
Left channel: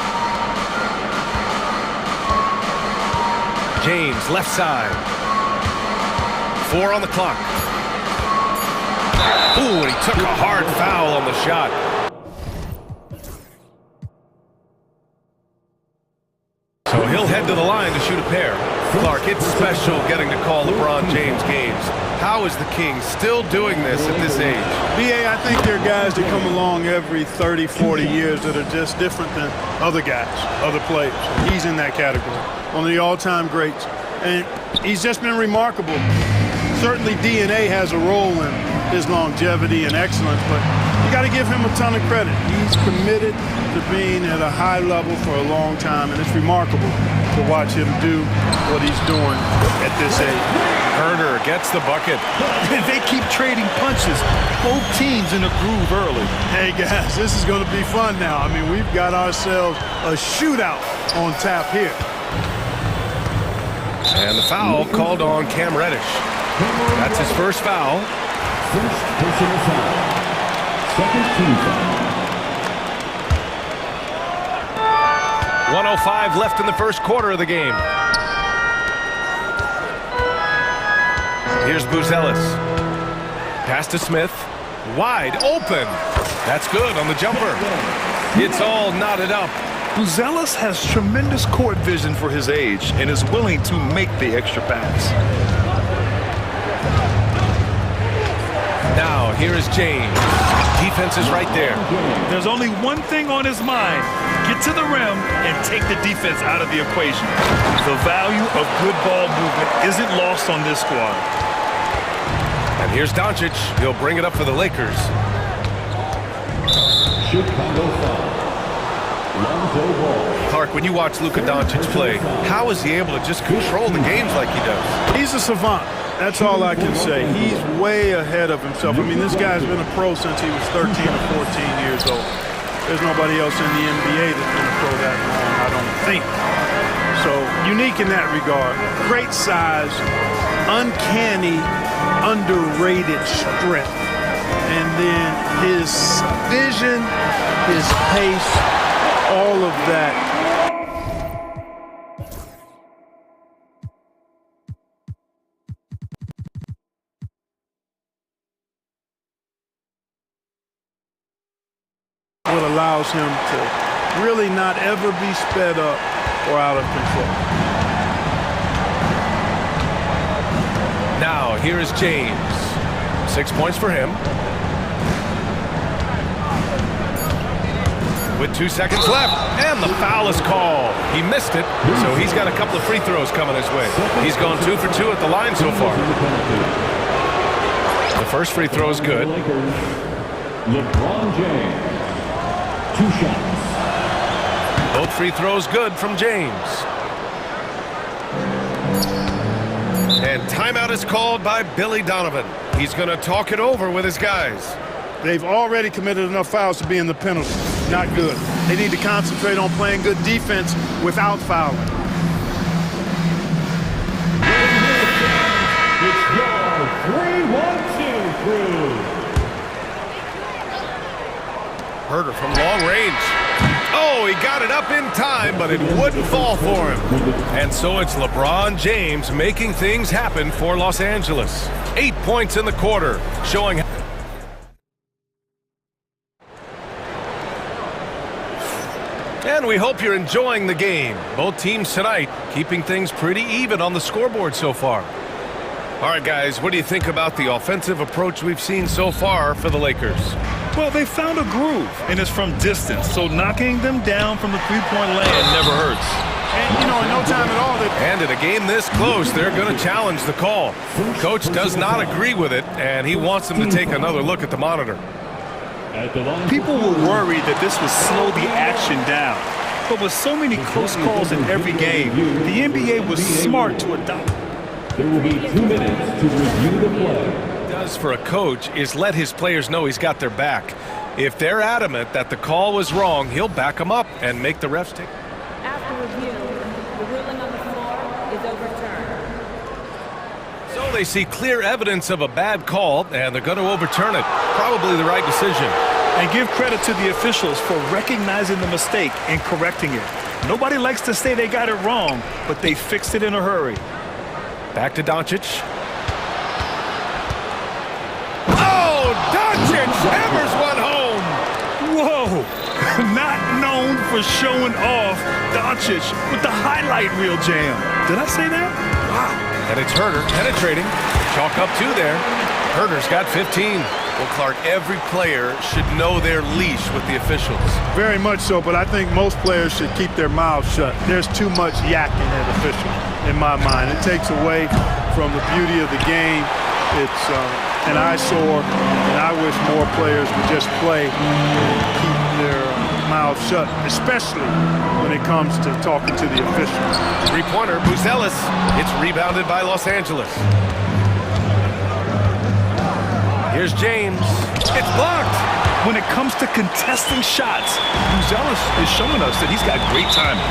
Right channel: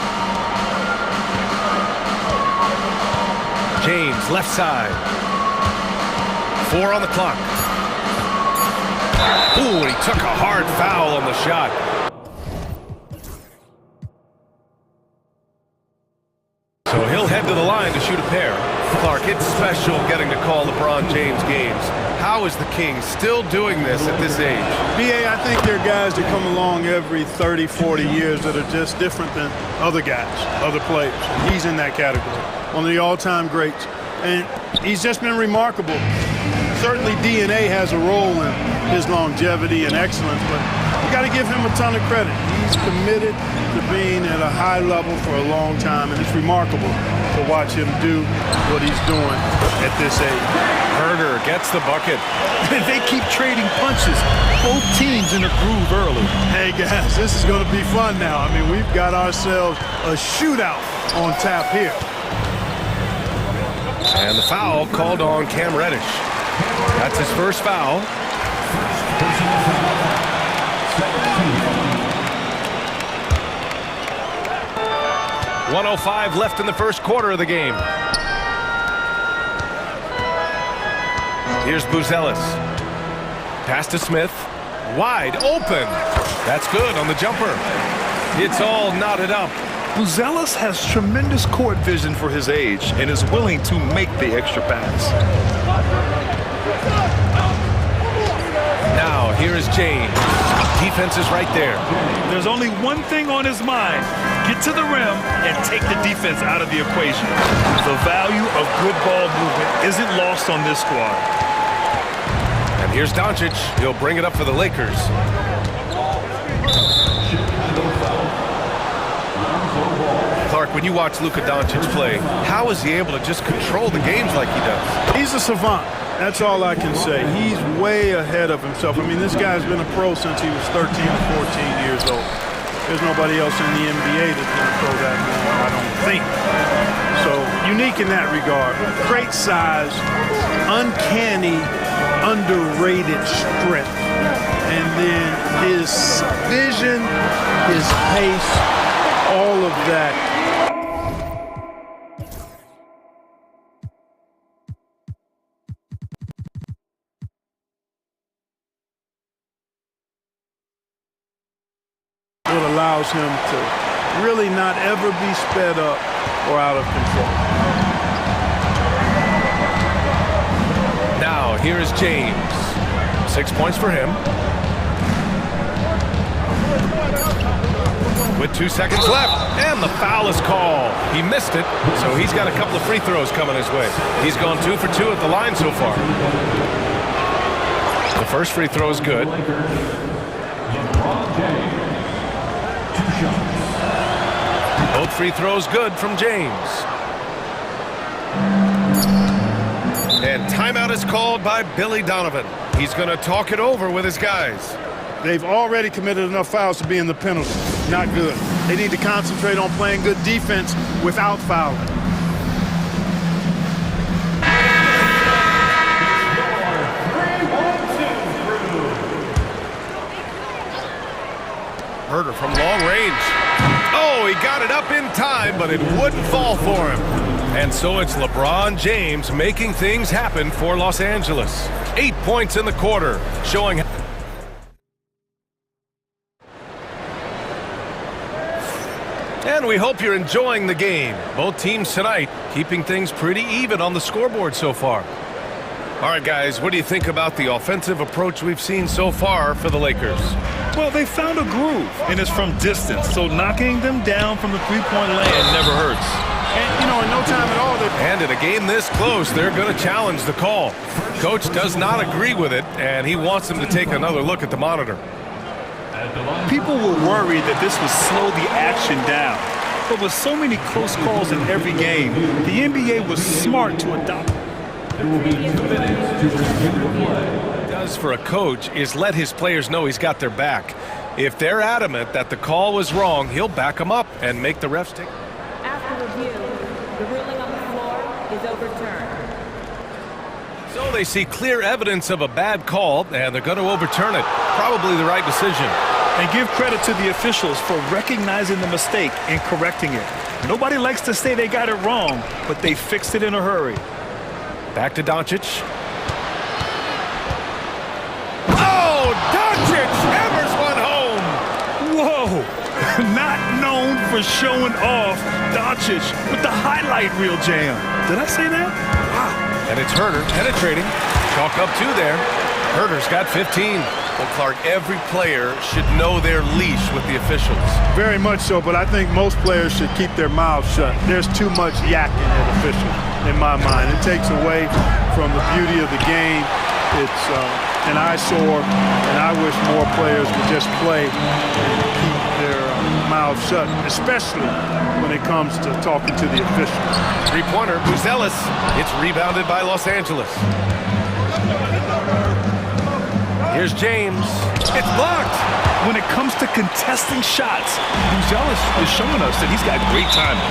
James, left side. 4 on the clock. Ooh, and he took a hard foul on the shot. So he'll head to the line to shoot a pair. Clark, it's special getting to call LeBron James games. How is the King still doing this at this age? BA, I think there are guys that come along every 30, 40 years that are just different than other guys, other players. And he's in that category. One of the all-time greats. And he's just been remarkable. Certainly DNA has a role in his longevity and excellence, but you got to give him a ton of credit. He's committed to being at a high level for a long time, and it's remarkable to watch him do what he's doing at this age. Herder gets the bucket. They keep trading punches. Both teams in a groove early. Hey, guys, this is going to be fun now. I mean, we've got ourselves a shootout on tap here. And the foul called on Cam Reddish. That's his first foul. First personal foul. Second team foul. 1:05 left in the first quarter of the game. Here's Buzelis. Pass to Smith. Wide open. That's good on the jumper. It's all knotted up. Buzelis has tremendous court vision for his age and is willing to make the extra pass. Now, here is James. Defense is right there. There's only one thing on his mind. Get to the rim and take the defense out of the equation. The value of good ball movement isn't lost on this squad. And here's Doncic. He'll bring it up for the Lakers. Chicago foul. Lonzo Ball. Clark, when you watch Luka Doncic play, how is he able to just control the games like he does? He's a savant. That's all I can say. He's way ahead of himself. I mean, this guy's been a pro since he was 13 or 14 years old. There's nobody else in the NBA that's been a pro that long, I don't think. So, unique in that regard. Great size, uncanny, underrated strength. And then his vision, his pace, all of that. What allows him to really not ever be sped up or out of control. Now, here is James. 6 points for him. With 2 seconds left, and the foul is called. He missed it, so he's got a couple of free throws coming his way. He's gone 2 for 2 at the line so far. The first free throw is good. LeBron James. 2 shots. Both free throws good from James. And timeout is called by Billy Donovan. He's going to talk it over with his guys. They've already committed enough fouls to be in the penalty. Not good. They need to concentrate on playing good defense without fouling. It's your 3-1-2 crew. Herder from long range. Oh, he got it up in time, but it wouldn't fall for him. And so it's LeBron James making things happen for Los Angeles. 8 points in the quarter, showing. And we hope you're enjoying the game. Both teams tonight keeping things pretty even on the scoreboard so far. All right, guys, what do you think about the offensive approach we've seen so far for the Lakers? Well, they found a groove, and it's from distance, so knocking them down from the three-point land never hurts. And, you know, in no time at all. And in a game this close, they're going to challenge the call. Coach does not agree with it, and he wants them to take another look at the monitor. People were worried that this would slow the action down. But with so many close calls in every game, the NBA was smart to adopt There will be 2 minutes to review the play. Does for a coach is let his players know he's got their back. If they're adamant that the call was wrong, he'll back them up and make the refs take. After review, the ruling on the floor is overturned. So they see clear evidence of a bad call, and they're going to overturn it. Probably the right decision. And give credit to the officials for recognizing the mistake and correcting it. Nobody likes to say they got it wrong, but they fixed it in a hurry. Back to Doncic. Oh, Doncic hammers one home. Whoa! Not known for showing off, Doncic with the highlight reel jam. Did I say that? Wow. And it's Herder penetrating. Chalk up 2 there. Herder's got 15. Well, Clark, every player should know their leash with the officials. Very much so, but I think most players should keep their mouths shut. There's too much yakking at officials, in my mind. It takes away from the beauty of the game. It's an eyesore, and I wish more players would just play and keep their mouths shut, especially when it comes to talking to the officials. Three-pointer, Buzelis. It's rebounded by Los Angeles. Here's James. It's blocked. When it comes to contesting shots, Buzelis is showing us that he's got great timing.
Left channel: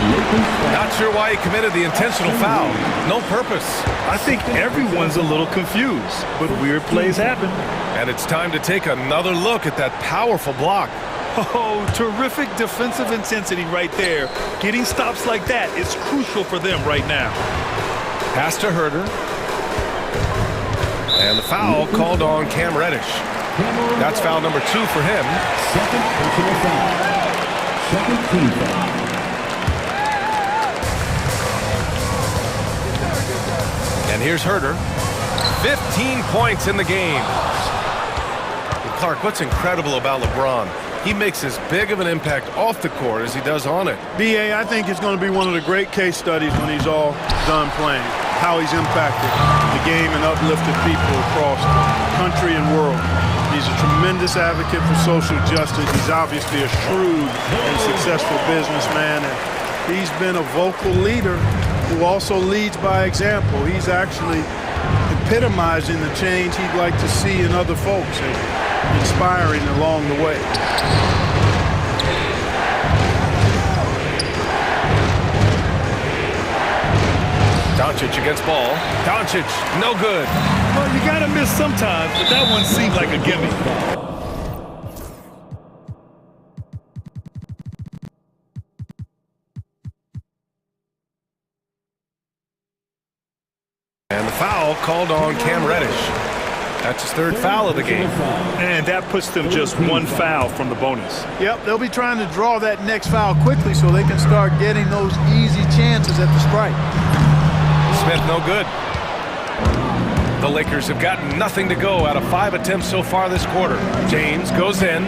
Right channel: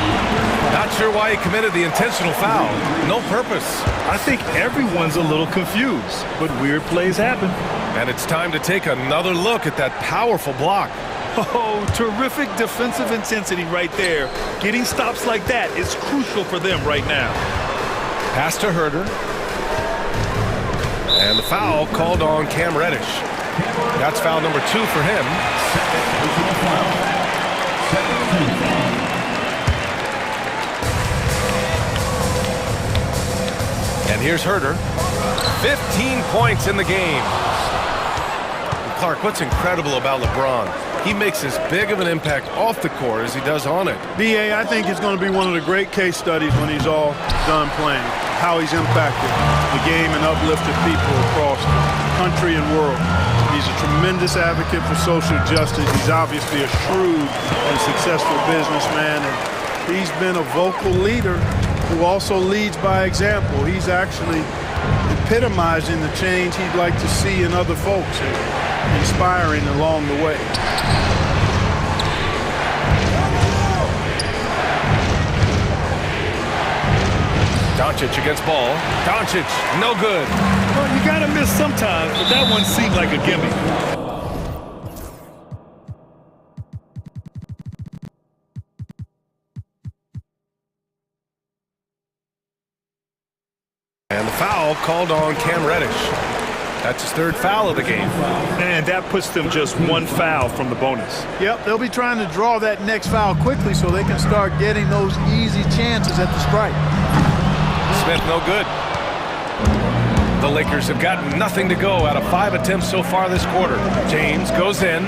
Not sure why he committed the intentional foul. No purpose. I think everyone's a little confused, but weird plays happen. And it's time to take another look at that powerful block. Oh, terrific defensive intensity right there. Getting stops like that is crucial for them right now. Pass to Herder. And the foul called on Cam Reddish. That's foul number 2 for him. Second personal foul. Second team foul. And here's Herder. 15 points in the game. And Clark, what's incredible about LeBron? He makes as big of an impact off the court as he does on it. B.A., I think it's going to be one of the great case studies when he's all done playing, how he's impacted the game and uplifted people across the country and world. He's a tremendous advocate for social justice. He's obviously a shrewd and successful businessman, and he's been a vocal leader who also leads by example. He's actually epitomizing the change he'd like to see in other folks and inspiring along the way. Doncic against ball. Doncic, no good. Well, you gotta miss sometimes, but that one seemed like a gimme. And the foul called on Cam Reddish. That's his 3rd foul of the game. And that puts them just 1 foul from the bonus. Yep, they'll be trying to draw that next foul quickly so they can start getting those easy chances at the stripe. Smith, no good. The Lakers have gotten nothing to go out of 5 attempts so far this quarter. James goes in.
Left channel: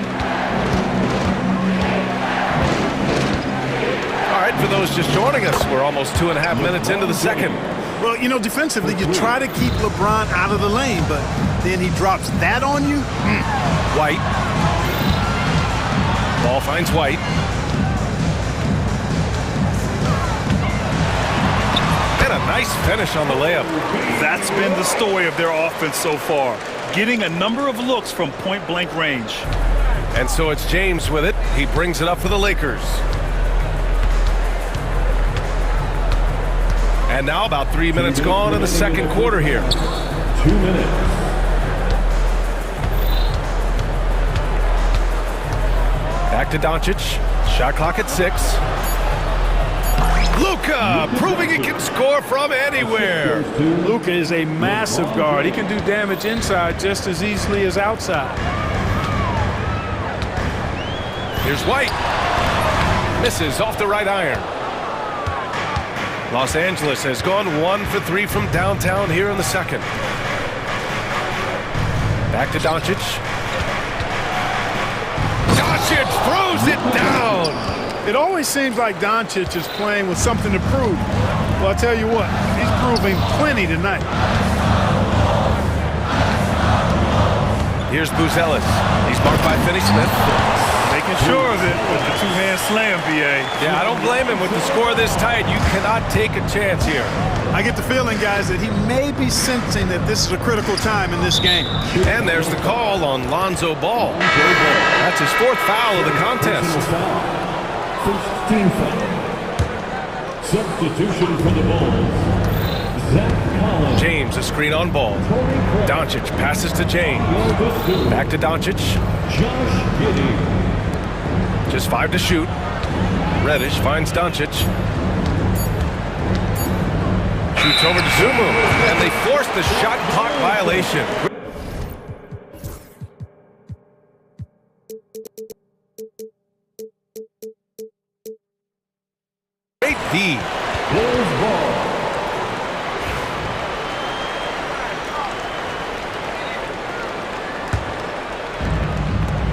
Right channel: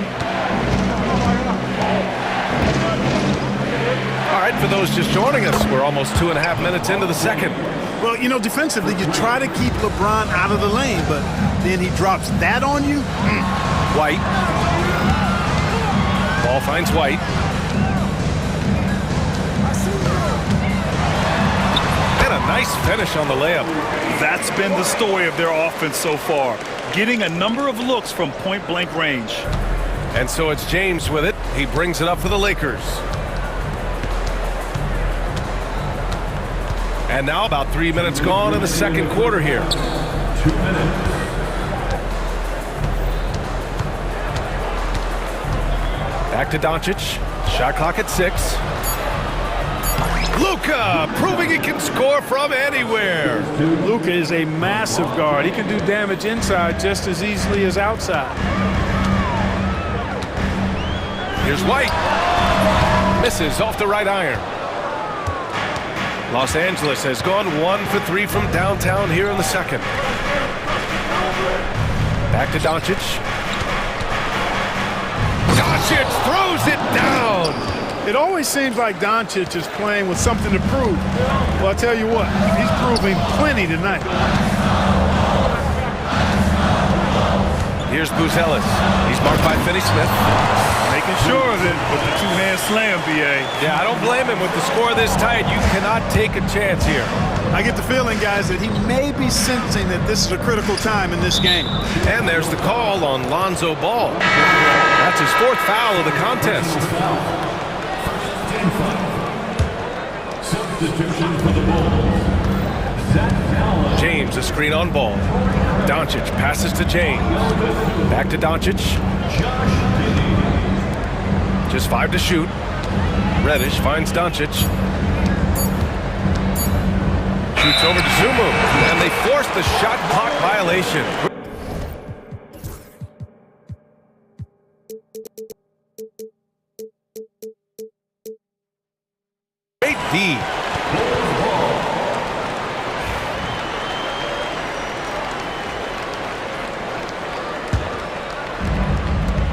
All right, for those just joining us, we're almost 2.5 minutes into the second. Well, you know, defensively, you try to keep LeBron out of the lane, but then he drops that on you. White. Ball finds White. And a nice finish on the layup. That's been the story of their offense so far, getting a number of looks from point-blank range. And so it's James with it. He brings it up for the Lakers. And now about 3 minutes gone in the second quarter here. 2 minutes. Back to Doncic. Shot clock at 6. Luka proving he can score from anywhere. Luka is a massive guard. He can do damage inside just as easily as outside. Here's White. Misses off the right iron. Los Angeles has gone 1 for 3 from downtown here in the second. Back to Doncic. Doncic throws it down. It always seems like Doncic is playing with something to prove. Well, I'll tell you what, he's proving plenty tonight. Here's Buzelis. He's marked by Finney-Smith. Making sure of it with the two-hand slam, B.A. Yeah, I don't blame him with the score this tight. You cannot take a chance here. I get the feeling, guys, that he may be sensing that this is a critical time in this game. And there's the call on Lonzo Ball. That's his fourth foul of the contest. First team foul. Substitution for the Bulls. James, a screen on Ball. Doncic passes to James. Back to Doncic. Just 5 to shoot. Reddish finds Doncic. Shoots over to Zumu. And they force the shot clock violation. Great D.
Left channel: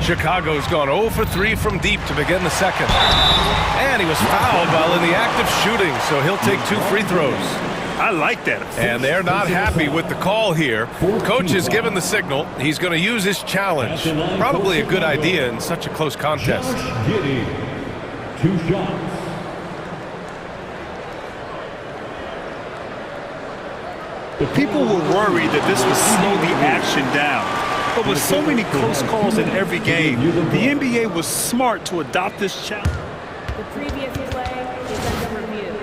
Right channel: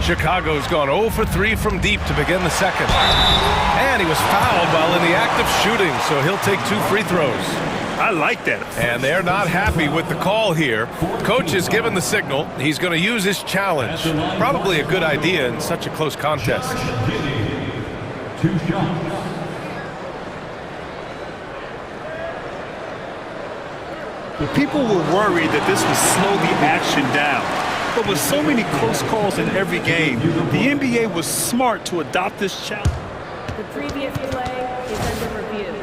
Chicago's gone 0 for 3 from deep to begin the second. And he was fouled while in the act of shooting, so he'll take 2 free throws. I like that. And they're not happy with the call here. Coach has given the signal. He's going to use his challenge. Probably a good idea in such a close contest. 2 shots. The people were worried that this would slow the action down. But with so many close calls in every game, the NBA was smart to adopt this challenge. The previous play is under review.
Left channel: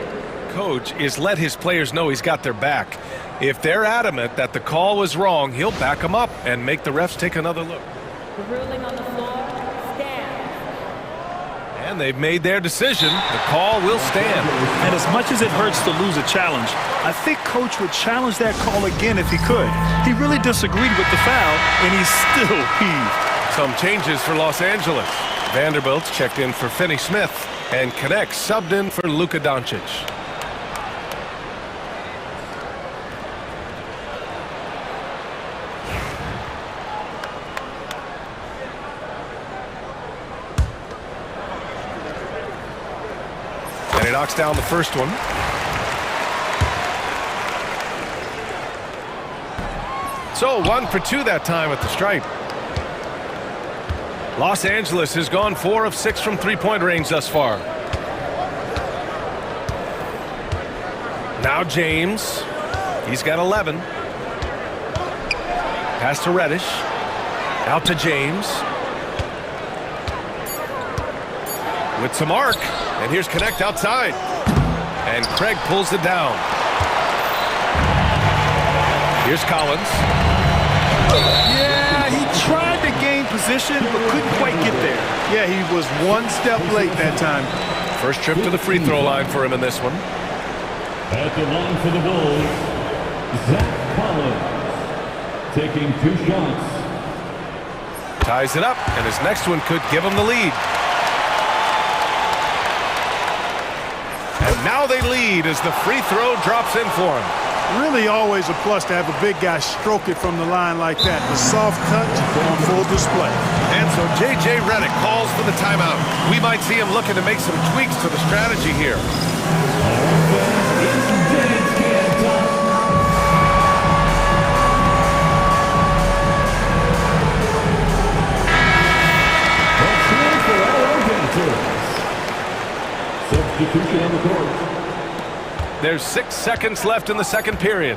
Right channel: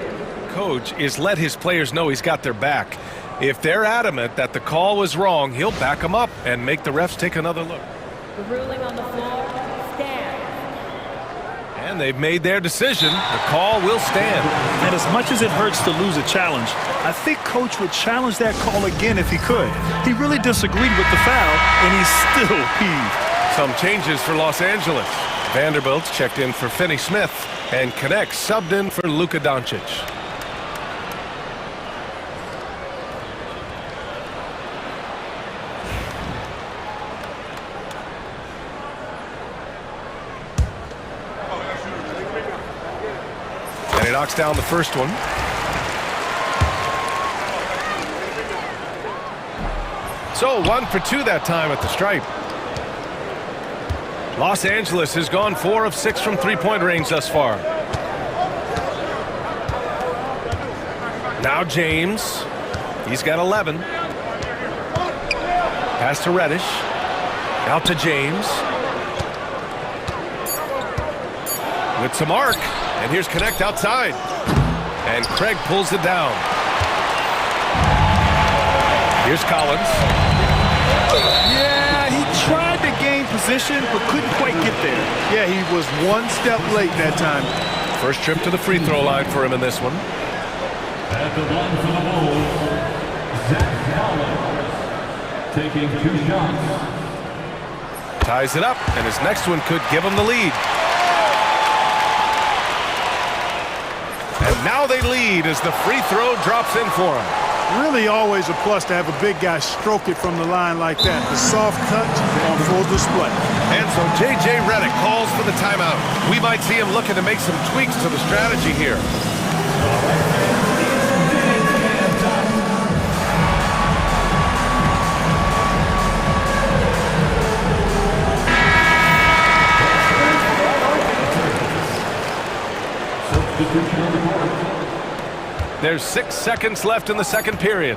Coach is let his players know he's got their back. If they're adamant that the call was wrong, he'll back them up and make the refs take another look. The ruling on the floor stands. And they've made their decision. The call will stand. And as much as it hurts to lose a challenge, I think Coach would challenge that call again if he could. He really disagreed with the foul, and he's still peeved. Some changes for Los Angeles. Vanderbilt's checked in for Finney Smith, and Connect subbed in for Luka Doncic. And he knocks down the first one. So 1 for 2 that time at the stripe. Los Angeles has gone 4 of 6 from three-point range thus far. Now James. He's got 11. Pass to Reddish. Out to James. With some arc. And here's Connect outside. And Craig pulls it down. Here's Collins. Yeah, he tried to gain position, but couldn't quite get there. Yeah, he was 1 step late that time. First trip to the free throw line for him in this one. At the line for the Bulls, Zach Collins, taking 2 shots. Ties it up, and his next one could give him the lead. And now they lead as the free throw drops in for him. Really always a plus to have a big guy stroke it from the line like that. The soft touch on full display. And so J.J. Redick calls for the timeout. We might see him looking to make some tweaks to the strategy here. Substitution on the court. There's 6 seconds left in the second period.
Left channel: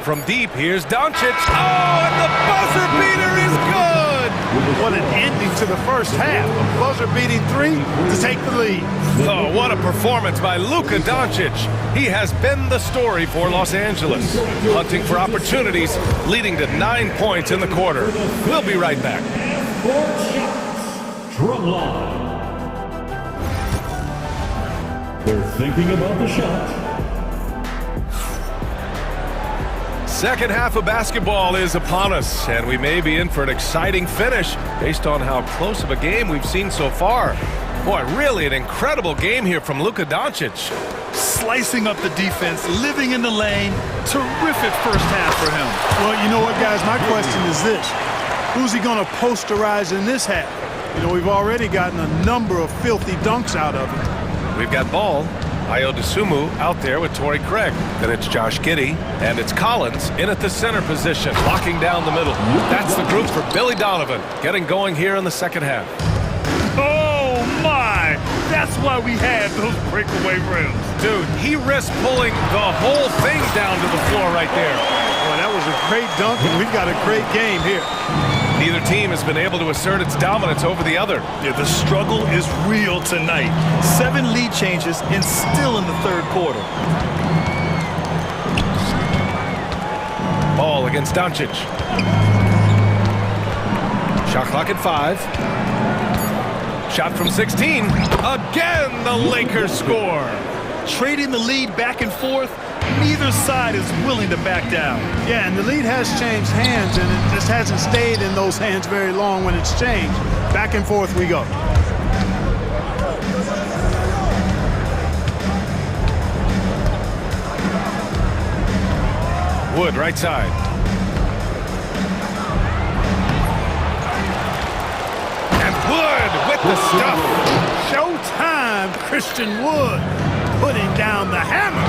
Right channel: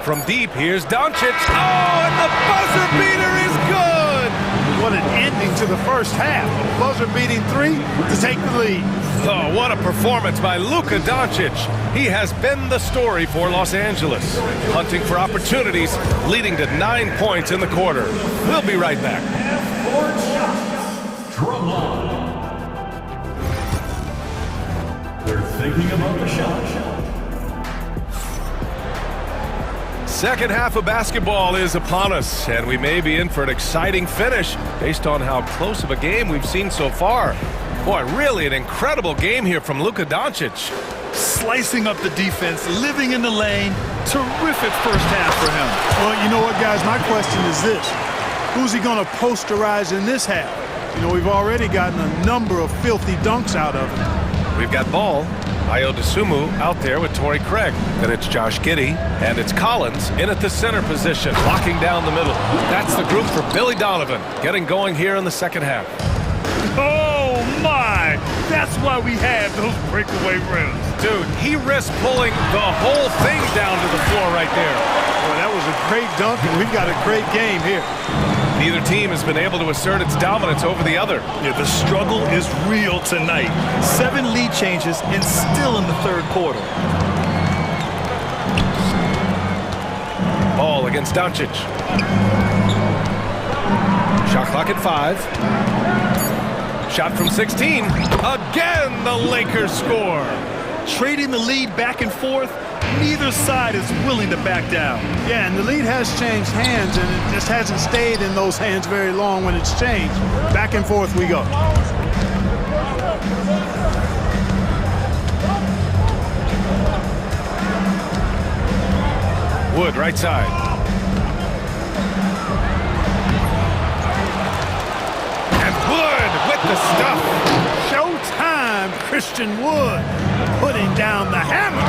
From deep, here's Doncic. Oh, and the buzzer beater is good! What an ending to the first half. A buzzer-beating 3 to take the lead. Oh, what a performance by Luka Doncic. He has been the story for Los Angeles. Hunting for opportunities, leading to 9 points in the quarter. We'll be right back. 4 shots. Drumline. They're thinking about the shot. Second half of basketball is upon us, and we may be in for an exciting finish based on how close of a game we've seen so far. Boy, really an incredible game here from Luka Doncic. Slicing up the defense, living in the lane. Terrific first half for him. Well, you know what, guys? My question is this. Who's he going to posterize in this half? You know, we've already gotten a number of filthy dunks out of him. We've got Ball Ayo Dosunmu out there with Torrey Craig. Then it's Josh Giddey, and it's Collins in at the center position, locking down the middle. That's the group for Billy Donovan, getting going here in the second half. Oh, my! That's why we had those breakaway rims. Dude, he risked pulling the whole thing down to the floor right there. Boy, that was a great dunk, and we've got a great game here. Neither team has been able to assert its dominance over the other. Yeah, the struggle is real tonight. 7 lead changes and still in the third quarter. Ball against Doncic. Shot clock at 5. Shot from 16. Again, the Lakers score. Trading the lead back and forth, neither side is willing to back down. Yeah, and the lead has changed hands, and it just hasn't stayed in those hands very long when it's changed. Back and forth we go. Wood, right side. And Wood with the stuff. Showtime, Christian Wood putting down the hammer.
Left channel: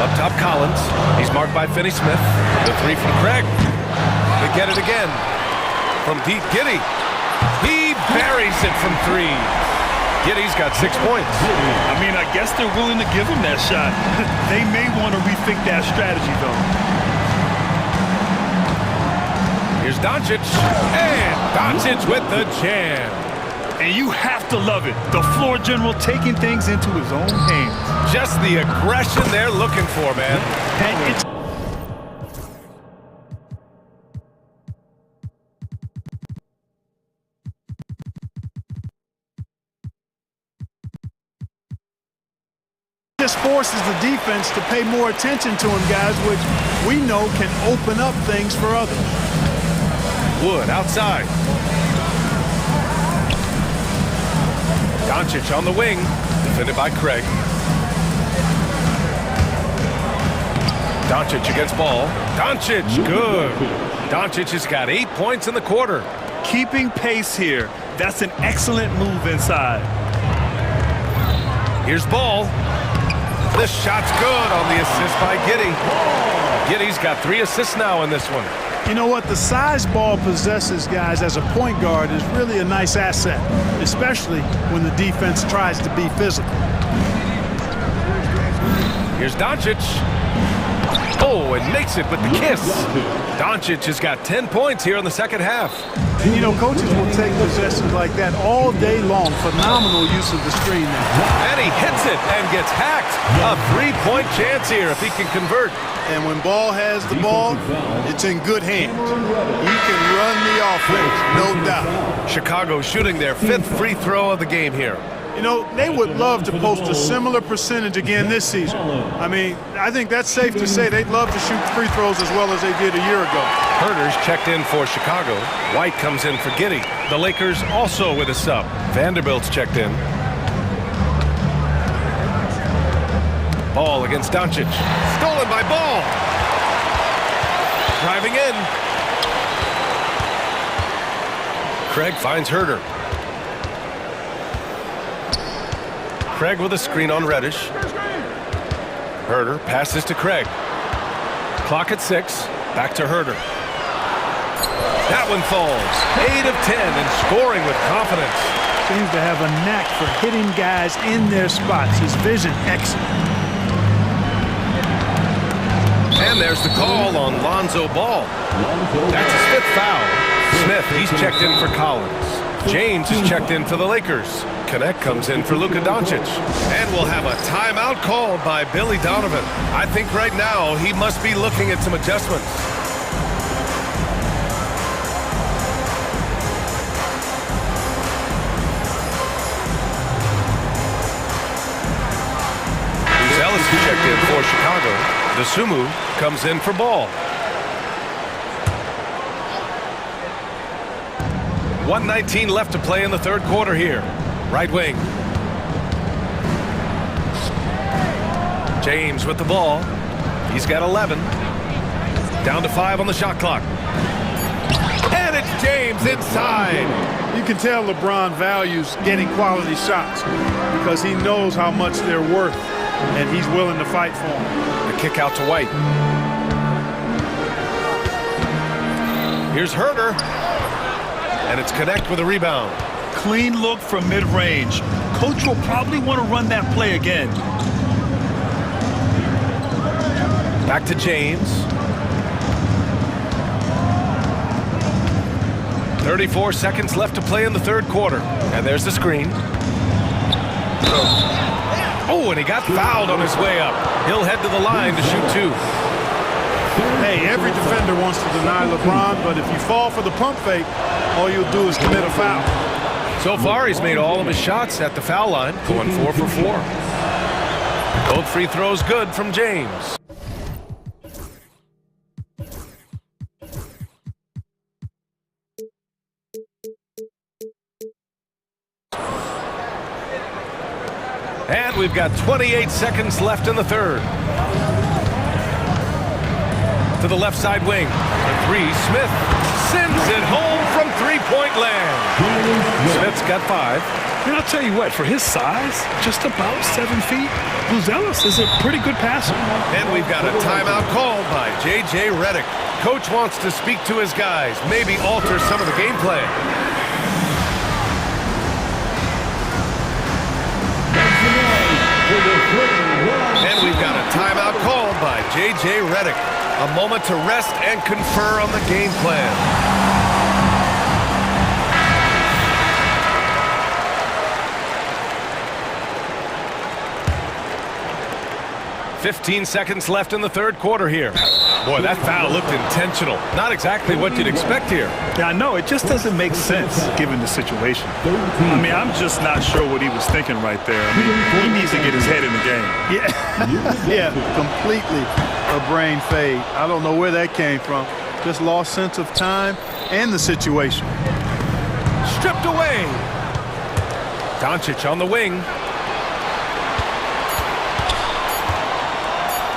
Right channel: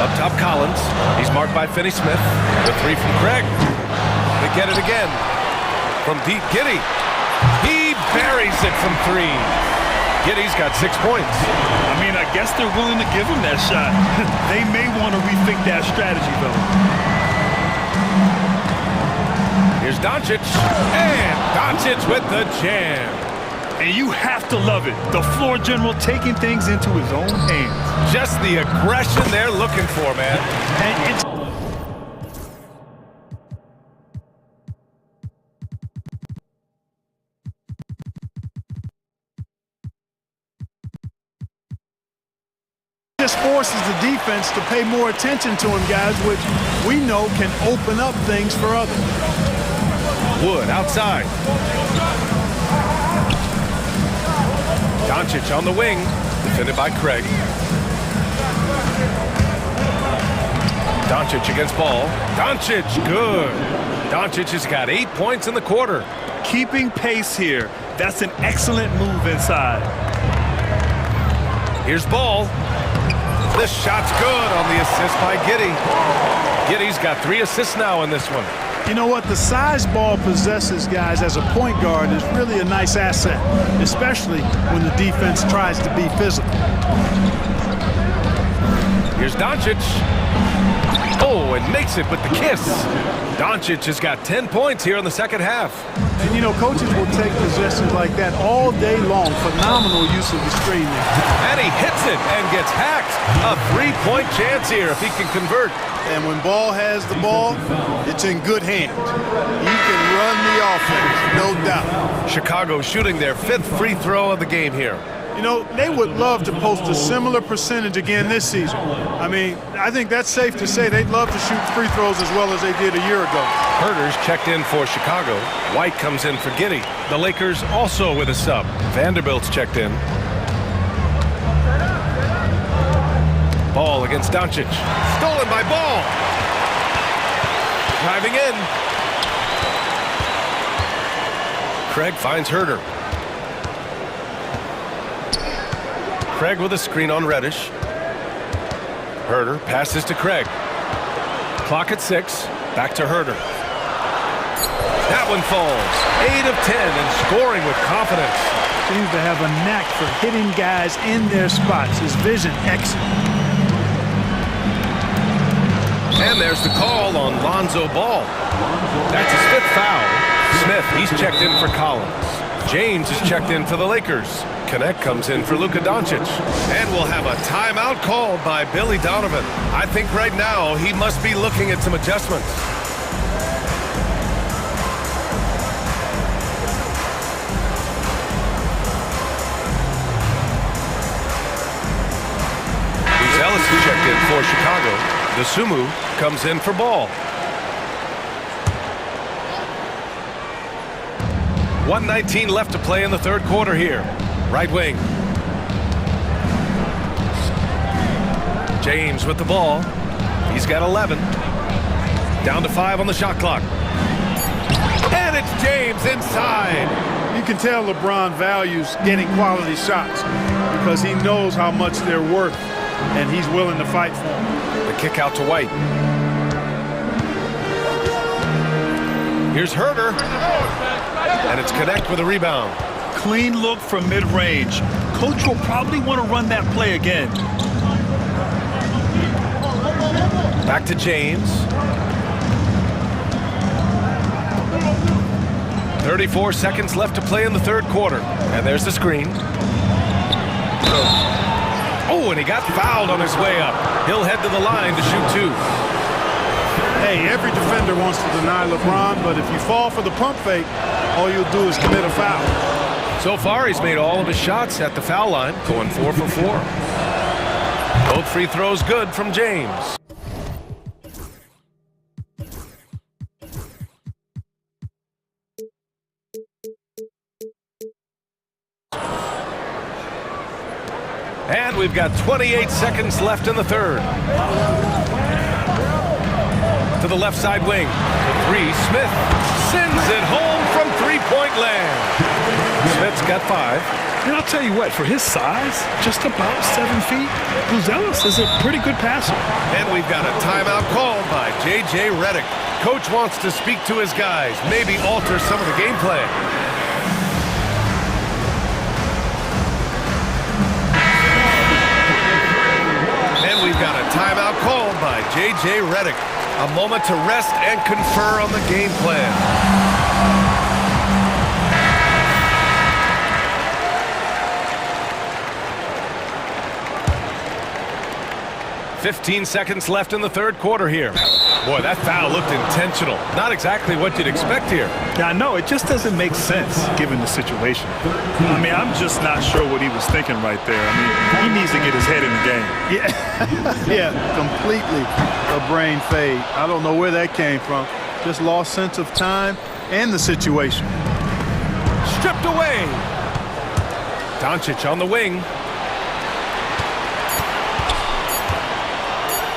Up top, Collins. He's marked by Finney-Smith. The 3 from Craig. They get it again. From deep, Giddey. He buries it from 3. Giddey's got 6 points. I mean, I guess they're willing to give him that shot. They may want to rethink that strategy, though. Here's Doncic. And Doncic with the jam. And you have to love it. The floor general taking things into his own hands. Just the aggression they're looking for, man. And it's just forces the defense to pay more attention to him, guys, which we know can open up things for others. Wood outside. Doncic on the wing, defended by Craig. Doncic against Ball. Doncic, good. Doncic has got 8 points in the quarter. keeping pace here. That's an excellent move inside. Here's Ball. This shot's good on the assist by Giddey. Giddey's got 3 assists now in this one. You know what? The size Ball possesses, guys, as a point guard is really a nice asset, especially when the defense tries to be physical. Here's Doncic. Oh, and makes it with the kiss. Doncic has got 10 points here in the second half. And, you know, coaches will take possessions like that all day long. Phenomenal use of the screen there. And he hits it and gets hacked. A 3-point chance here if he can convert. And when Ball has the ball, it's in good hands. He can run the offense, no doubt. Chicago shooting their 5th free throw of the game here. You know, they would love to post a similar percentage again this season. I mean, I think that's safe to say they'd love to shoot free throws as well as they did a year ago. Herter's checked in for Chicago. White comes in for Giddey. The Lakers also with a sub. Vanderbilt's checked in. Ball against Doncic. Stolen by Ball. Driving in. Craig finds Herter. Craig with a screen on Reddish. Herter passes to Craig. Clock at 6. Back to Herter. That one falls. 8 of 10 and scoring with confidence. Seems to have a knack for hitting guys in their spots. His vision excellent. And there's the call on Lonzo Ball. That's his 5th foul. Smith, he's checked in for Collins. James is checked in for the Lakers. Connect comes in for Luka Doncic. And we'll have a timeout called by Billy Donovan. I think right now he must be looking at some adjustments. Ellis is checked in for Chicago. Dosunmu comes in for Ball. 1:19 left to play in the third quarter here. Right wing. James with the ball. He's got 11. Down to 5 on the shot clock. And it's James inside. You can tell LeBron values getting quality shots because he knows how much they're worth, and he's willing to fight for them. The kick out to White. Here's Herder. And it's Connect with a rebound. Clean look from mid-range. Coach will probably want to run that play again. Back to James. 34 seconds left to play in the third quarter. And there's the screen. Oh, and he got fouled on his way up. He'll head to the line to shoot two. Hey, every defender wants to deny LeBron, but if you fall for the pump fake, all you'll do is commit a foul. So far, he's made all of his shots at the foul line, going 4 for 4. Both free throws good from James. And we've got 28 seconds left in the third. To the left side wing. For three, Smith sends it home from three-point land. Smith's got 5. And I'll tell you what, for his size, just about 7 feet, Buzelis is a pretty good passer. And we've got a timeout called by J.J. Redick. Coach wants to speak to his guys, maybe alter some of the game plan. And we've got a timeout called by J.J. Redick. A moment to rest and confer on the game plan. "15 seconds left in the third quarter here. Boy, that foul looked intentional. Not exactly what you'd expect here. Yeah, I know. It just doesn't make sense given the situation. I mean, I'm just not sure what he was thinking right there. I mean, he needs to get his head in the game. Yeah, yeah, completely a brain fade. I don't know where that came from. Just lost sense of time and the situation. Stripped away. Doncic on the wing.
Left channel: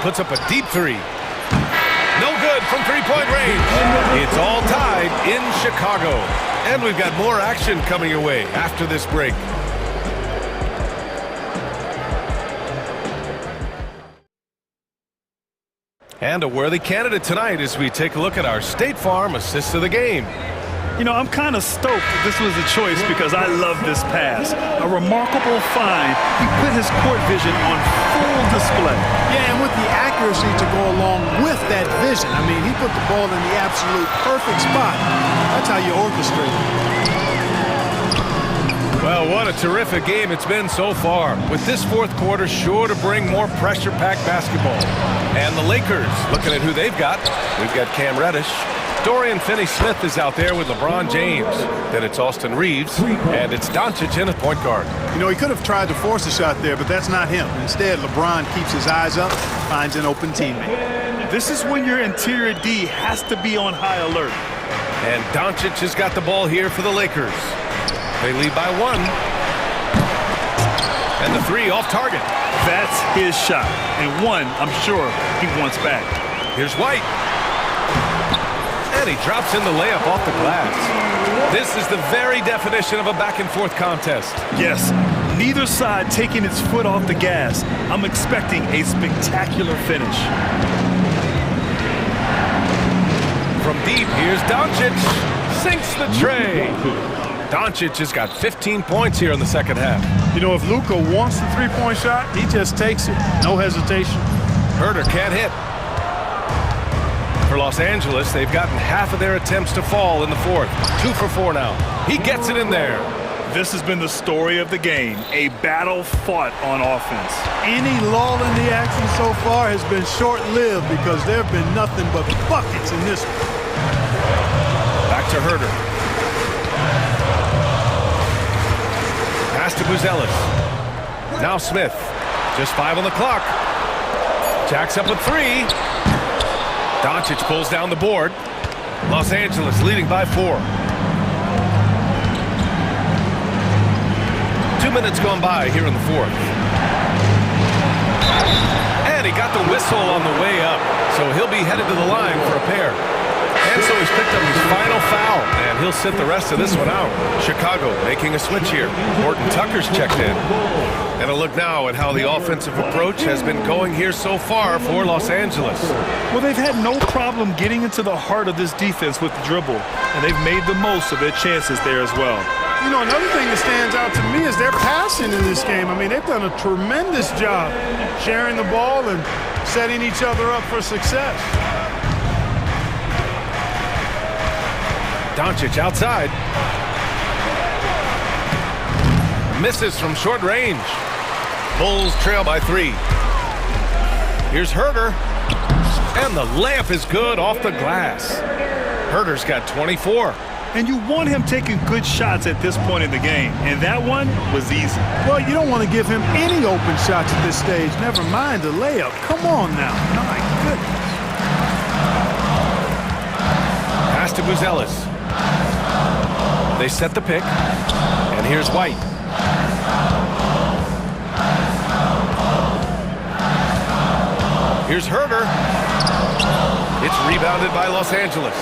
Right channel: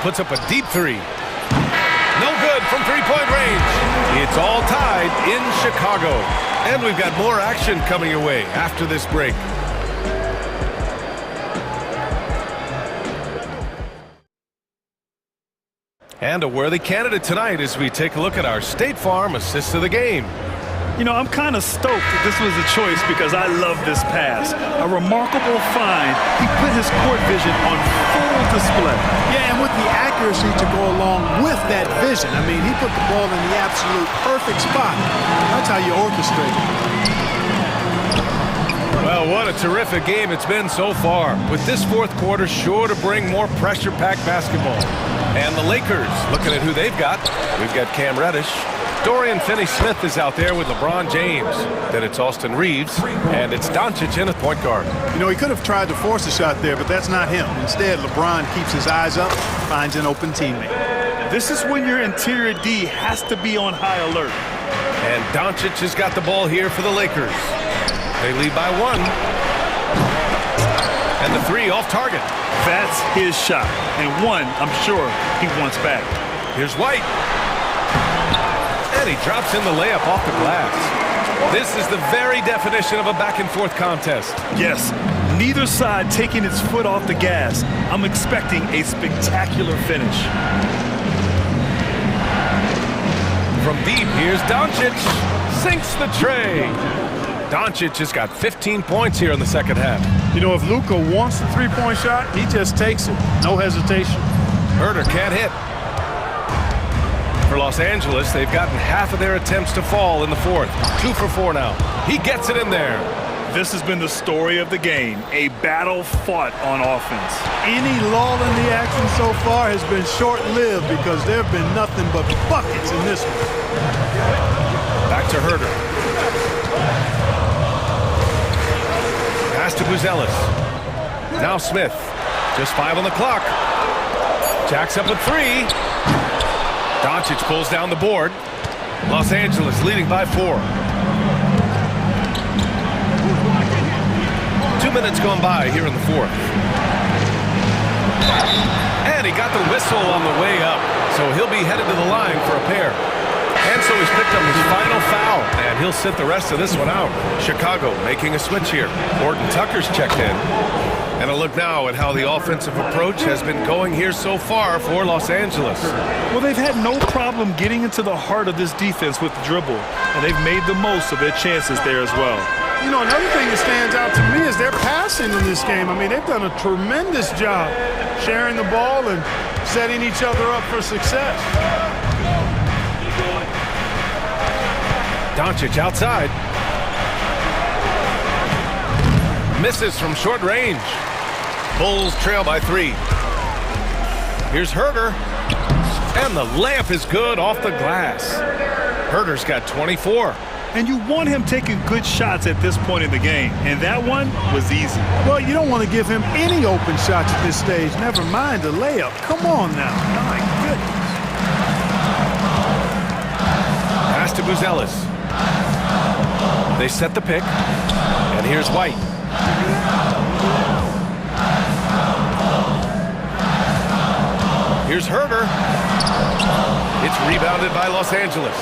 Puts up a deep three. No good from three-point range. It's all tied in Chicago. And we've got more action coming your way after this break. And a worthy candidate tonight as we take a look at our State Farm assist of the game. You know, I'm kind of stoked that this was a choice because I love this pass. A remarkable find. He put his court vision on full display. Yeah, and with the accuracy to go along with that vision. I mean, he put the ball in the absolute perfect spot. That's how you orchestrate it. Well, what a terrific game it's been so far. With this fourth quarter sure to bring more pressure-packed basketball. And the Lakers, looking at who they've got. We've got Cam Reddish. Dorian Finney-Smith is out there with LeBron James. Then it's Austin Reeves, and it's Doncic in at point guard. You know, he could have tried to force a shot there, but that's not him. Instead, LeBron keeps his eyes up, finds an open teammate. This is when your interior D has to be on high alert. And Doncic has got the ball here for the Lakers. They lead by 1. And the three off target. That's his shot. And one, I'm sure, he wants back. Here's White. And he drops in the layup off the glass. This is the very definition of a back-and-forth contest. Yes, neither side taking its foot off the gas. I'm expecting a spectacular finish. From deep, here's Doncic. Sinks the tray. Doncic has got 15 points here in the second half. You know, if Luka wants the three-point shot, he just takes it. No hesitation. Herder can't hit. For Los Angeles, they've gotten half of their attempts to fall in the fourth. 2 for 4 now. He gets it in there. This has been the story of the game, a battle fought on offense. Any lull in the action so far has been short-lived because there have been nothing but buckets in this one. Back to Herder. Pass to Buzelis. Now Smith. Just 5 on the clock. Jacks up with 3. Doncic pulls down the board. Los Angeles leading by 4. 2 minutes gone by here in the fourth. And he got the whistle on the way up, so he'll be headed to the line for a pair. And so he's picked up his final foul, and he'll sit the rest of this one out. Chicago making a switch here. Horton Tucker's checked in. And a look now at how the offensive approach has been going here so far for Los Angeles. Well, they've had no problem getting into the heart of this defense with the dribble, and they've made the most of their chances there as well. You know, another thing that stands out to me is their passing in this game. I mean, they've done a tremendous job sharing the ball and setting each other up for success. Doncic outside. Misses from short range. Bulls trail by 3. Here's Herter. And the layup is good off the glass. Herter's got 24. And you want him taking good shots at this point in the game. And that one was easy. Well, you don't want to give him any open shots at this stage. Never mind the layup. Come on now. My goodness. Pass to Buzelis. They set the pick. And here's White. Here's Herter. It's rebounded by Los Angeles.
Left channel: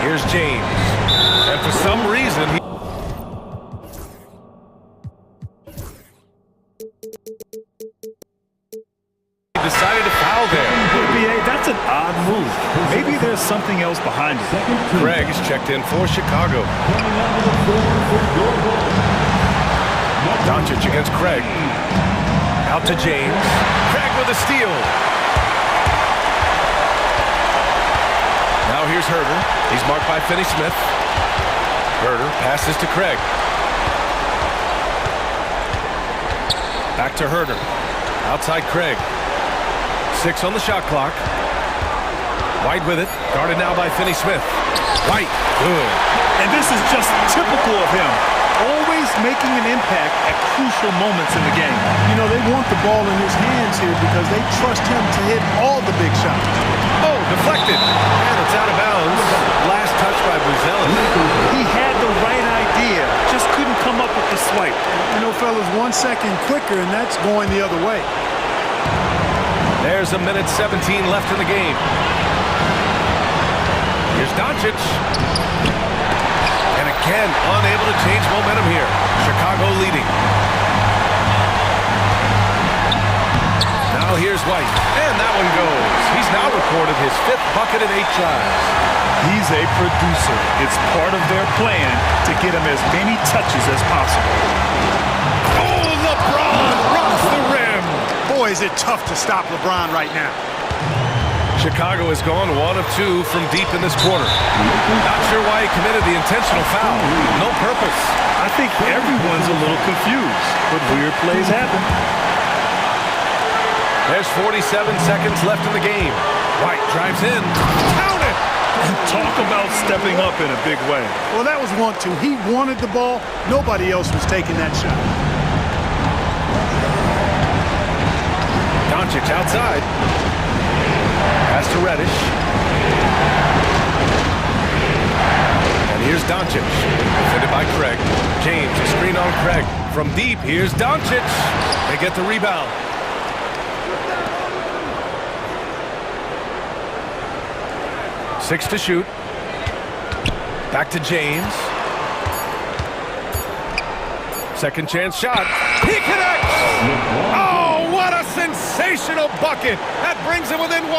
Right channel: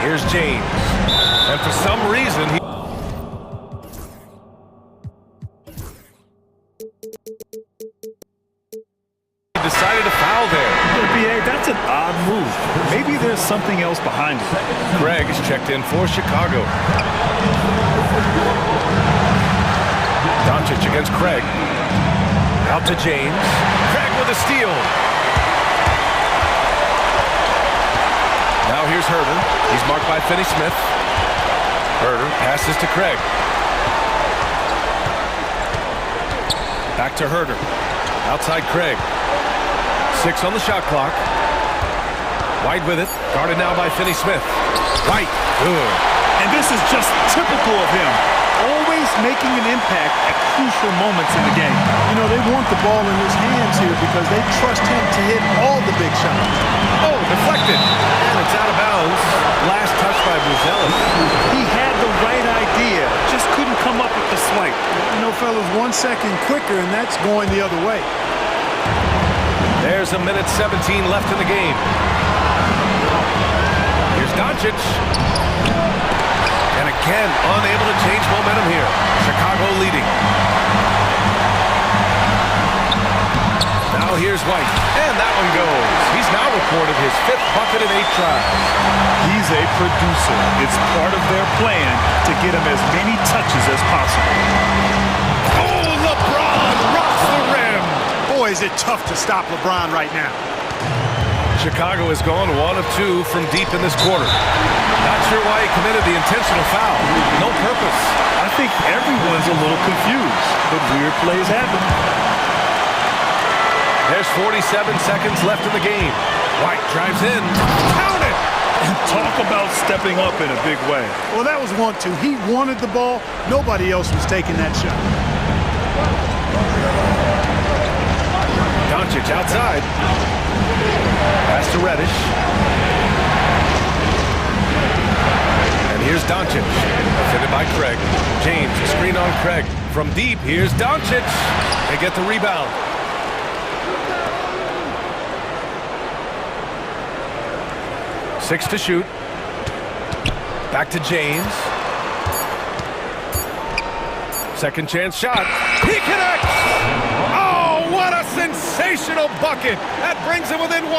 Here's James. And for some reason, he decided to foul there. BA, that's an odd move. Maybe there's something else behind it. Craig is checked in for Chicago. Doncic against Craig. Out to James. Craig with a steal. Now here's Herter. He's marked by Finney-Smith. Herter passes to Craig. Back to Herter. Outside Craig. 6 on the shot clock. White with it. Guarded now by Finney-Smith. White. Good. And this is just typical of him. Always making an impact at crucial moments in the game. You know, they want the ball in his hands here because they trust him to hit all the big shots. Oh, deflected. And it's out of bounds. Last touch by Buzelis. He had the right idea, just couldn't come up with the swipe. You know, fellas, 1 second quicker, and that's going the other way. There's a minute 17 left in the game. Here's Doncic. And again, unable to change momentum here. Chicago leading. Now here's White. And that one goes. He's now recorded his 5th bucket in 8 tries. He's a producer. It's part of their plan to get him as many touches as possible. Oh, LeBron rocks the rim. Boy, is it tough to stop LeBron right now. Chicago has gone 1 of 2 from deep in this quarter. Not sure why he committed the intentional foul. No purpose. I think everyone's a little confused, but weird plays happen. There's 47 seconds left in the game. White drives in. Count it! And talk about stepping up in a big way. Well, that was 1-2. He wanted the ball. Nobody else was taking that shot. Doncic outside. Pass to Reddish. And here's Doncic. Defended by Craig. James, a screen on Craig. From deep, here's Doncic. They get the rebound. Six to shoot. Back to James. Second chance shot. He connects! Oh, what a sensational bucket! That brings him within 1.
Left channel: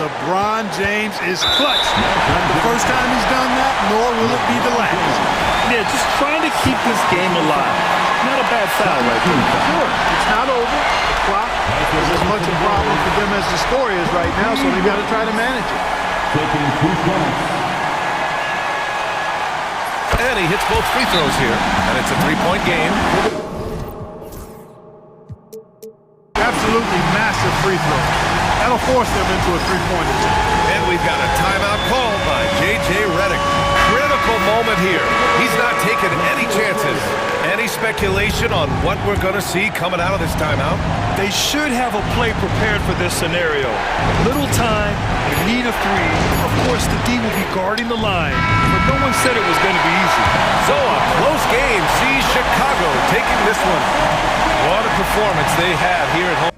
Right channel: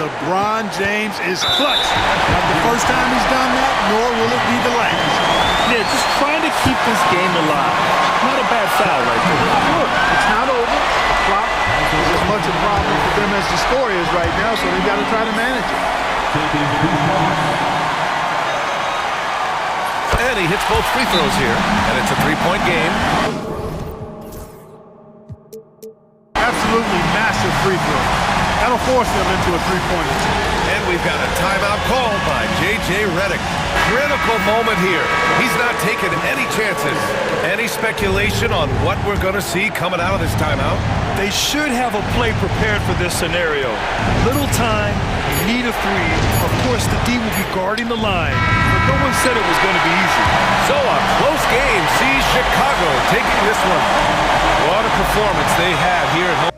LeBron James is clutch. Not the first time he's done that, nor will it be the last. Yeah, just trying to keep this game alive. Not a bad foul right there. Sure, it's not over. The clock is as much a problem for them as the score is right now, so they've got to try to manage it. Taking 2 shots. And he hits both free throws here, and it's a 3-point game. Absolutely massive free throw. That'll force them into a 3-point attempt. And we've got a timeout called by J.J. Redick. Critical moment here. He's not taking any chances. Any speculation on what we're going to see coming out of this timeout? They should have a play prepared for this scenario. Little time, you need a 3. Of course, the D will be guarding the line, but no one said it was going to be easy. So a close game sees Chicago taking this one. What a performance they had here at home.